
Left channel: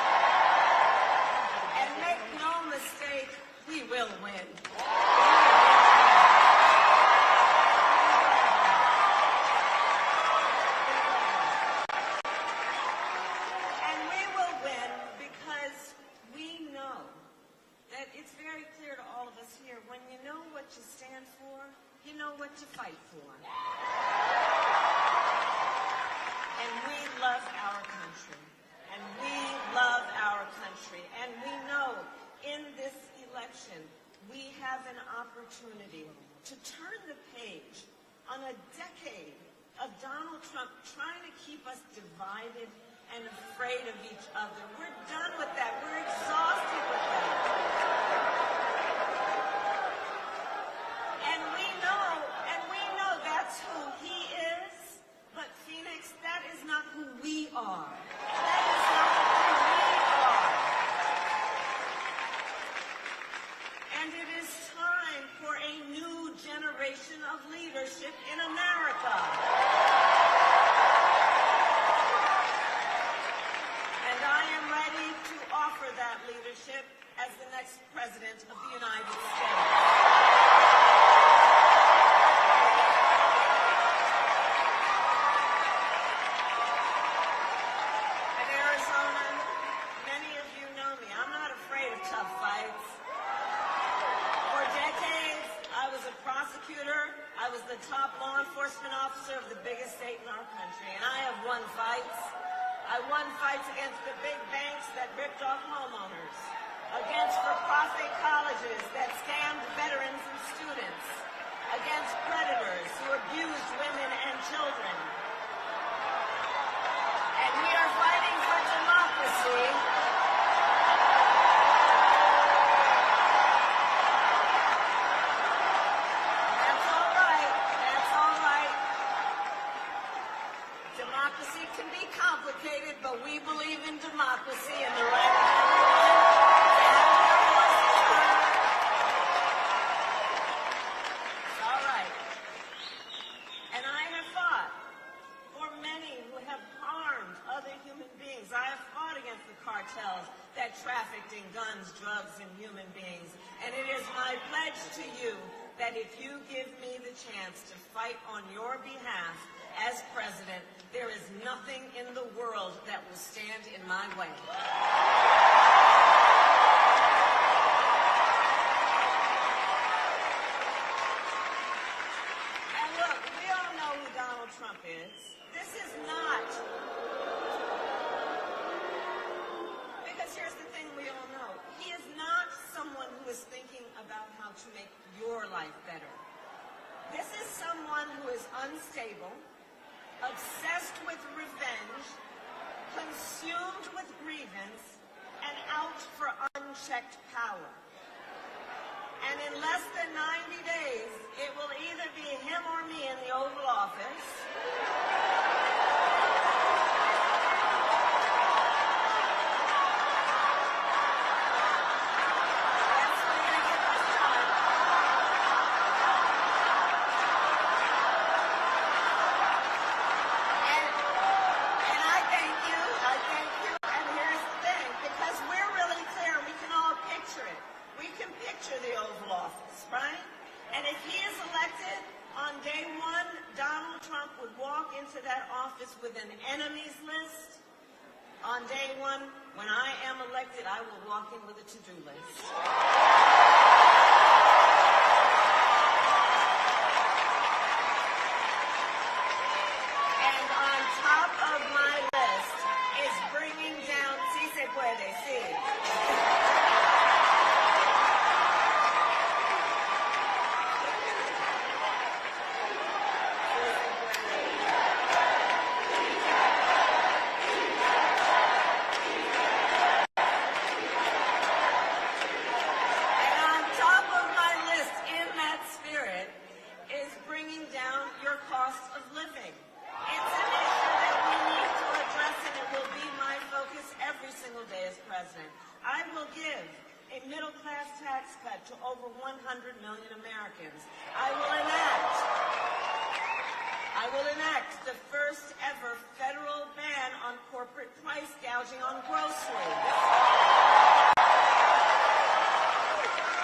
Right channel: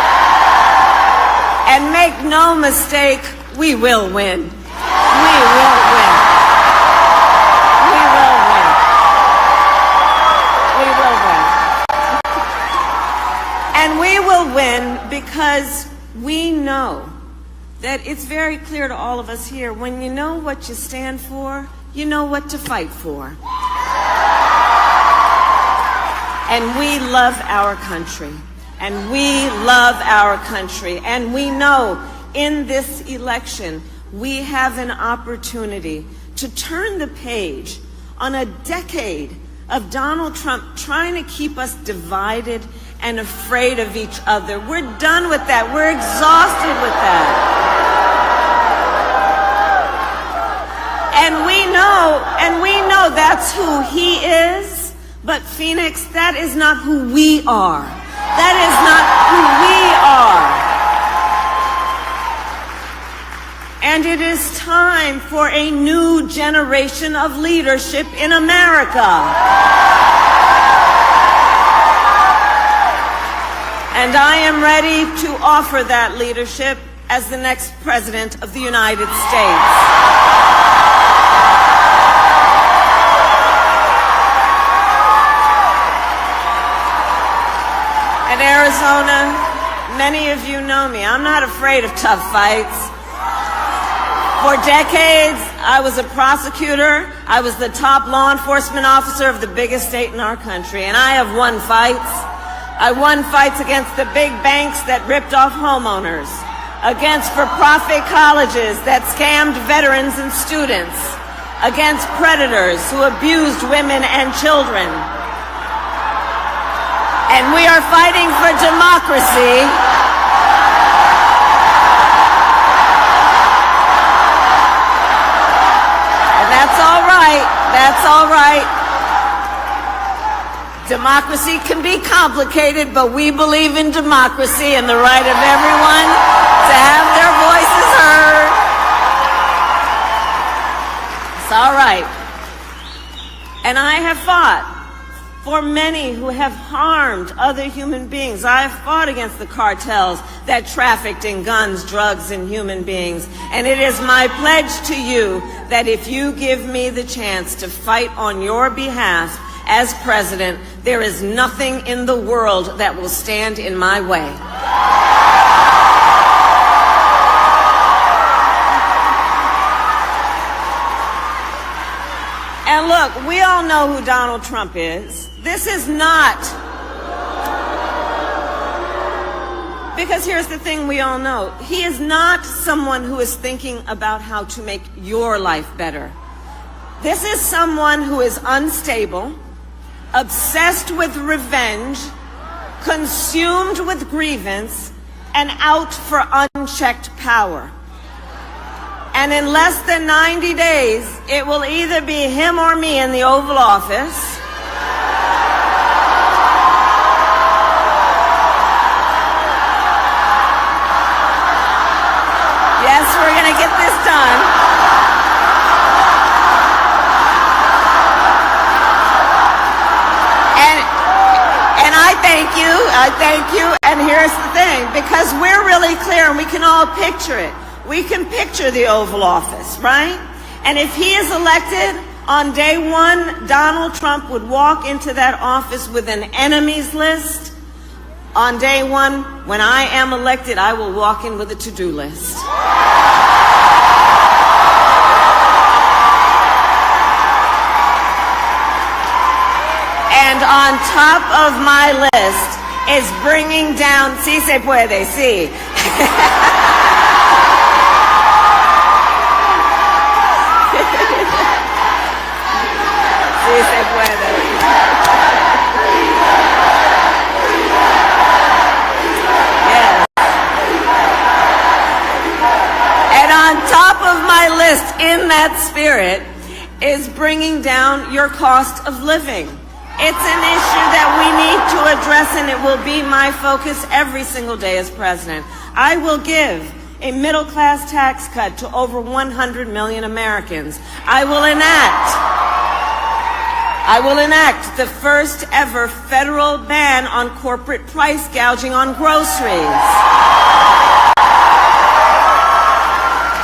make no mistake, we will win. We will win. We will win. We will win. And we will win because we know that it's very clear to all of us here, when you know what you stand for, you know what to fight for. And we love our country. And we love our country. And we know in this election, we have an opportunity to turn the page on a decade of Donald Trump trying to keep us divided and afraid of each other. We're done with that. We're exhausted with that. And we know that's who he is, but Phoenix, that is not who we are. That is not who we are. And it is time for a new generation of leadership in America. And I am ready to offer that leadership as the next President of the United States. Arizona, many of you know me. I'm not afraid of tough fights. For decades, I was a prosecutor. I was the top law enforcement officer of the biggest state in our country, and I have won fights. I won fights against the big banks that ripped off homeowners, against for-profit colleges that scammed veterans and students, against predators who abused women and children. And we are fighting for democracy. And that's all right. That's all right. Democracy can be complicated, but we believe in democracy and the right of everyone to have their voices heard. It's all right. And I have fought for many who have harmed other human beings. I have fought against the cartels that trafficked in guns, drugs, and human beings. And it is my pledge to you that if you give me the chance to fight on your behalf as president, there is nothing in the world that will stand in my way. And look, we all know who Donald Trump is. This is not, because here's the thing we all know. He is not someone who is thinking about how to make your life better. This is someone who is unstable, obsessed with revenge, consumed with grievance, and out for unchecked power. And in less than 90 days, it will either be him or me in the Oval Office. Yes, we're going to get this done. And I thank you. And here's the thing, because we're really clear and we can all picture it. We can picture the Oval Office, right? And if he is elected, on day one, Donald Trump would walk into that office with an enemies list. On day one, when I am elected, I will walk in with a to-do list. And on top of my list is bringing down, sí se puede, sí. Sí se puede. Yes. And on top of my list, in that spirit, is bringing down your cost of living. It's an issue that we need to address, and it will be my focus every single day as president. I will give a middle-class tax cut to over 100 million Americans. I will enact the first ever federal ban on corporate price gouging on groceries.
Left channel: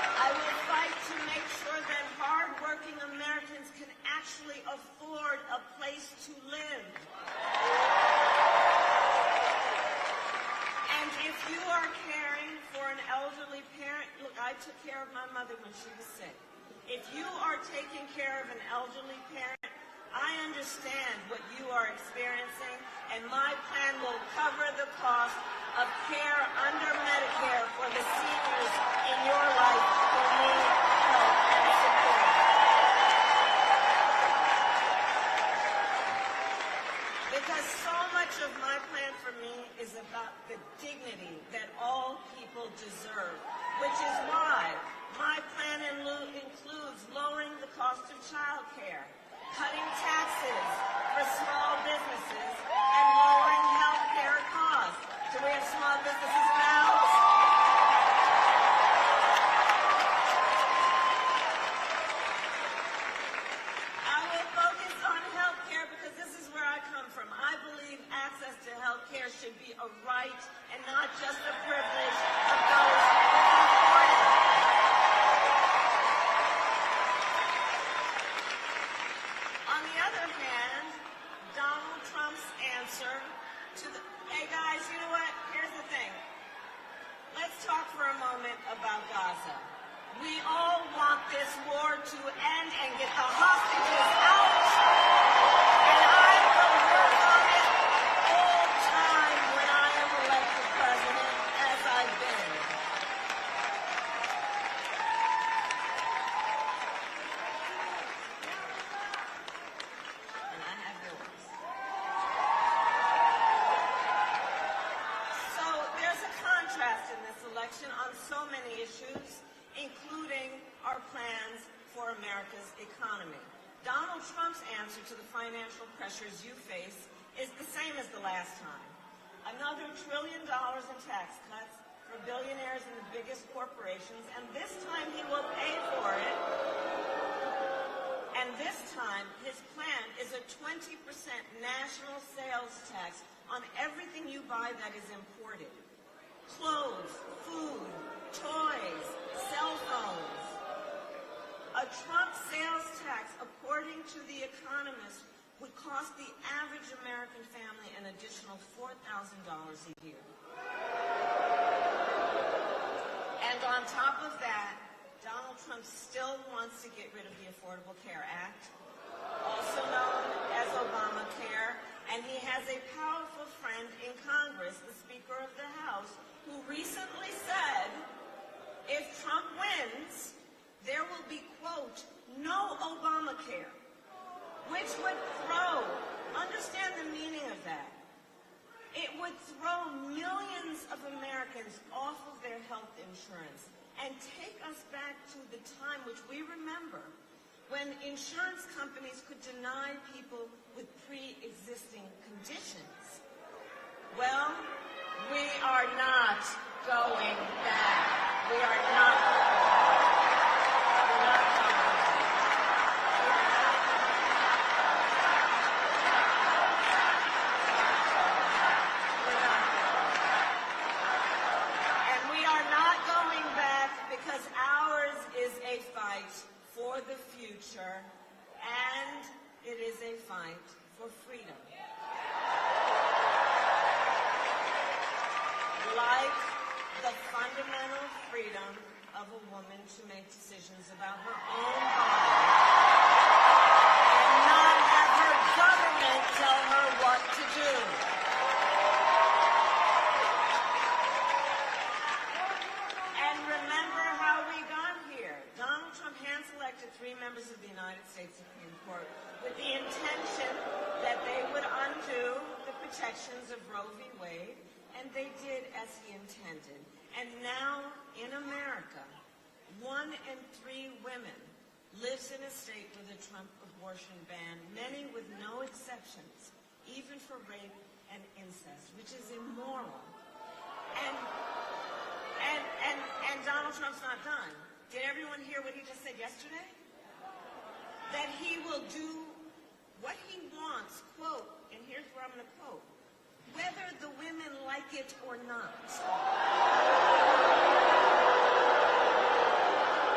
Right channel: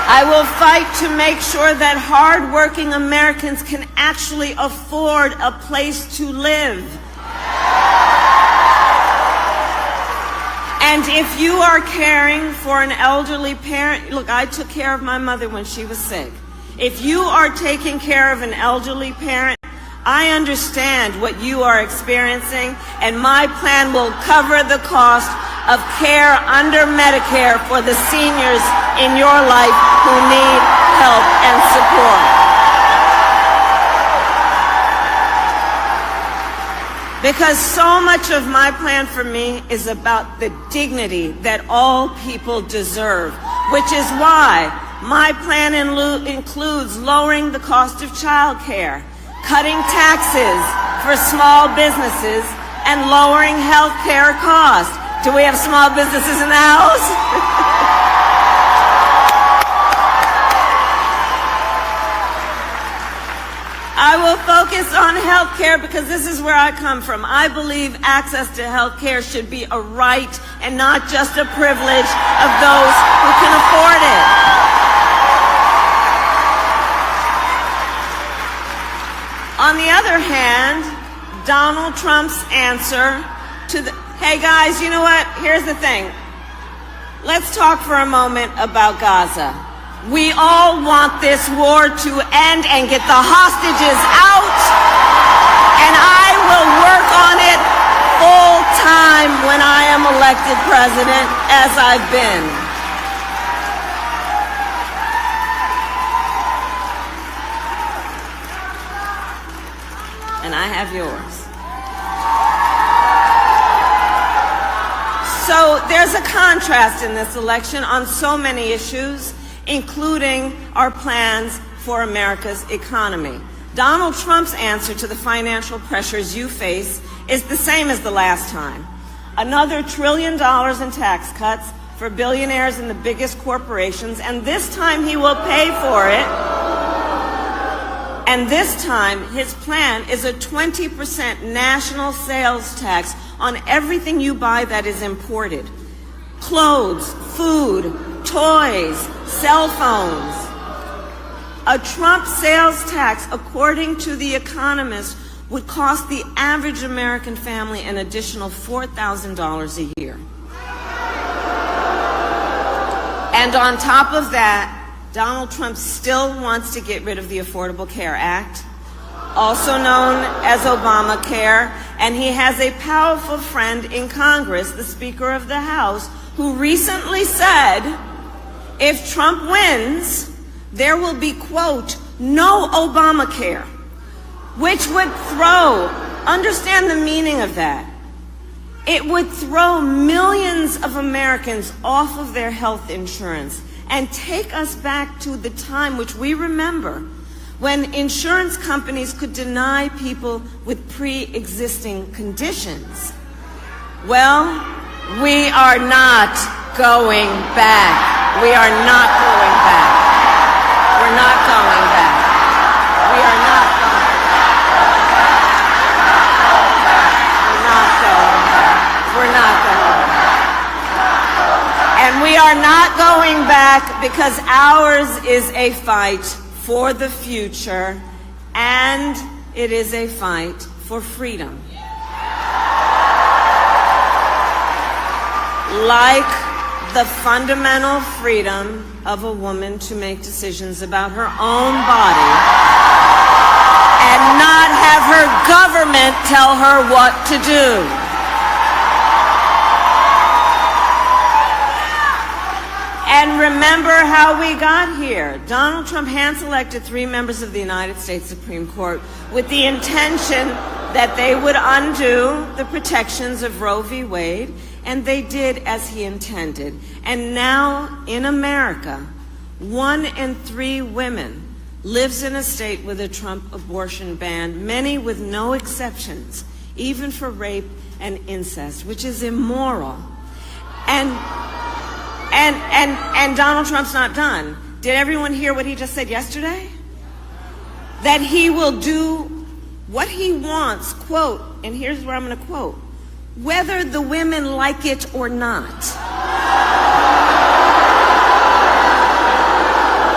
I will fight to make sure that hard-working Americans can actually afford a place to live. And if you are caring for an elderly parent, look, I took care of my mother when she was sick. If you are taking care of an elderly parent, I understand what you are experiencing, and my plan will cover the cost of care under Medicare for the seniors in your life who need help and support. Because so much of my plan for me is about the dignity that all people deserve, which is why my plan includes lowering the cost of child care, cutting taxes for small businesses, and lowering health care costs. Do we have small businesses in the house? I will focus on health care because this is where I come from. I believe access to health care should be a right and not just a privilege of those who can afford it. On the other hand, Donald Trump's answer to the, hey guys, you know what? Here's the thing. Let's talk for a moment about Gaza. We all want this war to end and get the hostages out, and I will work on it full time when I am elected president, as I've been. And I have yours. So there's a contrast in this election on so many issues, including our plans for America's economy. Donald Trump's answer to the financial pressures you face is the same as the last time. Another $1 trillion in tax cuts for billionaires and the biggest corporations, and this time he will pay for it. And this time, his plan is a 20% national sales tax on everything you buy that is imported. Clothes, food, toys, cell phones. A Trump sales tax, according to The Economist, would cost the average American family an additional $4,000 a year. And on top of that, Donald Trump still wants to get rid of the Affordable Care Act, also known as Obamacare, and he has a powerful friend in Congress, the Speaker of the House, who recently said, if Trump wins, there will be, quote, no Obamacare, which would throw, understand the meaning of that, it would throw millions of Americans off of their health insurance and take us back to the time which we remember when insurance companies could deny people with pre-existing conditions. Well, we are not going back. We are not going back. We're not going back. We are not going back. We're not going back. And we are not going back because ours is a fight for the future, and it is a fight for freedom. Like the fundamental freedom of a woman to make decisions about her own body and not have her government tell her what to do. And remember how we got here. Donald Trump hand-selected 3 members of the United States Supreme Court with the intention that they would undo the protections of Roe v. Wade, and they did as he intended. And now in America, 1 in 3 women lives in a state with a Trump abortion ban, many with no exceptions, even for rape and incest, which is immoral. And Donald Trump's not done. Did everyone hear what he just said yesterday? That he will do what he wants, quote, and here's where I'm going to quote, whether the women like it or not.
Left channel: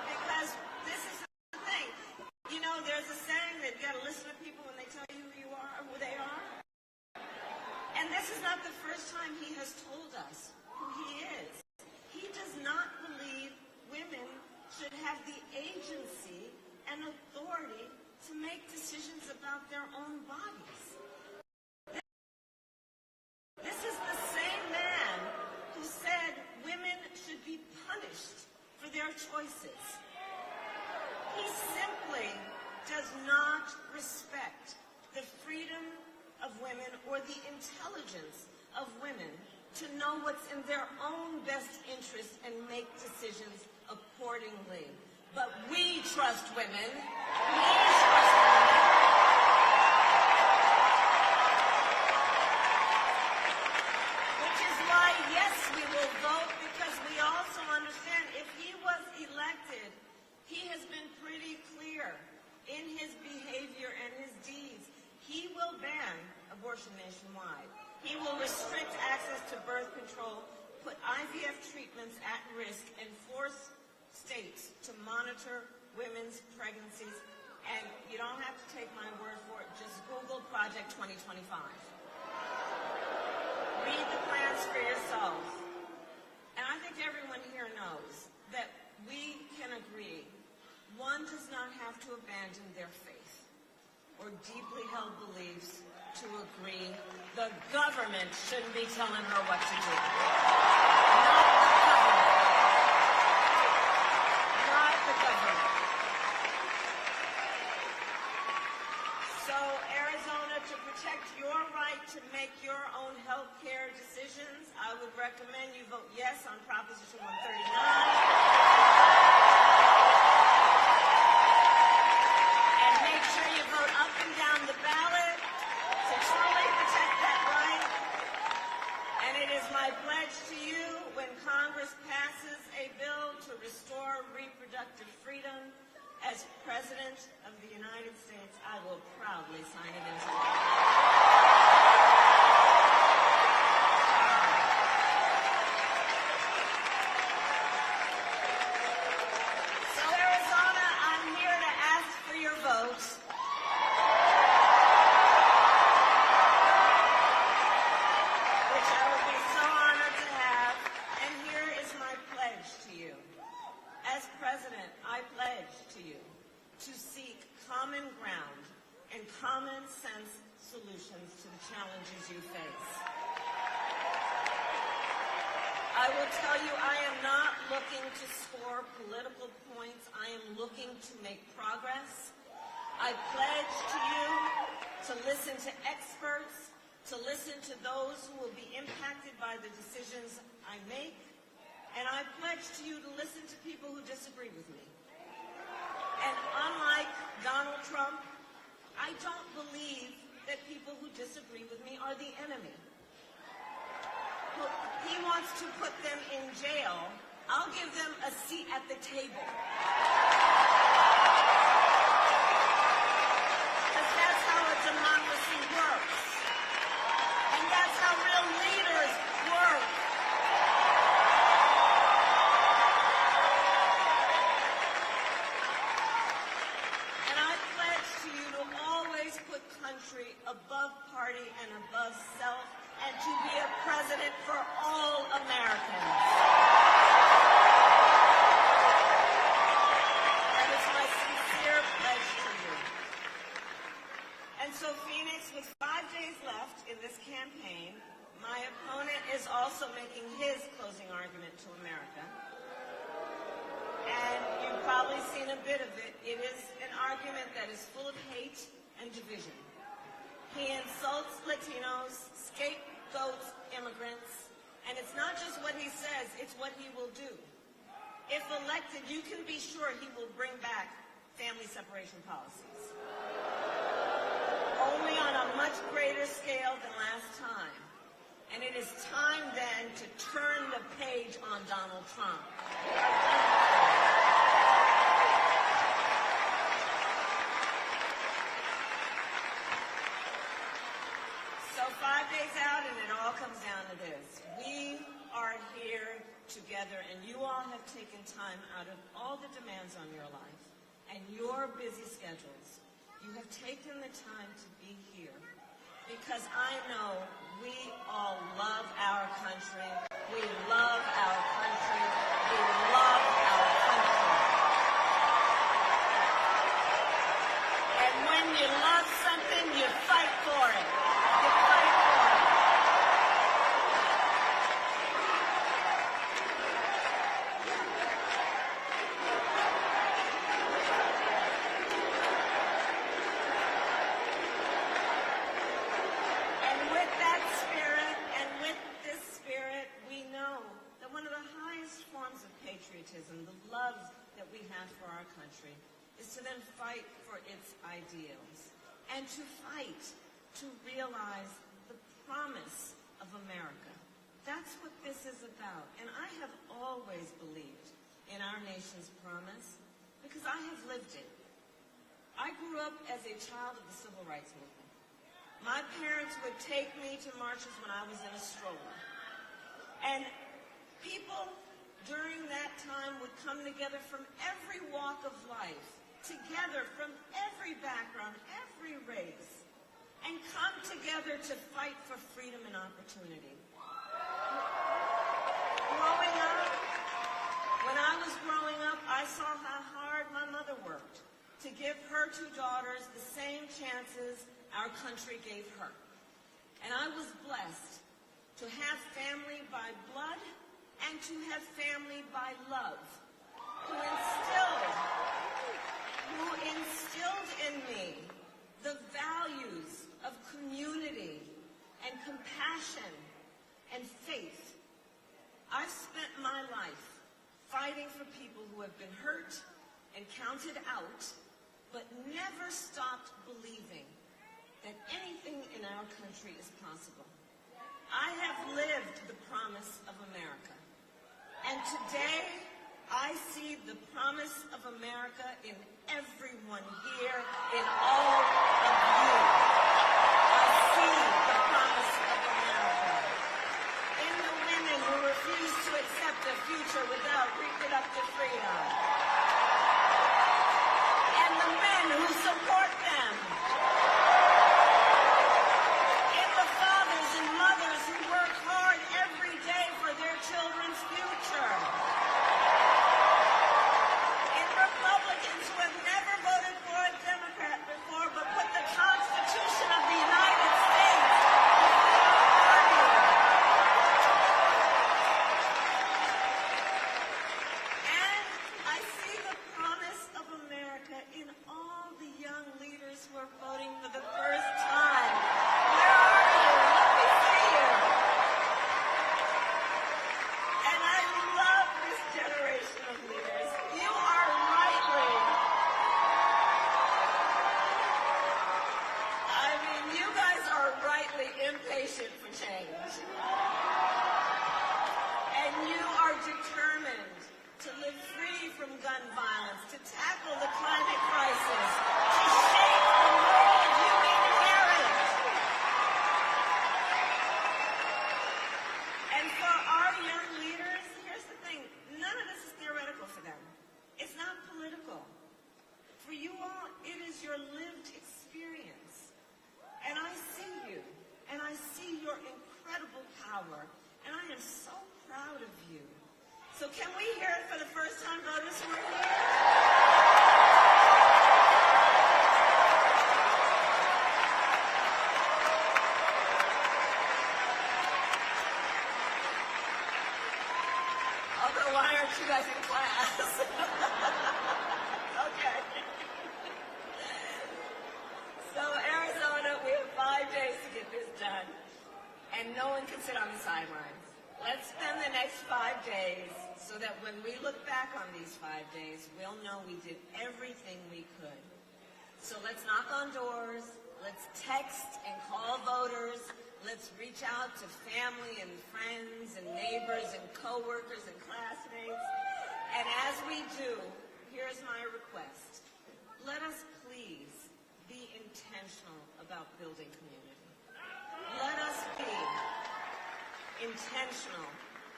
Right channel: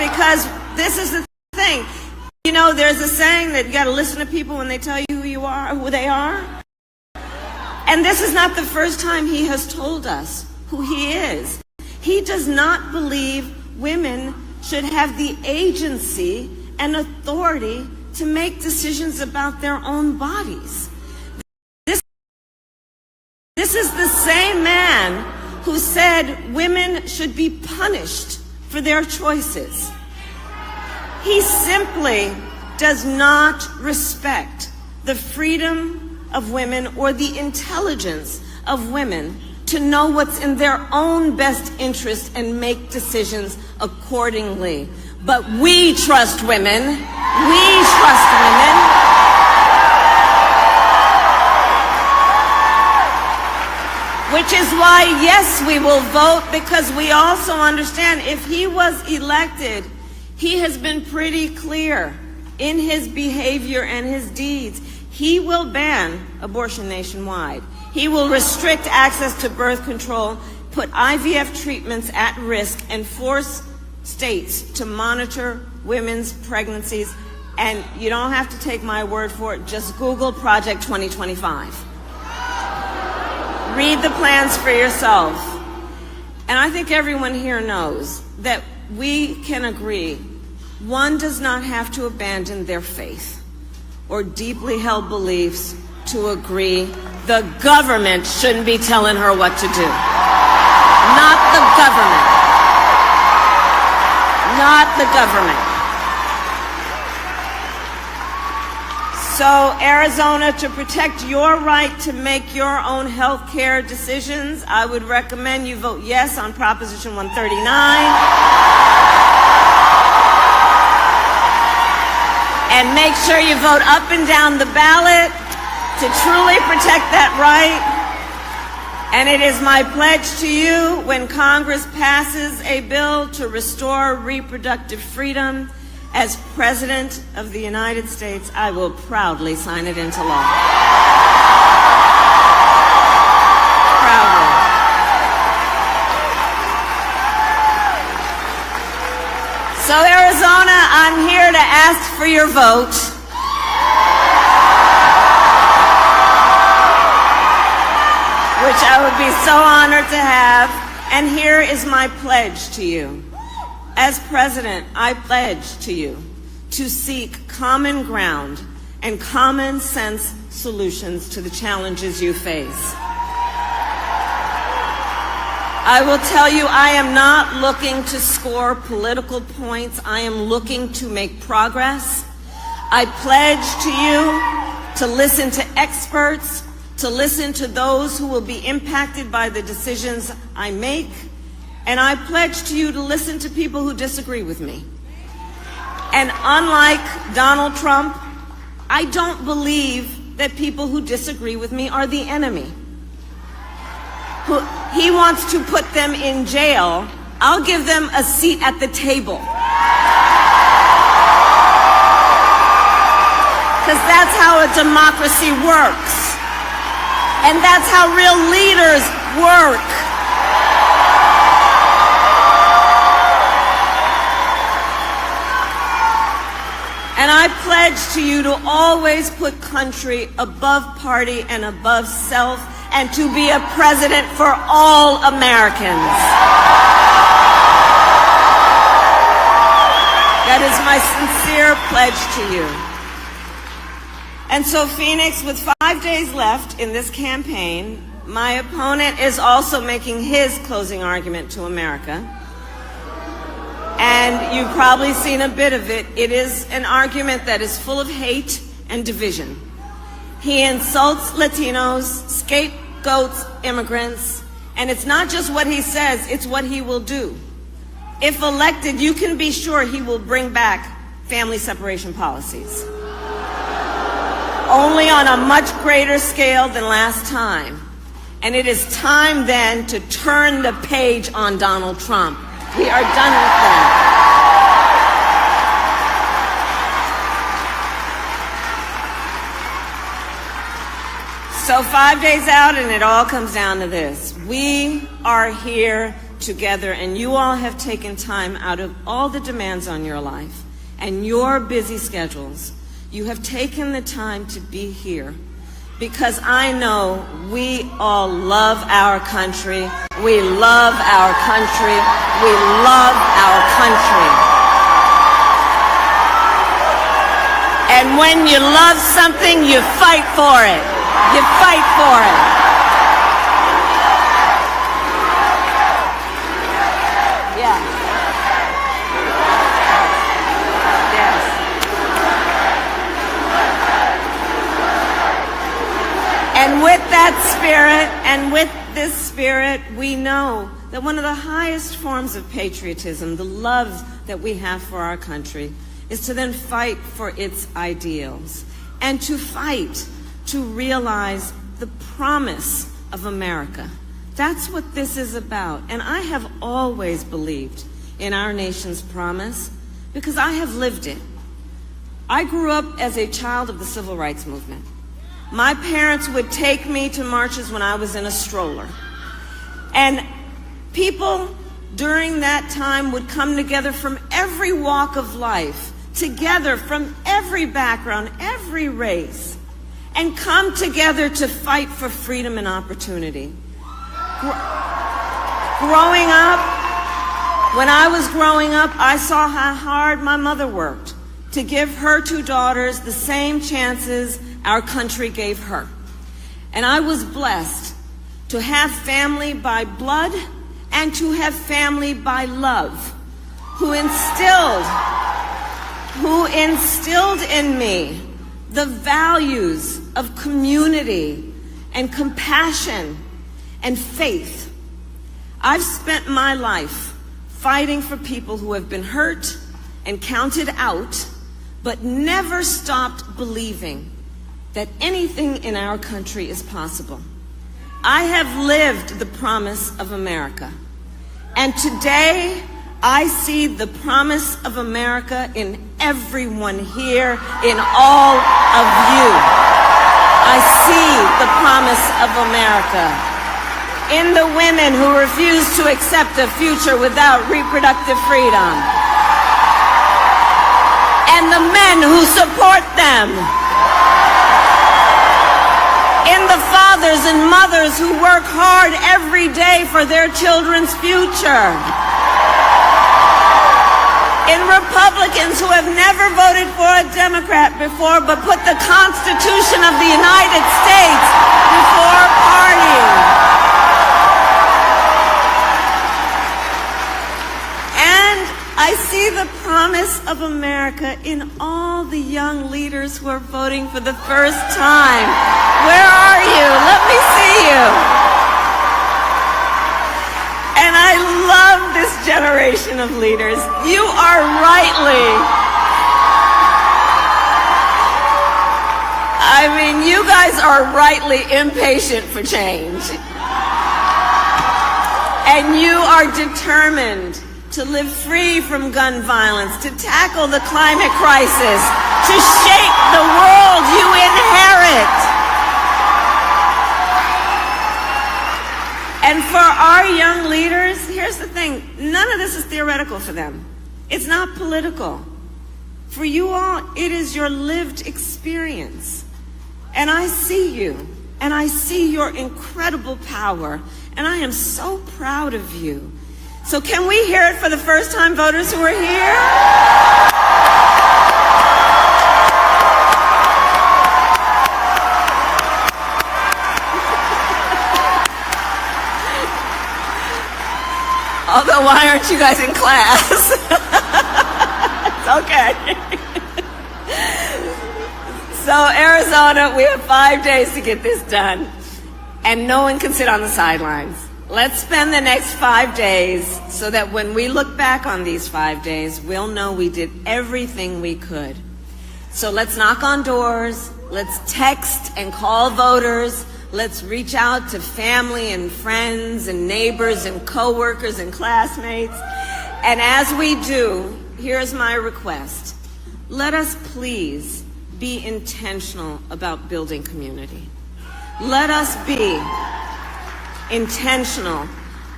because this is the thing. You know, there's a saying that you got to listen to people when they tell you who you are, who they are. And this is not the first time he has told us who he is. He does not believe women should have the agency and authority to make decisions about their own bodies. This is the same man who said women should be punished for their choices. He simply does not respect the freedom of women or the intelligence of women to know what's in their own best interest and make decisions accordingly. But we trust women. We trust women. Which is why, yes, we will vote, because we also understand if he was elected, he has been pretty clear in his behavior and his deeds. He will ban abortion nationwide. He will restrict access to birth control, put IVF treatments at risk, and force states to monitor women's pregnancies. And you don't have to take my word for it. Just Google Project 2025. Read the plans for yourself. And I think everyone here knows that we can agree one does not have to abandon their faith or deeply held beliefs to agree the government shouldn't be telling her what to do. Not the government. Not the government. So, Arizona, to protect your right to make your own health care decisions, I would recommend you vote yes on Proposition 139. And make sure you vote up and down the ballot to truly protect that right. And it is my pledge to you, when Congress passes a bill to restore reproductive freedom, as President of the United States, I will proudly sign it into law. Proudly. So, Arizona, I'm here to ask for your vote. Which I would be so honored to have. And here is my pledge to you. As President, I pledge to you to seek common ground and common sense solutions to the challenges you face. I will tell you, I am not looking to score political points. I am looking to make progress. I pledge to you to listen to experts, to listen to those who will be impacted by the decisions I make. And I pledge to you to listen to people who disagree with me. And unlike Donald Trump, I don't believe that people who disagree with me are the enemy. He wants to put them in jail. I'll give them a seat at the table. Because that's how a democracy works. And that's how real leaders work. And I pledge to you to always put country above party and above self, and to be a president for all Americans. That is my sincere pledge to you. And so, Phoenix, with 5 days left in this campaign, my opponent is also making his closing argument to America. And you've probably seen a bit of it. It is an argument that is full of hate and division. He insults Latinos, scapegoats immigrants, and it's not just what he says, it's what he will do. If elected, you can be sure he will bring back family separation policies. Only on a much greater scale than last time. And it is time then to turn the page on Donald Trump. We are done with that. So 5 days out, and it all comes down to this. We are here together, and you all have taken time out of all the demands on your life and your busy schedules. You have taken the time to be here because I know we all love our country. We love our country. We love our country. And when you love something, you fight for it. You fight for it. And with that spirit, and with this spirit, we know that one of the highest forms of patriotism, the love that we have for our country, is to then fight for its ideals and to fight to realize the promise of America. That's what this is about. And I have always believed in our nation's promise because I have lived it. I grew up as a child of the Civil Rights Movement. My parents would take me to marches when I was in a stroller. And people during that time would come together from every walk of life, together from every background, every race, and come together to fight for freedom and opportunity. Growing up, when I was growing up, I saw how hard my mother worked to give her two daughters the same chances our country gave her. And I was blessed to have family by blood and to have family by love, who instilled in me the values of community and compassion and faith. I've spent my life fighting for people who have been hurt and counted out, but never stopped believing that anything in our country is possible. I have lived the promise of America. And today, I see the promise of America in everyone here, in all of you. I see the promise of America in the women who refuse to accept a future without reproductive freedom, and the men who support them, in the fathers and mothers who work hard every day for their children's future, in Republicans who have never voted for a Democrat before but put the Constitution of the United States before party. And I see the promise of America in all the young leaders who are voting for the first time. Where are you? Let me see you. And I love this generation of leaders. You are you guys are rightly impatient for change. And you are determined to live free from gun violence, to tackle the climate crisis, to shape the world you inherit. And for our young leaders, here's the thing, none of this is theoretical for them. It's not political. For you all, it is your lived experience. And I see you, and I see your incredible power, and I am so proud of you. So can we hear it for the first-time voters who are here? Although, why aren't you guys in class? It's okay. So, Arizona, we have 5 days to get this done, and no one can sit on the sidelines. Let's spend the next 5 days so that when we look back on these 5 days, we'll know we did everything we could. So let's knock on doors, let's text and call voters, let's reach out to family and friends and neighbors and coworkers and classmates. And as we do, here's my request. Let us please be intentional about building community. Let us be intentional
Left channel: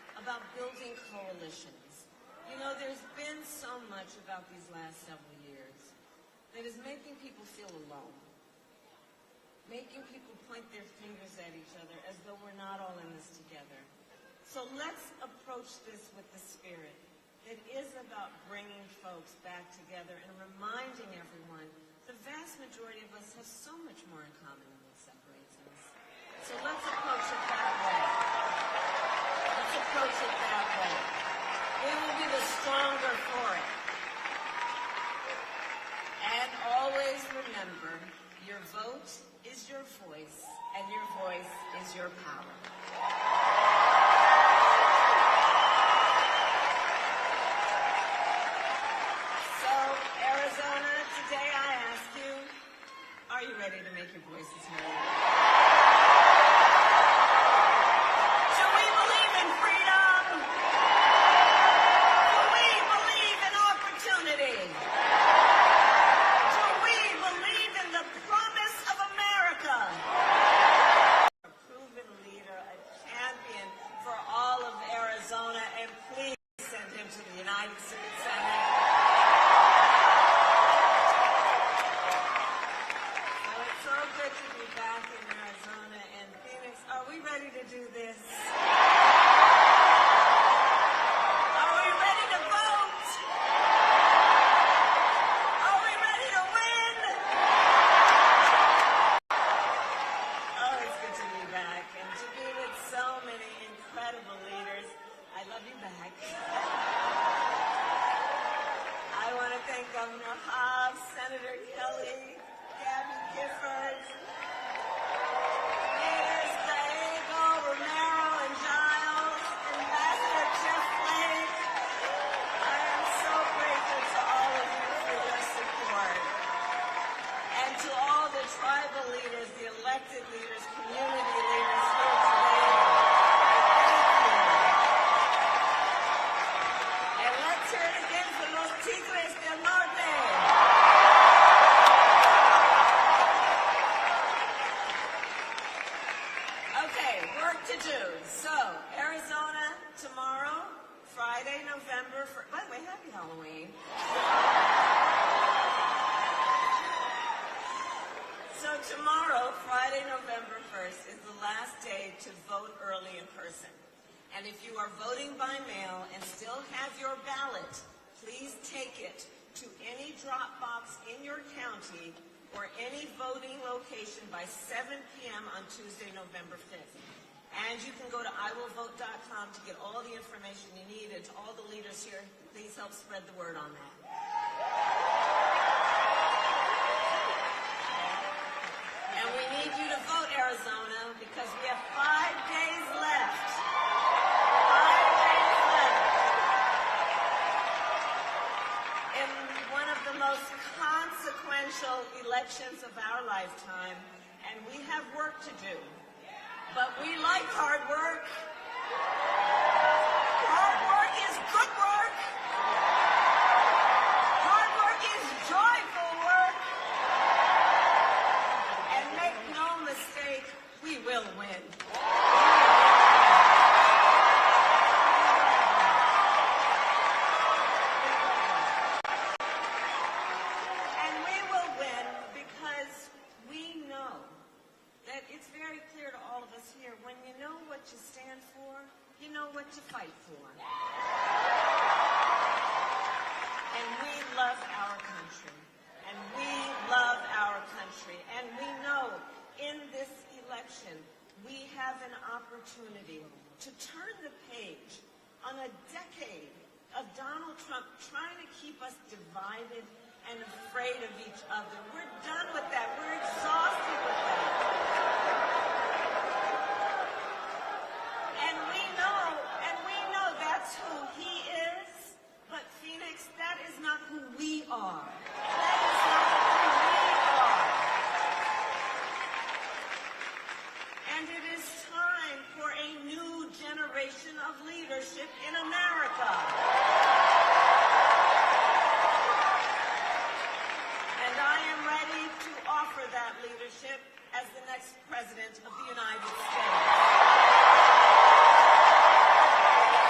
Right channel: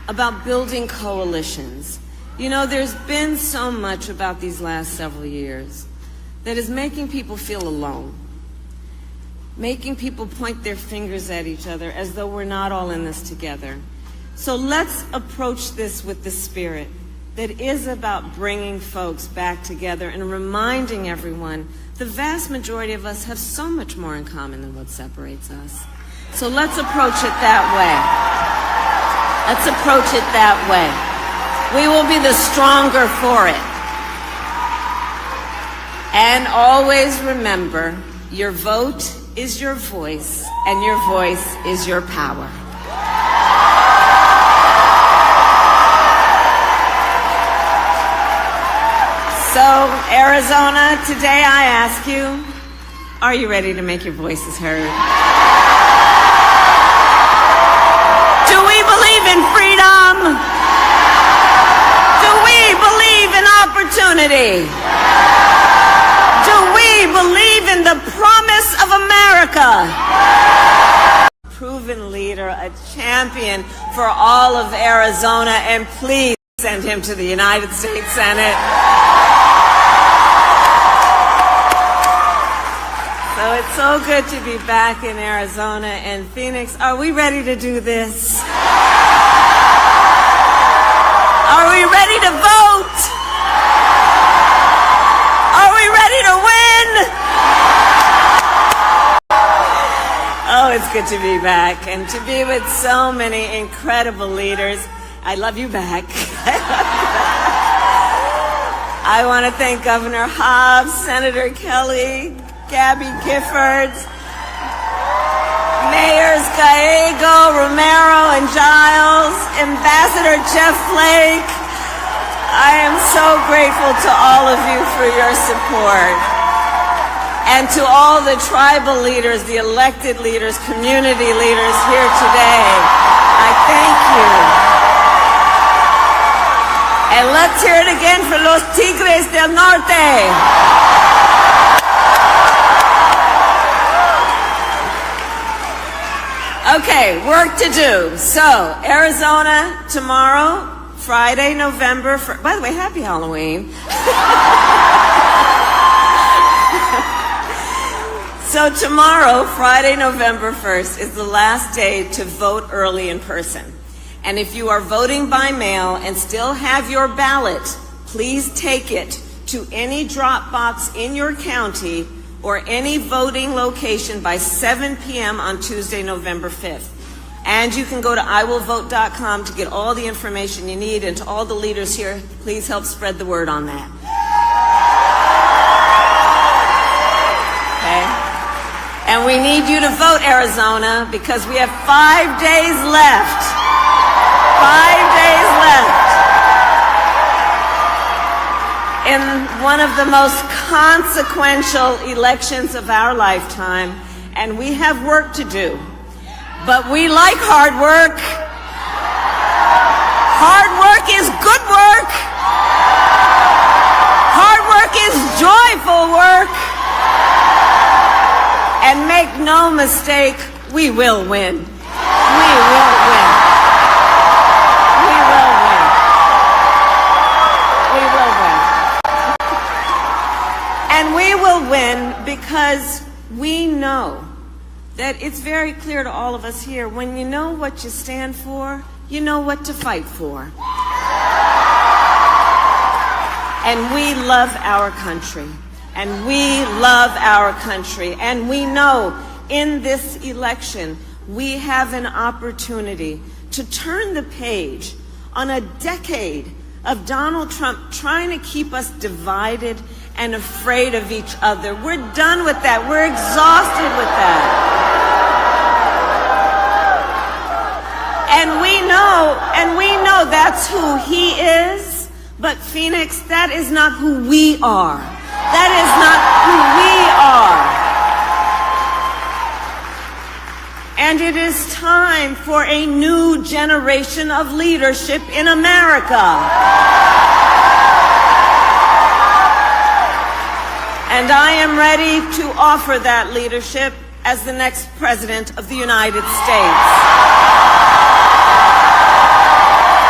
about building coalitions. You know, there's been so much about these last several years that is making people feel alone, making people point their fingers at each other as though we're not all in this together. So let's approach this with the spirit that is about bringing folks back together and reminding everyone the vast majority of us have so much more in common than what separates us. So let's approach it that way. Let's approach it that way. We will be the stronger for it. And always remember, your vote is your voice, and your voice is your power. So, Arizona, today I ask you, are you ready to make your voices heard? Do we believe in freedom? Do we believe in opportunity? Do we believe in the promise of America? Proven leader, a champion for all of Arizona, and please send him to the United States Senate. So it's so good to be back in Arizona and Phoenix. Are we ready to do this? Are we ready to vote? Are we ready to win? Oh, it's good to be back and to be with so many incredible leaders. I love you back. I want to thank Governor Hobbs, Senator Kelly, Gabby Giffords, Mayors Gallego, Romero, and Giles, Ambassador Jeff Flake. I am so grateful to all of you for your support. And to all the tribal leaders, the elected leaders, community leaders here today, I thank you. And let's hear it again for los Tigres del Norte. Okay, work to do. So, Arizona tomorrow, Friday, November 1st. By the way, happy Halloween. So tomorrow, Friday, November 1st, is the last day to vote early in person. And if you are voting by mail and still have your ballot, please take it to any drop box in your county or any voting location by 7 p.m. on Tuesday, November 5th. And you can go to iwillvote.com to get all the information you need. And to all the leaders here, please help spread the word on that. Okay? And we need you to vote, Arizona, because we have 5 days left. 5 days left in one of the most consequential elections of our lifetime, and we have work to do. But we like hard work. Hard work is good work. Hard work is joyful work. And make no mistake, we will win. We will win. We will win. We will win. And we will win because we know that it's very clear to all of us here, when you know what you stand for, you know what to fight for. And we love our country. And we love our country. And we know in this election, we have an opportunity to turn the page on a decade of Donald Trump trying to keep us divided and afraid of each other. We're done with that. We're exhausted with that. And we know that's who he is, but Phoenix, that is not who we are. That is not who we are. And it is time for a new generation of leadership in America. And I am ready to offer that leadership as the next President of the United States.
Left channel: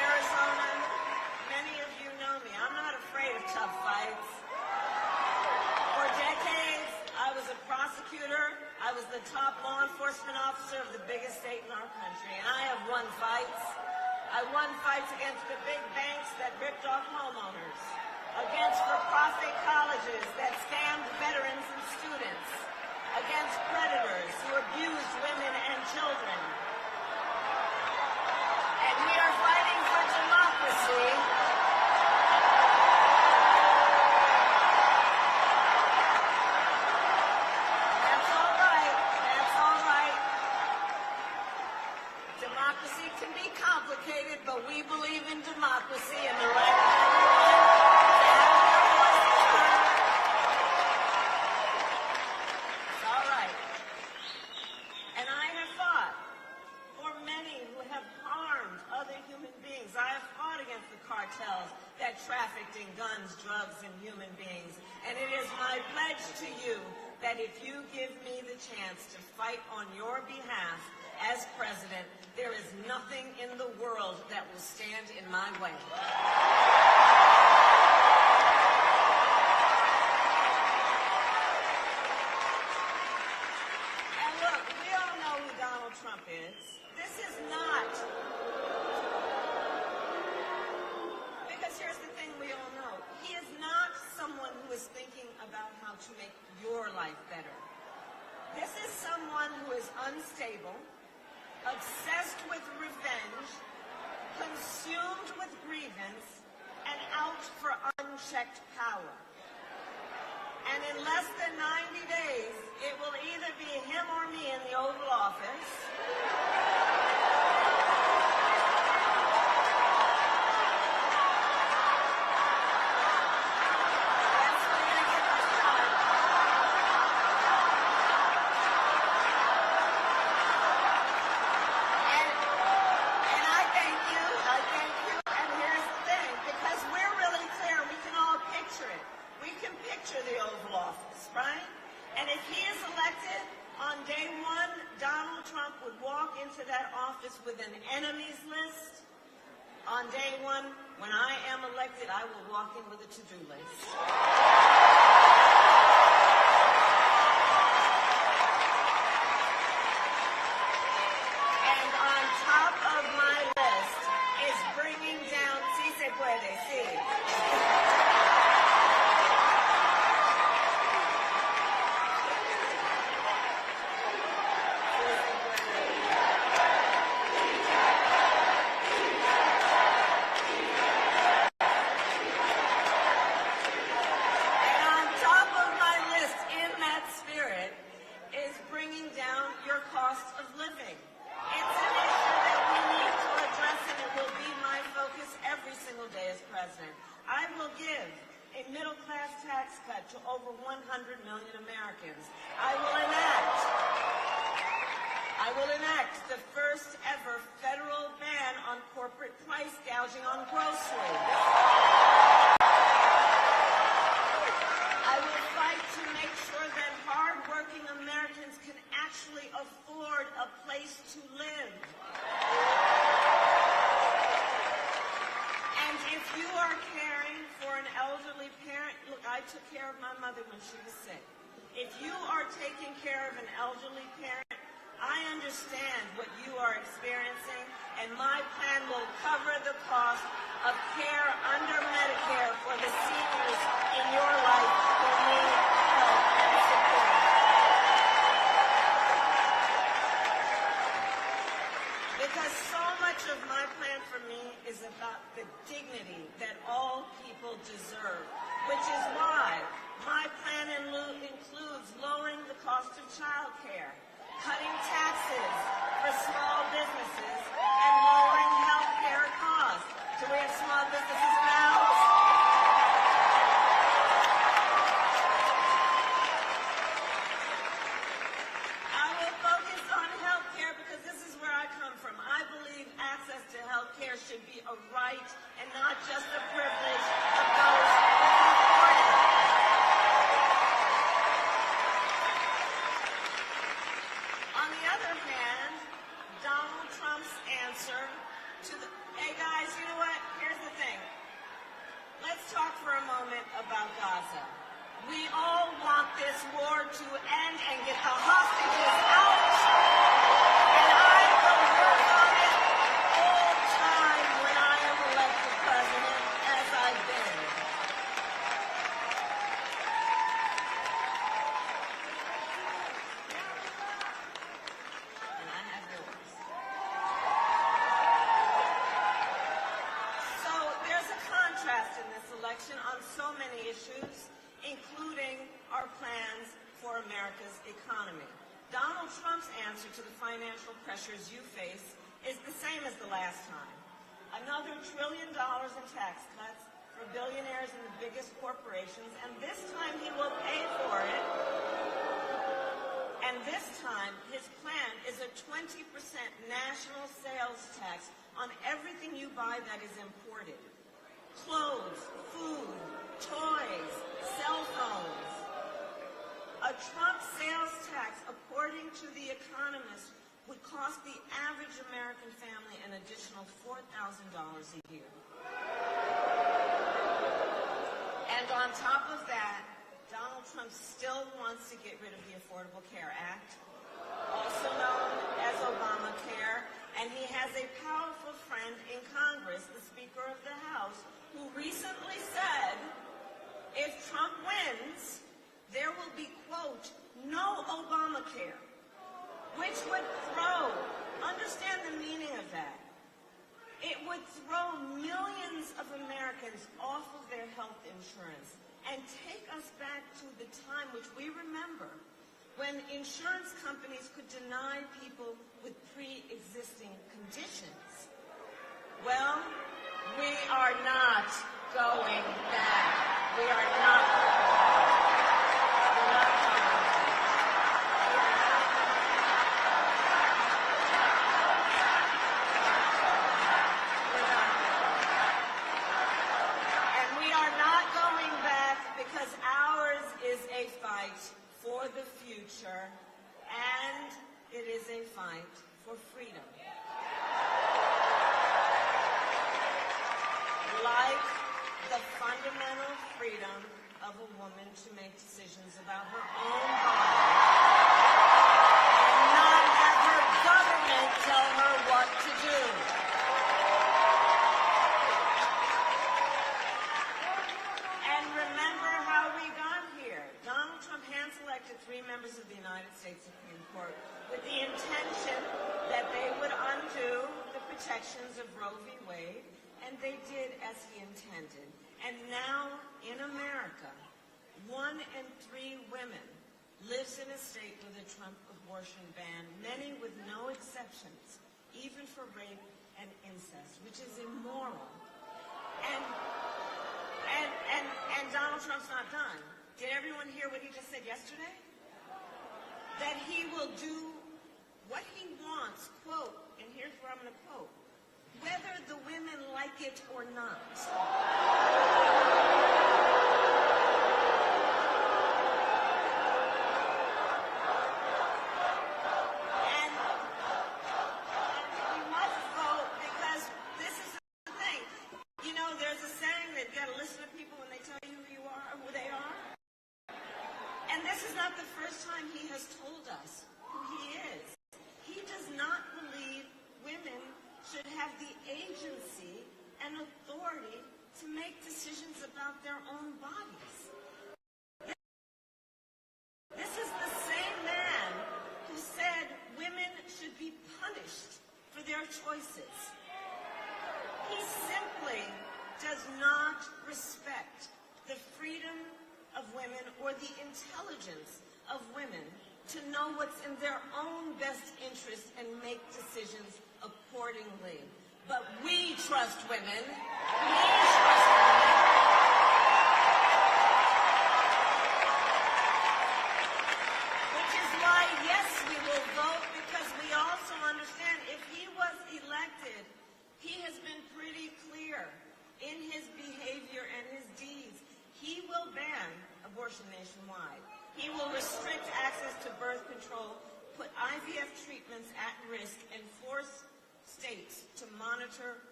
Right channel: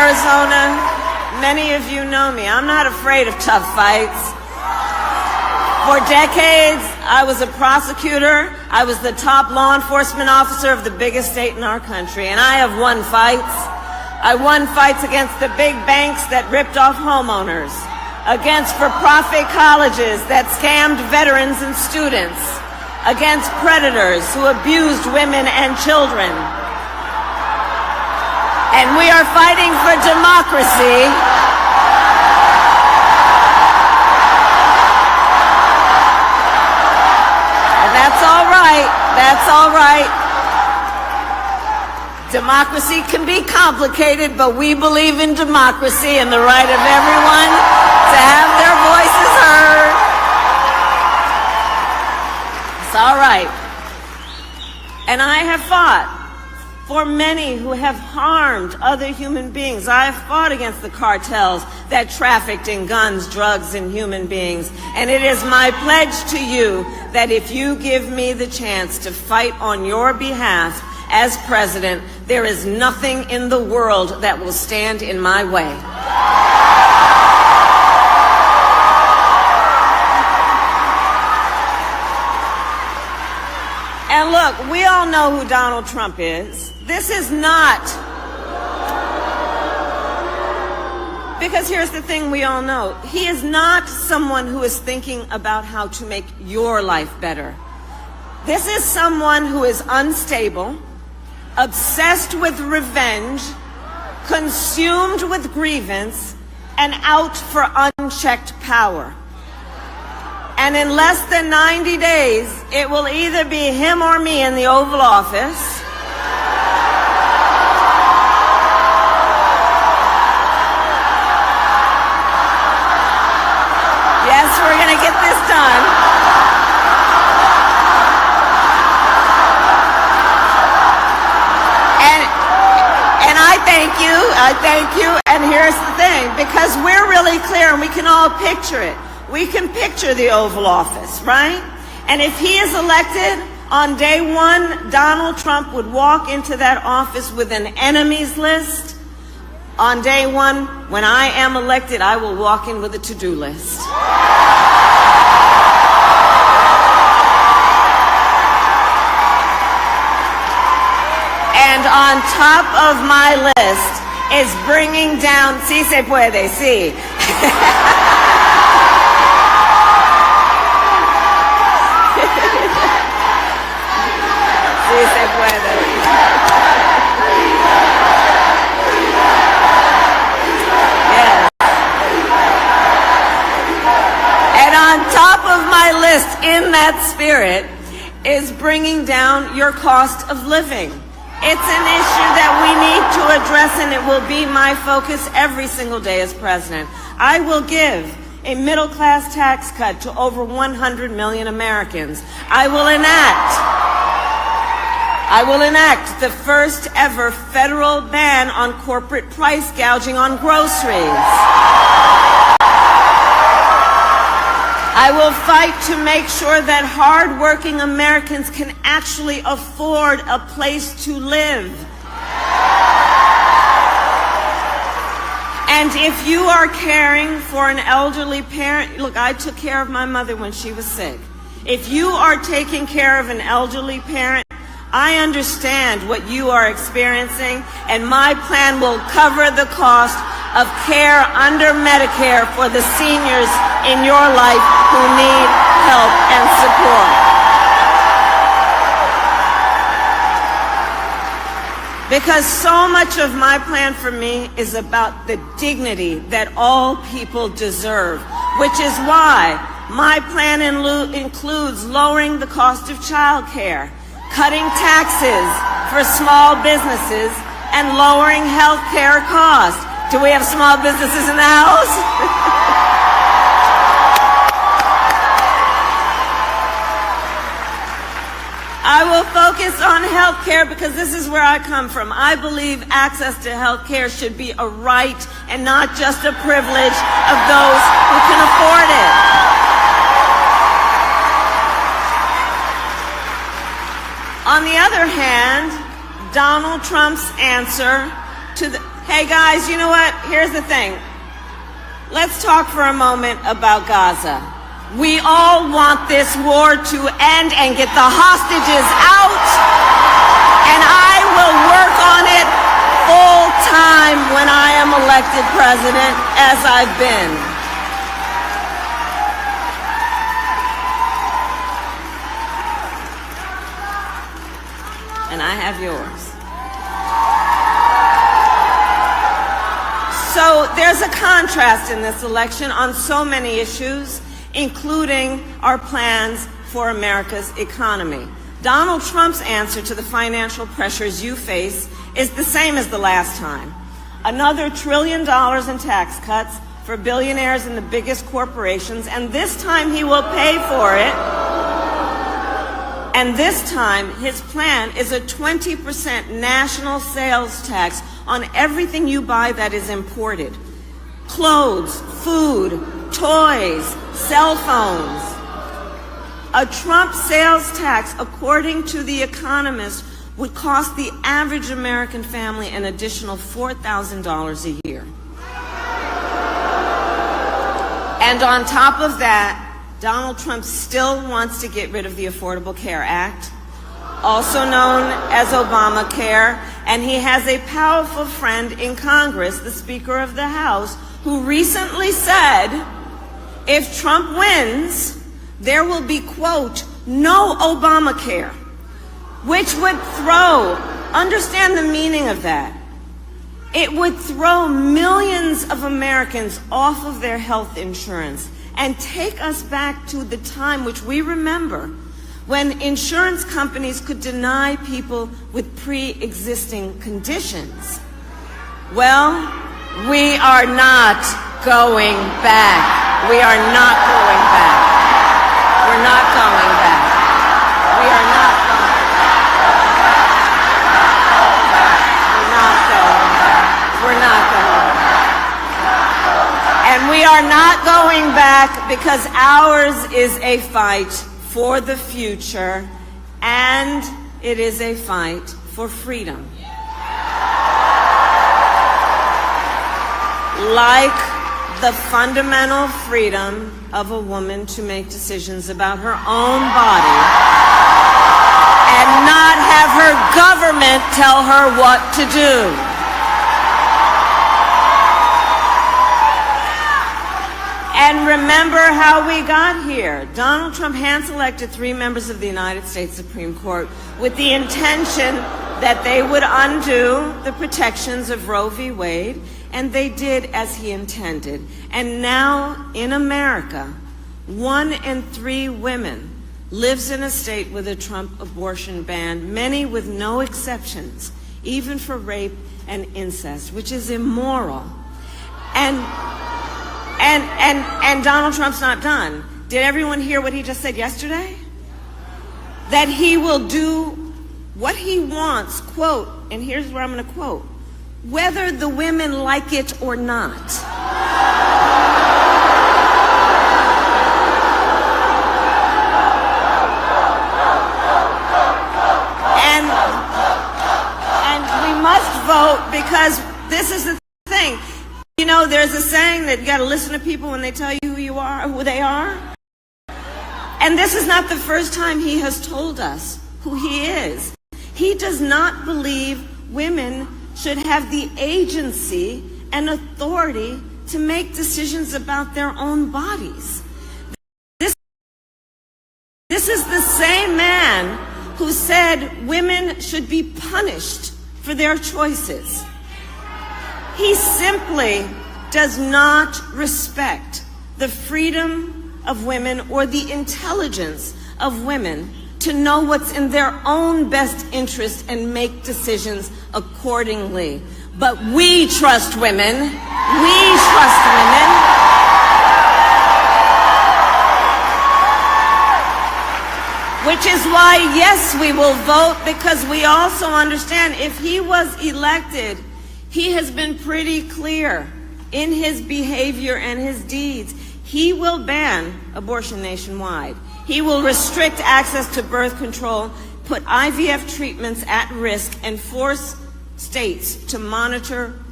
Arizona, many of you know me. I'm not afraid of tough fights. For decades, I was a prosecutor. I was the top law enforcement officer of the biggest state in our country, and I have won fights. I won fights against the big banks that ripped off homeowners, against for-profit colleges that scammed veterans and students, against predators who abused women and children. And we are fighting for democracy. And that's all right. That's all right. Democracy can be complicated, but we believe in democracy and the right of everyone to have their voices heard. It's all right. And I have fought for many who have harmed other human beings. I have fought against the cartels that trafficked in guns, drugs, and human beings. And it is my pledge to you that if you give me the chance to fight on your behalf as president, there is nothing in the world that will stand in my way. And look, we all know who Donald Trump is. This is not, because here's the thing we all know. He is not someone who is thinking about how to make your life better. This is someone who is unstable, obsessed with revenge, consumed with grievance, and out for unchecked power. And in less than 90 days, it will either be him or me in the Oval Office. Yes, we're going to get this done. And I thank you, and here's the thing, because we're really clear and we can all picture it. We can picture the Oval Office, right? And if he is elected, on day one, Donald Trump would walk into that office with an enemies list. On day one, when I am elected, I will walk in with a to-do list. And on top of my list is bringing down, sí se puede, sí. Sí se puede. Yes. And on top of my list, in that spirit, is bringing down your cost of living. It's an issue that we need to address, and it will be my focus every single day as president. I will give a middle-class tax cut to over 100 million Americans. I will enact the first ever federal ban on corporate price gouging on groceries. I will fight to make sure that hard-working Americans can actually afford a place to live. And if you are caring for an elderly parent, look, I took care of my mother when she was sick. If you are taking care of an elderly parent, I understand what you are experiencing, and my plan will cover the cost of care under Medicare for the seniors in your life who need help and support. Because so much of my plan for me is about the dignity that all people deserve, which is why my plan includes lowering the cost of child care, cutting taxes for small businesses, and lowering health care costs. Do we have small businesses in the house? I will focus on health care because this is where I come from. I believe access to health care should be a right and not just a privilege of those who can afford it. On the other hand, Donald Trump's answer to the Hey guys, you know what? Here's the thing. Let's talk for a moment about Gaza. We all want this war to end and get the hostages out, and I will work on it full time when I am elected president, as I've been. And I have yours. So there's a contrast in this election on so many issues, including our plans for America's economy. Donald Trump's answer to the financial pressures you face is the same as the last time. Another $1 trillion in tax cuts for billionaires and the biggest corporations, and this time he will pay for it. And this time, his plan is a 20% national sales tax on everything you buy that is imported. Clothes, food, toys, cell phones. A Trump sales tax, according to The Economist, would cost the average American family an additional $4,000 a year. And on top of that, Donald Trump still wants to get rid of the Affordable Care Act, also known as Obamacare, and he has a powerful friend in Congress, the Speaker of the House, who recently said, if Trump wins, there will be, quote, no Obamacare, which would understand the meaning of that. It would throw millions of Americans off of their health insurance and take us back to the time which we remember when insurance companies could deny people with pre-existing conditions. Well, we are not going back. We are not going back. We're not going back. We are not going back. We're not going back. We're not going back. And we are not going back because ours is a fight for the future, and it is a fight for freedom. Like the fundamental freedom of a woman to make decisions about her own body and not have her government tell her what to do. And remember how we got here. Donald Trump hand-selected 3 members of the United States Supreme Court with the intention that they would undo the protections of Roe v. Wade, and they did as he intended. And now in America, 1 in 3 women lives in a state with a Trump abortion ban, many with no exceptions, even for rape and incest, which is immoral. And Donald Trump's not done. Did everyone hear what he just said yesterday? That he will do what he wants, quote, and here's where I'm going to quote, whether the women like it or not. And we must vote because this is the thing. You know, there's a saying that you got to listen to people when they tell you who you are, who they are. And this is not the first time he has told us who he is. He does not believe women should have the agency and authority to make decisions about their own bodies. This is the same man who said women should be punished for their choices. He simply does not respect the freedom of women or the intelligence of women to know what's in their own best interest and make decisions accordingly. But we trust women. We trust women. Which is why, yes, we will vote, because we also understand if he was elected, he has been pretty clear in his behavior and his deeds. He will ban abortion nationwide. He will restrict access to birth control, put IVF treatments at risk, and force states to monitor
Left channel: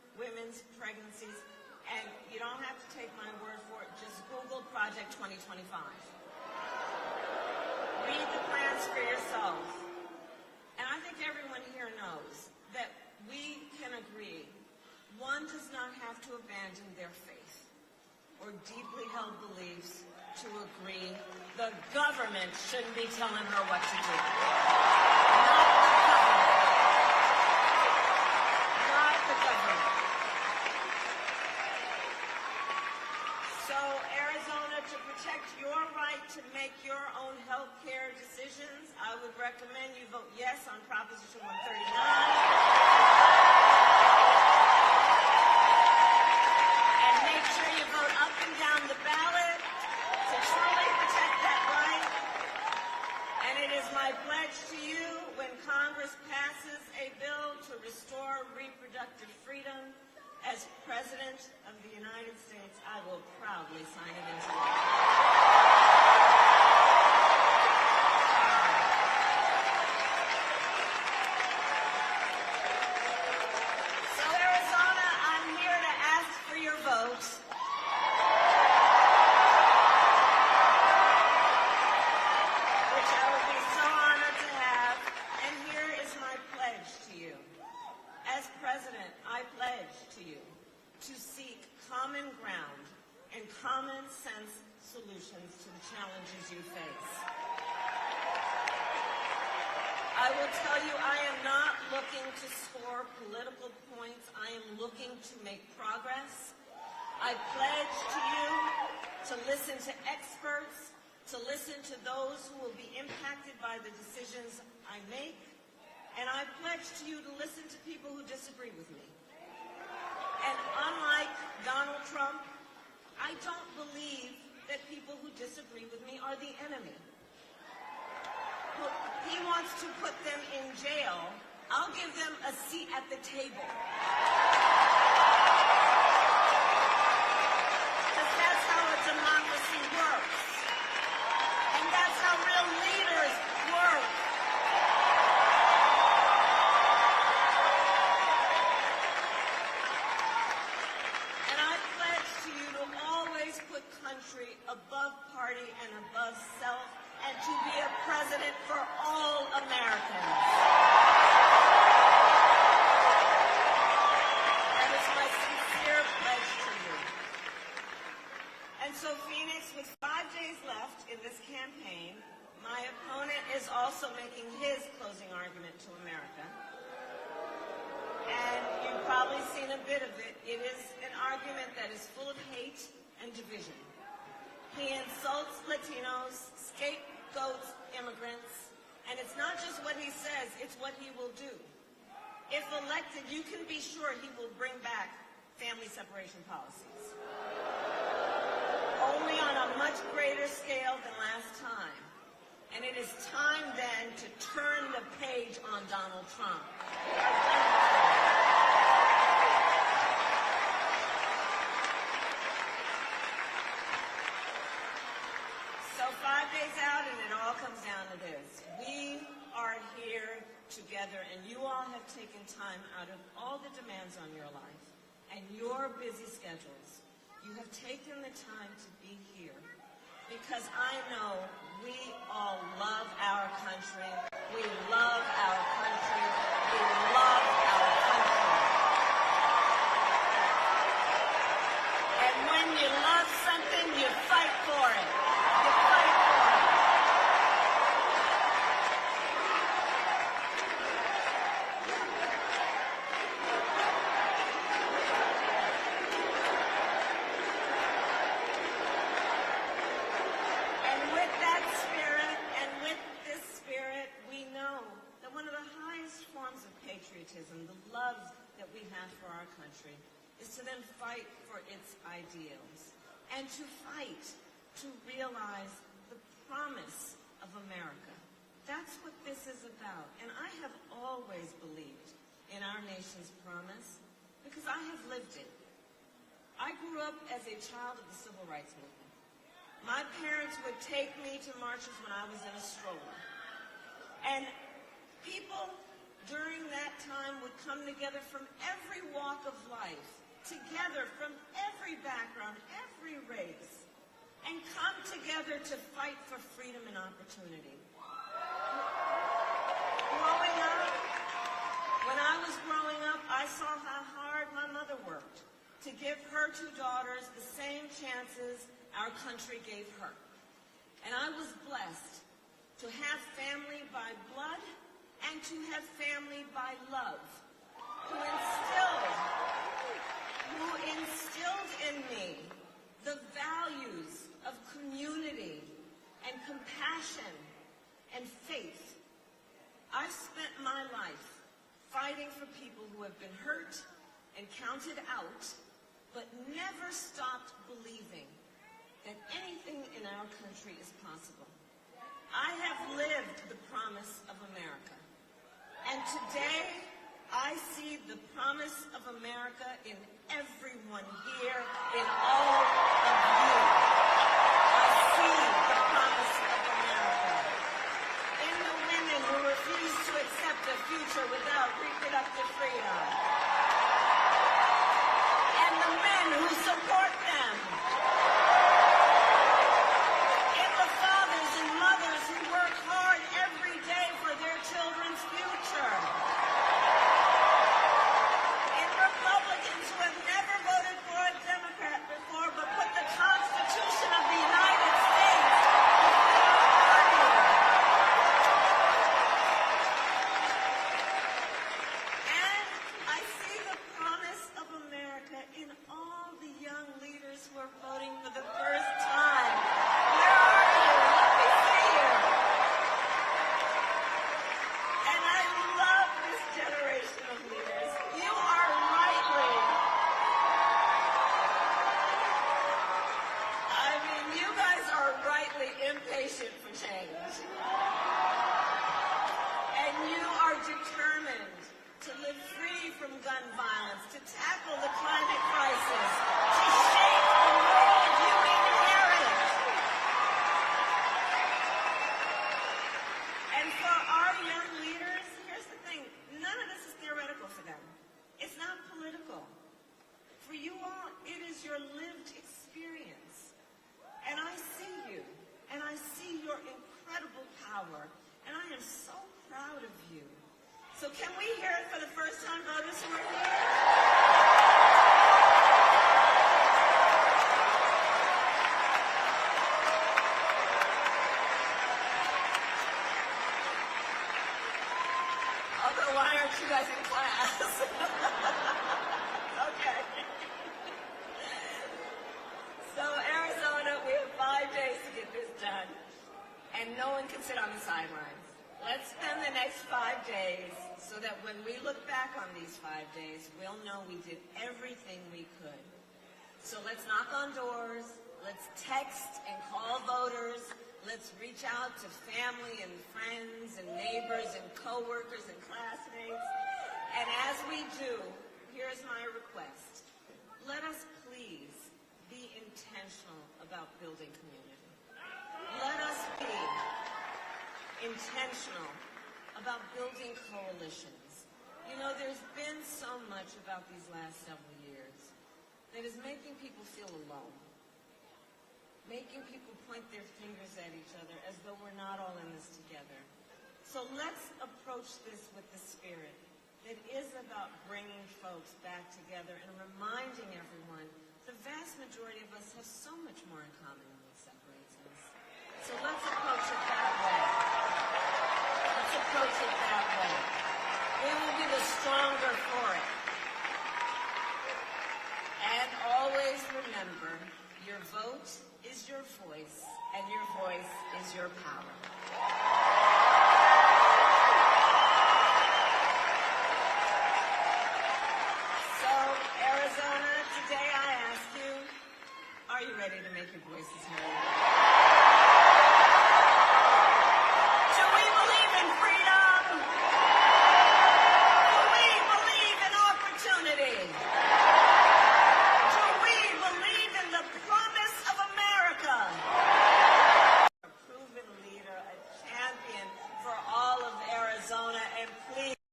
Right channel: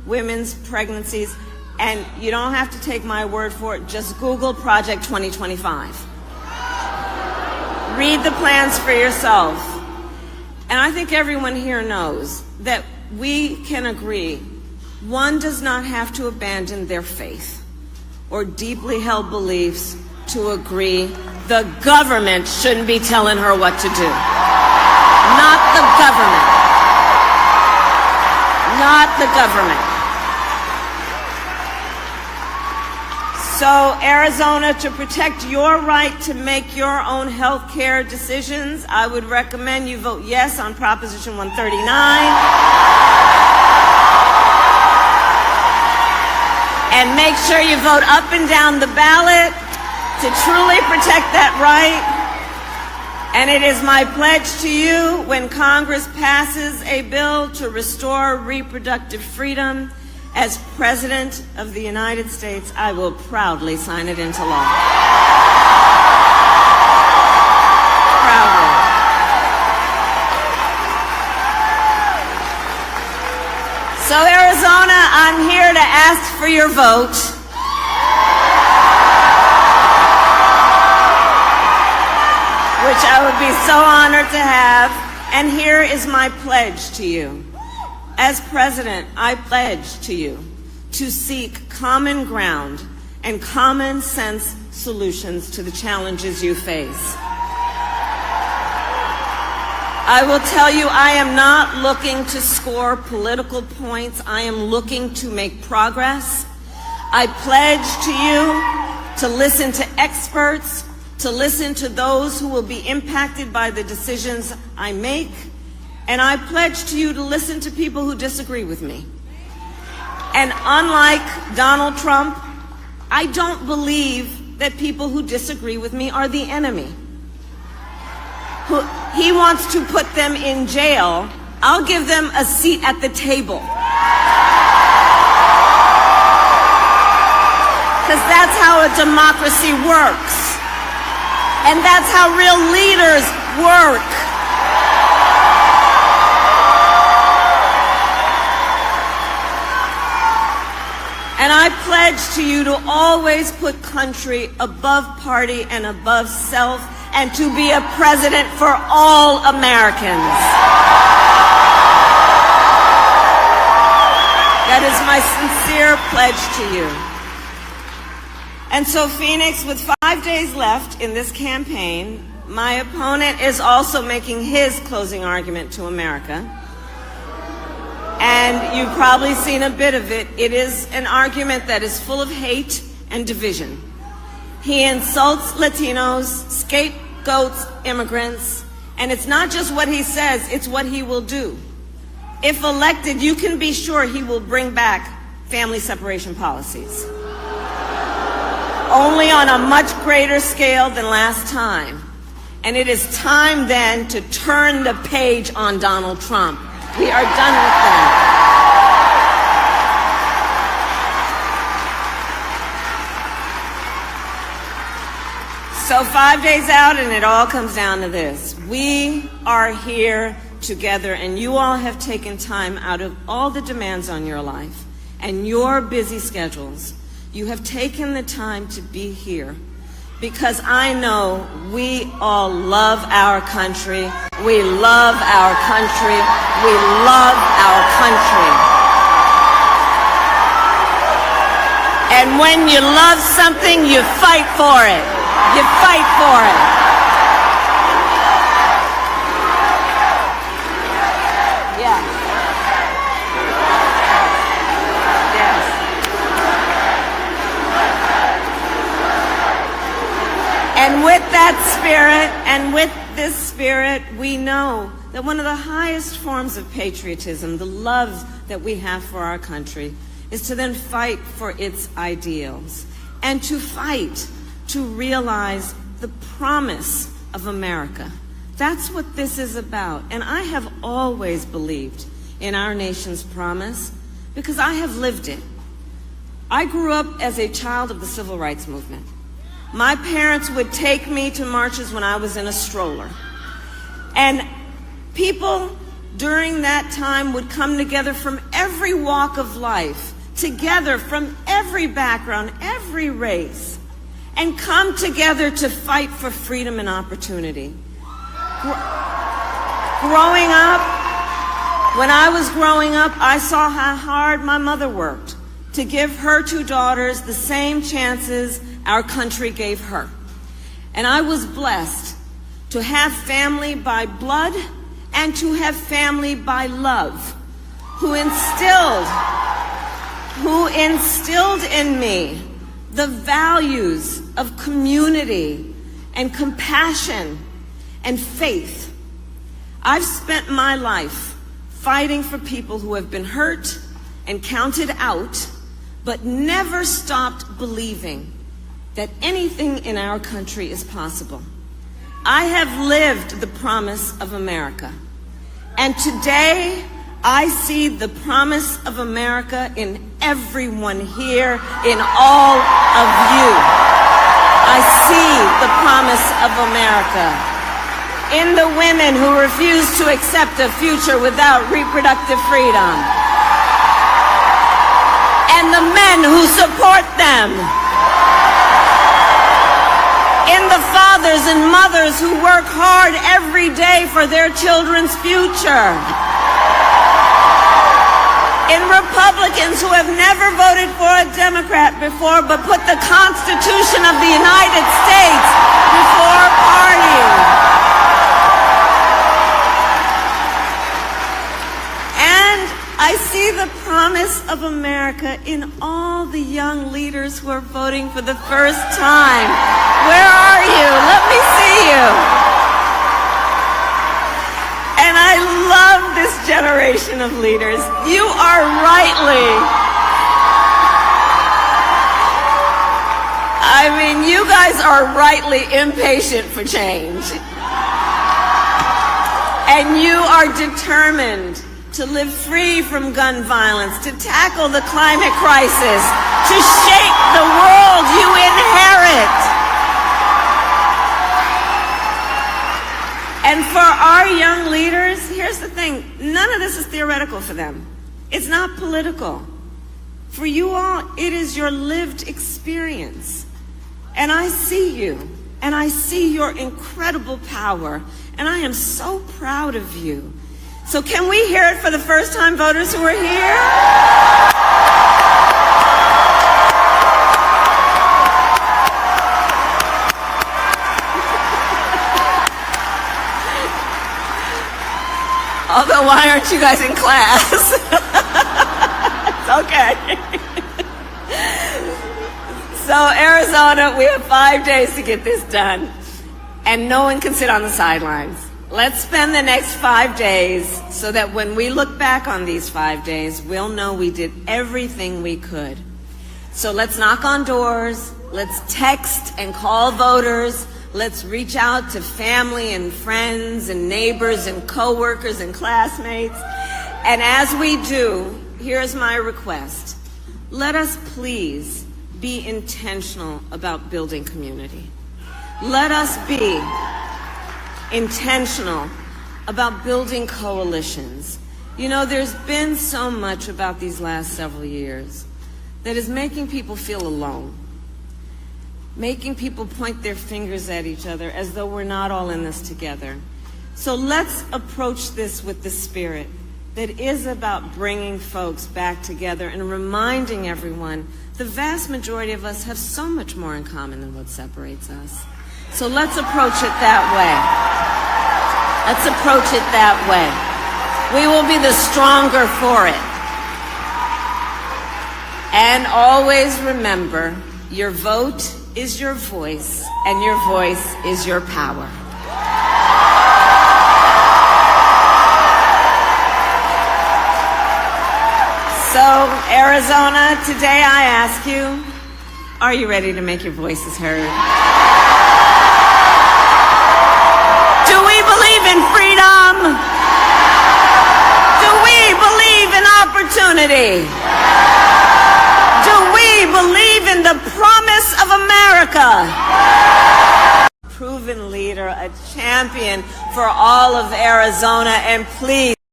women's pregnancies. And you don't have to take my word for it. Just Google Project 2025. Read the plans for yourself. And I think everyone here knows that we can agree one does not have to abandon their faith or deeply held beliefs to agree the government shouldn't be telling her what to do. Not the government. Not the government. So, Arizona, to protect your right to make your own health care decisions, I would recommend you vote yes on Proposition 139. And make sure you vote up and down the ballot to truly protect that right. And it is my pledge to you, when Congress passes a bill to restore reproductive freedom, as President of the United States, I will proudly sign it into law. Proudly. So, Arizona, I'm here to ask for your vote. Which I would be so honored to have. And here is my pledge to you. As President, I pledge to you to seek common ground and common sense solutions to the challenges you face. I will tell you, I am not looking to score political points. I am looking to make progress. I pledge to you to listen to experts, to listen to those who will be impacted by the decisions I make. And I pledge to you to listen to people who disagree with me. And unlike Donald Trump, I don't believe that people who disagree with me are the enemy. He wants to put them in jail. I'll give them a seat at the table. Because that's how a democracy works. And that's how real leaders work. And I pledge to you to always put country above party and above self, and to be a president for all Americans. That is my sincere pledge to you. And so, Phoenix, with 5 days left in this campaign, my opponent is also making his closing argument to America. And you've probably seen a bit of it. It is an argument that is full of hate and division. He insults Latinos, scapegoats immigrants, and it's not just what he says, it's what he will do. If elected, you can be sure he will bring back family separation policies. Only on a much greater scale than last time. And it is time then to turn the page on Donald Trump. We are done with that. So 5 days out, and it all comes down to this. We are here together, and you all have taken time out of all the demands on your life and your busy schedules. You have taken the time to be here because I know we all love our country. We love our country. We love our country. And when you love something, you fight for it. You fight for it. Yeah. Yes. And with that spirit, and with this spirit, we know that one of the highest forms of patriotism, the love that we have for our country, is to then fight for its ideals and to fight to realize the promise of America. That's what this is about. And I have always believed in our nation's promise because I have lived it. I grew up as a child of the civil rights movement. My parents would take me to marches when I was in a stroller. And people during that time would come together from every walk of life, together from every background, every race, and come together to fight for freedom and opportunity. Growing up, when I was growing up, I saw how hard my mother worked to give her two daughters the same chances our country gave her. And I was blessed to have family by blood and to have family by love, who instilled in me the values of community and compassion and faith. I've spent my life fighting for people who have been hurt and counted out, but never stopped believing that anything in our country is possible. I have lived the promise of America, and today I see the promise of America in everyone here, in all of you. I see the promise of America in the women who refuse to accept a future without reproductive freedom, and the men who support them, in the fathers and mothers who work hard every day for their children's future, in Republicans who have never voted for a Democrat before but put the Constitution of the United States before party. And I see the promise of America in all the young leaders who are voting for the first time. Where are you? Let me see you. And I love this generation of leaders. You are you guys are rightly impatient for change. And you are determined to live free from gun violence, to tackle the climate crisis, to shape the world you inherit. And for our young leaders, here's the thing, none of this is theoretical for them. It's not political. For you all, it is your lived experience. And I see you, and I see your incredible power, and I am so proud of you. So can we hear it for the first-time voters who are here? Although, why aren't you guys in class? It's okay. So, Arizona, we have 5 days to get this done, and no one can sit on the sidelines. Let's spend the next 5 days so that when we look back on these 5 days, we'll know we did everything we could. So let's knock on doors, let's text and call voters, let's reach out to family and friends and neighbors and coworkers and classmates. And as we do, here's my request. Let us please be intentional about building community. Let us be intentional about building coalitions. You know, there's been so much about these last several years that is making people feel alone, making people point their fingers at each other as though we're not all in this together. So let's approach this with the spirit that is about bringing folks back together and reminding everyone the vast majority of us have so much more in common than what separates us. So let's approach it that way. Let's approach it that way. We will be the stronger for it. And always remember, your vote is your voice, and your voice is your power. So, Arizona, today I ask you, are you ready to make your voices heard? Do we believe in freedom? Do we believe in opportunity? Do we believe in the promise of America? Proven leader, a champion for all of Arizona, and please,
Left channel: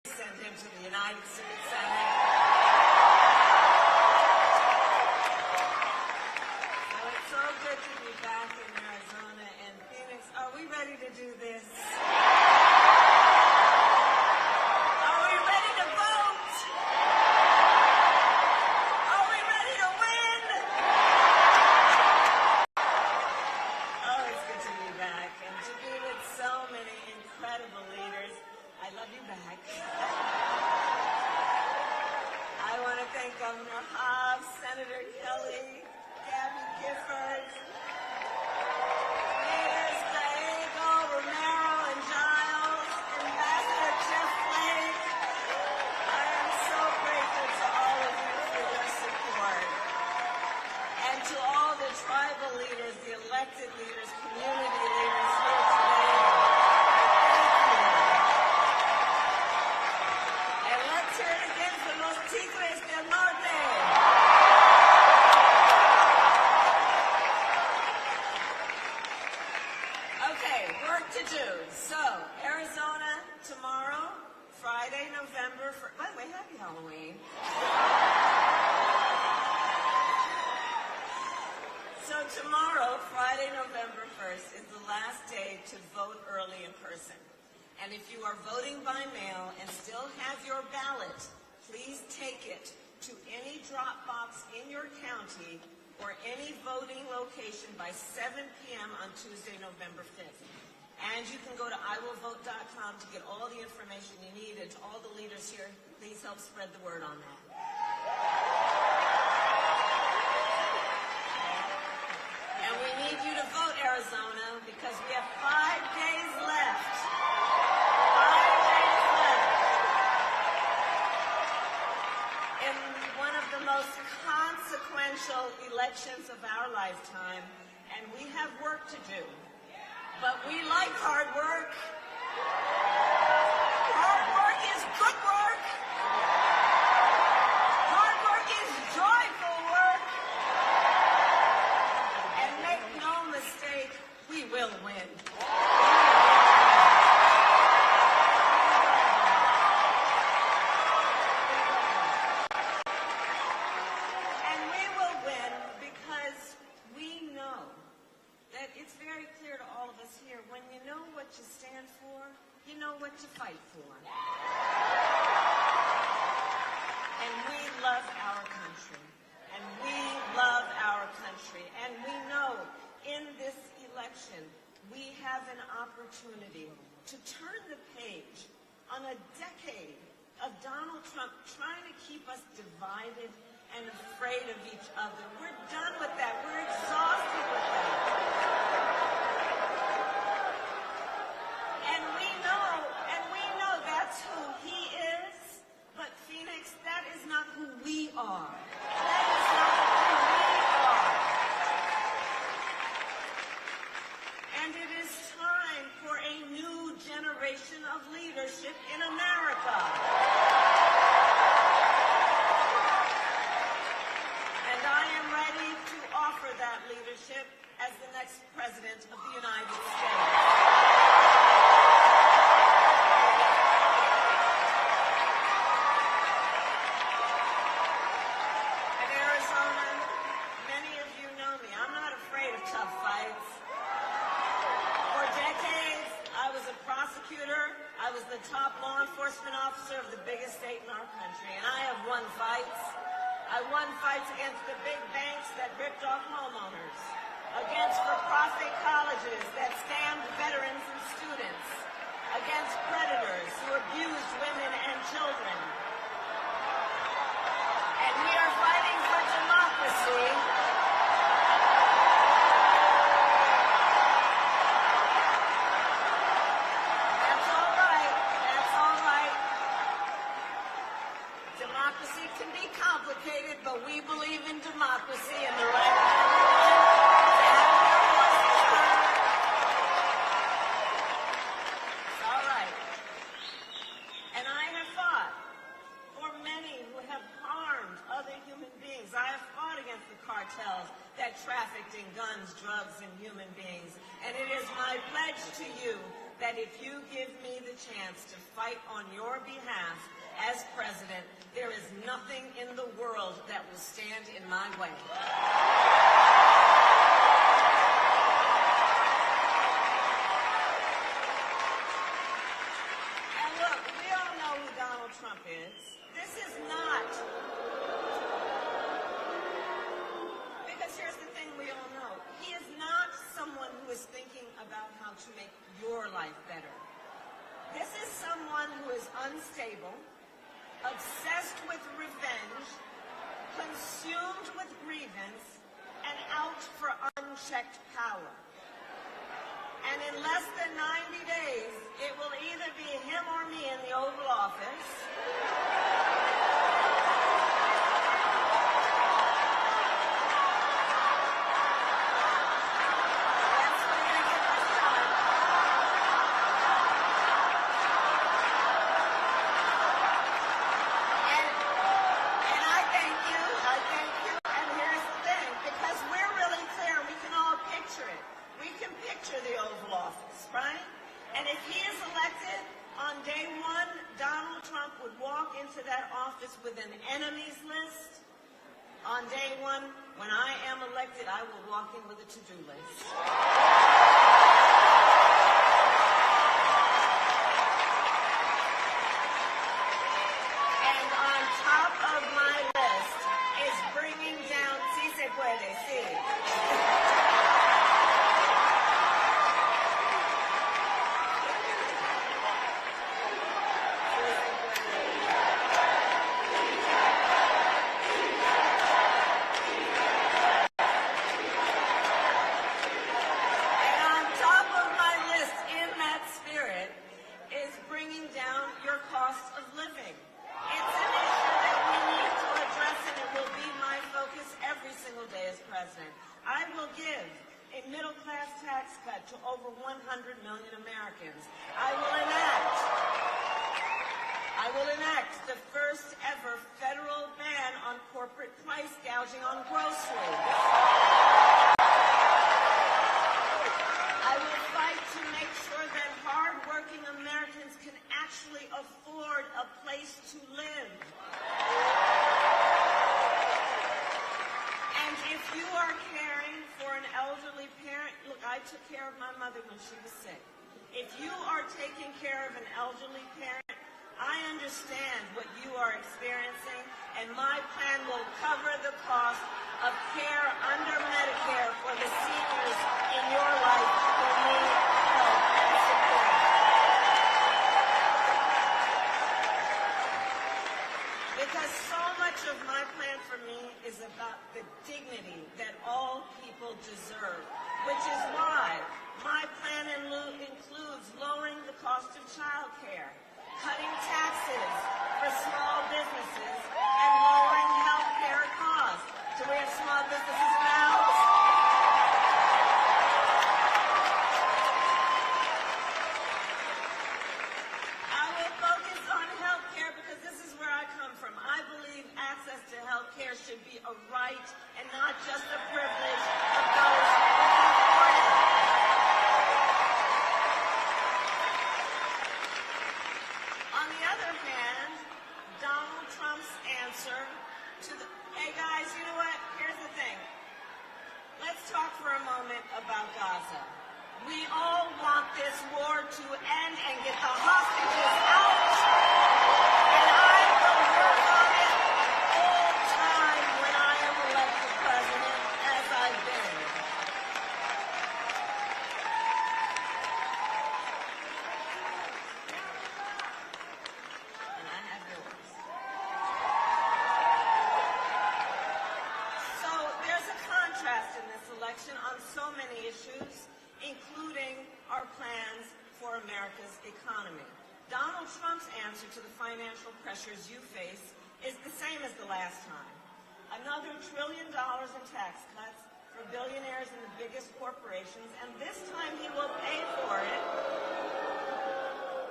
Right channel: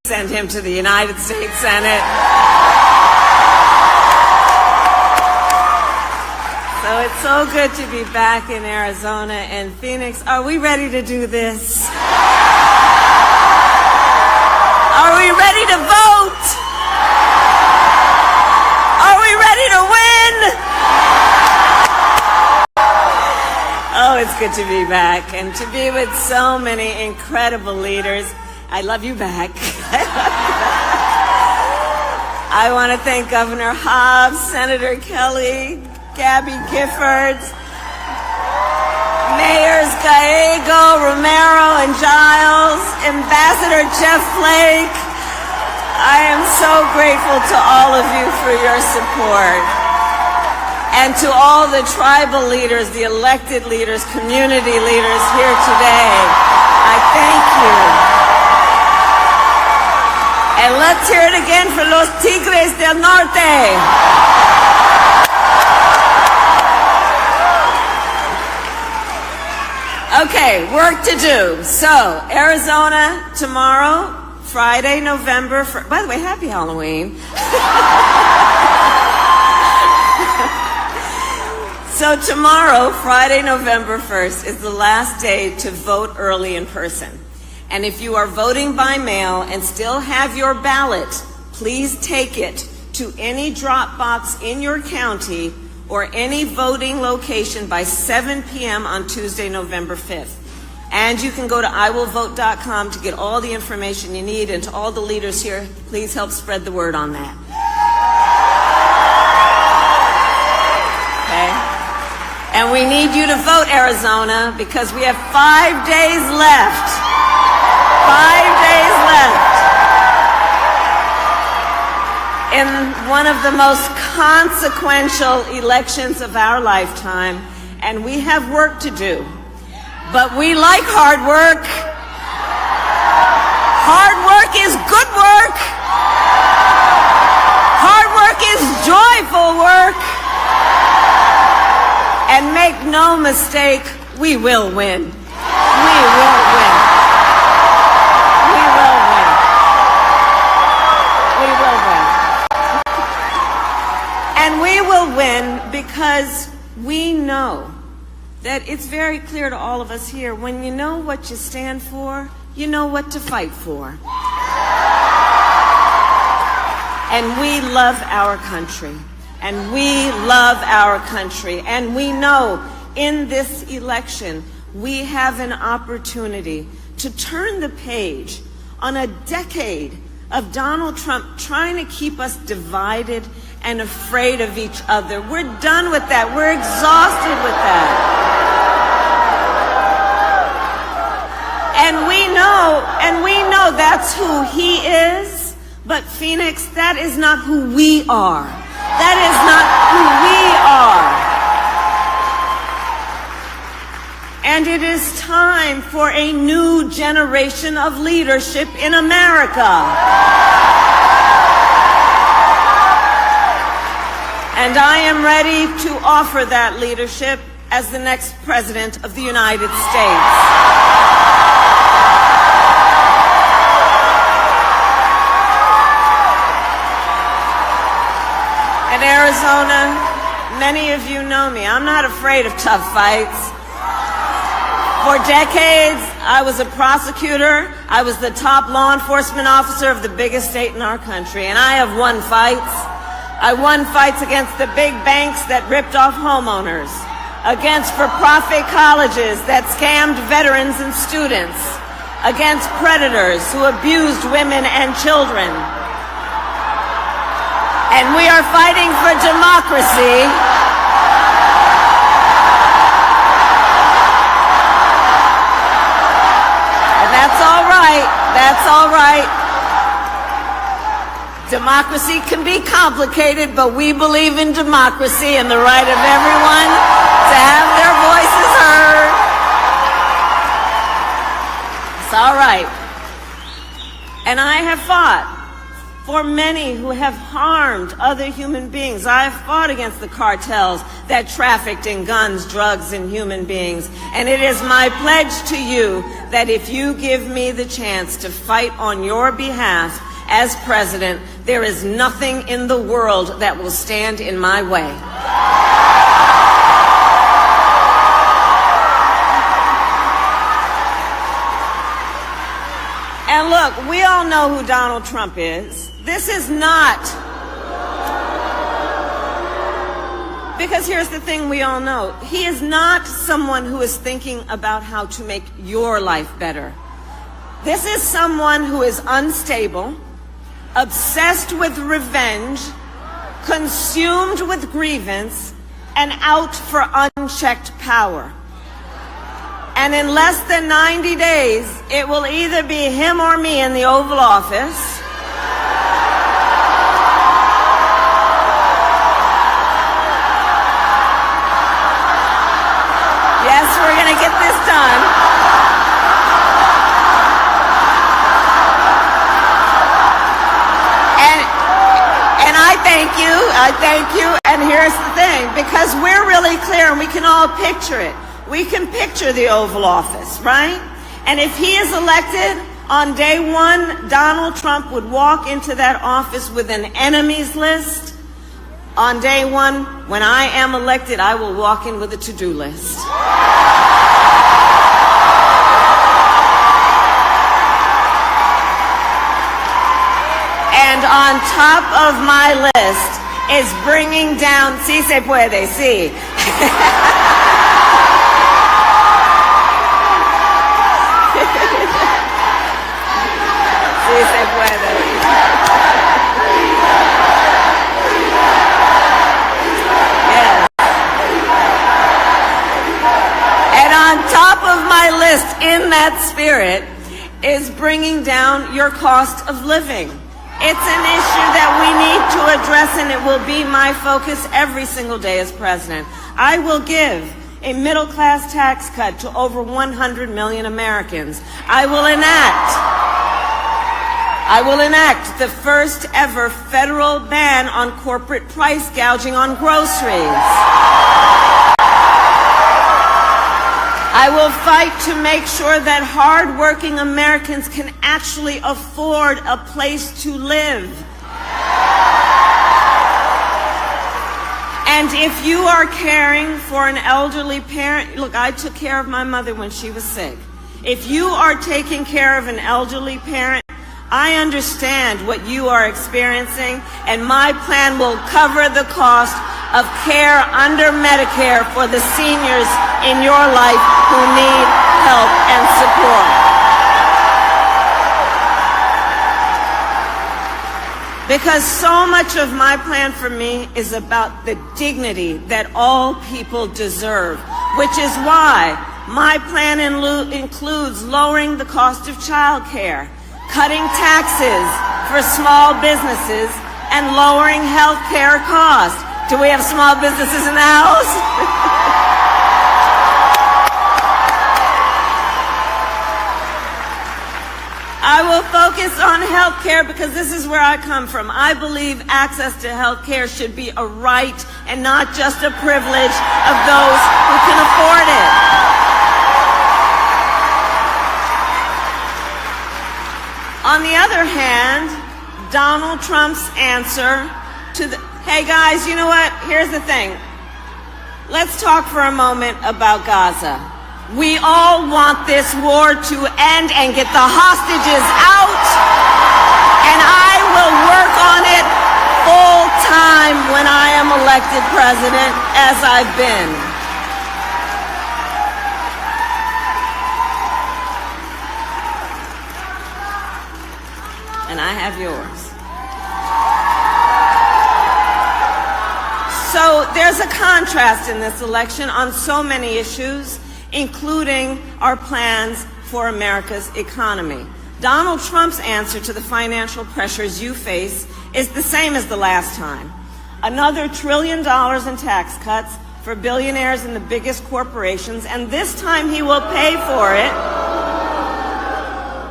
send him to the United States Senate. So it's so good to be back in Arizona and Phoenix. Are we ready to do this? Are we ready to vote? Are we ready to win? Oh, it's good to be back and to be with so many incredible leaders. I love you back. I want to thank Governor Hobbs, Senator Kelly, Gabby Giffords, Mayors Gallego, Romero, and Giles, Ambassador Jeff Flake. I am so grateful to all of you for your support. And to all the tribal leaders, the elected leaders, community leaders here today, I thank you. And let's hear it again for los Tigres del Norte. Okay, work to do. So, Arizona tomorrow, Friday, November 1st. By the way, happy Halloween. So tomorrow, Friday, November 1st, is the last day to vote early in person. And if you are voting by mail and still have your ballot, please take it to any drop box in your county or any voting location by 7 p.m. on Tuesday, November 5th. And you can go to iwillvote.com to get all the information you need. And to all the leaders here, please help spread the word on that. Okay? And we need you to vote, Arizona, because we have 5 days left. 5 days left in one of the most consequential elections of our lifetime, and we have work to do. But we like hard work. Hard work is good work. Hard work is joyful work. And make no mistake, we will win. We will win. We will win. We will win. And we will win because we know that it's very clear to all of us here, when you know what you stand for, you know what to fight for. And we love our country. And we love our country. And we know in this election, we have an opportunity to turn the page on a decade of Donald Trump trying to keep us divided and afraid of each other. We're done with that. We're exhausted with that. And we know that's who he is. But Phoenix, that is not who we are. That is not who we are. And it is time for a new generation of leadership in America. And I am ready to offer that leadership as the next President of the United States. In Arizona, many of you know me. I'm not afraid of tough fights. For decades, I was a prosecutor. I was the top law enforcement officer of the biggest state in our country, and I have won fights. I won fights against the big banks that ripped off homeowners, against for-profit colleges that scammed veterans and students, against predators who abused women and children. And we are fighting for democracy. And that's all right. That's all right. Democracy can be complicated, but we believe in democracy and the right of everyone to have their voices heard. It's all right. And I have fought for many who have harmed other human beings. I have fought against the cartels that trafficked in guns, drugs, and human beings. And it is my pledge to you that if you give me the chance to fight on your behalf as president, there is nothing in the world that will stand in my way. And look, we all know who Donald Trump is. This is not, because here's the thing we all know. He is not someone who is thinking about how to make your life better. This is someone who is unstable, obsessed with revenge, consumed with grievance, and out for unchecked power. And in less than 90 days, it will either be him or me in the Oval Office. Yes, we're going to get this done. And I thank you. And here's the thing, because we're really clear and we can all picture it. We can picture the Oval Office, right? And if he is elected, on day one, Donald Trump would walk into that office with an enemies list. On day one, when I am elected, I will walk in with a to-do list. And on top of my list is bringing down, sí se puede, sí. Sí se puede. Yes. And on top of my list, in that spirit, is bringing down your cost of living. It's an issue that we need to address, and it will be my focus every single day as president. I will give a middle-class tax cut to over 100 million Americans. I will enact the first ever federal ban on corporate price gouging on groceries. I will fight to make sure that hard-working Americans can actually afford a place to live. And if you are caring for an elderly parent, look, I took care of my mother when she was sick. If you are taking care of an elderly parent, I understand what you are experiencing, and my plan will cover the cost of care under Medicare for the seniors in your life who need help and support. Because so much of my plan for me is about the dignity that all people deserve, which is why my plan includes lowering the cost of child care, cutting taxes for small businesses, and lowering health care costs. Do we have small businesses in the house? I will focus on health care because this is where I come from. I believe access to health care should be a right and not just a privilege of those who can afford it. On the other hand, Donald Trump's answer to the, hey guys, you know what? Here's the thing. Let's talk for a moment about Gaza. We all want this war to end and get the hostages out, and I will work on it full time when I am elected president, as I've been. And I have yours. So there's a contrast in this election on so many issues, including our plans for America's economy. Donald Trump's answer to the financial pressures you face is the same as the last time. Another $1 trillion in tax cuts for billionaires and the biggest corporations, and this time he will pay for it.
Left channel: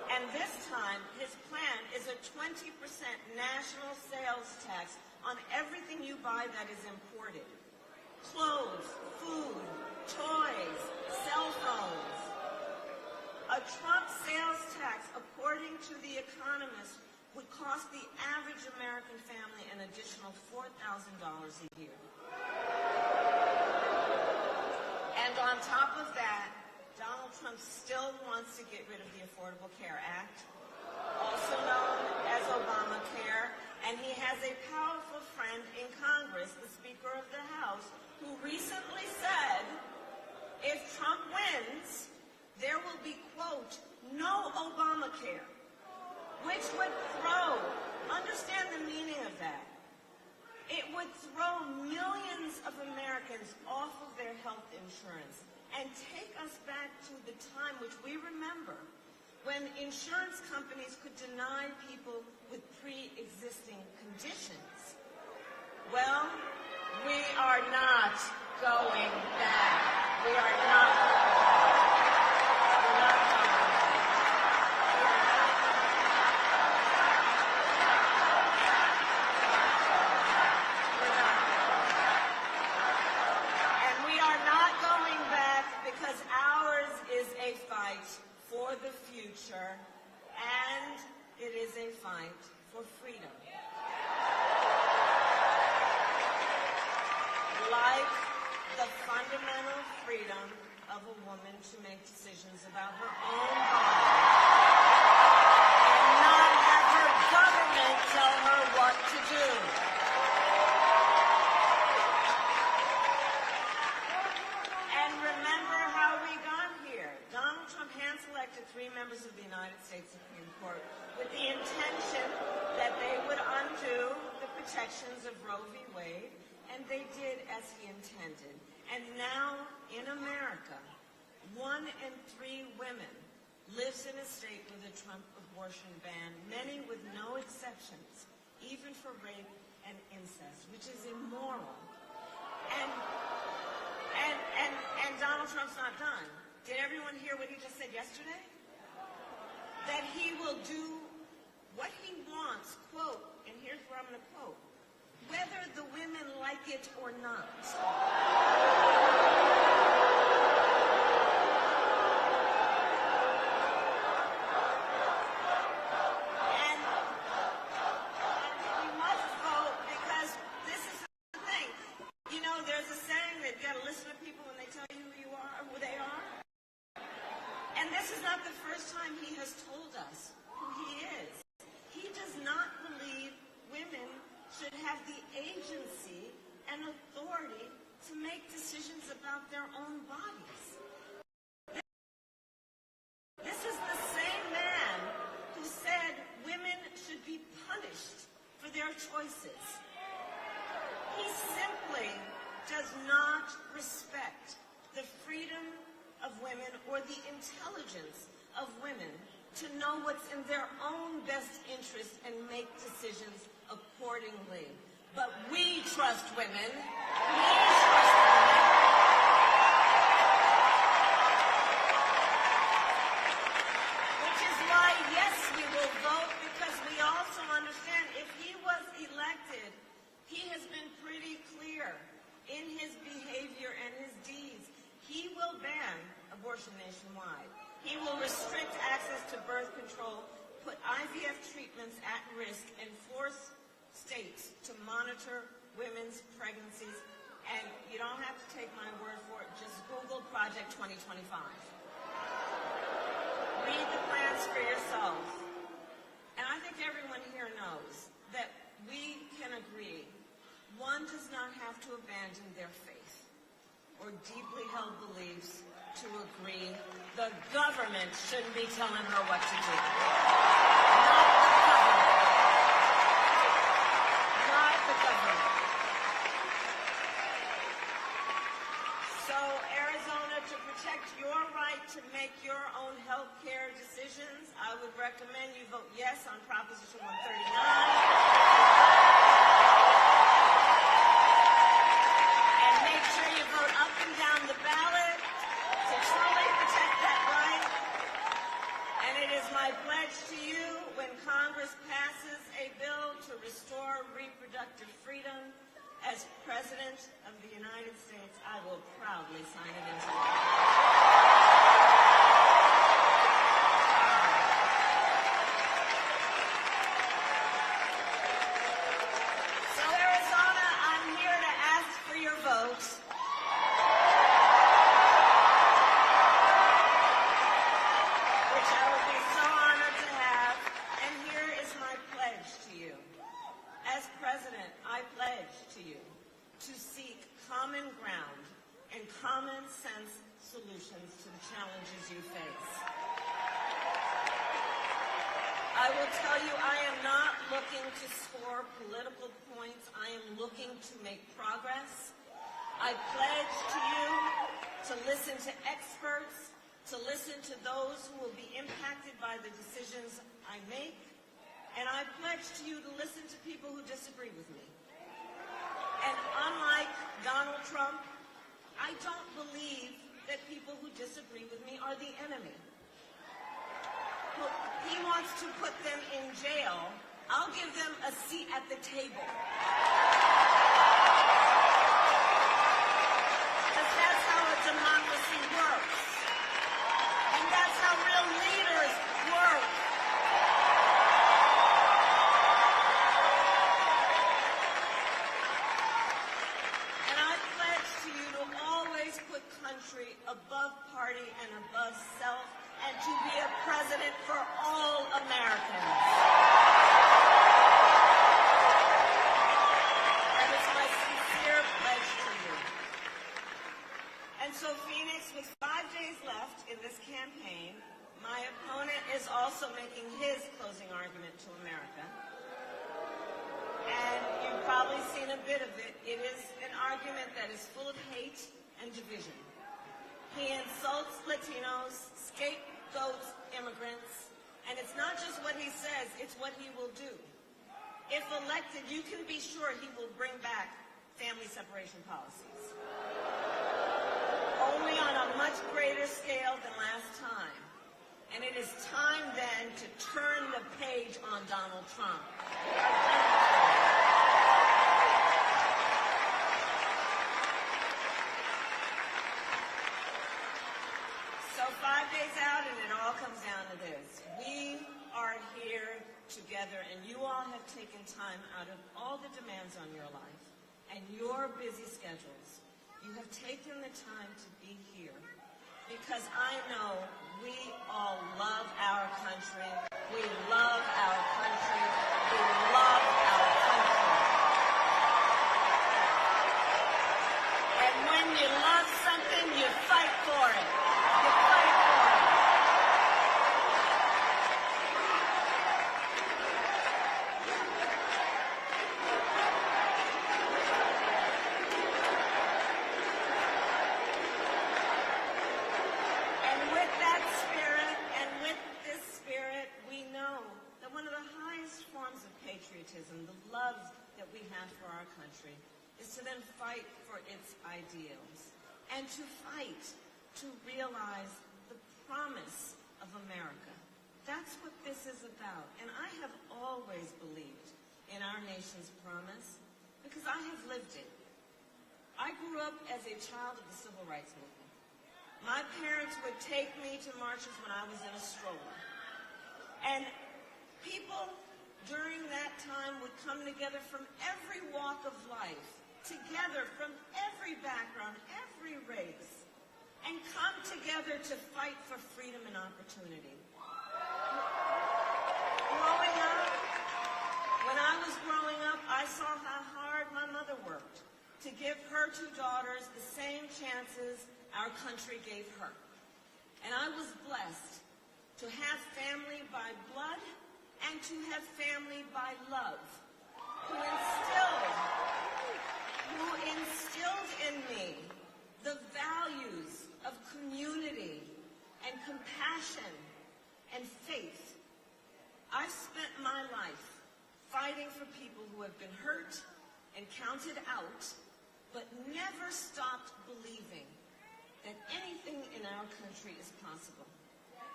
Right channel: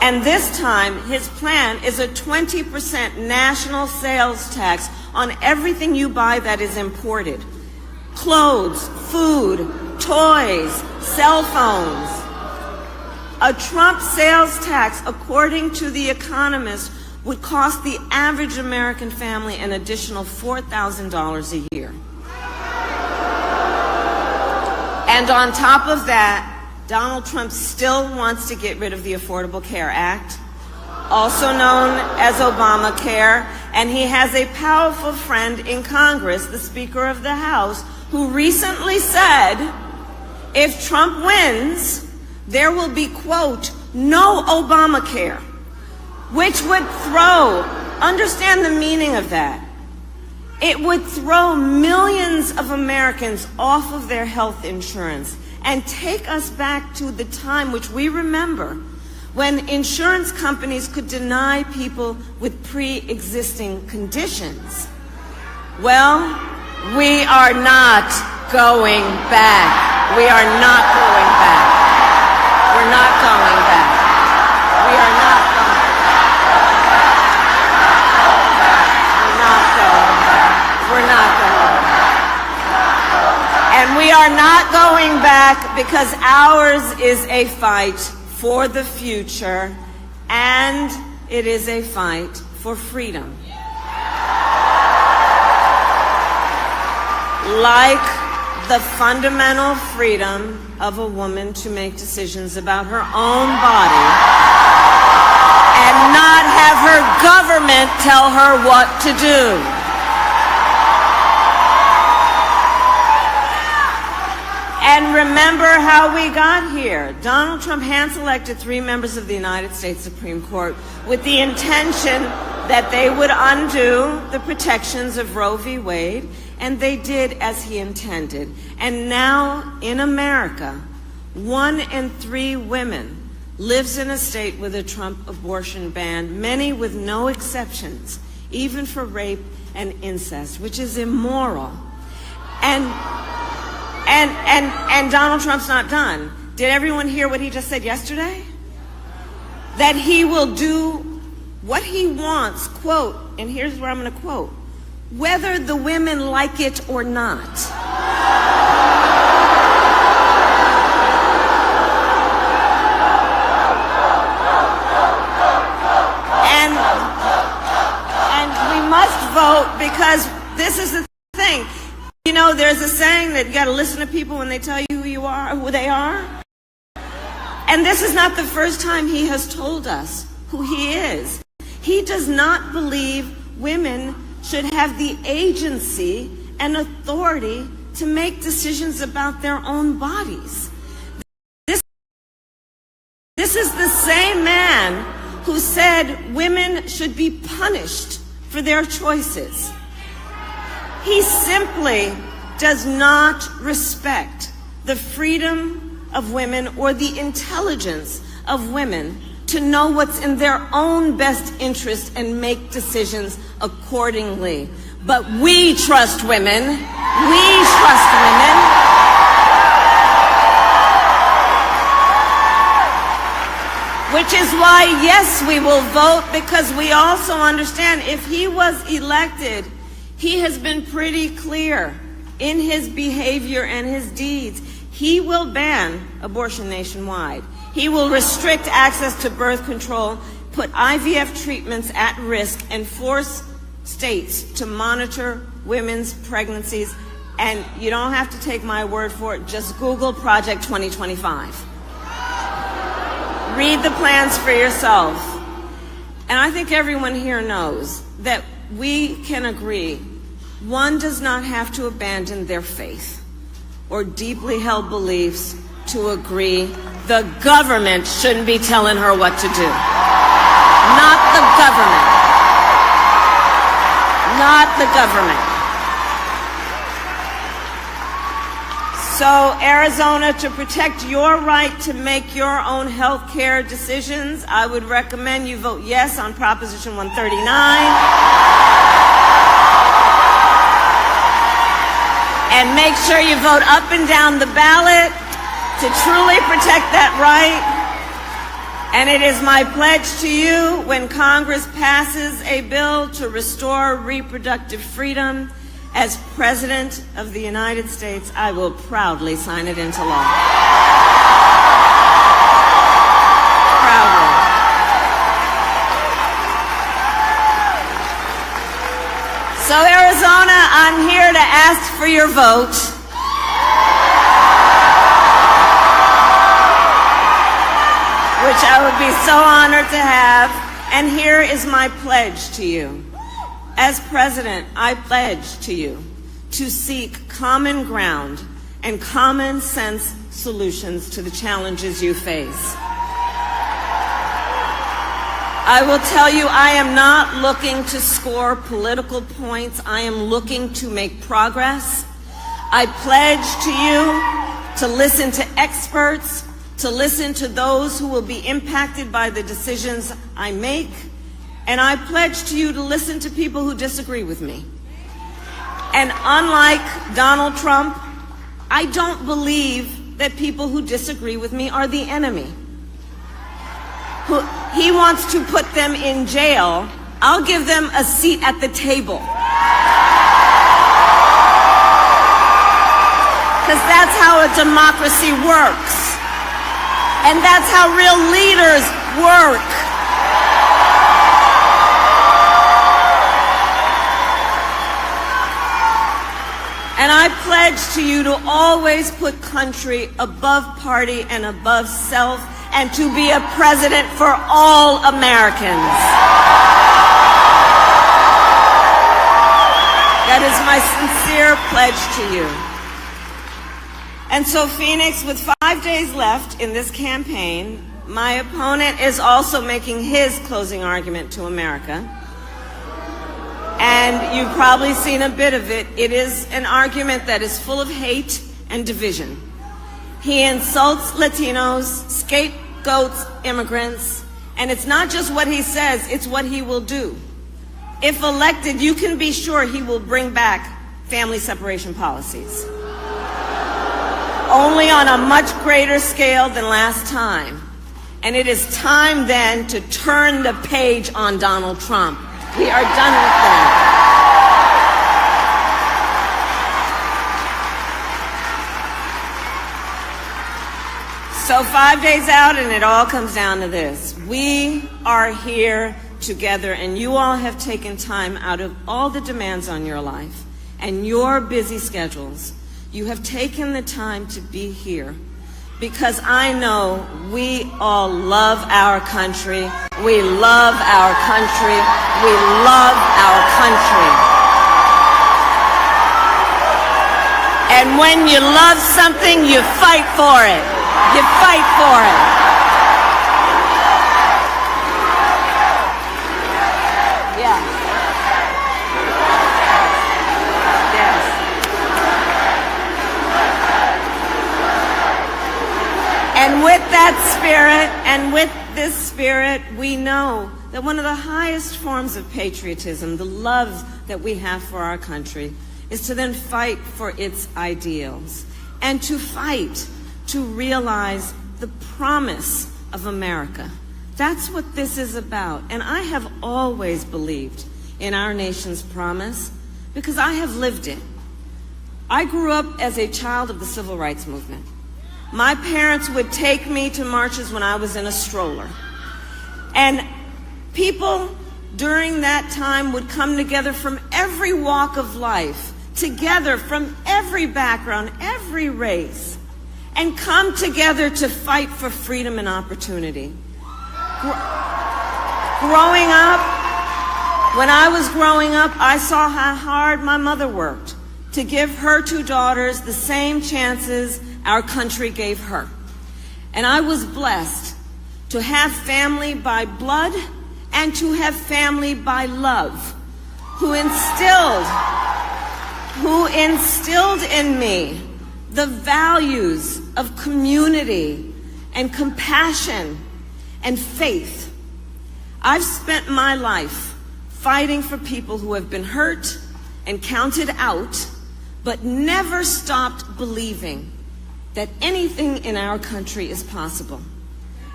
And this time, his plan is a 20% national sales tax on everything you buy that is imported. Clothes, food, toys, cell phones. A Trump sales tax, according to The Economist, would cost the average American family an additional $4,000 a year. And on top of that, Donald Trump still wants to get rid of the Affordable Care Act, also known as Obamacare, and he has a powerful friend in Congress, the Speaker of the House, who recently said, if Trump wins, there will be, quote, no Obamacare, which would understand the meaning of that. It would throw millions of Americans off of their health insurance and take us back to the time which we remember when insurance companies could deny people with pre-existing conditions. Well, we are not going back. We are not going back. We're not going back. We are not going back. We're not going back. And we are not going back because ours is a fight for the future, and it is a fight for freedom. Like the fundamental freedom of a woman to make decisions about her own body and not have her government tell her what to do. And remember how we got here. Donald Trump hand-selected 3 members of the United States Supreme Court with the intention that they would undo the protections of Roe v. Wade, and they did as he intended. And now in America, 1 in 3 women lives in a state with a Trump abortion ban, many with no exceptions, even for rape and incest, which is immoral. And Donald Trump's not done. Did everyone hear what he just said yesterday? That he will do what he wants, quote, and here's where I'm going to quote, whether the women like it or not. And we must vote because this is the thing. You know, there's a saying that you got to listen to people when they tell you who you are, who they are. And this is not the first time he has told us who he is. He does not believe women should have the agency and authority to make decisions about their own bodies. This is the same man who said women should be punished for their choices. He simply does not respect the freedom of women or the intelligence of women to know what's in their own best interest and make decisions accordingly. But we trust women. We trust women. Which is why, yes, we will vote, because we also understand if he was elected, he has been pretty clear in his behavior and his deeds. He will ban abortion nationwide. He will restrict access to birth control, put IVF treatments at risk, and force states to monitor women's pregnancies. And you don't have to take my word for it. Just Google Project 2025. Read the plans for yourself. And I think everyone here knows that we can agree one does not have to abandon their faith or deeply held beliefs to agree the government shouldn't be telling her what to do. Not the government. Not the government. So, Arizona, to protect your right to make your own health care decisions, I would recommend you vote yes on Proposition 139. And make sure you vote up and down the ballot to truly protect that right. And it is my pledge to you, when Congress passes a bill to restore reproductive freedom, as President of the United States, I will proudly sign it into law. Proudly. So Arizona, I'm here to ask for your vote. Which I would be so honored to have. And here is my pledge to you. As President, I pledge to you to seek common ground and common sense solutions to the challenges you face. I will tell you, I am not looking to score political points. I am looking to make progress. I pledge to you to listen to experts, to listen to those who will be impacted by the decisions I make, and I pledge to you to listen to people who disagree with me. And unlike Donald Trump, I don't believe that people who disagree with me are the enemy. He wants to put them in jail. I'll give them a seat at the table. Because that's how a democracy works. And that's how real leaders work. And I pledge to you to always put country above party and above self, and to be a president for all Americans. That is my sincere pledge to you. And so, Phoenix, with 5 days left in this campaign, my opponent is also making his closing argument to America. And you've probably seen a bit of it. It is an argument that is full of hate and division. He insults Latinos, scapegoats immigrants, and it's not just what he says, it's what he will do. If elected, you can be sure he will bring back family separation policies. Only on a much greater scale than last time. And it is time then to turn the page on Donald Trump. We are done with that. So 5 days out, and it all comes down to this. We are here together, and you all have taken time out of all the demands on your life and your busy schedules. You have taken the time to be here because I know we all love our country. We love our country. We love our country. And when you love something, you fight for it. You fight for it. Yeah. Yes. And with that spirit, and with this spirit, we know that one of the highest forms of patriotism, the love that we have for our country, is to then fight for its ideals and to fight to realize the promise of America. That's what this is about. And I have always believed in our nation's promise because I have lived it. I grew up as a child of the civil rights movement. My parents would take me to marches when I was in a stroller. And people during that time would come together from every walk of life, together from every background, every race, and come together to fight for freedom and opportunity. Growing up, when I was growing up, I saw how hard my mother worked to give her two daughters the same chances our country gave her. And I was blessed to have family by blood and to have family by love, who instilled in me the values of community and compassion and faith. I've spent my life fighting for people who have been hurt and counted out, but never stopped believing that anything in our country is possible.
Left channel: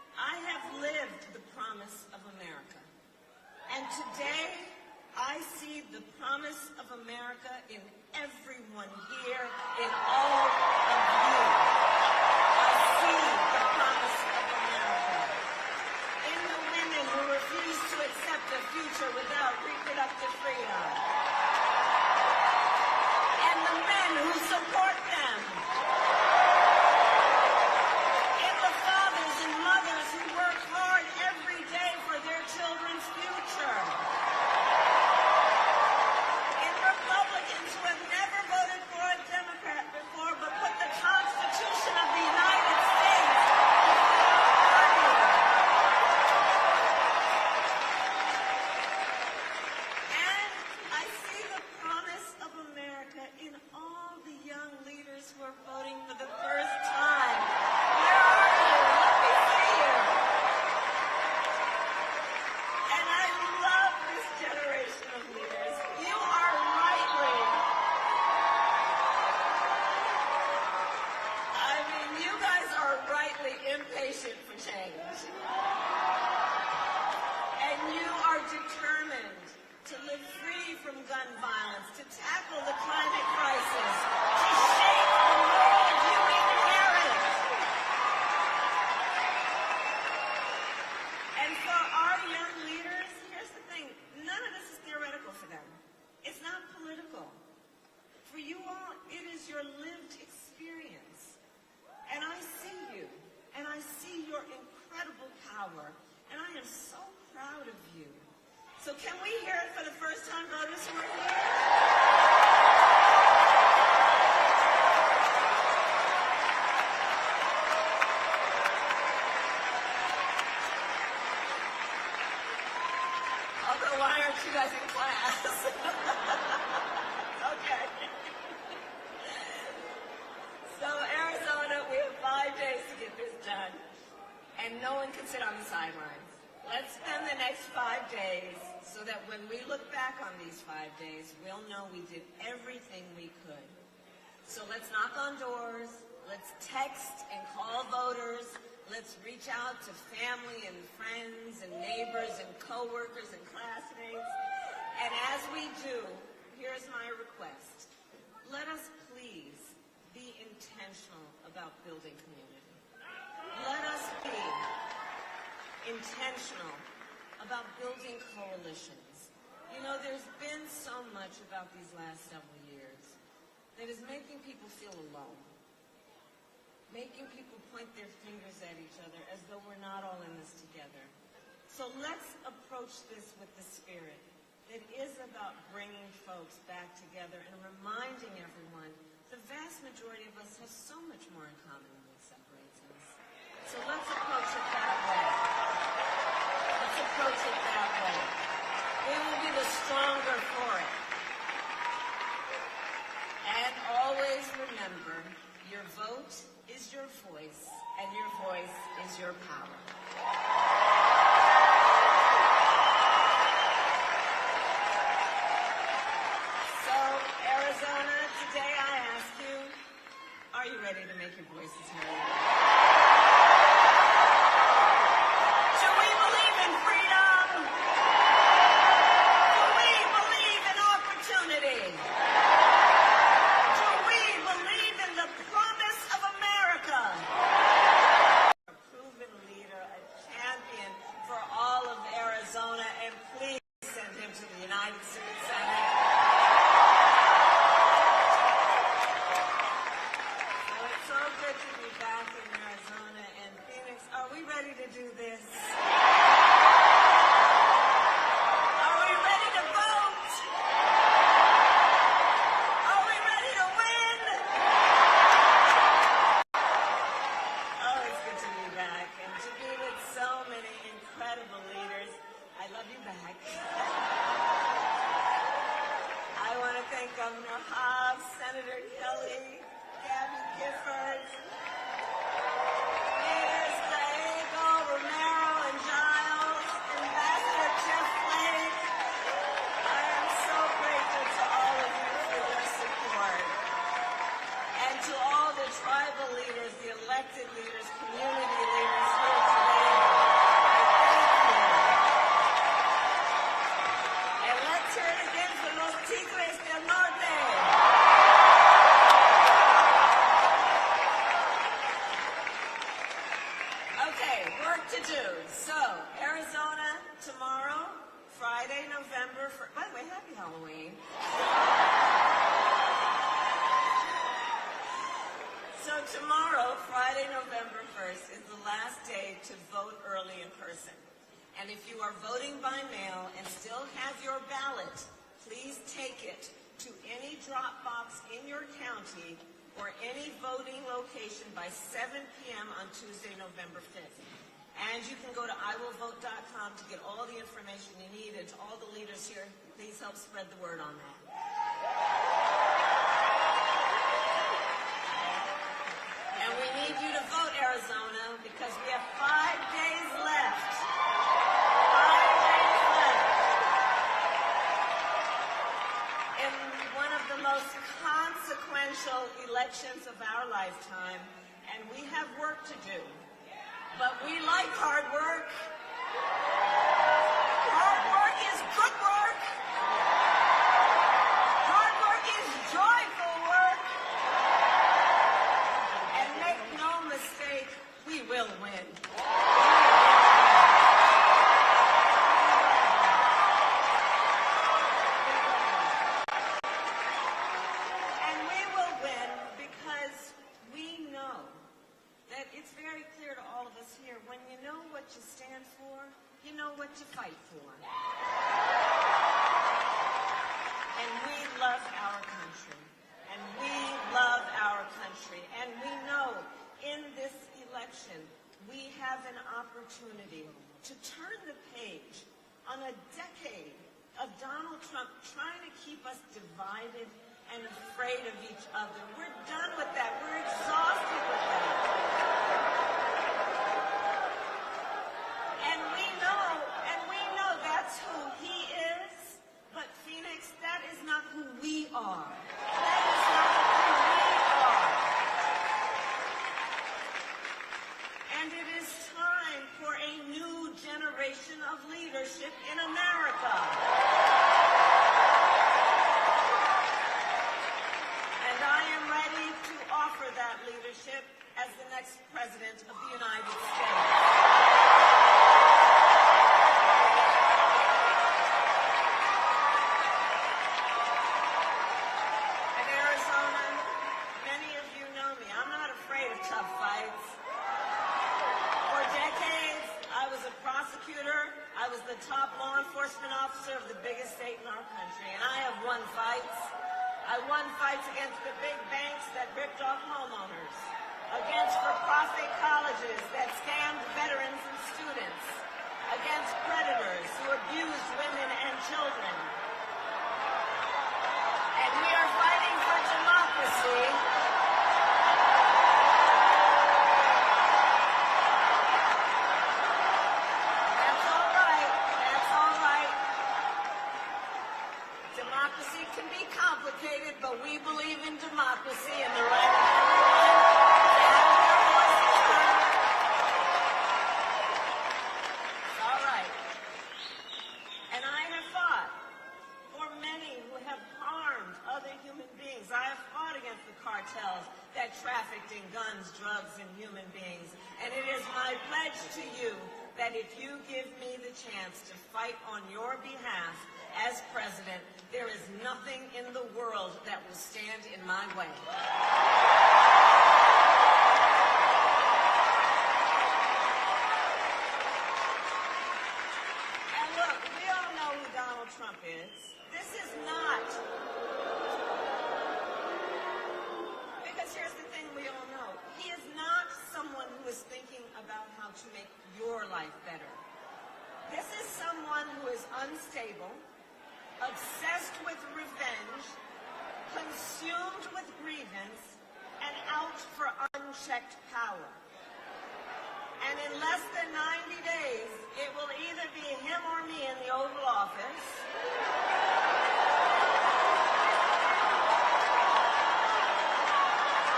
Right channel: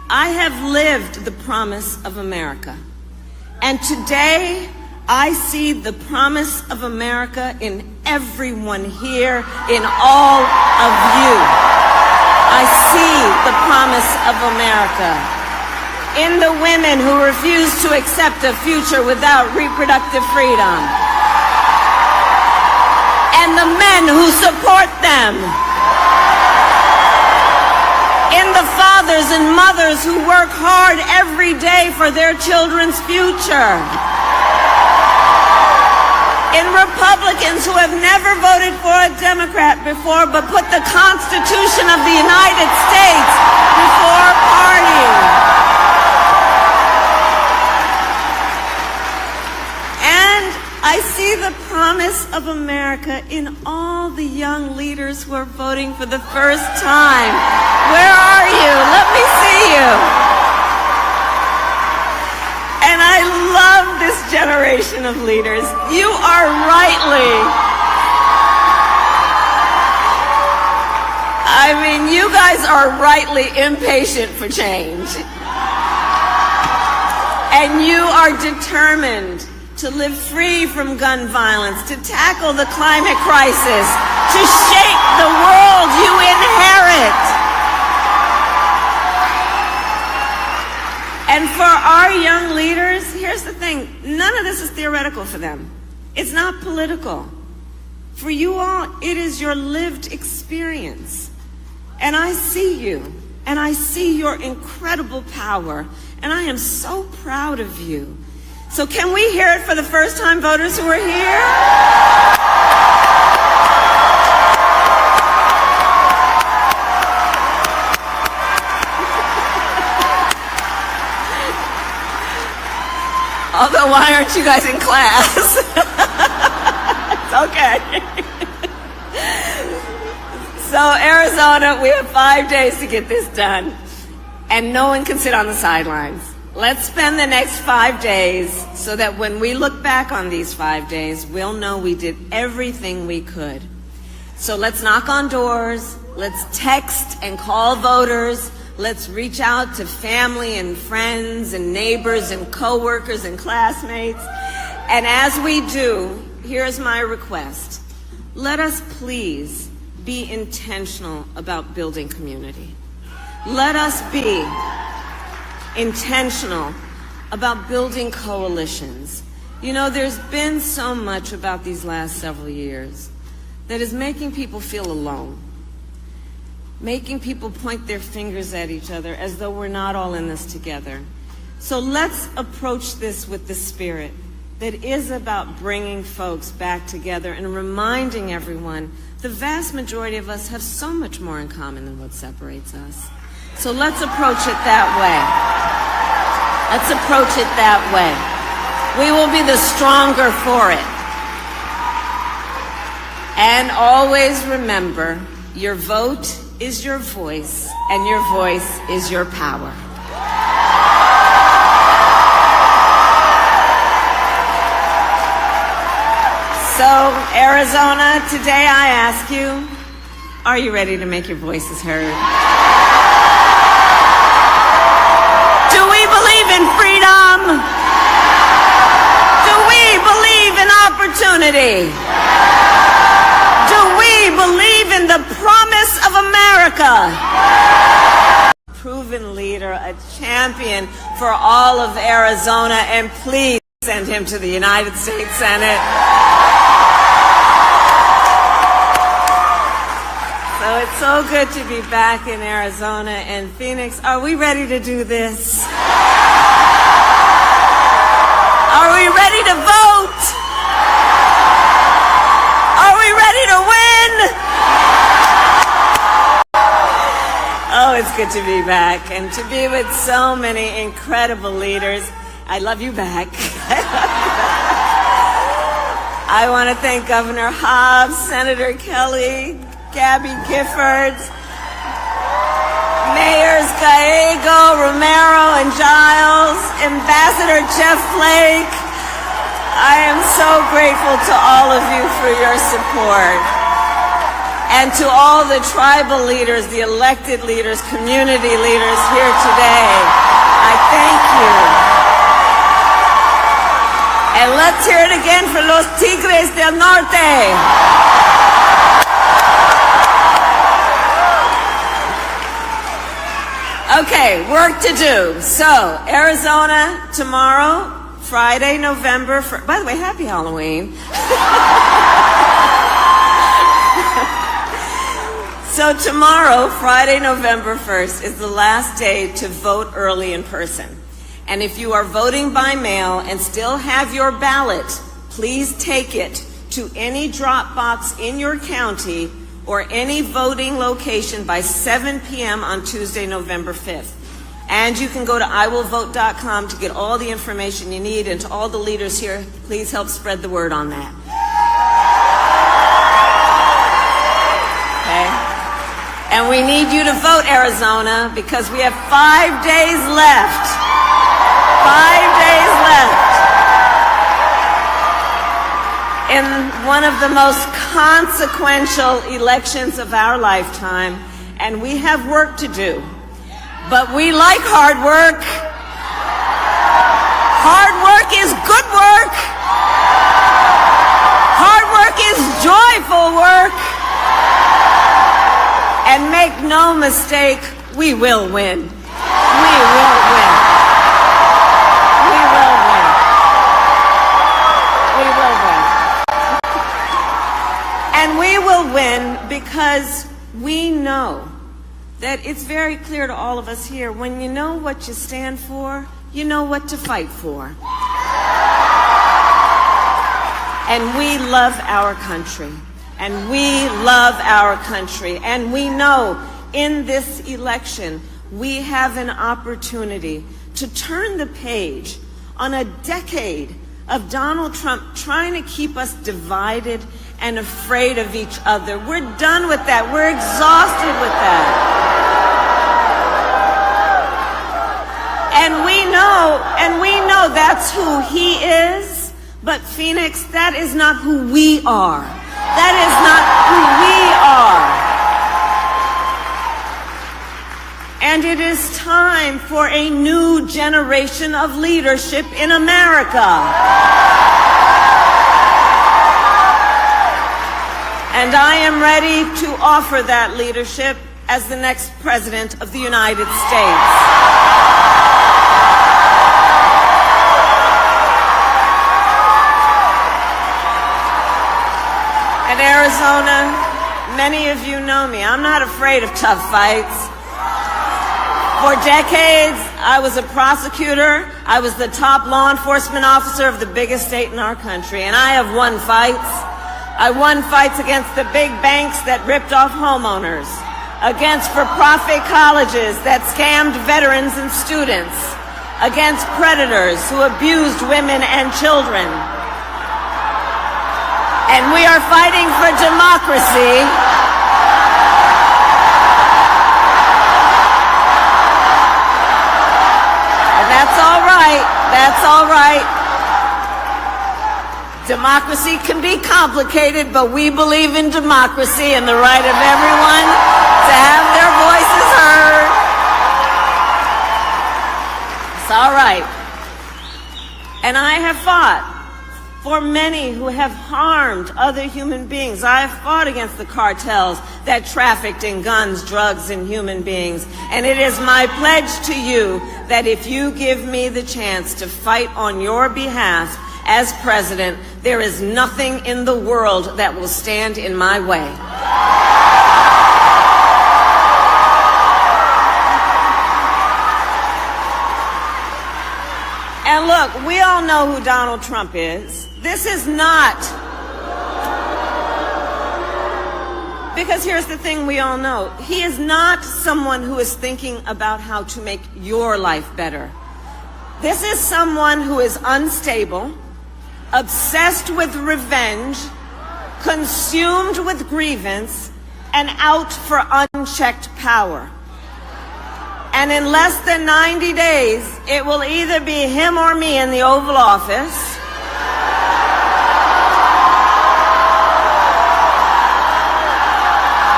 I have lived the promise of America. And today, I see the promise of America in everyone here, in all of you. I see the promise of America in the women who refuse to accept a future without reproductive freedom, and the men who support them, in the fathers and mothers who work hard every day for their children's future, in Republicans who have never voted for a Democrat before but put the Constitution of the United States before party. And I see the promise of America in all the young leaders who are voting for the first time. Where are you? Let me see you. And I love this generation of leaders. You are you guys are rightly impatient for change. And you are determined to live free from gun violence, to tackle the climate crisis, to shape the world you inherit. And for our young leaders, here's the thing, none of this is theoretical for them. It's not political. For you all, it is your lived experience. And I see you, and I see your incredible power, and I am so proud of you. So can we hear it for the first-time voters who are here? Although, why aren't you guys in class? It's okay. So, Arizona, we have 5 days to get this done, and no one can sit on the sidelines. Let's spend the next 5 days so that when we look back on these 5 days, we'll know we did everything we could. So let's knock on doors, let's text and call voters, let's reach out to family and friends and neighbors and coworkers and classmates. And as we do, here's my request. Let us please be intentional about building community. Let us be intentional about building coalitions. You know, there's been so much about these last several years that is making people feel alone, making people point their fingers at each other as though we're not all in this together. So let's approach this with the spirit that is about bringing folks back together and reminding everyone the vast majority of us have so much more in common than what separates us. So let's approach it that way. Let's approach it that way. We will be the stronger for it. And always remember, your vote is your voice, and your voice is your power. So, Arizona, today I ask you, are you ready to make your voices heard? Do we believe in freedom? Do we believe in opportunity? Do we believe in the promise of America? Proven leader, a champion for all of Arizona, and please send him to the United States Senate. So it's so good to be back in Arizona and Phoenix. Are we ready to do this? Are we ready to vote? Are we ready to win? Oh, it's good to be back and to be with so many incredible leaders. I love you back. I want to thank Governor Hobbs, Senator Kelly, Gabby Giffords, Mayors Gallego, Romero, and Giles, Ambassador Jeff Flake. I am so grateful to all of you for your support. And to all the tribal leaders, the elected leaders, community leaders here today, I thank you. And let's hear it again for los Tigres del Norte. Okay, work to do. So, Arizona tomorrow, Friday, November 1st. By the way, happy Halloween. So tomorrow, Friday, November 1st, is the last day to vote early in person. And if you are voting by mail and still have your ballot, please take it to any drop box in your county or any voting location by 7 p.m. on Tuesday, November 5th. And you can go to iwillvote.com to get all the information you need. And to all the leaders here, please help spread the word on that. Okay? And we need you to vote, Arizona, because we have 5 days left. 5 days left in one of the most consequential elections of our lifetime. And we have work to do. But we like hard work. Hard work is good work. Hard work is joyful work. And make no mistake, we will win. We will win. We will win. We will win. And we will win because we know that it's very clear to all of us here, when you know what you stand for, you know what to fight for. And we love our country. And we love our country. And we know in this election, we have an opportunity to turn the page on a decade of Donald Trump trying to keep us divided and afraid of each other. We're done with that. We're exhausted with that. And we know that's who he is. But Phoenix, that is not who we are. That is not who we are. And it is time for a new generation of leadership in America. And I am ready to offer that leadership as the next President of the United States. Arizona, many of you know me. I'm not afraid of tough fights. For decades, I was a prosecutor. I was the top law enforcement officer of the biggest state in our country, and I have won fights. I won fights against the big banks that ripped off homeowners, against for-profit colleges that scammed veterans and students, against predators who abused women and children. And we are fighting for democracy. And that's all right. That's all right. Democracy can be complicated, but we believe in democracy and the right of everyone to have their voices heard. It's all right. And I have fought for many who have harmed other human beings. I have fought against the cartels that trafficked in guns, drugs, and human beings. And it is my pledge to you that if you give me the chance to fight on your behalf as president, there is nothing in the world that will stand in my way. And look, we all know who Donald Trump is. This is not, because here's the thing we all know. He is not someone who is thinking about how to make your life better. This is someone who is unstable, obsessed with revenge, consumed with grievance, and out for unchecked power. And in less than 90 days, it will either be him or me in the Oval Office.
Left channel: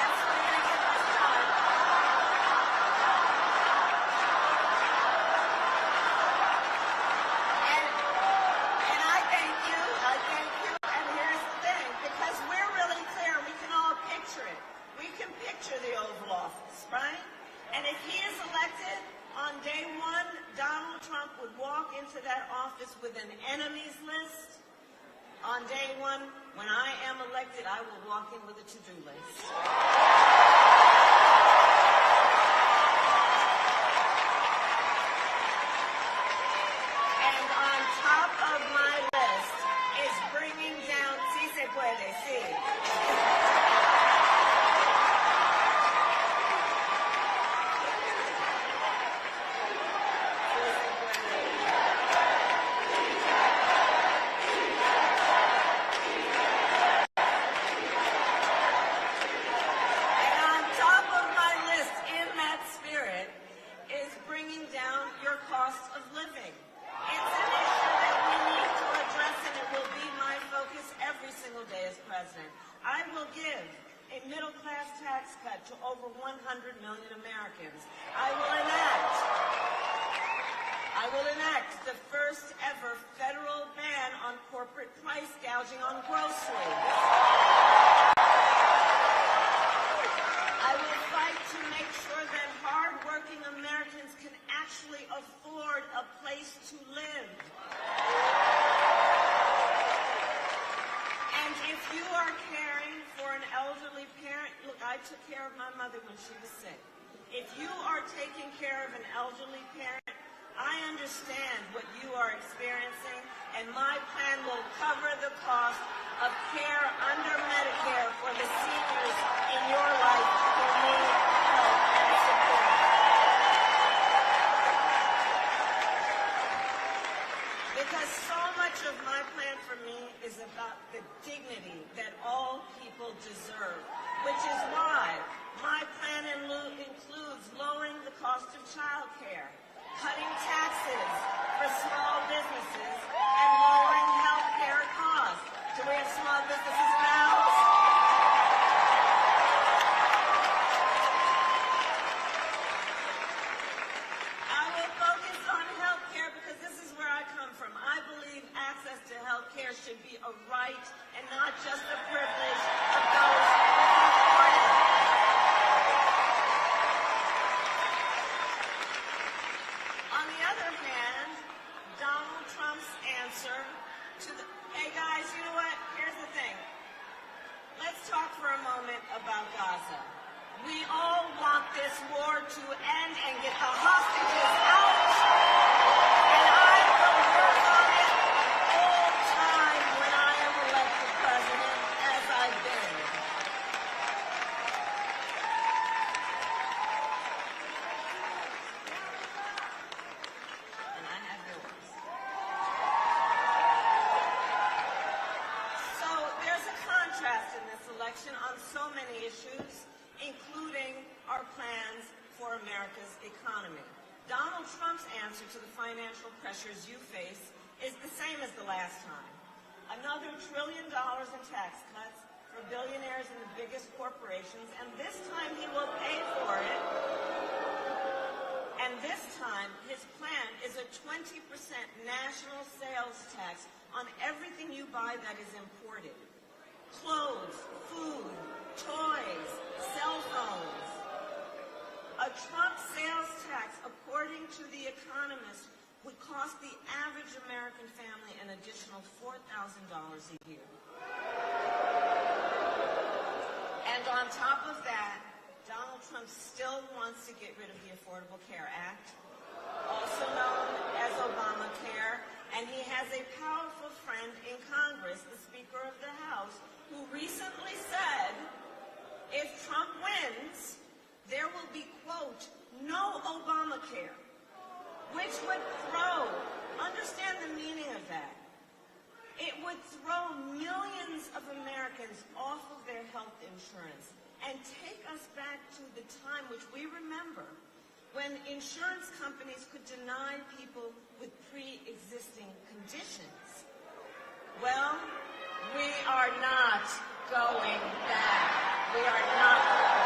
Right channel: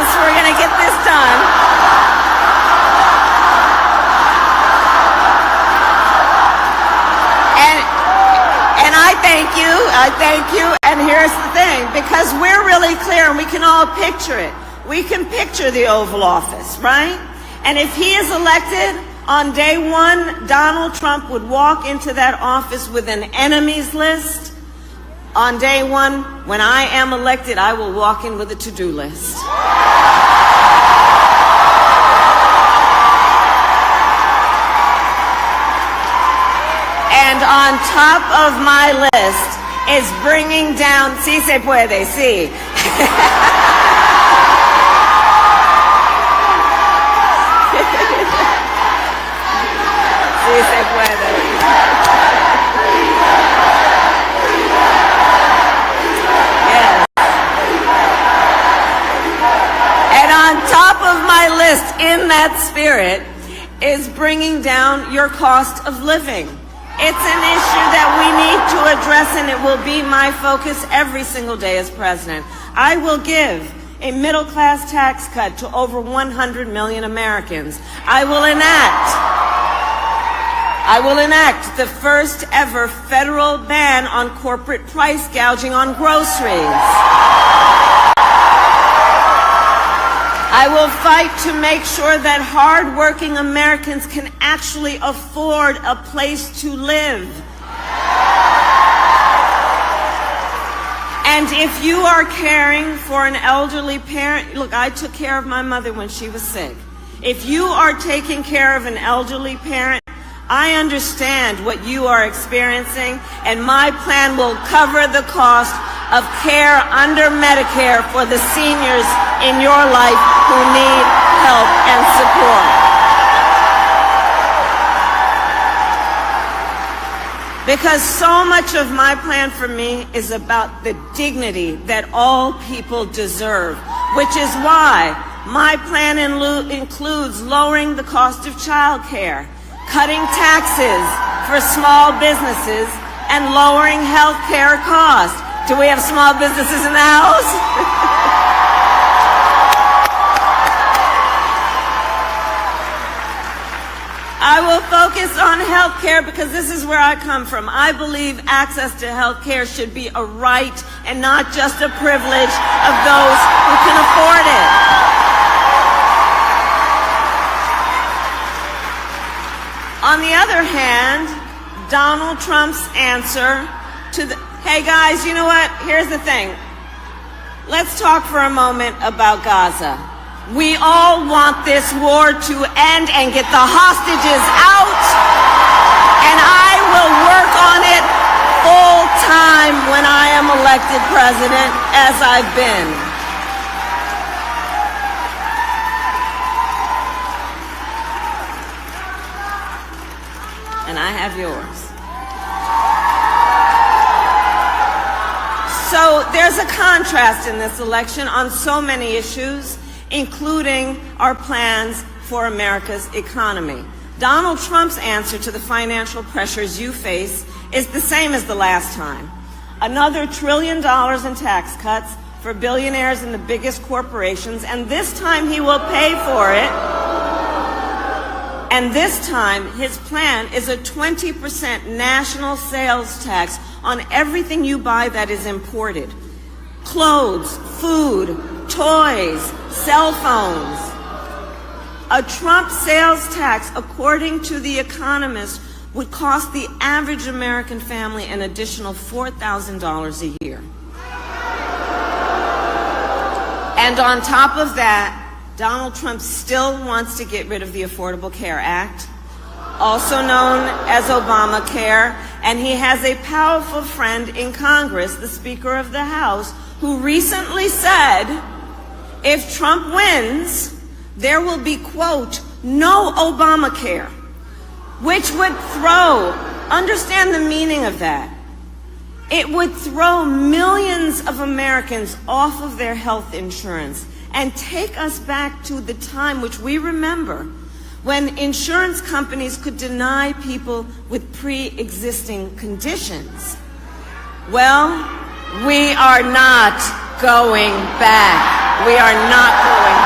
Yes, we're going to get this done. And I thank you, and here's the thing, because we're really clear and we can all picture it. We can picture the Oval Office, right? And if he is elected, on day one, Donald Trump would walk into that office with an enemies list. On day one, when I am elected, I will walk in with a to-do list. And on top of my list is bringing down, sí se puede, sí. Sí se puede. Yes. And on top of my list, in that spirit, is bringing down your cost of living. It's an issue that we need to address, and it will be my focus every single day as president. I will give a middle-class tax cut to over 100 million Americans. I will enact the first ever federal ban on corporate price gouging on groceries. I will fight to make sure that hard-working Americans can actually afford a place to live. And if you are caring for an elderly parent, look, I took care of my mother when she was sick. If you are taking care of an elderly parent, I understand what you are experiencing, and my plan will cover the cost of care under Medicare for the seniors in your life who need help and support. Because so much of my plan for me is about the dignity that all people deserve, which is why my plan includes lowering the cost of child care, cutting taxes for small businesses, and lowering health care costs. Do we have small businesses in the house? I will focus on health care because this is where I come from. I believe access to health care should be a right and not just a privilege of those who can afford it. On the other hand, Donald Trump's answer to the, hey guys, you know what? Here's the thing. Let's talk for a moment about Gaza. We all want this war to end and get the hostages out, and I will work on it full time when I am elected president, as I've been. And I have yours. So there's a contrast in this election on so many issues, including our plans for America's economy. Donald Trump's answer to the financial pressures you face is the same as the last time. Another $1 trillion in tax cuts for billionaires and the biggest corporations, and this time he will pay for it. And this time, his plan is a 20% national sales tax on everything you buy that is imported. Clothes, food, toys, cell phones. A Trump sales tax, according to The Economist, would cost the average American family an additional $4,000 a year. And on top of that, Donald Trump still wants to get rid of the Affordable Care Act, also known as Obamacare, and he has a powerful friend in Congress, the Speaker of the House, who recently said, if Trump wins, there will be, quote, no Obamacare, which would throw, understand the meaning of that, it would throw millions of Americans off of their health insurance and take us back to the time which we remember when insurance companies could deny people with pre-existing conditions. Well, we are not going back. We are not going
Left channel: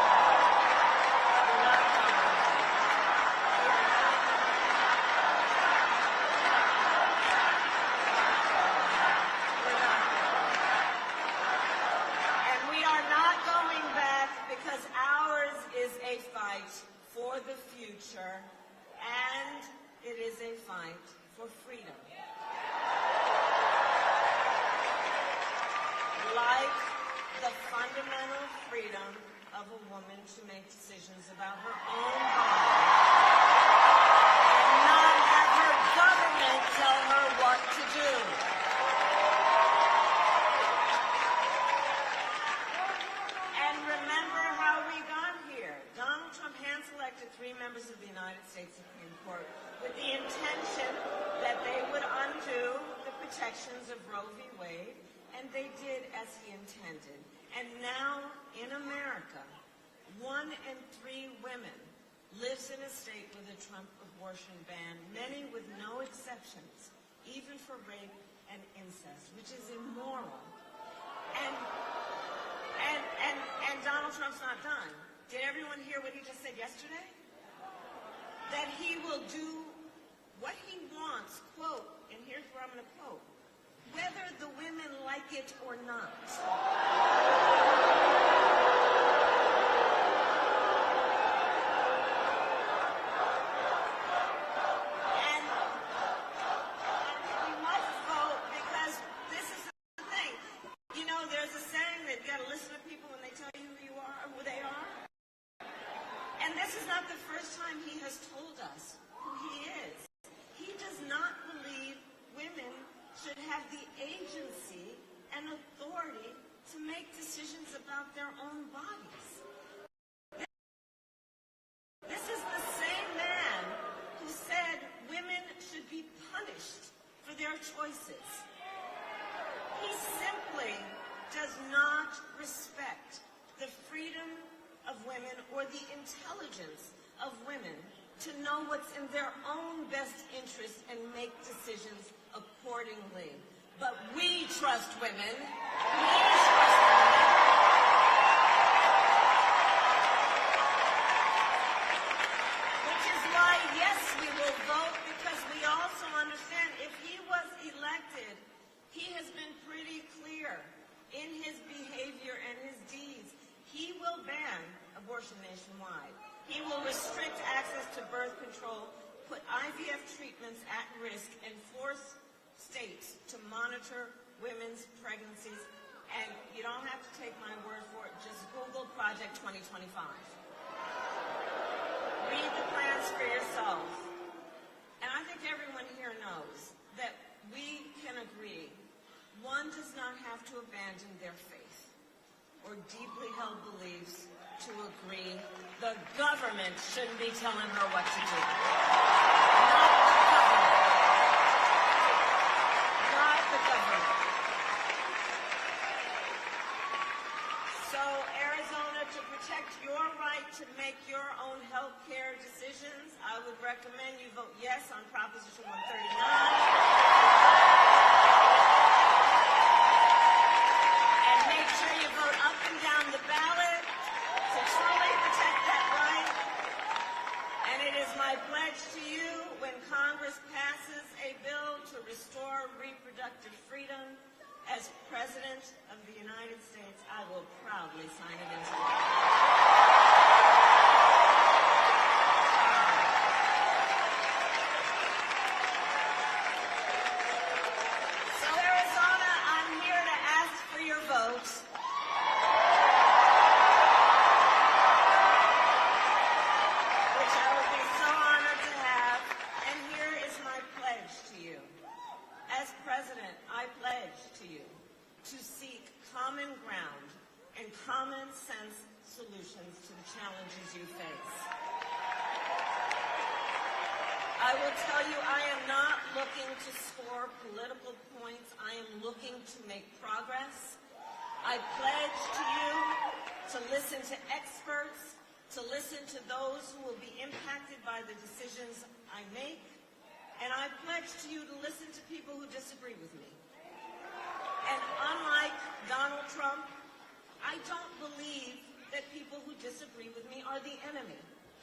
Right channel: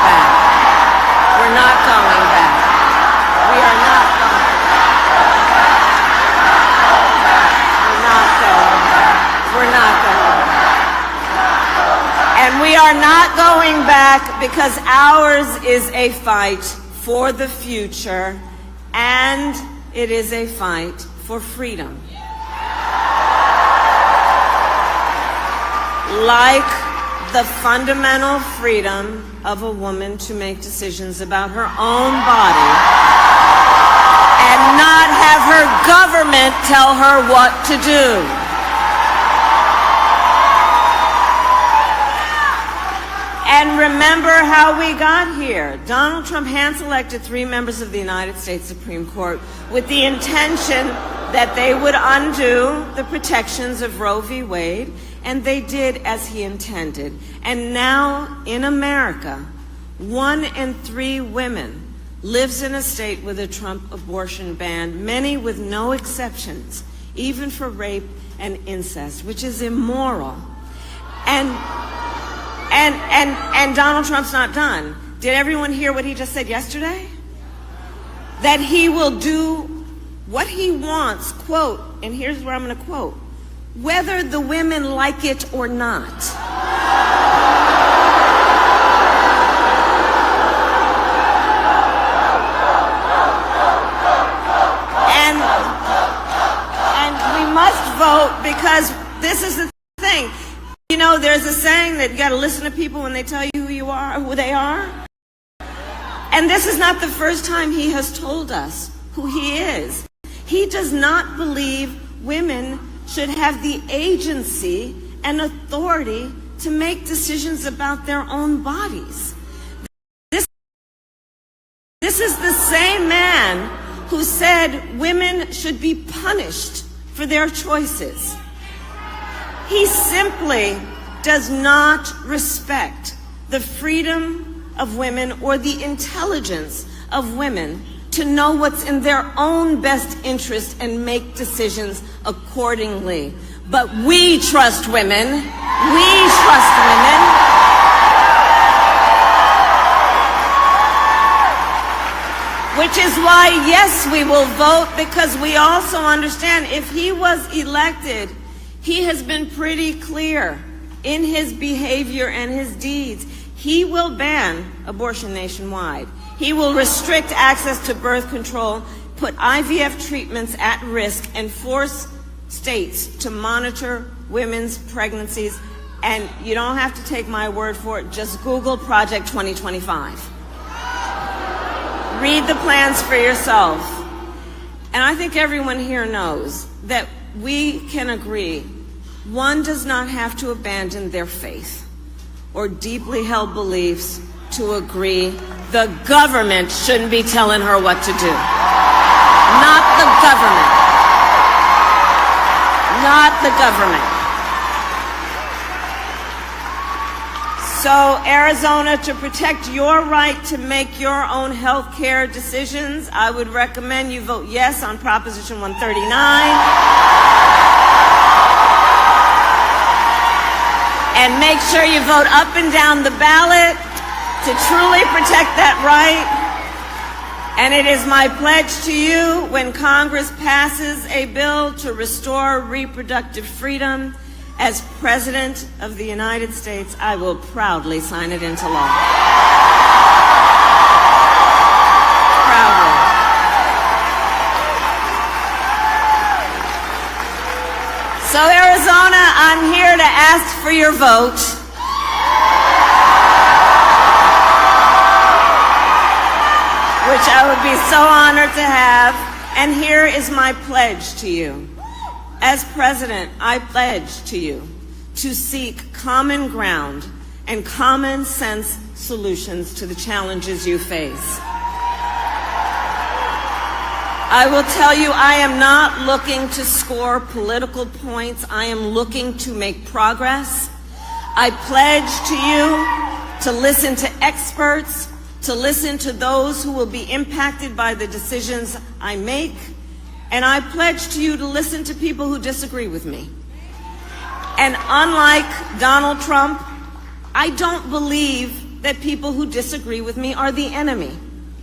not going back. We are not going back. We're not going back. And we are not going back because ours is a fight for the future, and it is a fight for freedom. Like the fundamental freedom of a woman to make decisions about her own body and not have her government tell her what to do. And remember how we got here. Donald Trump hand-selected 3 members of the United States Supreme Court with the intention that they would undo the protections of Roe v. Wade, and they did as he intended. And now in America, 1 in 3 women lives in a state with a Trump abortion ban, many with no exceptions, even for rape and incest, which is immoral. And Donald Trump's not done. Did everyone hear what he just said yesterday? That he will do what he wants, quote, and here's where I'm going to quote, whether the women like it or not. And we must vote because this is the thing. You know, there's a saying that you got to listen to people when they tell you who you are, who they are. And this is not the first time he has told us who he is. He does not believe women should have the agency and authority to make decisions about their own bodies. This is the same man who said women should be punished for their choices. He simply does not respect the freedom of women or the intelligence of women to know what's in their own best interest and make decisions accordingly. But we trust women. We trust women. Which is why, yes, we will vote, because we also understand if he was elected, he has been pretty clear in his behavior and his deeds. He will ban abortion nationwide. He will restrict access to birth control, put IVF treatments at risk, and force states to monitor women's pregnancies. And you don't have to take my word for it. Just Google Project 2025. Read the plans for yourself. And I think everyone here knows that we can agree one does not have to abandon their faith or deeply held beliefs to agree the government shouldn't be telling her what to do. Not the government. Not the government. So, Arizona, to protect your right to make your own health care decisions, I would recommend you vote yes on Proposition 139. And make sure you vote up and down the ballot to truly protect that right. And it is my pledge to you, when Congress passes a bill to restore reproductive freedom, as President of the United States, I will proudly sign it into law. Proudly. So, Arizona, I'm here to ask for your vote. Which I would be so honored to have. And here is my pledge to you. As President, I pledge to you to seek common ground and common sense solutions to the challenges you face. I will tell you, I am not looking to score political points. I am looking to make progress. I pledge to you to listen to experts, to listen to those who will be impacted by the decisions I make. And I pledge to you to listen to people who disagree with me. And unlike Donald Trump, I don't believe that people who disagree with me are the enemy.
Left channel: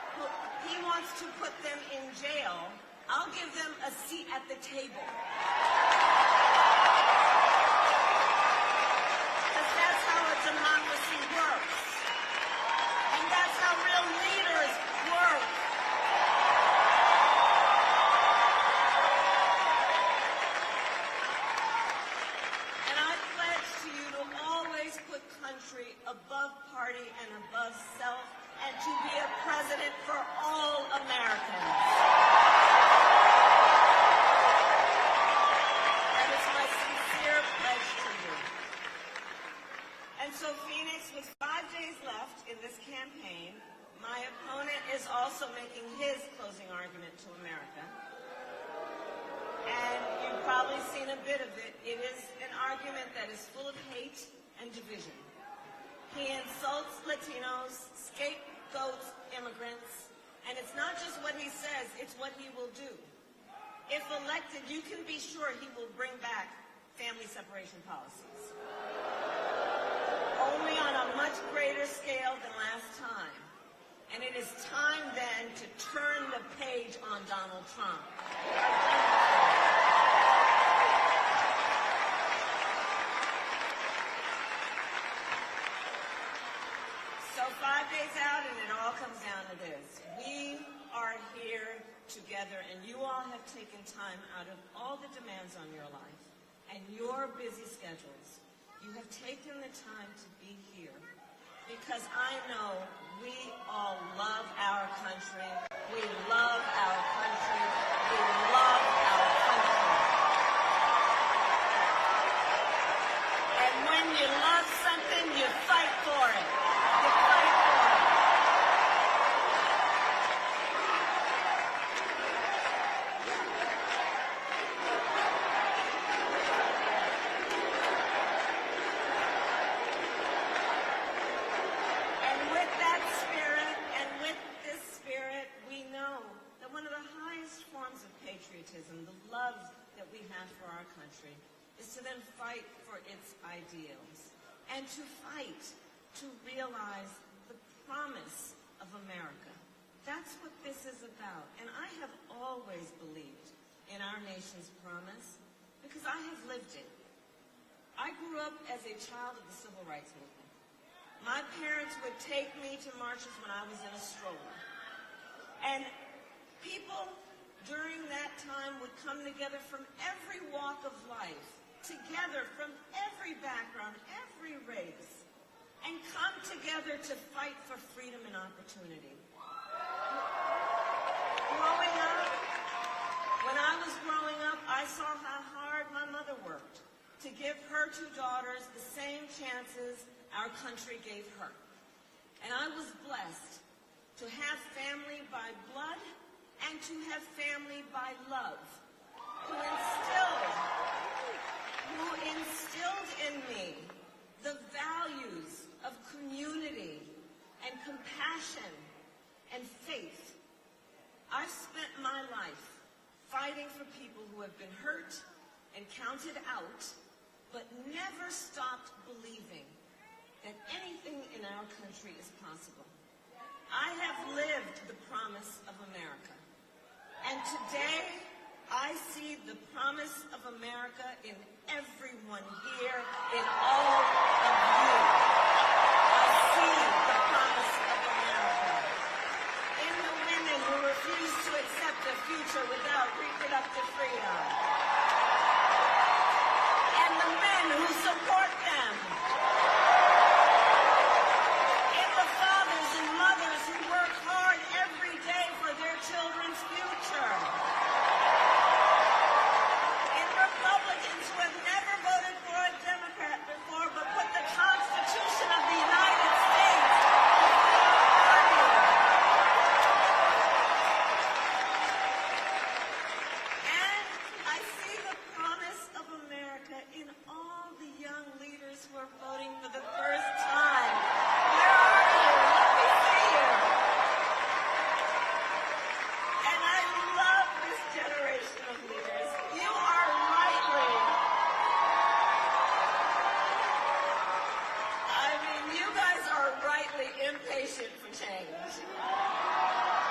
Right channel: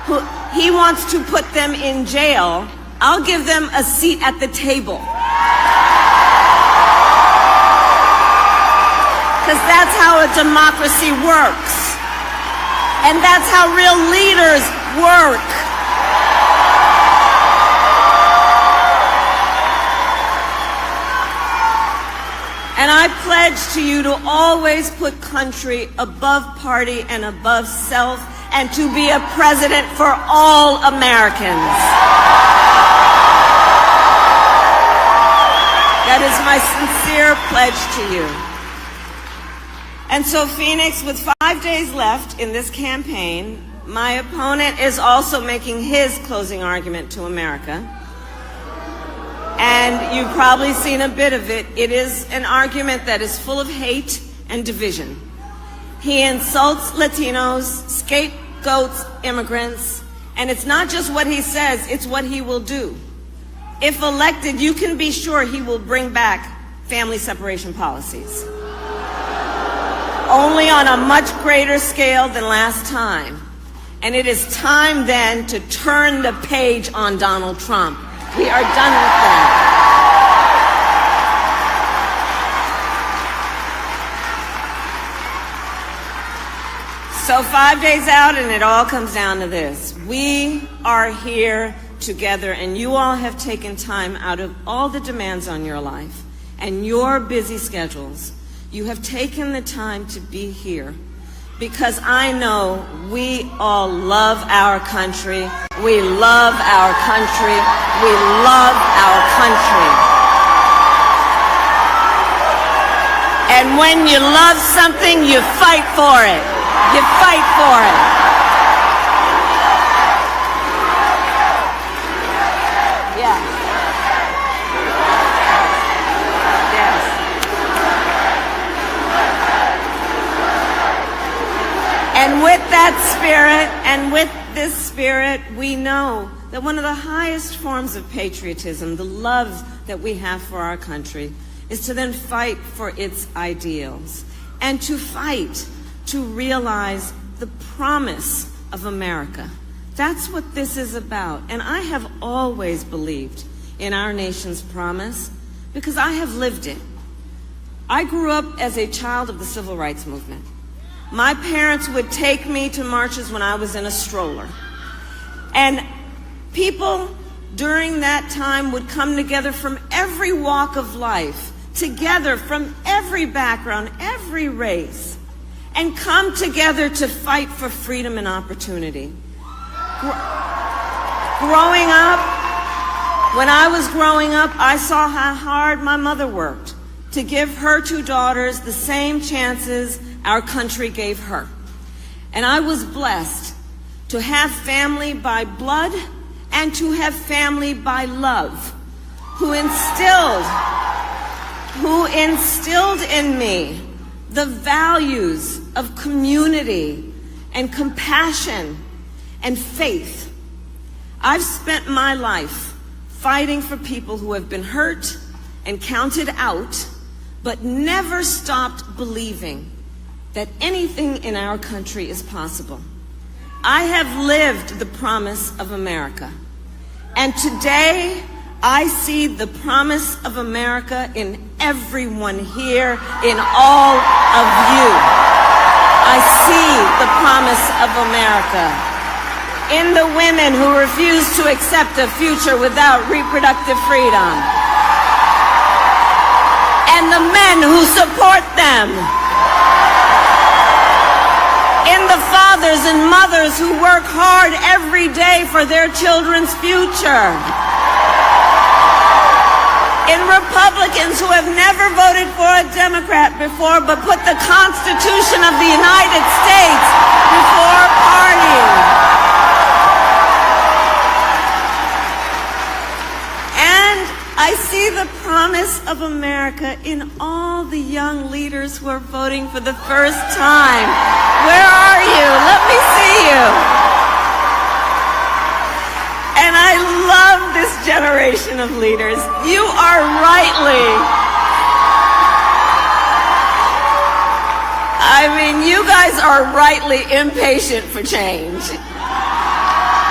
he wants to put them in jail, I'll give them a seat at the table. Because that's how a democracy works. And that's how real leaders work. And I pledge to you to always put country above party and above self, and to be a president for all Americans. That is my sincere pledge to you. And so, Phoenix, with 5 days left in this campaign, my opponent is also making his closing argument to America. And you've probably seen a bit of it. It is an argument that is full of hate and division. He insults Latinos, scapegoats immigrants, and it's not just what he says, it's what he will do. If elected, you can be sure he will bring back family separation policies. Only on a much greater scale than last time. And it is time then to turn the page on Donald Trump. We are done with that. So 5 days out, and it all comes down to this. We are here together, and you all have taken time out of all the demands on your life and your busy schedules. You have taken the time to be here because I know we all love our country. We love our country. We love our country. And when you love something, you fight for it. You fight for it. Yeah. Yes. And with that spirit, and with this spirit, we know that one of the highest forms of patriotism, the love that we have for our country, is to then fight for its ideals and to fight to realize the promise of America. That's what this is about. And I have always believed in our nation's promise because I have lived it. I grew up as a child of the Civil Rights Movement. My parents would take me to marches when I was in a stroller. And people during that time would come together from every walk of life, together from every background, every race, and come together to fight for freedom and opportunity. Growing up, when I was growing up, I saw how hard my mother worked to give her two daughters the same chances our country gave her. And I was blessed to have family by blood and to have family by love, who instilled in me the values of community and compassion and faith. I've spent my life fighting for people who have been hurt and counted out, but never stopped believing that anything in our country is possible. I have lived the promise of America. And today, I see the promise of America in everyone here, in all of you. I see the promise of America in the women who refuse to accept a future without reproductive freedom, and the men who support them, in the fathers and mothers who work hard every day for their children's future, in Republicans who have never voted for a Democrat before but put the Constitution of the United States before party. And I see the promise of America in all the young leaders who are voting for the first time. Where are you? Let me see you. And I love this generation of leaders. You are you guys are rightly impatient for change.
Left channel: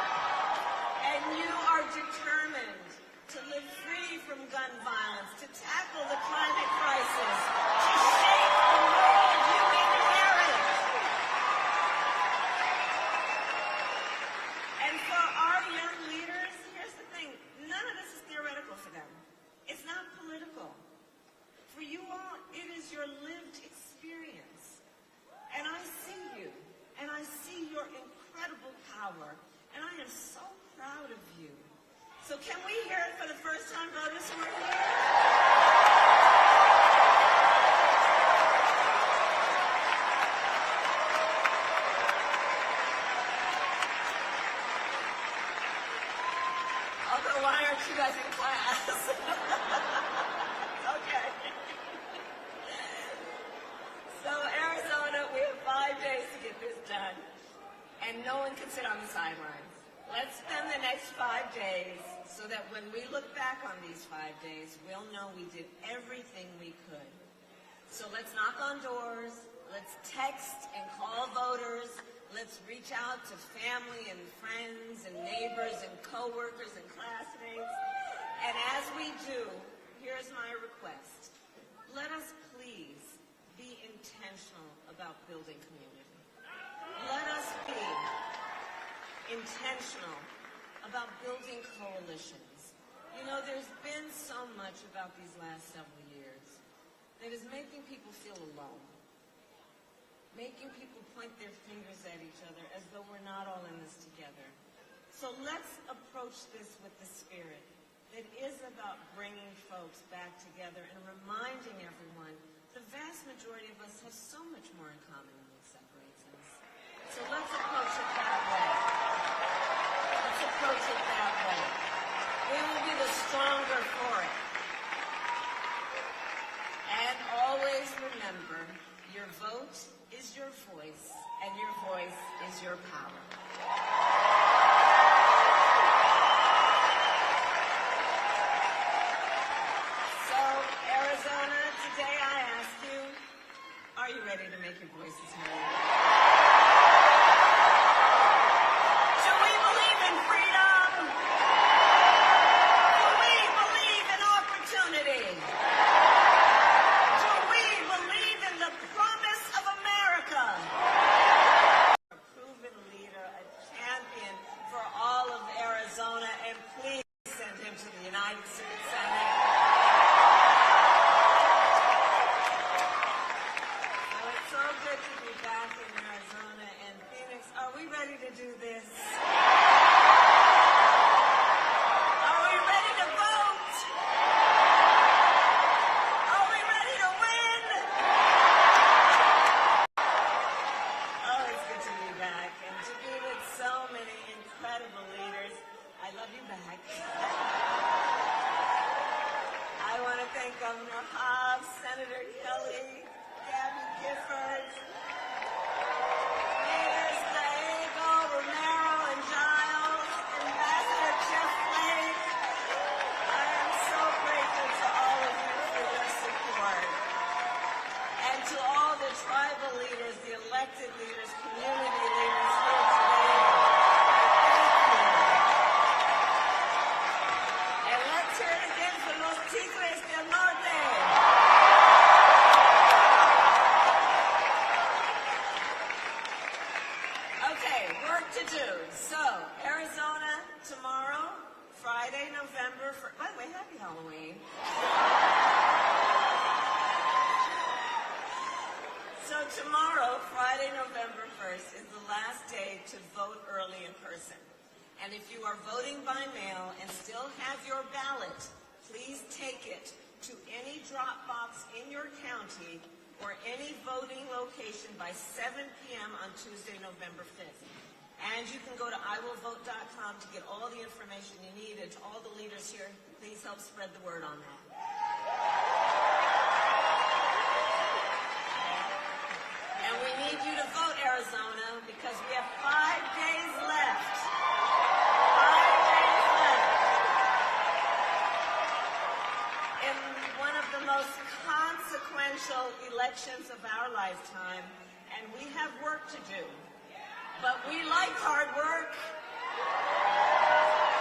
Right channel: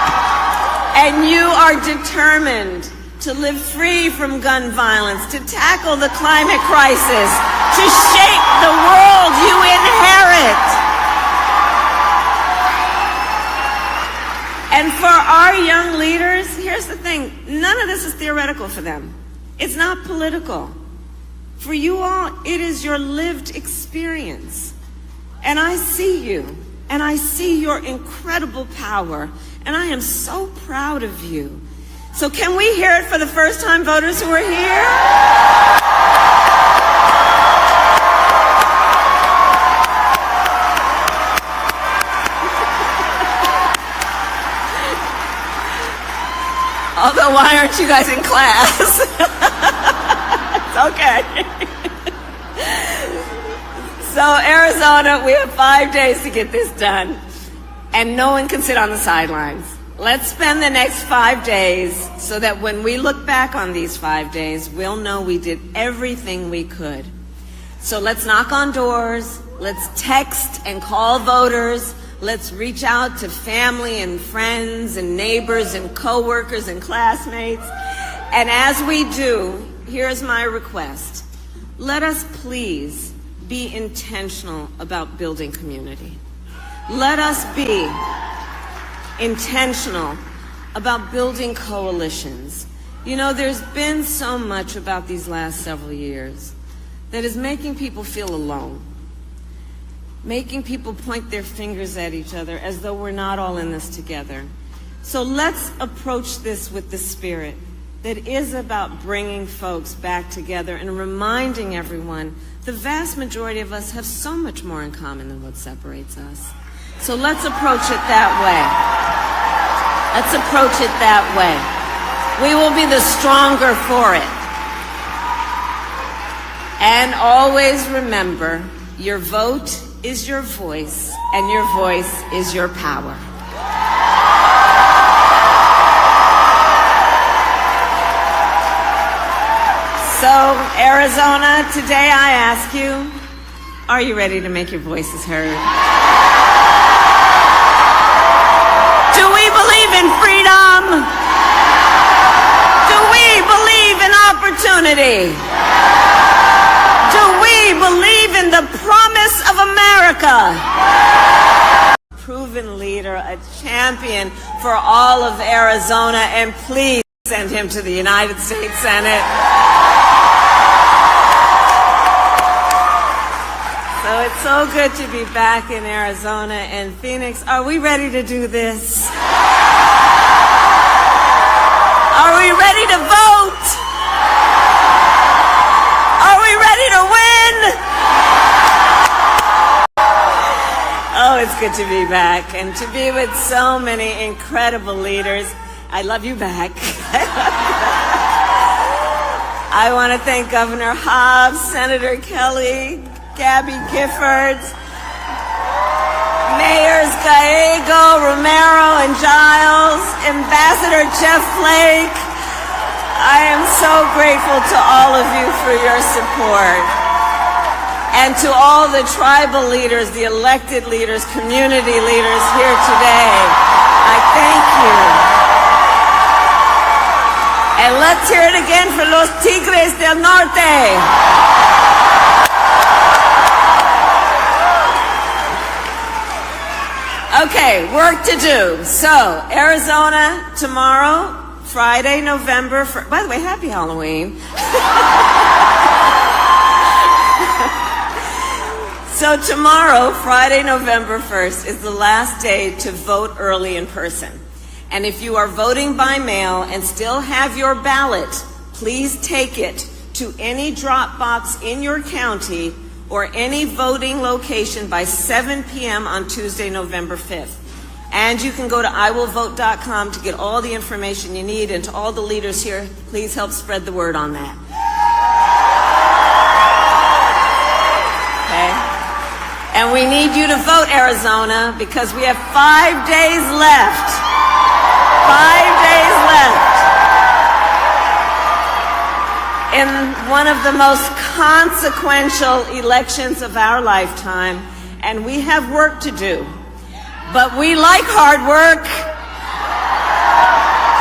And you are determined to live free from gun violence, to tackle the climate crisis, to shape the world you inherit. And for our young leaders, here's the thing, none of this is theoretical for them. It's not political. For you all, it is your lived experience. And I see you, and I see your incredible power, and I am so proud of you. So can we hear it for the first-time voters who are here? Although, why aren't you guys in class? It's okay. So, Arizona, we have 5 days to get this done, and no one can sit on the sidelines. Let's spend the next 5 days so that when we look back on these 5 days, we'll know we did everything we could. So let's knock on doors, let's text and call voters, let's reach out to family and friends and neighbors and coworkers and classmates. And as we do, here's my request. Let us please be intentional about building community. Let us be intentional about building coalitions. You know, there's been so much about these last several years that is making people feel alone, making people point their fingers at each other as though we're not all in this together. So let's approach this with the spirit that is about bringing folks back together and reminding everyone the vast majority of us have so much more in common than what separates us. So let's approach it that way. Let's approach it that way. We will be the stronger for it. And always remember, your vote is your voice, and your voice is your power. So, Arizona, today I ask you, are you ready to make your voices heard? Do we believe in freedom? Do we believe in opportunity? Do we believe in the promise of America? Proven leader, a champion for all of Arizona, and please send him to the United States Senate. So it's so good to be back in Arizona and Phoenix. Are we ready to do this? Are we ready to vote? Are we ready to win? Oh, it's good to be back and to be with so many incredible leaders. I love you back. I want to thank Governor Hobbs, Senator Kelly, Gabby Giffords, Mayors Gallego, Romero, and Giles, Ambassador Jeff Flake. I am so grateful to all of you for your support. And to all the tribal leaders, the elected leaders, community leaders here today, I thank you. And let's hear it again for los Tigres del Norte. Okay, work to do. So, Arizona, tomorrow, Friday, November 1st. By the way, happy Halloween. So tomorrow, Friday, November 1st, is the last day to vote early in person. And if you are voting by mail and still have your ballot, please take it to any drop box in your county or any voting location by 7 p.m. on Tuesday, November 5th. And you can go to iwillvote.com to get all the information you need. And to all the leaders here, please help spread the word on that. Okay? And we need you to vote, Arizona, because we have 5 days left. 5 days left in one of the most consequential elections of our lifetime, and we have work to do. But we like hard work.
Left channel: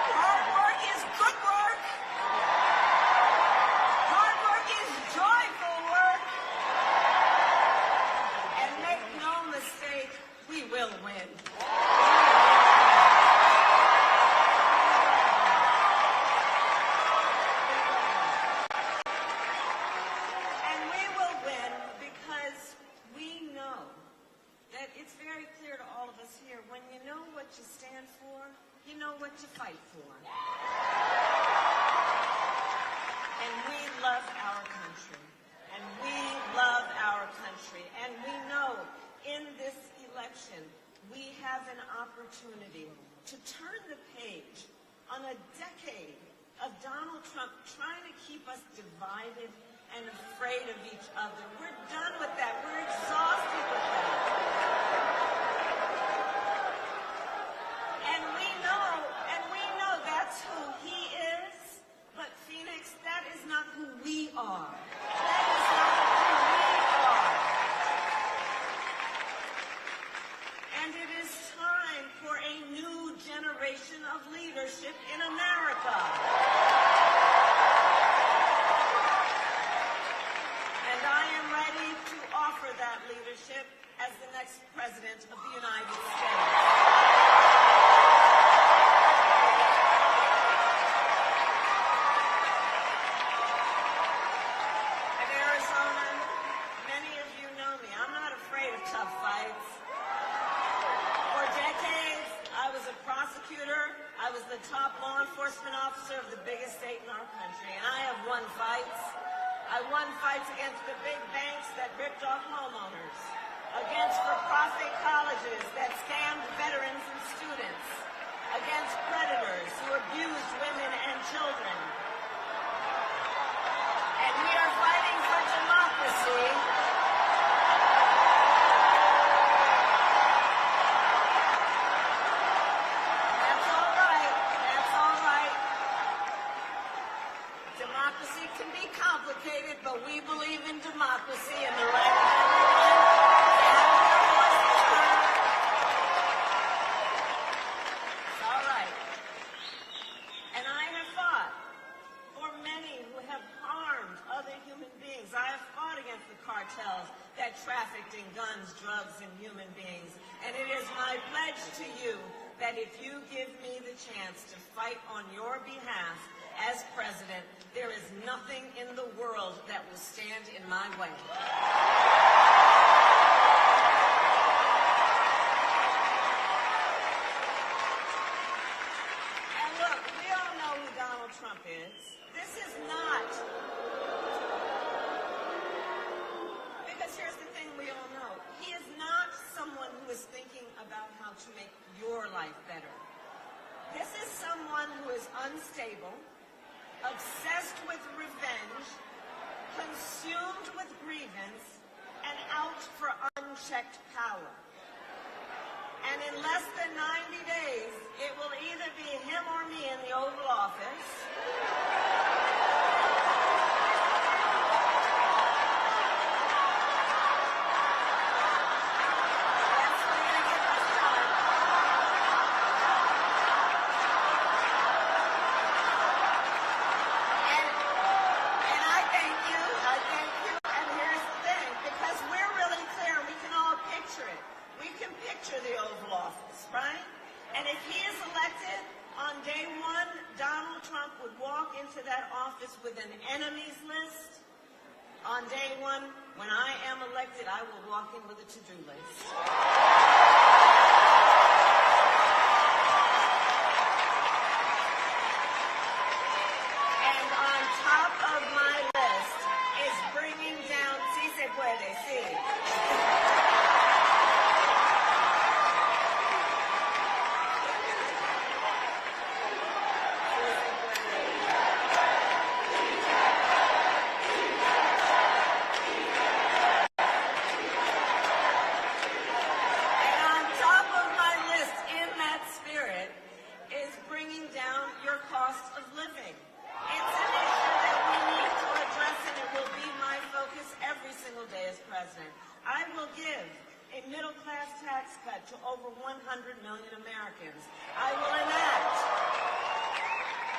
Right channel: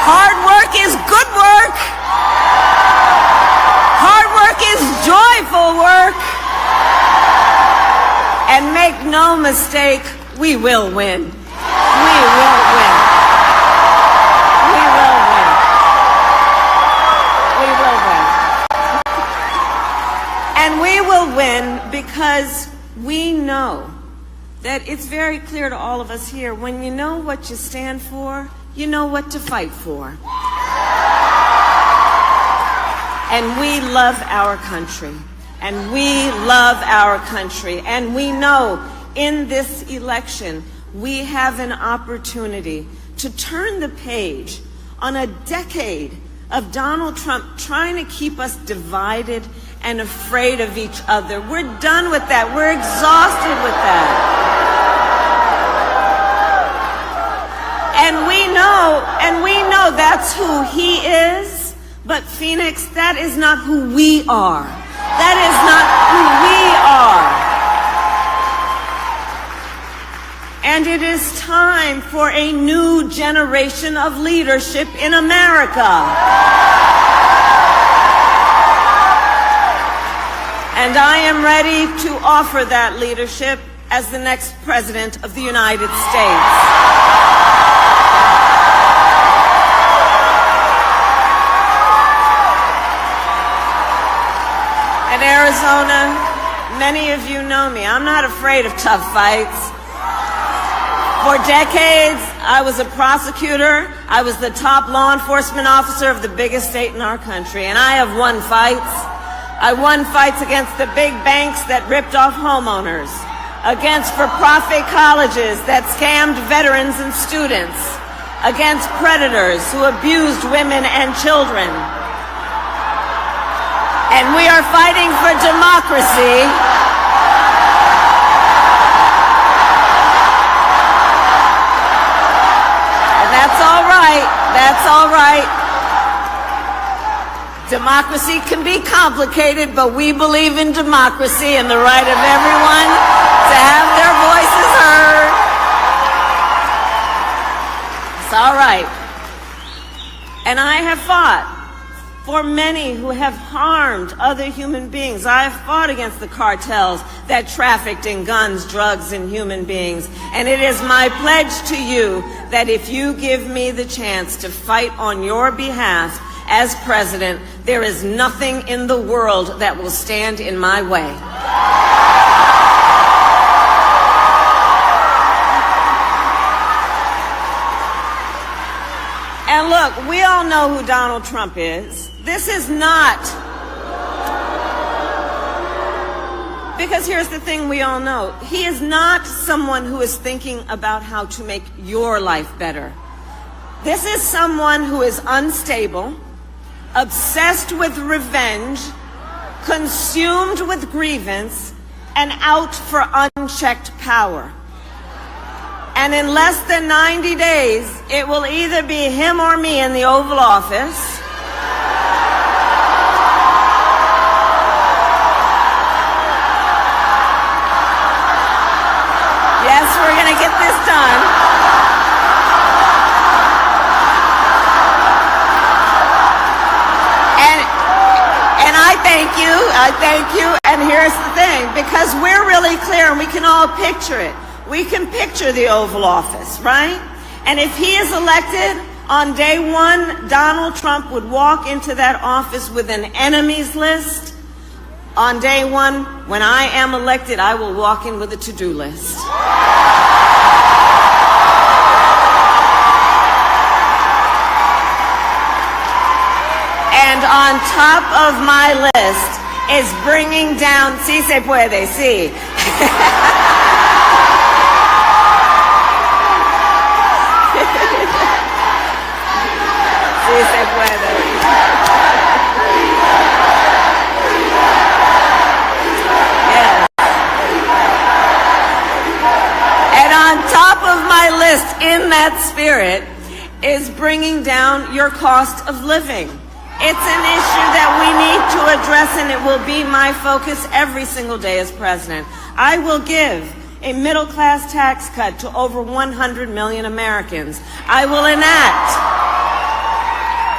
Hard work is good work. Hard work is joyful work. And make no mistake, we will win. We will win. We will win. We will win. And we will win because we know that it's very clear to all of us here, when you know what you stand for, you know what to fight for. And we love our country. And we love our country. And we know in this election, we have an opportunity to turn the page on a decade of Donald Trump trying to keep us divided and afraid of each other. We're done with that. We're exhausted with that. And we know that's who he is. But Phoenix, that is not who we are. That is not who we are. And it is time for a new generation of leadership in America. And I am ready to offer that leadership as the next President of the United States. In Arizona, many of you know me. I'm not afraid of tough fights. For decades, I was a prosecutor. I was the top law enforcement officer of the biggest state in our country, and I have won fights. I won fights against the big banks that ripped off homeowners, against for-profit colleges that scammed veterans and students, against predators who abused women and children. And we are fighting for democracy. And that's all right. That's all right. Democracy can be complicated, but we believe in democracy and the right of everyone to have their voices heard. It's all right. And I have fought for many who have harmed other human beings. I have fought against the cartels that trafficked in guns, drugs, and human beings. And it is my pledge to you that if you give me the chance to fight on your behalf as president, there is nothing in the world that will stand in my way. And look, we all know who Donald Trump is. This is not, because here's the thing we all know. He is not someone who is thinking about how to make your life better. This is someone who is unstable, obsessed with revenge, consumed with grievance, and out for unchecked power. And in less than 90 days, it will either be him or me in the Oval Office. Yes, we're going to get this done. And I thank you, and here's the thing, because we're really clear and we can all picture it. We can picture the Oval Office, right? And if he is elected, on day one, Donald Trump would walk into that office with an enemies list. On day one, when I am elected, I will walk in with a to-do list. And on top of my list is bringing down, sí se puede, sí. Sí se puede. Yes. And on top of my list, in that spirit, is bringing down your cost of living. It's an issue that we need to address, and it will be my focus every single day as president. I will give a middle-class tax cut to over 100 million Americans. I will enact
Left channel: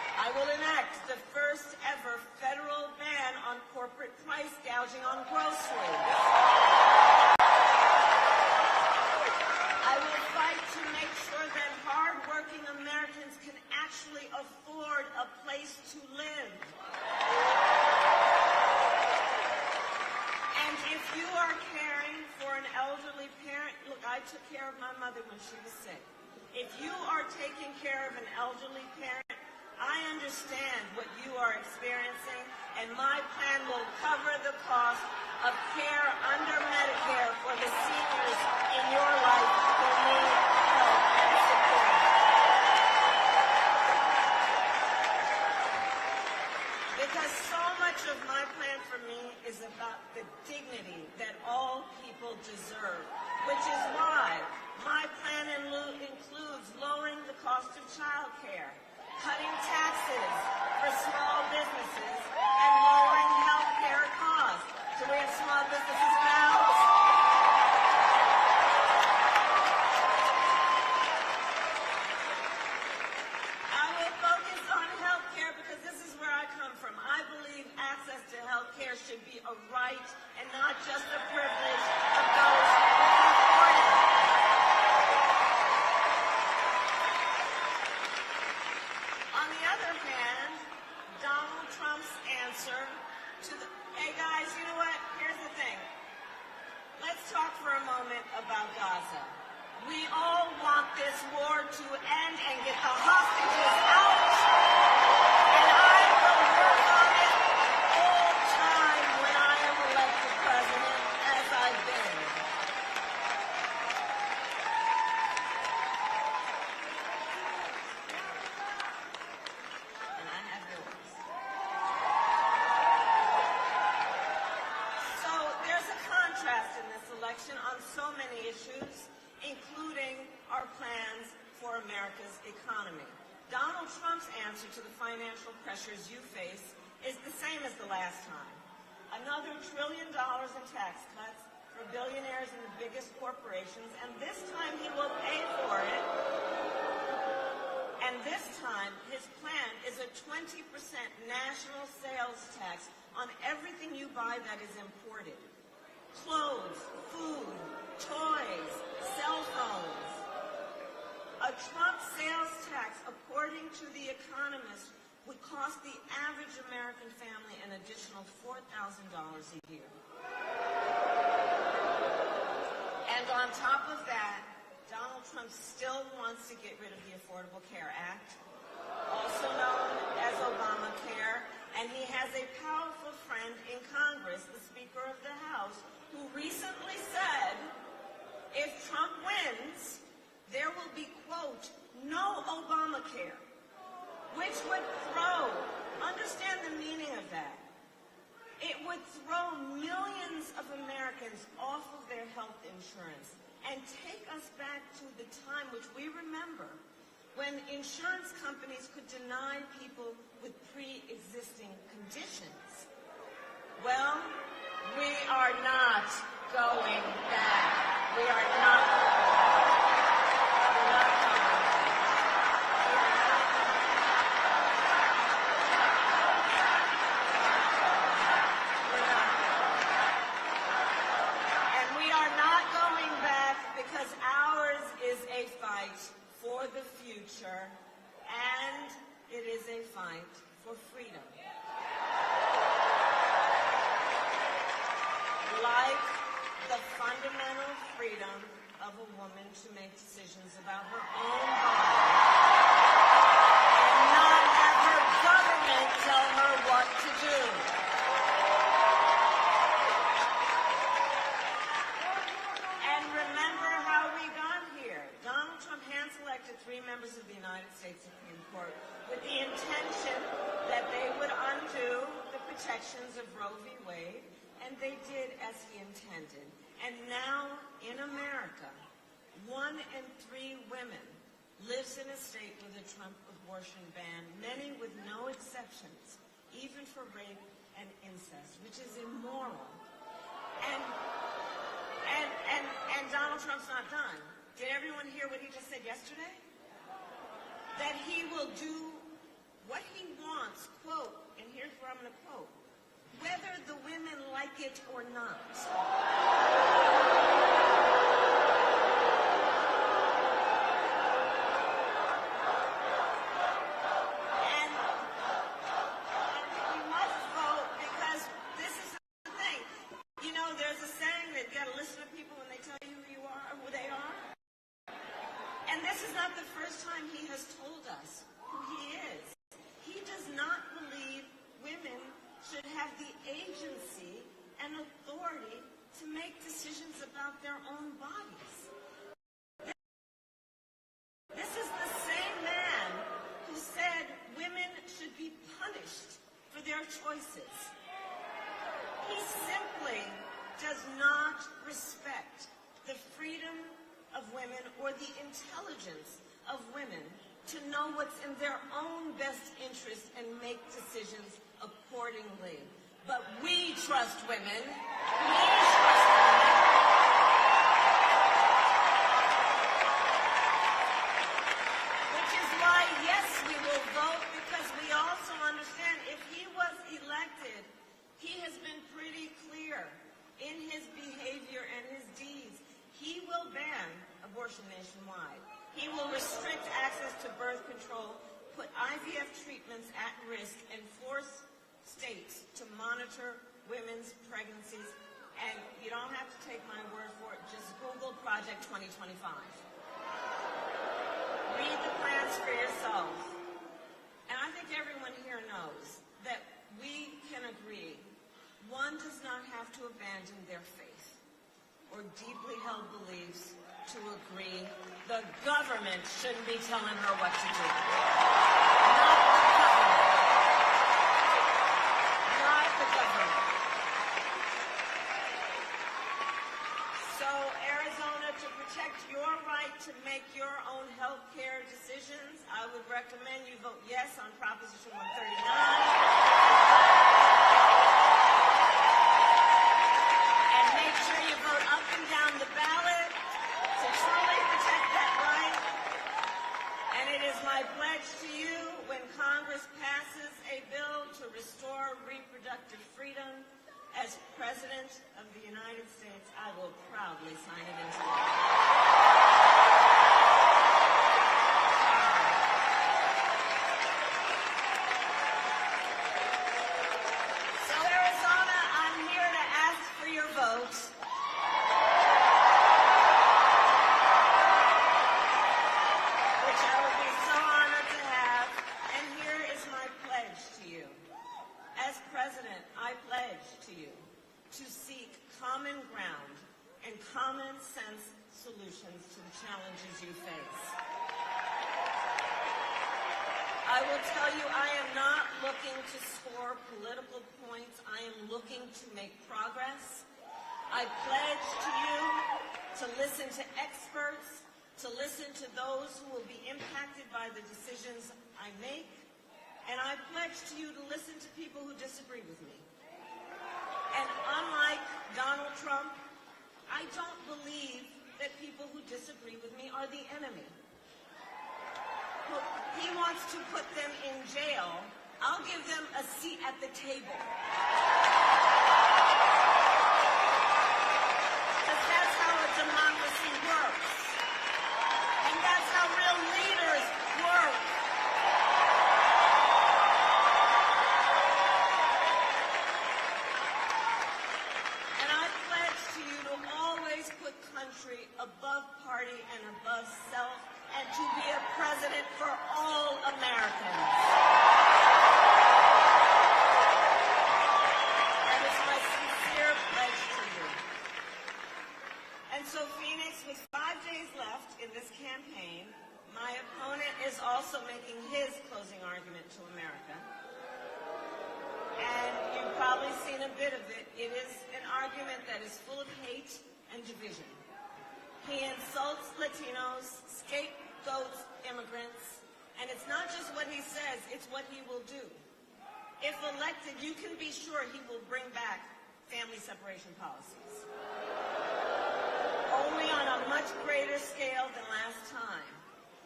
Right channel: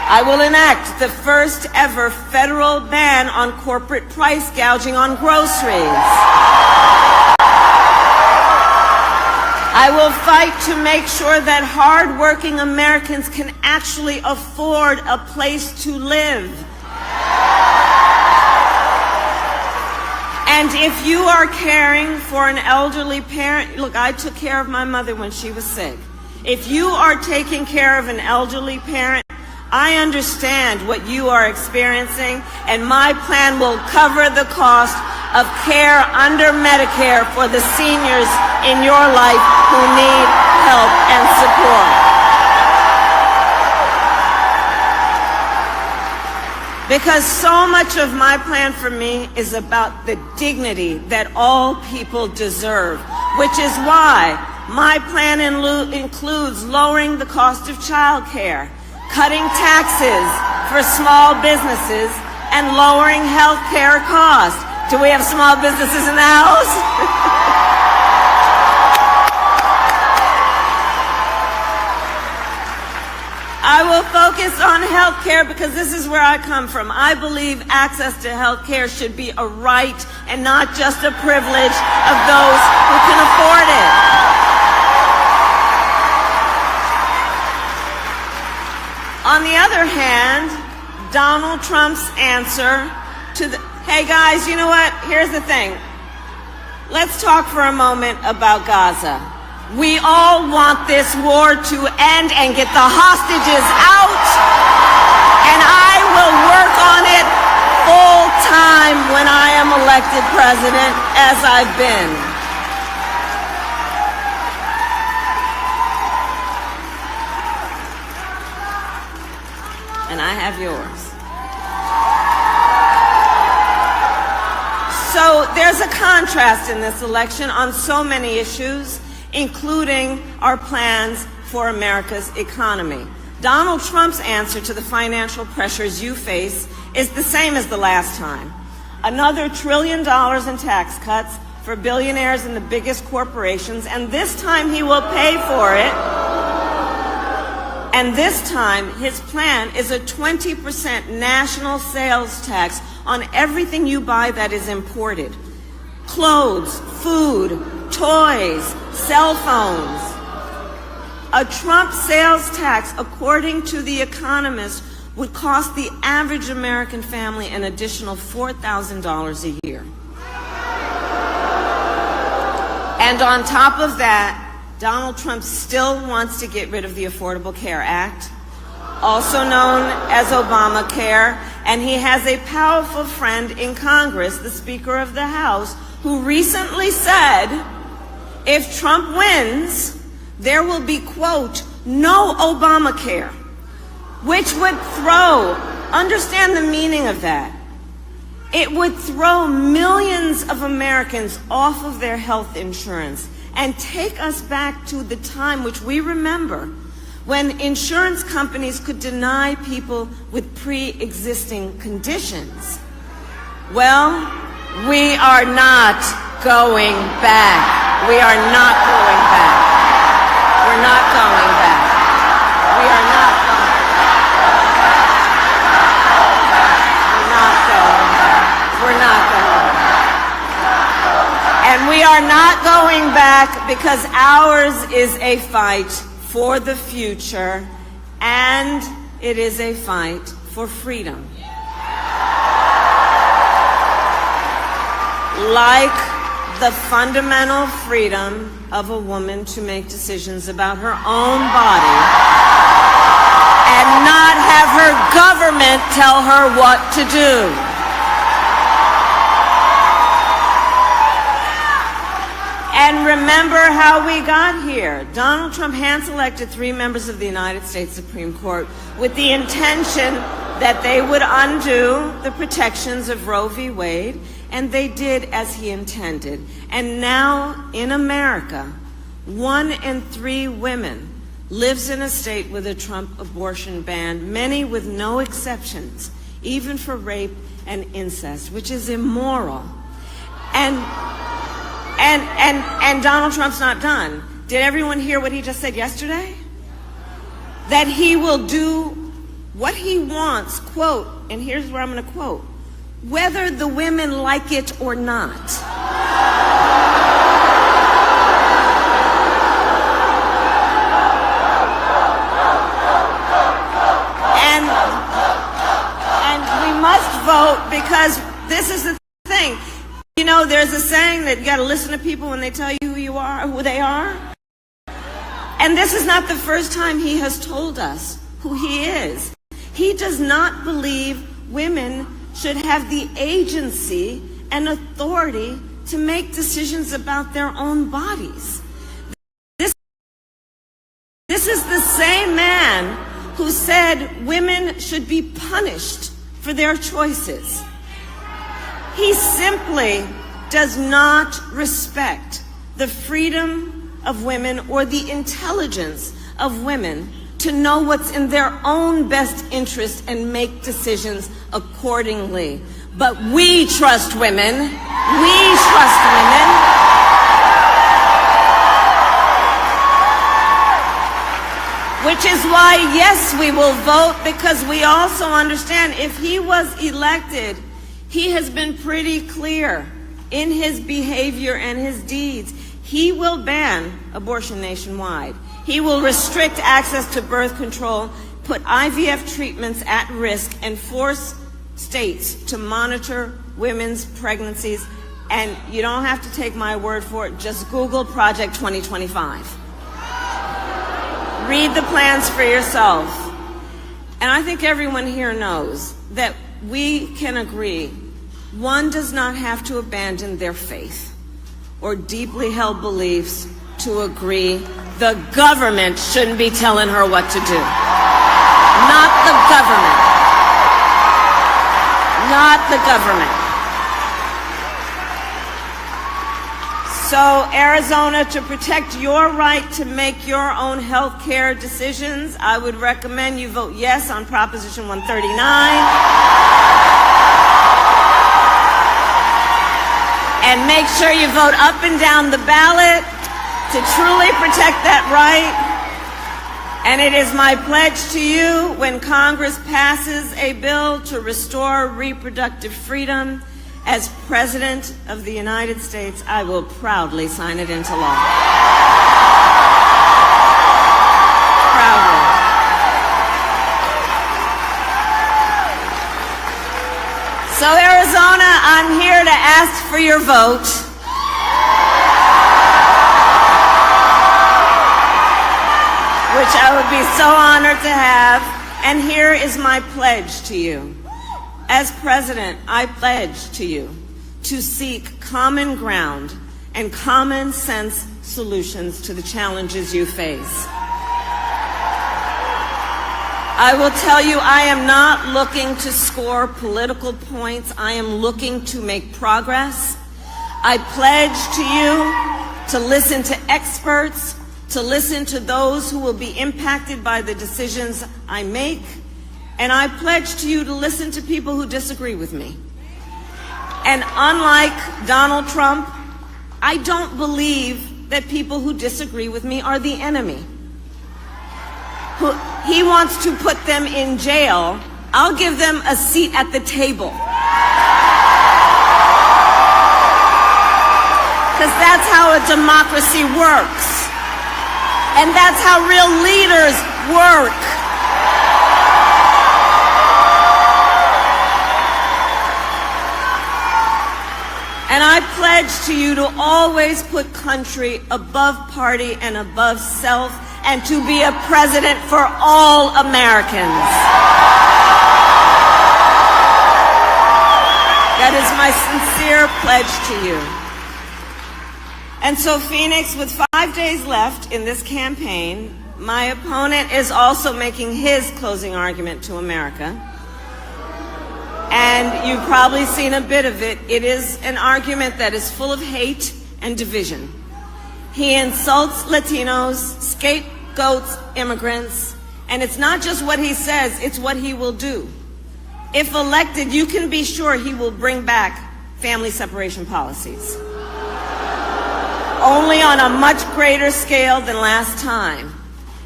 I will enact the first ever federal ban on corporate price gouging on groceries. I will fight to make sure that hard-working Americans can actually afford a place to live. And if you are caring for an elderly parent, look, I took care of my mother when she was sick. If you are taking care of an elderly parent, I understand what you are experiencing, and my plan will cover the cost of care under Medicare for the seniors in your life who need help and support. Because so much of my plan for me is about the dignity that all people deserve, which is why my plan includes lowering the cost of child care, cutting taxes for small businesses, and lowering health care costs. Do we have small businesses in the house? I will focus on health care because this is where I come from. I believe access to health care should be a right and not just a privilege of those who can afford it. On the other hand, Donald Trump's answer to the, hey guys, you know what? Here's the thing. Let's talk for a moment about Gaza. We all want this war to end and get the hostages out, and I will work on it full time when I am elected president, as I've been. And I have yours. So there's a contrast in this election on so many issues, including our plans for America's economy. Donald Trump's answer to the financial pressures you face is the same as the last time. Another $1 trillion in tax cuts for billionaires and the biggest corporations, and this time he will pay for it. And this time, his plan is a 20% national sales tax on everything you buy that is imported. Clothes, food, toys, cell phones. A Trump sales tax, according to The Economist, would cost the average American family an additional $4,000 a year. And on top of that, Donald Trump still wants to get rid of the Affordable Care Act, also known as Obamacare, and he has a powerful friend in Congress, the Speaker of the House, who recently said, if Trump wins, there will be, quote, no Obamacare, which would throw, understand the meaning of that, it would throw millions of Americans off of their health insurance and take us back to the time which we remember when insurance companies could deny people with pre-existing conditions. Well, we are not going back. We are not going back. We're not going back. We are not going back. We're not going back. We're not going back. And we are not going back because ours is a fight for the future, and it is a fight for freedom. Like the fundamental freedom of a woman to make decisions about her own body and not have her government tell her what to do. And remember how we got here. Donald Trump hand-selected 3 members of the United States Supreme Court with the intention that they would undo the protections of Roe v. Wade, and they did as he intended. And now in America, 1 in 3 women lives in a state with a Trump abortion ban, many with no exceptions, even for rape and incest, which is immoral. And Donald Trump's not done. Did everyone hear what he just said yesterday? That he will do What he wants, quote, and here's where I'm going to quote, whether the women like it or not. And we must vote because this is the thing. You know, there's a saying that you got to listen to people when they tell you who you are, who they are. And this is not the first time he has told us who he is. He does not believe women should have the agency and authority to make decisions about their own bodies. This is the same man who said women should be punished for their choices. He simply does not respect the freedom of women or the intelligence of women to know what's in their own best interest and make decisions accordingly. But we trust women. We trust women. Which is why, yes, we will vote, because we also understand if he was elected, he has been pretty clear in his behavior and his deeds. He will ban abortion nationwide. He will restrict access to birth control, put IVF treatments at risk, and force states to monitor women's pregnancies. And you don't have to take my word for it. Just Google Project 2025. Read the plans for yourself. And I think everyone here knows that we can agree one does not have to abandon their faith or deeply held beliefs to agree the government shouldn't be telling her what to do. Not the government. Not the government. So, Arizona, to protect your right to make your own health care decisions, I would recommend you vote yes on Proposition 139. And make sure you vote up and down the ballot to truly protect that right. And it is my pledge to you, when Congress passes a bill to restore reproductive freedom, as President of the United States, I will proudly sign it into law. Proudly. So, Arizona, I'm here to ask for your vote. Which I would be so honored to have. And here is my pledge to you. As president, I pledge to you to seek common ground and common sense solutions to the challenges you face. I will tell you, I am not looking to score political points. I am looking to make progress. I pledge to you to listen to experts, to listen to those who will be impacted by the decisions I make. And I pledge to you to listen to people who disagree with me. And unlike Donald Trump, I don't believe that people who disagree with me are the enemy. He wants to put them in jail. I'll give them a seat at the table. Because that's how a democracy works. And that's how real leaders work. And I pledge to you to always put country above party and above self, and to be a president for all Americans. That is my sincere pledge to you. And so, Phoenix, with 5 days left in this campaign, my opponent is also making his closing argument to America. And you've probably seen a bit of it. It is an argument that is full of hate and division. He insults Latinos, scapegoats immigrants, and it's not just what he says, it's what he will do. If elected, you can be sure he will bring back family separation policies. Only on a much greater scale than last time.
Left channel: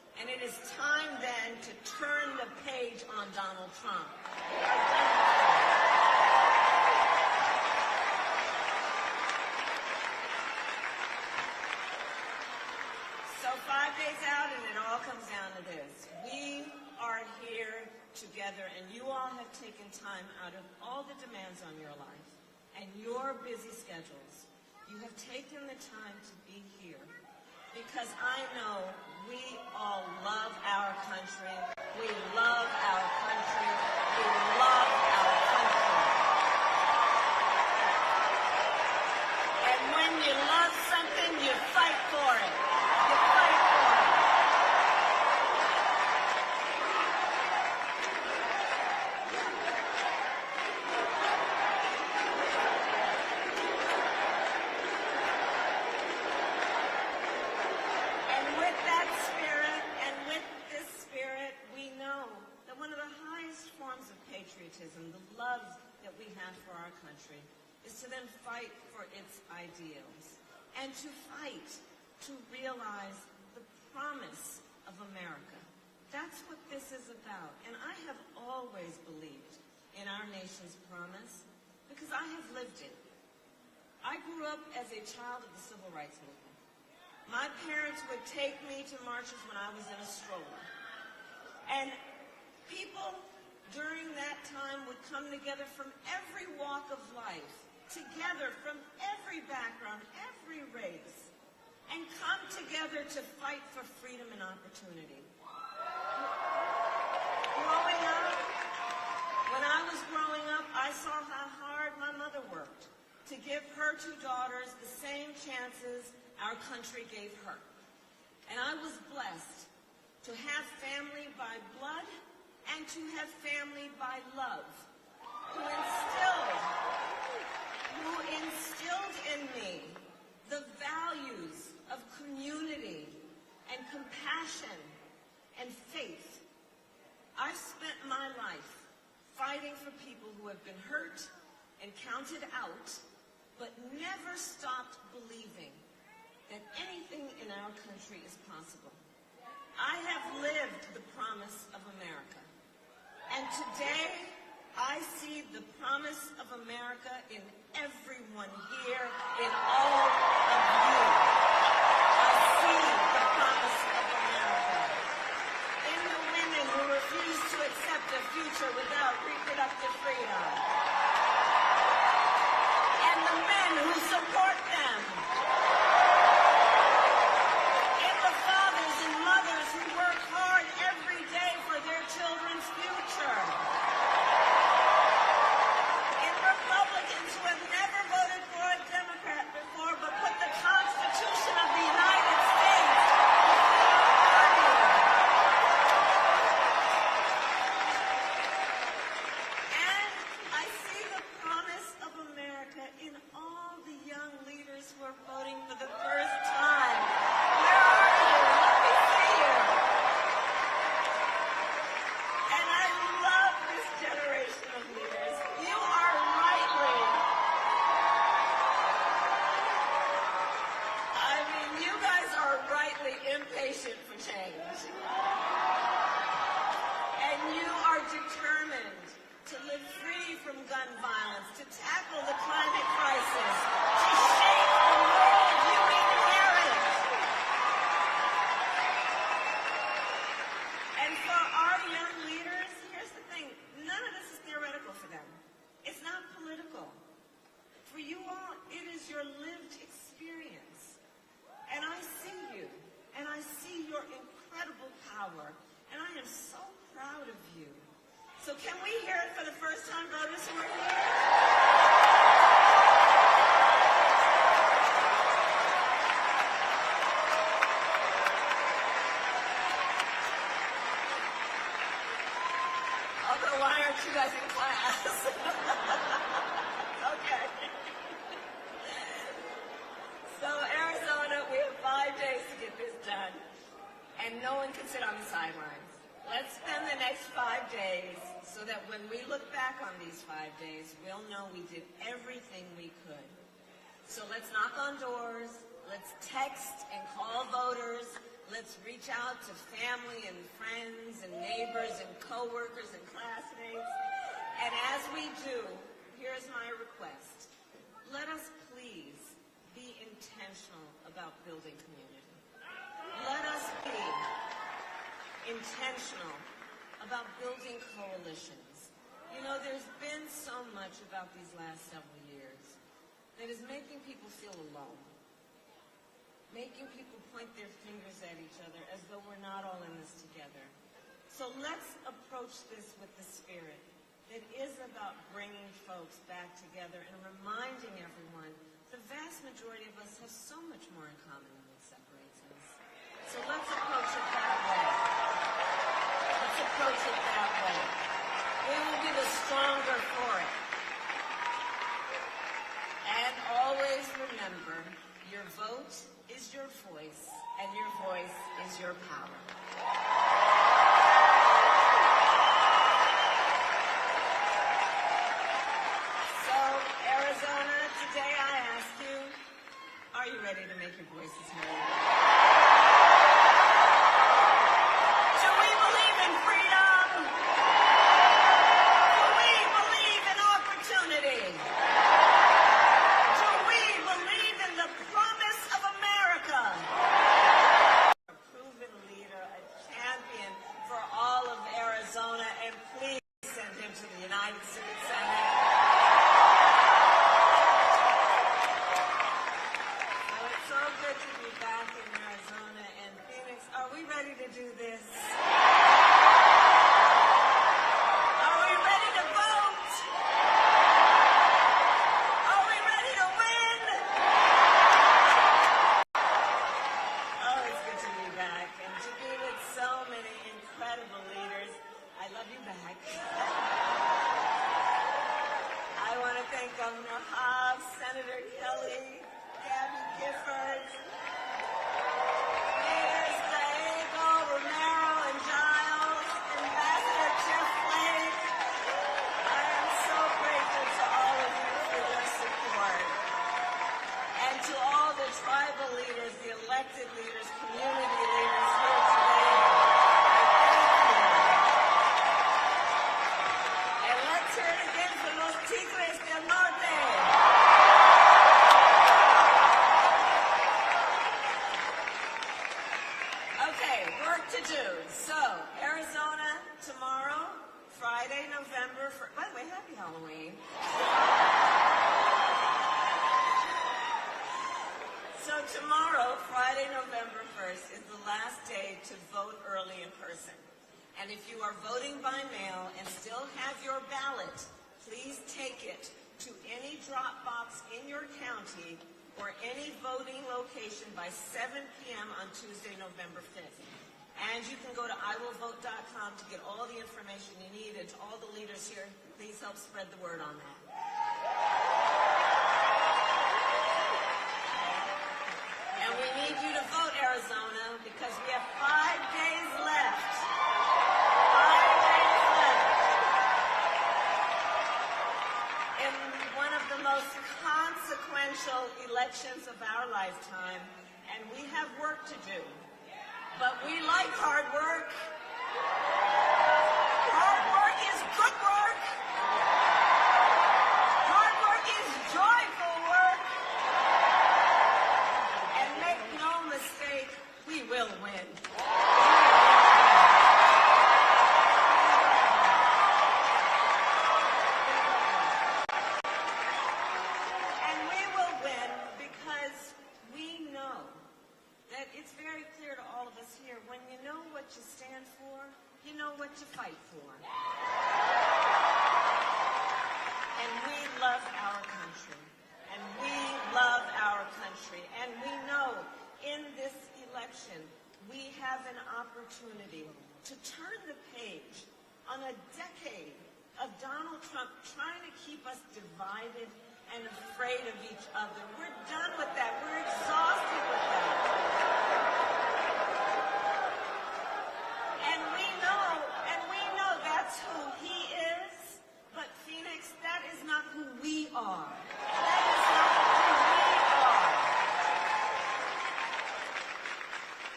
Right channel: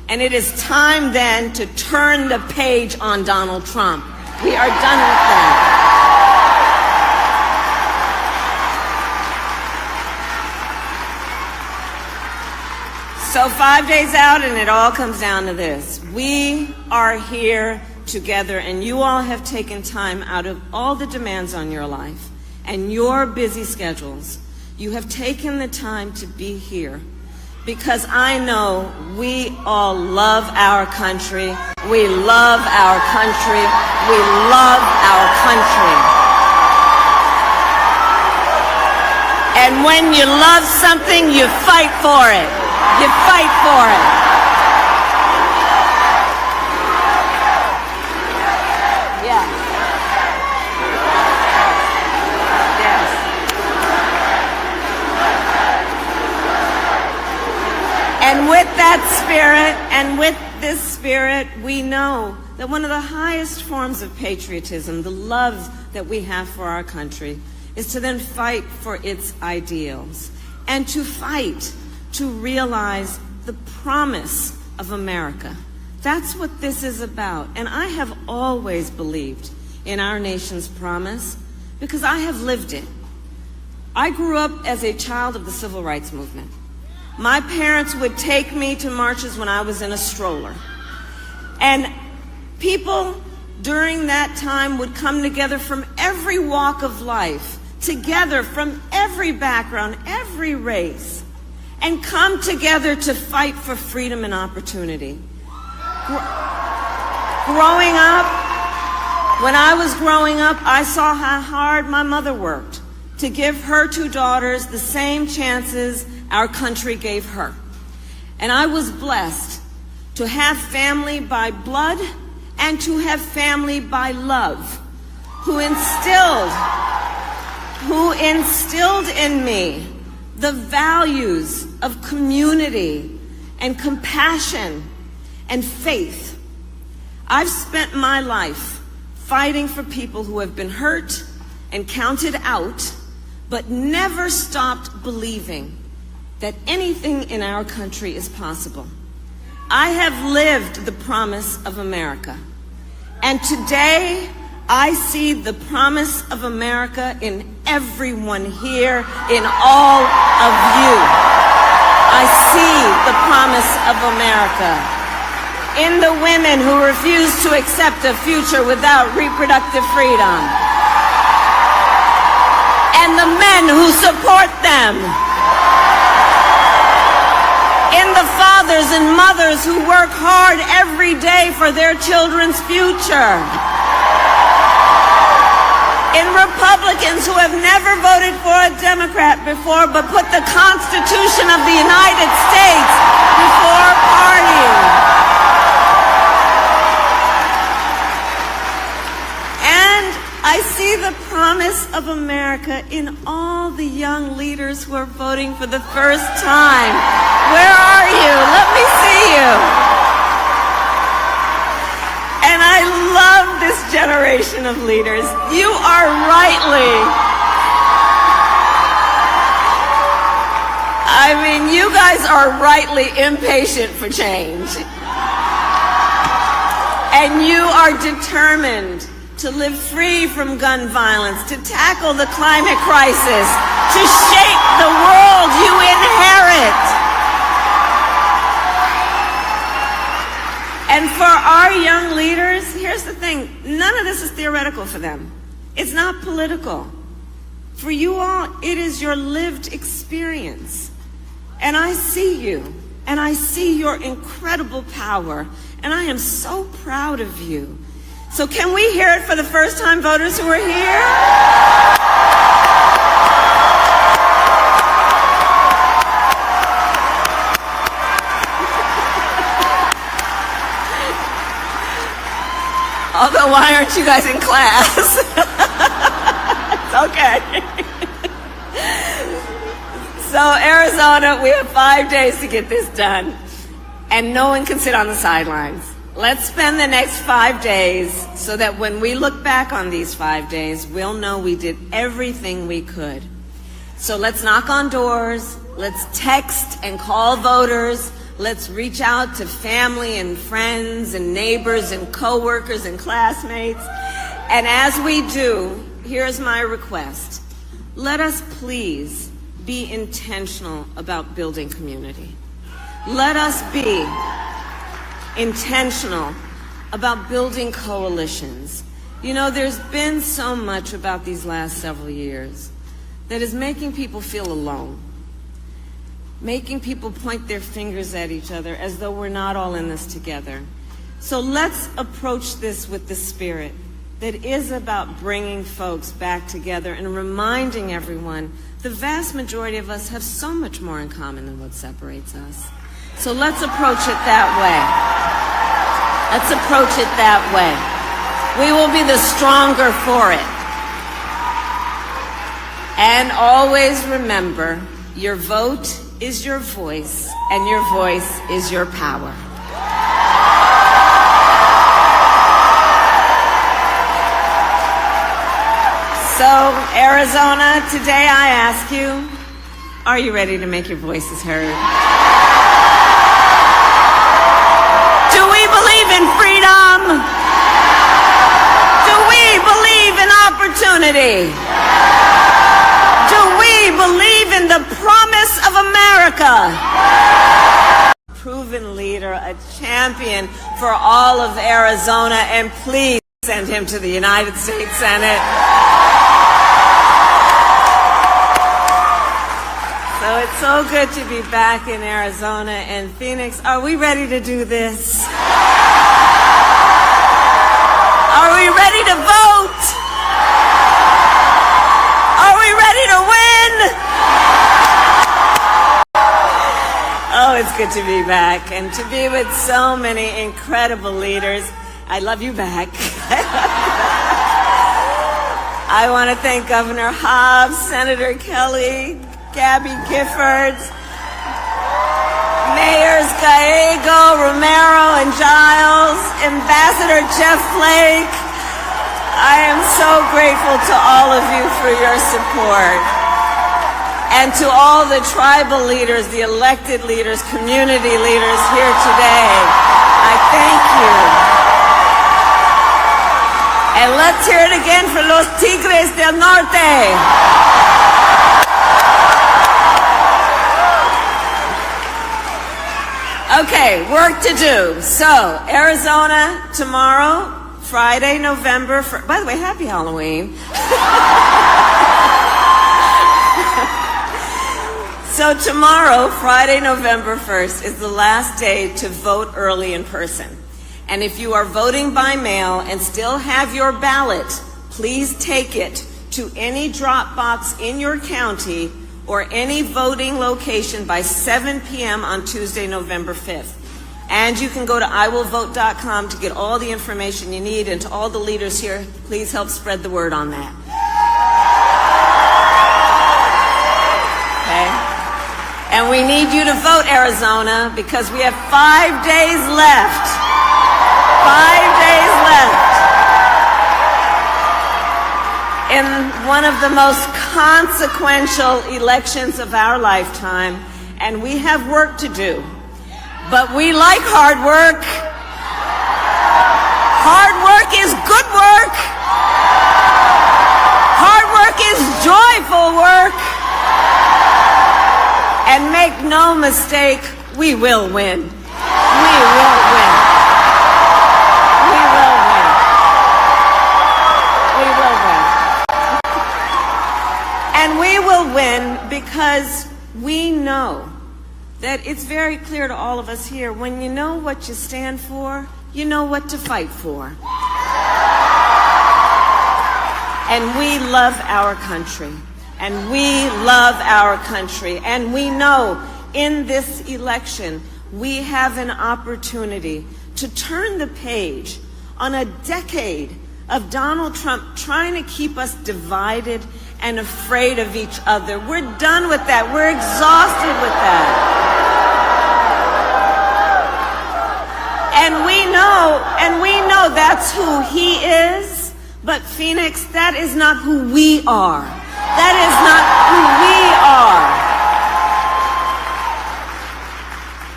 And it is time then to turn the page on Donald Trump. We are done with that. So 5 days out, and it all comes down to this. We are here together, and you all have taken time out of all the demands on your life and your busy schedules. You have taken the time to be here because I know we all love our country. We love our country. We love our country. And when you love something, you fight for it. You fight for it. Yeah. Yes. And with that spirit, and with this spirit, we know that one of the highest forms of patriotism, the love that we have for our country, is to then fight for its ideals and to fight to realize the promise of America. That's what this is about. And I have always believed in our nation's promise because I have lived it. I grew up as a child of the civil rights movement. My parents would take me to marches when I was in a stroller. And people during that time would come together from every walk of life, together from every background, every race, and come together to fight for freedom and opportunity. Growing up, when I was growing up, I saw how hard my mother worked to give her two daughters the same chances our country gave her. And I was blessed to have family by blood and to have family by love, who instilled in me the values of community and compassion and faith. I've spent my life fighting for people who have been hurt and counted out, but never stopped believing that anything in our country is possible. I have lived the promise of America, and today I see the promise of America in everyone here, in all of you. I see the promise of America in the women who refuse to accept a future without reproductive freedom, and the men who support them, in the fathers and mothers who work hard every day for their children's future, in Republicans who have never voted for a Democrat before but put the Constitution of the United States before party. And I see the promise of America in all the young leaders who are voting for the first time. Where are you? Let me see you. And I love this generation of leaders. You are you guys are rightly impatient for change. And you are determined to live free from gun violence, to tackle the climate crisis, to shape the world you inherit. And for our young leaders, here's the thing, none of this is theoretical for them. It's not political. For you all, it is your lived experience. And I see you, and I see your incredible power, and I am so proud of you. So can we hear it for the first-time voters who are here? Although, why aren't you guys in class? It's okay. So, Arizona, we have 5 days to get this done, and no one can sit on the sidelines. Let's spend the next 5 days so that when we look back on these 5 days, we'll know we did everything we could. So let's knock on doors, let's text and call voters, Let's reach out to family and friends and neighbors and coworkers and classmates. And as we do, here's my request. Let us please be intentional about building community. Let us be intentional about building coalitions. You know, there's been so much about these last several years that is making people feel alone, making people point their fingers at each other as though we're not all in this together. So let's approach this with the spirit that is about bringing folks back together and reminding everyone the vast majority of us have so much more in common than what separates us. So let's approach it that way. Let's approach it that way. We will be the stronger for it. And always remember, your vote is your voice, and your voice is your power. So, Arizona, today I ask you, are you ready to make your voices heard? Do we believe in freedom? Do we believe in opportunity? Do we believe in the promise of America? Proven leader, a champion for all of Arizona, and please send him to the United States Senate. So it's so good to be back in Arizona and Phoenix. Are we ready to do this? Are we ready to vote? Are we ready to win? Oh, it's good to be back and to be with so many incredible leaders. I love you back. I want to thank Governor Hobbs, Senator Kelly, Gabby Giffords, Mayors Gallego, Romero, and Giles, Ambassador Jeff Flake. I am so grateful to all of you for your support. And to all the tribal leaders, the elected leaders, community leaders here today, I thank you. And let's hear it again for los Tigres del Norte. Okay, work to do. So, Arizona tomorrow, Friday, November 1st. By the way, happy Halloween. So tomorrow, Friday, November 1st, is the last day to vote early in person. And if you are voting by mail and still have your ballot, please take it to any drop box in your county or any voting location by 7 p.m. on Tuesday, November 5th. And you can go to iwillvote.com to get all the information you need. And to all the leaders here, please help spread the word on that. Okay? And we need you to vote, Arizona, because we have 5 days left. 5 days left in one of the most consequential elections of our lifetime, and we have work to do. But we like hard work. Hard work is good work. Hard work is joyful work. And make no mistake, we will win. We will win. We will win. We will win. And we will win because we know that it's very clear to all of us here, when you know what you stand for, you know what to fight for. And we love our country. And we love our country. And we know in this election, we have an opportunity to turn the page on a decade of Donald Trump trying to keep us divided and afraid of each other. We're done with that. We're exhausted with that. And we know that's who he is, but Phoenix, that is not who we are. That is not who we are.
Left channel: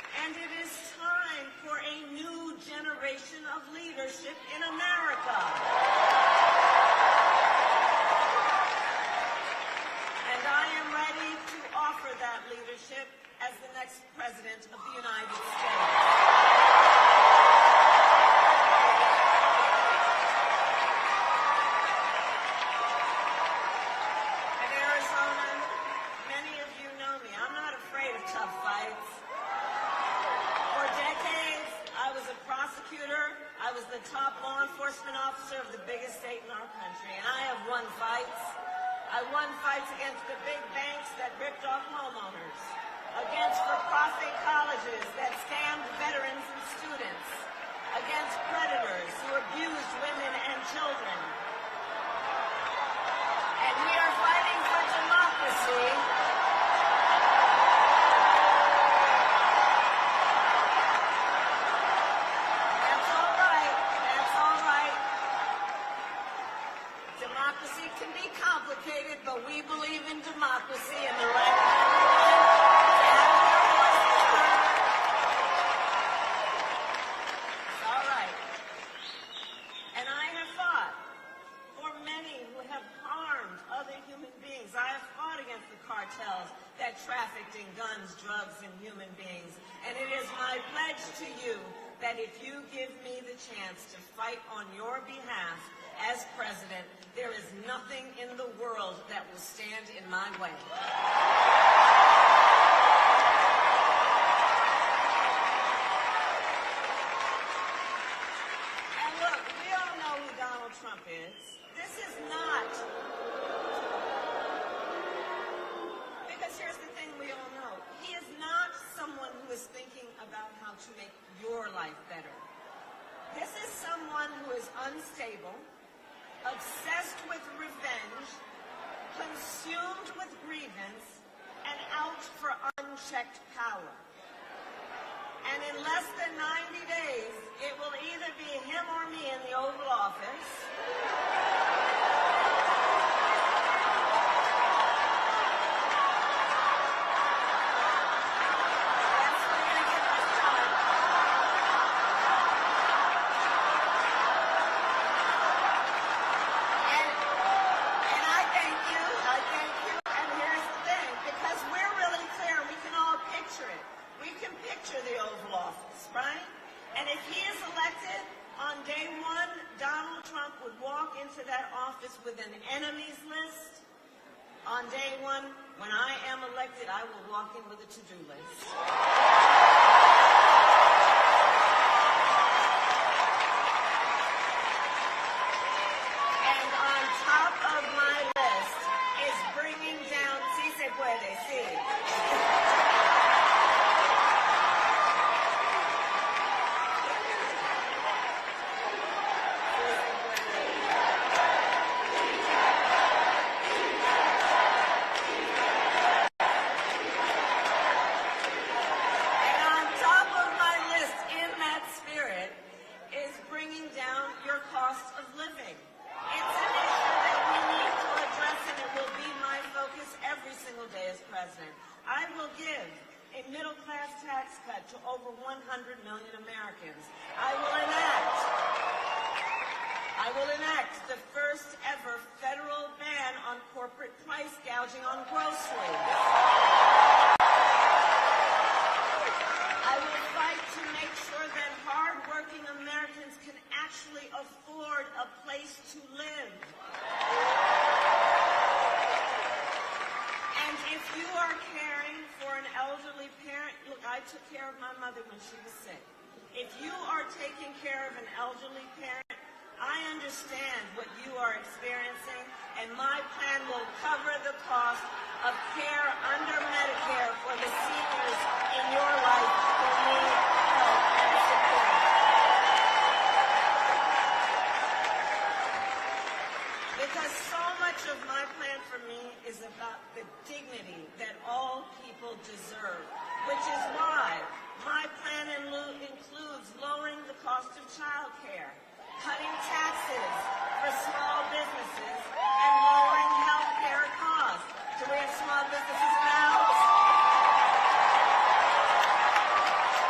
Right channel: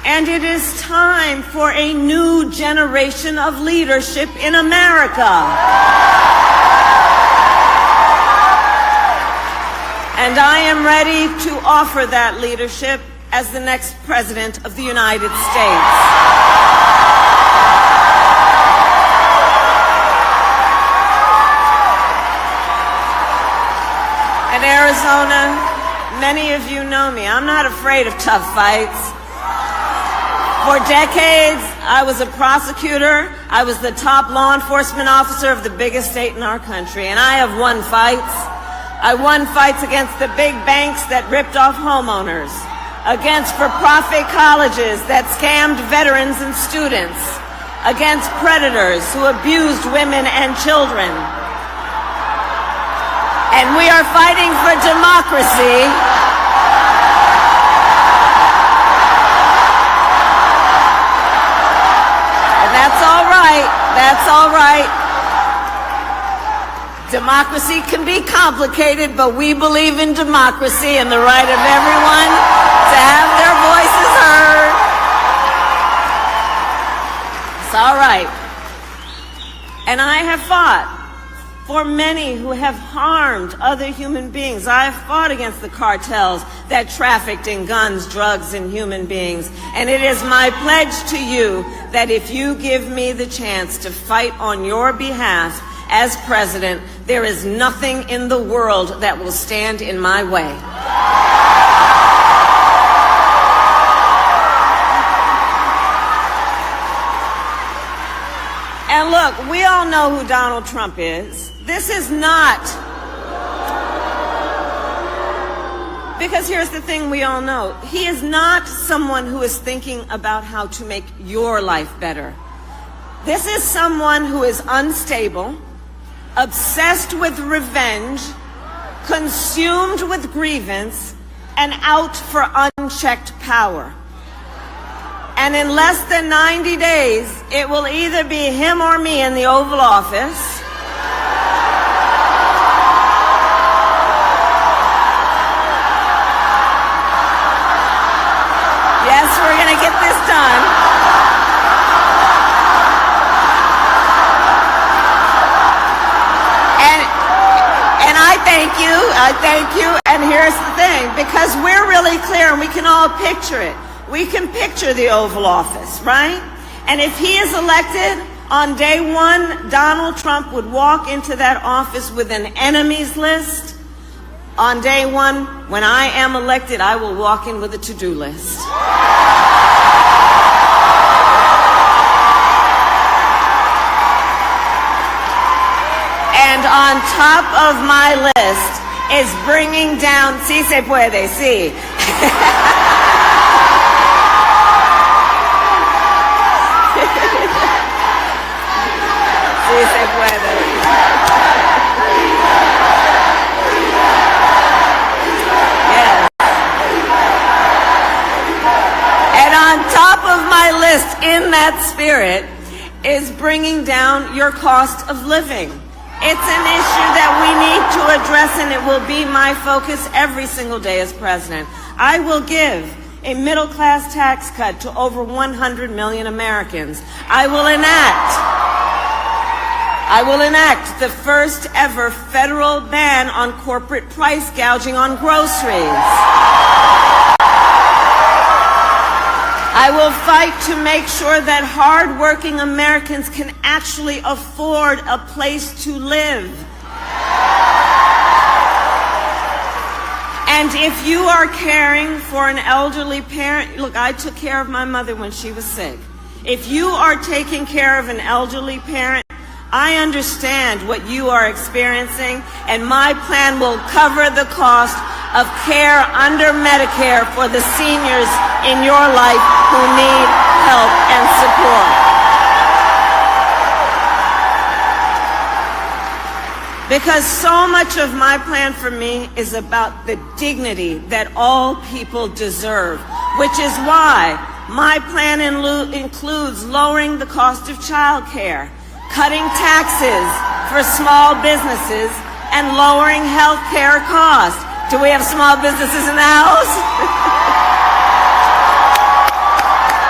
And it is time for a new generation of leadership in America. And I am ready to offer that leadership as the next President of the United States. In Arizona, many of you know me. I'm not afraid of tough fights. For decades, I was a prosecutor. I was the top law enforcement officer of the biggest state in our country, and I have won fights. I won fights against the big banks that ripped off homeowners, against for-profit colleges that scammed veterans and students, against predators who abused women and children. And we are fighting for democracy. And that's all right. That's all right. Democracy can be complicated, but we believe in democracy and the right of everyone to have their voices heard. It's all right. And I have fought for many who have harmed other human beings. I have fought against the cartels that trafficked in guns, drugs, and human beings. And it is my pledge to you that if you give me the chance to fight on your behalf as president, there is nothing in the world that will stand in my way. And look, we all know who Donald Trump is. This is not, because here's the thing we all know. He is not someone who is thinking about how to make your life better. This is someone who is unstable, obsessed with revenge, consumed with grievance, and out for unchecked power. And in less than 90 days, it will either be him or me in the Oval Office. Yes, we're going to get this done. And I thank you. And here's the thing, because we're really clear and we can all picture it. We can picture the Oval Office, right? And if he is elected, on day one, Donald Trump would walk into that office with an enemies list. On day one, when I am elected, I will walk in with a to-do list. And on top of my list is bringing down, sí se puede, sí. Sí se puede. Yes. And on top of my list, in that spirit, is bringing down your cost of living. It's an issue that we need to address, and it will be my focus every single day as president. I will give a middle-class tax cut to over 100 million Americans. I will enact the first ever federal ban on corporate price gouging on groceries. I will fight to make sure that hard-working Americans can actually afford a place to live. And if you are caring for an elderly parent, look, I took care of my mother when she was sick. If you are taking care of an elderly parent, I understand what you are experiencing, and my plan will cover the cost of care under Medicare for the seniors in your life who need help and support. Because so much of my plan for me is about the dignity that all people deserve, which is why my plan includes lowering the cost of child care, cutting taxes for small businesses, and lowering health care costs. Do we have small businesses in the house?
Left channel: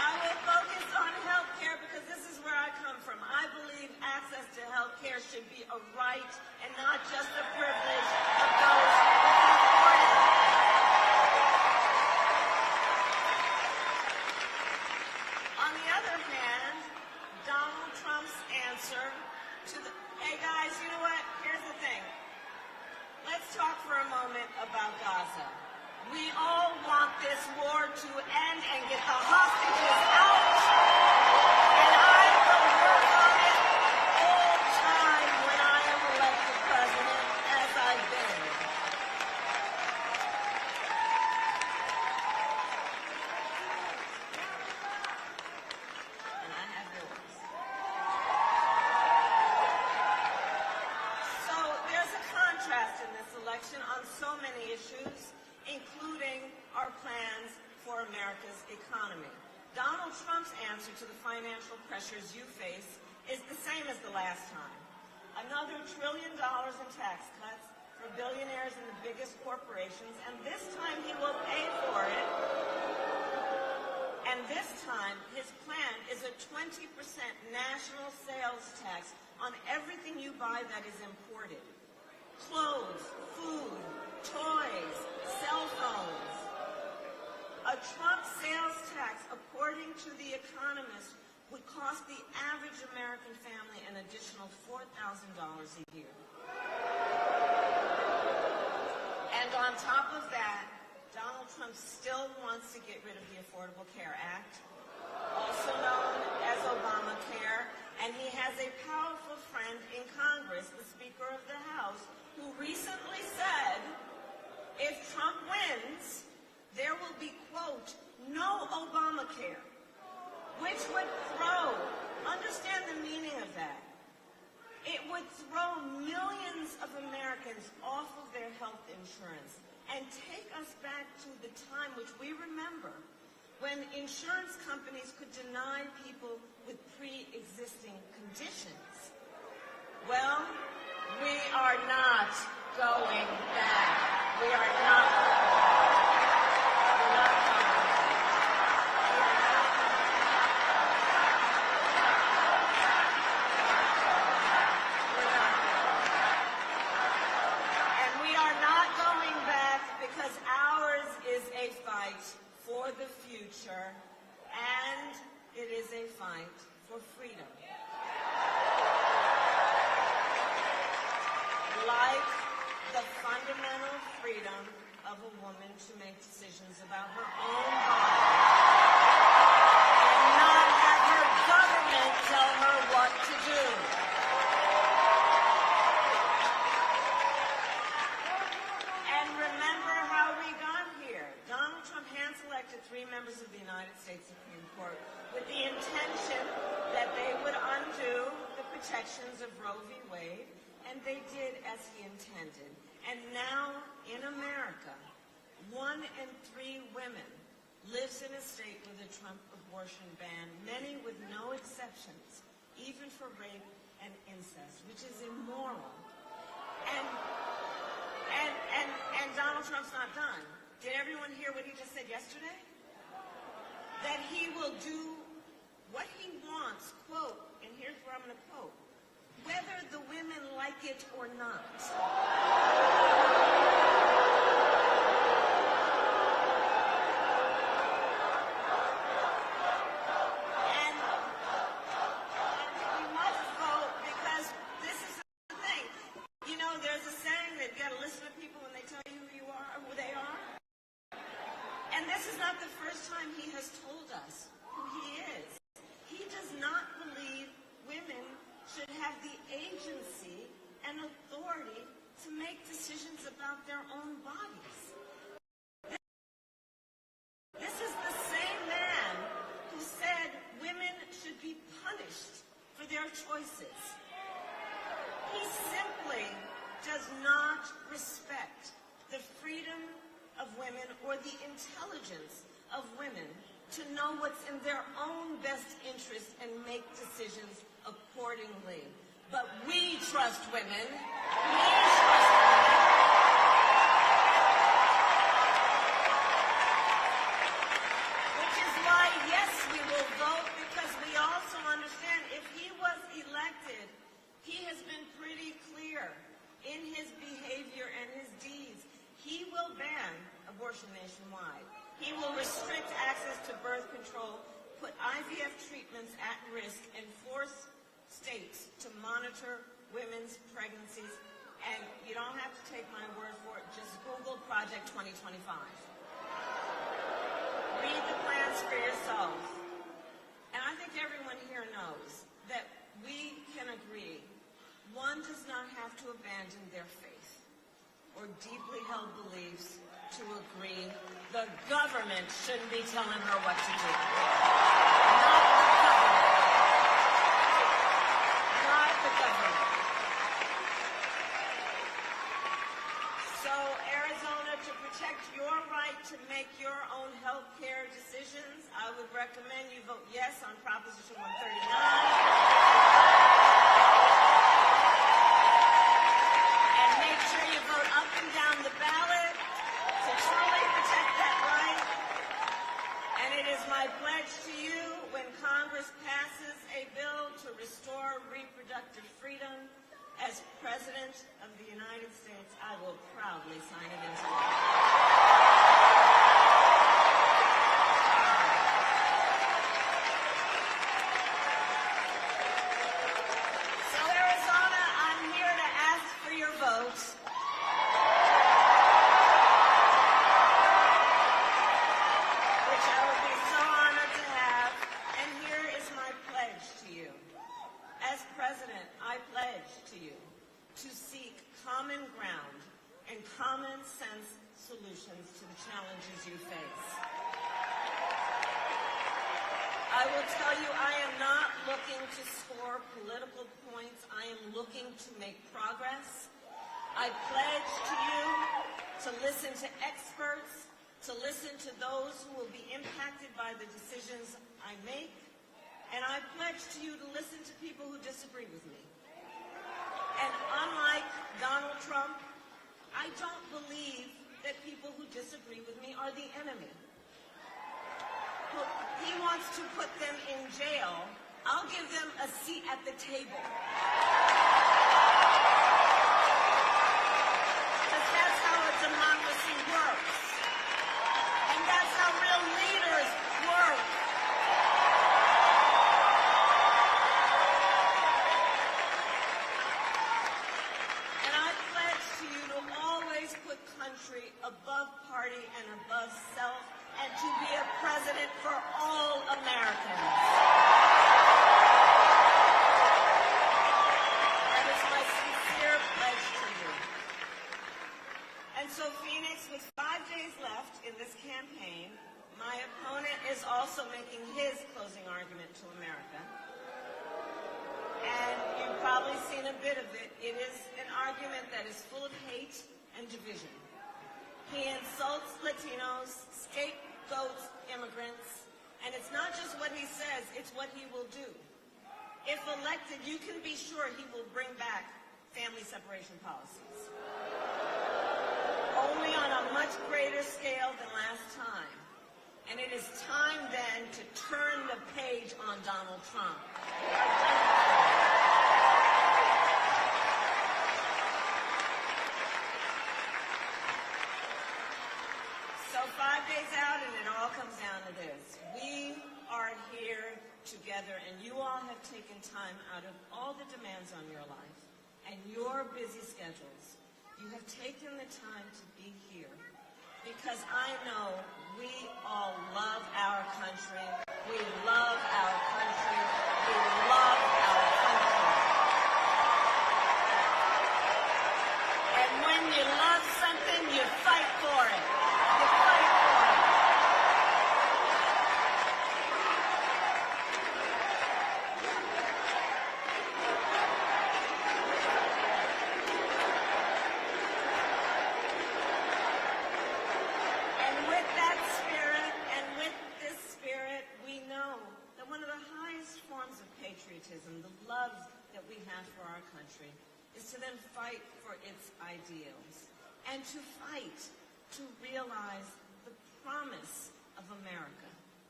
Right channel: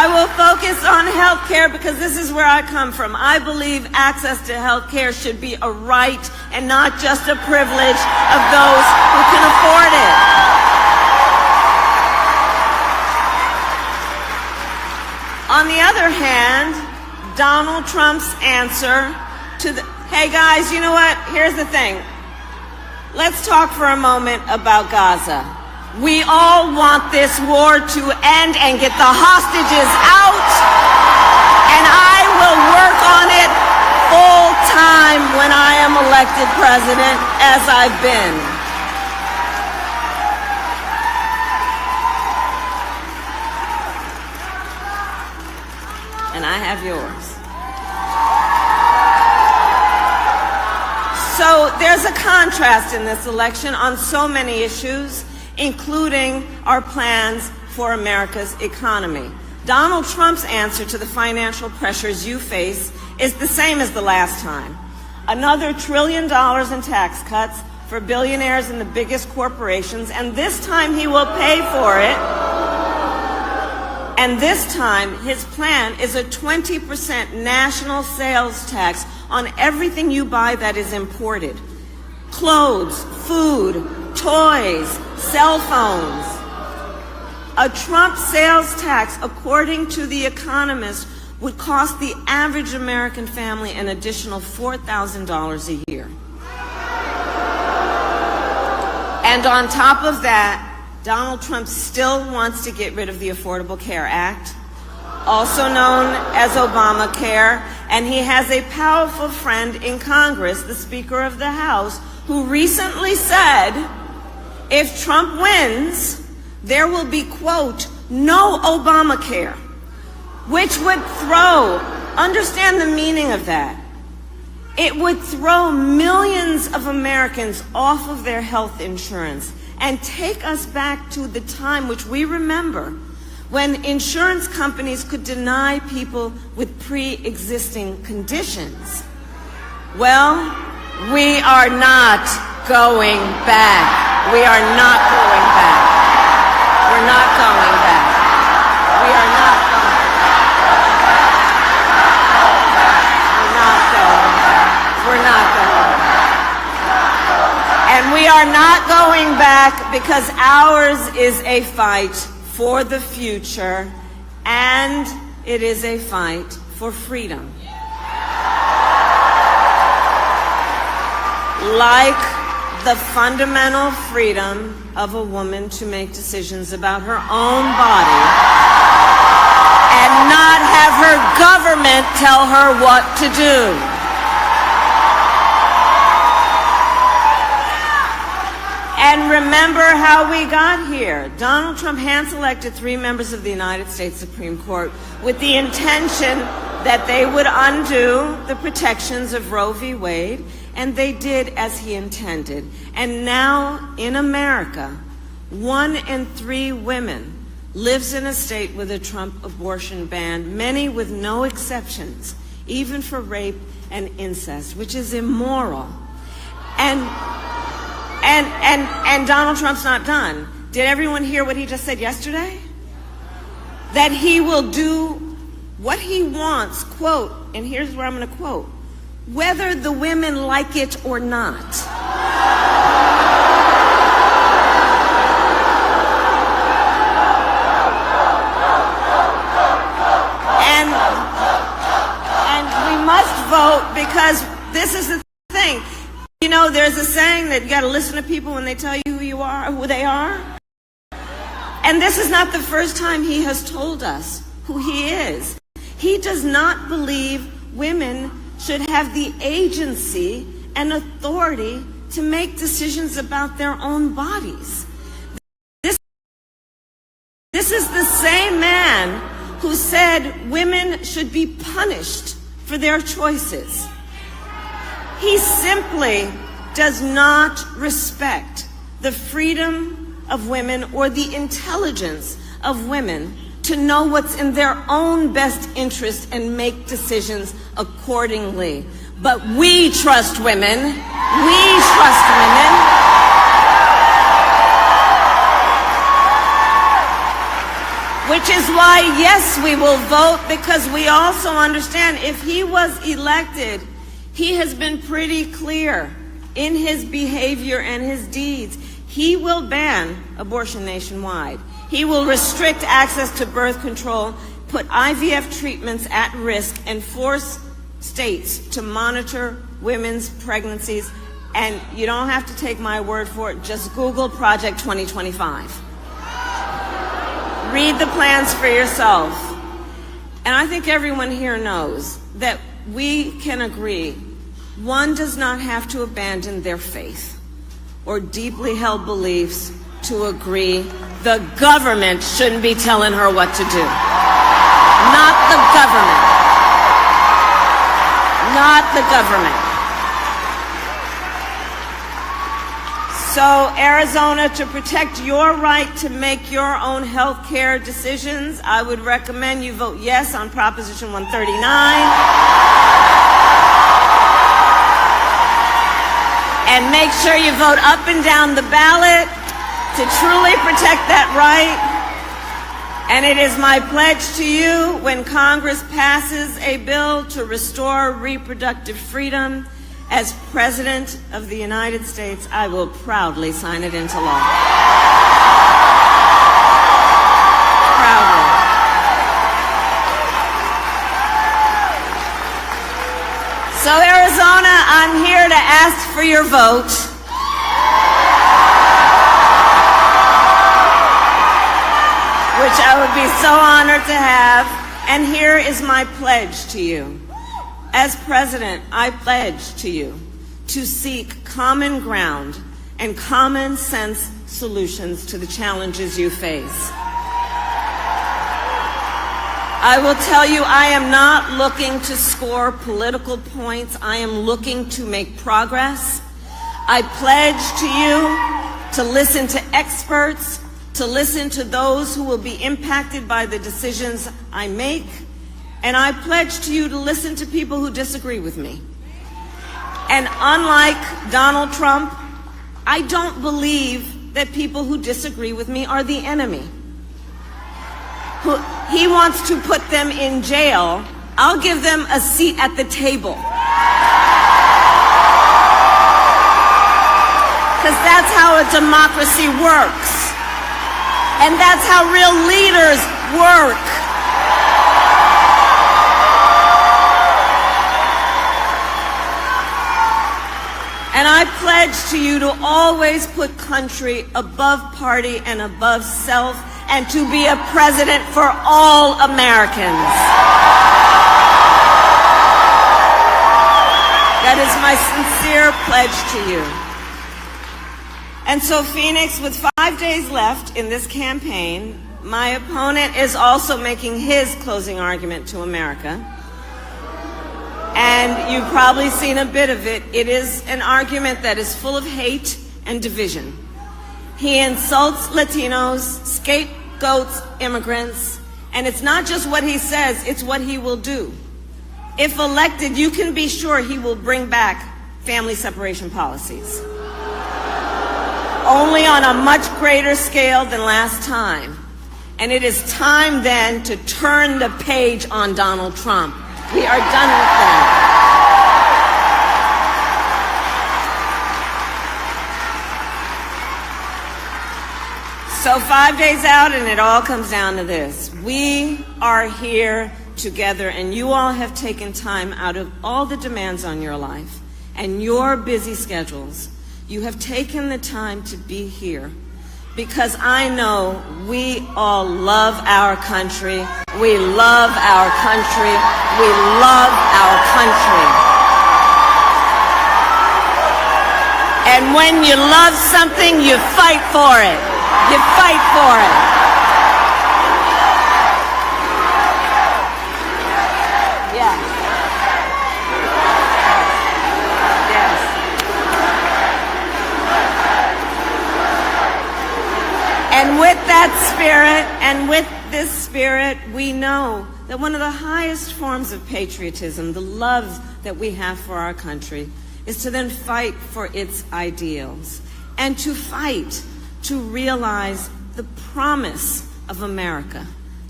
I will focus on health care because this is where I come from. I believe access to health care should be a right and not just a privilege of those who can afford it. On the other hand, Donald Trump's answer to the, hey guys, you know what? Here's the thing. Let's talk for a moment about Gaza. We all want this war to end and get the hostages out, and I will work on it full time when I am elected president, as I've been. And I have yours. So there's a contrast in this election on so many issues, including our plans for America's economy. Donald Trump's answer to the financial pressures you face is the same as the last time. Another $1 trillion in tax cuts for billionaires and the biggest corporations, and this time he will pay for it. And this time, his plan is a 20% national sales tax on everything you buy that is imported. Clothes, food, toys, cell phones. A Trump sales tax, according to The Economist, would cost the average American family an additional $4,000 a year. And on top of that, Donald Trump still wants to get rid of the Affordable Care Act, also known as Obamacare, and he has a powerful friend in Congress, the Speaker of the House, who recently said, if Trump wins, there will be, quote, no Obamacare, which would throw, understand the meaning of that, it would throw millions of Americans off of their health insurance and take us back to the time which we remember when insurance companies could deny people with pre-existing conditions. Well, we are not going back. We are not going back. We're not going back. We are not going back. We're not going back. We're not going back. And we are not going back because ours is a fight for the future, and it is a fight for freedom. Like the fundamental freedom of a woman to make decisions about her own body and not have her government tell her what to do. And remember how we got here. Donald Trump hand-selected 3 members of the United States Supreme Court with the intention that they would undo the protections of Roe v. Wade, and they did as he intended. And now in America, 1 in 3 women lives in a state with a Trump abortion ban, many with no exceptions, even for rape and incest, which is immoral. And Donald Trump's not done. Did everyone hear what he just said yesterday? That he will do what he wants, quote, and here's where I'm going to quote, whether the women like it or not. And we must vote because this is the thing. You know, there's a saying that you got to listen to people when they tell you who you are, who they are. And this is not the first time he has told us who he is. He does not believe women should have the agency and authority to make decisions about their own bodies. This is the same man who said women should be punished for their choices. He simply does not respect the freedom of women or the intelligence of women to know what's in their own best interest and make decisions accordingly. But we trust women. We trust women. Which is why, yes, we will vote, because we also understand if he was elected, he has been pretty clear in his behavior and his deeds. He will ban abortion nationwide. He will restrict access to birth control, put IVF treatments at risk, and force states to monitor women's pregnancies. And you don't have to take my word for it. Just Google Project 2025. Read the plans for yourself. And I think everyone here knows that we can agree one does not have to abandon their faith or deeply held beliefs to agree the government shouldn't be telling her what to do. Not the government. Not the government. So, Arizona, to protect your right to make your own health care decisions, I would recommend you vote yes on Proposition 139. And make sure you vote up and down the ballot to truly protect that right. And it is my pledge to you, when Congress passes a bill to restore reproductive freedom, as President of the United States, I will proudly sign it into law. Proudly. So, Arizona, I'm here to ask for your vote. Which I would be so honored to have. And here is my pledge to you. As President, I pledge to you to seek common ground and common sense solutions to the challenges you face. I will tell you, I am not looking to score political points. I am looking to make progress. I pledge to you to listen to experts, to listen to those who will be impacted by the decisions I make. And I pledge to you to listen to people who disagree with me. And unlike Donald Trump, I don't believe that people who disagree with me are the enemy. He wants to put them in jail. I'll give them a seat at the table. Because that's how a democracy works. And that's how real leaders work. And I pledge to you to always put country above party and above self, and to be a president for all Americans. That is my sincere pledge to you. And so, Phoenix, with 5 days left in this campaign, my opponent is also making his closing argument to America. And you've probably seen a bit of it. It is an argument that is full of hate and division. He insults Latinos, scapegoats immigrants, and it's not just what he says, it's what he will do. If elected, you can be sure he will bring back family separation policies. Only on a much greater scale than last time. And it is time then to turn the page on Donald Trump. We are done with that. So 5 days out, and it all comes down to this. We are here together, and you all have taken time out of all the demands on your life and your busy schedules. You have taken the time to be here because I know we all love our country. We love our country. We love our country. And when you love something, you fight for it. You fight for it. Yeah. Yes. And with that spirit, and with this spirit, we know that one of the highest forms of patriotism, the love that we have for our country, is to then fight for its ideals and to fight to realize the promise of America,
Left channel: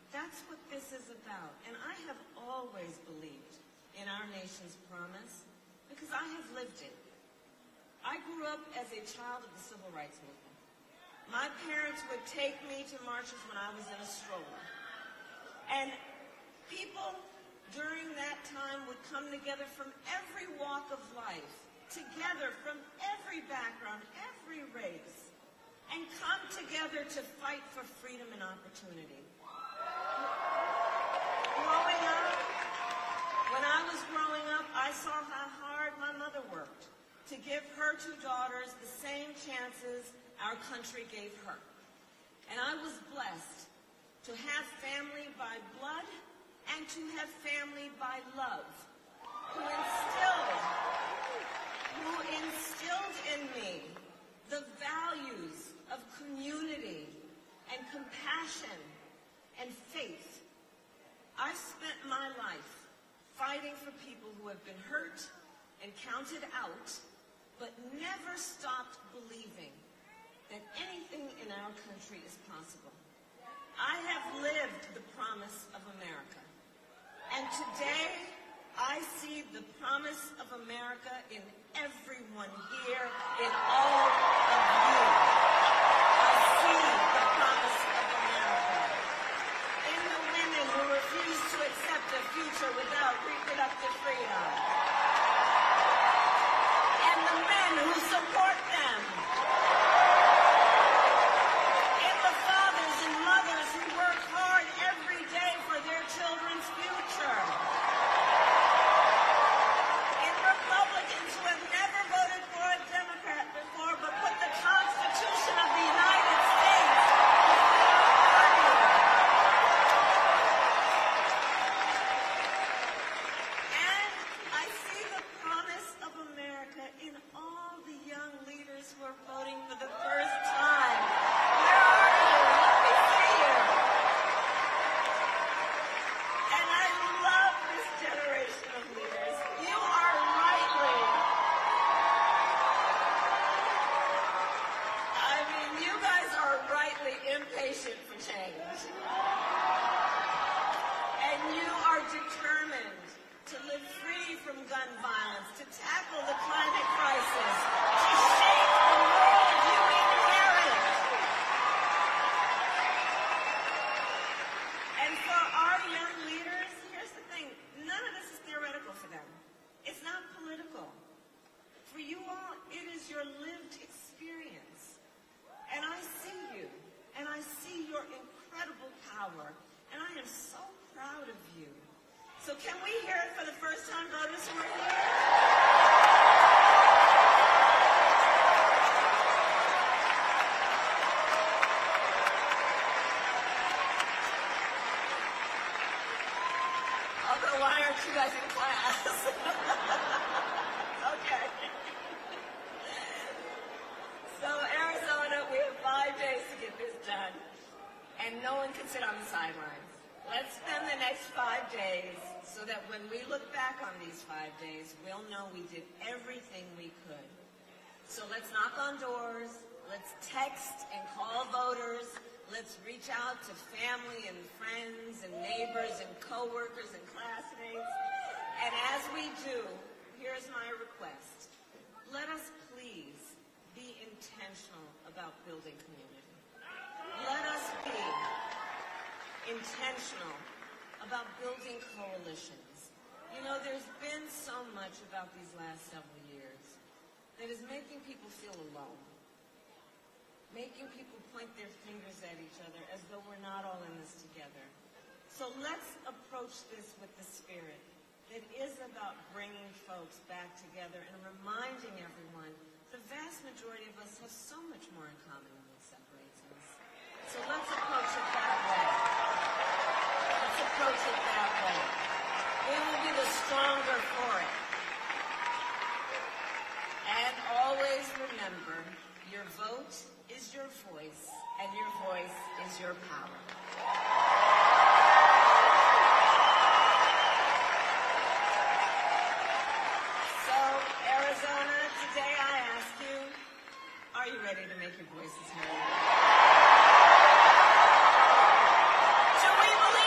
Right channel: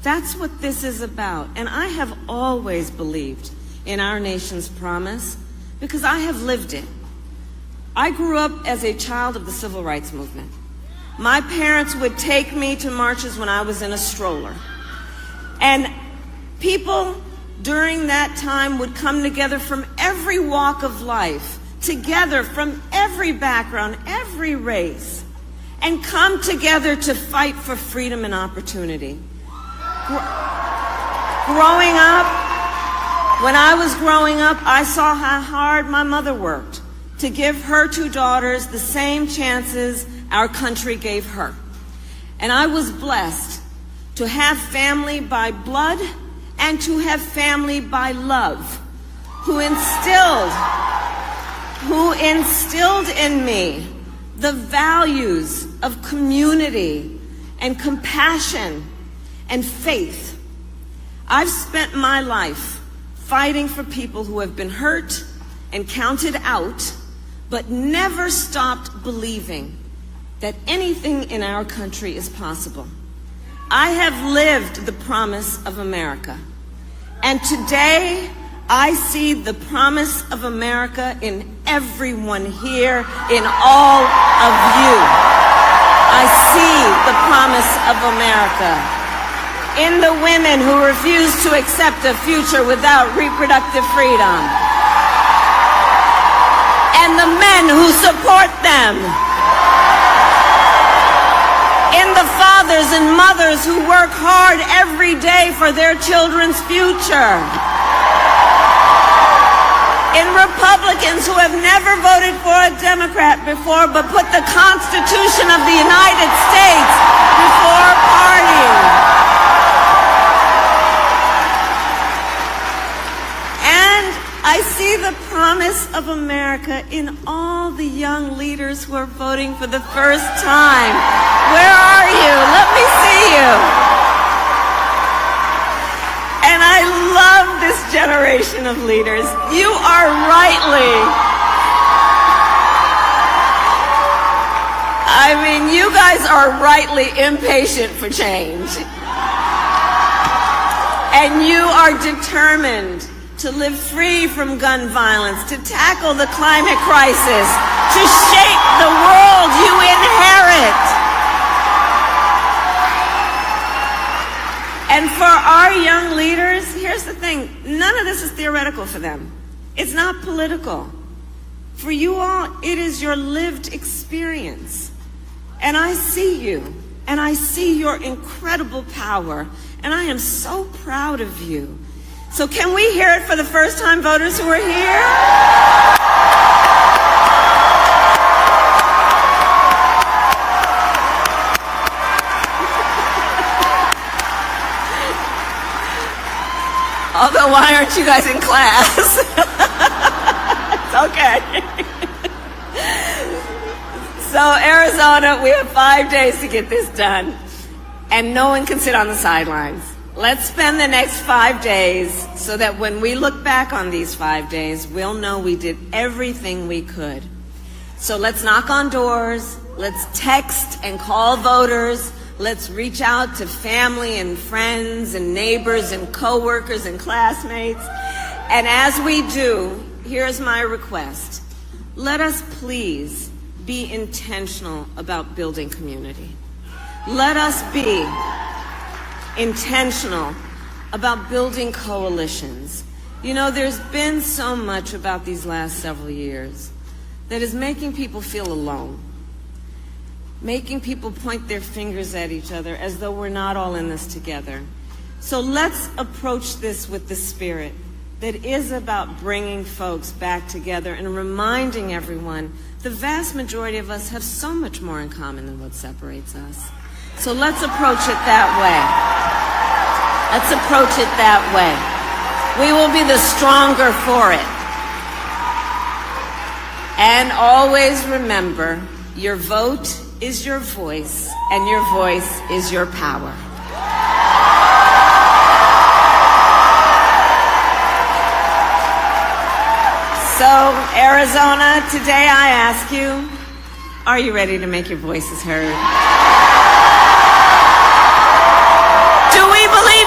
That's what this is about. And I have always believed in our nation's promise because I have lived it. I grew up as a child of the civil rights movement. My parents would take me to marches when I was in a stroller. And people during that time would come together from every walk of life, together from every background, every race, and come together to fight for freedom and opportunity. Growing up, when I was growing up, I saw how hard my mother worked to give her two daughters the same chances our country gave her. And I was blessed to have family by blood and to have family by love, who instilled in me the values of community and compassion and faith. I've spent my life fighting for people who have been hurt and counted out, but never stopped believing that anything in our country is possible. I have lived the promise of America. And today, I see the promise of America in everyone here, in all of you. I see the promise of America in the women who refuse to accept a future without reproductive freedom, and the men who support them, in the fathers and mothers who work hard every day for their children's future, in Republicans who have never voted for a Democrat before but put the Constitution of the United States before party. And I see the promise of America in all the young leaders who are voting for the first time. Where are you? Let me see you. And I love this generation of leaders. You are you guys are rightly impatient for change. And you are determined to live free from gun violence, to tackle the climate crisis, to shape the world you inherit. And for our young leaders, here's the thing, none of this is theoretical for them. It's not political. For you all, it is your lived experience. And I see you, and I see your incredible power, and I am so proud of you. So can we hear it for the first-time voters who are here? Although, why aren't you guys in class? It's okay. So, Arizona, we have 5 days to get this done, and no one can sit on the sidelines. Let's spend the next 5 days so that when we look back on these 5 days, we'll know we did everything we could. So let's knock on doors, let's text and call voters, let's reach out to family and friends and neighbors and coworkers and classmates. And as we do, here's my request. Let us please be intentional about building community. Let us be intentional about building coalitions. You know, there's been so much about these last several years that is making people feel alone, making people point their fingers at each other as though we're not all in this together. So let's approach this with the spirit that is about bringing folks back together and reminding everyone the vast majority of us have so much more in common than what separates us. So let's approach it that way. Let's approach it that way. We will be the stronger for it. And always remember, your vote is your voice, and your voice is your power. So, Arizona, today I ask you, are you ready to make your voices heard? Do we believe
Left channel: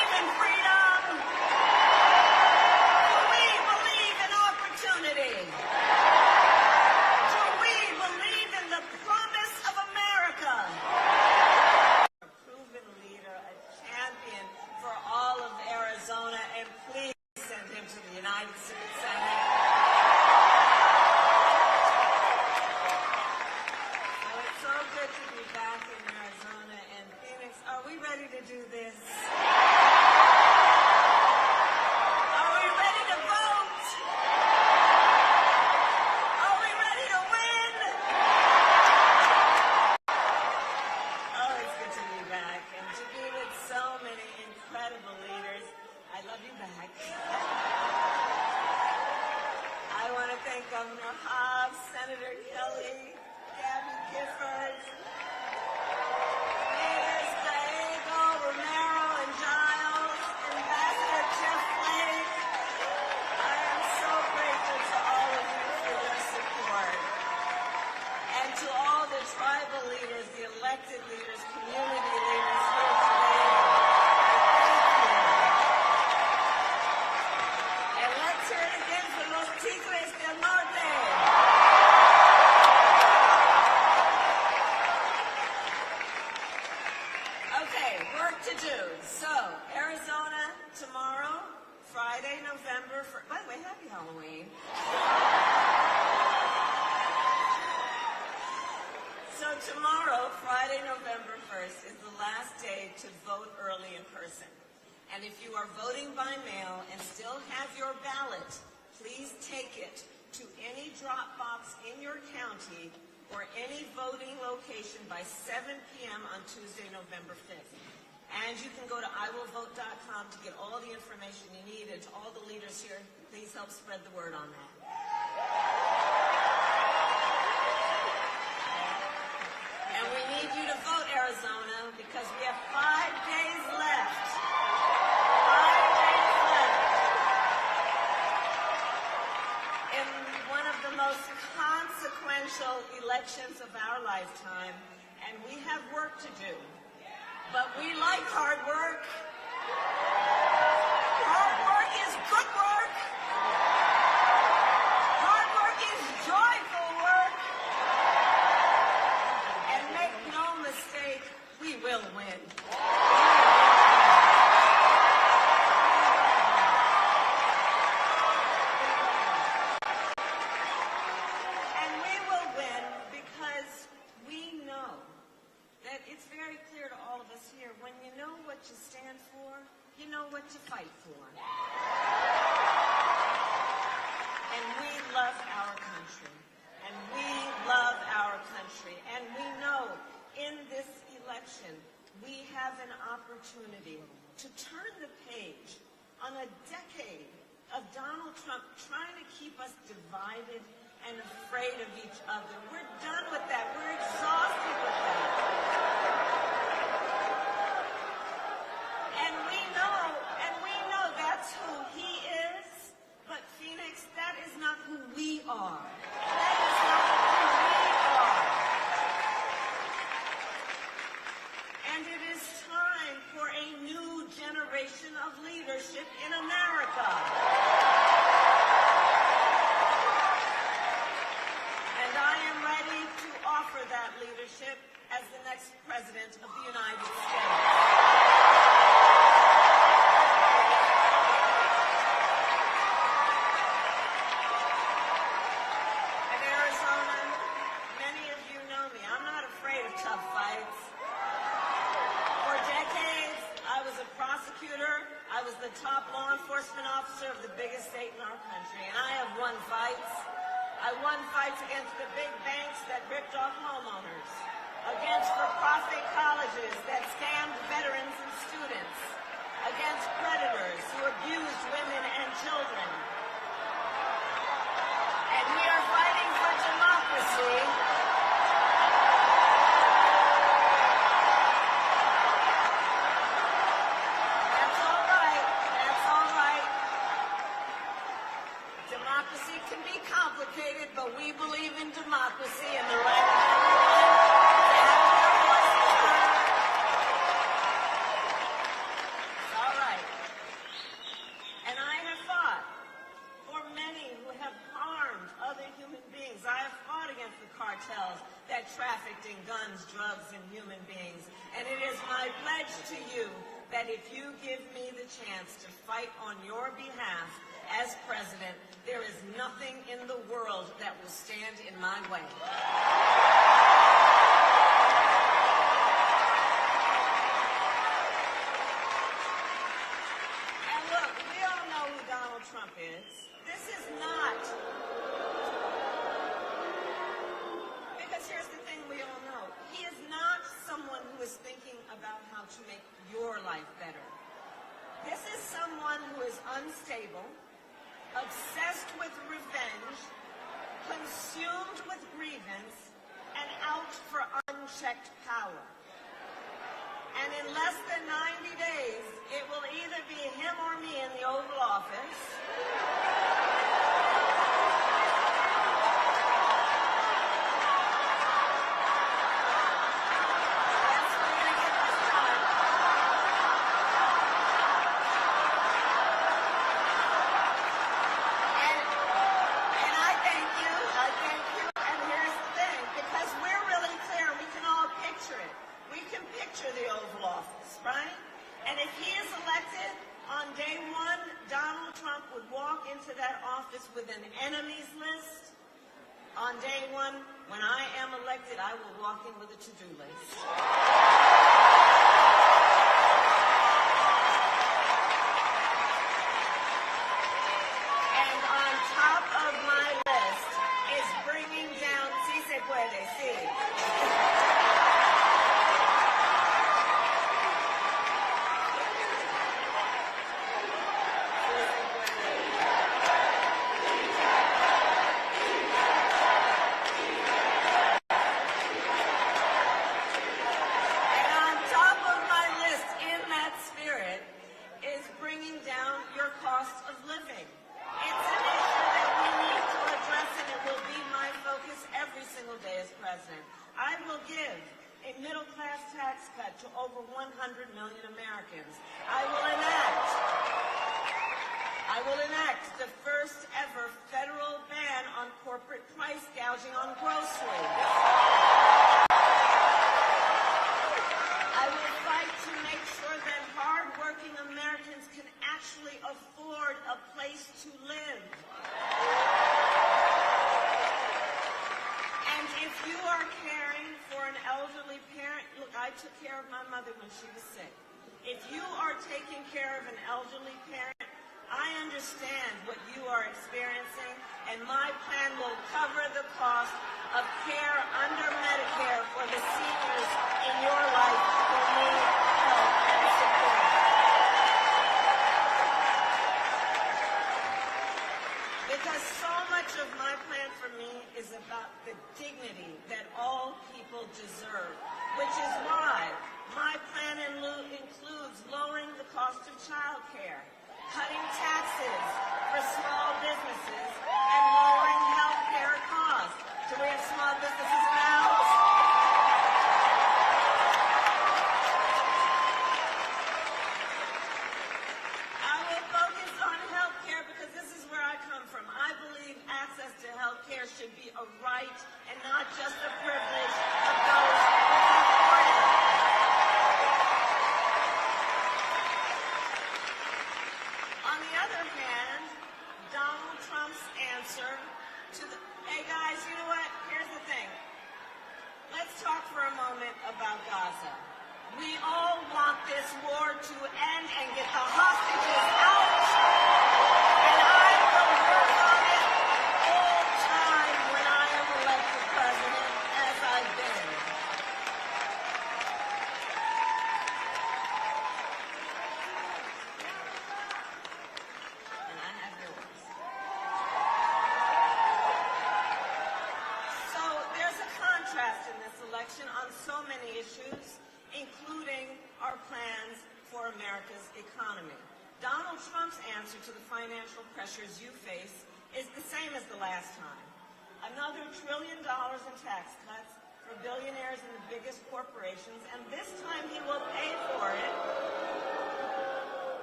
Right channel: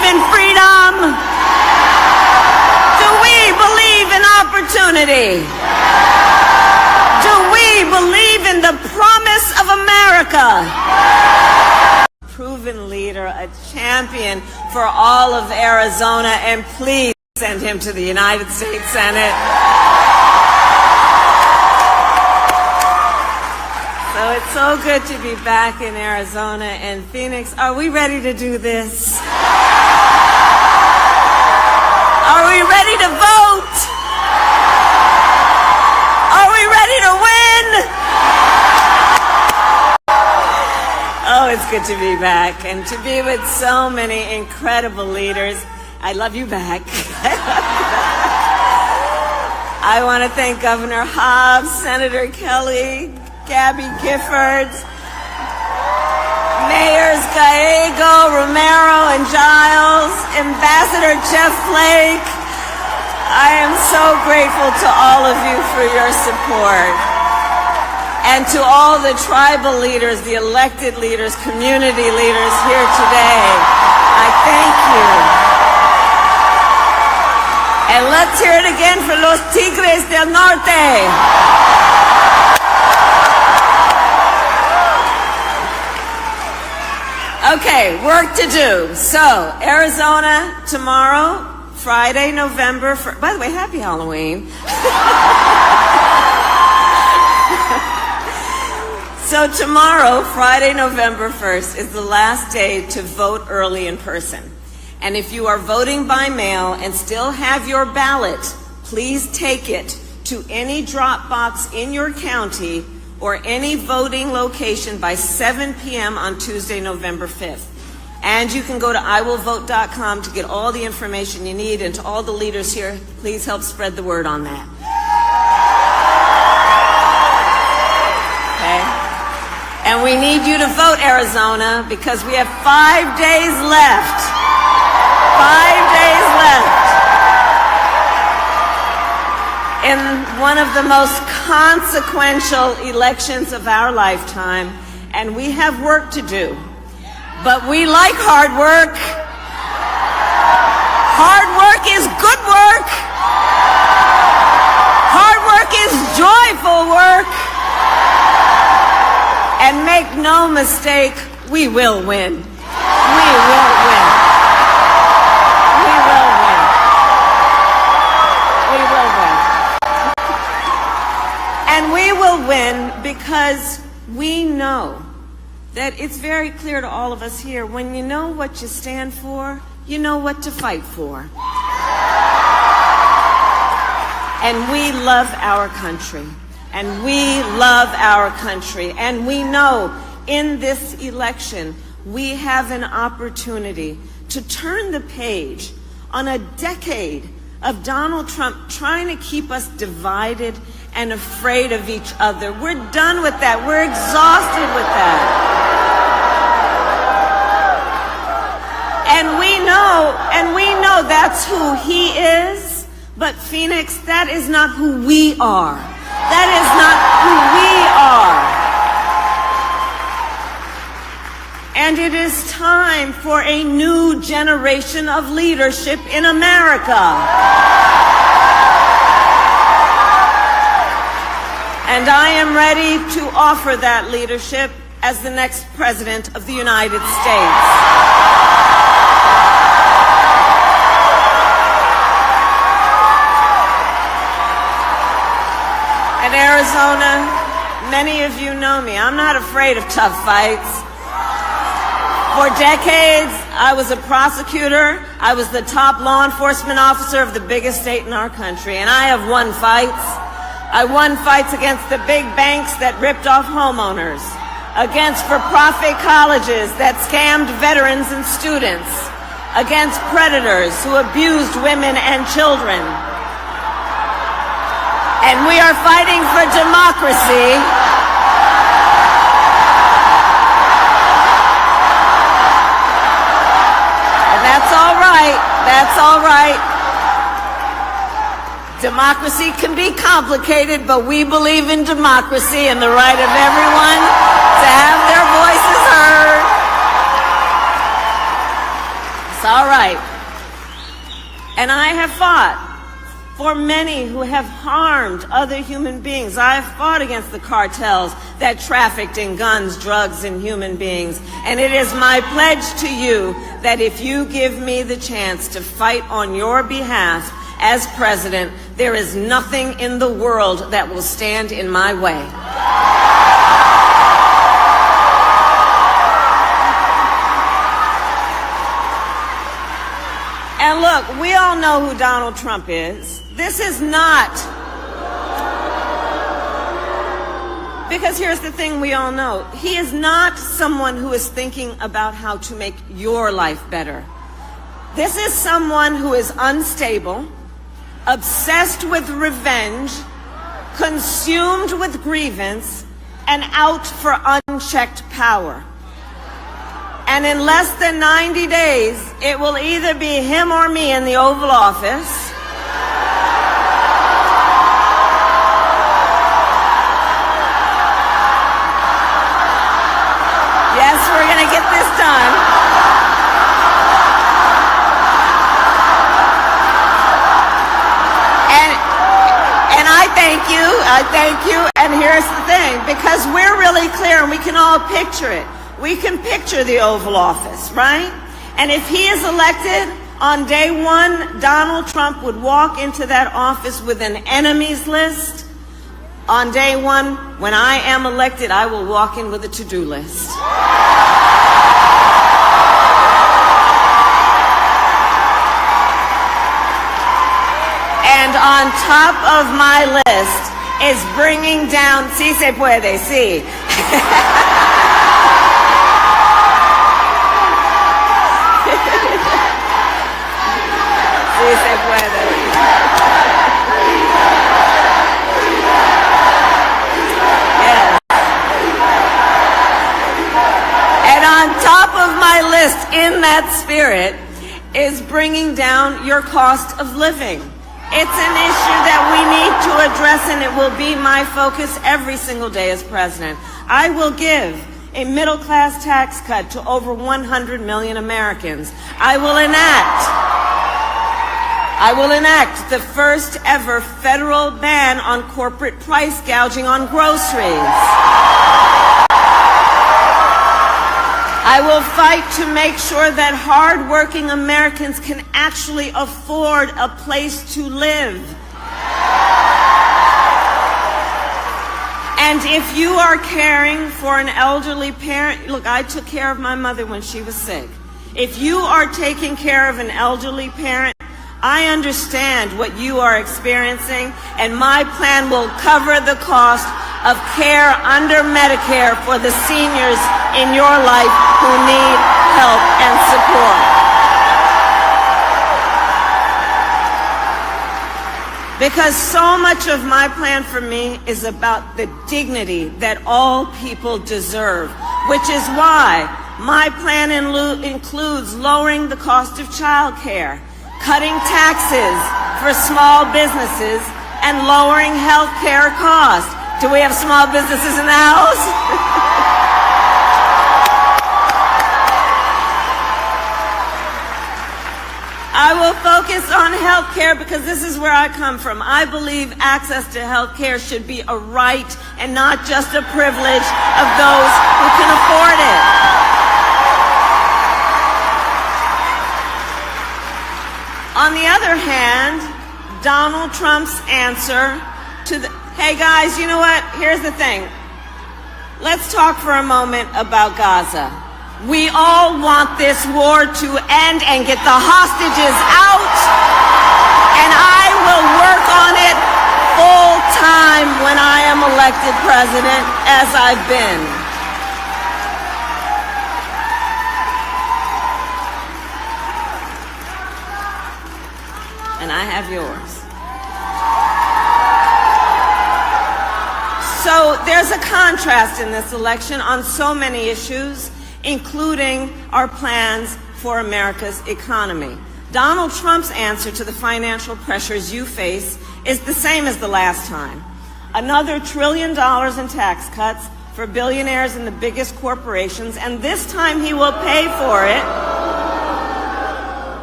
unity? Do we believe in the promise of America? Proven leader, a champion for all of Arizona, and please send him to the United States Senate. So it's so good to be back in Arizona and Phoenix. Are we ready to do this? Are we ready to vote? Are we ready to win? Oh, it's good to be back and to be with so many incredible leaders. I love you back. I want to thank Governor Hobbs, Senator Kelly, Gabby Giffords, Mayors Gallego, Romero, and Giles, Ambassador Jeff Flake. I am so grateful to all of you for your support. And to all the tribal leaders, the elected leaders, community leaders here today, I thank you. And let's hear it again for los Tigres del Norte. Okay, work to do. So, Arizona tomorrow, Friday, November 1st. By the way, happy Halloween. So tomorrow, Friday, November 1st, is the last day to vote early in person. And if you are voting by mail and still have your ballot, please take it to any drop box in your county or any voting location by 7 p.m. on Tuesday, November 5th. And you can go to iwillvote.com to get all the information you need. And to all the leaders here, please help spread the word on that. Okay? And we need you to vote, Arizona, because we have 5 days left. 5 days left in one of the most consequential elections of our lifetime, and we have work to do. But we like hard work. Hard work is good work. Hard work is joyful work. And make no mistake, we will win. We will win. We will win. We will win. And we will win because we know that it's very clear to all of us here, when you know what you stand for, you know what to fight for. And we love our country. And we love our country. And we know in this election, we have an opportunity to turn the page on a decade of Donald Trump trying to keep us divided and afraid of each other. We're done with that. We're exhausted with that. And we know that's who he is. But Phoenix, that is not who we are. That is not who we are. And it is time for a new generation of leadership in America. And I am ready to offer that leadership as the next President of the United States. Arizona, many of you know me. I'm not afraid of tough fights. For decades, I was a prosecutor. I was the top law enforcement officer of the biggest state in our country, and I have won fights. I won fights against the big banks that ripped off homeowners, against for-profit colleges that scammed veterans and students, against predators who abused women and children. And we are fighting for democracy. And that's all right. That's all right. Democracy can be complicated, but we believe in democracy and the right of everyone to have their voices heard. It's all right. And I have fought for many who have harmed other human beings. I have fought against the cartels that trafficked in guns, drugs, and human beings. And it is my pledge to you that if you give me the chance to fight on your behalf as president, there is nothing in the world that will stand in my way. And look, we all know who Donald Trump is. This is not, because here's the thing we all know. He is not someone who is thinking about how to make your life better. This is someone who is unstable, obsessed with revenge, consumed with grievance, and out for unchecked power. And in less than 90 days, it will either be him or me in the Oval Office. Yes, we're going to get this done. And I thank you, and here's the thing, because we're really clear and we can all picture it. We can picture the Oval Office, right? And if he is elected, on day one, Donald Trump would walk into that office with an enemies list. On day one, when I am elected, I will walk in with a to-do list. And on top of my list is bringing down, sí se puede, sí. Sí se puede. Yes. And on top of my list, in that spirit, is bringing down your cost of living. It's an issue that we need to address, and it will be my focus every single day as president. I will give a middle-class tax cut to over 100 million Americans. I will enact the first ever federal ban on corporate price gouging on groceries. I will fight to make sure that hard-working Americans can actually afford a place to live. And if you are caring for an elderly parent, look, I took care of my mother when she was sick. If you are taking care of an elderly parent, I understand what you are experiencing, and my plan will cover the cost of care under Medicare for the seniors in your life who need help and support. Because so much of my plan for me is about the dignity that all people deserve, which is why my plan includes lowering the cost of child care, cutting taxes for small businesses, and lowering health care costs. Do we have small businesses in the house? I will focus on health care because this is where I come from. I believe access to health care should be a right and not just a privilege of those who can afford it. On the other hand, Donald Trump's answer to the, hey guys, you know what? Here's the thing. Let's talk for a moment about Gaza. We all want this war to end and get the hostages out, and I will work on it full time when I am elected president, as I've been. And I have yours. So there's a contrast in this election on so many issues, including our plans for America's economy. Donald Trump's answer to the financial pressures you face is the same as the last time. Another $1 trillion in tax cuts for billionaires and the biggest corporations, and this time he will pay for it.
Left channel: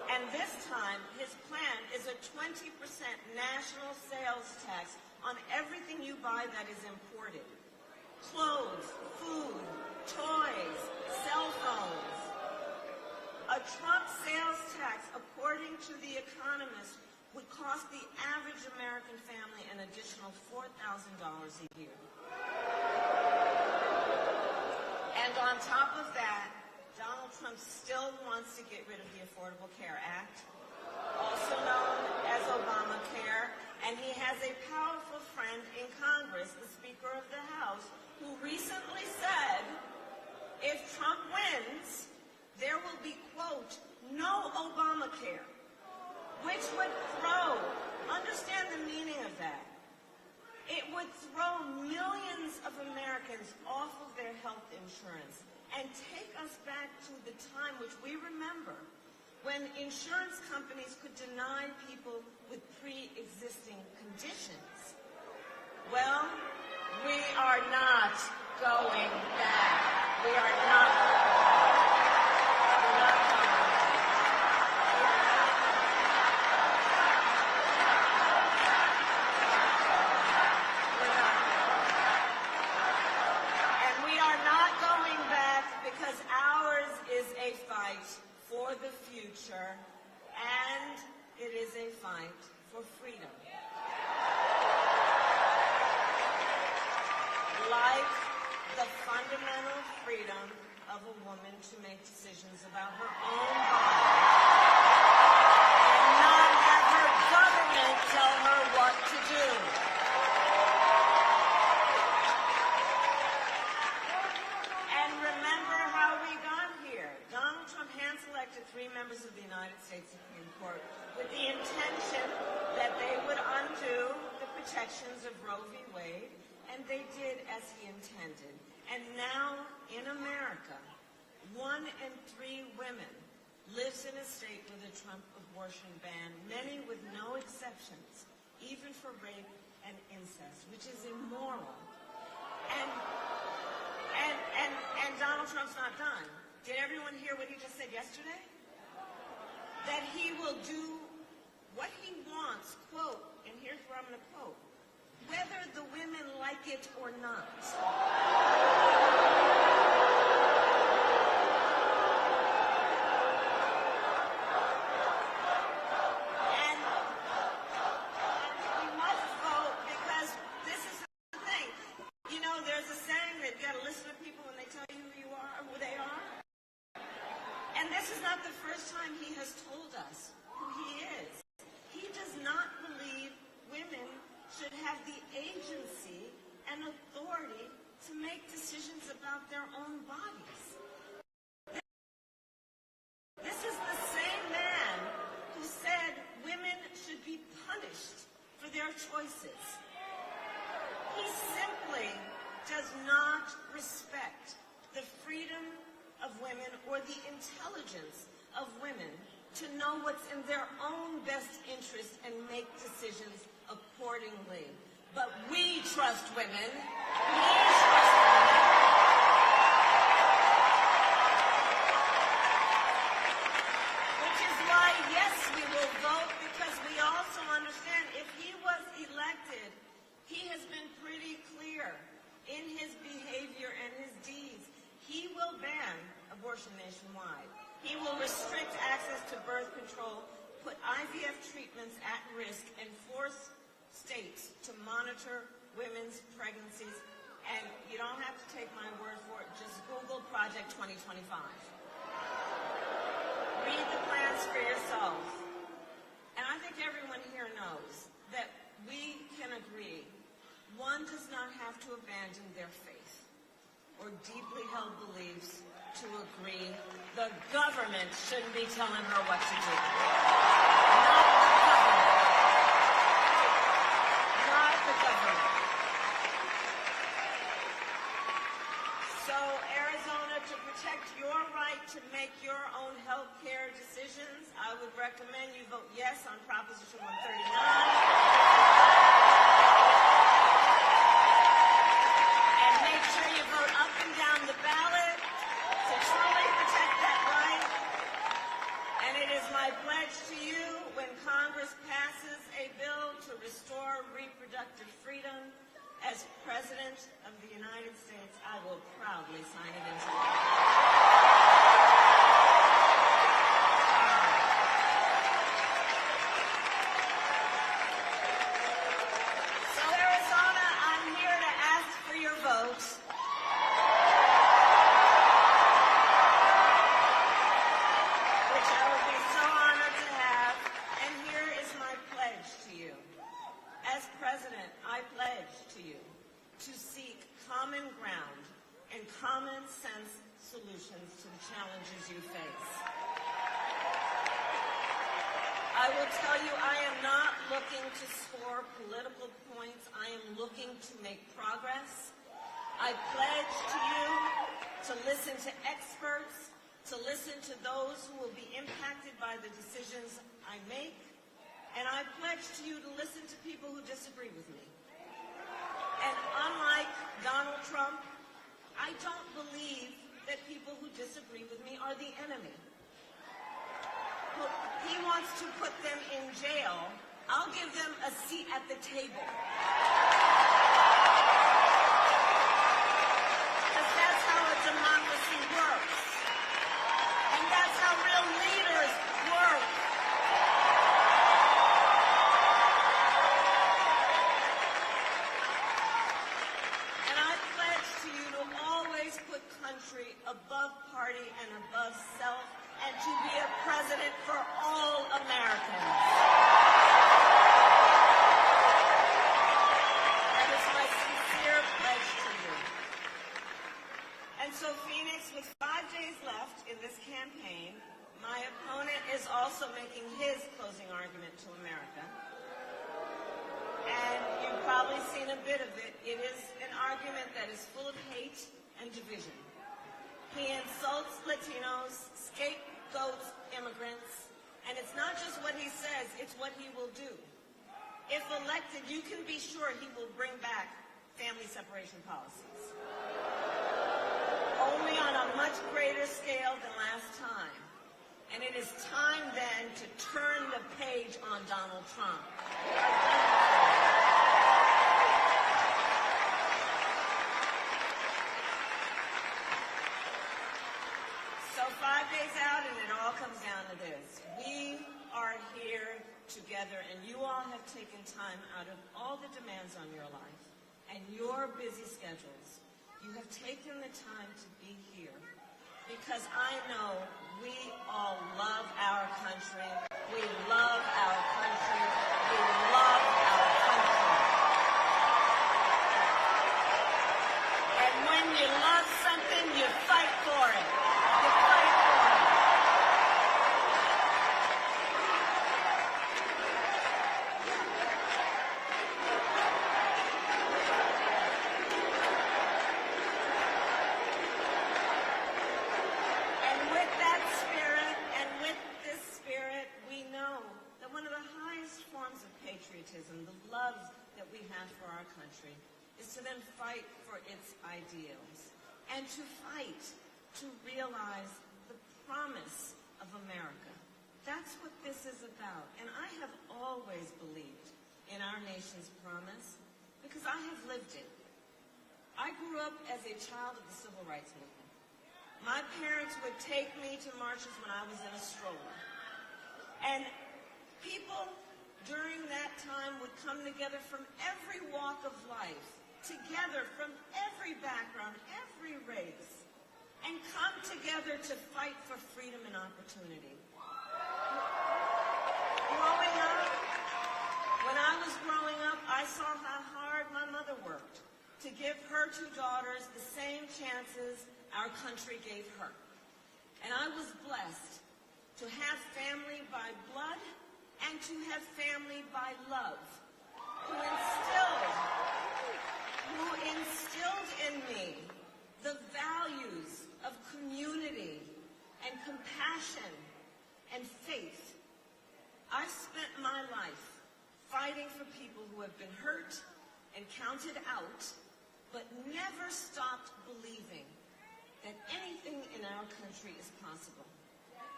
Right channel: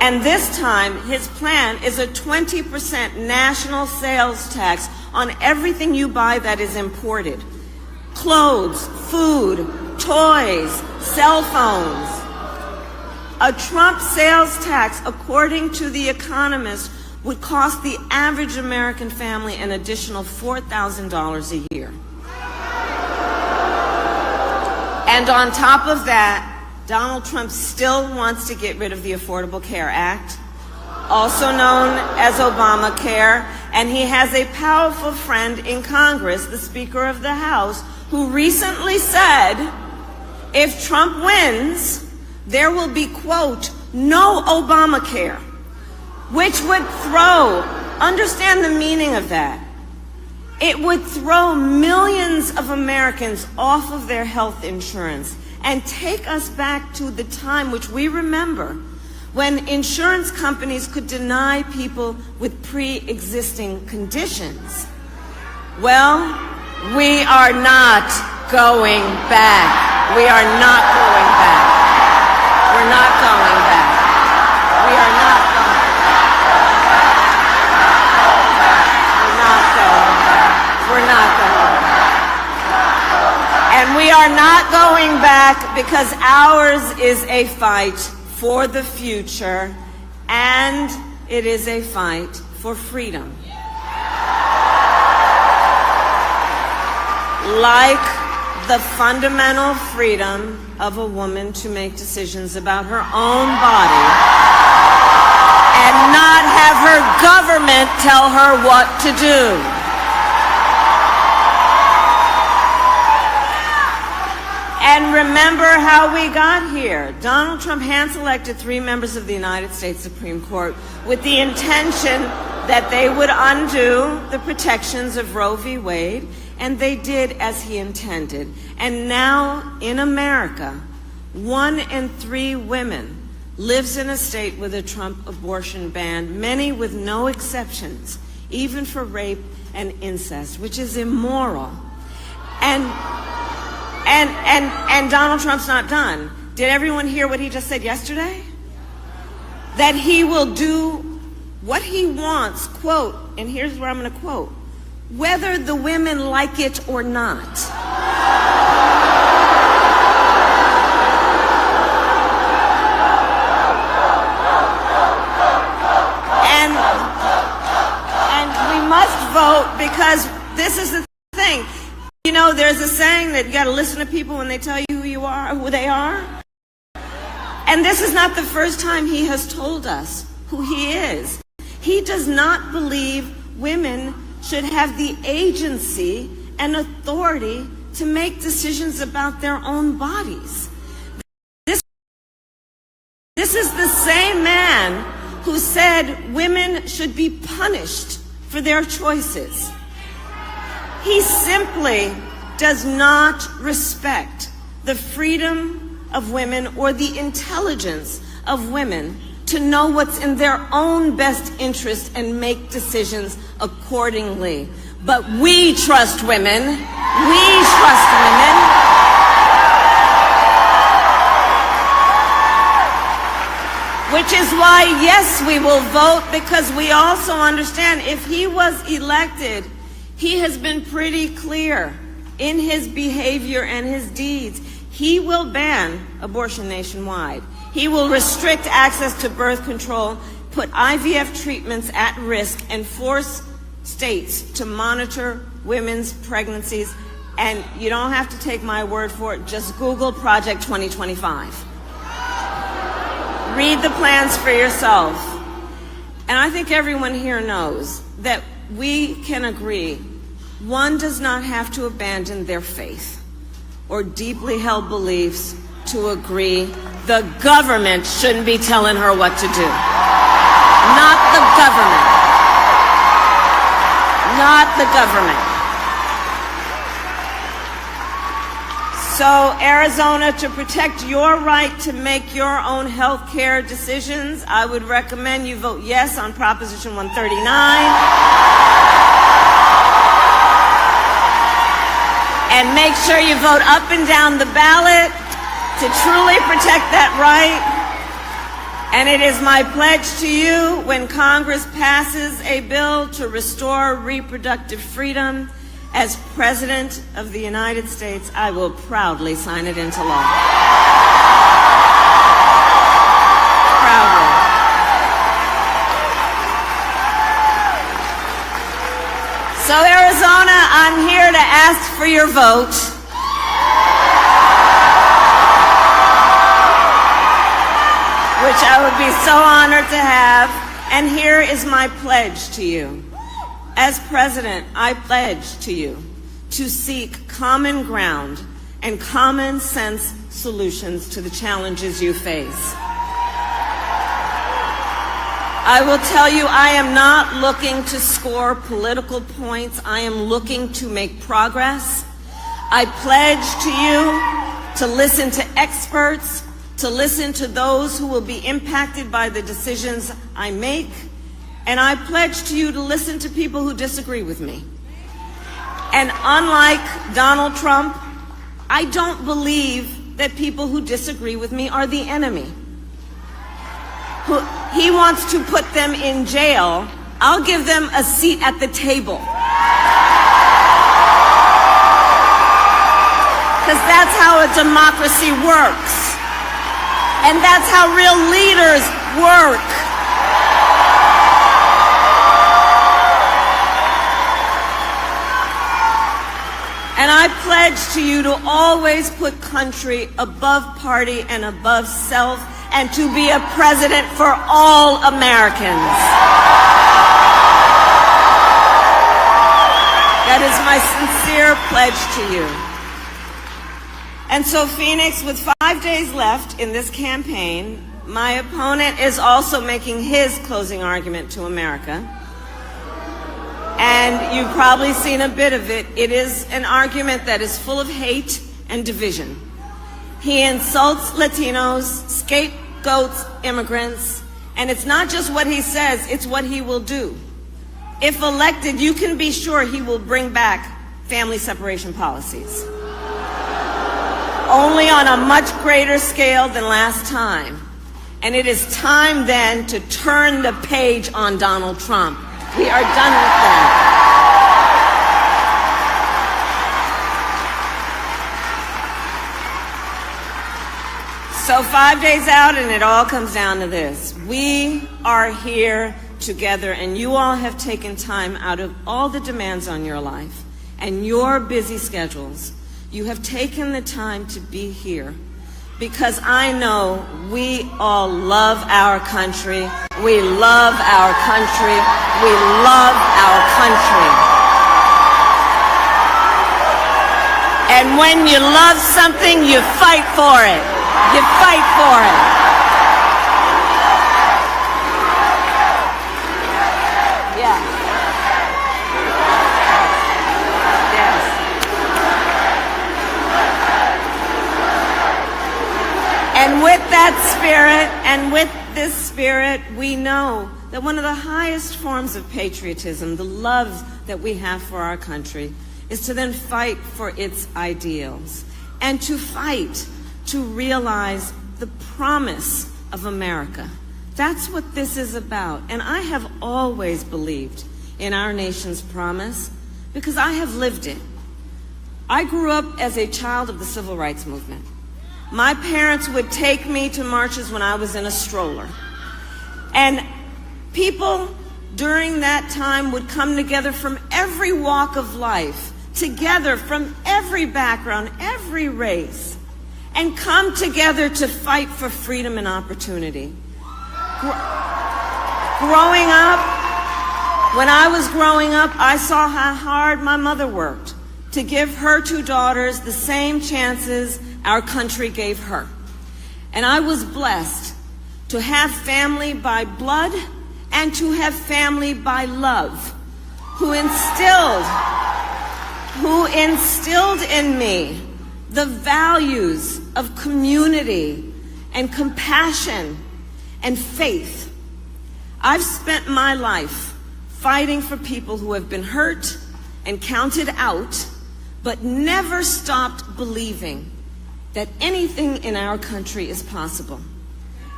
And this time, his plan is a 20% national sales tax on everything you buy that is imported. Clothes, food, toys, cell phones. A Trump sales tax, according to The Economist, would cost the average American family an additional $4,000 a year. And on top of that, Donald Trump still wants to get rid of the Affordable Care Act, also known as Obamacare, and he has a powerful friend in Congress, the Speaker of the House, who recently said, if Trump wins, there will be, quote, no Obamacare, which would throw, understand the meaning of that, it would throw millions of Americans off of their health insurance and take us back to the time which we remember when insurance companies could deny people with pre-existing conditions. Well, we are not going back. We are not going back. We're not going back. We are not going back. We're not going back. And we are not going back because ours is a fight for the future, and it is a fight for freedom. Like the fundamental freedom of a woman to make decisions about her own body and not have her government tell her what to do. And remember how we got here. Donald Trump hand-selected 3 members of the United States Supreme Court with the intention that they would undo the protections of Roe v. Wade, and they did as he intended. And now in America, 1 in 3 women lives in a state with a Trump abortion ban, many with no exceptions, even for rape and incest, which is immoral. And Donald Trump's not done. Did everyone hear what he just said yesterday? That he will do what he wants, quote, and here's where I'm going to quote, whether the women like it or not. And we must vote because this is the thing. You know, there's a saying that you got to listen to people when they tell you who you are, who they are. And this is not the first time he has told us who he is. He does not believe women should have the agency and authority to make decisions about their own bodies. This is the same man who said women should be punished for their choices. He simply does not respect the freedom of women or the intelligence of women to know what's in their own best interest and make decisions accordingly. But we trust women. We trust women. Which is why, yes, we will vote, because we also understand if he was elected, he has been pretty clear in his behavior and his deeds. He will ban abortion nationwide. He will restrict access to birth control, put IVF treatments at risk, and force states to monitor women's pregnancies. And you don't have to take my word for it. Just Google Project 2025. Read the plans for yourself. And I think everyone here knows that we can agree one does not have to abandon their faith or deeply held beliefs to agree the government shouldn't be telling her what to do. Not the government. Not the government. So, Arizona, to protect your right to make your own health care decisions, I would recommend you vote yes on Proposition 139. And make sure you vote up and down the ballot to truly protect that right. And it is my pledge to you, when Congress passes a bill to restore reproductive freedom, as President of the United States, I will proudly sign it into law. Proudly. So Arizona, I'm here to ask for your vote. Which I would be so honored to have. And here is my pledge to you. As President, I pledge to you to seek common ground and common sense solutions to the challenges you face. I will tell you, I am not looking to score political points. I am looking to make progress. I pledge to you to listen to experts, to listen to those who will be impacted by the decisions I make. And I pledge to you to listen to people who disagree with me. And unlike Donald Trump, I don't believe that people who disagree with me are the enemy. He wants to put them in jail. I'll give them a seat at the table. Because that's how a democracy works. And that's how real leaders work. And I pledge to you to always put country above party and above self, and to be a president for all Americans. That is my sincere pledge to you. And so, Phoenix, with 5 days left in this campaign, my opponent is also making his closing argument to America. And you've probably seen a bit of it. It is an argument that is full of hate and division. He insults Latinos, scapegoats immigrants, and it's not just what he says, it's what he will do. If elected, you can be sure he will bring back family separation policies. Only on a much greater scale than last time. And it is time then to turn the page on Donald Trump. We are done with that. So 5 days out, and it all comes down to this. We are here together, and you all have taken time out of all the demands on your life and your busy schedules. You have taken the time to be here because I know we all love our country. We love our country. We love our country. And when you love something, you fight for it. You fight for it. Yeah. Yes. And with that spirit, and with this spirit, we know that one of the highest forms of patriotism, the love that we have for our country, is to then fight for its ideals and to fight to realize the promise of America. That's what this is about. And I have always believed in our nation's promise because I have lived it. I grew up as a child of the Civil Rights Movement. My parents would take me to marches when I was in a stroller. And people during that time would come together from every walk of life, together from every background, every race, and come together to fight for freedom and opportunity. Growing up, when I was growing up, I saw how hard my mother worked to give her two daughters the same chances our country gave her. And I was blessed to have family by blood and to have family by love, who instilled in me the values of community and compassion and faith. I've spent my life fighting for people who have been hurt and counted out, but never stopped believing that anything in our country is possible.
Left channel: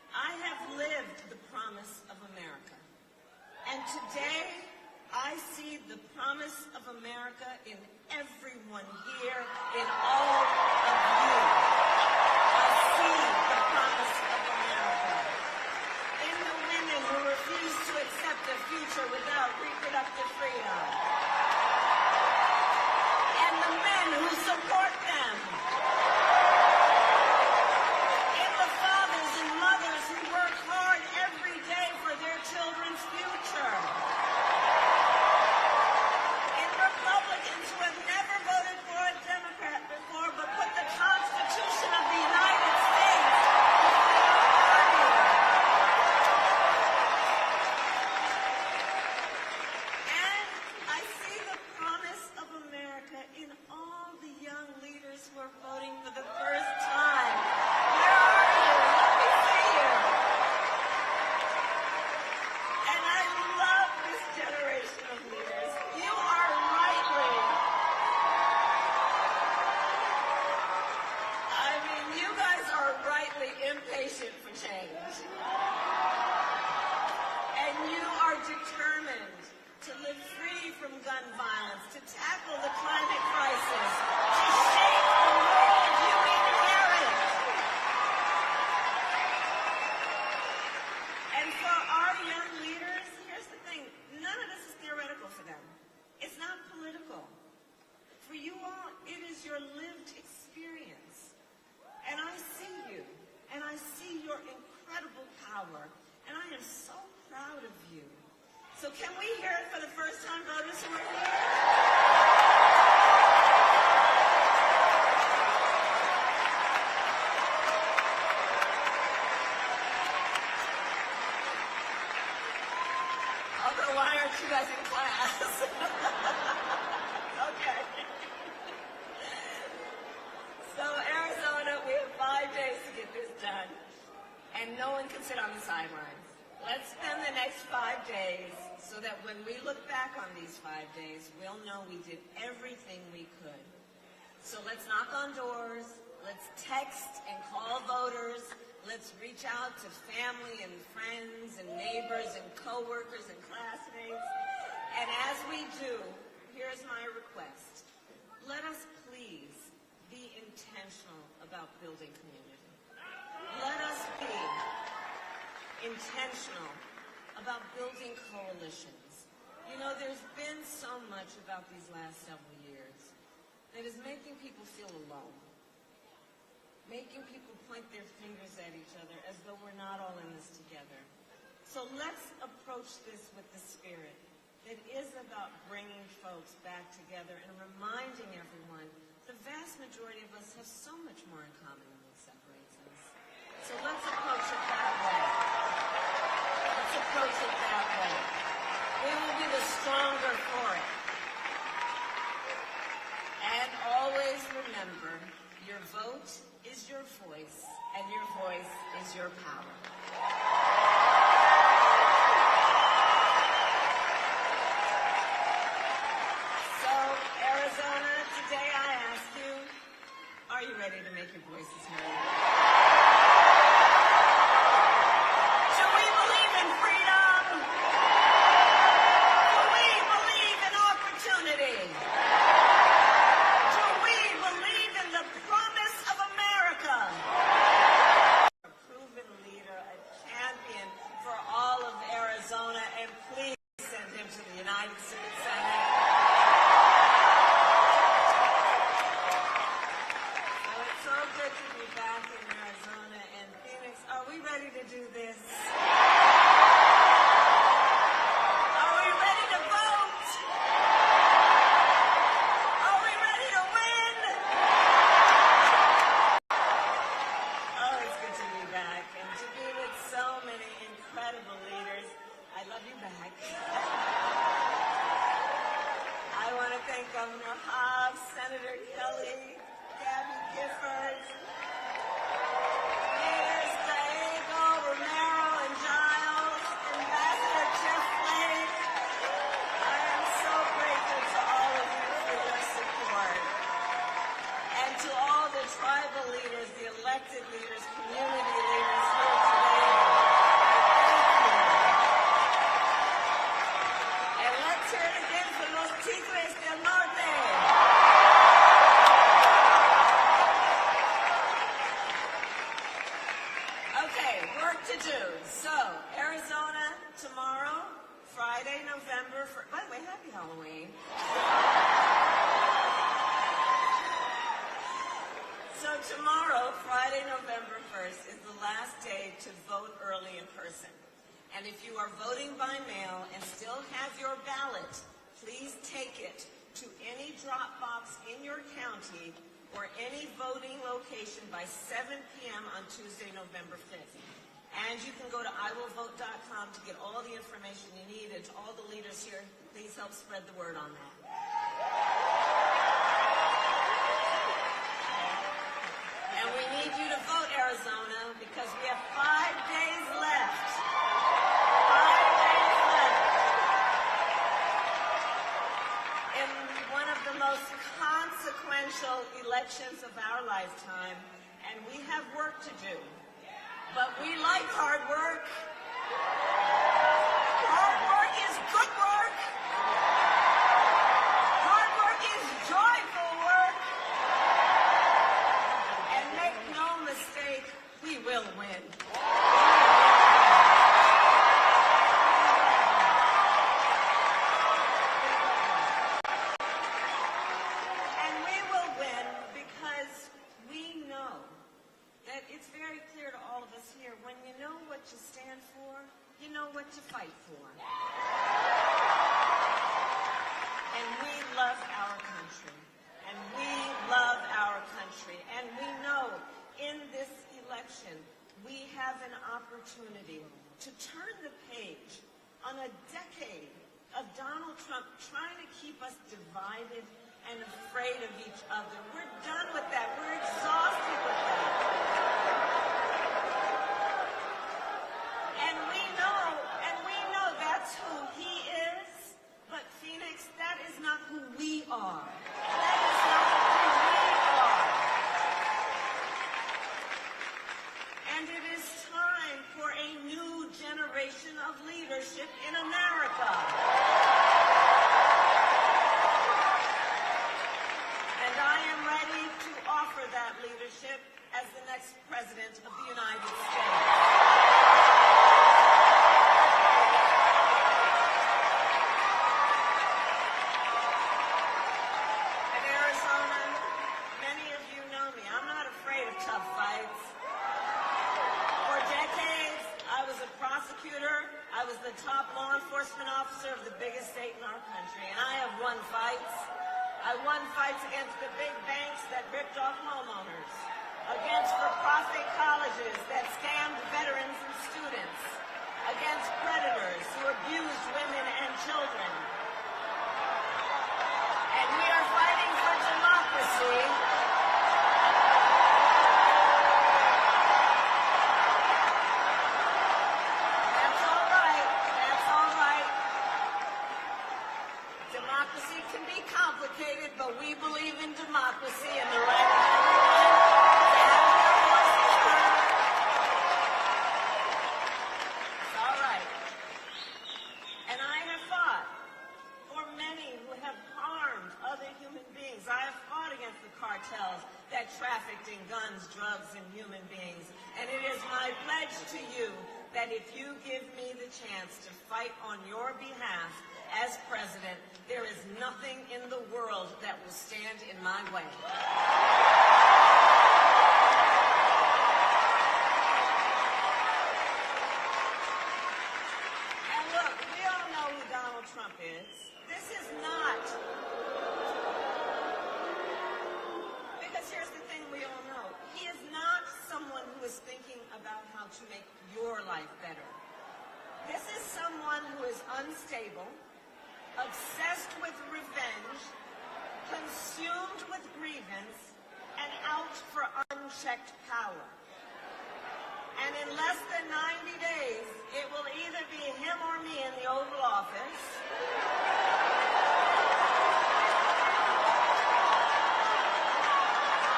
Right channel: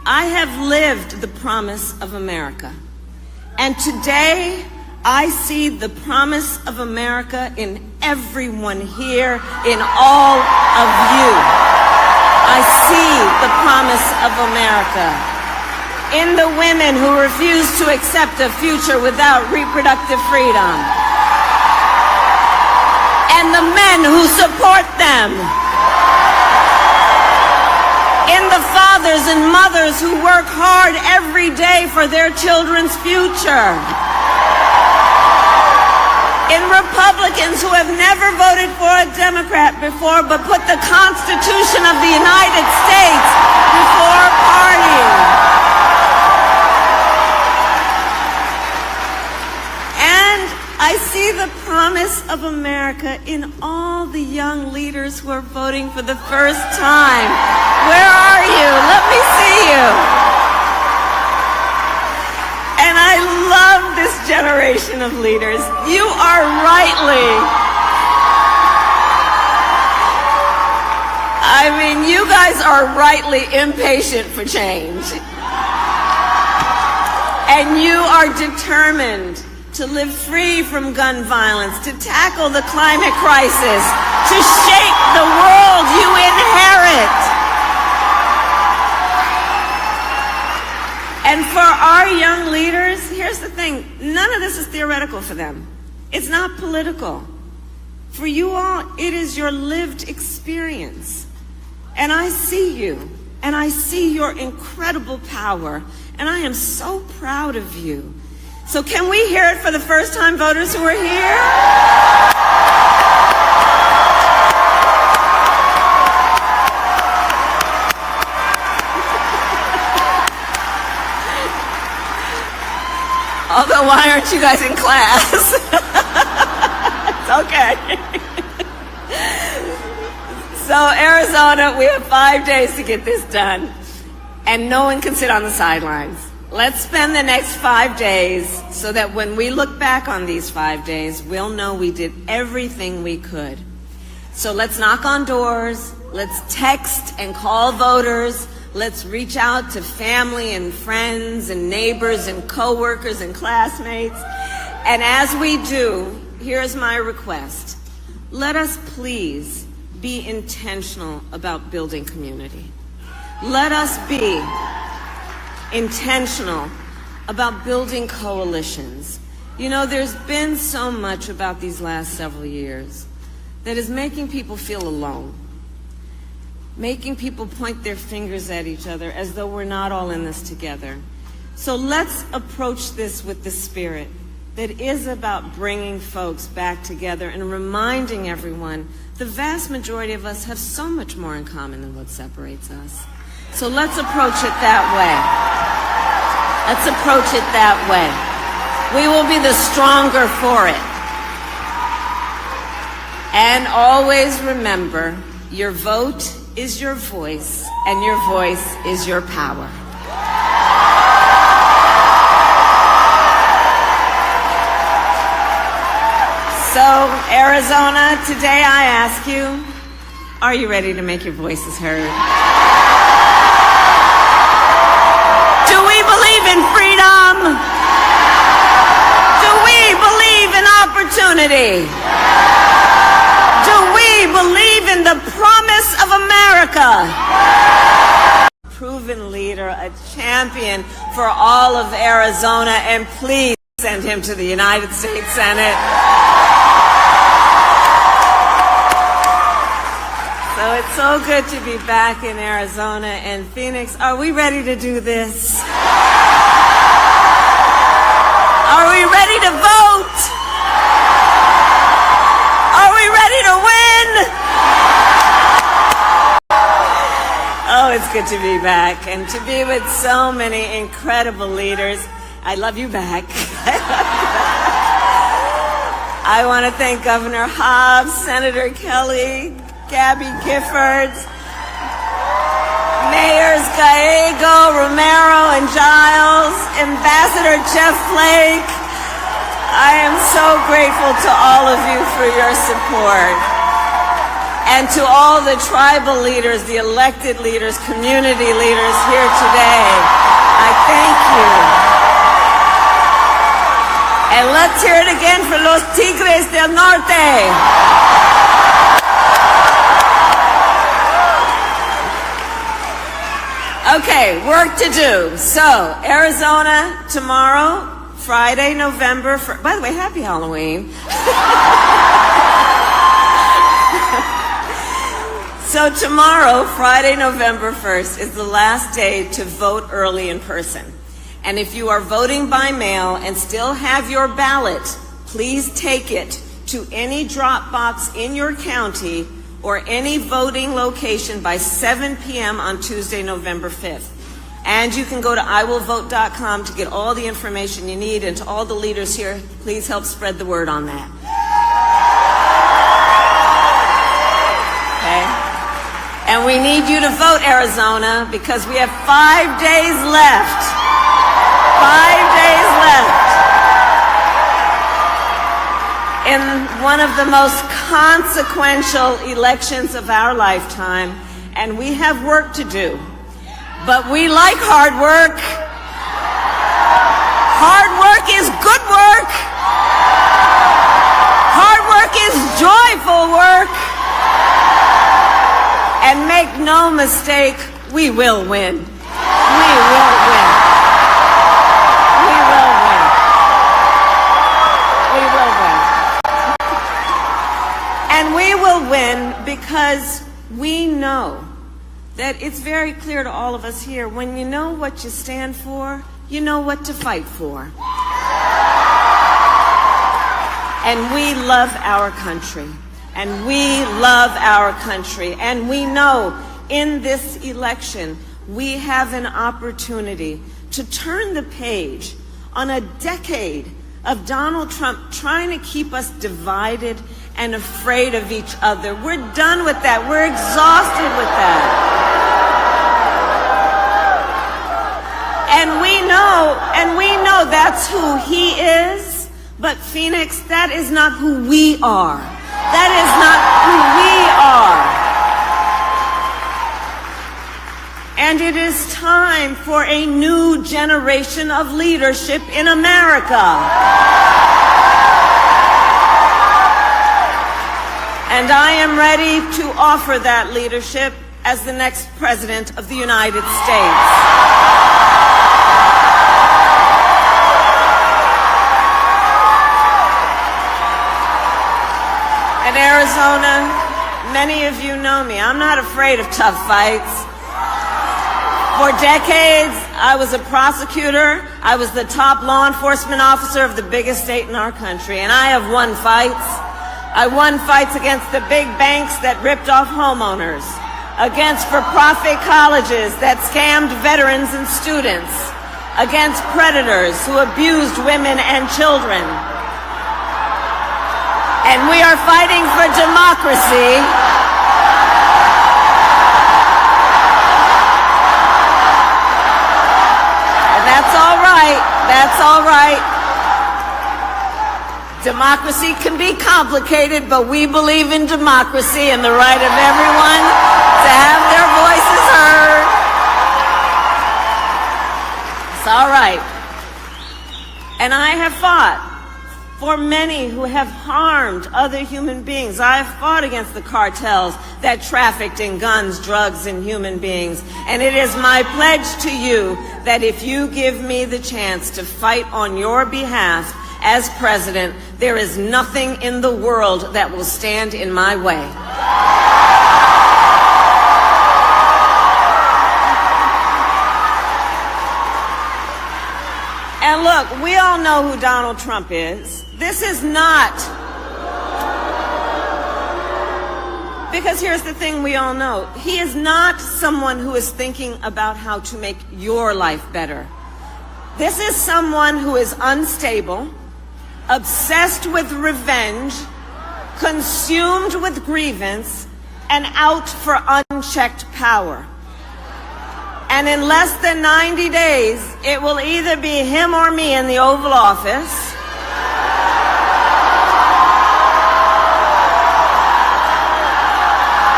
I have lived the promise of America. And today, I see the promise of America in everyone here, in all of you. I see the promise of America in the women who refuse to accept a future without reproductive freedom, and the men who support them, in the fathers and mothers who work hard every day for their children's future, in Republicans who have never voted for a Democrat before but put the Constitution of the United States before party. And I see the promise of America in all the young leaders who are voting for the first time. Where are you? Let me see you. And I love this generation of leaders. You are you guys are rightly impatient for change. And you are determined to live free from gun violence, to tackle the climate crisis, to shape the world you inherit. And for our young leaders, here's the thing, none of this is theoretical for them. It's not political. For you all, it is your lived experience. And I see you, and I see your incredible power, and I am so proud of you. So can we hear it for the first-time voters who are here? Although, why aren't you guys in class? It's okay. So, Arizona, we have 5 days to get this done, and no one can sit on the sidelines. Let's spend the next 5 days so that when we look back on these 5 days, we'll know we did everything we could. So let's knock on doors, let's text and call voters, let's reach out to family and friends and neighbors and coworkers and classmates. And as we do, here's my request. Let us please be intentional about building community. Let us be intentional about building coalitions. You know, there's been so much about these last several years that is making people feel alone, making people point their fingers at each other as though we're not all in this together. So let's approach this with the spirit that is about bringing folks back together and reminding everyone the vast majority of us have so much more in common than what separates us. So let's approach it that way. Let's approach it that way. We will be the stronger for it. And always remember, your vote is your voice, and your voice is your power. So, Arizona, today I ask you, are you ready to make your voices heard? Do we believe in freedom? Do we believe in opportunity? Do we believe in the promise of America? Proven leader, a champion for all of Arizona, and please send him to the United States Senate. So it's so good to be back in Arizona and Phoenix. Are we ready to do this? Are we ready to vote? Are we ready to win? Oh, it's good to be back and to be with so many incredible leaders. I love you back. I want to thank Governor Hobbs, Senator Kelly, Gabby Giffords, Mayors Gallego, Romero, and Giles, Ambassador Jeff Flake. I am so grateful to all of you for your support. And to all the tribal leaders, the elected leaders, community leaders here today, I thank you. And let's hear it again for los Tigres del Norte. Okay, work to do. So, Arizona tomorrow, Friday, November 1st. By the way, happy Halloween. So tomorrow, Friday, November 1st, is the last day to vote early in person. And if you are voting by mail and still have your ballot, please take it to any drop box in your county or any voting location by 7 p.m. on Tuesday, November 5th. And you can go to iwillvote.com to get all the information you need. And to all the leaders here, please help spread the word on that. Okay? And we need you to vote, Arizona, because we have 5 days left. 5 days left in one of the most consequential elections of our lifetime, and we have work to do. But we like hard work. Hard work is good work. Hard work is joyful work. And make no mistake, we will win. We will win. We will win. We will win. And we will win because we know that it's very clear to all of us here, when you know what you stand for, you know what to fight for. And we love our country. And we love our country. And we know in this election, we have an opportunity to turn the page on a decade of Donald Trump trying to keep us divided and afraid of each other. We're done with that. We're exhausted with that. And we know that's who he is. But Phoenix, that is not who we are. That is not who we are. And it is time for a new generation of leadership in America. And I am ready to offer that leadership as the next President of the United States. In Arizona, many of you know me. I'm not afraid of tough fights. For decades, I was a prosecutor. I was the top law enforcement officer of the biggest state in our country, and I have won fights. I won fights against the big banks that ripped off homeowners, against for-profit colleges that scammed veterans and students, against predators who abused women and children. And we are fighting for democracy. And that's all right. That's all right. Democracy can be complicated, but we believe in democracy and the right of everyone to have their voices heard. It's all right. And I have fought for many who have harmed other human beings. I have fought against the cartels that trafficked in guns, drugs, and human beings. And it is my pledge to you that if you give me the chance to fight on your behalf as president, there is nothing in the world that will stand in my way. And look, we all know who Donald Trump is. This is not, because here's the thing we all know. He is not someone who is thinking about how to make your life better. This is someone who is unstable, obsessed with revenge, consumed with grievance, and out for unchecked power. And in less than 90 days, it will either be him or me in the Oval Office.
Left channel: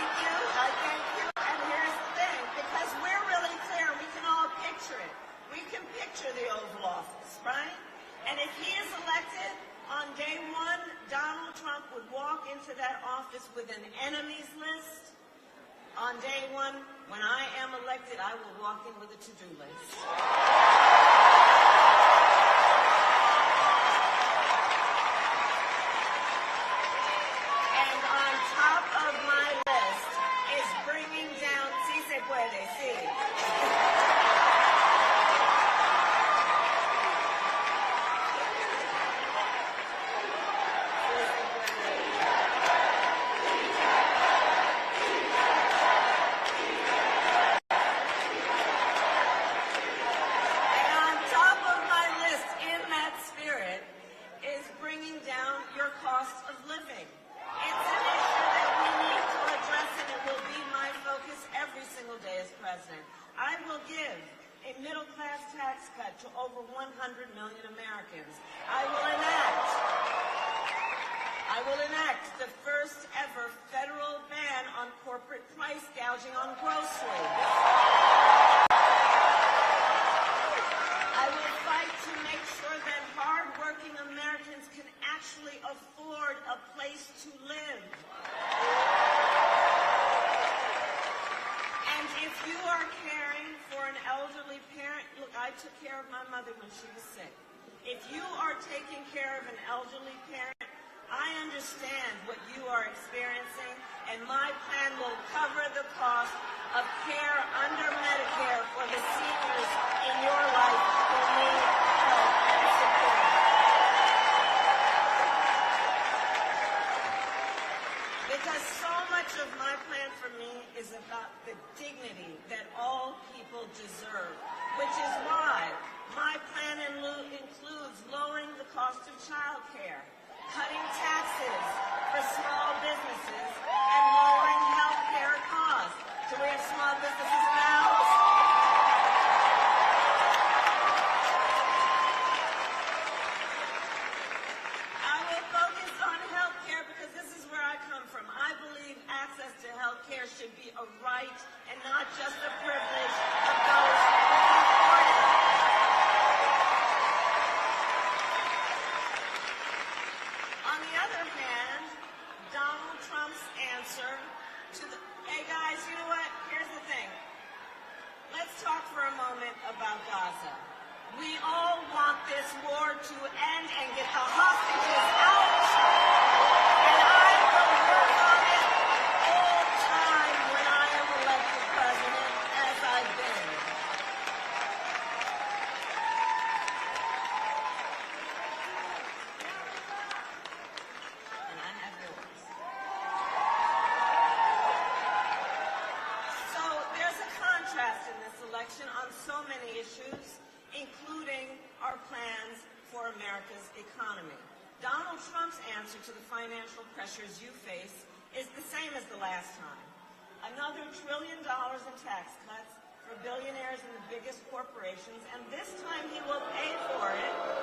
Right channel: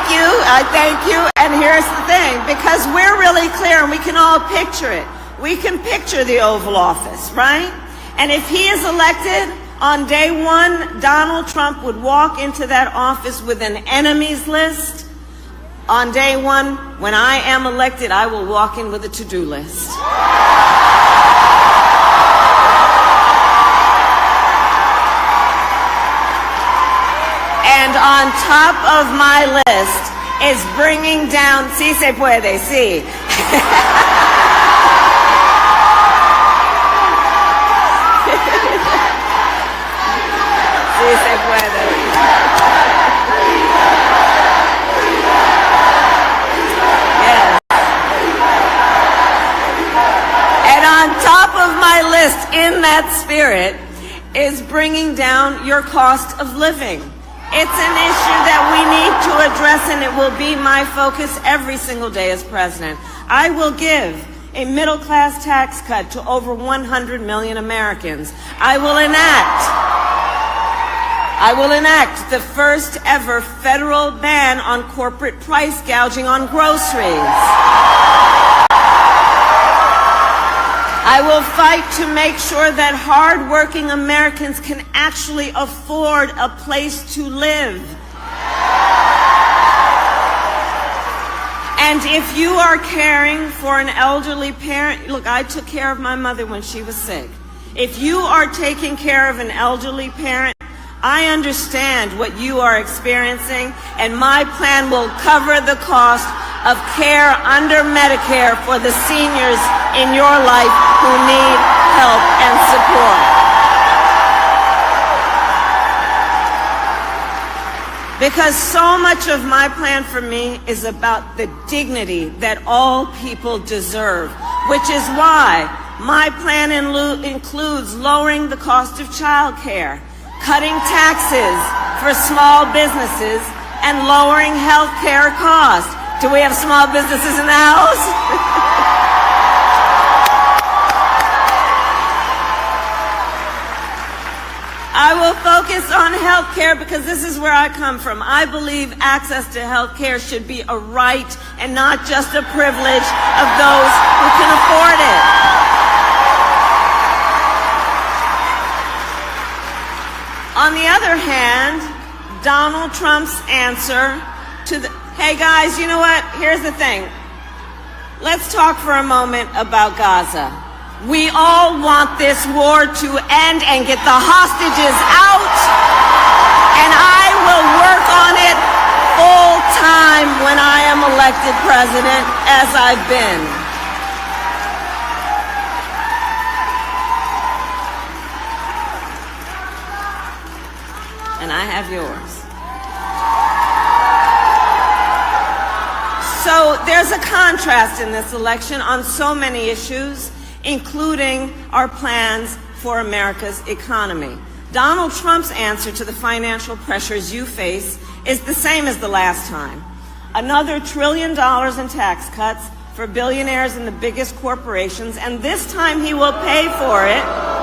I thank you. And here's the thing, because we're really clear and we can all picture it. We can picture the Oval Office, right? And if he is elected, on day one, Donald Trump would walk into that office with an enemies list. On day one, when I am elected, I will walk in with a to-do list. And on top of my list is bringing down, sí se puede, sí. Sí se puede. Yes. And on top of my list, in that spirit, is bringing down your cost of living. It's an issue that we need to address, and it will be my focus every single day as president. I will give a middle-class tax cut to over 100 million Americans. I will enact the first ever federal ban on corporate price gouging on groceries. I will fight to make sure that hard-working Americans can actually afford a place to live. And if you are caring for an elderly parent, look, I took care of my mother when she was sick. If you are taking care of an elderly parent, I understand what you are experiencing, and my plan will cover the cost of care under Medicare for the seniors in your life who need help and support. Because so much of my plan for me is about the dignity that all people deserve, which is why my plan includes lowering the cost of child care, cutting taxes for small businesses, and lowering health care costs. Do we have small businesses in the house? I will focus on health care because this is where I come from. I believe access to health care should be a right and not just a privilege of those who can afford it. On the other hand, Donald Trump's answer to the, hey guys, you know what? Here's the thing. Let's talk for a moment about Gaza. We all want this war to end and get the hostages out, and I will work on it full time when I am elected president, as I've been. And I have yours. So there's a contrast in this election on so many issues, including our plans for America's economy. Donald Trump's answer to the financial pressures you face is the same as the last time. Another $1 trillion in tax cuts for billionaires and the biggest corporations, and this time he will pay for it